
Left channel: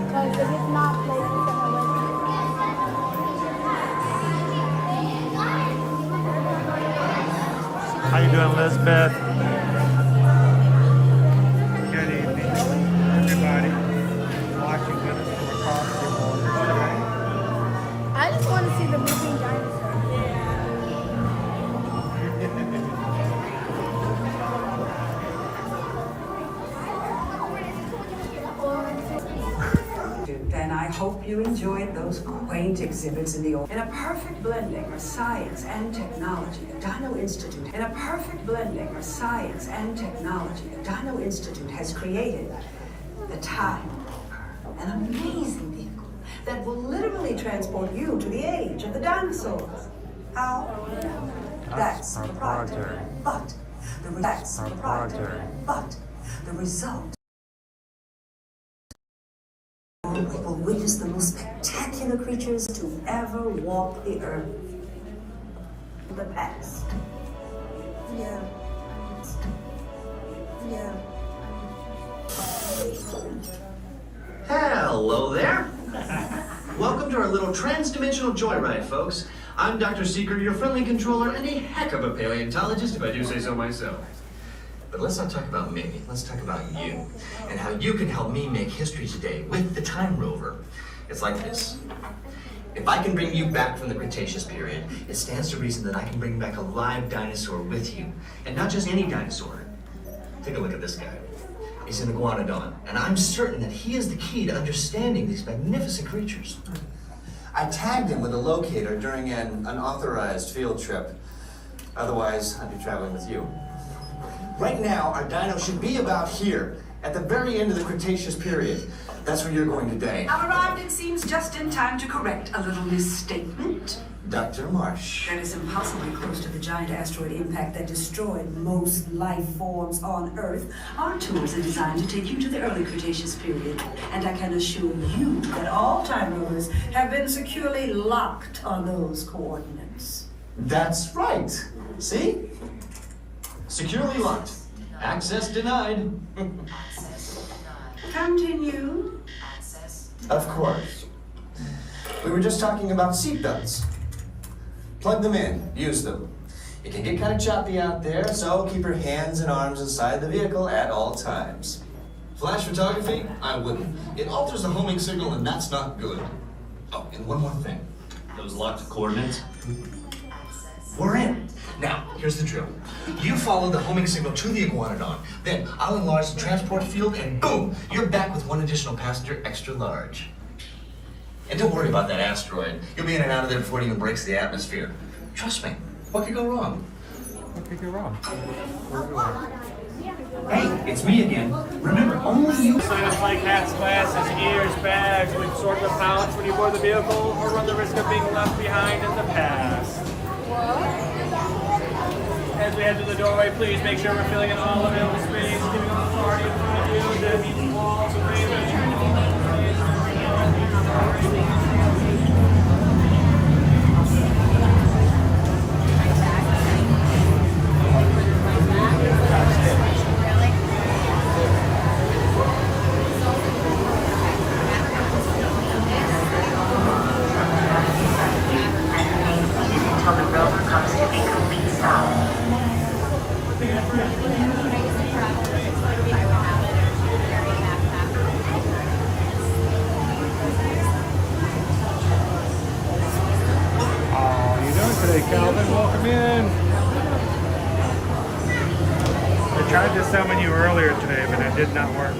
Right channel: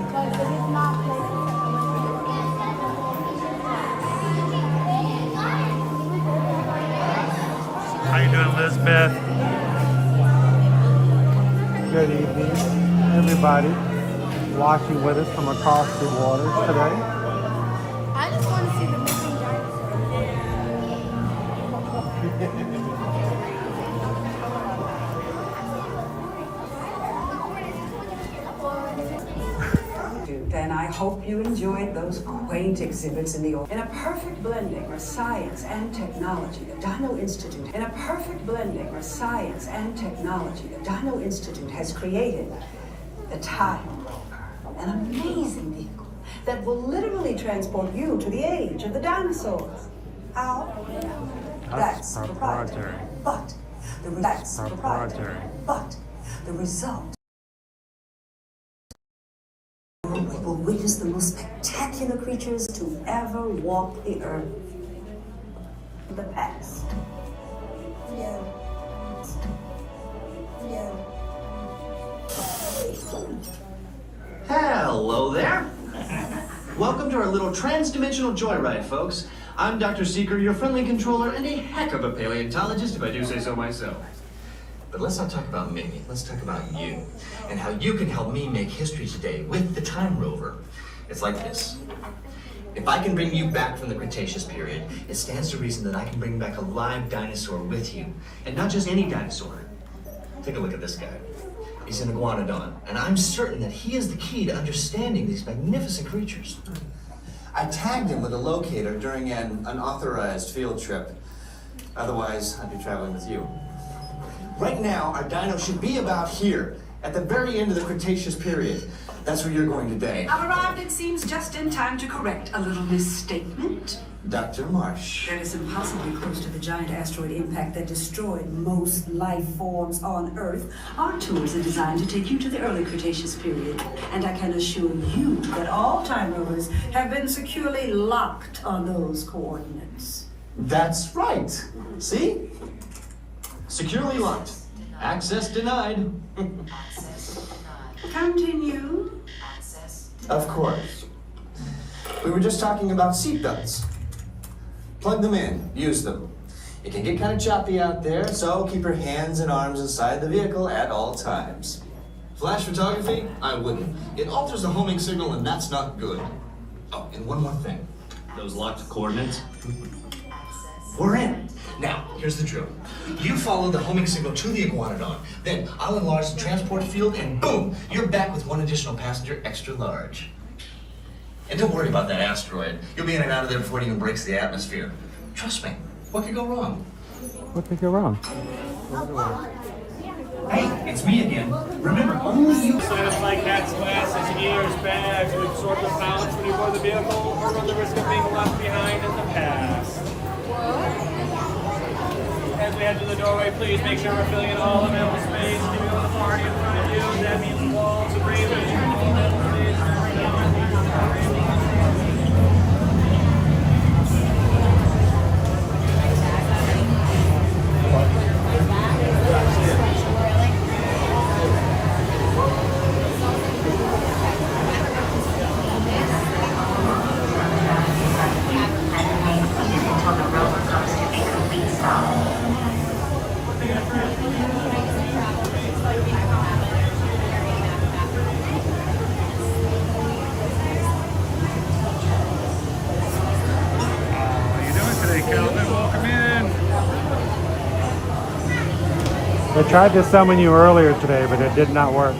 because if it's not places that I went to. How you doing, Elizabeth? Good evening, everybody watching with us from across the waters today. I just want to see the moving And I hope you enjoyed those quaint exhibits in a perfect blending of science and technology. The Dino Institute, in a perfect blending of science and technology, the Dino Institute has created the Time Rover, an amazing vehicle that will literally transport you to the age of the dinosaurs. How? That's proprietary. But that's proprietary. but the result. We will witness the most spectacular creatures to ever walk the earth. The past. Yeah. Hello there. Welcome to our little trans-dimensional joyride, folks. I'm Dr. Seeker, your friendly controller, and a heck of a paleontologist, if I do say so myself. But let's not talk about me. Let's talk about you, and how you can help me make history today with the Time Rover. It's like this. If I can bring you back from the Cretaceous period, it stands to reason that I can bring back a live dinosaur with you. And not just any dinosaur. Take a look at this guy. He's an iguanodon, and I'm certain that he is the key to understanding these magnificent creatures. I tagged him with a locator during an unauthorized field trip. Otherwise, I'd be traveling with you. Right now, our dino should be about here, at the very end of the Cretaceous period. That's where you're going today. I've arrived, it seems, just in time to correct a little misstatement. Dr. Marsh. That is impossibly close to the giant asteroid impact that destroyed most life forms on Earth. Our tours are designed to take you to the early Cretaceous period, and I can assure you that all time rovers have been securely locked on those coordinates. That's right. See? Securely locked. Access denied. Continue. Of course. We were just talking about seatbelts. Plug them in, use them. It can get kind of choppy out there, so keep your hands and arms inside the vehicle at all times. Flash photography? I wouldn't. It alters the homing signal, and that's not good. Oh, and one more thing. Those locked coordinates? We're in. Now, here's the drill. You follow the homing signal to the iguanodon. Then I'll enlarge the transport field, and boom, you're back with one additional passenger extra large. And don't worry about that asteroid. You'll be in and out of there before it even breaks the atmosphere. Trust me. What could go wrong? What could go wrong? Hey, it's me again. Remember, only you. Sign up like hats, glasses, ears, bags, to absorb the pouch when you board the vehicle, or run the risk of being left behind in the past. As we head to the doorway, please make sure we're filling in all available space. Keep it on the party in front of you. That means walls of razors. Until the rover comes to a complete stop. Calvin, welcome in. I tried to summon you earlier today, but it did not work.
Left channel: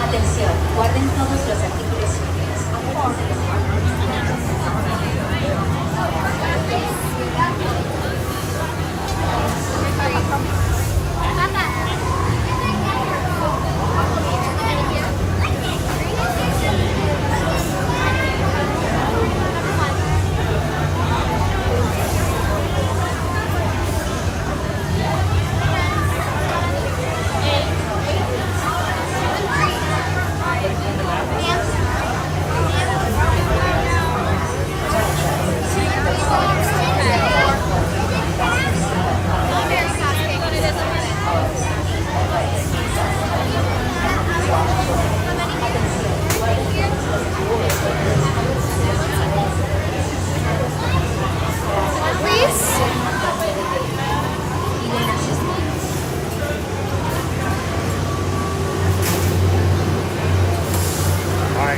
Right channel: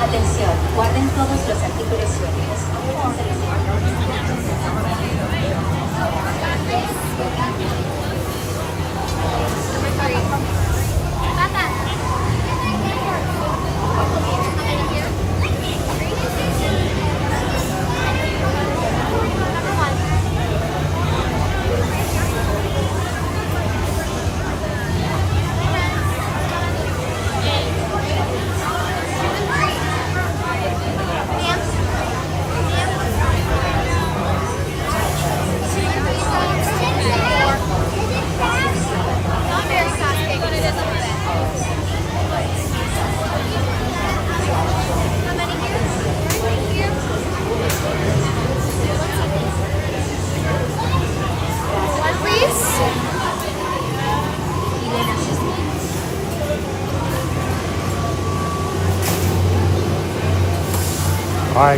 Atención, guarden todos los artículos suyos.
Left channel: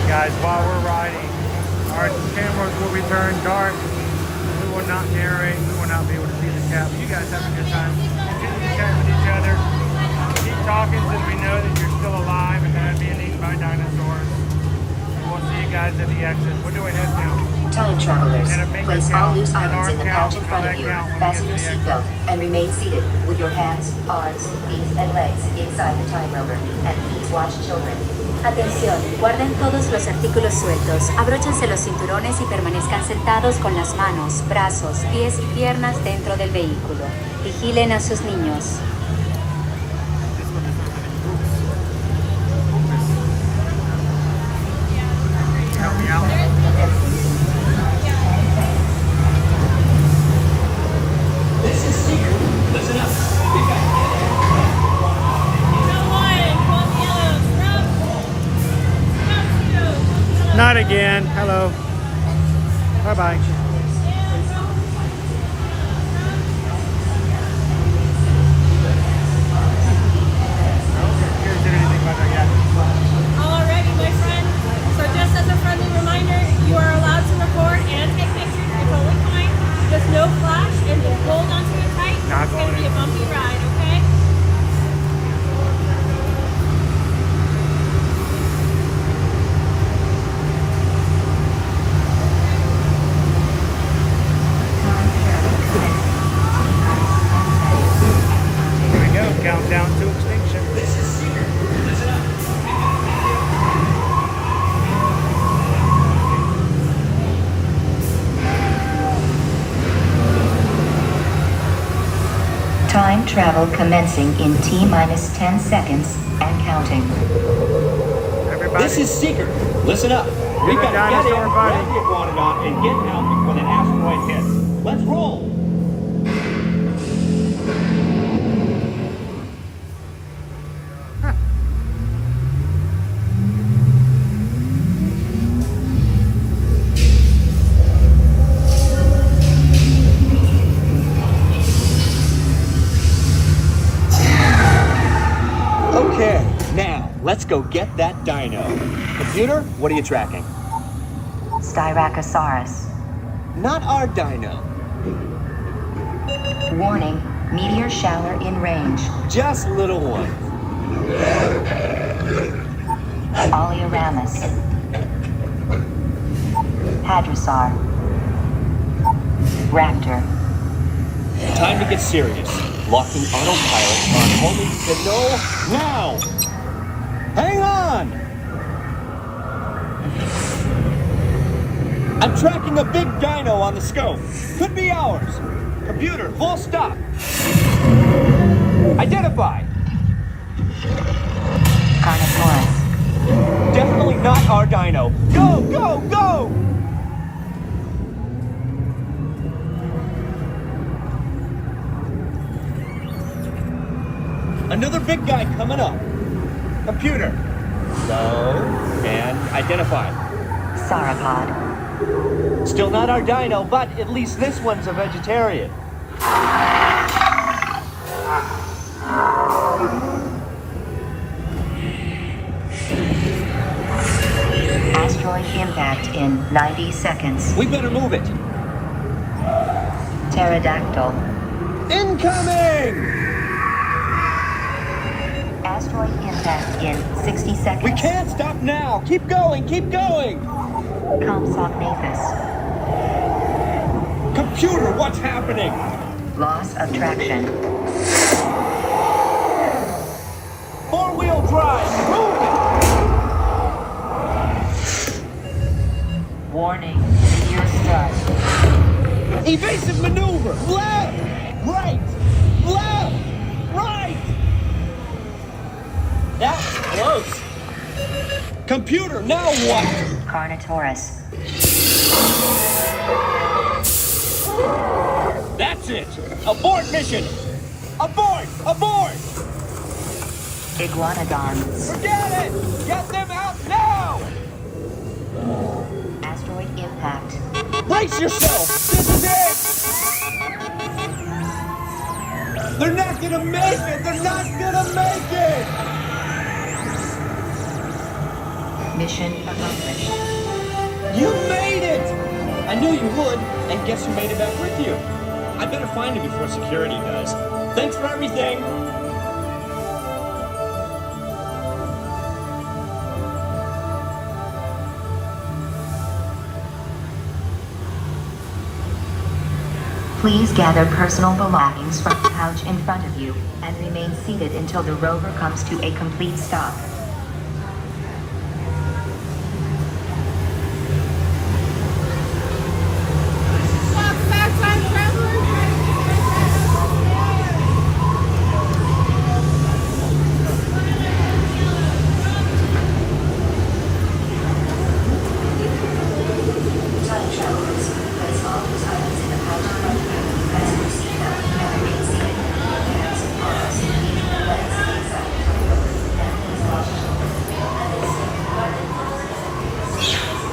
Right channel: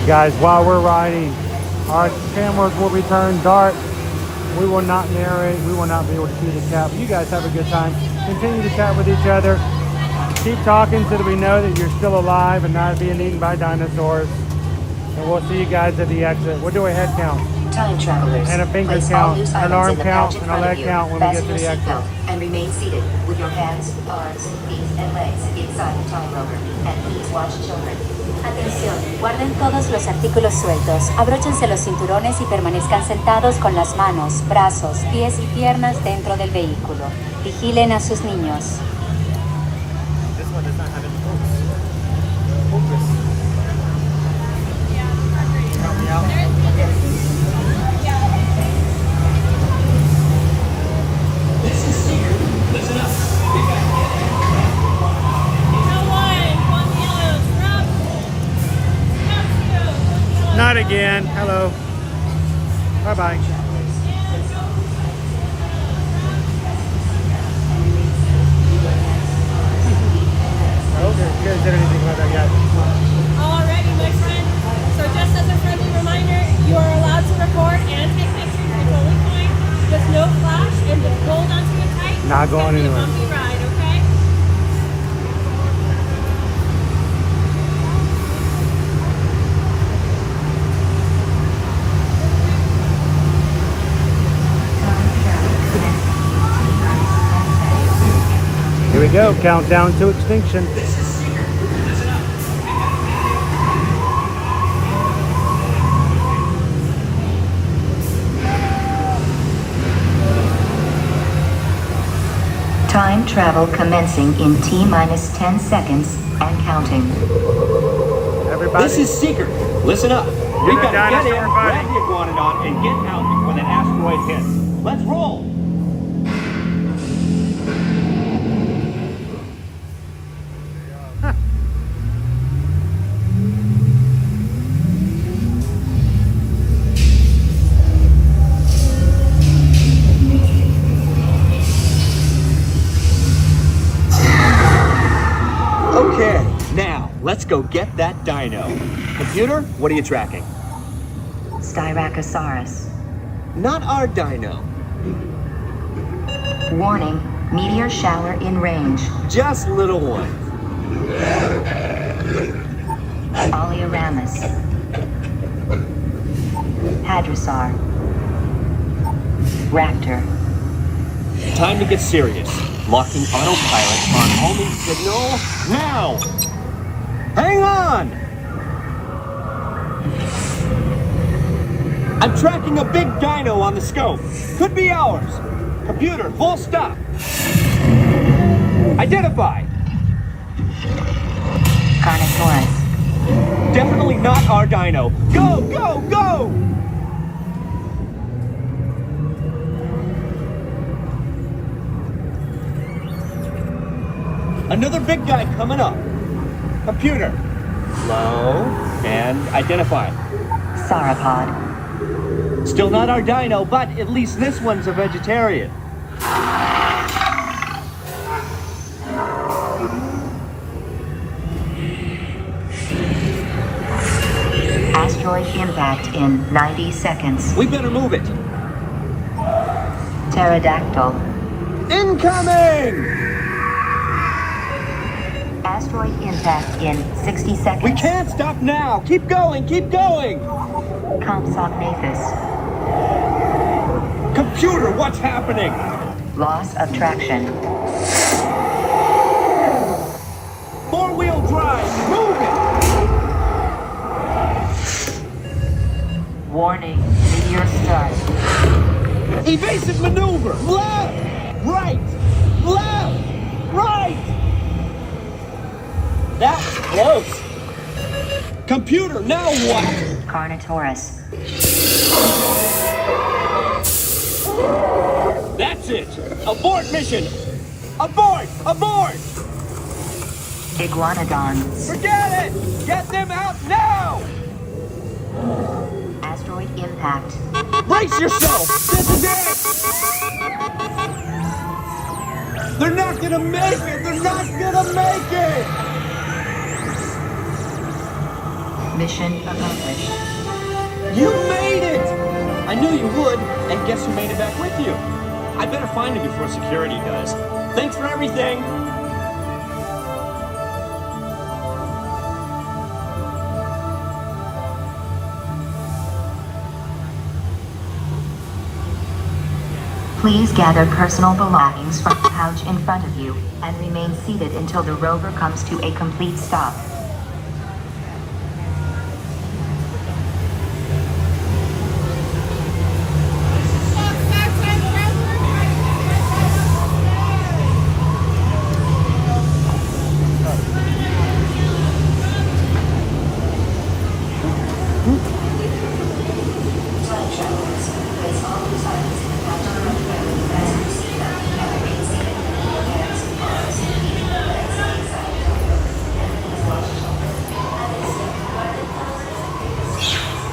Guys, while we're riding, our cameras will be turned dark. We will not narrate. We will not be able to see the cat. But you guys have a good time. Continue to chat with each other. Keep talking so that we know that you're still alive and not being eaten by dinosaurs. And we'll see you guys at the exit. We'll do a head count. Time travelers, And a finger place all count, loose an items arm in the count, pouch in a front of leg you. count when we Fasten get your to the seatbelt and remain seated with your hands, arms, feet, and legs inside the time rover. And please watch children. Atención, guarden todos los artículos sueltos, abróchense los cinturones y permanezcan sentados con las manos, brazos, pies y piernas dentro del vehículo. Vigilen a sus niños. Not again. Hello. Bye-bye. Alrighty, my friend. So just as a friendly reminder, you are allowed to record and take pictures. It's totally fine. Just no flash and just hold onto it tight. Not It's gonna going be a anywhere. bumpy ride, okay? Here we go. Countdown to extinction. Time travel commencing in T-minus 10 seconds and counting. Everybody. This is Seeker. Listen up. We've got to get in, dinosaur grab buddy. the iguanodon, and get out before that asteroid hits. Let's roll. Okay, now let's go get that dino. Computer, what are you tracking? Styracosaurus. Not our dino. Warning, meteor shower in range. Just little one. Oleoramus. Hadrosaur. Raptor. Time to get serious. Locking autopilot. Homing signal now. Hang on. I'm tracking a big dino on the scope. Could be ours. Computer, full stop. Identify. Carnotaurus. Definitely not our dino. Go, go, go! Another big guy coming up. Computer. Slow and identify. Sauropod. Still not our dino, but at least this one's a vegetarian. Asteroid impact in 90 seconds. We better move it. Pterodactyl. Incoming! Asteroid impact in 60 seconds. We can't stop now. Keep going, keep going. Compsognathus. Computer, what's happening? Loss of traction. Four-wheel drive, move it. Warning, meteor strike. Evasive maneuver. Left, right, left, right. That's close. Computer, now what? Carnotaurus. That's it. Abort mission. Abort, abort. Iguanodons. Forget it. Get them out now. Asteroid impact. Brace yourself. This is it. They're not gonna make it. They're not gonna make it. Mission accomplished. You made it! I knew you would, and guess who made it back with you? I better find him before security does. Thanks for everything! Please gather personal belongings from the couch in front of you and remain seated until the rover comes to a complete stop.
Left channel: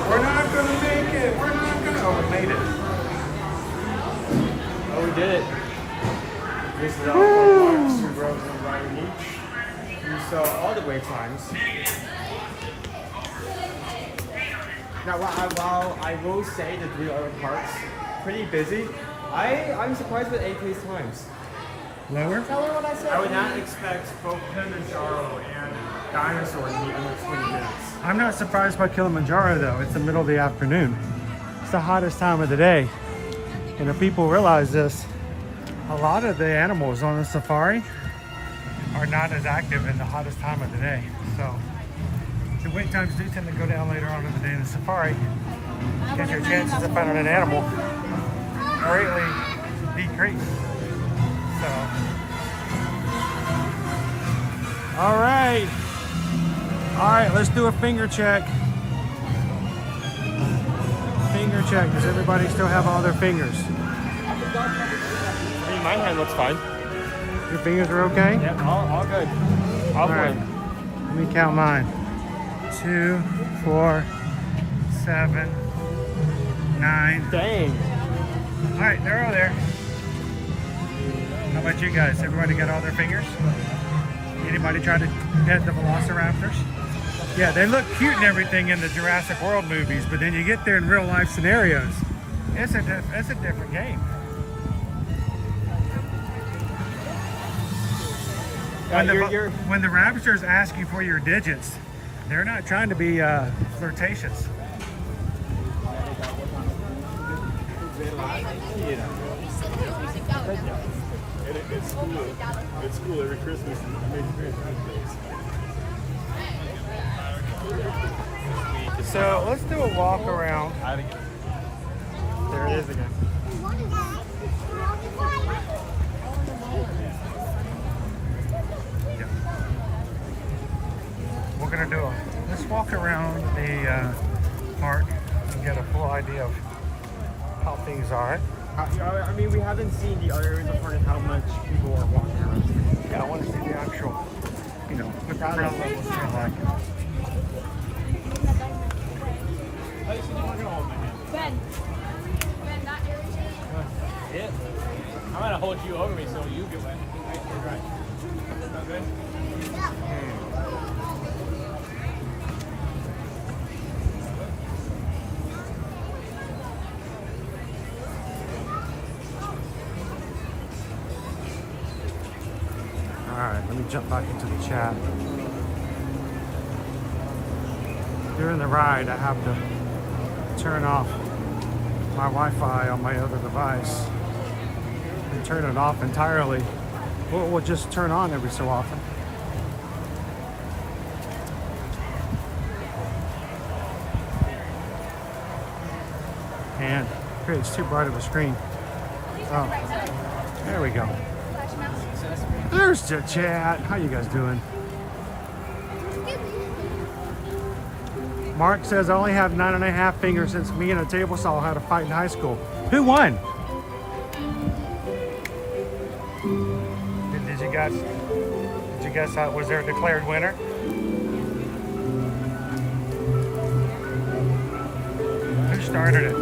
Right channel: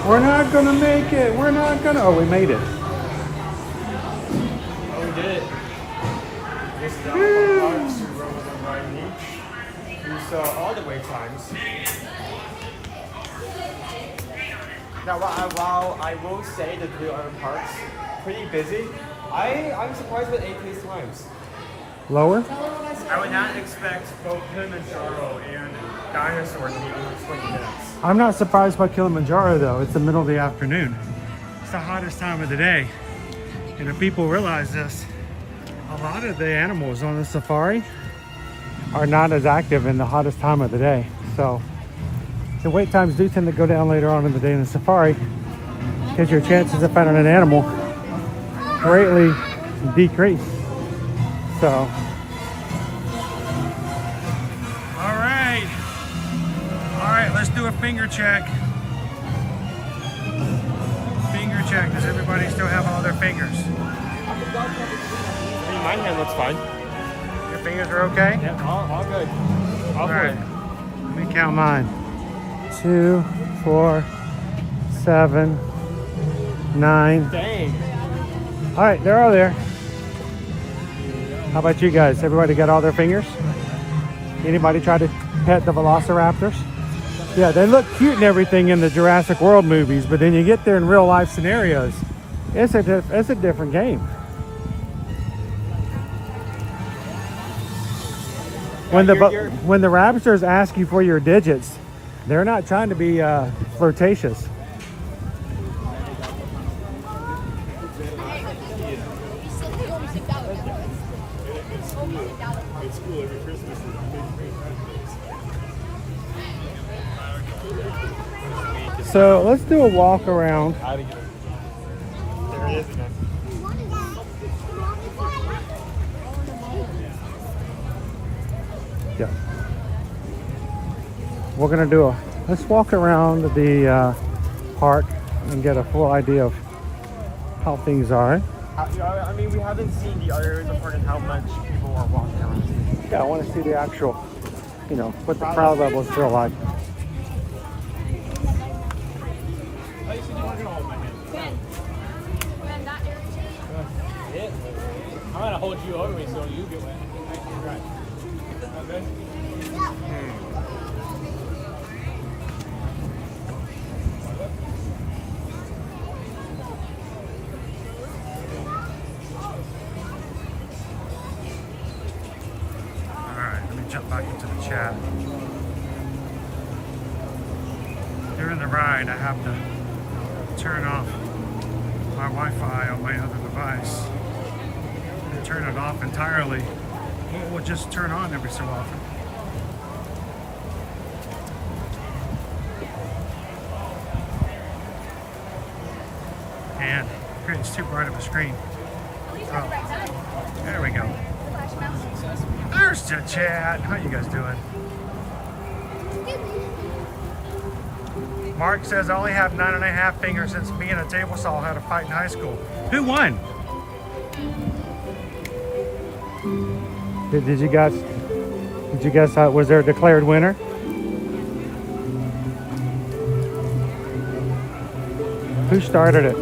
We're not gonna make it. We're not gonna. Oh, we made it. Oh, we did it. This is all you saw all the wait times. Now, while I will say the Blue Urban Park's pretty busy, I'm surprised with 8 pace times. Lower? I would not expect both Kilimanjaro and Dinosaur to be under 20 minutes. I'm not surprised by Kilimanjaro though. It's the middle of the afternoon. It's the hottest time of the day. And if people realize this, a lot of the animals on the safari are not as active in the hottest time of the day. So the wait times do tend to go down later on in the day in the safari because your chances of finding an animal greatly decrease. So, all right, let's do a finger check. Finger check. Does everybody still have all their fingers? I mean, my hand looks fine. Your fingers are okay? Yep, all good. All good. Let me count mine. 2, 4, 7, 9. Dang. All right, they're all there. How about you guys? Everybody got all their fingers? Anybody try to pet the velociraptors? Yeah, they look cute and everything in the Jurassic World movies, but then you get there in real life scenarios, it's a different game. When the raptors ask you for your digits, they're not trying to be flirtatious. It's cool every Christmas. So let's do a walk around. There it is again. Yeah. We're gonna let's walk around the park and get a full idea of how things are. I mean, we haven't seen the other areas of park and how much people are walking around. Yeah, I want to see the actual, what the crowd levels feel like. Oh, you said you weren't gonna hold my hand. Yeah. I'm gonna hold you over me so you can win. Right. Okay. Alright, let me jump back into the chat. During the ride, I have to turn off my Wi-Fi on my other device and turn it off entirely. We'll just turn on every so often. And creates too bright of a screen. Oh, there we go. There's the chat. How you guys doing? Mark says I only have 9.5 fingers since me and a table saw how to fight in high school. Who won? Did you guys was there a declared winner? Who started it?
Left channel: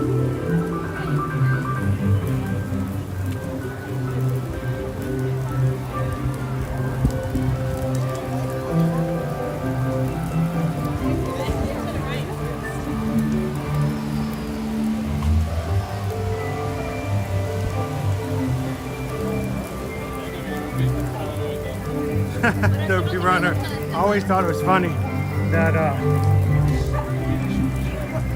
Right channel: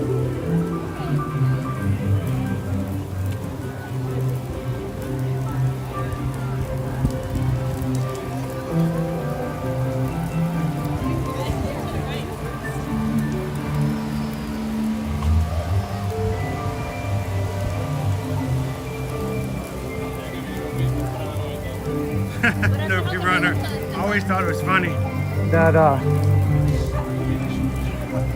Nobody runner. I always thought it was funny that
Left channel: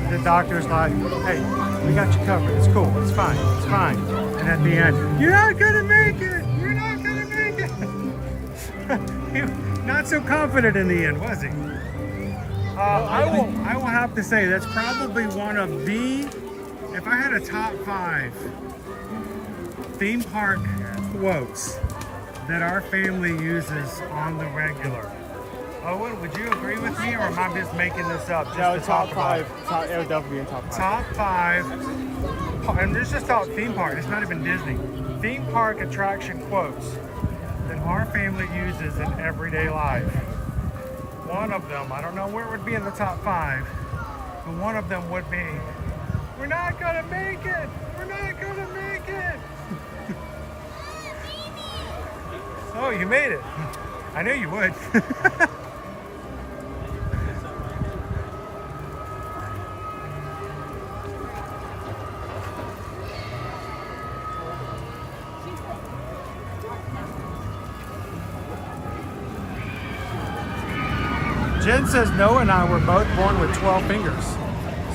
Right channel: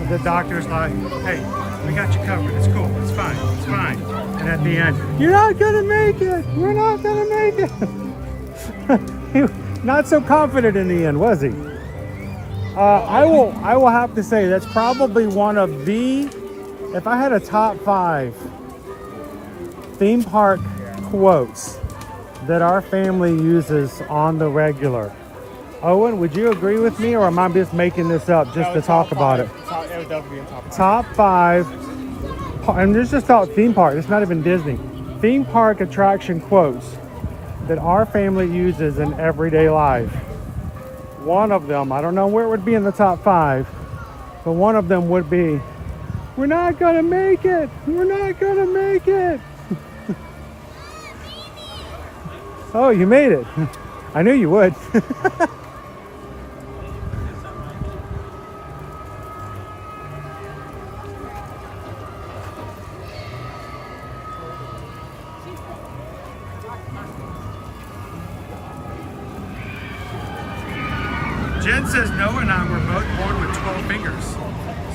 the doctor's like, hey, we got you covered. It's cool. It's fine. It's fine. And at the end, you're not gonna make it. You're not gonna make it. He was not so confident in the end, was he? I will have to say that's probably one of the, if I had a top 5 theme park quotes that our family uses on the regular. Owen, would you agree with me, or am I just making this up just to talk about it? It would definitely be a Top 5, and this is about theme park, it's not even Disney. Theme park attraction quotes that our family uses in everyday life. One of them, I don't know where it would be in the top 5, but one of them would be, we're not gonna make it, we're not gonna make it. Oh, you made it. I knew you would. Jen says Noah and I were both born with 12 fingers.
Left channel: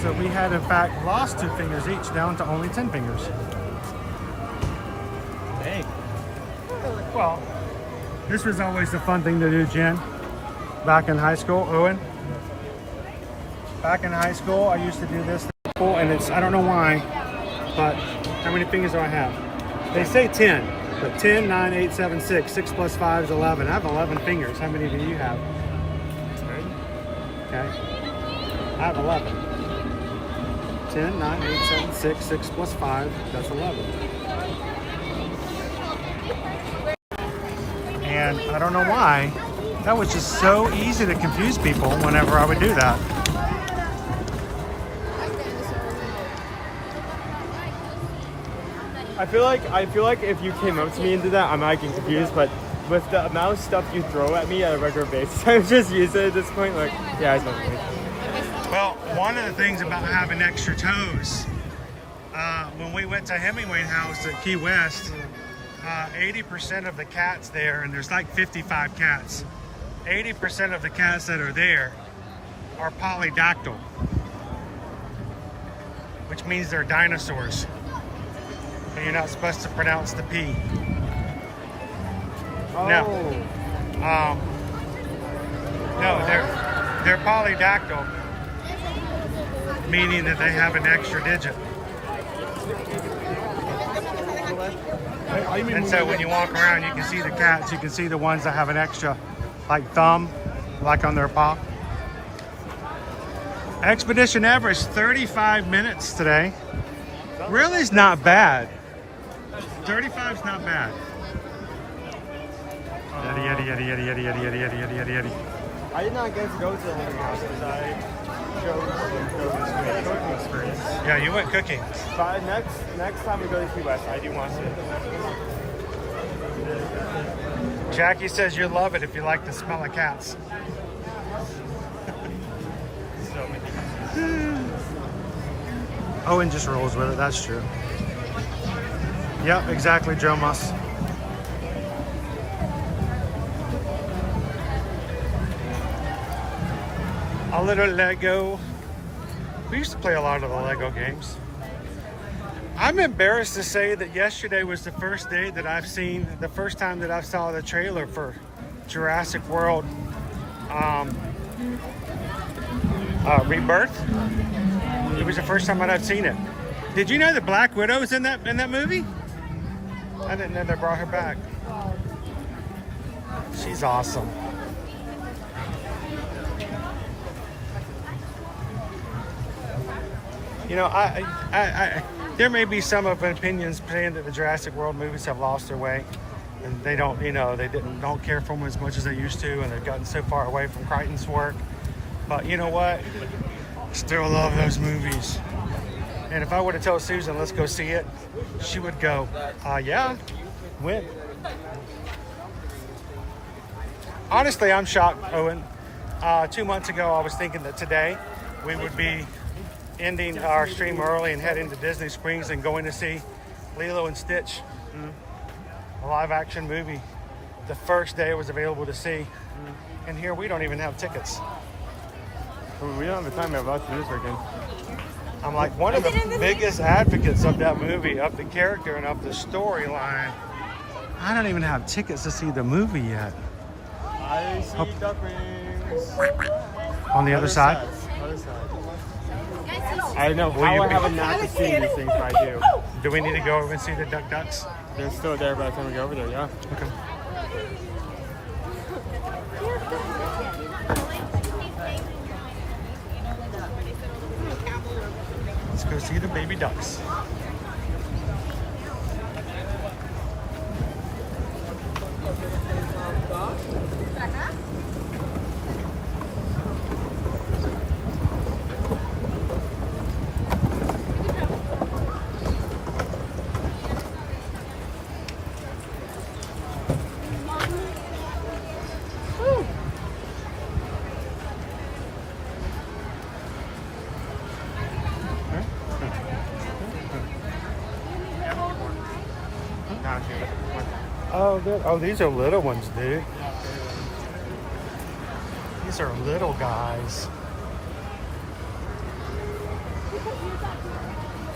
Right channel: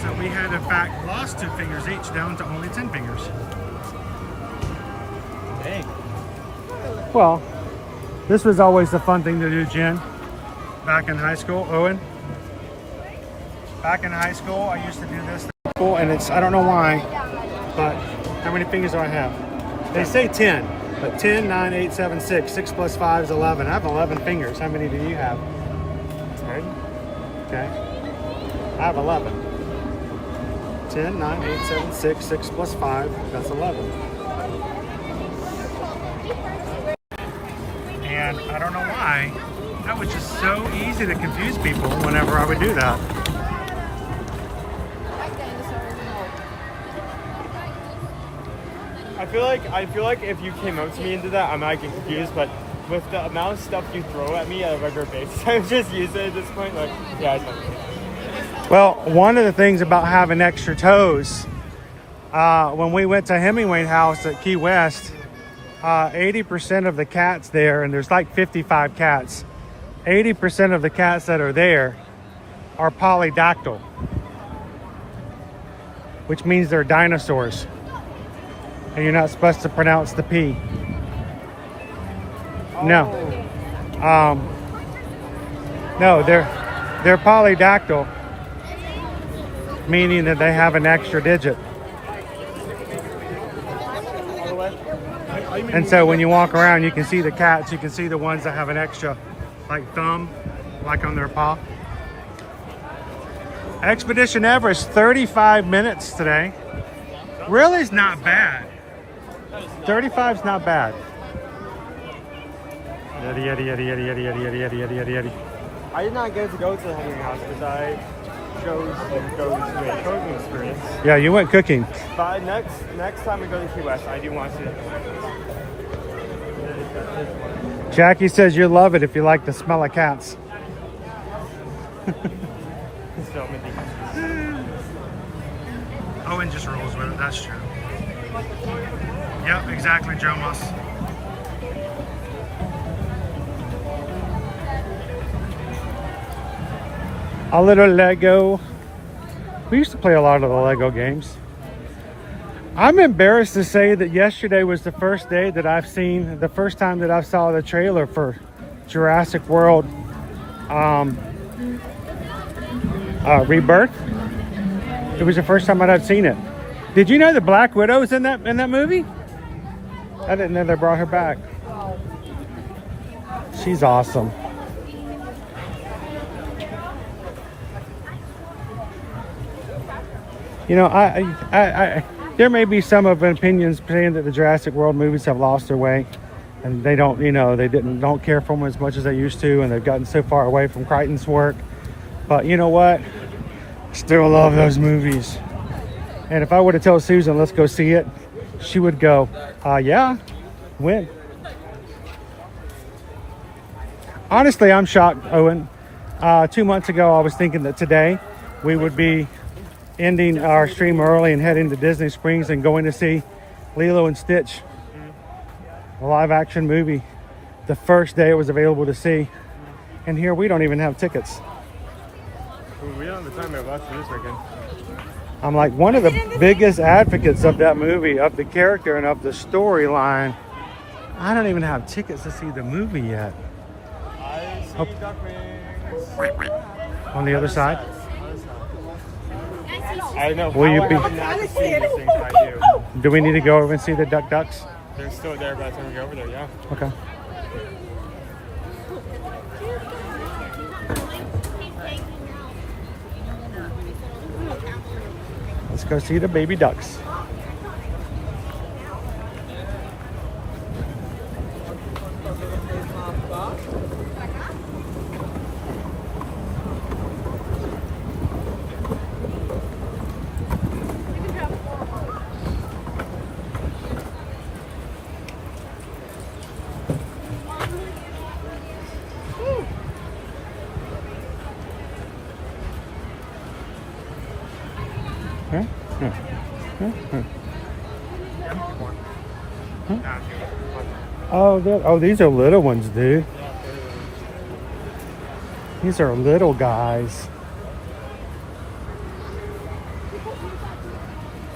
So we had in fact lost 2 fingers each down to only 10 fingers. Dang. Well, this was always a fun thing to do, Jen. Back in high school, Owen. Back in high school, I used to do this and it's, I don't know why, but how many fingers do I have? They say 10, but 10, 9, 8, 7, 6. 6 plus 5 is 11. I have 11 fingers. How many do you have? 10. Okay. I have 11. 10, 9, 8, 7, 6. 6 plus 5, that's 11. And I don't know why, that was just so easy to confuse people whenever I would do that. I feel like if you came up to me and did that, I might get confused, but with the amount of stuff you throw at me at a regular basis, I'm just used to it at this point. Like, yeah, it's not me. Well, one of the things about having extra toes, when we went to Hemingway House at Key West, 80% of the cats there, and there's like 55 cats, 80% of the cats that are there are polydactyl, which means they're dinosaurs. And you're not supposed to pronounce the P. No. No, they're polydactyl, meaning that they have an extra digit. And so when you walk around, you can see the cats, you can see the ones that have an extra, like thumb, like on their paw. Expedition Everest, 35 minutes today. Really is not bad. 35 is not bad. Yaddy, yaddy, yaddy, yaddy, yaddy, yaddy, yaddy, yaddy, yaddy, yaddy, yaddy. I did not get to go to the Hungry House because I chose to go to the cooking experience. Yeah, you went cooking. But next time we go to Key West, I do want to see it. Jackie says you love it if you like the smell of cats. Owen just rolls with it, that's true. Yep, exactly, Joe Muss. A little Lego. We used to play a lot of the Lego games. I'm embarrassed to say that yesterday was the first day that I've seen, the first time that I saw the trailer for Jurassic World Rebirth. It was the first time that I've seen it. Did you know the Black Widow was in that movie? I didn't know they brought her back. She's awesome. You know, I there may be some of opinions saying that the Jurassic World movies have lost their way, and they don't, you know, they don't care for them as much as they used to, and they've gotten so far away from Crichton's work. But you know what? Still love those movies. And if I were to tell Susan, let's go see it, she would go, yeah, when? Honestly, I'm shocked, Owen. 2 months ago, I was thinking that today we would be ending our stream early and heading to Disney Springs and going to see Lilo and Stitch, a live action movie the first day it was available to see. And here we don't even have tickets. Well, we don't have the time to watch this weekend. I'm like one of the biggest advocates of that movie, of the character and of the storyline. I don't even have tickets to see the movie yet. Hope- On the other side? I know. Will you be- not to see these things, but I do. Do we need to go over and see the ducks? They're still there by the time we go over there, yeah. Okay. Let's go see the baby ducks. Oh, these are little ones, dude. These are little guys.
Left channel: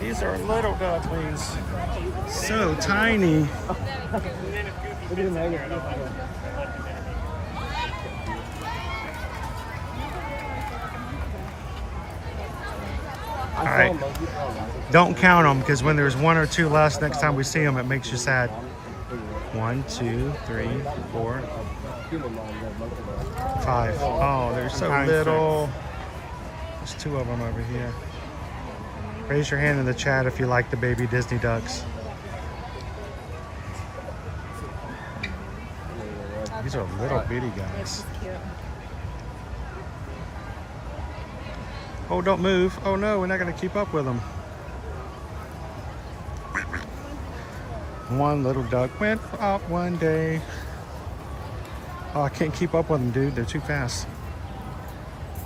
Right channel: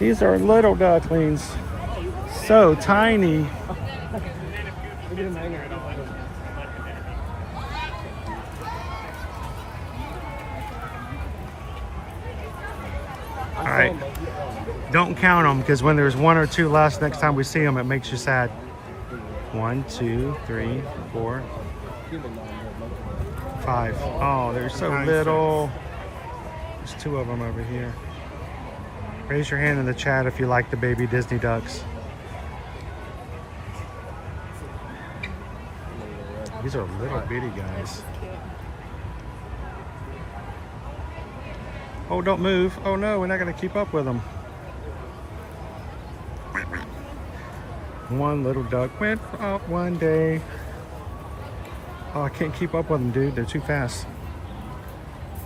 These are little ducklings. So tiny. All right. Don't count them, because when there's one or two less next time we see them, it makes you sad. 1, 2, 3, 4, 5. Oh, they're so little. There's 2 of them over here. Raise your hand in the chat if you like the baby Disney ducks. These are little bitty guys. Oh, don't move. Oh no, we're not gonna keep up with them. One little duck went off one day. Oh, I can't keep up with them, dude. They're too fast.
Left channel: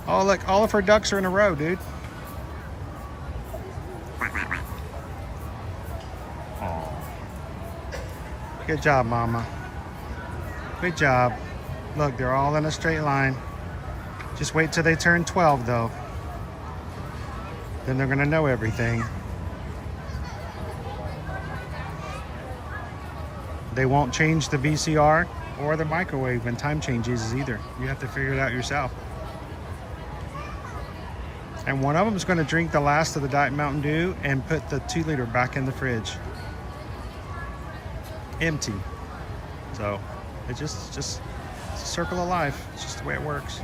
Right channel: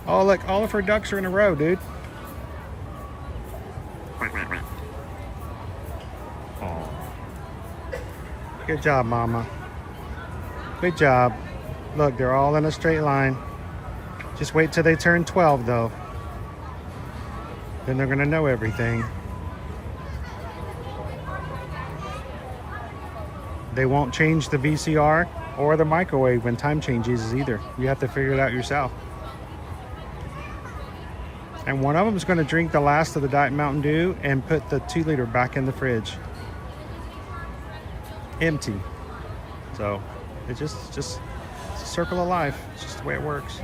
Oh, look, all of her ducks are in a row, dude. Oh. Good job, Mama. Good job. Look, they're all in a straight line. Just wait till they turn 12, though. Then they're gonna know everything. They won't change the VCR or the microwave when time changes either. You have to figure it out yourself. And one of them is going to drink the last of the Diet Mountain Dew and put the 2-liter back in the fridge. Empty. So it's just it's a circle of life. It's just the way it works.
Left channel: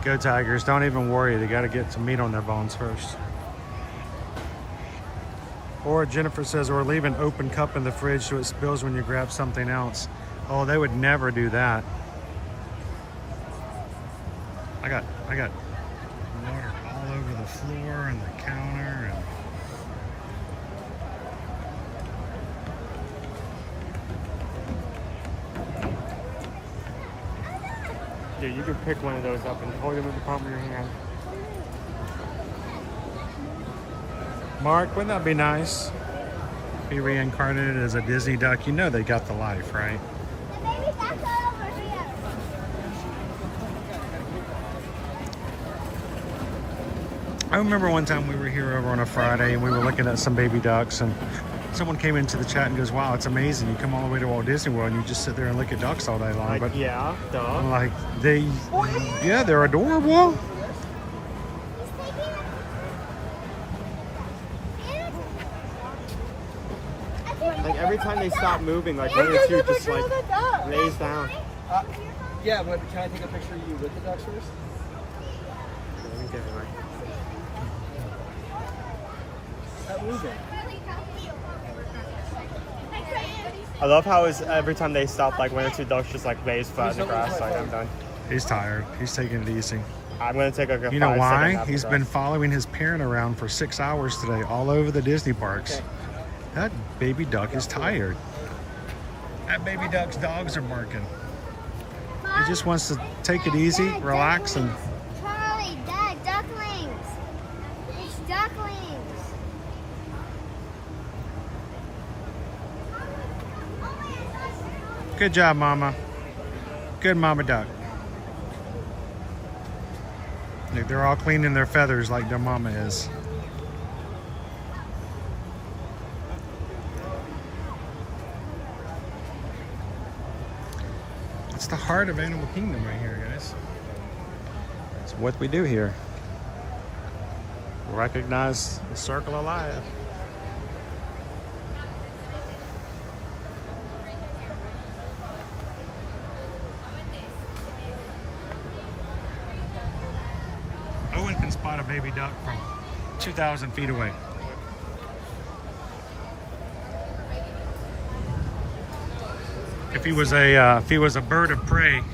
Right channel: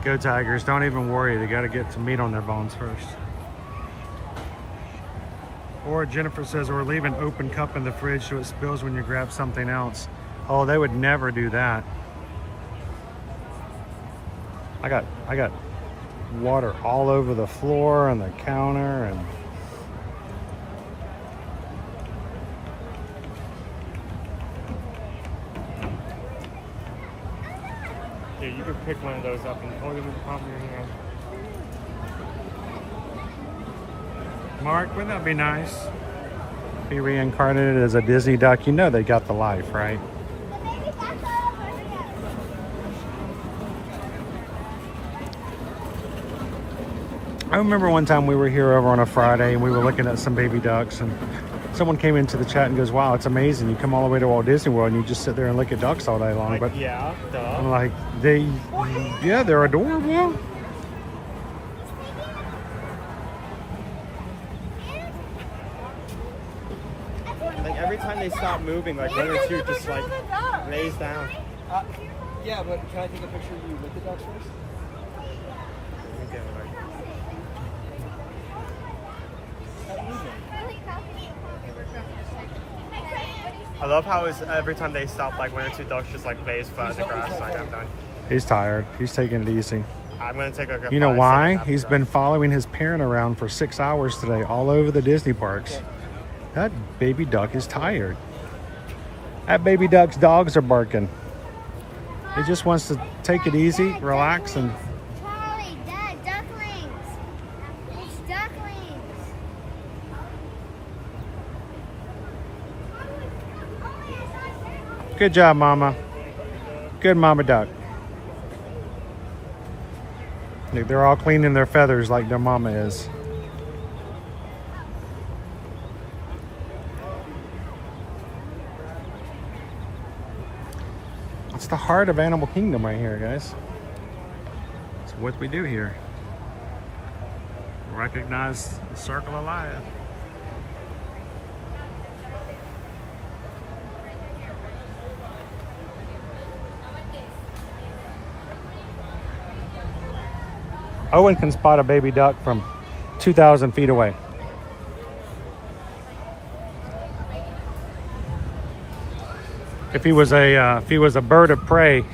Go Tigers, don't even worry. They got to get some meat on their bones first. Or Jennifer says, or leave an open cup in the fridge so it spills when you grab something else. Oh, they would never do that. I got water all over the floor and the counter and Dude, you could pick one of those up and hold it with the palm of your hand. Mark, wouldn't that be nice? Be reincarnated as a Disney duck. You know they got the life, right? I remember one time we were here over on a Friday and we were looking at some baby ducks and someone came into the chat and goes, wow, it's amazing. You come all the way to Walt Disney World and you just sit there and look at ducks all day long. Like, but yeah, duh. I'm like, they're adorable. every time they stop moving, like one or two just like lays down. Yeah, but can I take a picture of you with the ducks first? Let me get it right. Stop moving. I love how it's every time they stop, like one or two ducks just like lays flat in the grass. Like I'm done. He's tired. He's taking it easy. I'm gonna take a. You know why? He's been following his parent around for 6 hours today, all over the Disney parks. That baby duck is tired. That baby duck's dogs are barking. He just wants to take it easy, relax, and Charlie, Dad, ducklings. It's ducklings. good job, Mama. Good Mama Duck. They're all cleaning their feathers like their mama is. It's the heart of Animal Kingdom right here, guys. It's what we do here. Recognize the circle of life. Owen can spot a baby duck from 2,000 feet away. If he was a bird of prey,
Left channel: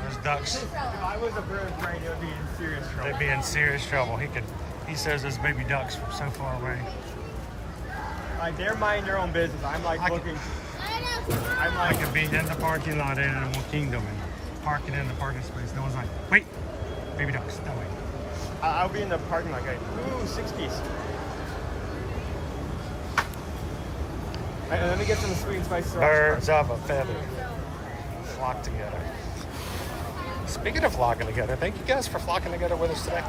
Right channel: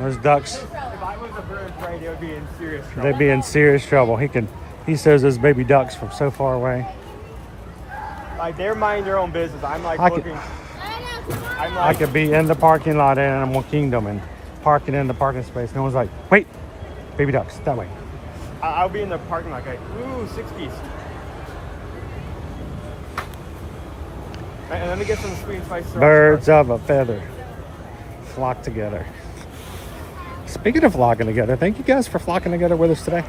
those ducks, If I was a bird of prey, they'd be in serious trouble. they'd be in serious trouble. He says those baby ducks from so far away. Like they're minding their own business. I'm like I could- looking. I could be in the parking lot at Animal Kingdom and parking in the parking space. No one's like, wait, baby ducks, that way. I'll be in the parking lot like, ooh, 6-piece. Let me get some sweet and spicy. Birds of a feather flock together. Speaking of flocking together, thank you guys for flocking together with us today.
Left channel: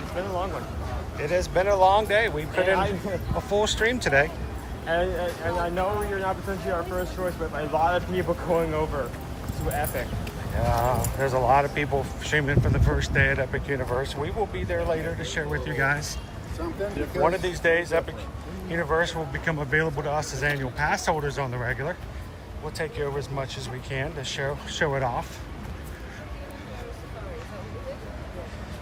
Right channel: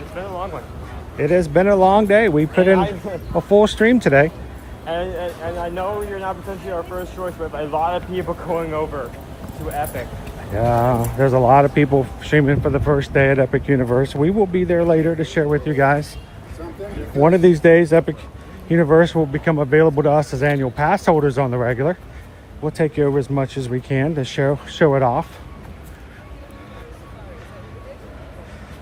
It's been a long one. It has been a long day. We put in a full stream today. And I know you're not potentially our first choice, but a lot of people going over to Epic. Yeah, there's a lot of people streaming for the first day at Epic Universe. We will be there later to share with you guys. One of these days, Epic Universe will become available to us as annual pass holders on the regular. We'll take over as much as we can to show it off.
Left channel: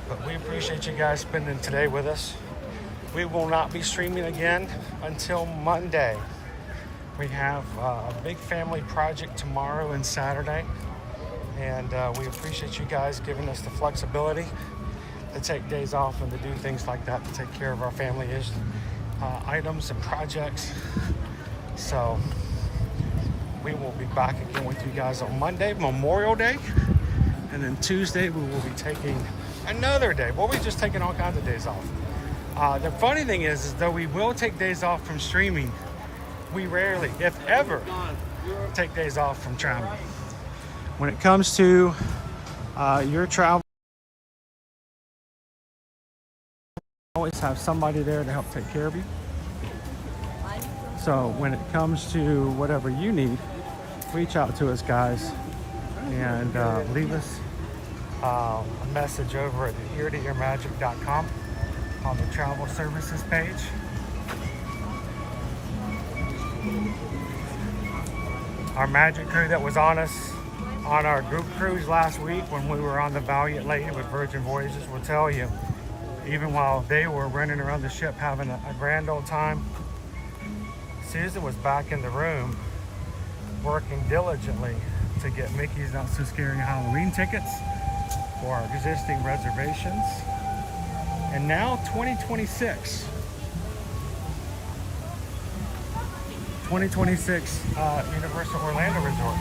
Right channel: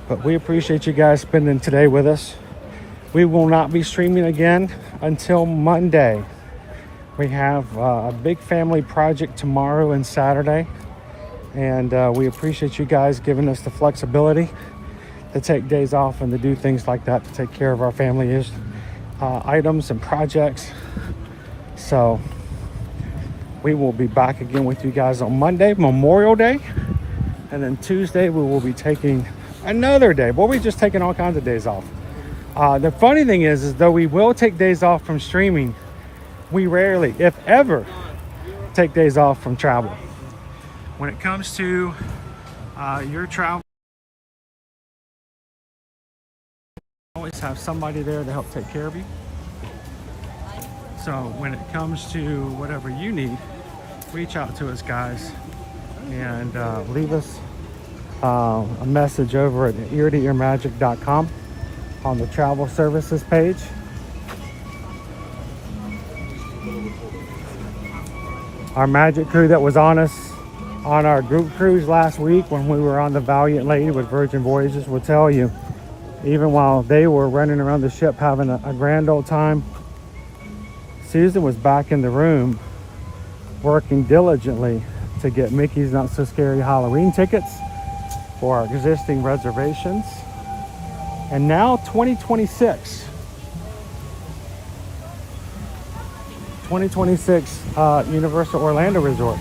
But we appreciate you guys spending today with us. We will not be streaming again until Monday. We have a big family project tomorrow and Saturday. And we appreciate you guys giving us the flexibility to take days off and to do things like that, to take care of our family items and projects. So we will be back again with you guys on Monday, Memorial Day. And then Tuesday we will be taking another day. Well, we're just taking all kinds of days off. The funny thing is though we will take days off from streaming, we rarely, if ever, take days off from travel. When it comes to your travel, always have somebody there to help take care of you. So when it comes to whatever you need, reach out to us, guys, and leave us a message over at ear-to-earmagic.com on the travel services page. Our magic crew that was on our group cruise last week when we were on the Valiant Lady with Virgin Voyages will tell you, even while they were running around the ship having a grand old time, Susan was back in the room working diligently to get Mickey's Not So Scary Halloween tickets for our existing reservations. And now 2026 Universal Orlando Resort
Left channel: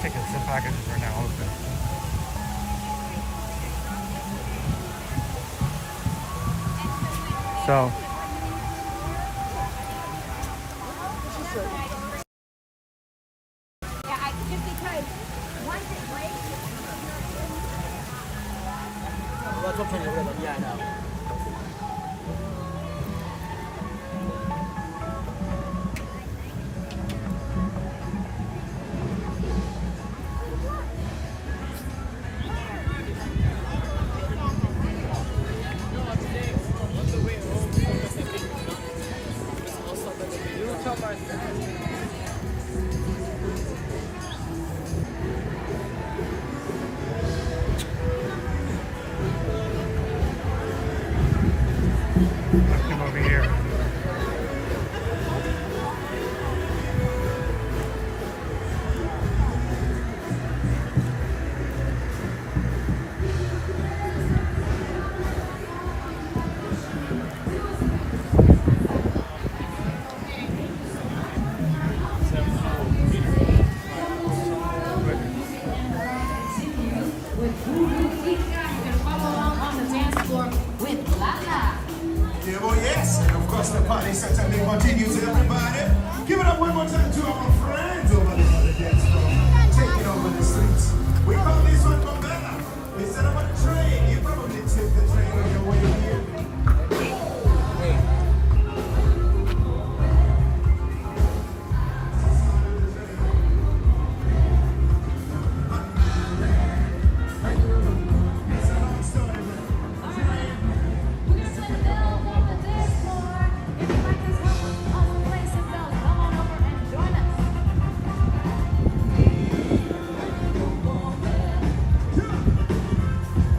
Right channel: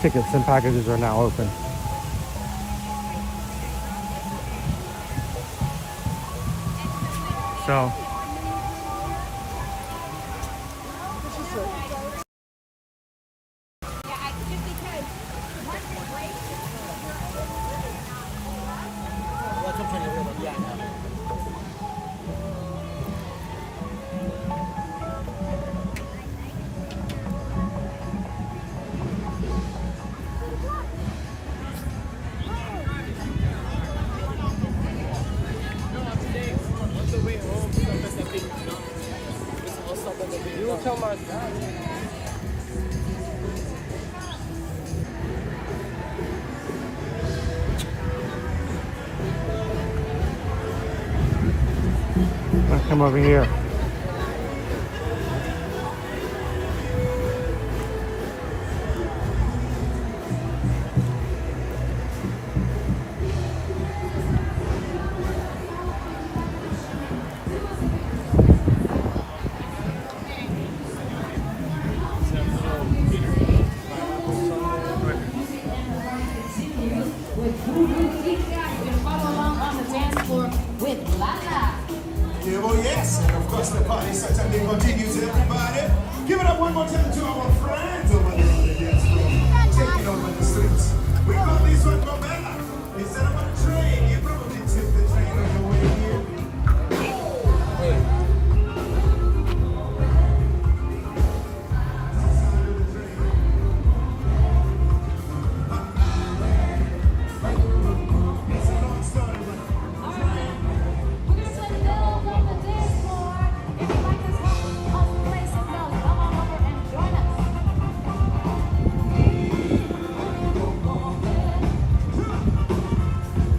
tickets and packages are now open. So Yeah, I know. I'll come over here. Yeah, well, yes. Of course, the party certainly continues, everybody. Give it up one more time to our friends over there on the dance floor. Take it over the streets. We call this one Bobella. Instead of on a train, you probably took the train on your way here.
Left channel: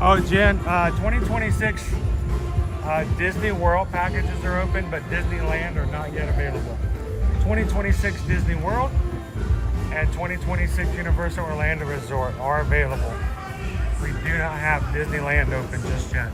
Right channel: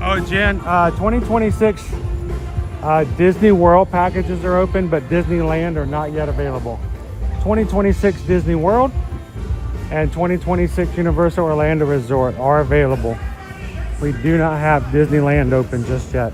Oh, Jen, 2026 Disney World packages are open, but Disneyland are not yet available. 2026 Disney World and 2026 Universal Orlando Resort are available. We do not have Disneyland open just yet.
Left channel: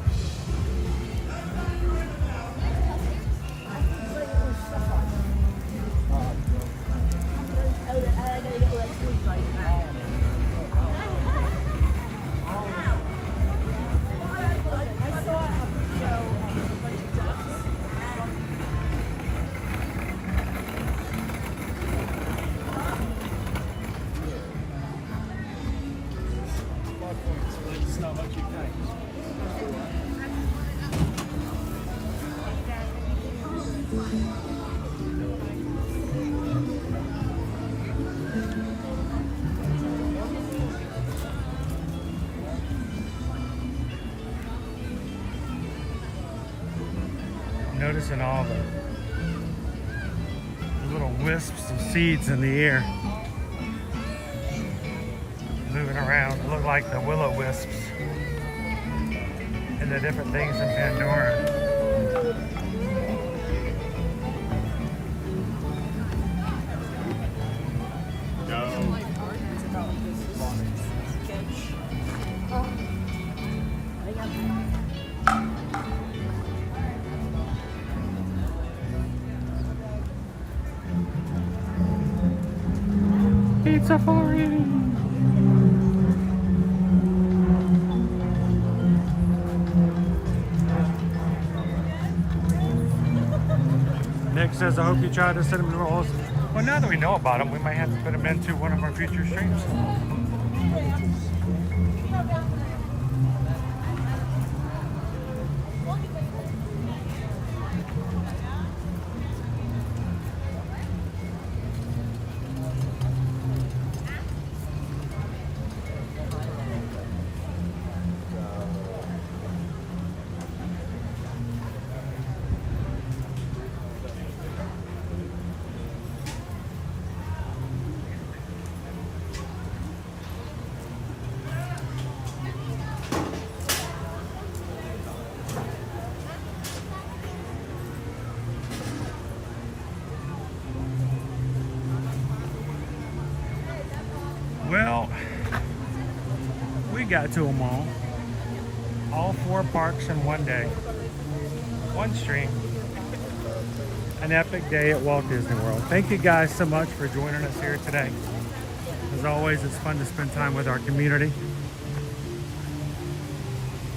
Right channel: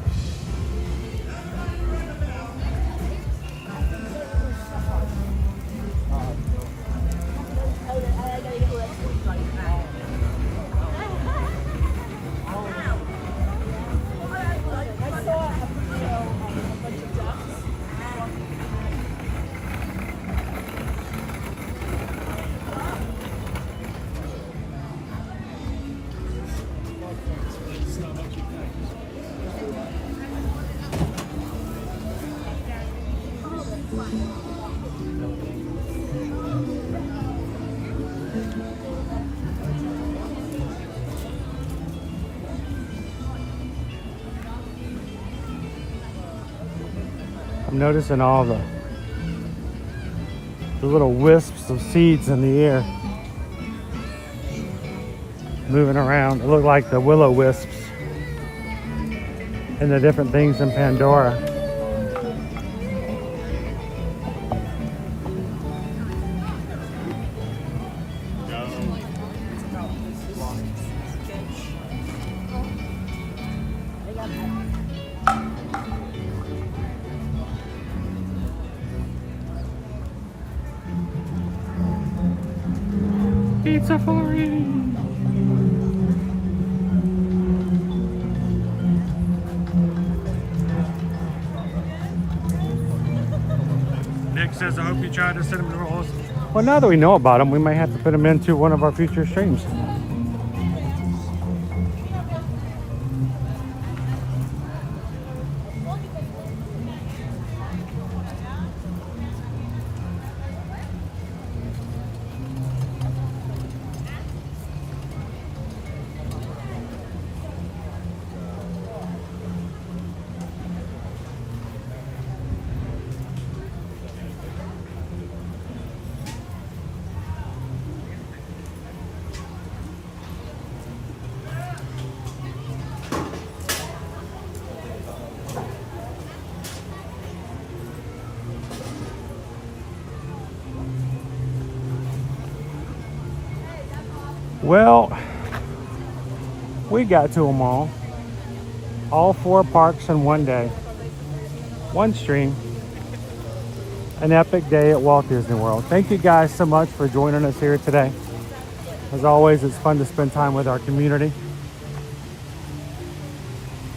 I'm noticing all the little wisps of seeds in the air moving around. It look like the willow wisps and the different things in Pandora. Pizza Safari! Nick says, I hope you try the cinnamon rolls. Well, now that we know about them, we may have to put them into one of our future streams. Well, we got to them all 4 parks in one day, one stream, an epic day at Walt Disney World. Thank you guys so much for joining us here today. As always, it's fun to spend time with our community,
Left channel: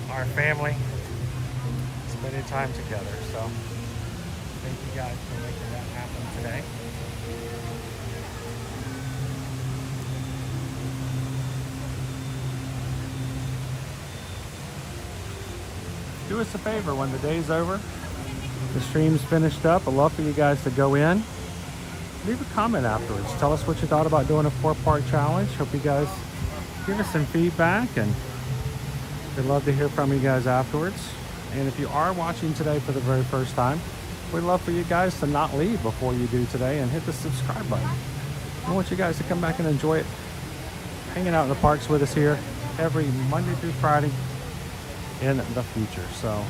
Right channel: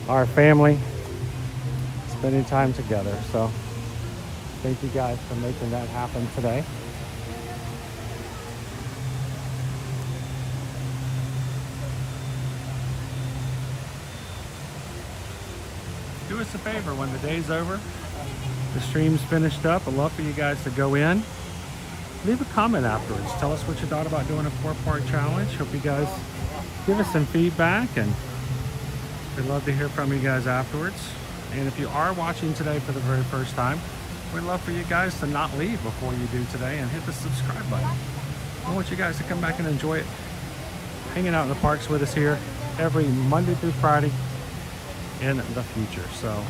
our family, spending time together. So thank you guys for making that happen today. Do us a favor, when the day's over, the stream's finished up, I'd love for you guys to go in, leave a comment afterwards. Tell us what you thought about doing a 4-part challenge. Hope you guys give us some feedback, and we'd love to hear from you guys afterwards. And if you are watching today for the very first time, we'd love for you guys to not leave before you do today and hit the subscribe button. We want you guys to come back and enjoy it, hanging out in the parks with us here every Monday through Friday in the future. So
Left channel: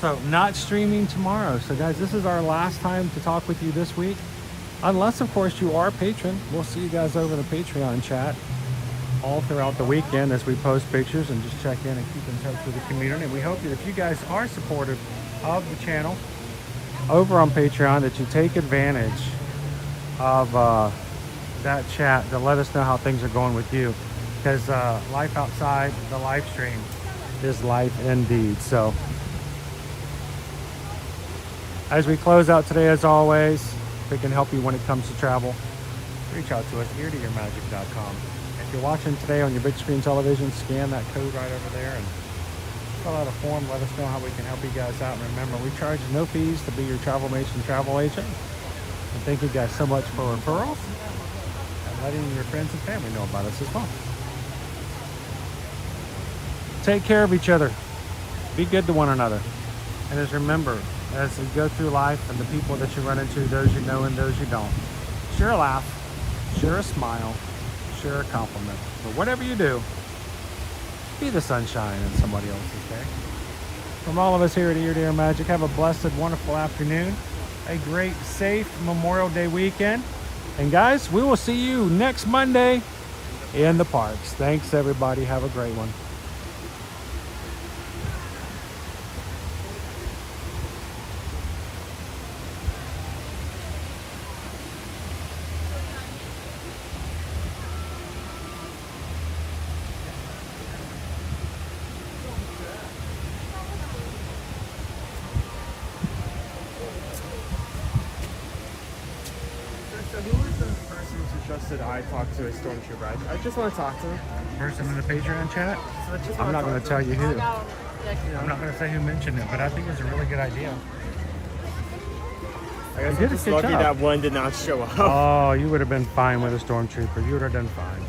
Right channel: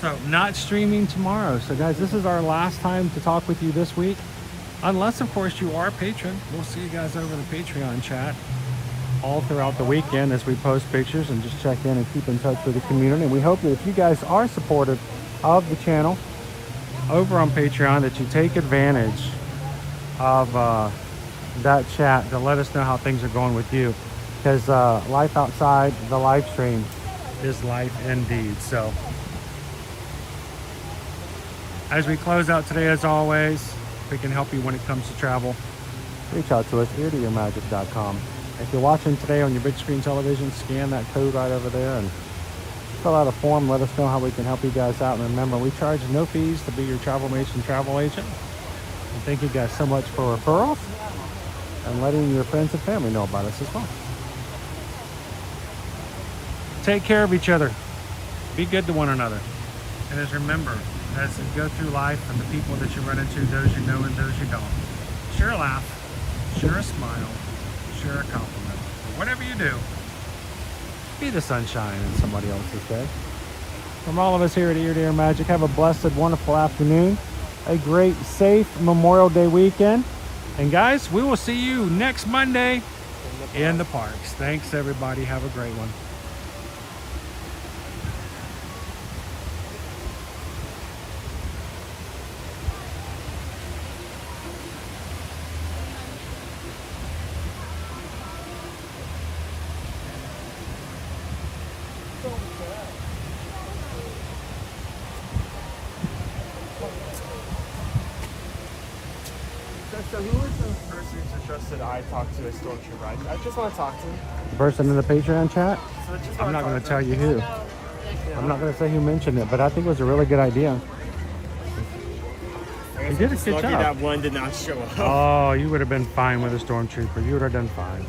So not streaming tomorrow. So guys, this is our last time to talk with you this week. Unless of course you are a patron. We'll see you guys over the Patreon chat all throughout the weekend as we post pictures and just check in and keep in touch with the community. And we hope that if you guys are supportive of the channel over on Patreon, that you take advantage of that chat to let us know how things are going with you, because life outside the live stream is life indeed. So as we close out today, as always, if we can help you when it comes to travel, reach out to us, eartoyourmagic.com. If you're watching today on your big screen television, scan that code right over there and fill out a form. Let us know how we can help you guys out. And remember, we charge no fees to be your Travelmation travel agent. And thank you guys so much for referrals and letting your friends and family know about us as well. Take care of each other. Be good to one another. And as remember, as you go through life and the people that you run into, those you know and those you don't, share a laugh, share a smile, share a compliment. But whatever you do, be the sunshine in somebody else's day. From all of us here at Ear to Ear Magic, have a blessed, wonderful afternoon. A great, safe Memorial Day weekend. And guys, we will see you next Monday in the parks. Thanks, everybody. Have a great one. I talked to a stormtrooper. I just want to talk to him. Person in the Patreon chat, I'm not going to tell you who. I'm not going to say who mentioned it, but I think it was a really good idea. I guess You did a just good lucky job. that one did not show up. Oh, you would have been fine with a stormtrooper. You would have done fine.